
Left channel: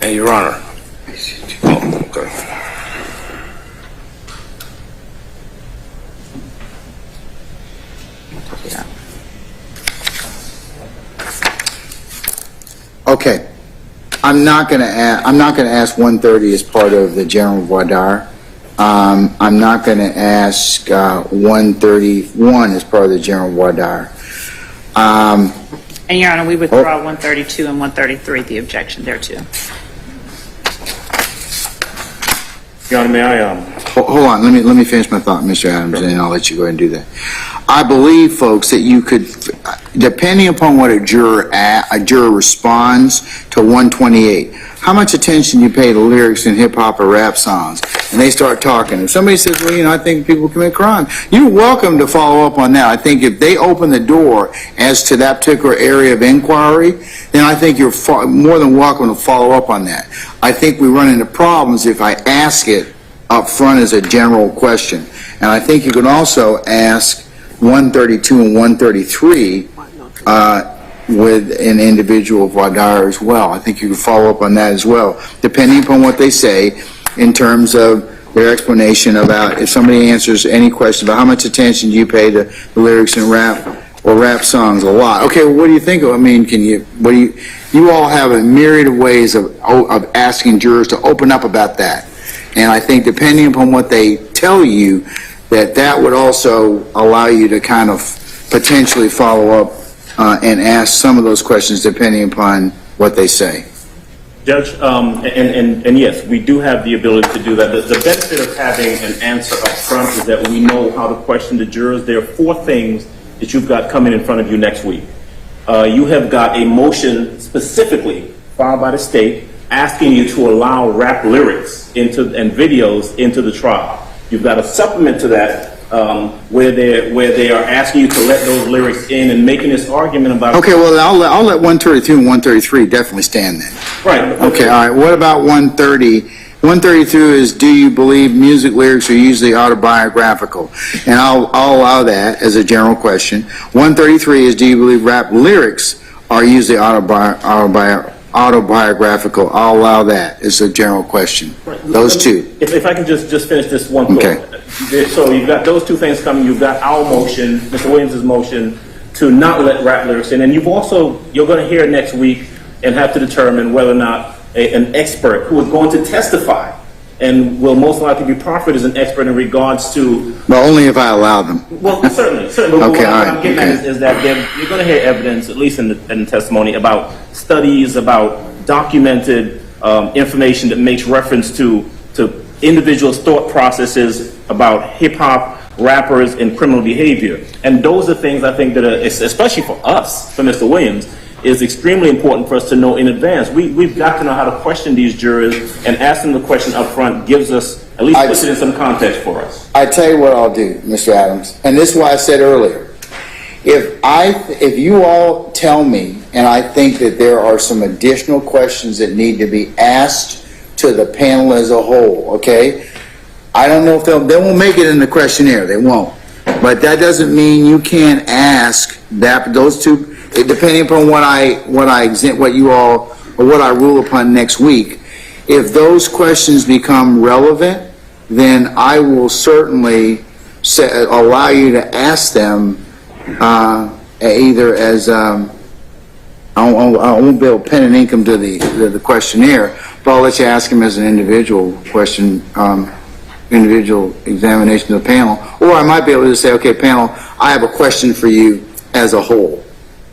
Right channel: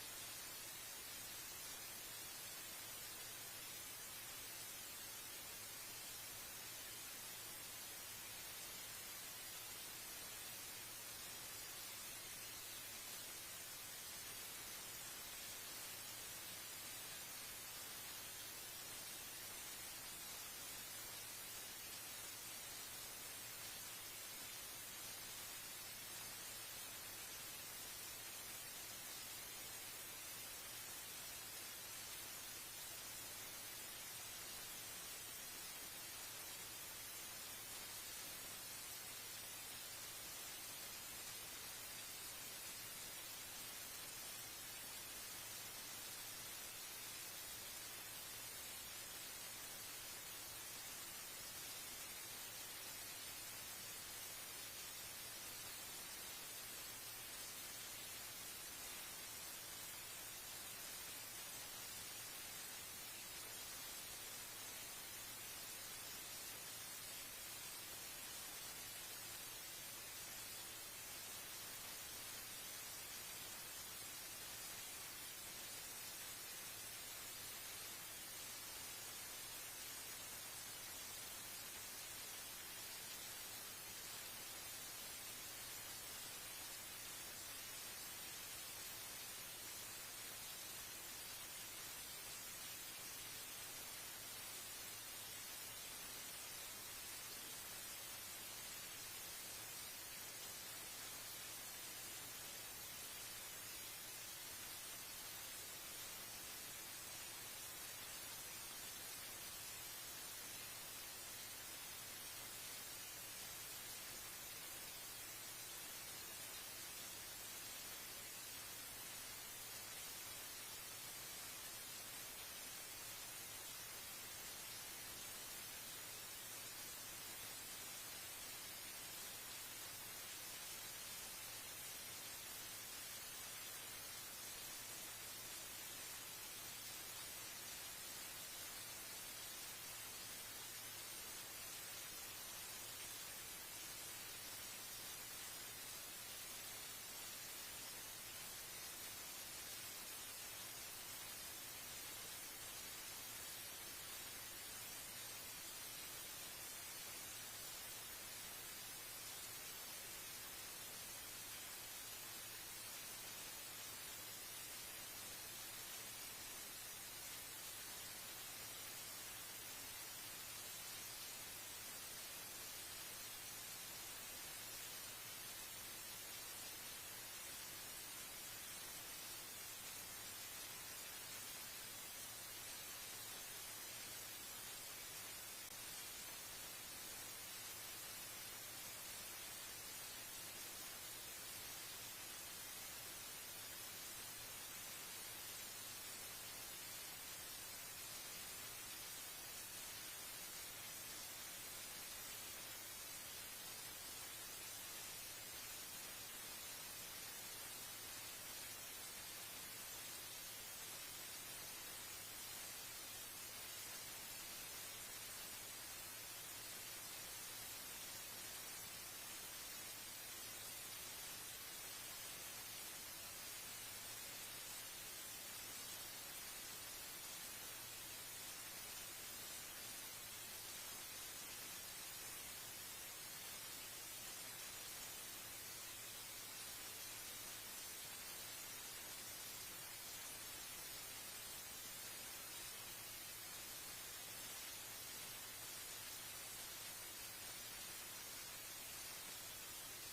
And Your Honor. Oh, okay. Okay. I'm not going to ask 130 as part of the general voir dire. I'm not going to ask 131 as part of the general voir dire. And Your Honor, we withdraw 132 and 133, the objection there too. Your Honor, may I? Hold on. Let me finish my thought, Mr. Adams, and then I'll let you go ahead and do that. I believe, folks, that you could, depending upon what a juror responds to 128, how much attention you pay to lyrics in hip hop or rap songs, and they start talking. If somebody says, well, I think people commit crime, you're welcome to follow up on that. I think if they open the door as to that particular area of inquiry, then I think you're more than welcome to follow up on that. I think we run into problems if I ask it up front as a general question. And I think you can also ask 132 and 133 with an individual voir dire as well. I think you can follow up on that as well, depending upon what they say in terms of their explanation about if somebody answers any question about how much attention do you pay to the lyrics in rap or rap songs. A lot. Okay, well, what do you think of? I mean, you all have a myriad of ways of asking jurors to open up about that. And I think depending upon what they tell you, that would also allow you to kind of potentially follow up and ask some of those questions depending upon what they say. Judge, and yes, we do have the ability to do that. The benefit of having an answer up front is that we know how to question the jurors. There are 4 things that you've got coming in front of you next week. You have got a motion specifically filed by the state asking you to allow rap lyrics and videos into the trial. You've got a supplement to that where they are asking you to let those lyrics in and making this argument about. Okay, well, I'll let 132 and 133 definitely stand then. Right. Okay, all right. What about 130? 132 is, do you believe music lyrics are usually autobiographical? And I'll allow that as a general question. 133 is, do you believe rap lyrics are usually autobiographical? autobiographical, I'll allow that. It's a general question. Those two. If I can just finish this one thought. Okay. So you've got those two things coming. You've got our motion, Mr. Williams' motion, to not let rap lyrics in. And you're going to hear next week and have to determine whether or not an expert who is going to testify and will most likely be proffered as an expert in regards to... But only if I allow them. Well, certainly. But Okay, what all right, I'm getting at is that you're going to hear evidence, at least in the testimony, about studies, about documented information that makes reference to individuals' thought processes about hip-hop, rappers, and criminal behavior. And those are things I think that are, especially for us, for Mr. Williams, is extremely important for us to know in advance. We've got to know how to question these jurors, and asking the question up front gives us, at least puts it in some context for us. I tell you what I'll do, Mr. Adams, and this is why I said earlier. If you all tell me, and I think that there are some additional questions that need to be asked to the panel as a whole, okay? I don't know if they won't make it in the questionnaire, they won't. But that doesn't mean you can't ask those two, depending upon what I rule upon next week. If those questions become relevant, then I will certainly allow you to ask them either as I won't be able to pen and ink them to the questionnaire, but I'll let you ask them as an individual question, individual examination of the panel, or I might be able to say, okay, panel, I have a question for you as a whole,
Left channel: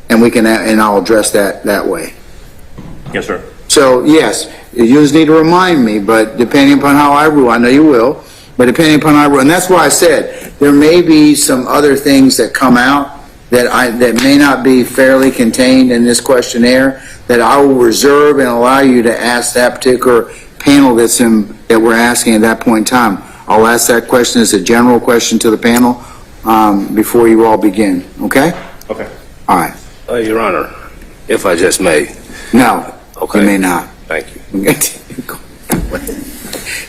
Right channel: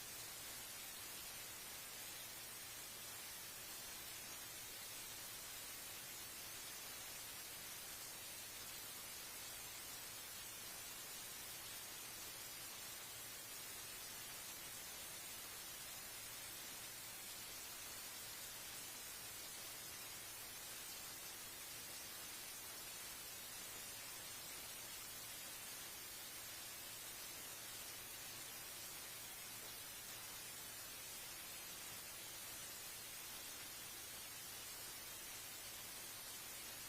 and I'll address that way. Yes, sir. So yes, you just need to remind me, but depending upon how I rule, I know you will, but depending upon how I rule, and that's why I said there may be some other things that come out that may not be fairly contained in this questionnaire that I will reserve and allow you to ask that particular panel that we're asking at that point in time. I'll ask that question as a general question to the panel before you all begin. Okay? Okay. All right. Your Honor, if I just may. No. Okay. You may not. Thank you.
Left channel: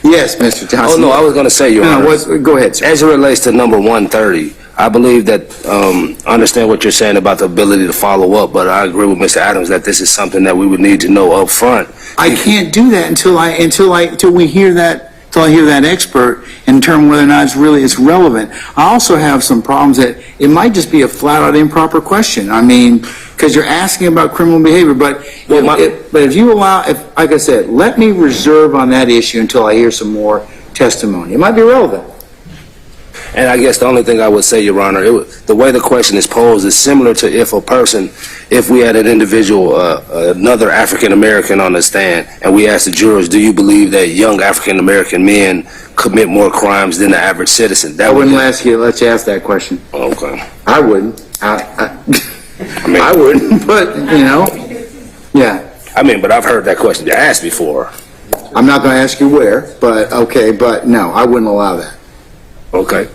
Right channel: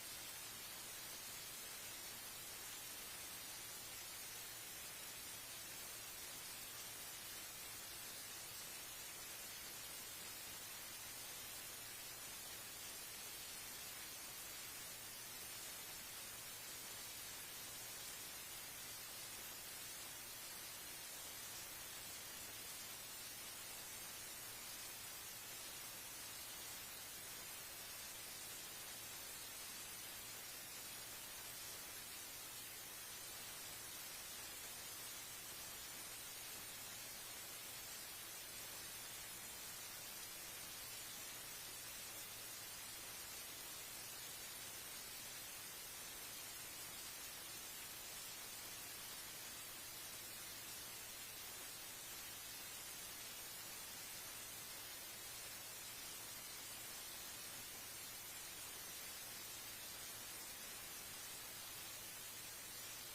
Yes, Mr. Johnson. Oh, no, I was going to say, Your Honor. Go ahead, sir. As it relates to number 130, I believe that, I understand what you're saying about the ability to follow up, but I agree with Mr. Adams that this is something that we would need to know up front. I can't do that until we hear that, until I hear that expert and determine whether or not it's relevant. I also have some problems that it might just be a flat-out improper question. I mean, because you're asking about criminal behavior, but if you allow, like I said, let me reserve on that issue until I hear some more testimony. It might be relevant. And I guess the only thing I would say, Your Honor, the way the question is posed is similar to if we had an individual, another African-American on the stand, and we asked the jurors, do you believe that young African-American men commit more crimes than the average citizen? I wouldn't let you ask that question. Okay. I wouldn't. I wouldn't, but, yeah. I mean, but I've heard that question asked before. I'm not going to ask you where, but okay, but no, I wouldn't allow that. Okay.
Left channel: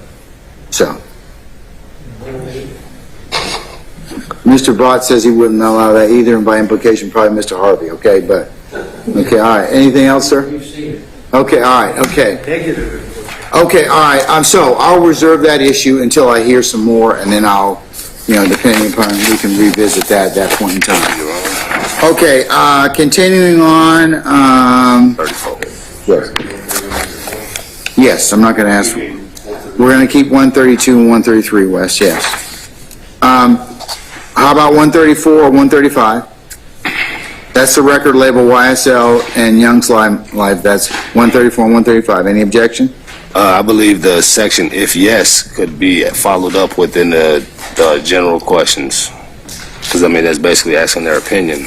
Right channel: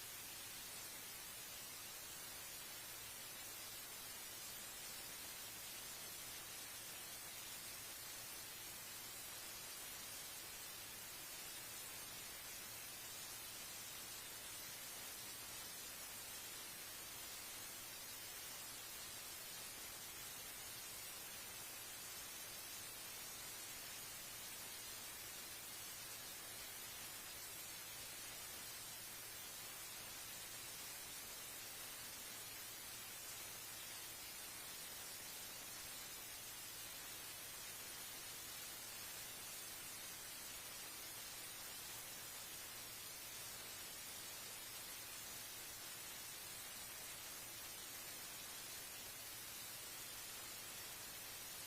So. Mr. Brott says he wouldn't allow that either, and by implication, probably Mr. Harvey, okay, but, okay, all right. Anything else, sir? Okay, all right, okay. Okay, all right, so I'll reserve that issue until I hear some more, and then I'll, depending upon, we can revisit that at that point in time. Okay, continuing on, 34. Yes, I'm not going to ask. We're going to keep 132 and 133, Wes, yes. How about 134 or 135? That's the record label YSL and Young Slime Life. That's 134 and 135. Any objection? I believe the section, if yes, could be followed up within the general questions. Because, I mean, that's basically asking their opinion.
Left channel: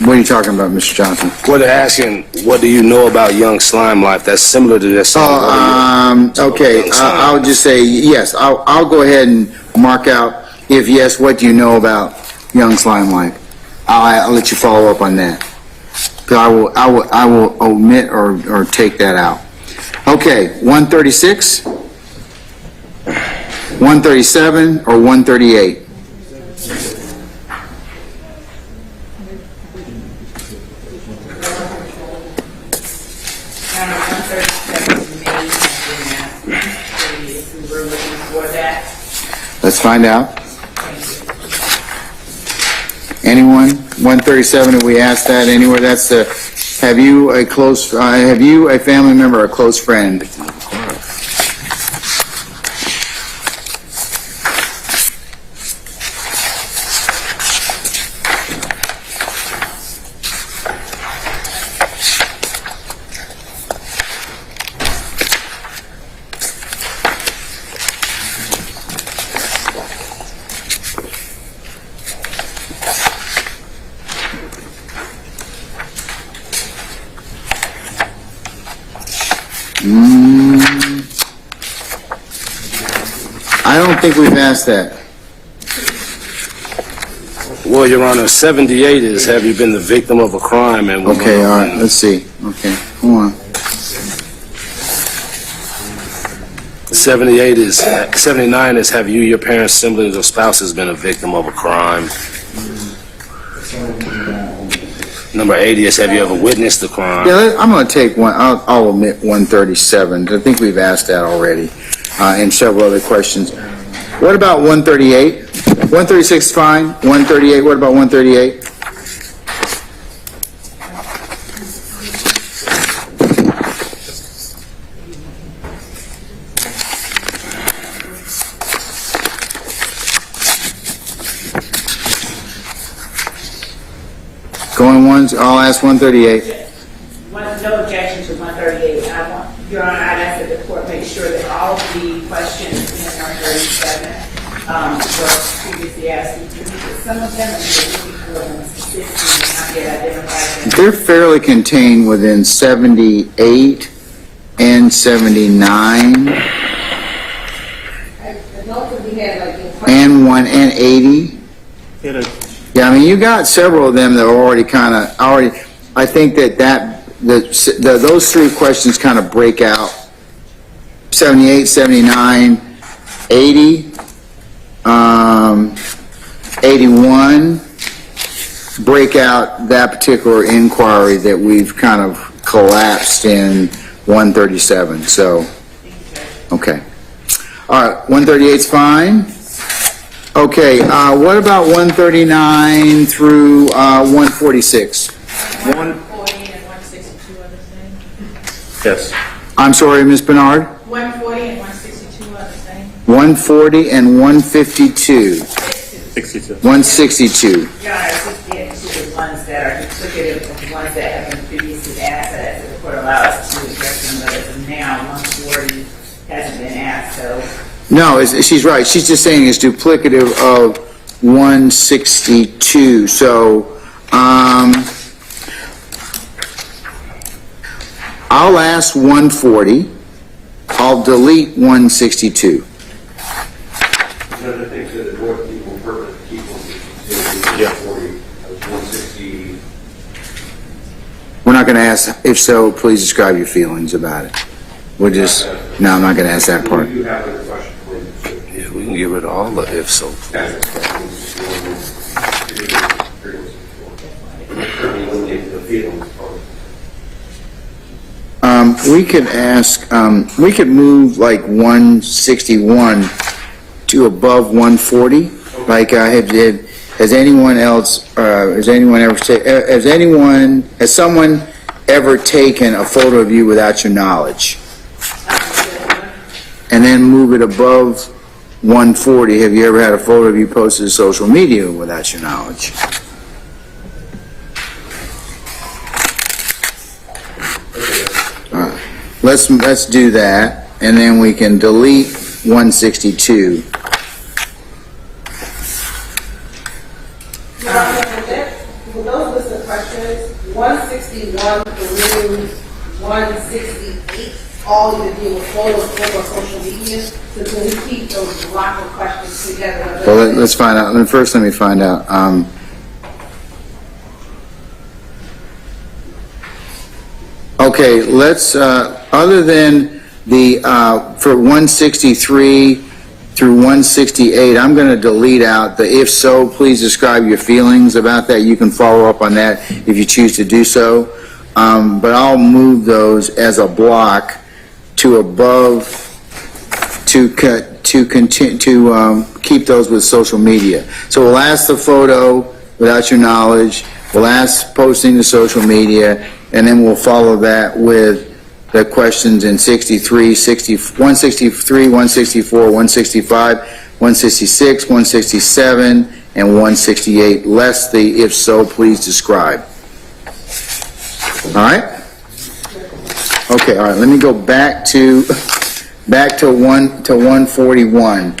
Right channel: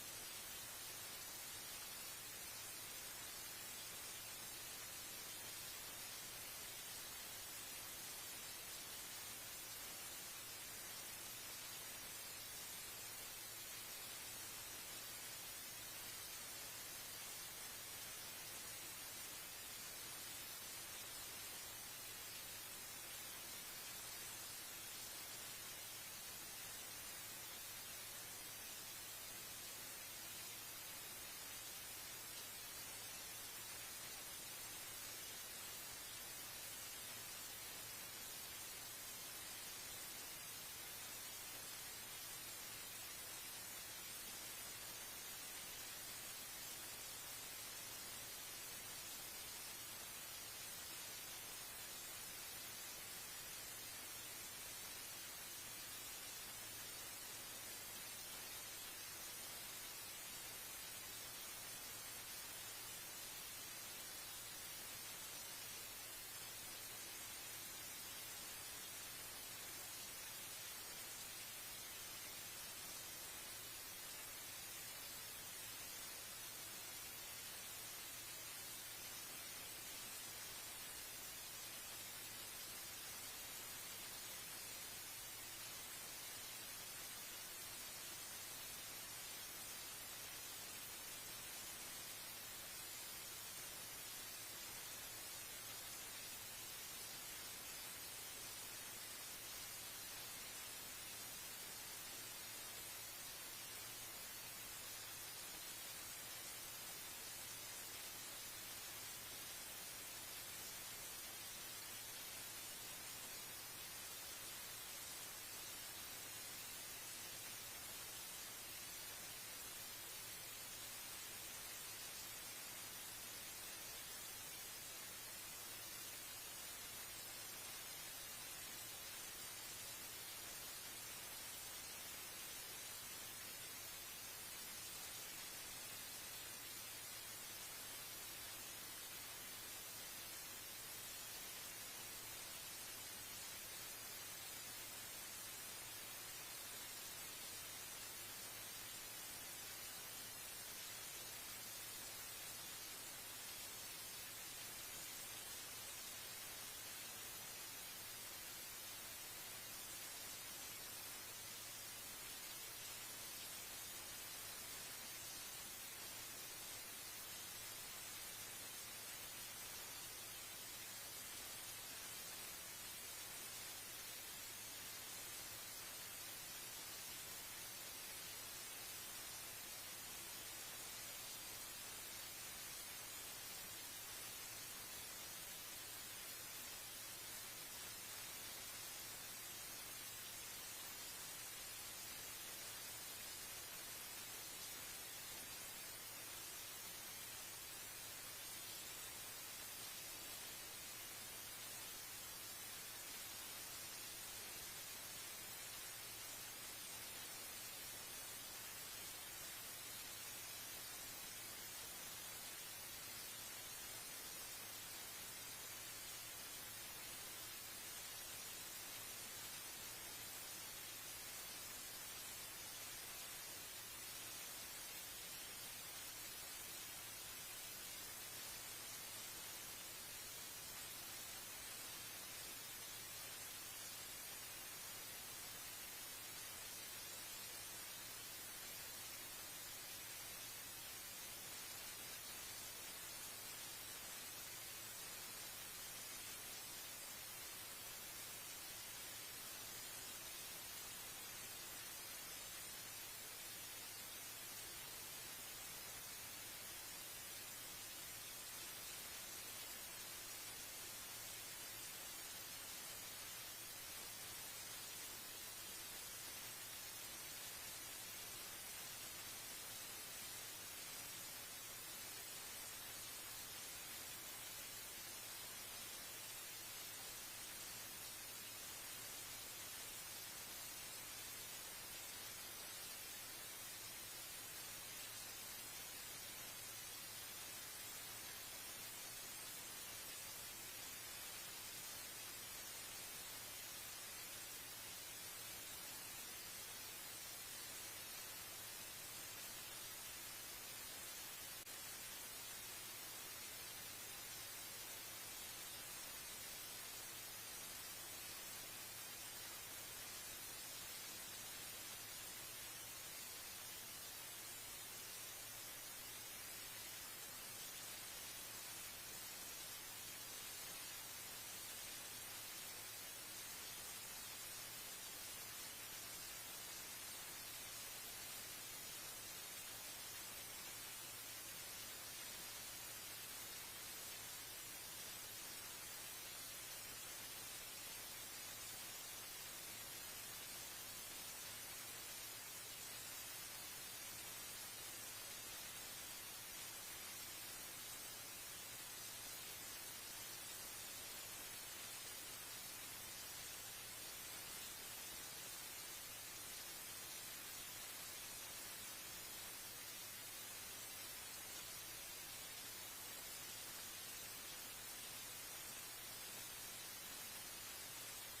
What are you talking about, Mr. Johnson? Well, they're asking, what do you know about Young Slime Life? That's similar to this. Okay, I'll just say yes. I'll go ahead and mark out, if yes, what do you know about Young Slime Life? I'll let you follow up on that. I will omit or take that out. Okay, 136, 137, or 138? Let's find out. Anyone? 137, have we asked that anywhere? That's the, have you a family member or a close friend? I don't think we've asked that. Well, Your Honor, 78 is, have you been the victim of a crime? And Okay, all right, let's see. Okay, hold on. 79 is, have you, your parents, siblings, or spouses been a victim of a crime? Number 80 is, have you ever witnessed a crime? Yeah, I'm going to take one, I'll omit 137. I think we've asked that already, and several other questions. What about 138? 136 is fine. 138, what about 138? Going once, I'll ask 138. No objection to 138. Your Honor, I'd ask that the court make sure that all of the questions in 137 were previously asked. Some of them are specifically not yet identified. They're fairly contained within 78 and 79 and 1 and 80. Yeah, I mean, you got several of them that are already I think those three questions kind of break out 78, 79, 80, 81, break out that particular inquiry that we've kind of collapsed in 137. So, okay. All right, 138's fine. Okay, what about 139 through 146? 140 and 162 are the same. Yes. I'm sorry, Ms. Bernard? 140 and 162 are the same. 140 and 152. 62. 162. Your Honor, it's the ones that are duplicative of the ones that have been previously asked, that the court allows us to address them, but as of now, 140 hasn't been asked, so. No, she's right. She's just saying it's duplicative of 162. So, I'll ask 140. I'll delete 162. One of the things that the board people purpose to keep 160. We're not going to ask, if so, please describe your feelings about it. We'll just, no, I'm not going to ask that part. You have a question, please. Yeah, we can get rid of all the if so. We could ask, we could move like 161 to above 140. Like, has anyone else, has someone ever taken a photo of you without your knowledge? And then move it above 140. Have you ever had a photo of you posted to social media without your knowledge? All right. Let's do that, and then we can delete 162. For those list of questions, 161 through 168, all of the deal with photos over social media, so can we keep those block of questions together? Well, let's find out. First, let me find out. Okay, let's, other than the, for 163 through 168, I'm going to delete out the if so, please describe your feelings about that. You can follow up on that if you choose to do so. But I'll move those as a block to above, to continue, to keep those with social media. So we'll ask the photo without your knowledge. We'll ask posting to social media, and then we'll follow that with the questions in 63, 163, 164, 165, 166, 167, and 168, less the if so, please describe. All right? Okay, all right, let me go back to 141.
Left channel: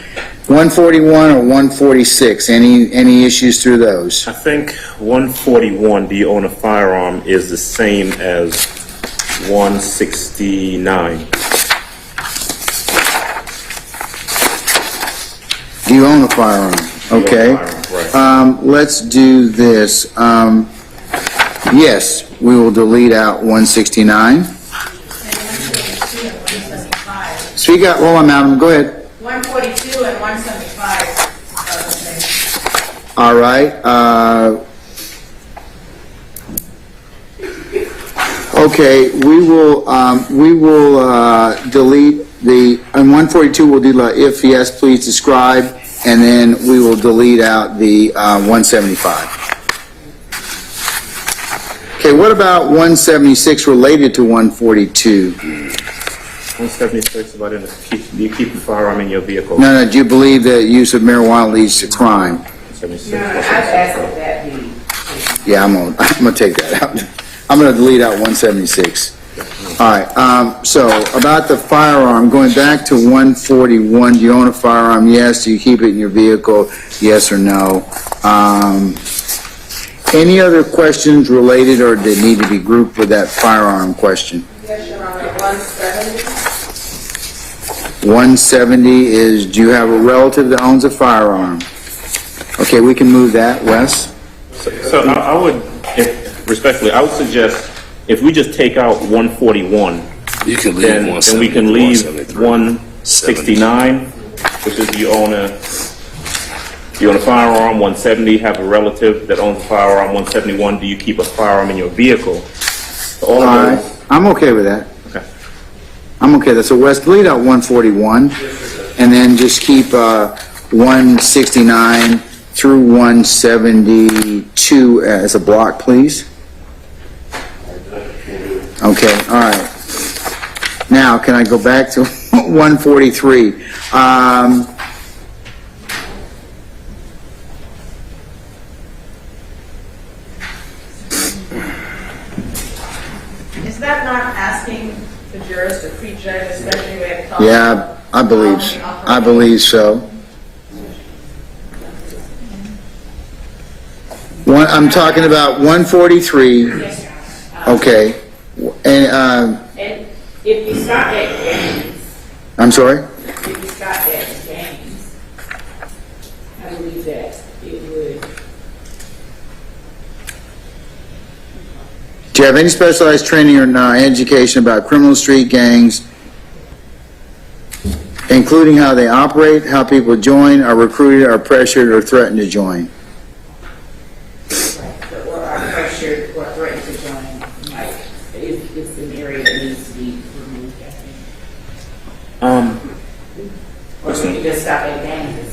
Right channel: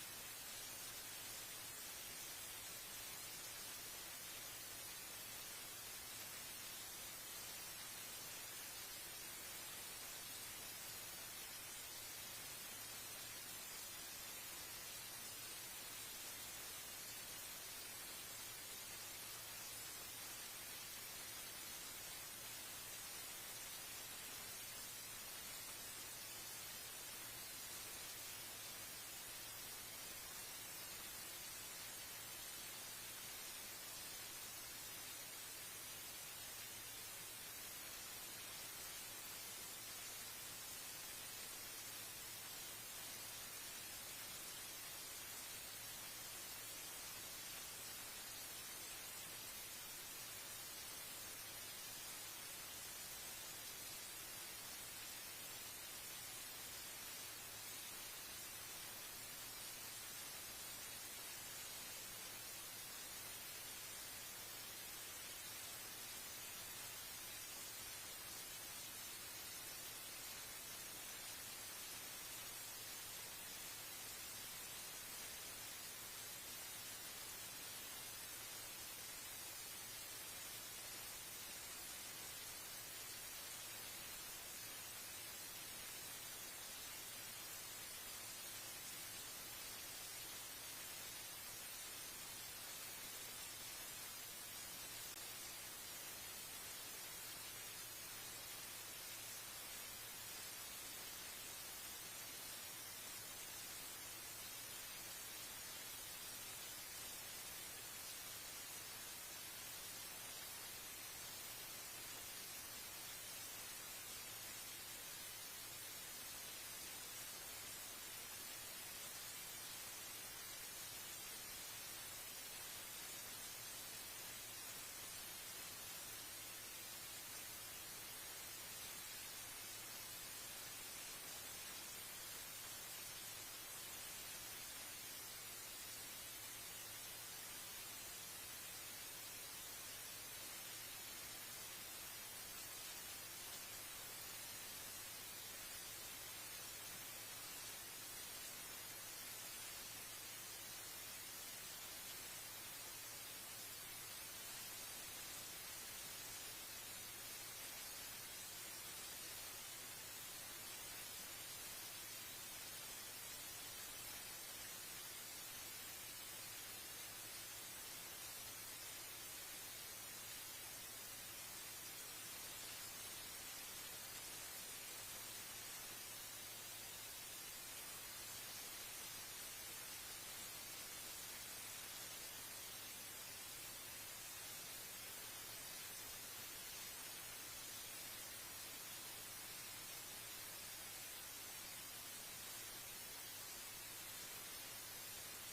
141 or 146, any issues through those? I think 141, do you own a firearm, is the same as 169. Do you own a firearm? Okay. Let's do this. Yes, we will delete out 169. Speak up, hold on, madam, go ahead. 142 and 175 are the same. All right. Okay, we will delete the, on 142, we'll do if yes, please describe, and then we will delete out the 175. Okay, what about 176 related to 142? 176, about do you keep a firearm in your vehicle? No, do you believe that use of marijuana leads to crime? 76. No, I've asked if that be. Yeah, I'm gonna take that out. I'm gonna delete out 176. All right, so about the firearm, going back to 141, do you own a firearm? Yes. Do you keep it in your vehicle? Yes or no? Any other questions related or that need to be grouped with that firearm question? Yes, Your Honor, 170. 170 is, do you have a relative that owns a firearm? Okay, we can move that, Wes. So I would, respectfully, I would suggest if we just take out 141, You can leave then we can leave 169, which is you own a firearm. 170, have a relative that owns a firearm. 171, do you keep a firearm in your vehicle? All right, those. I'm okay with that. Okay. I'm okay with that. So Wes, delete out 141, and then just keep 169 through 172 as a block, please. Okay, all right. Now, can I go back to 143? Is that not asking the jurors to prejudge, especially when it comes? Yeah, I believe so. I'm talking about 143. Okay. And, And if you stop at games, I'm sorry? if you stop at games, I believe that it would. Do you have any specialized training or education about criminal street gangs, including how they operate, how people join, are recruited, are pressured, or threatened to join? Or are pressured or threatened to join, like, it's an area that needs to be removed, I think. Or we could just stop at games.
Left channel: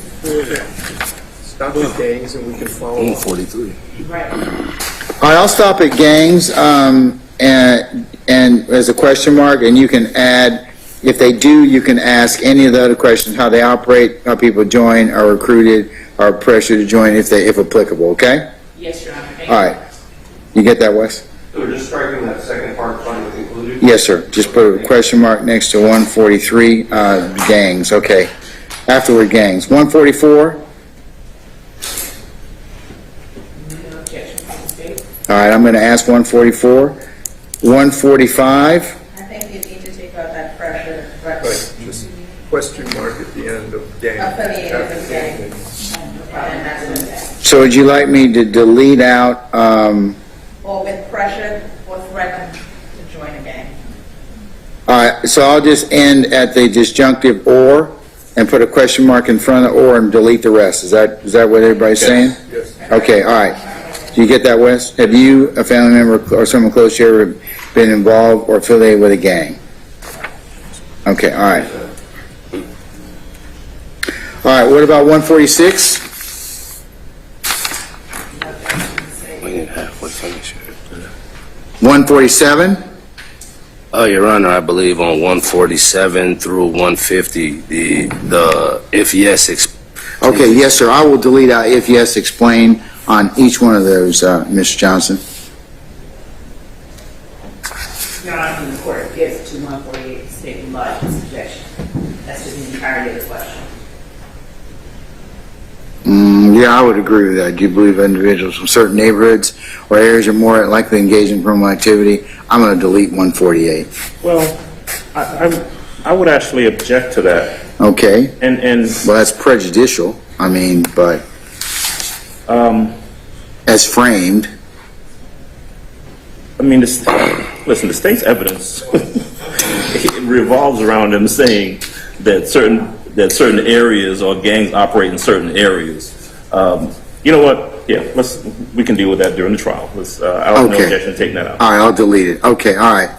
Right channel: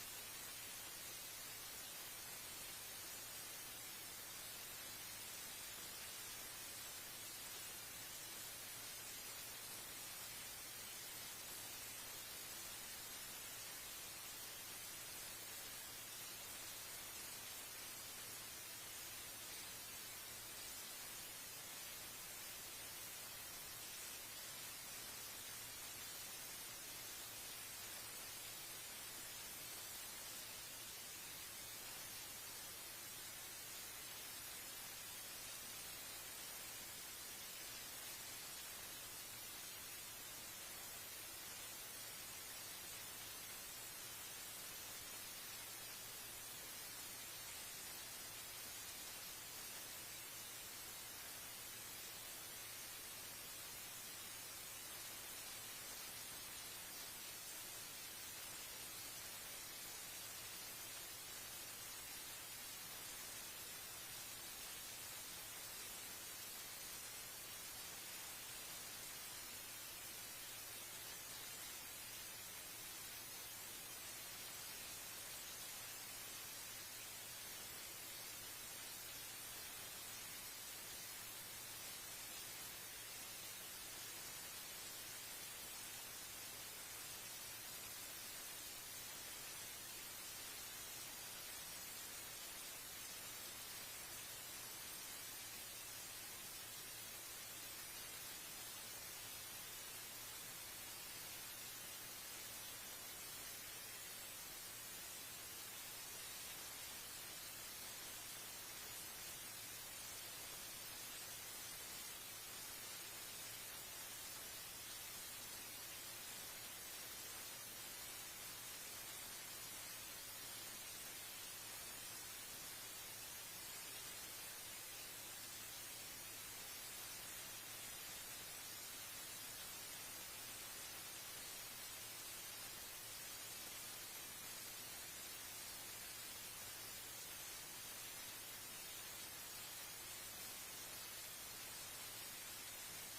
Stop at gangs and we can follow. 143. Right. All right, I'll stop at gangs, and as a question mark, and you can add, if they do, you can ask any of the other questions, how they operate, how people join, are recruited, are pressured to join, if applicable, okay? Yes, Your Honor. Thank All right. You get that, Wes? So we're just striking that second part, finding with included? Yes, sir. Just put a question mark next to 143, gangs, okay. Afterward, gangs. 144? All right, I'm going to ask 144. 145? I think you need to take out that pressure. Right, just question mark at the end of gang. Up at the end of the gang. And that's it. So would you like me to delete out, Or with pressure or threatened to join a gang. all right, so I'll just end at the disjunctive or and put a question mark in front of or and delete the rest. Is that what everybody's saying? Yes. Okay, all right. Do you get that, Wes? Have you, a family member, or someone close to you ever been involved or affiliated with a gang? Okay, all right. All right, what about 146? 147? Your Honor, I believe on 147 through 150, the if yes. Okay, yes, sir. I will delete out if yes, explain on each one of those, Mr. Johnson. Your Honor, when the court gets to 148, stating lodge its objection. That's just the entirety of the question. Yeah, I would agree with that. Do you believe individuals from certain neighborhoods or areas are more likely to engage in criminal activity? I'm going to delete 148. Well, I would actually object to that. Okay. And well, that's prejudicial. I mean, but as framed. I mean, listen, the state's evidence it revolves around them saying that certain areas or gangs operate in certain areas. You know what? Yeah, we can deal with that during the trial. I don't have no objection to taking that out. All right, I'll delete it. Okay, all right.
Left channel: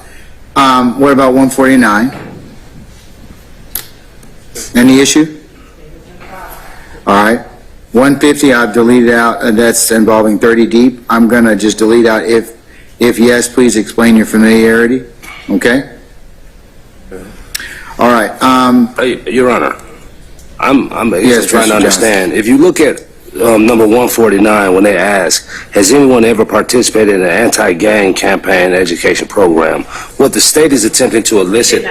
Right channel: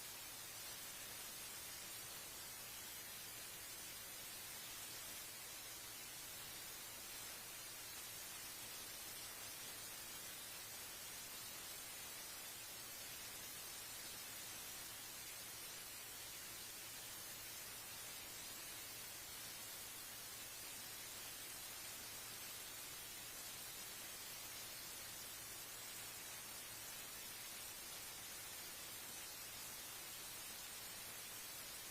What about 149? Any issue? All right. 150, I've deleted out. That's involving 30 deep. I'm going to just delete out if yes, please explain your familiarity. Okay? All right. Your Honor, I'm Yes, just trying Mr. to understand. If you look at number 149, when they ask, has anyone ever participated in an anti-gang campaign education program? What the state is attempting to elicit,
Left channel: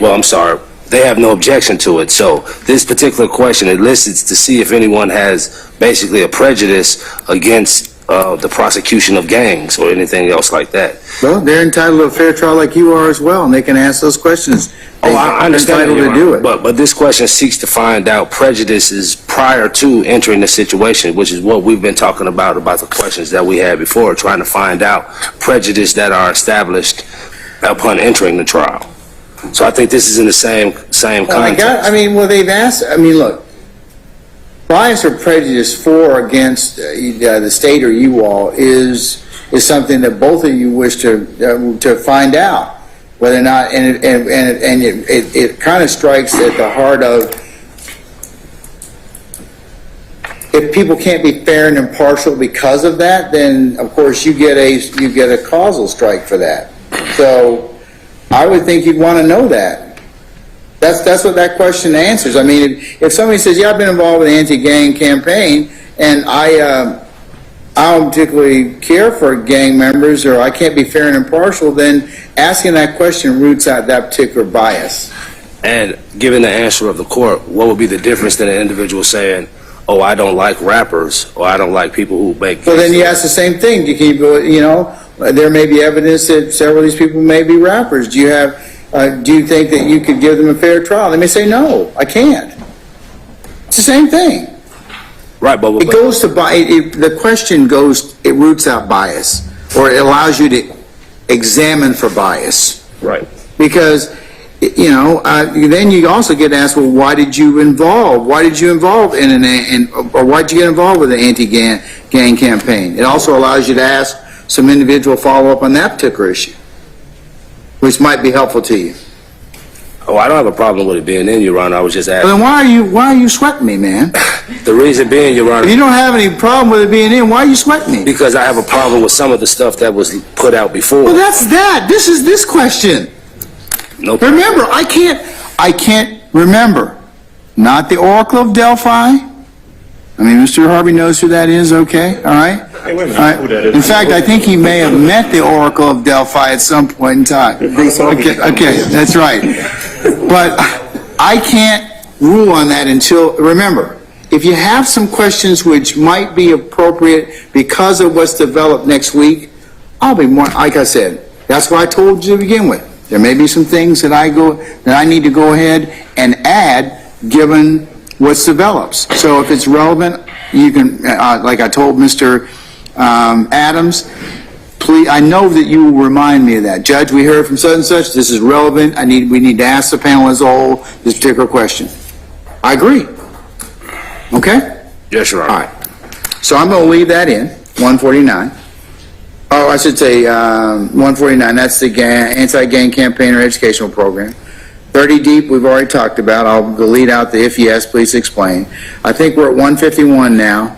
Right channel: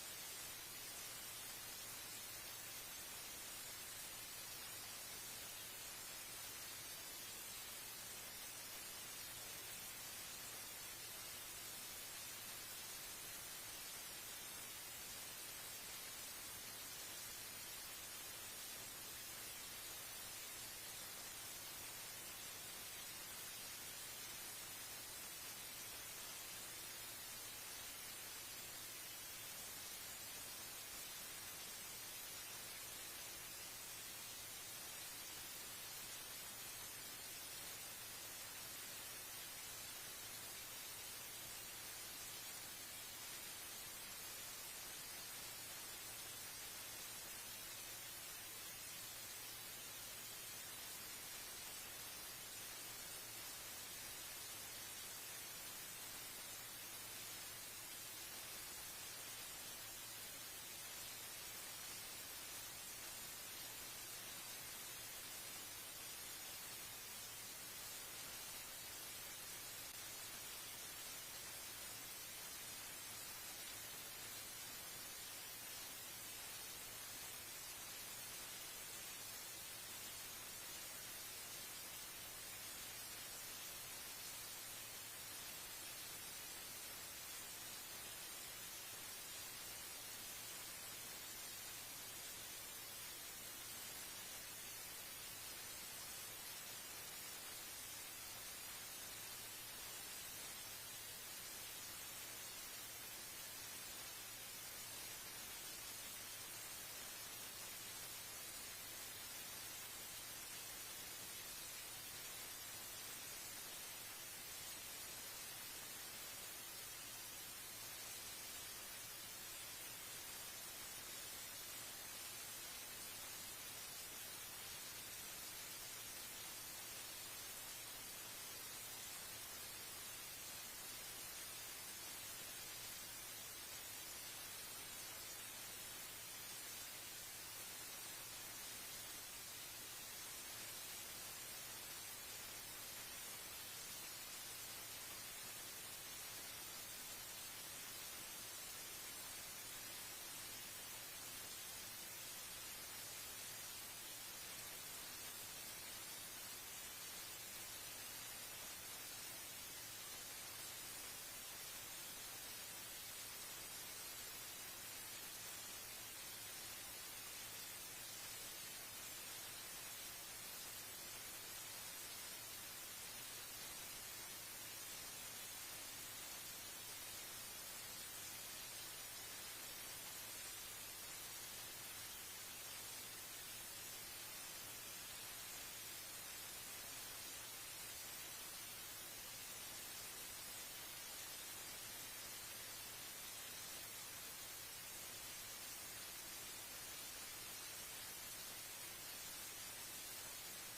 well, I'm sorry, they have no objection to it. So this particular question elicits to see if anyone has basically a prejudice against the prosecution of gangs or anything else like that. Well, they're entitled to a fair trial like you are as well, and they can ask those questions. Oh, I understand, entitled to do it. But this question seeks to find out prejudices prior to entering the situation, which is what we've been talking about the questions that we had before, trying to find out prejudice that are established upon entering the trial. So I think this is in the same context. They've asked, look, bias or prejudice for or against the state or you all is something that both of you wish to find out. Whether or not, and it kind of strikes at the heart of, if people can't be fair and impartial because of that, then of course you get a causal strike for that. So I would think you'd want to know that. That's what that question answers. I mean, if somebody says, yeah, I've been involved with an anti-gang campaign, and I don't particularly care for gang members, or I can't be fair and impartial, then asking that question roots out that particular bias. And given the answer of the court, what would be the difference than an individual saying, oh, I don't like rappers, or I don't like people who make... Well, then you ask the same thing. There may be evidence that several of these people may be rappers. Do you think that you could give them a fair trial? They may say, no, I can't. It's the same thing. Right, but it goes to the question goes. It roots out bias, or it allows you to examine for bias. Right. Because then you also get asked, well, why did you involve or why did you get involved with the anti-gang campaign? It also allows you to ask some individual follow-up on that particular issue, which might be helpful to you. Oh, I don't have a problem with it being in, Your Honor. I was just asking. Well, then why are you sweating me, man? The reason being, Your Honor... If you don't have any problem with it being in, why are you sweating me? Because I have a problem with some of the stuff that was put out before. Well, that's that. This is this question. No. Remember, I can't remember. Not the Oracle of Delphi. I mean, Mr. Harvey knows who that is, okay? All right? Hey, wait a minute. All right. Who that is? In fact, I think he may have met the Oracle of Delphi at some point in time. Okay, that's right. But I can't rule on that until, remember, if you have some questions which might be appropriate because of what's developed next week, I'll be more, like I said, that's what I told you to begin with. There may be some things that I need to go ahead and add given what's develops. So if it's relevant, you can, like I told Mr. Adams, please, I know that you will remind me of that. Judge, we heard from such and such, this is relevant, we need to ask the panel as a whole this particular question. I agree. Okay? Yes, Your Honor. All right. So I'm going to leave that in, 149. Oh, I should say 149, that's the anti-gang campaign or educational program. 30 deep, we've already talked about. I'll delete out the if yes, please explain. I think we're at 151 now.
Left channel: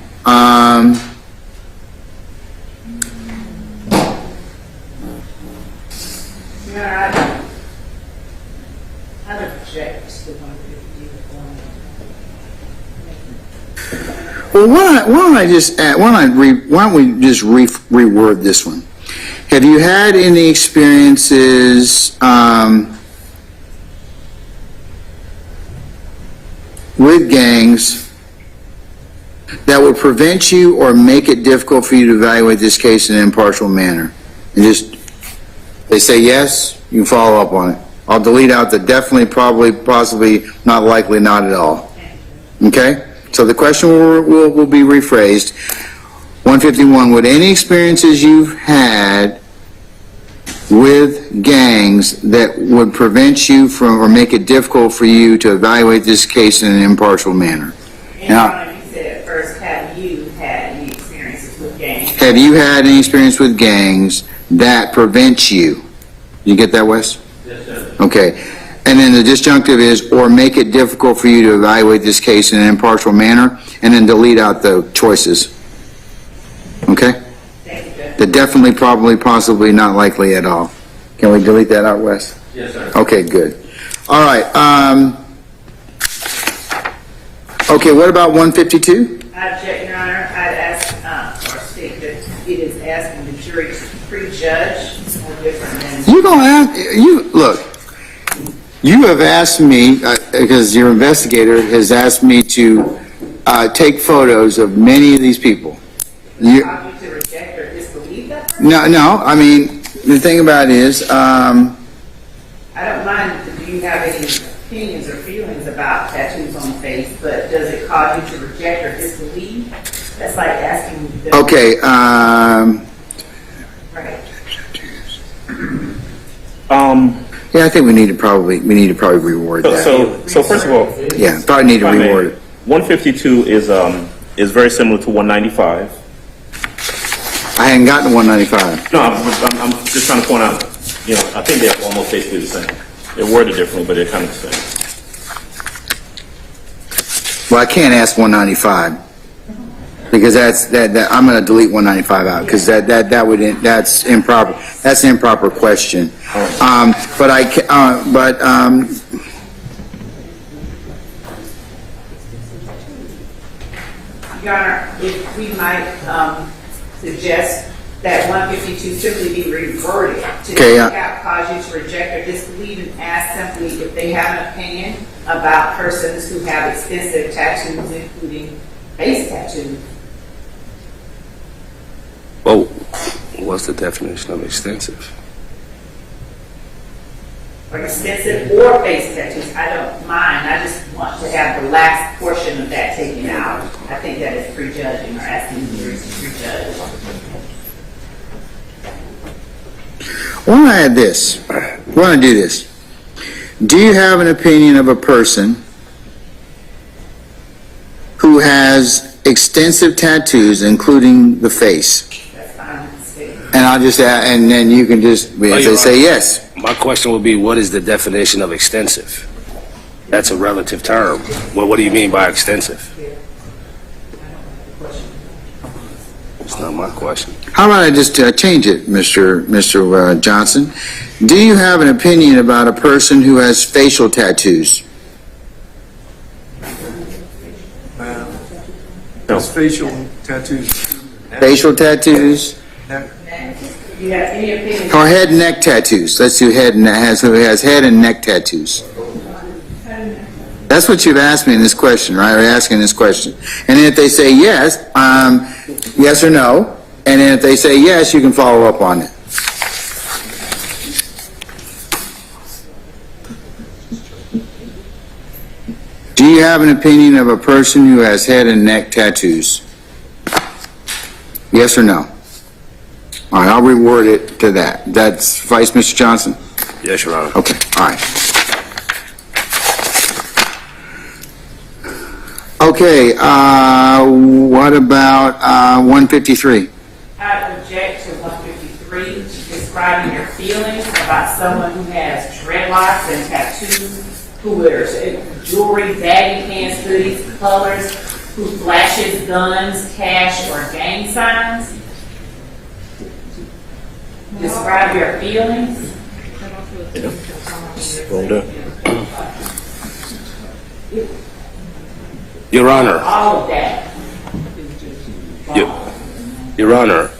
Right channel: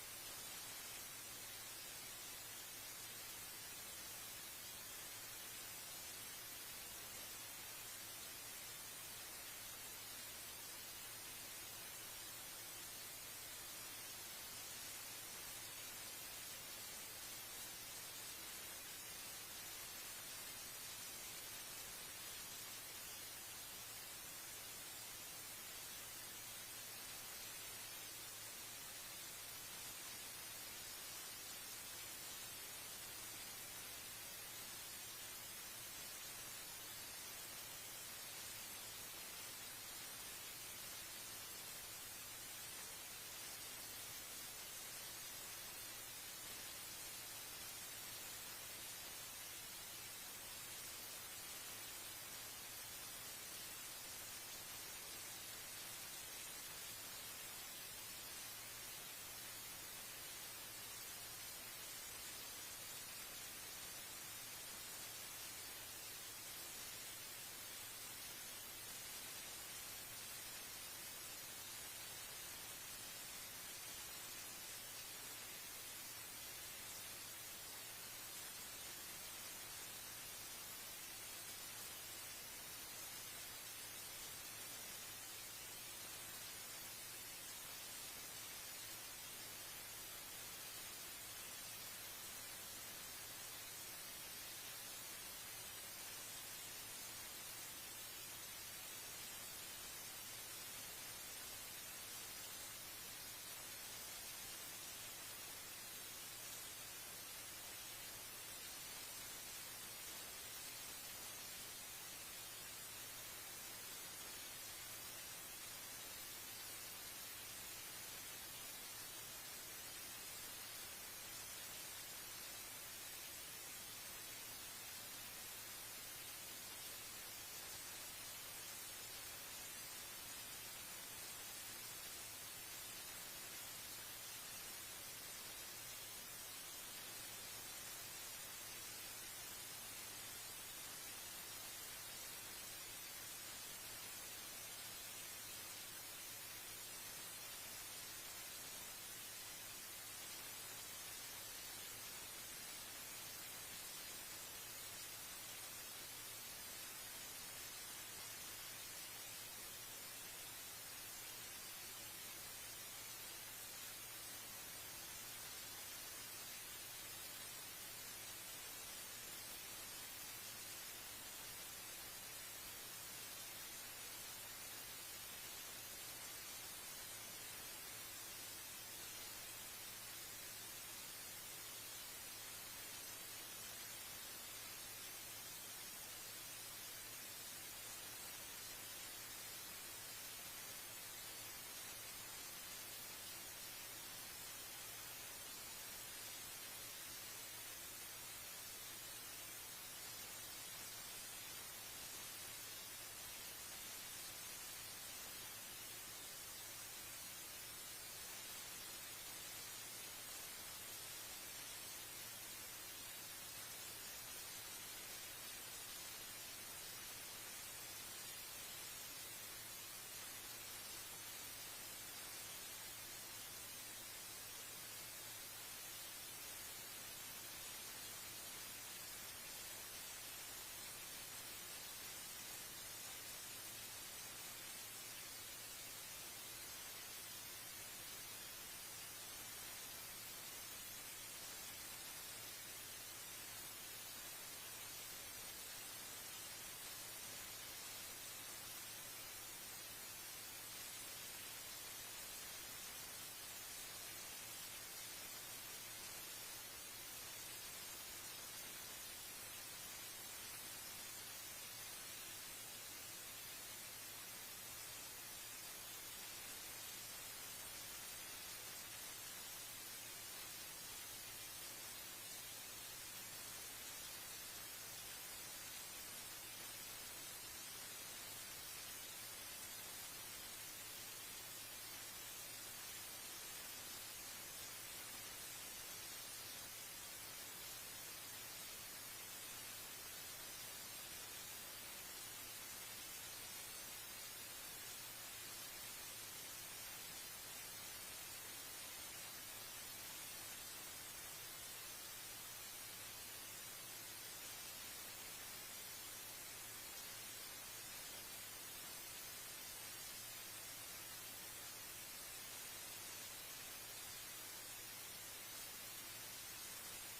Yeah, I object to 150. Well, why don't I just why don't we just reword this one? Have you had any experiences with gangs that would prevent you or make it difficult for you to evaluate this case in an impartial manner? And just, they say yes, you can follow up on it. I'll delete out the definitely, probably, possibly, not likely, not at all. Okay? So the question will be rephrased. 151, would any experiences you've had with gangs that would prevent you from or make it difficult for you to evaluate this case in an impartial manner? Now, You said at first, have you had any experiences with gangs? have you had any experience with gangs that prevent you? You get that, Wes? Yes, sir. Okay. And then the disjunctive is, or make it difficult for you to evaluate this case in an impartial manner, and then delete out the choices. Okay? The definitely, probably, possibly, not likely at all. Can we delete that out, Wes? Yes, sir. Okay, good. All right. Okay, what about 152? I object, Your Honor. I'd ask, or state that it is asking the jury to prejudge or different than... You don't have, look, you have asked me, because your investigator has asked me to take photos of many of these people. You, To reject or disbelieve that person? no, I mean, the thing about it is, I don't mind, do you have any opinions or feelings about tattoos on the face, but does it cause you to reject or disbelieve? That's like asking... okay, Right. yeah, I think we need to probably reword that. So first of all, Yeah, probably need to if I may, reword it. 152 is very similar to 195. I hadn't gotten to 195. No, I'm just trying to point out, I think they're almost basically the same. They're worded differently, but they're kind of the same. Well, I can't ask 195 because that I'm going to delete 195 out because that's improper. That's an improper question. But Your Honor, if we might suggest that 152 simply be reverted to cause you to reject or disbelieve and ask simply if they have an opinion about persons who have extensive tattoos, including face tattoos. Well, what's the definition of extensive? Or extensive or face tattoos, I don't mind. I just want to have the last portion of that taken out. I think that is prejudging or asking the jury to prejudge. why don't I add this? Why don't I do this? Do you have an opinion of a person who has extensive tattoos, including the face? That's fine. And I'll just add, and then you can just say yes. My question would be, what is the definition of extensive? That's a relative term. Well, what do you mean by extensive? It's not my question. How about I just change it, Mr. Johnson? Do you have an opinion about a person who has facial tattoos? Does facial tattoos... Facial tattoos? Do you have any opinion? Or head and neck tattoos? Let's do head and who has head and neck tattoos. That's what you've asked me in this question, right? We're asking this question. And then if they say yes, yes or no, and then if they say yes, you can follow up on it. Do you have an opinion of a person who has head and neck tattoos? Yes or no? All right, I'll reword it to that. That's Vice Mr. Johnson? Yes, Your Honor. Okay, all right. Okay, what about 153? I object to 153, describing your feelings about someone who has dreadlocks and tattoos, who wears jewelry, baggy pants, hoodies, colors, who flashes guns, cash, or gang signs. Describe your feelings. Your Honor. All of that. Your Honor,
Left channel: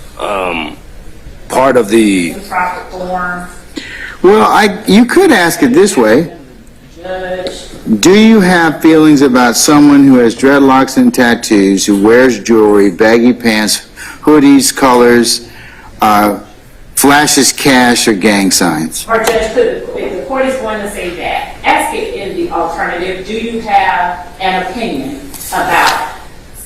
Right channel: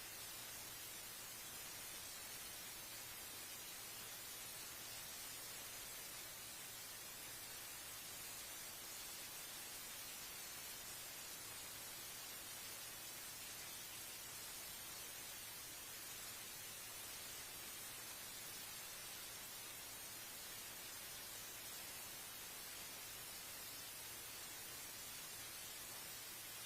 part of the, Proper form, Well, you could ask it this way. judge. Do you have feelings about someone who has dreadlocks and tattoos, who wears jewelry, baggy pants, hoodies, colors, flashes cash, or gang signs? Or judge, if the court is going to say that, ask it in the alternative, do you have an opinion about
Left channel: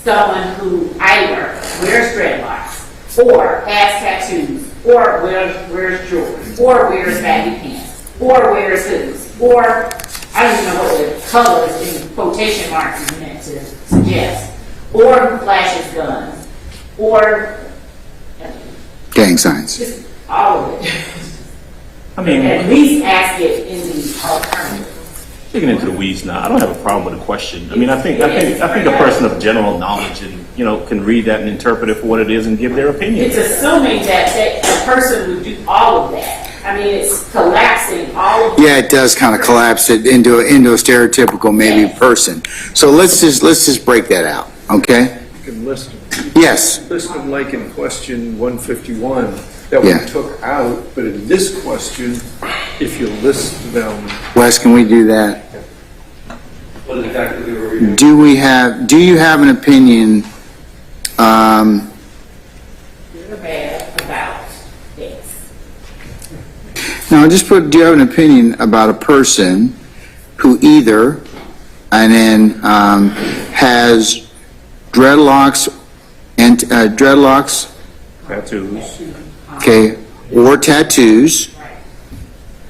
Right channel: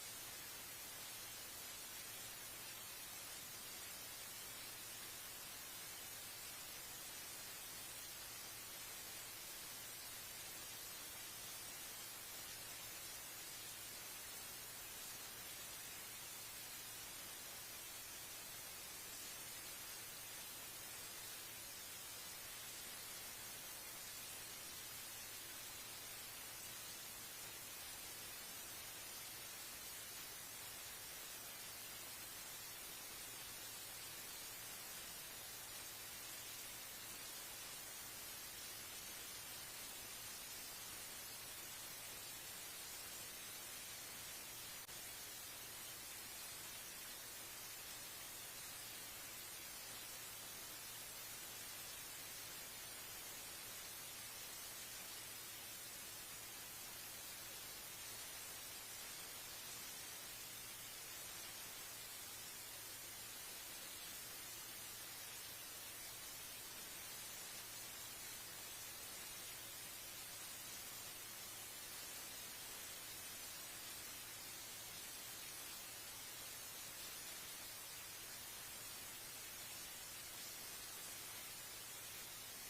someone who either wears dreadlocks, or has tattoos, or wears jewelry, or wears baggy pants, or wears hoodies, or I don't even know what the colors in quotation marks is meant to suggest, or flashes guns, or Gang signs. just all of it. I mean, At least ask it in the alternative. digging into the weeds now, I don't have a problem with the question. I mean, I think a person of general knowledge and, can read that and interpret it for what it is and give their opinion. It's assuming that a person would do all of that. I mean, it's collapsing all of Yeah, it does kind of collapse it into a stereotypical maybe person. So let's just break that out, okay? You can list them. Yes. List them like in question 151 that we Yeah. took out, but in this question, if you list them, Wes, can we do that? What exactly were we doing? Do you have an opinion, good or bad about this. no, just put, do you have an opinion about a person who either, and then, has dreadlocks and, tattoos, okay, or tattoos,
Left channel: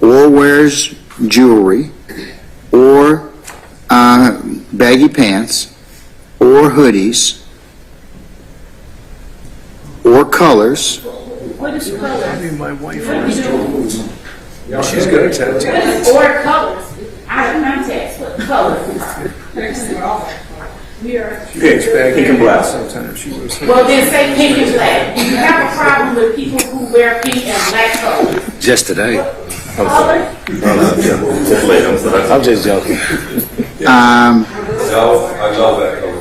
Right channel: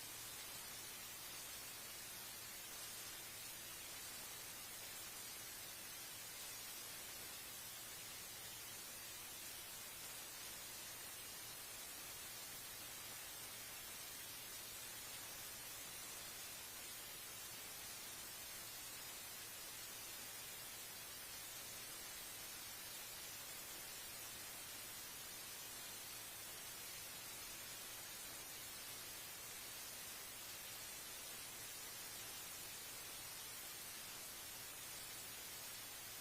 or wears jewelry, or baggy pants, or hoodies, or colors. What is color? I mean, my wife has jewelry. She's got a tattoo. Or colors. Out of context, what colors are. We are. Pink and black sometimes. She was. Well, then say pink and black. Do you have a problem with people who wear pink and black colors? just today. Color? I'm just joking. No, I love that color.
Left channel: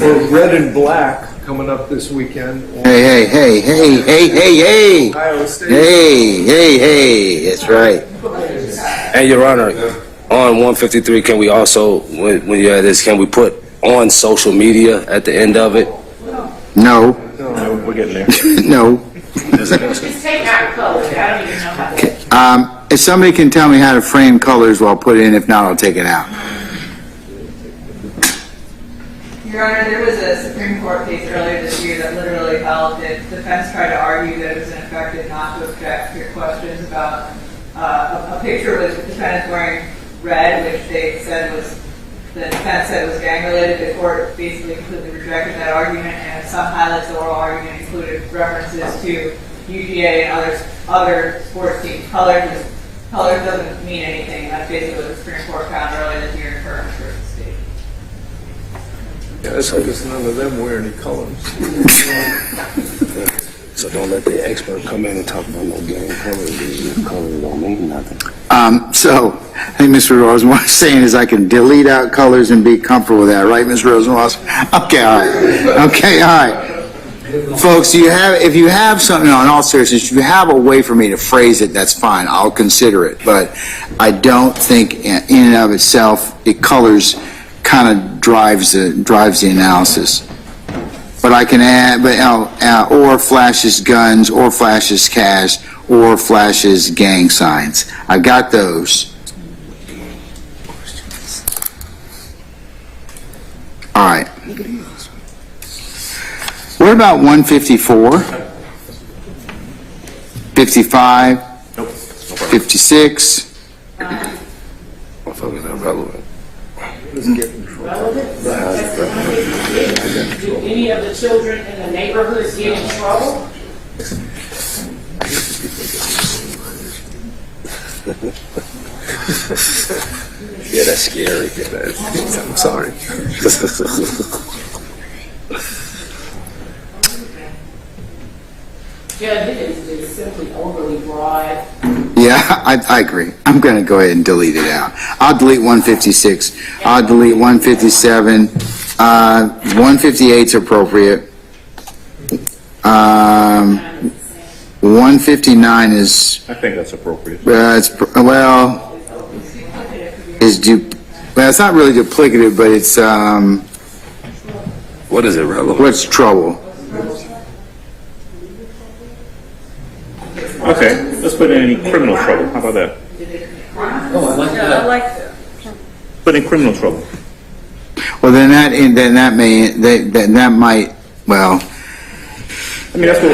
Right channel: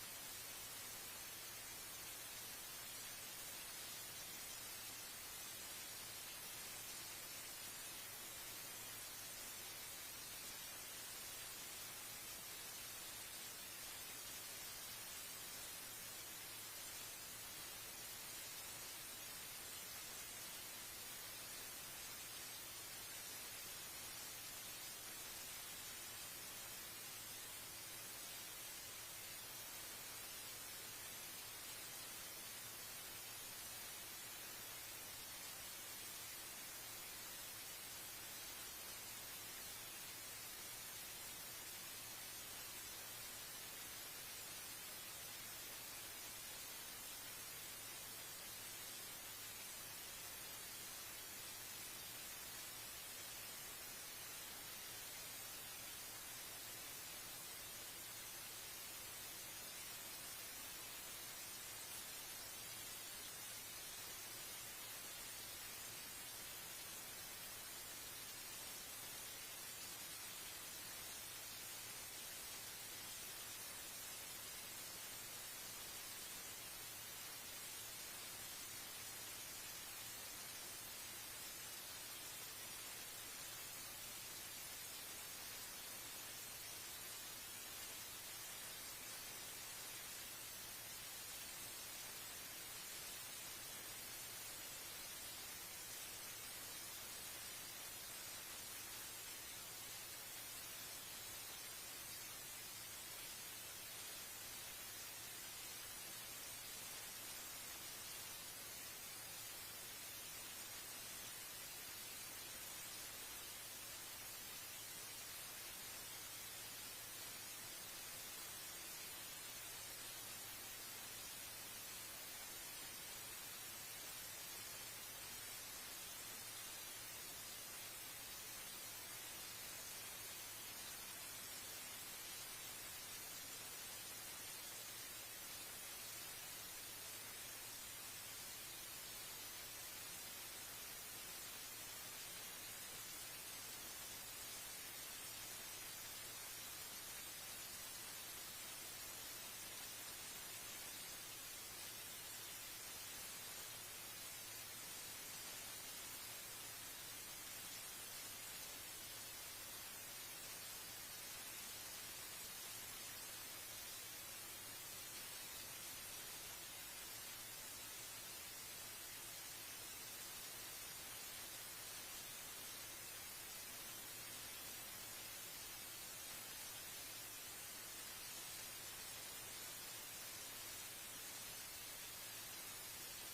Well, red and black coming up this weekend. Hey, Ohio State. hey, that's right. And Your Honor, on 153, can we also, when you have this, can we put on social media at the end of it? No, No, we're getting there. no. Just take out colors. I don't even know how to. If somebody can tell me how to frame colors, well, I'll put it in. If not, I'll take it out. Your Honor, there was a Supreme Court case earlier this year that literally held that defense tried to argue that it was ineffective not to object to your questions about a picture with the defendant wearing red, which they said was, the defense said was gang-related. The court basically completely rejected that argument, and some highlights of the oral argument included references to UGA and other sports teams. Colors doesn't mean anything. That's basically what the Supreme Court found earlier this year in Curtis versus State. Yeah, that's because none of them wear any colors. So don't let the expert come in and talk about no gang colors. Colors don't mean nothing. So, I think Mr. Rosenwasser is saying is I can delete out colors and be comfortable with that, right, Mr. Rosenwasser? Okay, all right. Okay, all right. Folks, if you have something, no, in all seriousness, if you have a way for me to phrase it, that's fine. I'll consider it. But I don't think in and of itself, it colors kind of drives the analysis. But I can add, or flashes guns, or flashes cash, or flashes gang signs. I got those. All right. What about 154? 55? 56? Motherfuckers are relevant. Relevant? Do any of the children in the neighborhoods get in trouble? Yeah, that's scary. I'm sorry. Yeah, it is simply overly broad. Yeah, Yeah, I agree. I'm going to go ahead and delete it out. I'll delete 156. I'll delete 157. 158 is appropriate. 159 is, I think that's appropriate. well, it's not really duplicative, but it's, What is irrelevant? what's trouble? Okay, let's put in any criminal trouble. How about that? Oh, I like that. Put in criminal trouble. Well, then that might, well, I mean, I think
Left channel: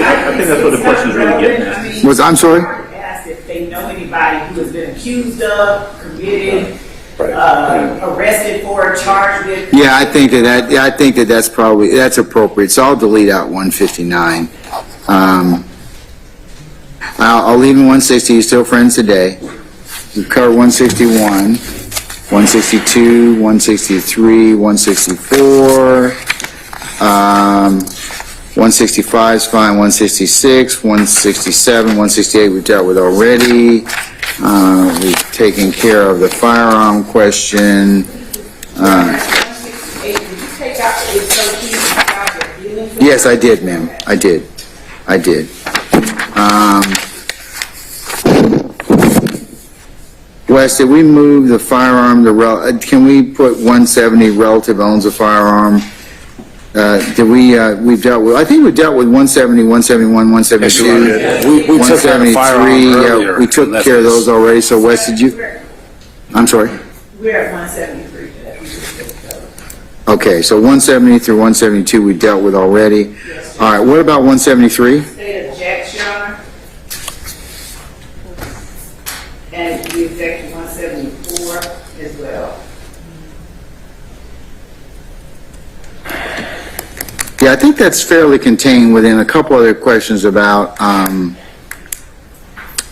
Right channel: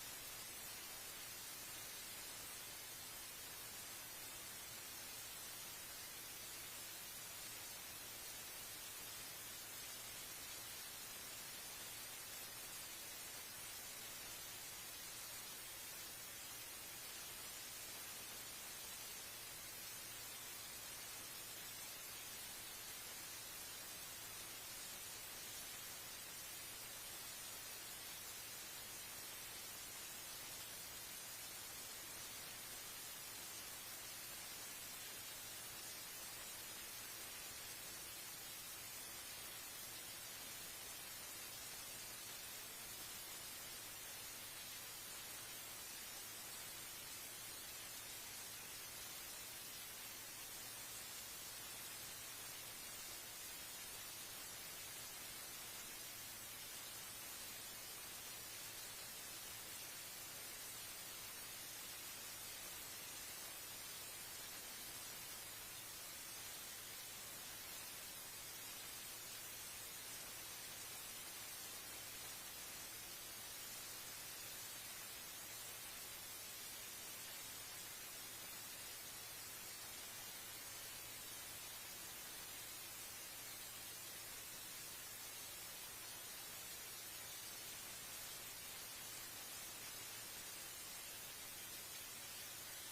that's what the question's really getting at. I'm sorry? Asked if they know anybody who has been accused of, committed, arrested for, charged with. Yeah, I think that's probably, that's appropriate. So I'll delete out 159. I'll leave in 160, you're still friends today. We've covered 161, 162, 163, 164, 165 is fine, 166, 167, 168 we've dealt with already. We've taken care of the firearm question. Yes, I did, ma'am. I did. Wes, did we move the firearm, can we put 170 relative owns a firearm? We've dealt with, I think we dealt with 170, 171, 172. We took care of the firearm 173, earlier. we took care of those already, so Wes, did you? I'm sorry? We're at 173 today. Okay, so 170 through 172 we dealt with already. All right, what about 173? State objects, Your Honor. And we object to 174 as well. Yeah, I think that's fairly contained within a couple other questions about,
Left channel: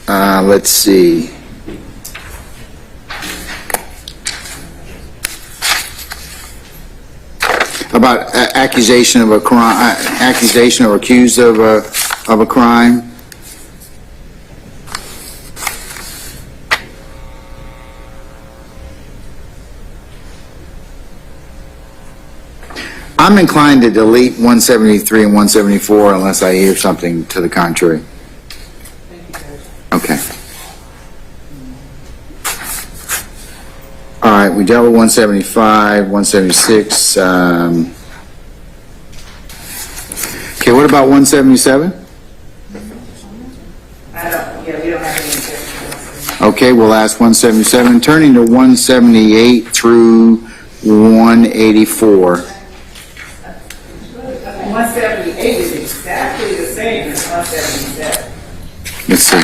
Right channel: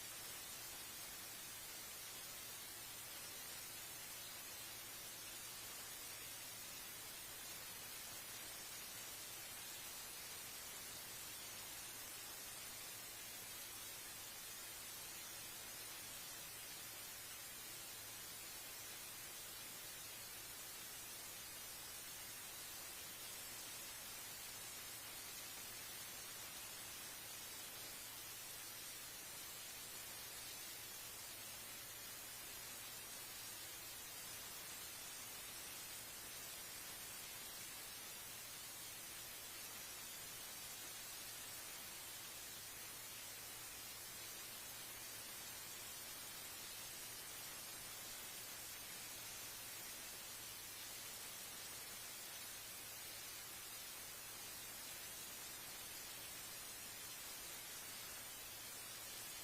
let's see. About accusation of a crime, accusation or accused of a crime. I'm inclined to delete 173 and 174 unless I hear something to the contrary. Okay. All right, we dealt with 175, 176. Okay, what about 177? We don't have any objections. Okay, we'll ask 177. Turning to 178 through 184. 178 is exactly the same as 177. Let's see.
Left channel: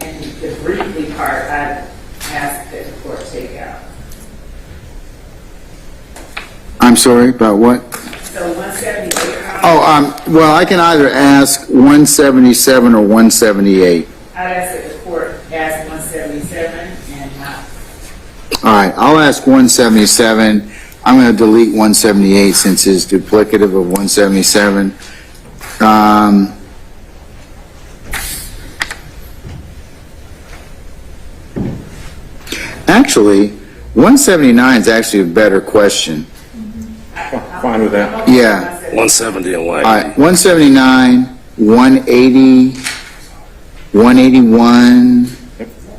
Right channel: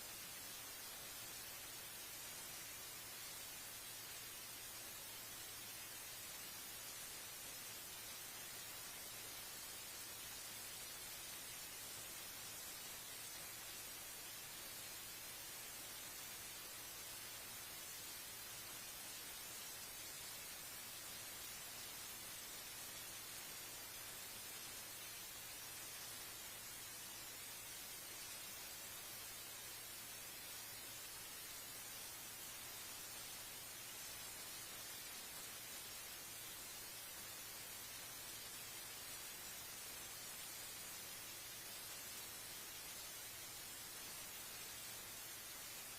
And the briefly part, I asked that the court take out. I'm sorry, about what? So 178. Well, I can either ask 177 or 178. I'd ask that the court ask 177 and not. All right, I'll ask 177. I'm going to delete 178 since it's duplicative of 177. Actually, 179 is actually a better question. Fine with that. Yeah. 170 and 180. All right, 179, 180, 181,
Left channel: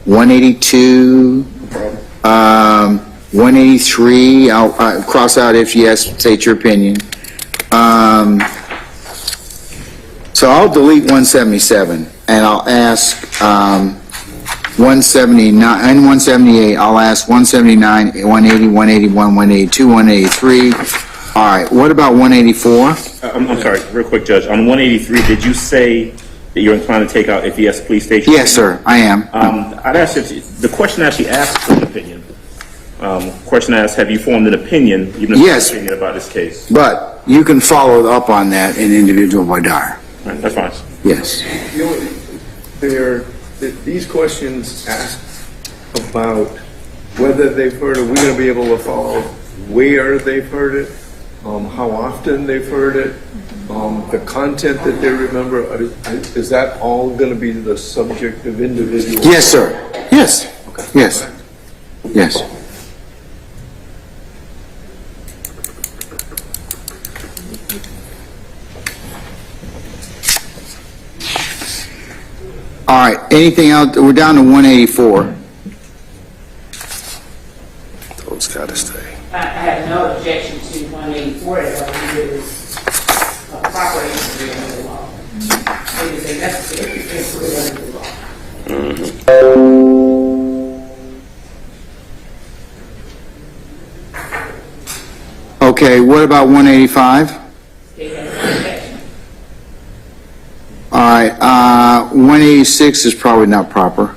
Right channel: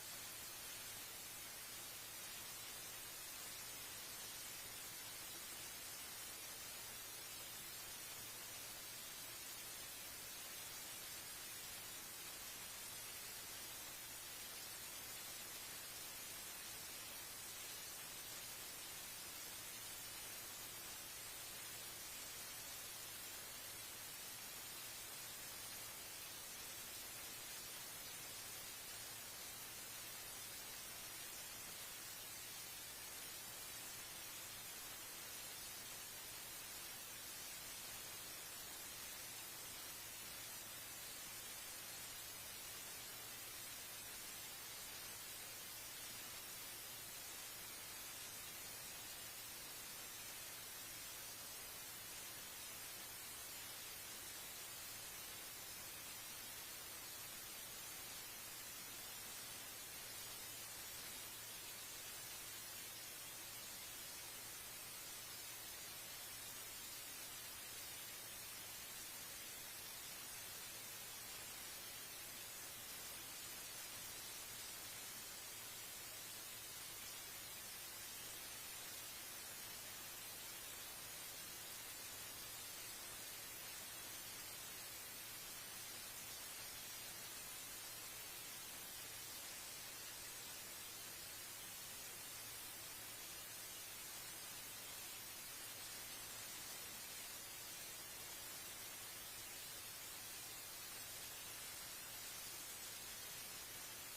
182, 183. I'll cross out if yes, state your opinion. So I'll delete 177 and I'll ask 179 and 178. I'll ask 179, 180, 181, 182, 183. All right, what about 184? I'm sorry, real quick, Judge. On 183, did you say that you're inclined to take out if yes, please state your Yes, sir, I am. I'd ask if the question actually asks for an opinion. Question asks, have you formed an opinion, even if Yes. it's an opinion about this case? But you can follow up on that in individual voir dire. Right, that's fine. Yes. These questions ask about whether they've heard it. We're going to be able to follow where they've heard it. how often they've heard it, the content that they remember. Is that all going to be the subject of individual? Yes, sir. Yes. Yes. Yes. All right, anything else? We're down to 184. Those gotta stay. I have no objection to 184 as long as it is proper entry under the law. It is a necessary entry under the law. Okay, what about 185? All right, 186 is probably not proper.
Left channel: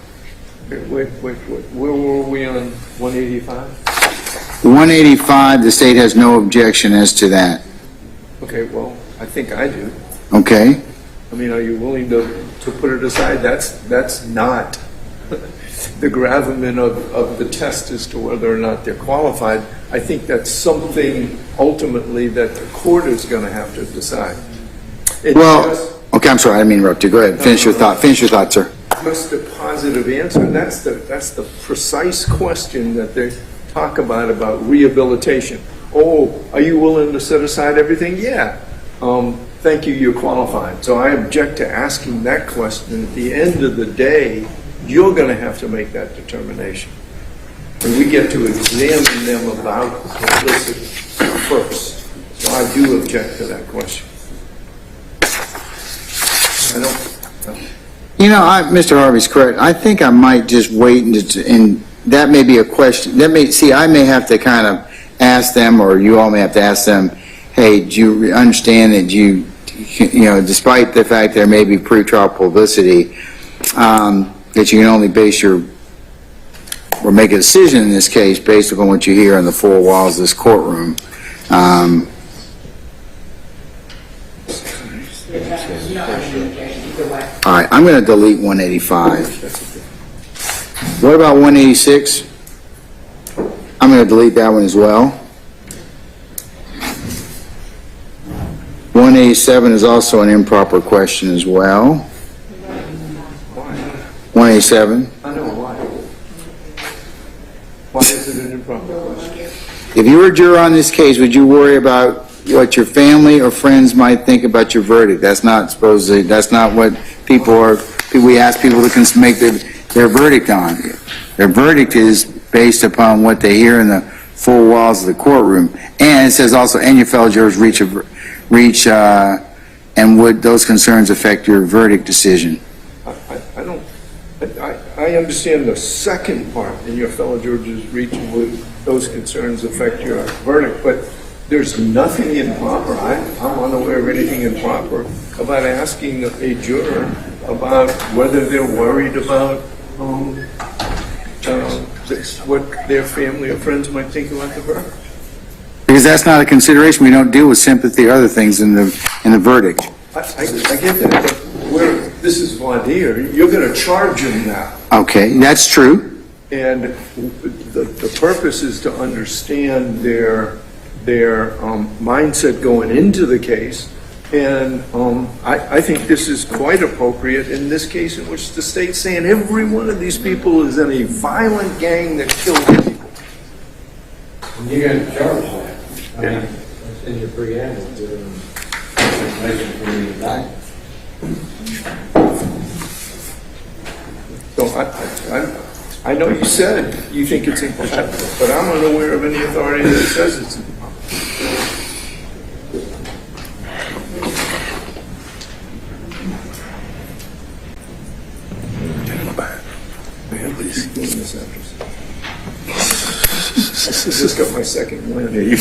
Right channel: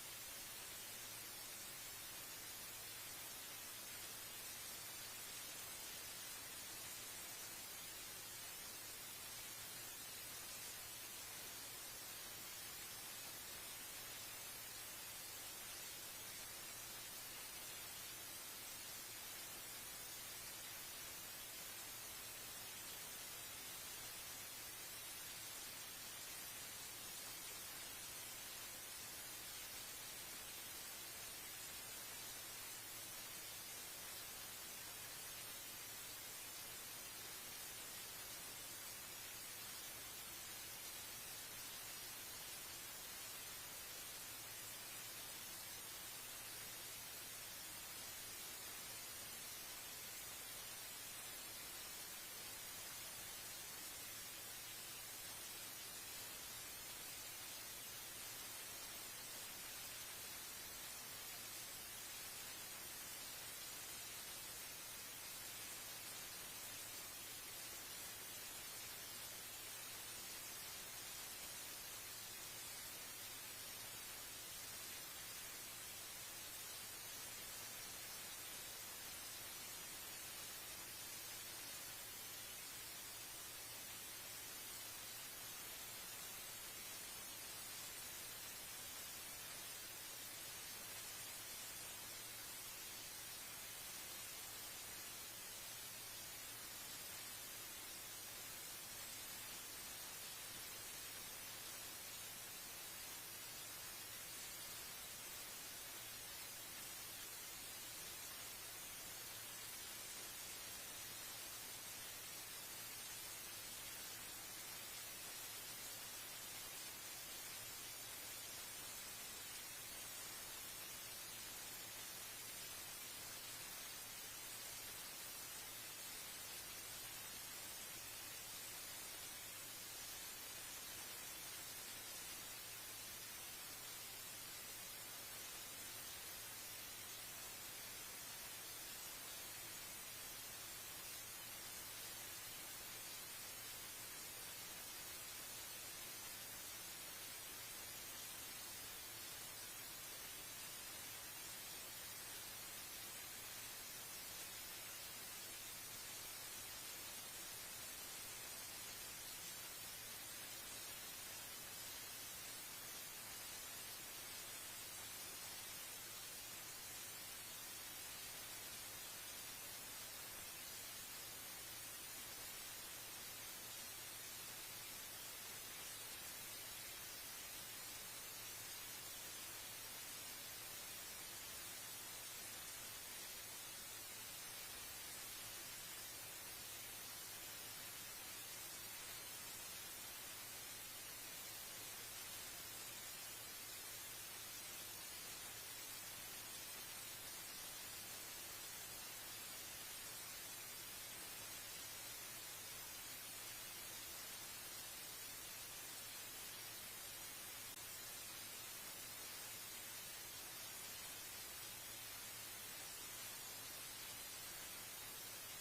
Wait. Where were we on 185? 185, the state has no objection as to that. Okay, well, I think I do. Okay? I mean, are you willing to put it aside? That's not the gravamen of the test as to whether or not they're qualified. I think that's something ultimately that the court is going to have to decide. Okay, I'm sorry, I didn't mean to interrupt you. Go ahead, finish your thought. Finish your thought, sir. Just a positive answer. That's the precise question that they talk about rehabilitation. Oh, are you willing to set aside everything? Yeah. Thank you, you're qualified. So I object to asking that question. At the end of the day, you're going to have to make that determination. And we get to examine them about publicity first. So I do object to that question. You know, Mr. Harvey's correct. I think I might just wait and that may be a question. I may have to kind of ask them, or you all may have to ask them, hey, do you understand that despite the fact there may be pretrial publicity, that you can only base or make a decision in this case based upon what you hear in the four walls of this courtroom. All right, I'm going to delete 185. What about 186? I'm going to delete that one as well. 187 is also an improper question as well. 187. I know why. Why is it an improper question? If you were a juror on this case, would you worry about what your family or friends might think about your verdict? That's not what we ask people to make their verdict on. Their verdict is based upon what they hear in the four walls of the courtroom. And it says also, and your fellow jurors and would those concerns affect your verdict decision? I understand the second part, and your fellow jurors reaching would those concerns affect your verdict, but there's nothing improper. I'm unaware of anything improper about asking a juror about whether they're worried about what their family or friends might think about the verdict. Because that's not a consideration. We don't deal with sympathy or other things in the verdict. I get that, but this is voir dire. You're going to charge them now. Okay, that's true. And the purpose is to understand their mindset going into the case. And I think this is quite appropriate in this case in which the state's saying every one of these people is in a violent gang that killed people. You're going to charge that. I mean, that's in your preamble to information from the indictment. So I know you said you think it's improper, but I'm unaware of any authority that says it's improper. I just got my second win. Yeah, you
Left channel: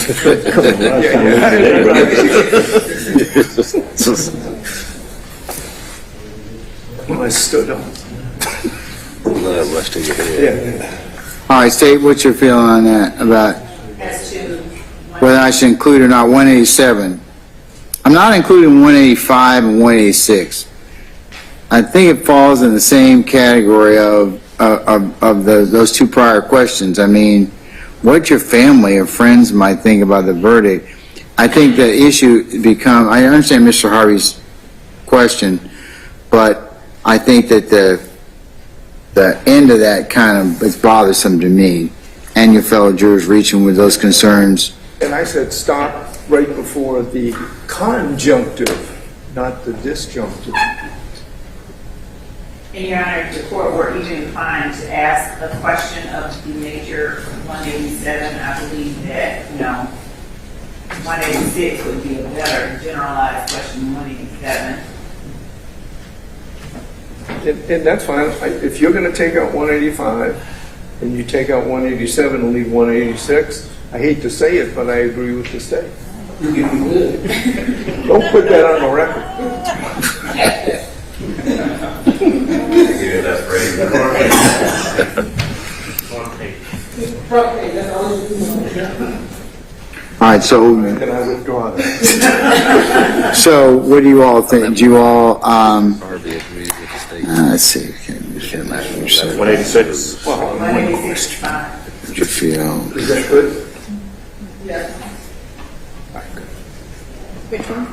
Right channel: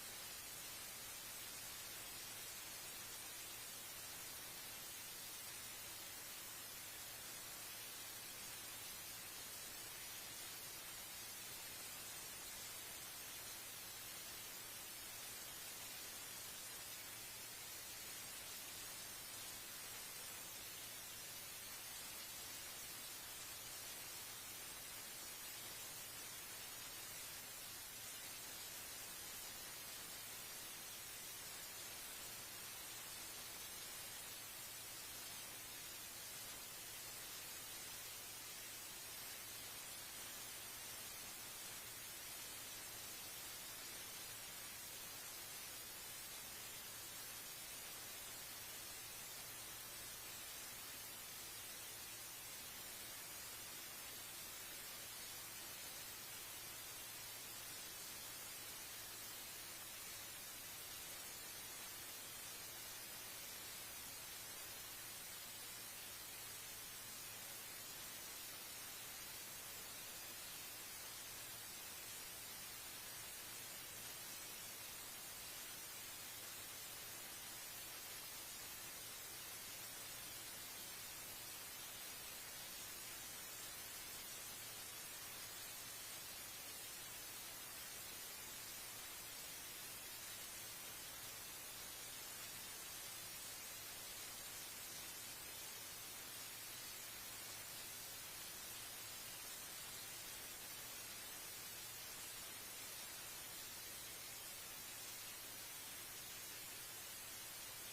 Well, I stood up. Blood rushed to your head. Yeah. All right, State, what's your feeling on that, about As to whether I should include or not 187? I'm not including 185 and 186. I think it falls in the same category of those two prior questions. I mean, what your family or friends might think about the verdict. I think the issue become, I understand Mr. Harvey's question, but I think that the end of that kind of is bothersome to me and your fellow jurors reaching with those concerns. And I said stop right before the conjunctive, not the disjunctive. And Your Honor, if the court were even inclined to ask a question of the nature of 187, I believe that, 186 would be a better generalized question than 187. And that's fine. If you're going to take out 185 and you take out 187 and leave 186, I hate to say it, but I agree with the state. You would. Don't put that on the record. All right, so, Can I withdraw that? so what do you all think? Do you all, let's see. 186. 186 is fine. What you feel? Is that good? Yeah. Which one?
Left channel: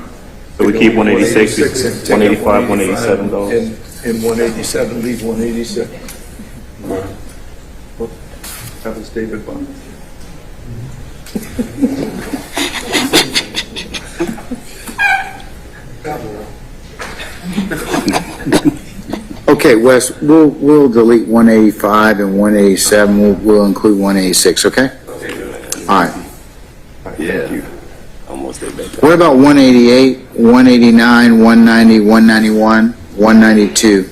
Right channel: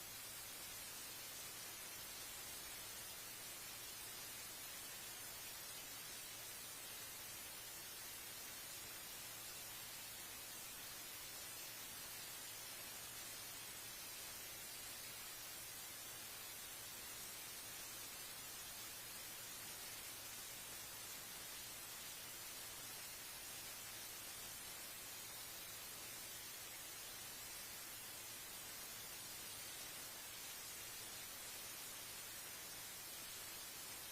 So we keep 186, 185, 187 goes. And 187, leave 186. That was David Bond. Okay, Wes, we'll delete 185 and 187. We'll include 186, okay? All right. Yeah. Almost there, baby. What about 188, 189, 190, 191, 192?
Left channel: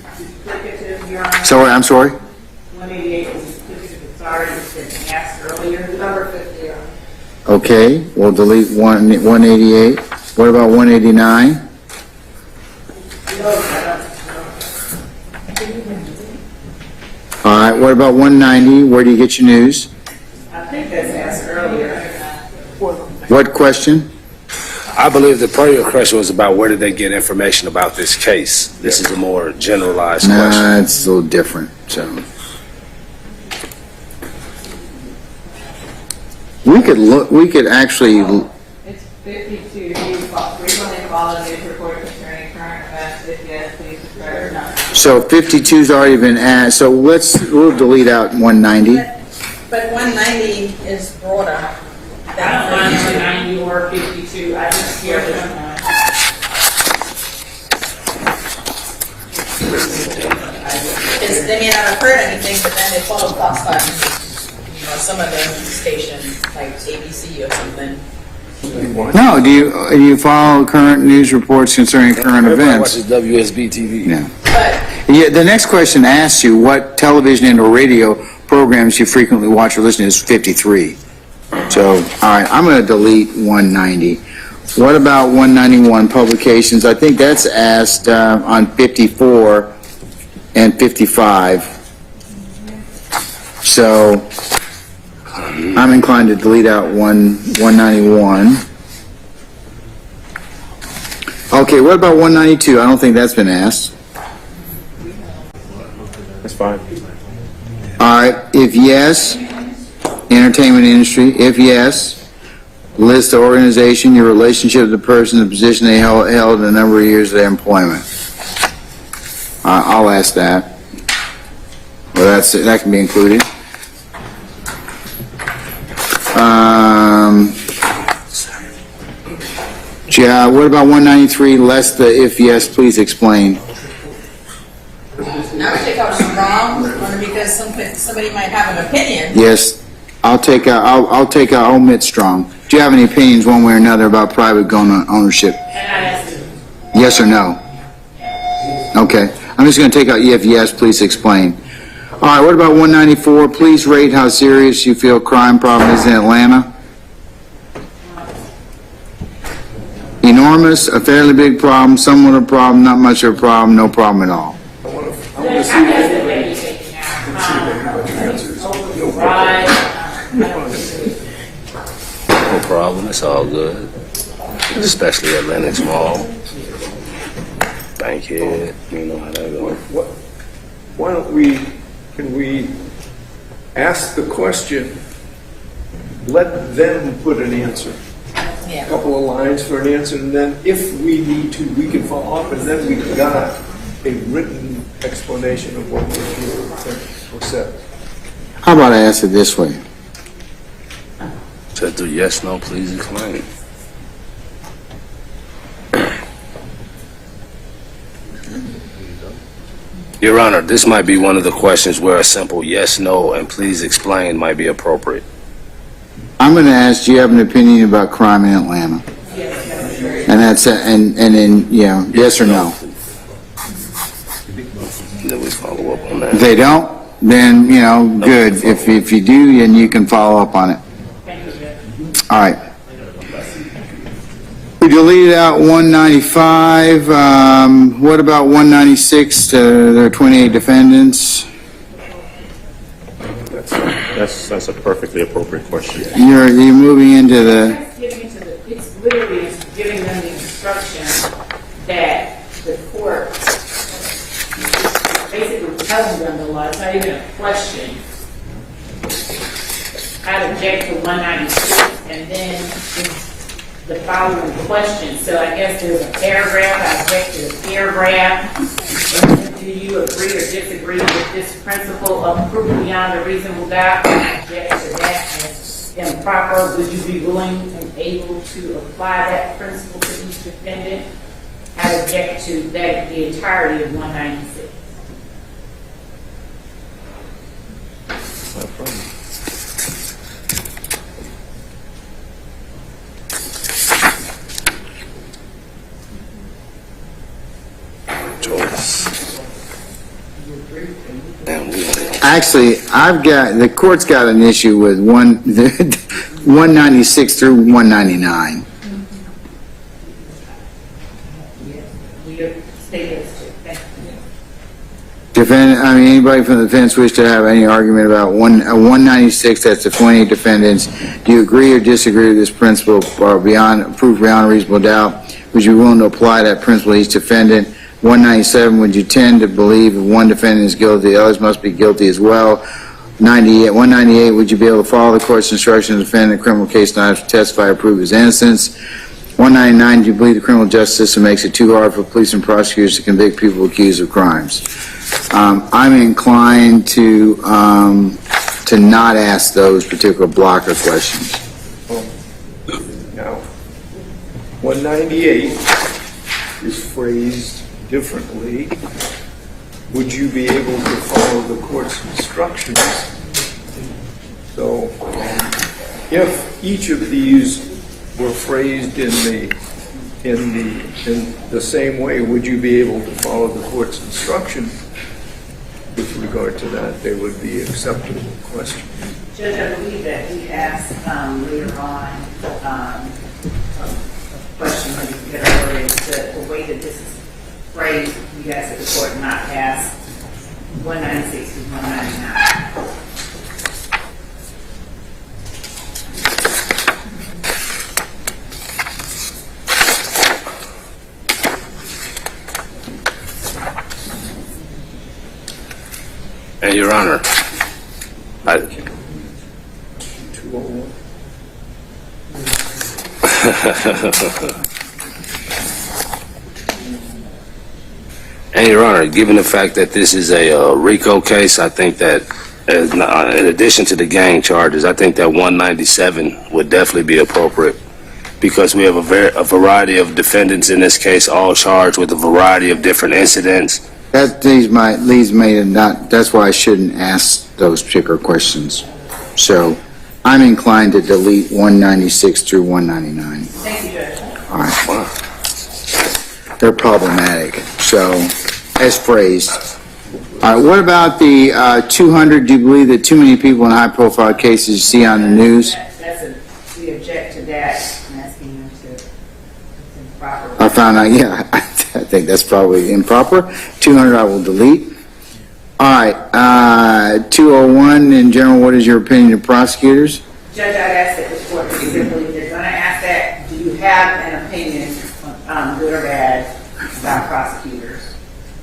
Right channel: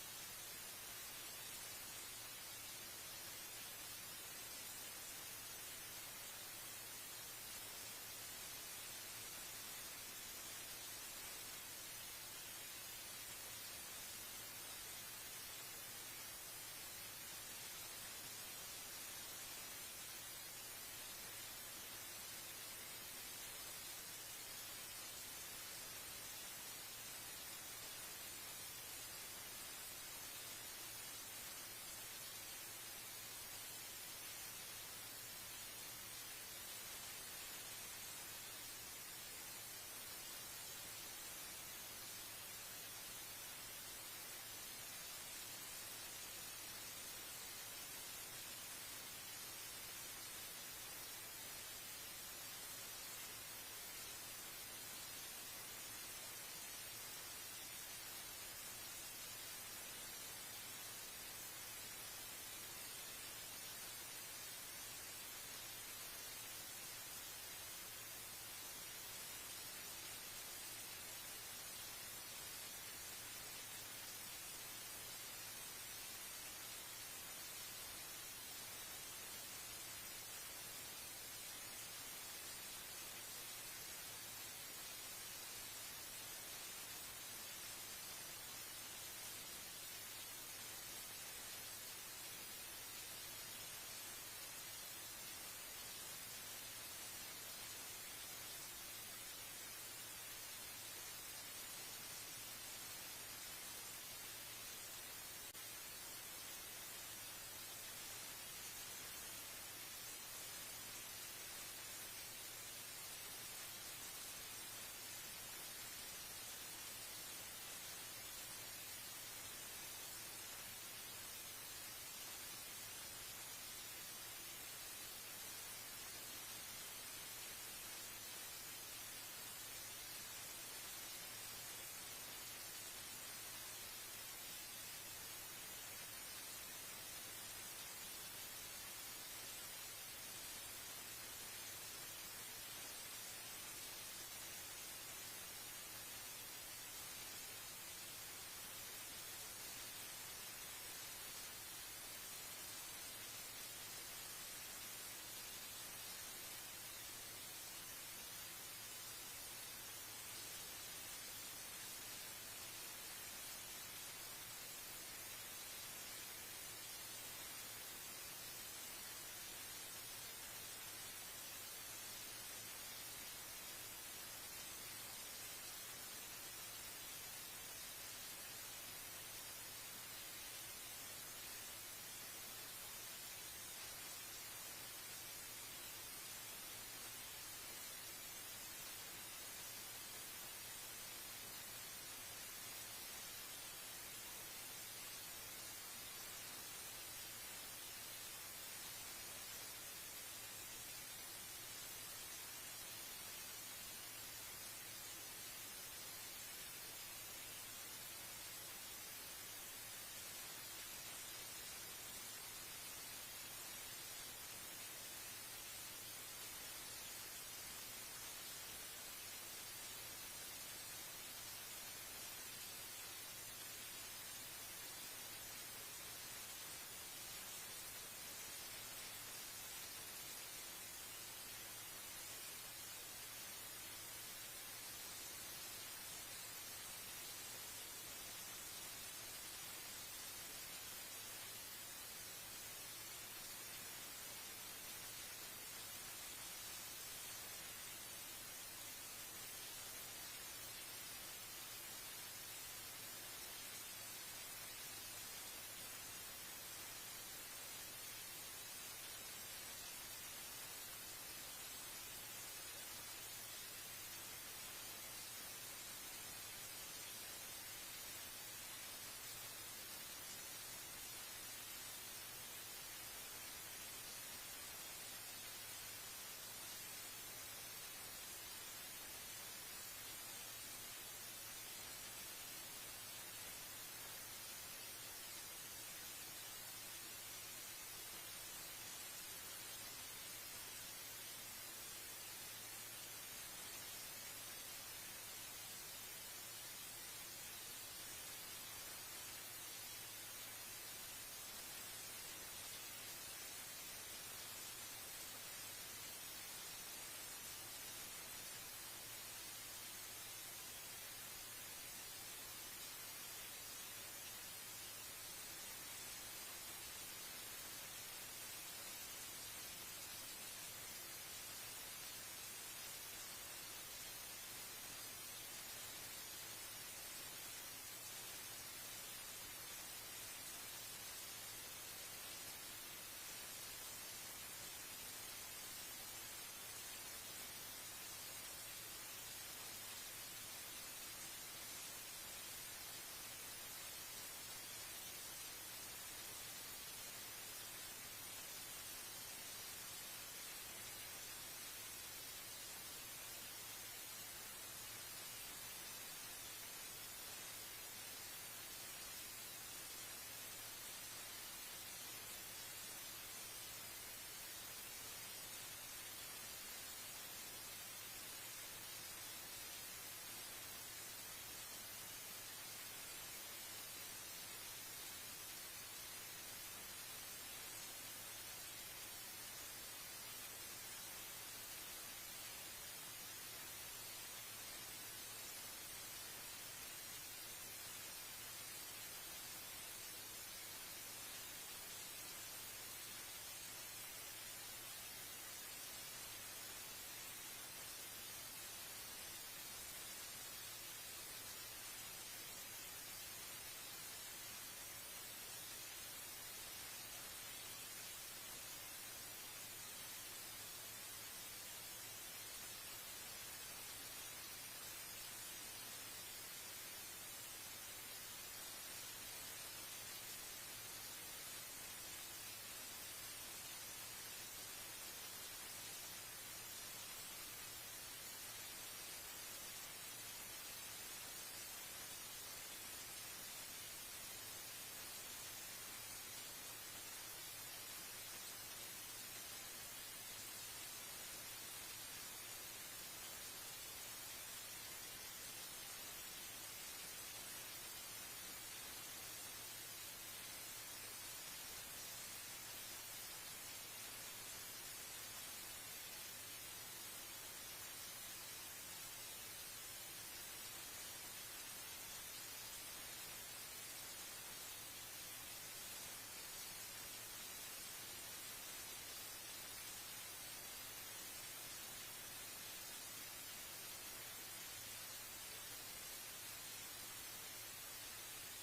Sorry, I'm sorry? 188 is duplicative. Sorry, it's been asked earlier. Number 50. Okay, we'll delete 188. What about 189? All right, what about 190? Where do you get your news? I think that's asked earlier. What question? I believe the prior question was about where did they get information about this case. This is a more generalized question. Nah, it's a little different, so. We could actually, It's 52. Frequently follow news report concerning current events. If yes, please describe or not. so 52's already been asked, so we'll delete out 190. But 190 is broader. I don't mind 190 or 52. I just hear this one. Because they may not have heard anything, but then they follow Fox on, some of the stations, like ABC or something. No, do you follow current news reports concerning current events? Everybody watches WSB TV. No. Yeah, the next question asks you what television and or radio programs you frequently watch or listen to is 53. So, all right, I'm going to delete 190. What about 191 publications? I think that's asked on 54 and 55. So, I'm inclined to delete out 191. Okay, what about 192? I don't think that's been asked. That's fine. All right, if yes, entertainment industry. If yes, list the organization, your relationship to the person, the position they held, and the number of years of their employment. I'll ask that. Well, that can be included. Yeah, what about 193? Less the if yes, please explain. Now we take out strong, only because somebody might have an opinion. Yes, I'll take out omit strong. Do you have any opinions one way or another about private gun ownership? Yes or no? Okay, I'm just going to take out if yes, please explain. All right, what about 194? Please rate how serious you feel crime problem is in Atlanta. Enormous, a fairly big problem, somewhat a problem, not much of a problem, no problem at all. No problem. It's all good. Especially Atlantic Mall. Bankhead. You know how that goes. Why don't can we ask the question, let them put an answer. Yeah. couple of lines for an answer, and then if we need to, we can follow up, and then we've got a written explanation of what was said. How about I ask it this way? Said do yes, no, please explain. Your Honor, this might be one of the questions where a simple yes, no, and please explain might be appropriate. I'm going to ask, do you have an opinion about crime in Atlanta? And that's, and then, yes or no? Then we follow up on that. If they don't, then, good. If you do, then you can follow up on it. All right. We deleted out 195. What about 196? There are 28 defendants. That's a perfectly appropriate question. You're moving into the. It's literally giving them the instruction that the court basically telling them the law. It's not even a question. I object to 196, and then the following question. So I guess there's a paragraph. I object to the paragraph. Do you agree or disagree with this principle of proof beyond a reasonable doubt? I object to that as improper. Would you be willing and able to apply that principle to each defendant? I object to that, the entirety of 196. No problem. Actually, the court's got an issue with 196 through 199. Anybody from the defense wish to have any argument about 196, that's the 28 defendants. Do you agree or disagree with this principle or proof beyond a reasonable doubt? Would you be willing to apply that principle to each defendant? 197, would you tend to believe if one defendant is guilty, the others must be guilty as well? 198, would you be able to follow the court's instructions to defend a criminal case not to testify or prove his innocence? 199, do you believe the criminal justice system makes it too hard for police and prosecutors to convict people accused of crimes? I'm inclined to not ask those particular blocker questions. Now, 198 is phrased differently. Would you be able to follow the court's instructions? So, if each of these were phrased in the same way, would you be able to follow the court's instruction? With regard to that, they would be acceptable questions. Judge, I believe that we asked later on a question when you get earlier, the way that this is phrased, we asked that the court not pass 196 to 199. And Your Honor, 201. And Your Honor, given the fact that this is a RICO case, I think that in addition to the gang charges, I think that 197 would definitely be appropriate because we have a variety of defendants in this case, all charged with a variety of different incidents. That leads me to not, that's why I shouldn't ask those particular questions. So I'm inclined to delete 196 through 199. Thank you, Judge. All right. Wow. They're problematic. So, as phrased. All right, what about the 200? Do you believe that too many people in high-profile cases you see on the news? We object to that. I'm asking them to, it's improper. I found out, yeah, I think that's probably improper. 200 I will delete. All right, 201 in general, what is your opinion of prosecutors? Judge, I'd ask that the court simply, if they're going to ask that, do you have an opinion, good or bad, about prosecutors?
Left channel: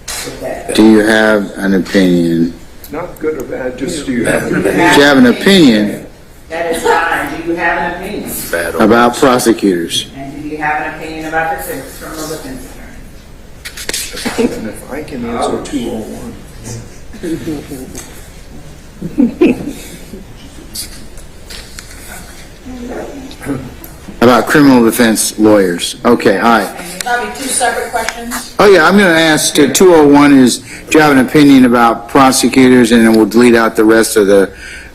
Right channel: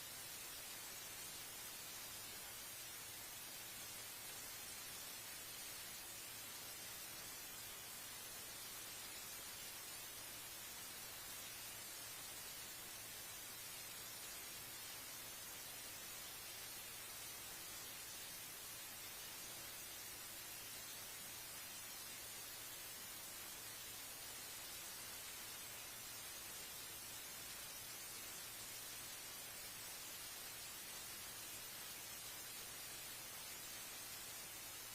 With that? Do you have an opinion? Not good or bad, just do you have an Do you have an opinion? That is fine. Do you have an opinion? Bad or about worse. prosecutors. And do you have an opinion about the criminal defense attorney? And if I can answer 201. About criminal defense lawyers. Okay, all right. That'll be two separate questions. Oh, yeah, I'm going to ask, 201 is, do you have an opinion about prosecutors? And then we'll delete out the rest of the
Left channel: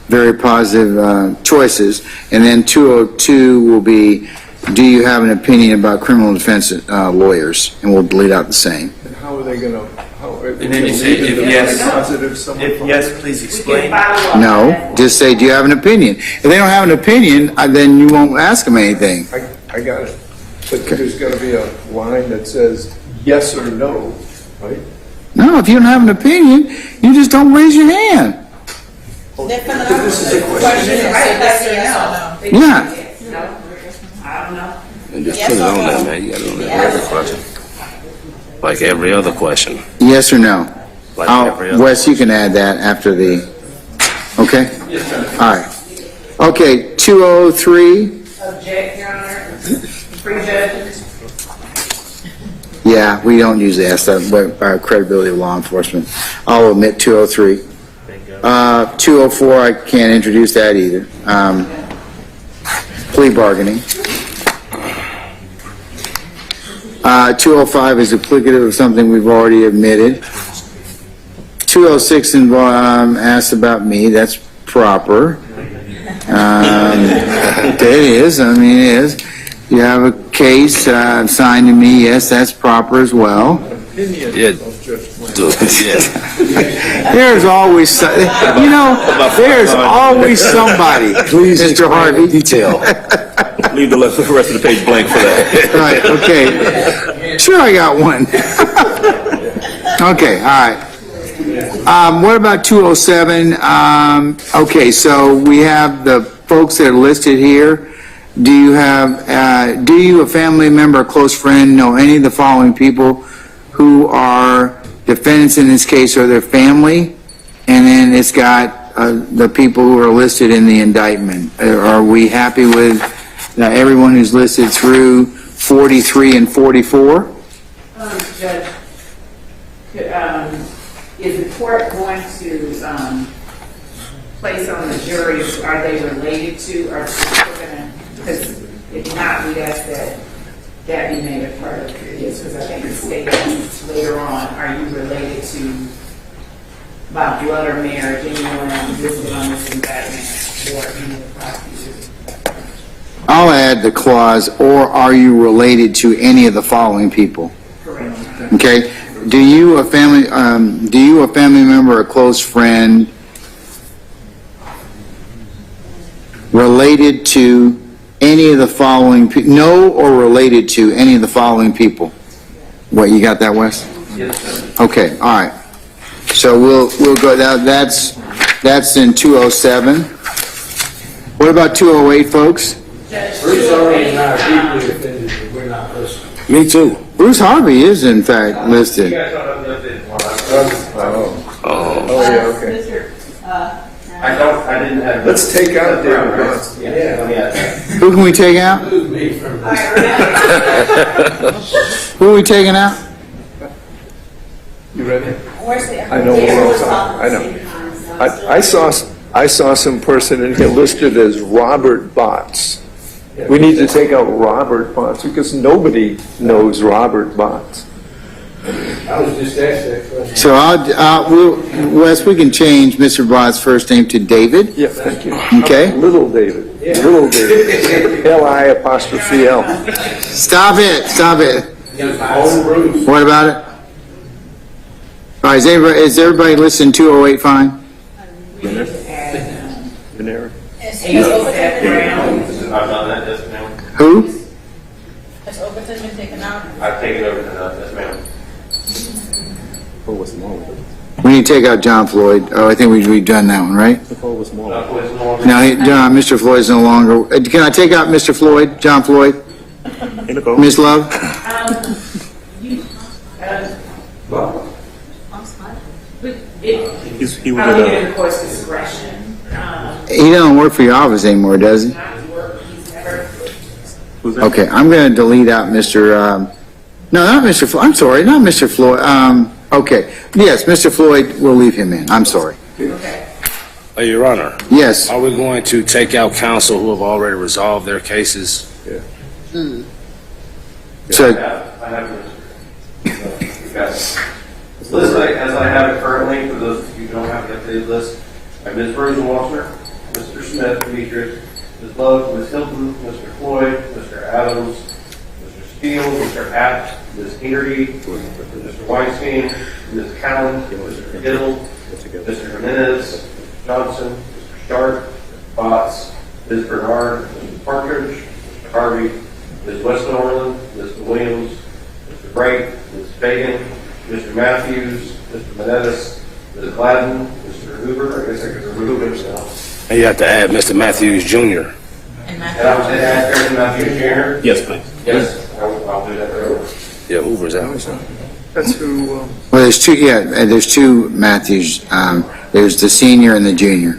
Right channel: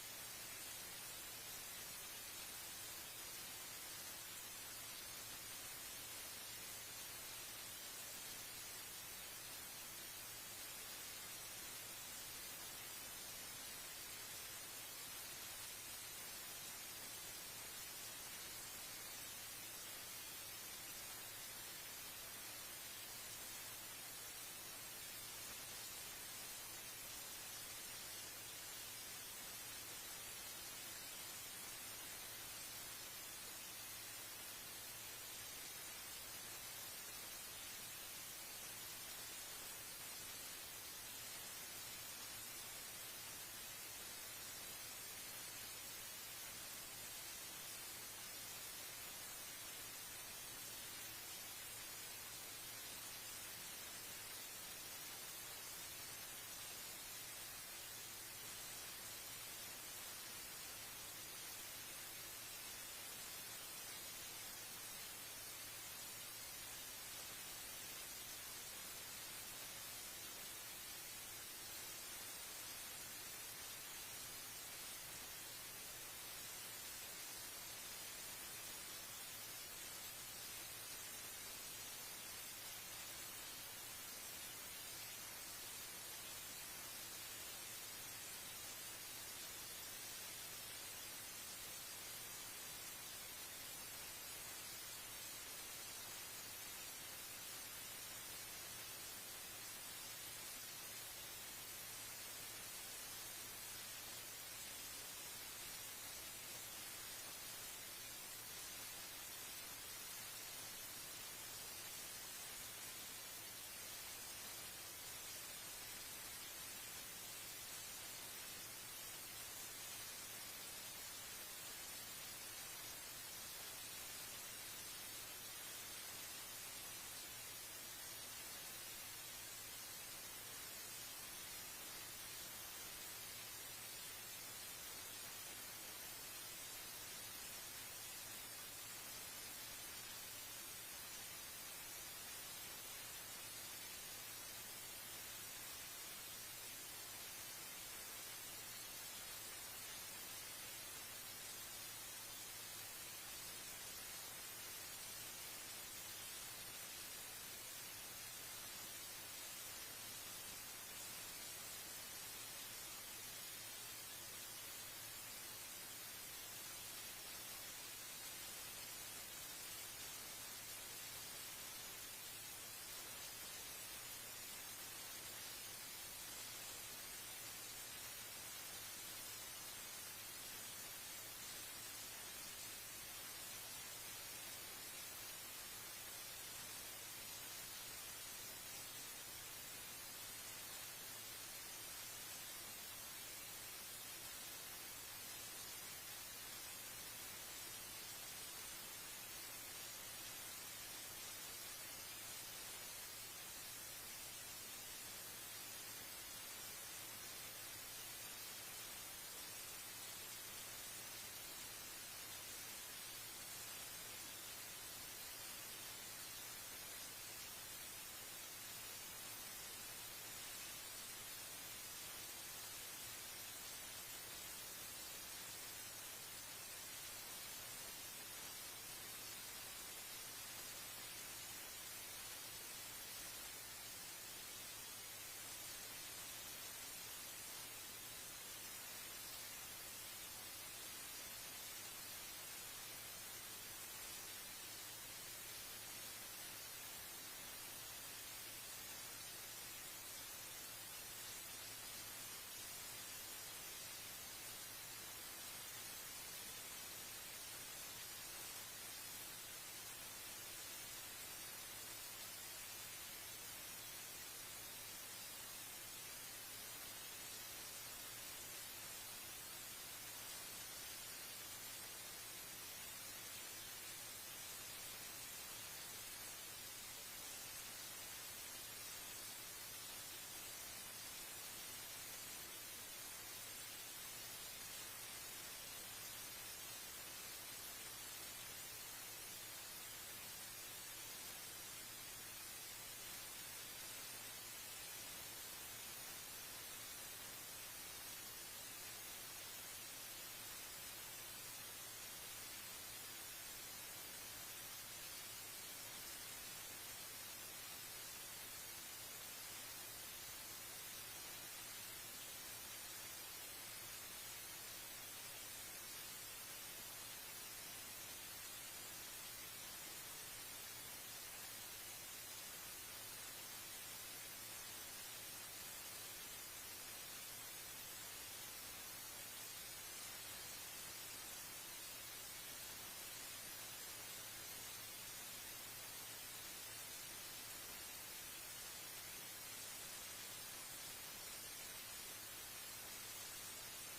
very positive choices. And then 202 will be, do you have an opinion about criminal defense lawyers? And we'll delete out the same. And how are they going to, And then you say, if yes, positive, someone. if yes, please explain. No, just say, do you have an opinion? If they don't have an opinion, then you won't ask them anything. I got it. But there's going to be a line that says yes or no, right? No, if you don't have an opinion, you just don't raise your hand. This is a question, is yes or no? Yeah. No, I don't know. And just Yes put it or on no? there, man. You got it on there. Every question. Like every other question. Yes or no? Like every other. Wes, you can add that after the, okay? All right. Okay, 203, Object, Your Honor. Prejudgment. yeah, we don't usually ask that, but credibility of law enforcement. I'll omit 203. 204, I can't introduce that either. Plea bargaining. 205 is duplicative of something we've already admitted. 206 asked about me, that's proper. It is, I mean, it is. You have a case signed to me, yes, that's proper as well. Opinion Yeah. of Judge Flynn. Yeah. There's always, there's always somebody, Mr. Harvey. Detail. Leave the rest of the page blank for that. Right, okay. Sure, I got one. Okay, all right. What about 207? Okay, so we have the folks that are listed here. Do you, a family member, a close friend, know any of the following people who are defendants in this case or their family? And then it's got the people who are listed in the indictment. Are we happy with everyone who's listed through 43 and 44? Judge, is the court going to place on the jury, are they related to, or because if not, we'd ask that be made a part of this, because I think the statement later on, are you related to by blood or marriage, anyone listed on this indictment or any of the prosecutors? I'll add the clause, or are you related to any of the following people? Correct. Okay? Do you a family member, a close friend, related to any of the following know or related to any of the following people? What, you got that, Wes? Yes, sir. Okay, all right. So we'll go, that's in 207. What about 208, folks? Bruce already and I are deeply offended that we're not listening. Me too. Bruce Harvey is in fact listed. Oh, yeah, okay. I didn't have. Let's take out David Bronson. Who can we take out? Move me from this. Who are we taking out? You ready? Where's the? I know what I'm talking, I know. I saw some person in here listed as Robert Botts. We need to take out Robert Botts because nobody knows Robert Botts. I was just asked that question. So Wes, we can change Mr. Bott's first name to David. Yeah, thank you. Okay. Little David. Little David. L-I-apostrophe-L. Stop it. Own Bruce. What about it? All right, is everybody listening 208 fine? Venera. Has Overton I've done that, yes, ma'am. Who? been taken out? I've taken over the, yes, ma'am. We need to take out John Floyd. Oh, I think we've done that one, right? No, Mr. Floyd's no longer. Can I take out Mr. Floyd, John Floyd? Ms. Love? He was in the court's discretion. He doesn't work for your office anymore, does he? Who's that? Okay, I'm going to delete out Mr., no, not Mr. Floyd, I'm sorry, not Mr. Floyd. Okay, yes, Mr. Floyd, we'll leave him in, I'm sorry. Your Honor, Yes, are we going to take out counsel who have already resolved their cases? so, I have this list as I have it currently, for those of you who don't have the updated list. I have Ms. Rosenwasser, Mr. Smith, Demetrius, Ms. Love, Ms. Hilton, Mr. Floyd, Mr. Adams, Mr. Steele, Mr. Apt, Ms. Haggerty, Mr. Weinstein, Ms. Callen, Mr. Giddle, Mr. Jimenez, Mr. Johnson, Mr. Sharp, Mr. Botts, Ms. Bernard, Mr. Partridge, Mr. Harvey, Ms. Westmoreland, Mr. Williams, Mr. Bright, Ms. Fagan, Mr. Matthews, Mr. Menendez, Ms. Gladden, Mr. Hoover. I guess I could remove him now. And you have to add Mr. Matthews Jr. And And I would add Aaron Matthews Jr. Yes, please. Yes, I'll do that right over. Yeah, Hoover's out. That's who, well, there's two, there's two Matthews. There's the senior and the junior.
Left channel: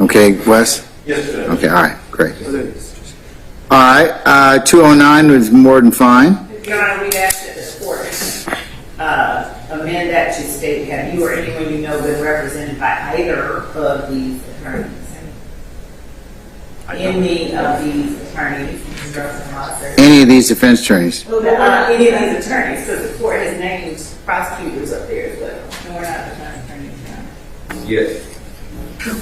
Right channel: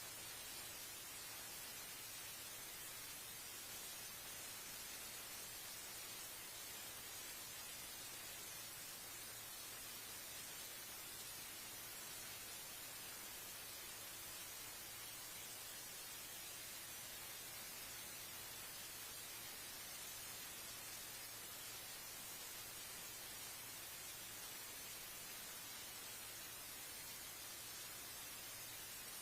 Okay, Wes? Yes, sir. Okay, all right, great. All right, 209 was more than fine. Your Honor, we'd ask that the court amend that to state, have you or anyone you know been represented by either of these attorneys? Any of these attorneys, Any of these defense attorneys? any of these attorneys, because the court has named prosecutors up there as well. No, we're not attorneys now. Yes.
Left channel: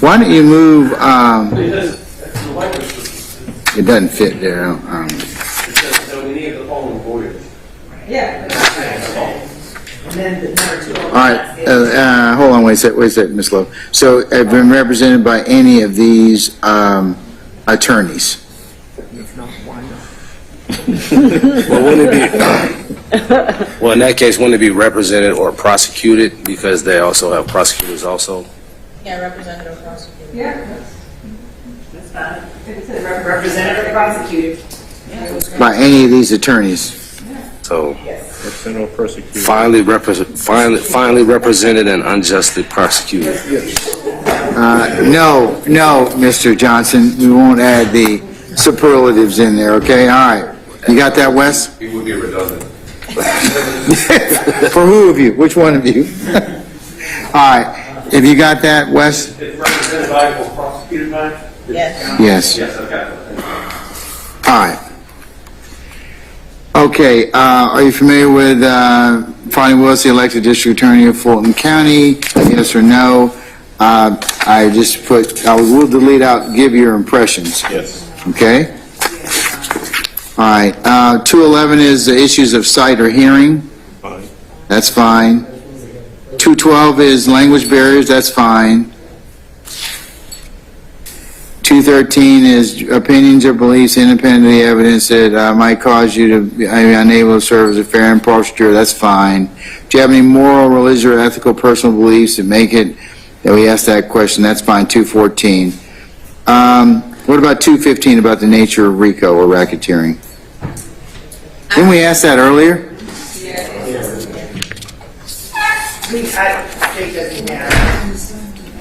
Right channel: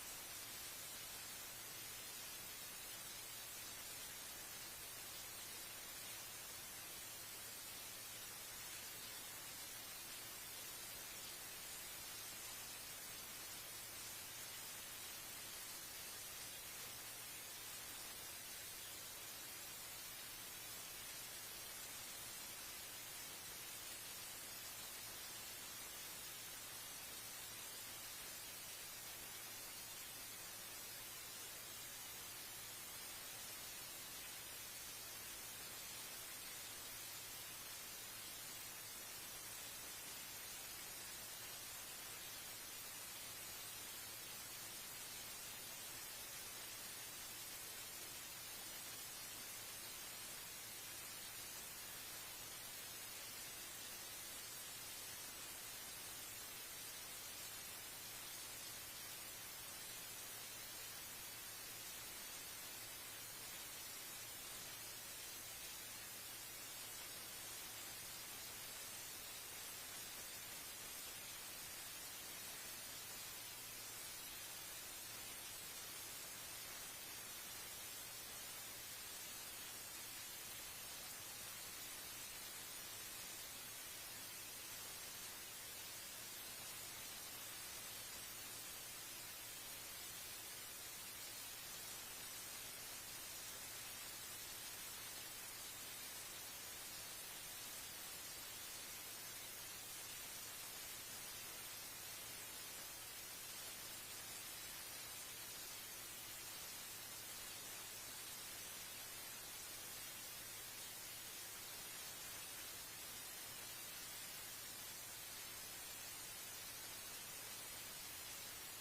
Why don't you move, The language it doesn't fit there. says that we need the following void. Yeah. And then the number two. All right, hold on, wait a sec, Ms. Lowe. So have been represented by any of these attorneys? Well, wouldn't it be, well, in that case, wouldn't it be represented or prosecuted because they also have prosecutors also? Yeah, representative prosecutor. Yeah, that's fine. It says representative prosecutor. By any of these attorneys? So Representative prosecutor. finally represented and unjustly prosecuted. No, Mr. Johnson, we won't add the superlatives in there, okay? All right. You got that, Wes? It would be redundant. For who of you? Which one of you? All right. Have you got that, Wes? It's represented by or prosecuted by? Yes. Yes. Yes, I've got that. All right. Okay, are you familiar with Fonnie Willis, the elected district attorney of Fulton County? Yes or no? I just put, I will delete out, give your impressions. Yes. Okay? All right, 211 is the issues of sight or hearing. Fine. That's fine. 212 is language barriers. That's fine. 213 is opinions or beliefs independent of the evidence that might cause you to be unable to serve as a fair and impartial juror. That's fine. Do you have any moral, religious, or ethical personal beliefs that make it that we ask that question? That's fine. 214. What about 215 about the nature of RICO or racketeering? Didn't we ask that earlier? I think that we have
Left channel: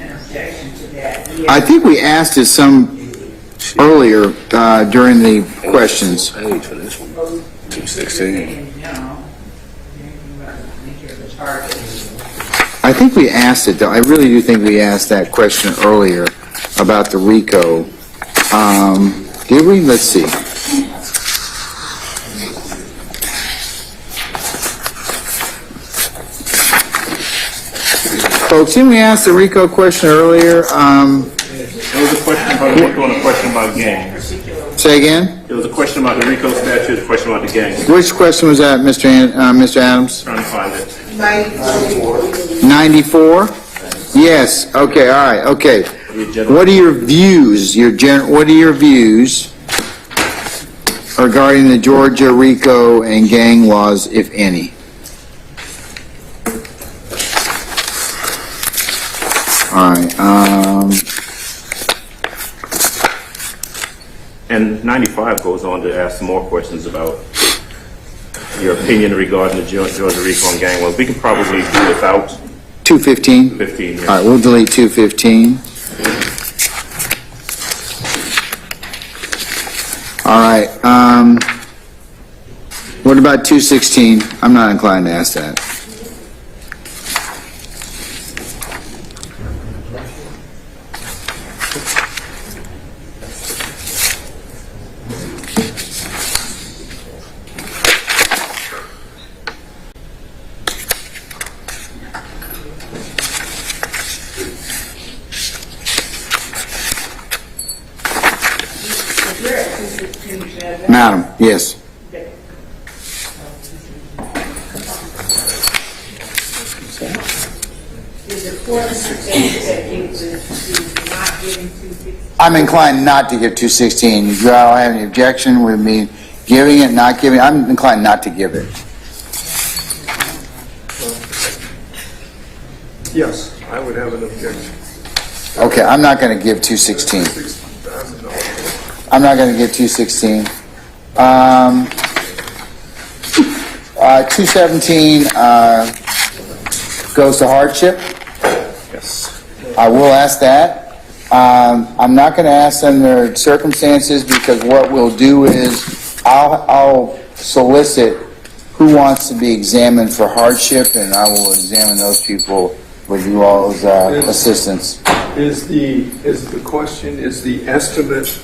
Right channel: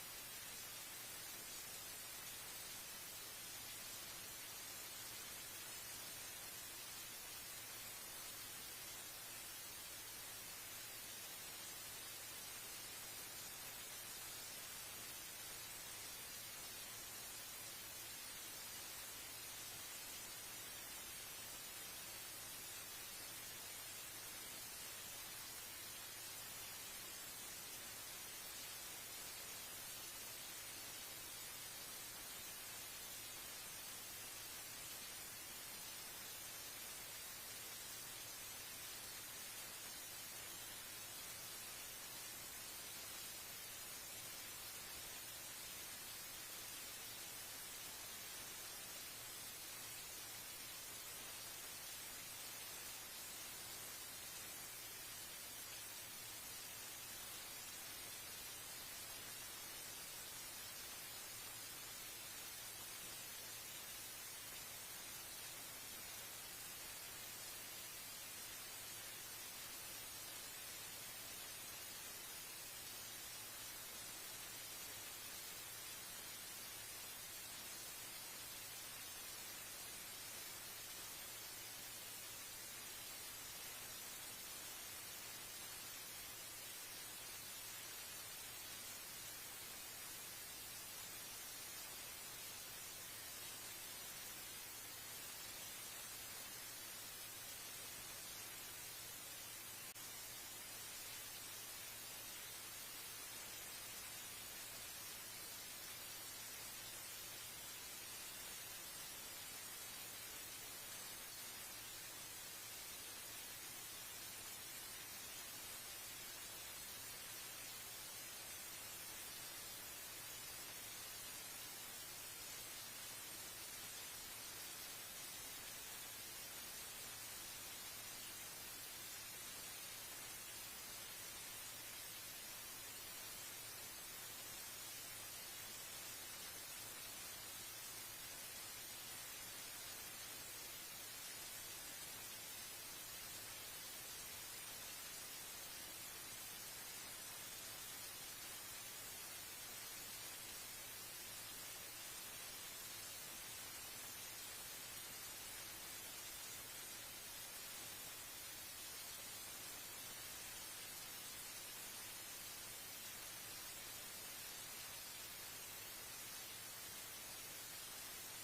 an objection to that. I think we asked it some earlier during the questions. I need for this one. 216. I think we asked it, though. I really do think we asked that question earlier about the RICO. Did we? Let's see. Folks, didn't we ask the RICO question earlier? There was a question about the RICO and a question about gangs. Say again? There was a question about the RICO statute, a question about the gangs. Which question was that, Mr. Adams? Trying to find it. 94? Yes. Okay, all right, okay. What are your views, what are your views regarding the Georgia RICO and gang laws, if any? All right, And 95 goes on to ask some more questions about your opinion regarding the Georgia RICO and gang laws. We can probably do without 215? 15. Yes. All right, we'll delete 215. All right, what about 216? I'm not inclined to ask that. Madam, yes. Is the court saying that it was not giving 216? I'm inclined not to give 216. Do y'all have any objection with me giving it, not giving it? I'm inclined not to give it. Yes, I would have an objection. Okay, I'm not going to give 216. I'm not going to give 216. 217 goes to hardship. Yes. I will ask that. I'm not going to ask under circumstances because what we'll do is I'll solicit who wants to be examined for hardship, and I will examine those people with you all's assistance. Is the question, is the estimate,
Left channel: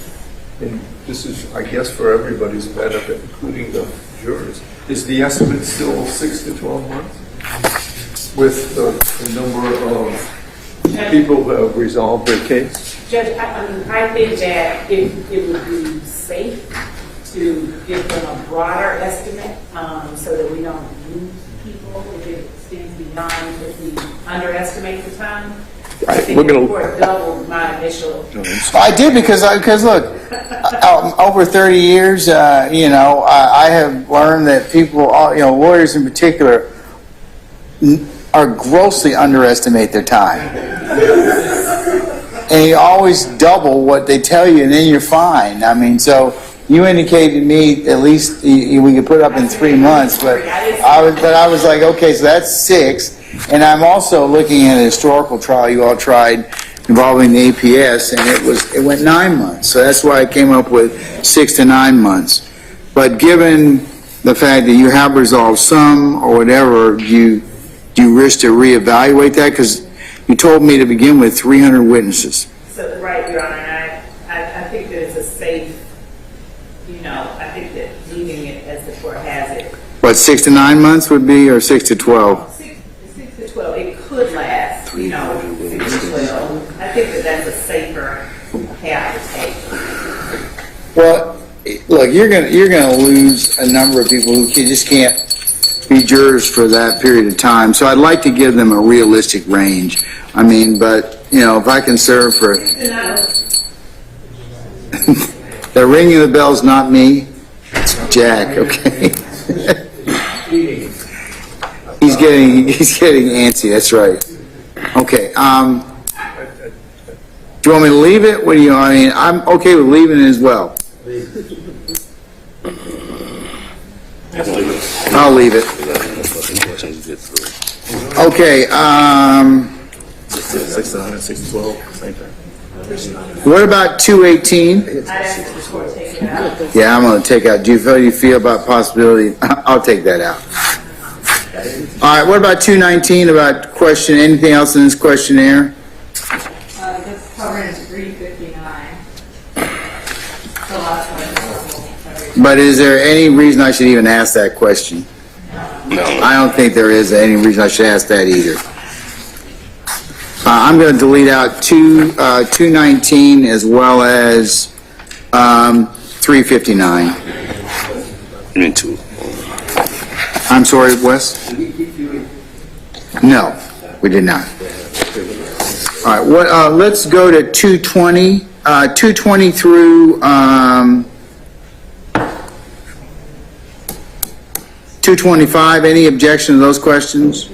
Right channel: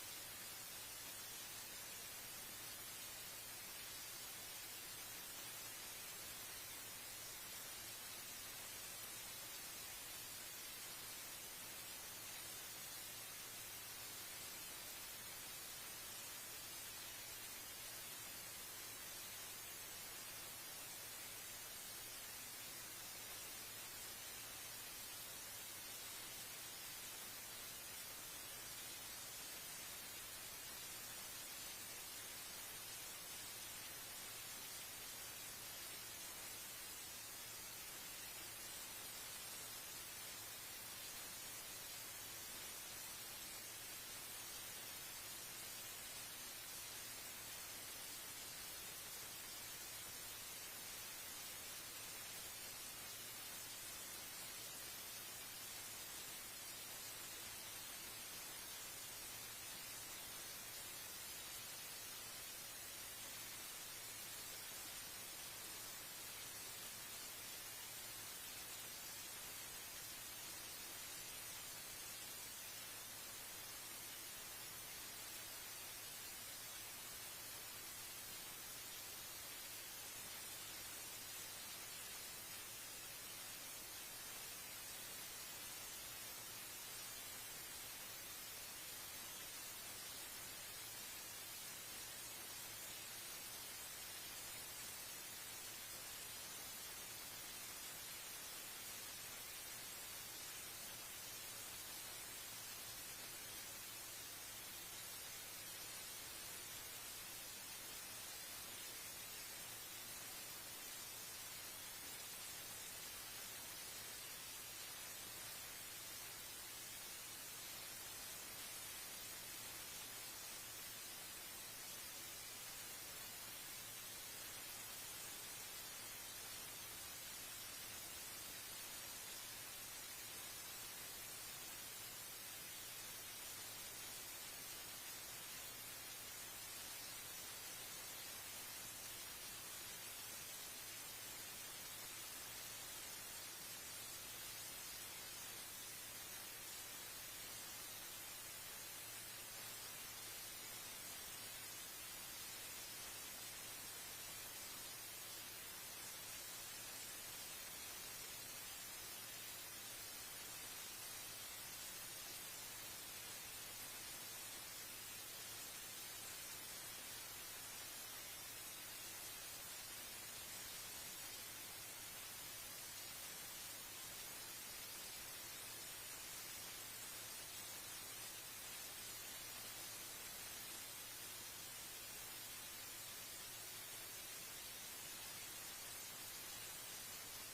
and this is, I guess, for everybody's benefit, including the jurors, is the estimate still 6 to 12 months? With the number of people who have resolved their case? Judge, I think that it would be safe to give them a broader estimate so that we don't lose people if it extends beyond if we underestimate the time. I think the court doubled my initial. I did because look, over 30 years, I have learned that people, lawyers in particular, are grossly underestimate their time. And you always double what they tell you, and then you're fine. I mean, so you indicated to me at least we could put up in 3 months, but I was like, okay, so that's 6. And I'm also looking at a historical trial you all tried involving the APS, and it went 9 months. So that's why I came up with 6 to 9 months. But given the fact that you have resolved some or whatever, do you wish to reevaluate that? Because you told me to begin with 300 witnesses. So, right, Your Honor, and I think that it's a safe, I think that leaving it as the court has it. What, 6 to 9 months would be, or 6 to 12? 6 to 12, it could last, 6 to 12. I think that that's a safer path to take. Well, look, you're gonna lose a number of people who just can't be jurors for that period of time. So I'd like to give them a realistic range. I mean, but if I can serve for the ringing of the bell's not me, it's Jack. Okay. He's getting antsy. That's right. Okay. Do you want me to leave it? What do you? I mean, I'm okay with leaving it as well. I'll leave it. Okay. 6 to 9, 6 to 12, same thing. What about 218? I'd ask that the court take it out. Yeah, I'm going to take out. Do you feel about possibility? I'll take that out. All right. What about 219? About question? Anything else in this questionnaire? That's covering 359. But is there any reason I should even ask that question? No. I don't think there is any reason I should ask that either. I'm going to delete out 219 as well as 359. Me too. I'm sorry, Wes? No, we did not. All right, let's go to 220. 220 through 225. Any objection to those questions?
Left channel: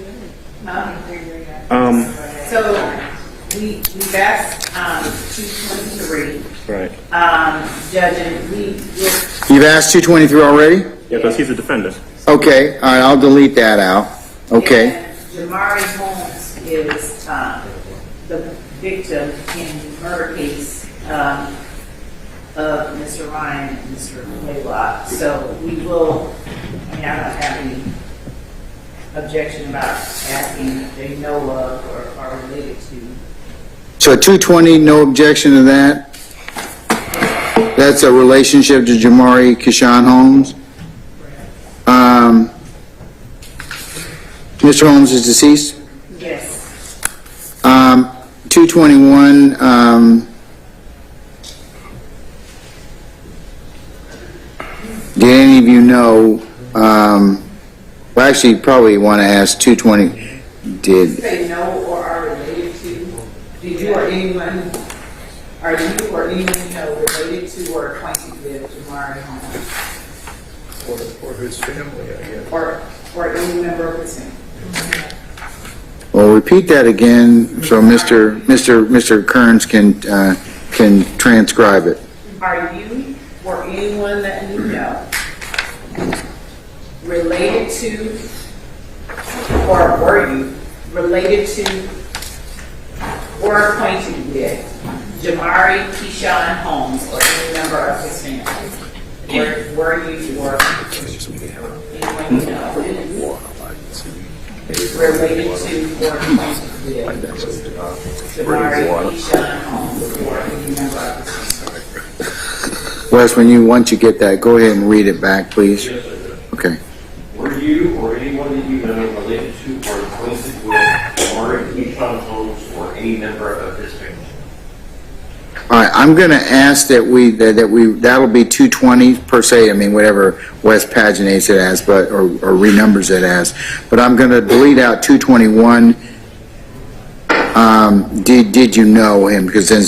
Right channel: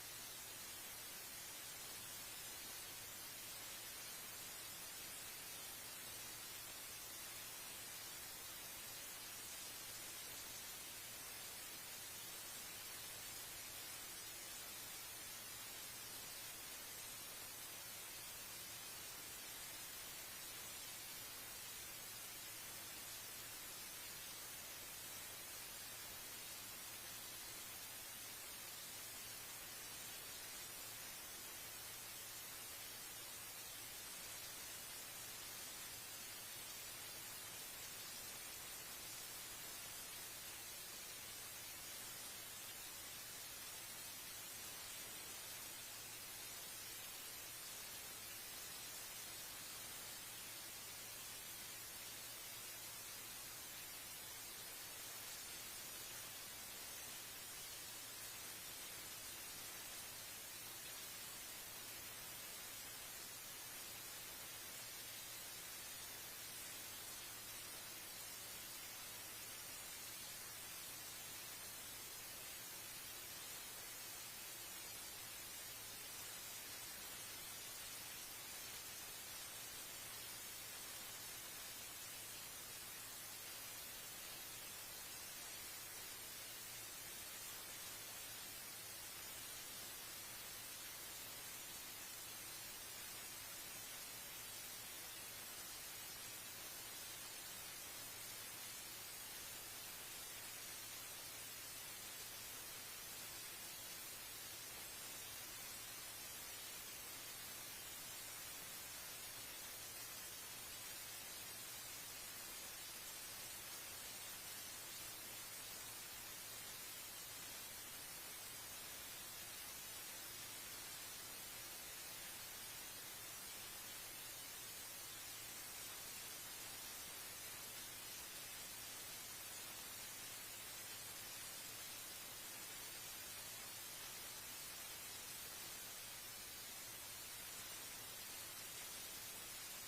So we've asked 223. Right. Judge, and You've asked 223 already? Yeah, because he's a defendant. Okay, all right, I'll delete that out. Okay. Jamari Holmes is the victim in the murder case of of Mr. Ryan and Mr. Blaylock. So we will, I mean, I don't have any objection about asking if they know of or are related to. So 220, no objection to that? That's a relationship to Jamari Kishan Holmes? Mr. Holmes is deceased? Yes. 221, did any of you know, well, actually, you probably want to ask 220, did, They know or are related to, did you or anyone, are you or anyone you know related to or acquainted with Jamari Holmes? Or his family, I guess. Or any member of his family? well, repeat that again so Mr. Kearns can transcribe it. Are you or anyone that you know related to, or were you related to, or acquainted with Jamari Keyshawn Holmes or any member of his family? Were you or anyone you know related to or acquainted with Jamari Keyshawn Holmes or any member of his family? Wes, once you get that, go ahead and read it back, please. Okay. Were you or anyone that you know related to or acquainted with Jamari Keyshawn Holmes or any member of his family? All right, I'm going to ask that'll be 220 per se, I mean, whatever Wes paginates it as, but, or renumbers it as. But I'm going to delete out 221. Did you know him? Because then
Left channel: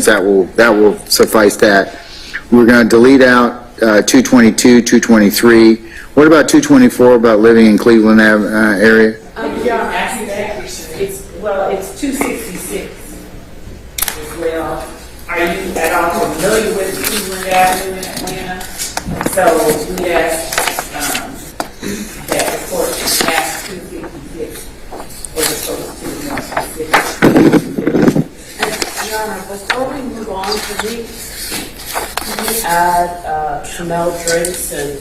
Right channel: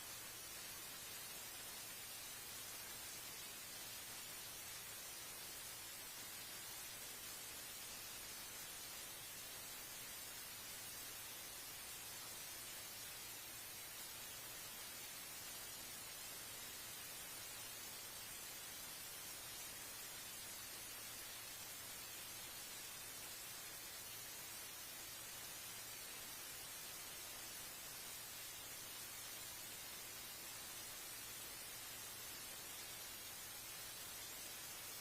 that will suffice that. We're going to delete out 222, 223. What about 224, about living in Cleveland area? Yeah, actually, it's 266 as well. Are you at all familiar with Cleveland Avenue in Atlanta? So we asked that the court ask 256 as opposed to more specific. Your Honor, before we move on, can we add Shamel Drace and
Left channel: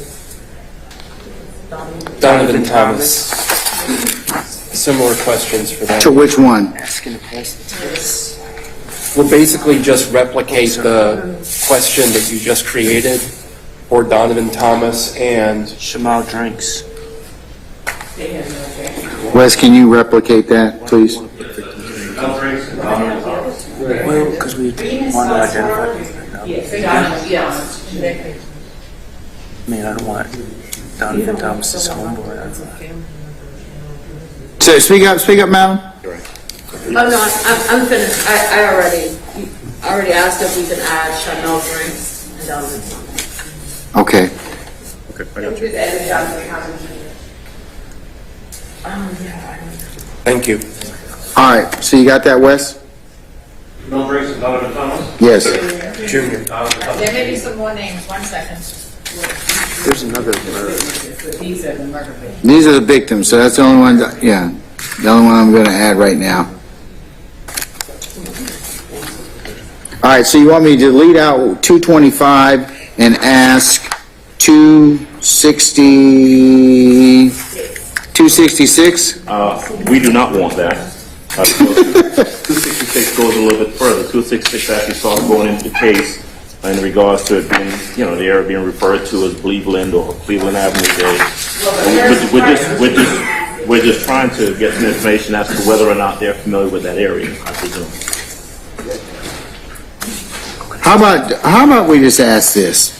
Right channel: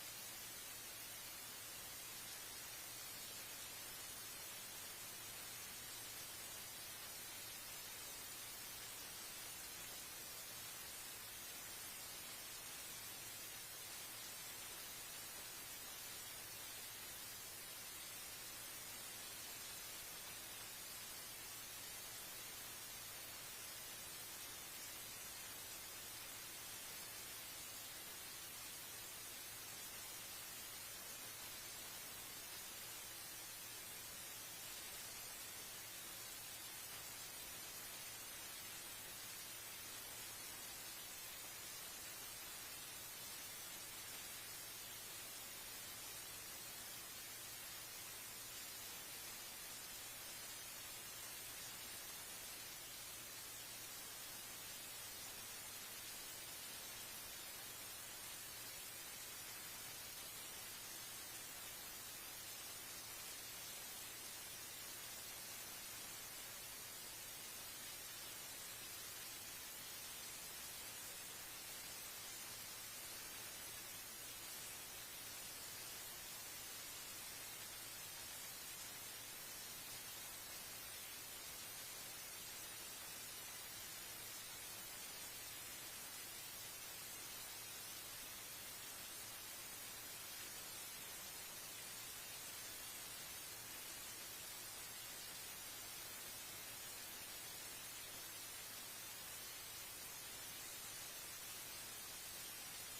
Donovan Thomas. Similar questions for them. To which one? We'll basically just replicate the question that you just created for Donovan Thomas and Shamal Drinks. Wes, can you replicate that, please? Well, because we want to identify. I mean, I don't want Donovan Thomas's homeboy. So speak up, madam. Oh, no, I'm finished. I already asked if we could add Chanel Drinks and Donovan Thomas. Okay. thank you. All right, so you got that, Wes? Mel Briggs and Donovan Thomas? Yes. Junior. There may be some more names, 1 second. There's another These are the murder victims. These are the victims, so that's the only one, the only one I'm going to add right now. All right, so you want me to delete out 225 and ask 266? We do not want that. 266 goes a little bit further. 266 actually starts going into the case in regards to it being, the area being referred to as Cleveland or Cleveland Avenue. We're just trying to get some information as to whether or not they're familiar with that area, I presume. How about we just ask this?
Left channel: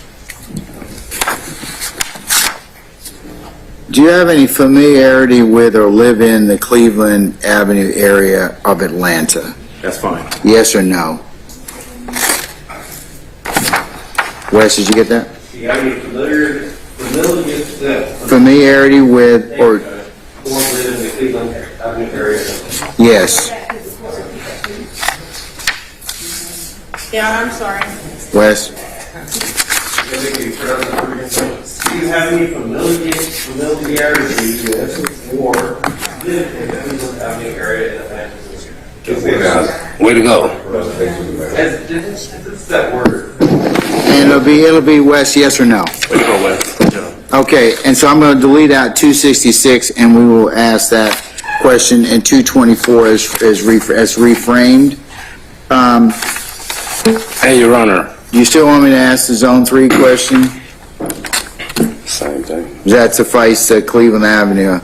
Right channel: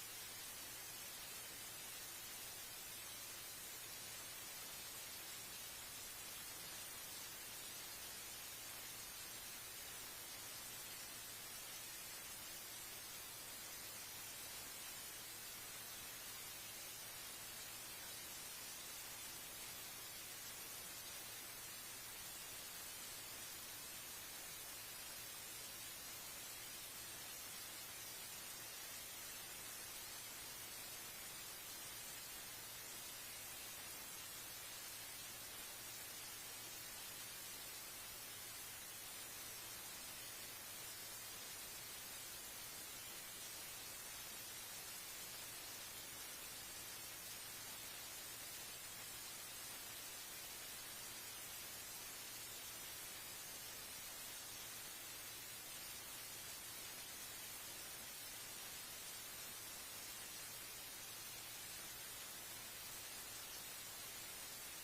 Do you have any familiarity with or live in the Cleveland Avenue area of Atlanta? That's fine. Yes or no? Wes, did you get that? Do you have any Familiarity with or live in the Cleveland Avenue area? yes? Yeah, I'm sorry. Wes? Do you have any familiarity with or live in the Cleveland Avenue area in Atlanta? Way to go. It's that word. And it'll be Wes, yes or no? Way to go, Wes. Good job. Okay, and so I'm going to delete out 266, and we will ask that question, and 224 as reframed. Hey, Your Honor. Do you still want me to ask the Zone 3 question? Same thing. Does that suffice Cleveland Avenue?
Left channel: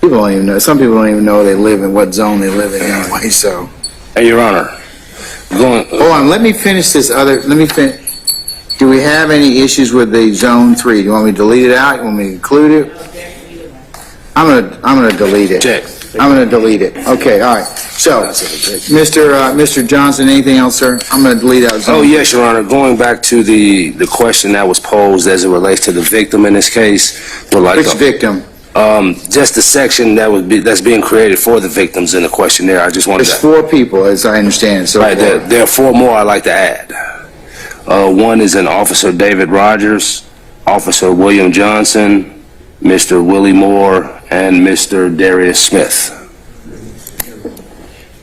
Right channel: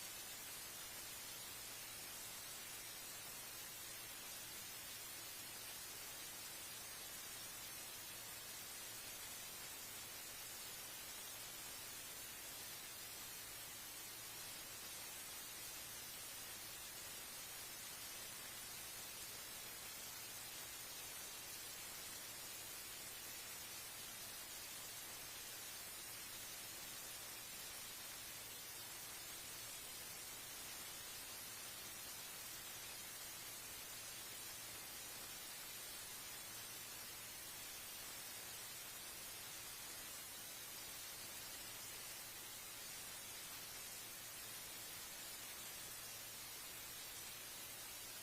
People don't even know. Some people don't even know they live in what zone they live in anyway, so. Hey, Your Honor. Hold on, let me finish this other, do we have any issues with the Zone 3? Do you want me to delete it out? You want me to include it? I'm gonna delete it. Check. I'm gonna delete it. Okay, all right. So, Mr. Johnson, anything else, sir? I'm gonna delete out Zone. Oh, yes, Your Honor. Going back to the question that was posed as it relates to the victim in this case. Which victim? Just the section that's being created for the victims in the questionnaire. I just wanted There's to... 4 people, as I understand, so Right, far. there are 4 more I'd like to add. One is an Officer David Rogers, Officer William Johnson, Mr. Willie Moore, and Mr. Darius Smith.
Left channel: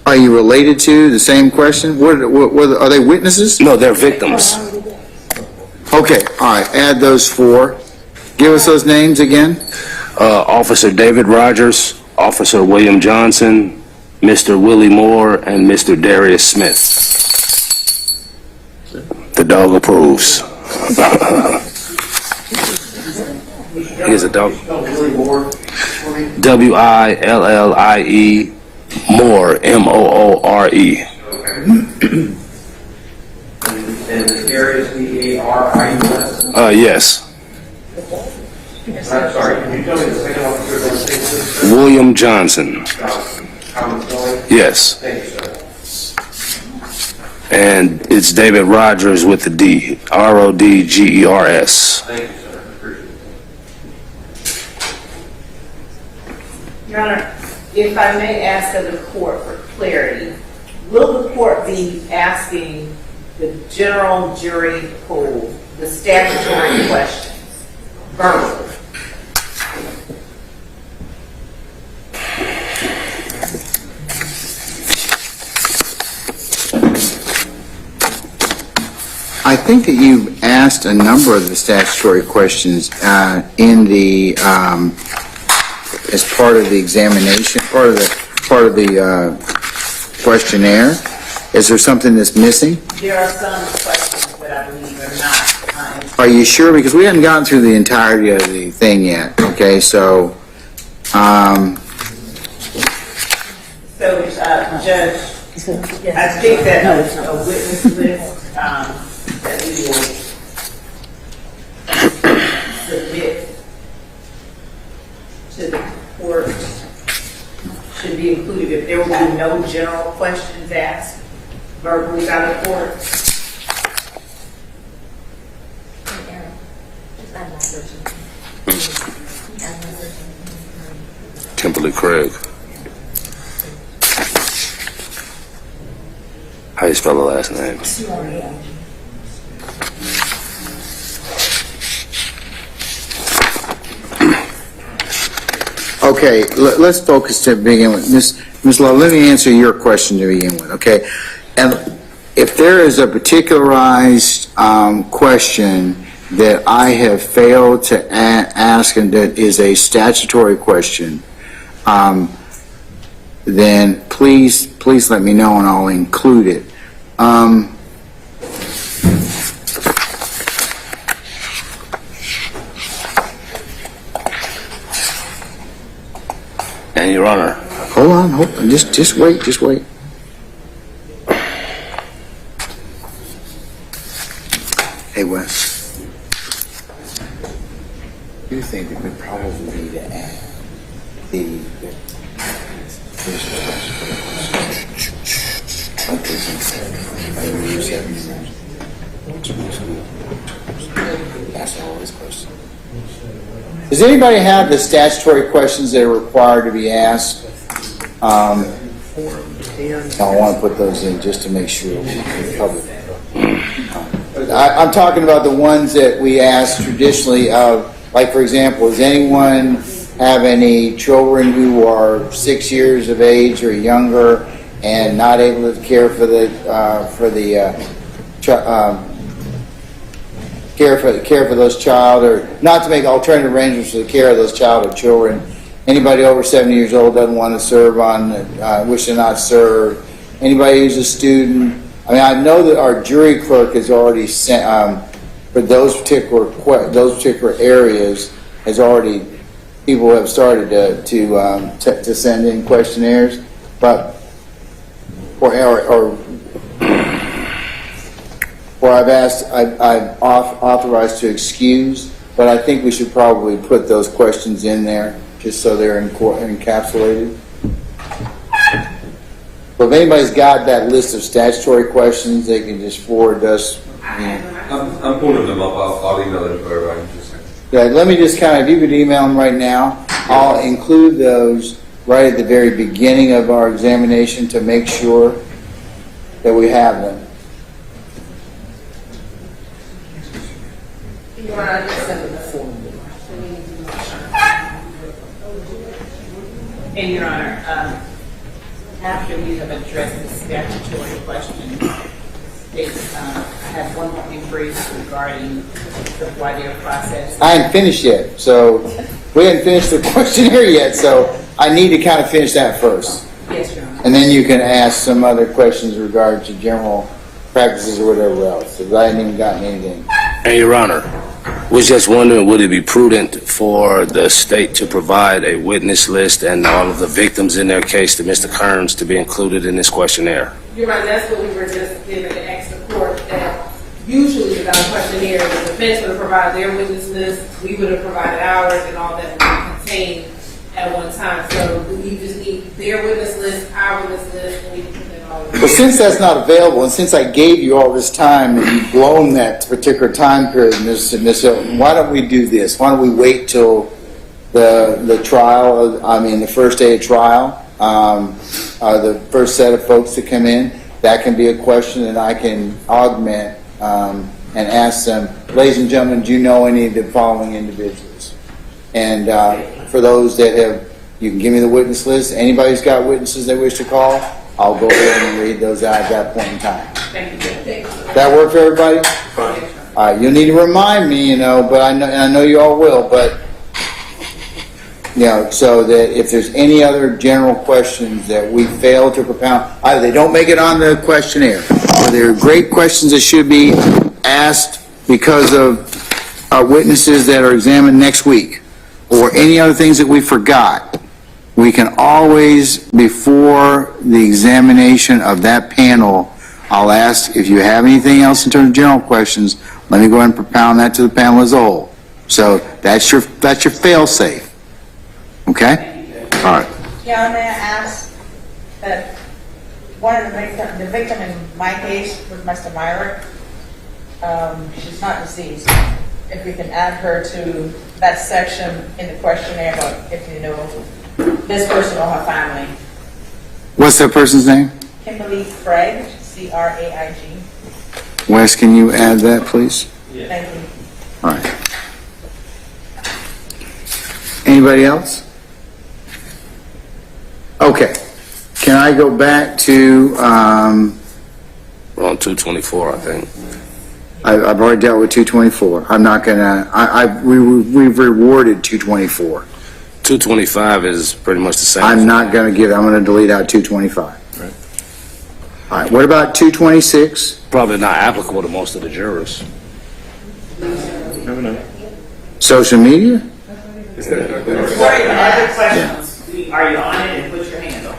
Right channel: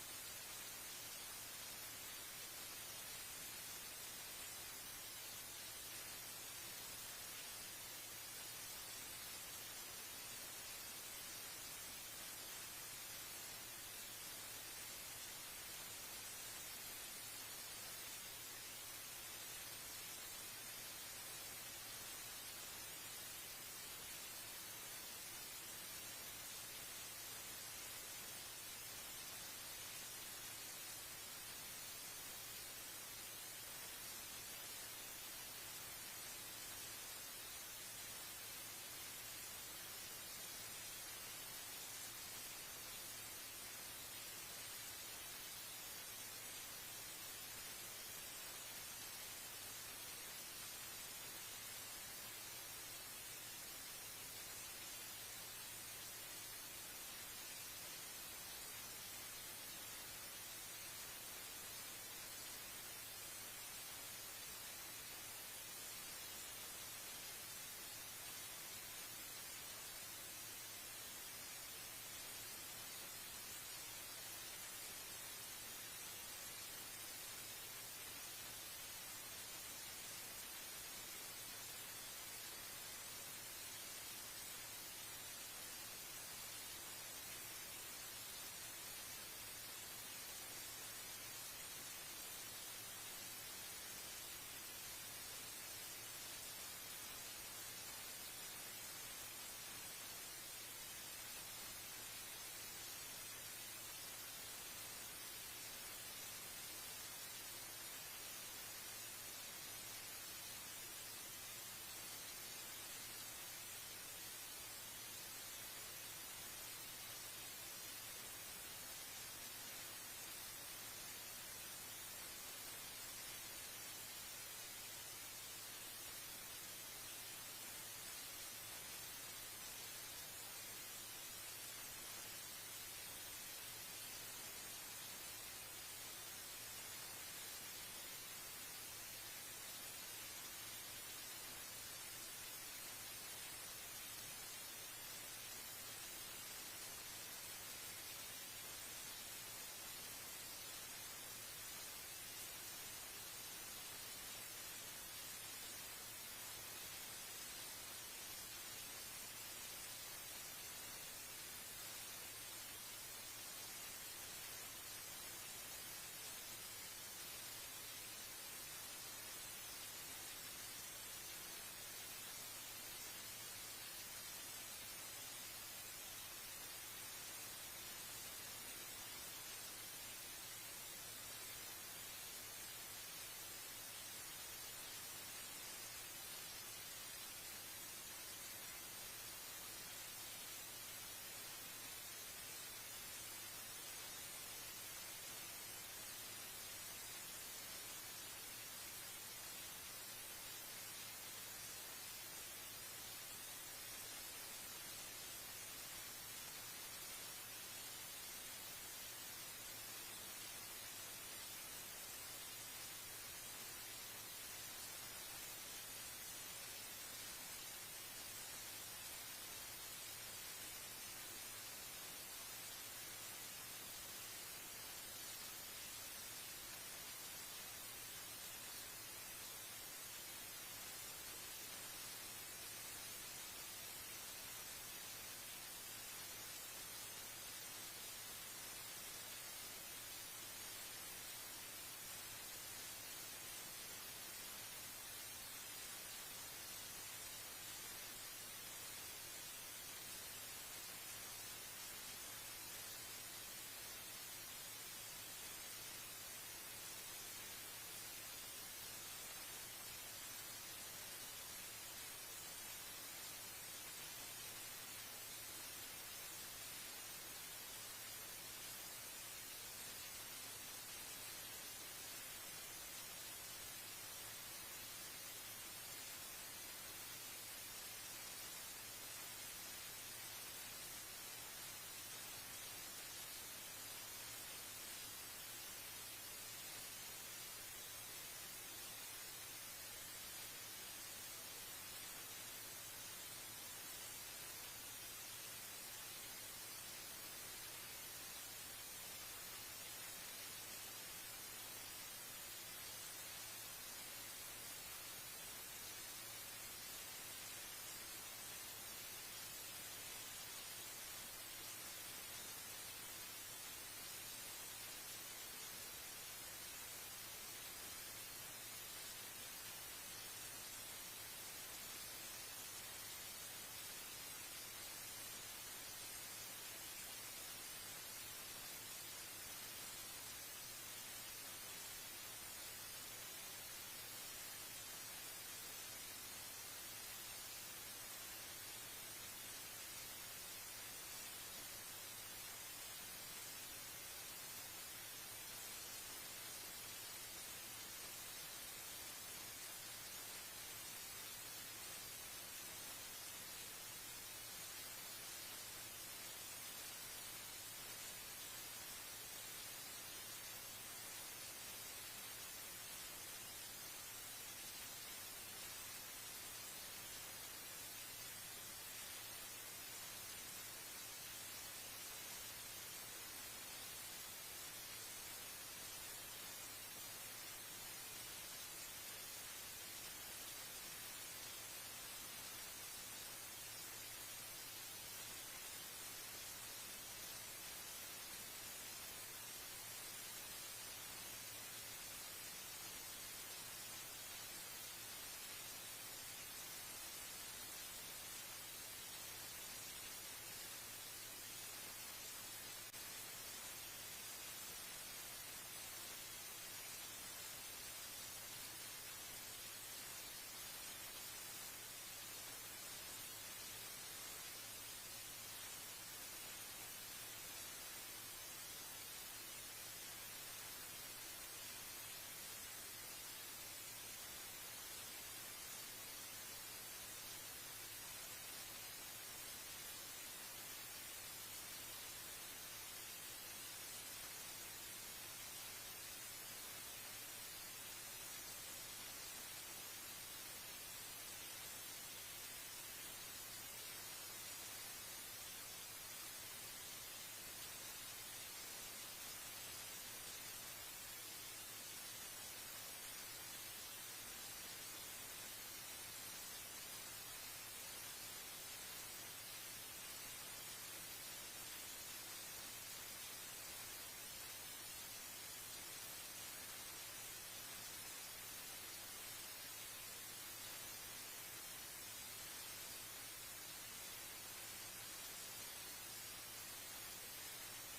Are you related to the same question? Are they witnesses? No, they're victims. Okay, all right, add those 4. Give us those names again. Officer David Rogers, Officer William Johnson, Mr. Willie Moore, and Mr. Darius Smith. The dog approves. Here's a dog. W-I-L-L-I-E, Moore, M-O-O-R-E. And Darius, D-A-R-I-U-S? Yes. Sorry, can you tell me the second officer's name? William Johnson. Yes. Thank you, sir. And it's David Rogers with the D, R-O-D-G-E-R-S. Thank you, sir. Appreciate it. Your Honor, if I may ask of the court for clarity, will the court be asking the general jury pool the statutory questions verbally? I think that you've asked a number of the statutory questions in the as part of the examination, part of the questionnaire. Is there something that's missing? There are some questions that I believe are not. Are you sure? Because we haven't gotten through the entirety of the thing yet. Okay, so. Judge, I think that a witness list that we will submit to the court should be included. If there will be no general questions asked verbally by the court. Kimberly Craig. How you spell the last name? Okay, let's focus to begin with. Ms. Lowe, let me answer your question to begin with, okay? And if there is a particularized question that I have failed to ask and that is a statutory question, then please let me know and I'll include it. And Your Honor. Hold on, just wait. Hey, Wes. Do you think it would probably be to add the Does anybody have the statutory questions that are required to be asked? I want to put those in just to make sure we cover them. I'm talking about the ones that we ask traditionally of, like, for example, does anyone have any children who are 6 years of age or younger and not able to care for the care for those child, or not to make alternative arrangements for the care of those child or children. Anybody over 70 years old doesn't want to serve on, wish to not serve. Anybody who's a student. I mean, I know that our jury clerk has already sent, for those particular areas, has already, people have started to send in questionnaires, but, or I've authorized to excuse, but I think we should probably put those questions in there just so they're encapsulated. But if anybody's got that list of statutory questions, they can just forward us. I'm pulling them up. I'll email it to everybody. Yeah, let me just if you could email them right now, I'll include those right at the very beginning of our examination to make sure that we have them. And Your Honor, after we have addressed the statutory questions, I have one more brief regarding the voir dire process. I haven't finished yet, so we haven't finished the questionnaire yet, so I need to kind of finish that first. Yes, Your Honor. And then you can ask some other questions regarding to general practices or whatever else, because I haven't even gotten anything. And Your Honor, was just wondering, would it be prudent for the state to provide a witness list and all of the victims in their case to Mr. Kearns to be included in this questionnaire? You're right, that's what we were just given to ask the court, that usually without a questionnaire, the defense would have provided their witness list, we would have provided ours, and all that would be contained at one time. So we just need their witness list, our witness list, and we can put that all in. Well, since that's not available, and since I gave you all this time and you've blown that particular time period, Ms. Hilton, why don't we do this? Why don't we wait till the trial, the first day of trial, the first set of folks to come in? That can be a question that I can augment and ask them, ladies and gentlemen, do you know any of the following individuals? And for those that have, you can give me the witness list. Anybody who's got witnesses they wish to call, I'll go ahead and read those out at that point in time. Thank you. That work for everybody? Fine. All right, you'll need to remind me, but I know you all will, but, so that if there's any other general questions that we fail to propound, either they don't make it on the questionnaire, or they're great questions that should be asked because of our witnesses that are examined next week, or any other things that we forgot, we can always, before the examination of that panel, I'll ask if you have anything else in terms of general questions, let me go ahead and propound that to the panel as a whole. So that's your fail-safe. Okay? All right. Yeah, may I ask that one of the victim in my case was Mr. Myrick. She's not deceased. If we can add her to that section in the questionnaire about if you know this person or her family. What's that person's name? Kimberly Craig, C-R-A-I-G. Wes, can you add that, please? Yeah. Thank you. All right. Anybody else? Okay. Can I go back to, We're on 224, I think. I've already dealt with 224. I'm not gonna, we've rewarded 224. 225 is pretty much the same. I'm not gonna I'm gonna delete out 225. Right. All right, what about 226? Probably not applicable to most of the jurors. Social media? Other questions? Are you on it and put your hand on?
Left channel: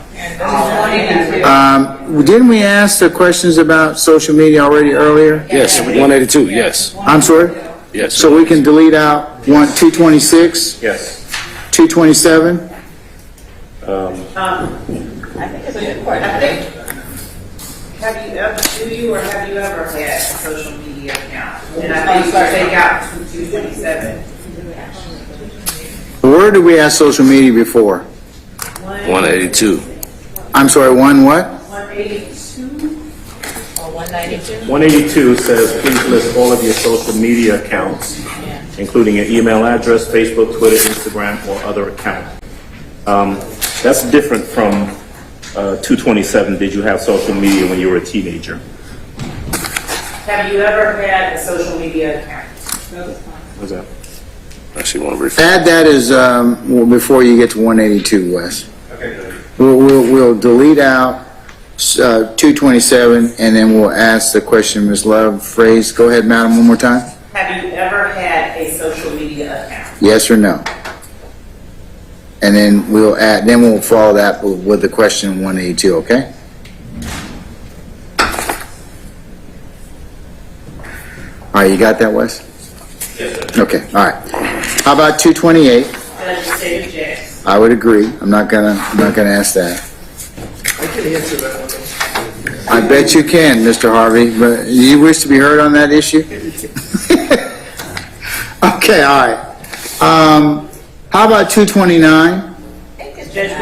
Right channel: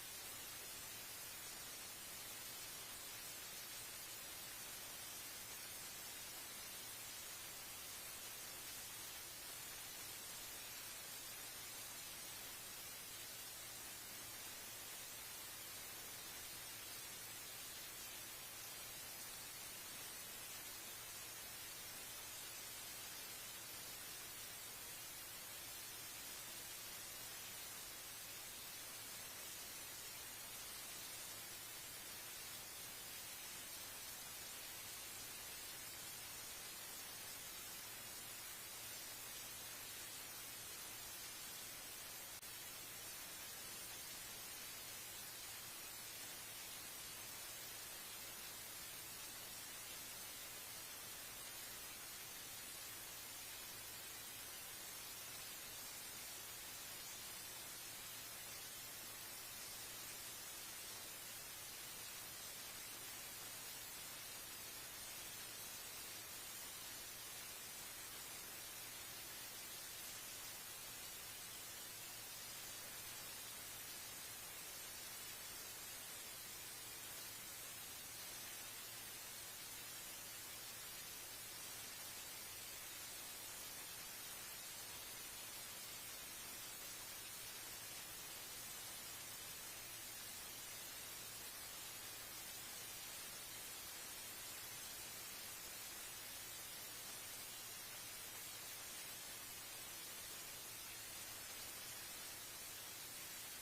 Didn't we ask the questions about social media already earlier? Yes, 182, yes. I'm sorry? Yes. So we can delete out 226? Yes. 227? I think it's a good question. I think, Have you ever had a social media account? And I think you take out 227. Where did we ask social media before? 182. I'm sorry, one what? 182 or 192? 182 says, please list all of your social media accounts, including your email address, Facebook, Twitter, Instagram, or other account. That's different from 227, did you have social media when you were a teenager? Have you ever had a social media account? What's that? Actually, want to refer. Add that as, before you get to 182, Wes. Okay. We'll delete out 227, and then we'll ask the question Ms. Love phrased. Go ahead, madam, one more time. Have you ever had a social media account? Yes or no? And then we'll follow that with the question 182, okay? All right, you got that, Wes? Yes, sir. Okay, all right. How about 228? Legislative Jackson. I would agree. I'm not gonna ask that. I can answer that one. I bet you can, Mr. Harvey, but you wish to be heard on that issue? Okay, all right. How about 229?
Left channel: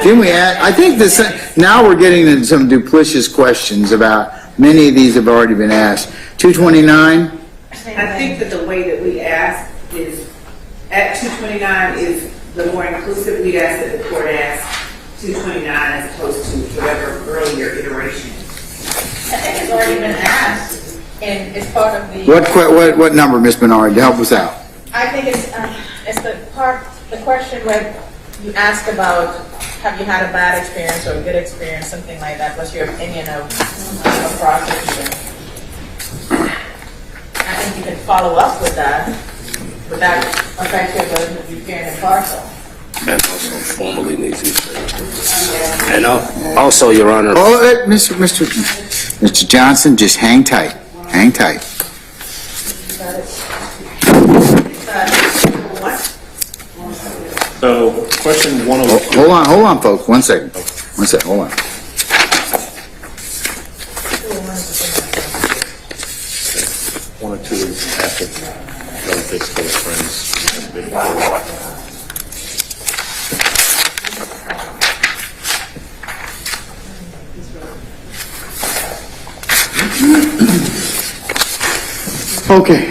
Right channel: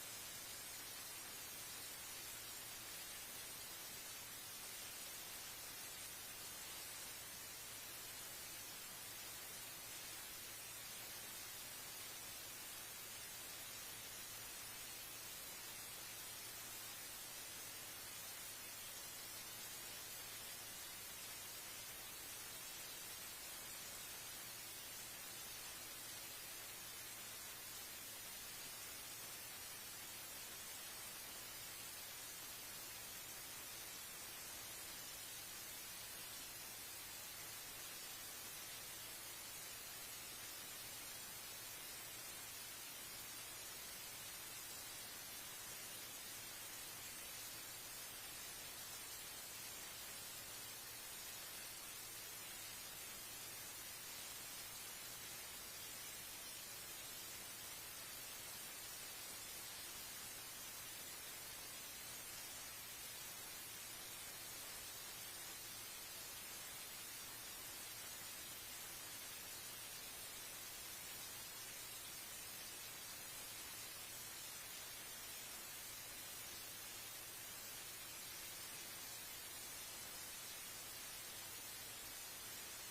Can we add, I think this, now we're getting into some duplicitous questions about, many of these have already been asked. 229? I think that the way that we ask is, at 229 is the more inclusive. We ask that the court ask 229 as opposed to whatever earlier iteration. I think it's already been asked, and it's part of the. What number, Ms. Bernard, to help us out? I think it's the question where you ask about, have you had a bad experience or a good experience, something like that. What's your opinion of a prosecution? I think you can follow up with that, but that affects your ability to be fair and impartial. And also formally needs to be. And also, Your Honor. Oh, Mr. Johnson, just hang tight. Hang tight. So, question 102. Hold on, folks. One second, hold on. One or two is after relatives, close friends. Okay,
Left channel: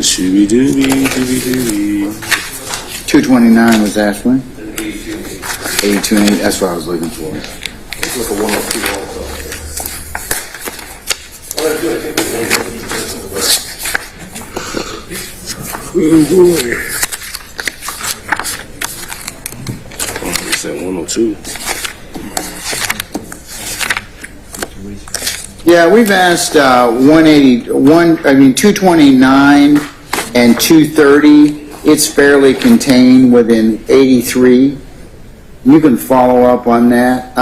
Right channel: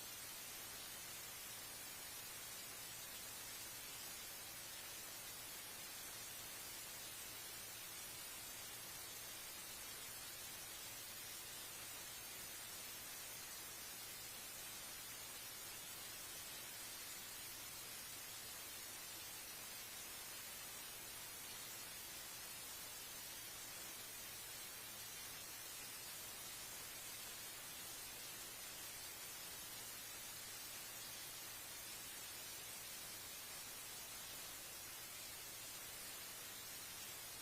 Shooby-dooby. 229 was asked when? 82 and 8, that's what I was looking for. Look at 102 also. Oh boy. Oh, it's at 102. Yeah, we've asked 229 and 230. It's fairly contained within 83. You can follow up on that,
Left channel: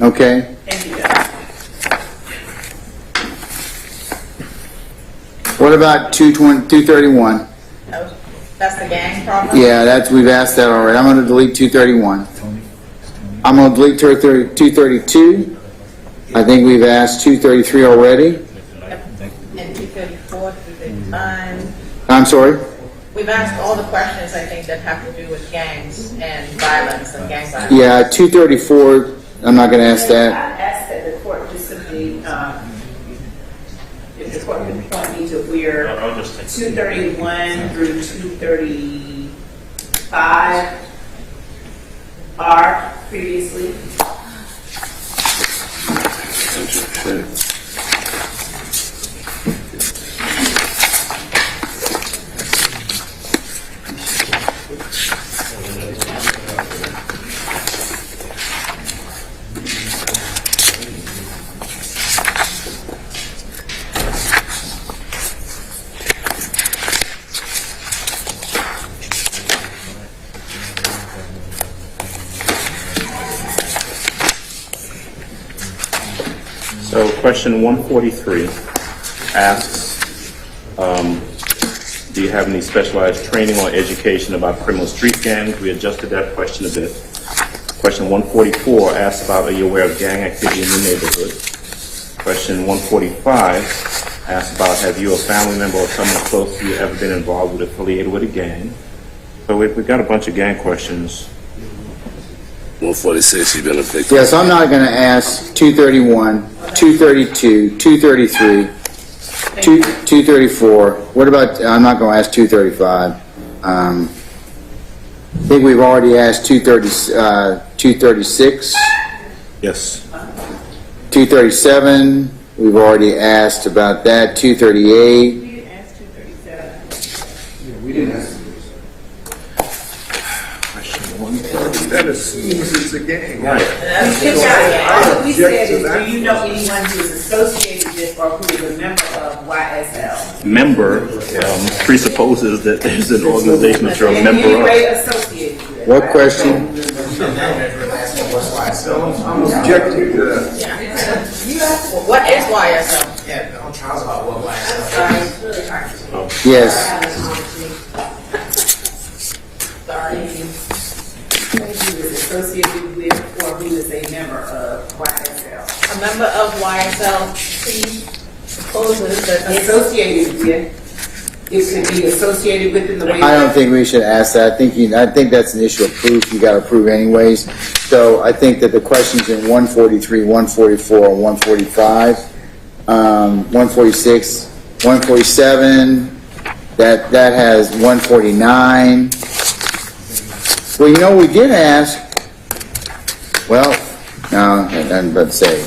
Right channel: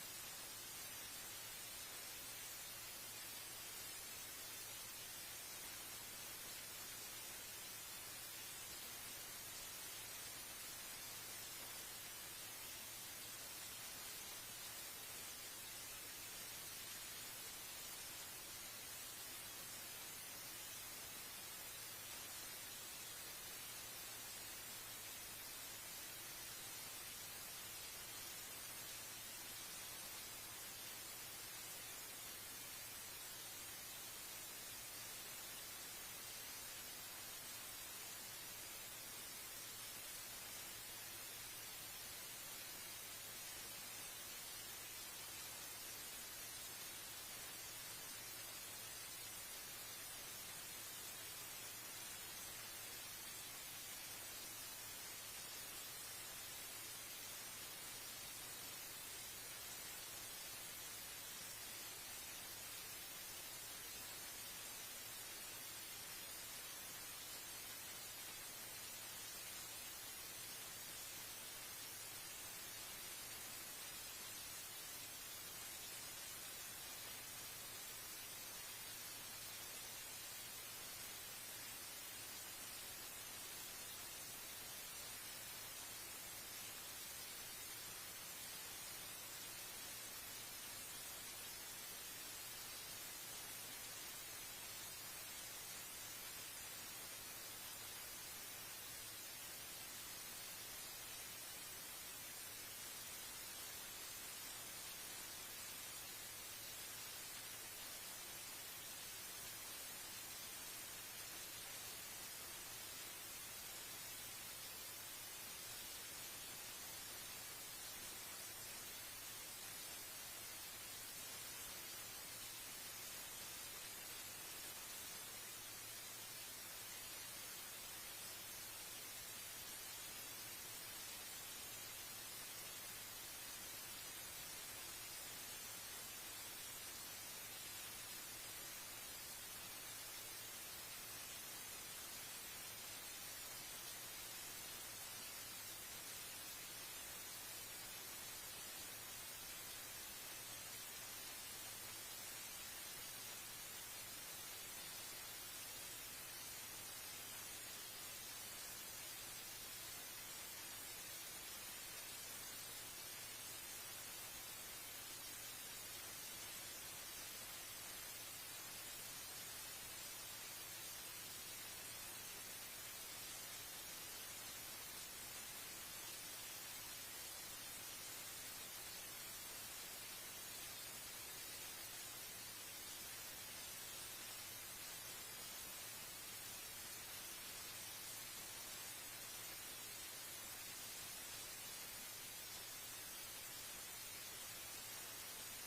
okay? What about 231? That's the gang problem? Yeah, we've asked that already. I'm going to delete 231. I'm going to delete 232. I think we've asked 233 already. And 234, 235. I'm sorry? We've asked all the questions, I think, that have to do with gangs and violence and gang violence. Yeah, 234, I'm not going to ask I that. ask that the court just simply, if the court can point me to where 231 through 235 are previously. So question 143 asks, do you have any specialized training or education about criminal street gangs? We adjusted that question a bit. Question 144 asks about, are you aware of gang activity in your neighborhood? Question 145 asks about, have you, a family member, or someone close to you ever been involved with, affiliated with a gang? So we've got a bunch of gang questions. 146, you've been a victim. Yes, I'm not going to ask 231, 232, 233. 234. What about, I'm not going to ask 235. I think we've already asked 236. Yes. 237, we've already asked about that. 238. We didn't ask 237. We didn't ask. That assumes it's a gang. All we said is, do you know anyone who is associated with or who is a member of YSL? Member presupposes that there's an organization that you're a member In any of. way associated with. What question? I'm objecting to that. What is YSL? Yeah, I'm Charles about what Yes. Sorry. Who is associated with or who is a member of YSL? A member of YSL supposes that it's Associated with, it could be associated with in the way. I don't think we should ask that. I think that's an issue of proof. You got to prove anyways. So I think that the questions in 143, 144, 145, 146, 147, that has 149. Well, you know, we did ask. Well, no, I'm about to say.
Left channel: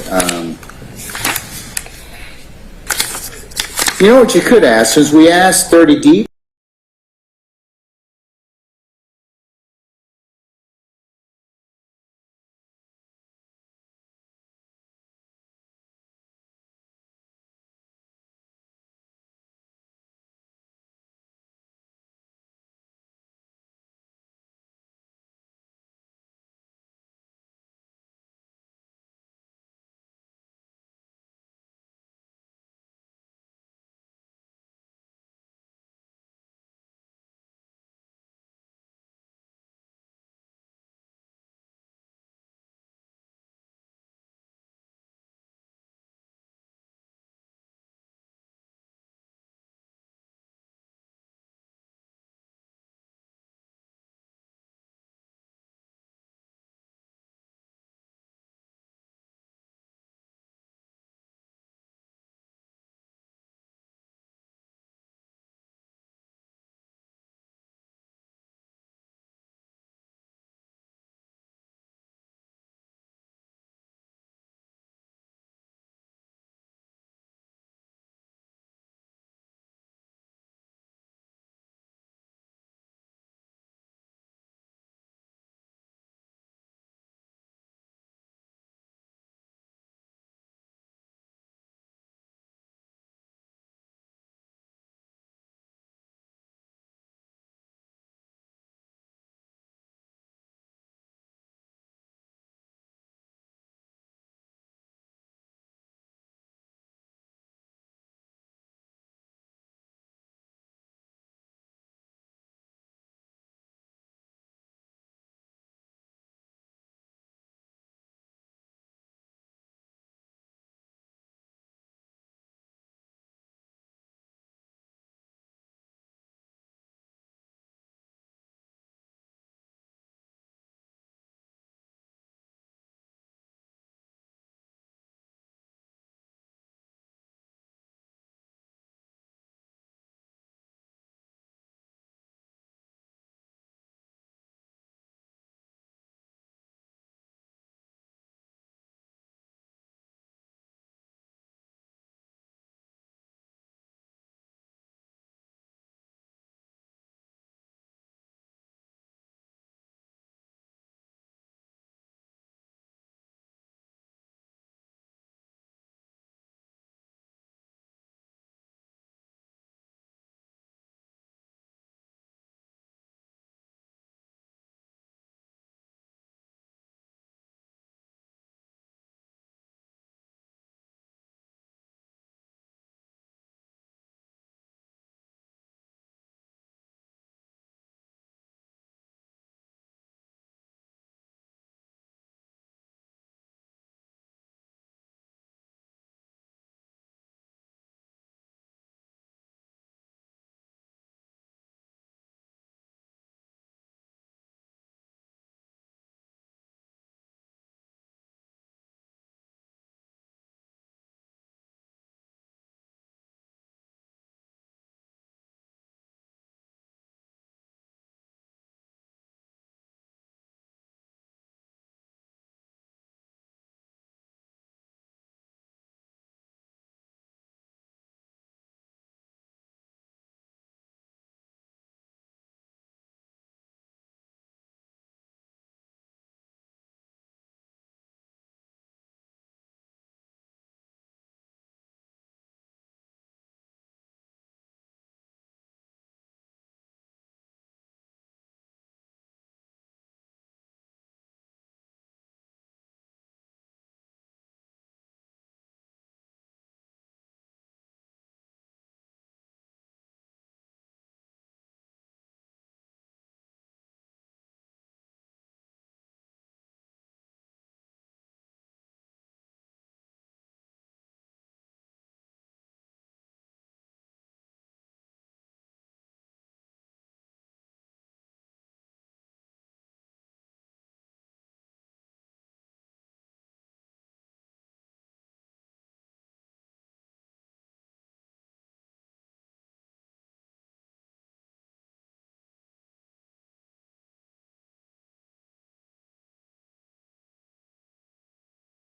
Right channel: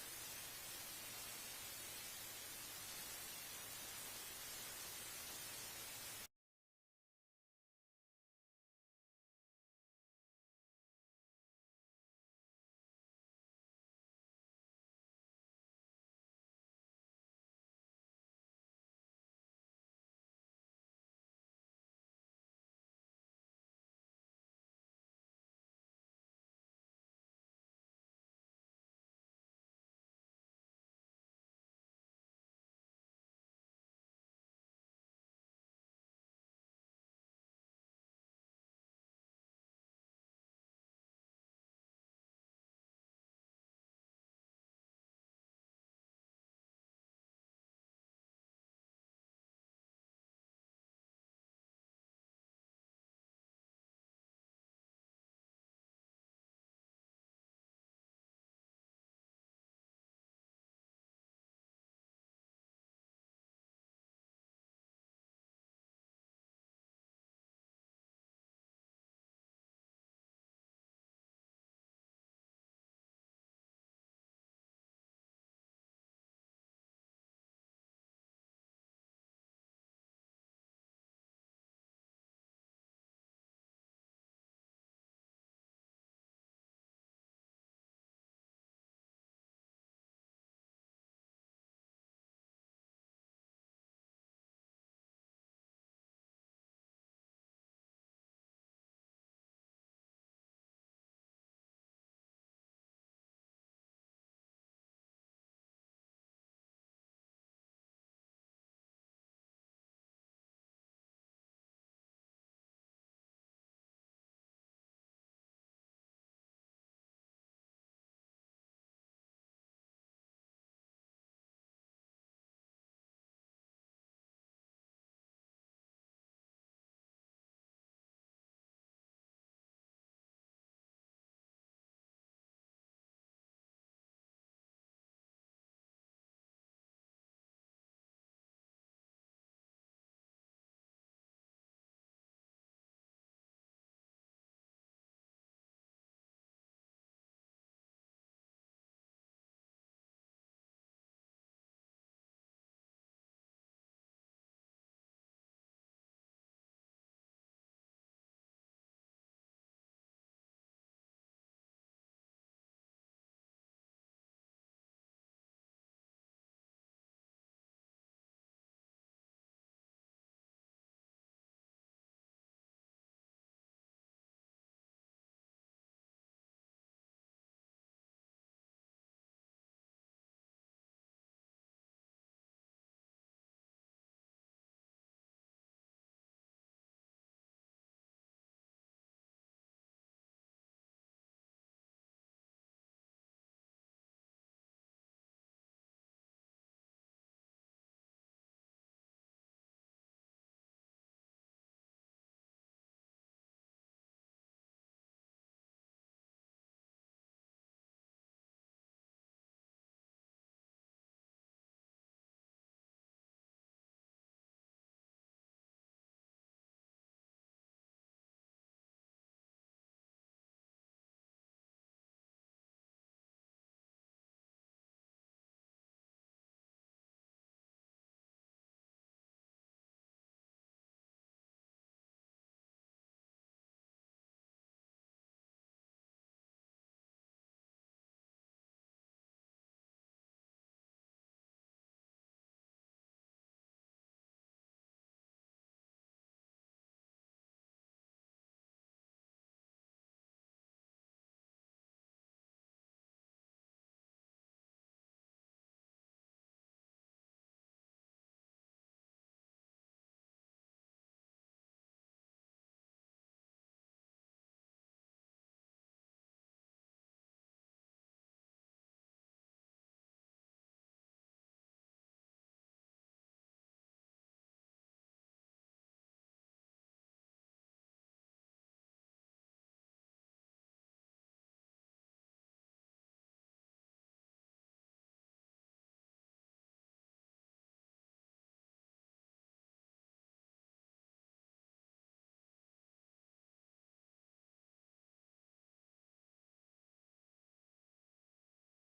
You know what you could ask, since we asked 30 deep,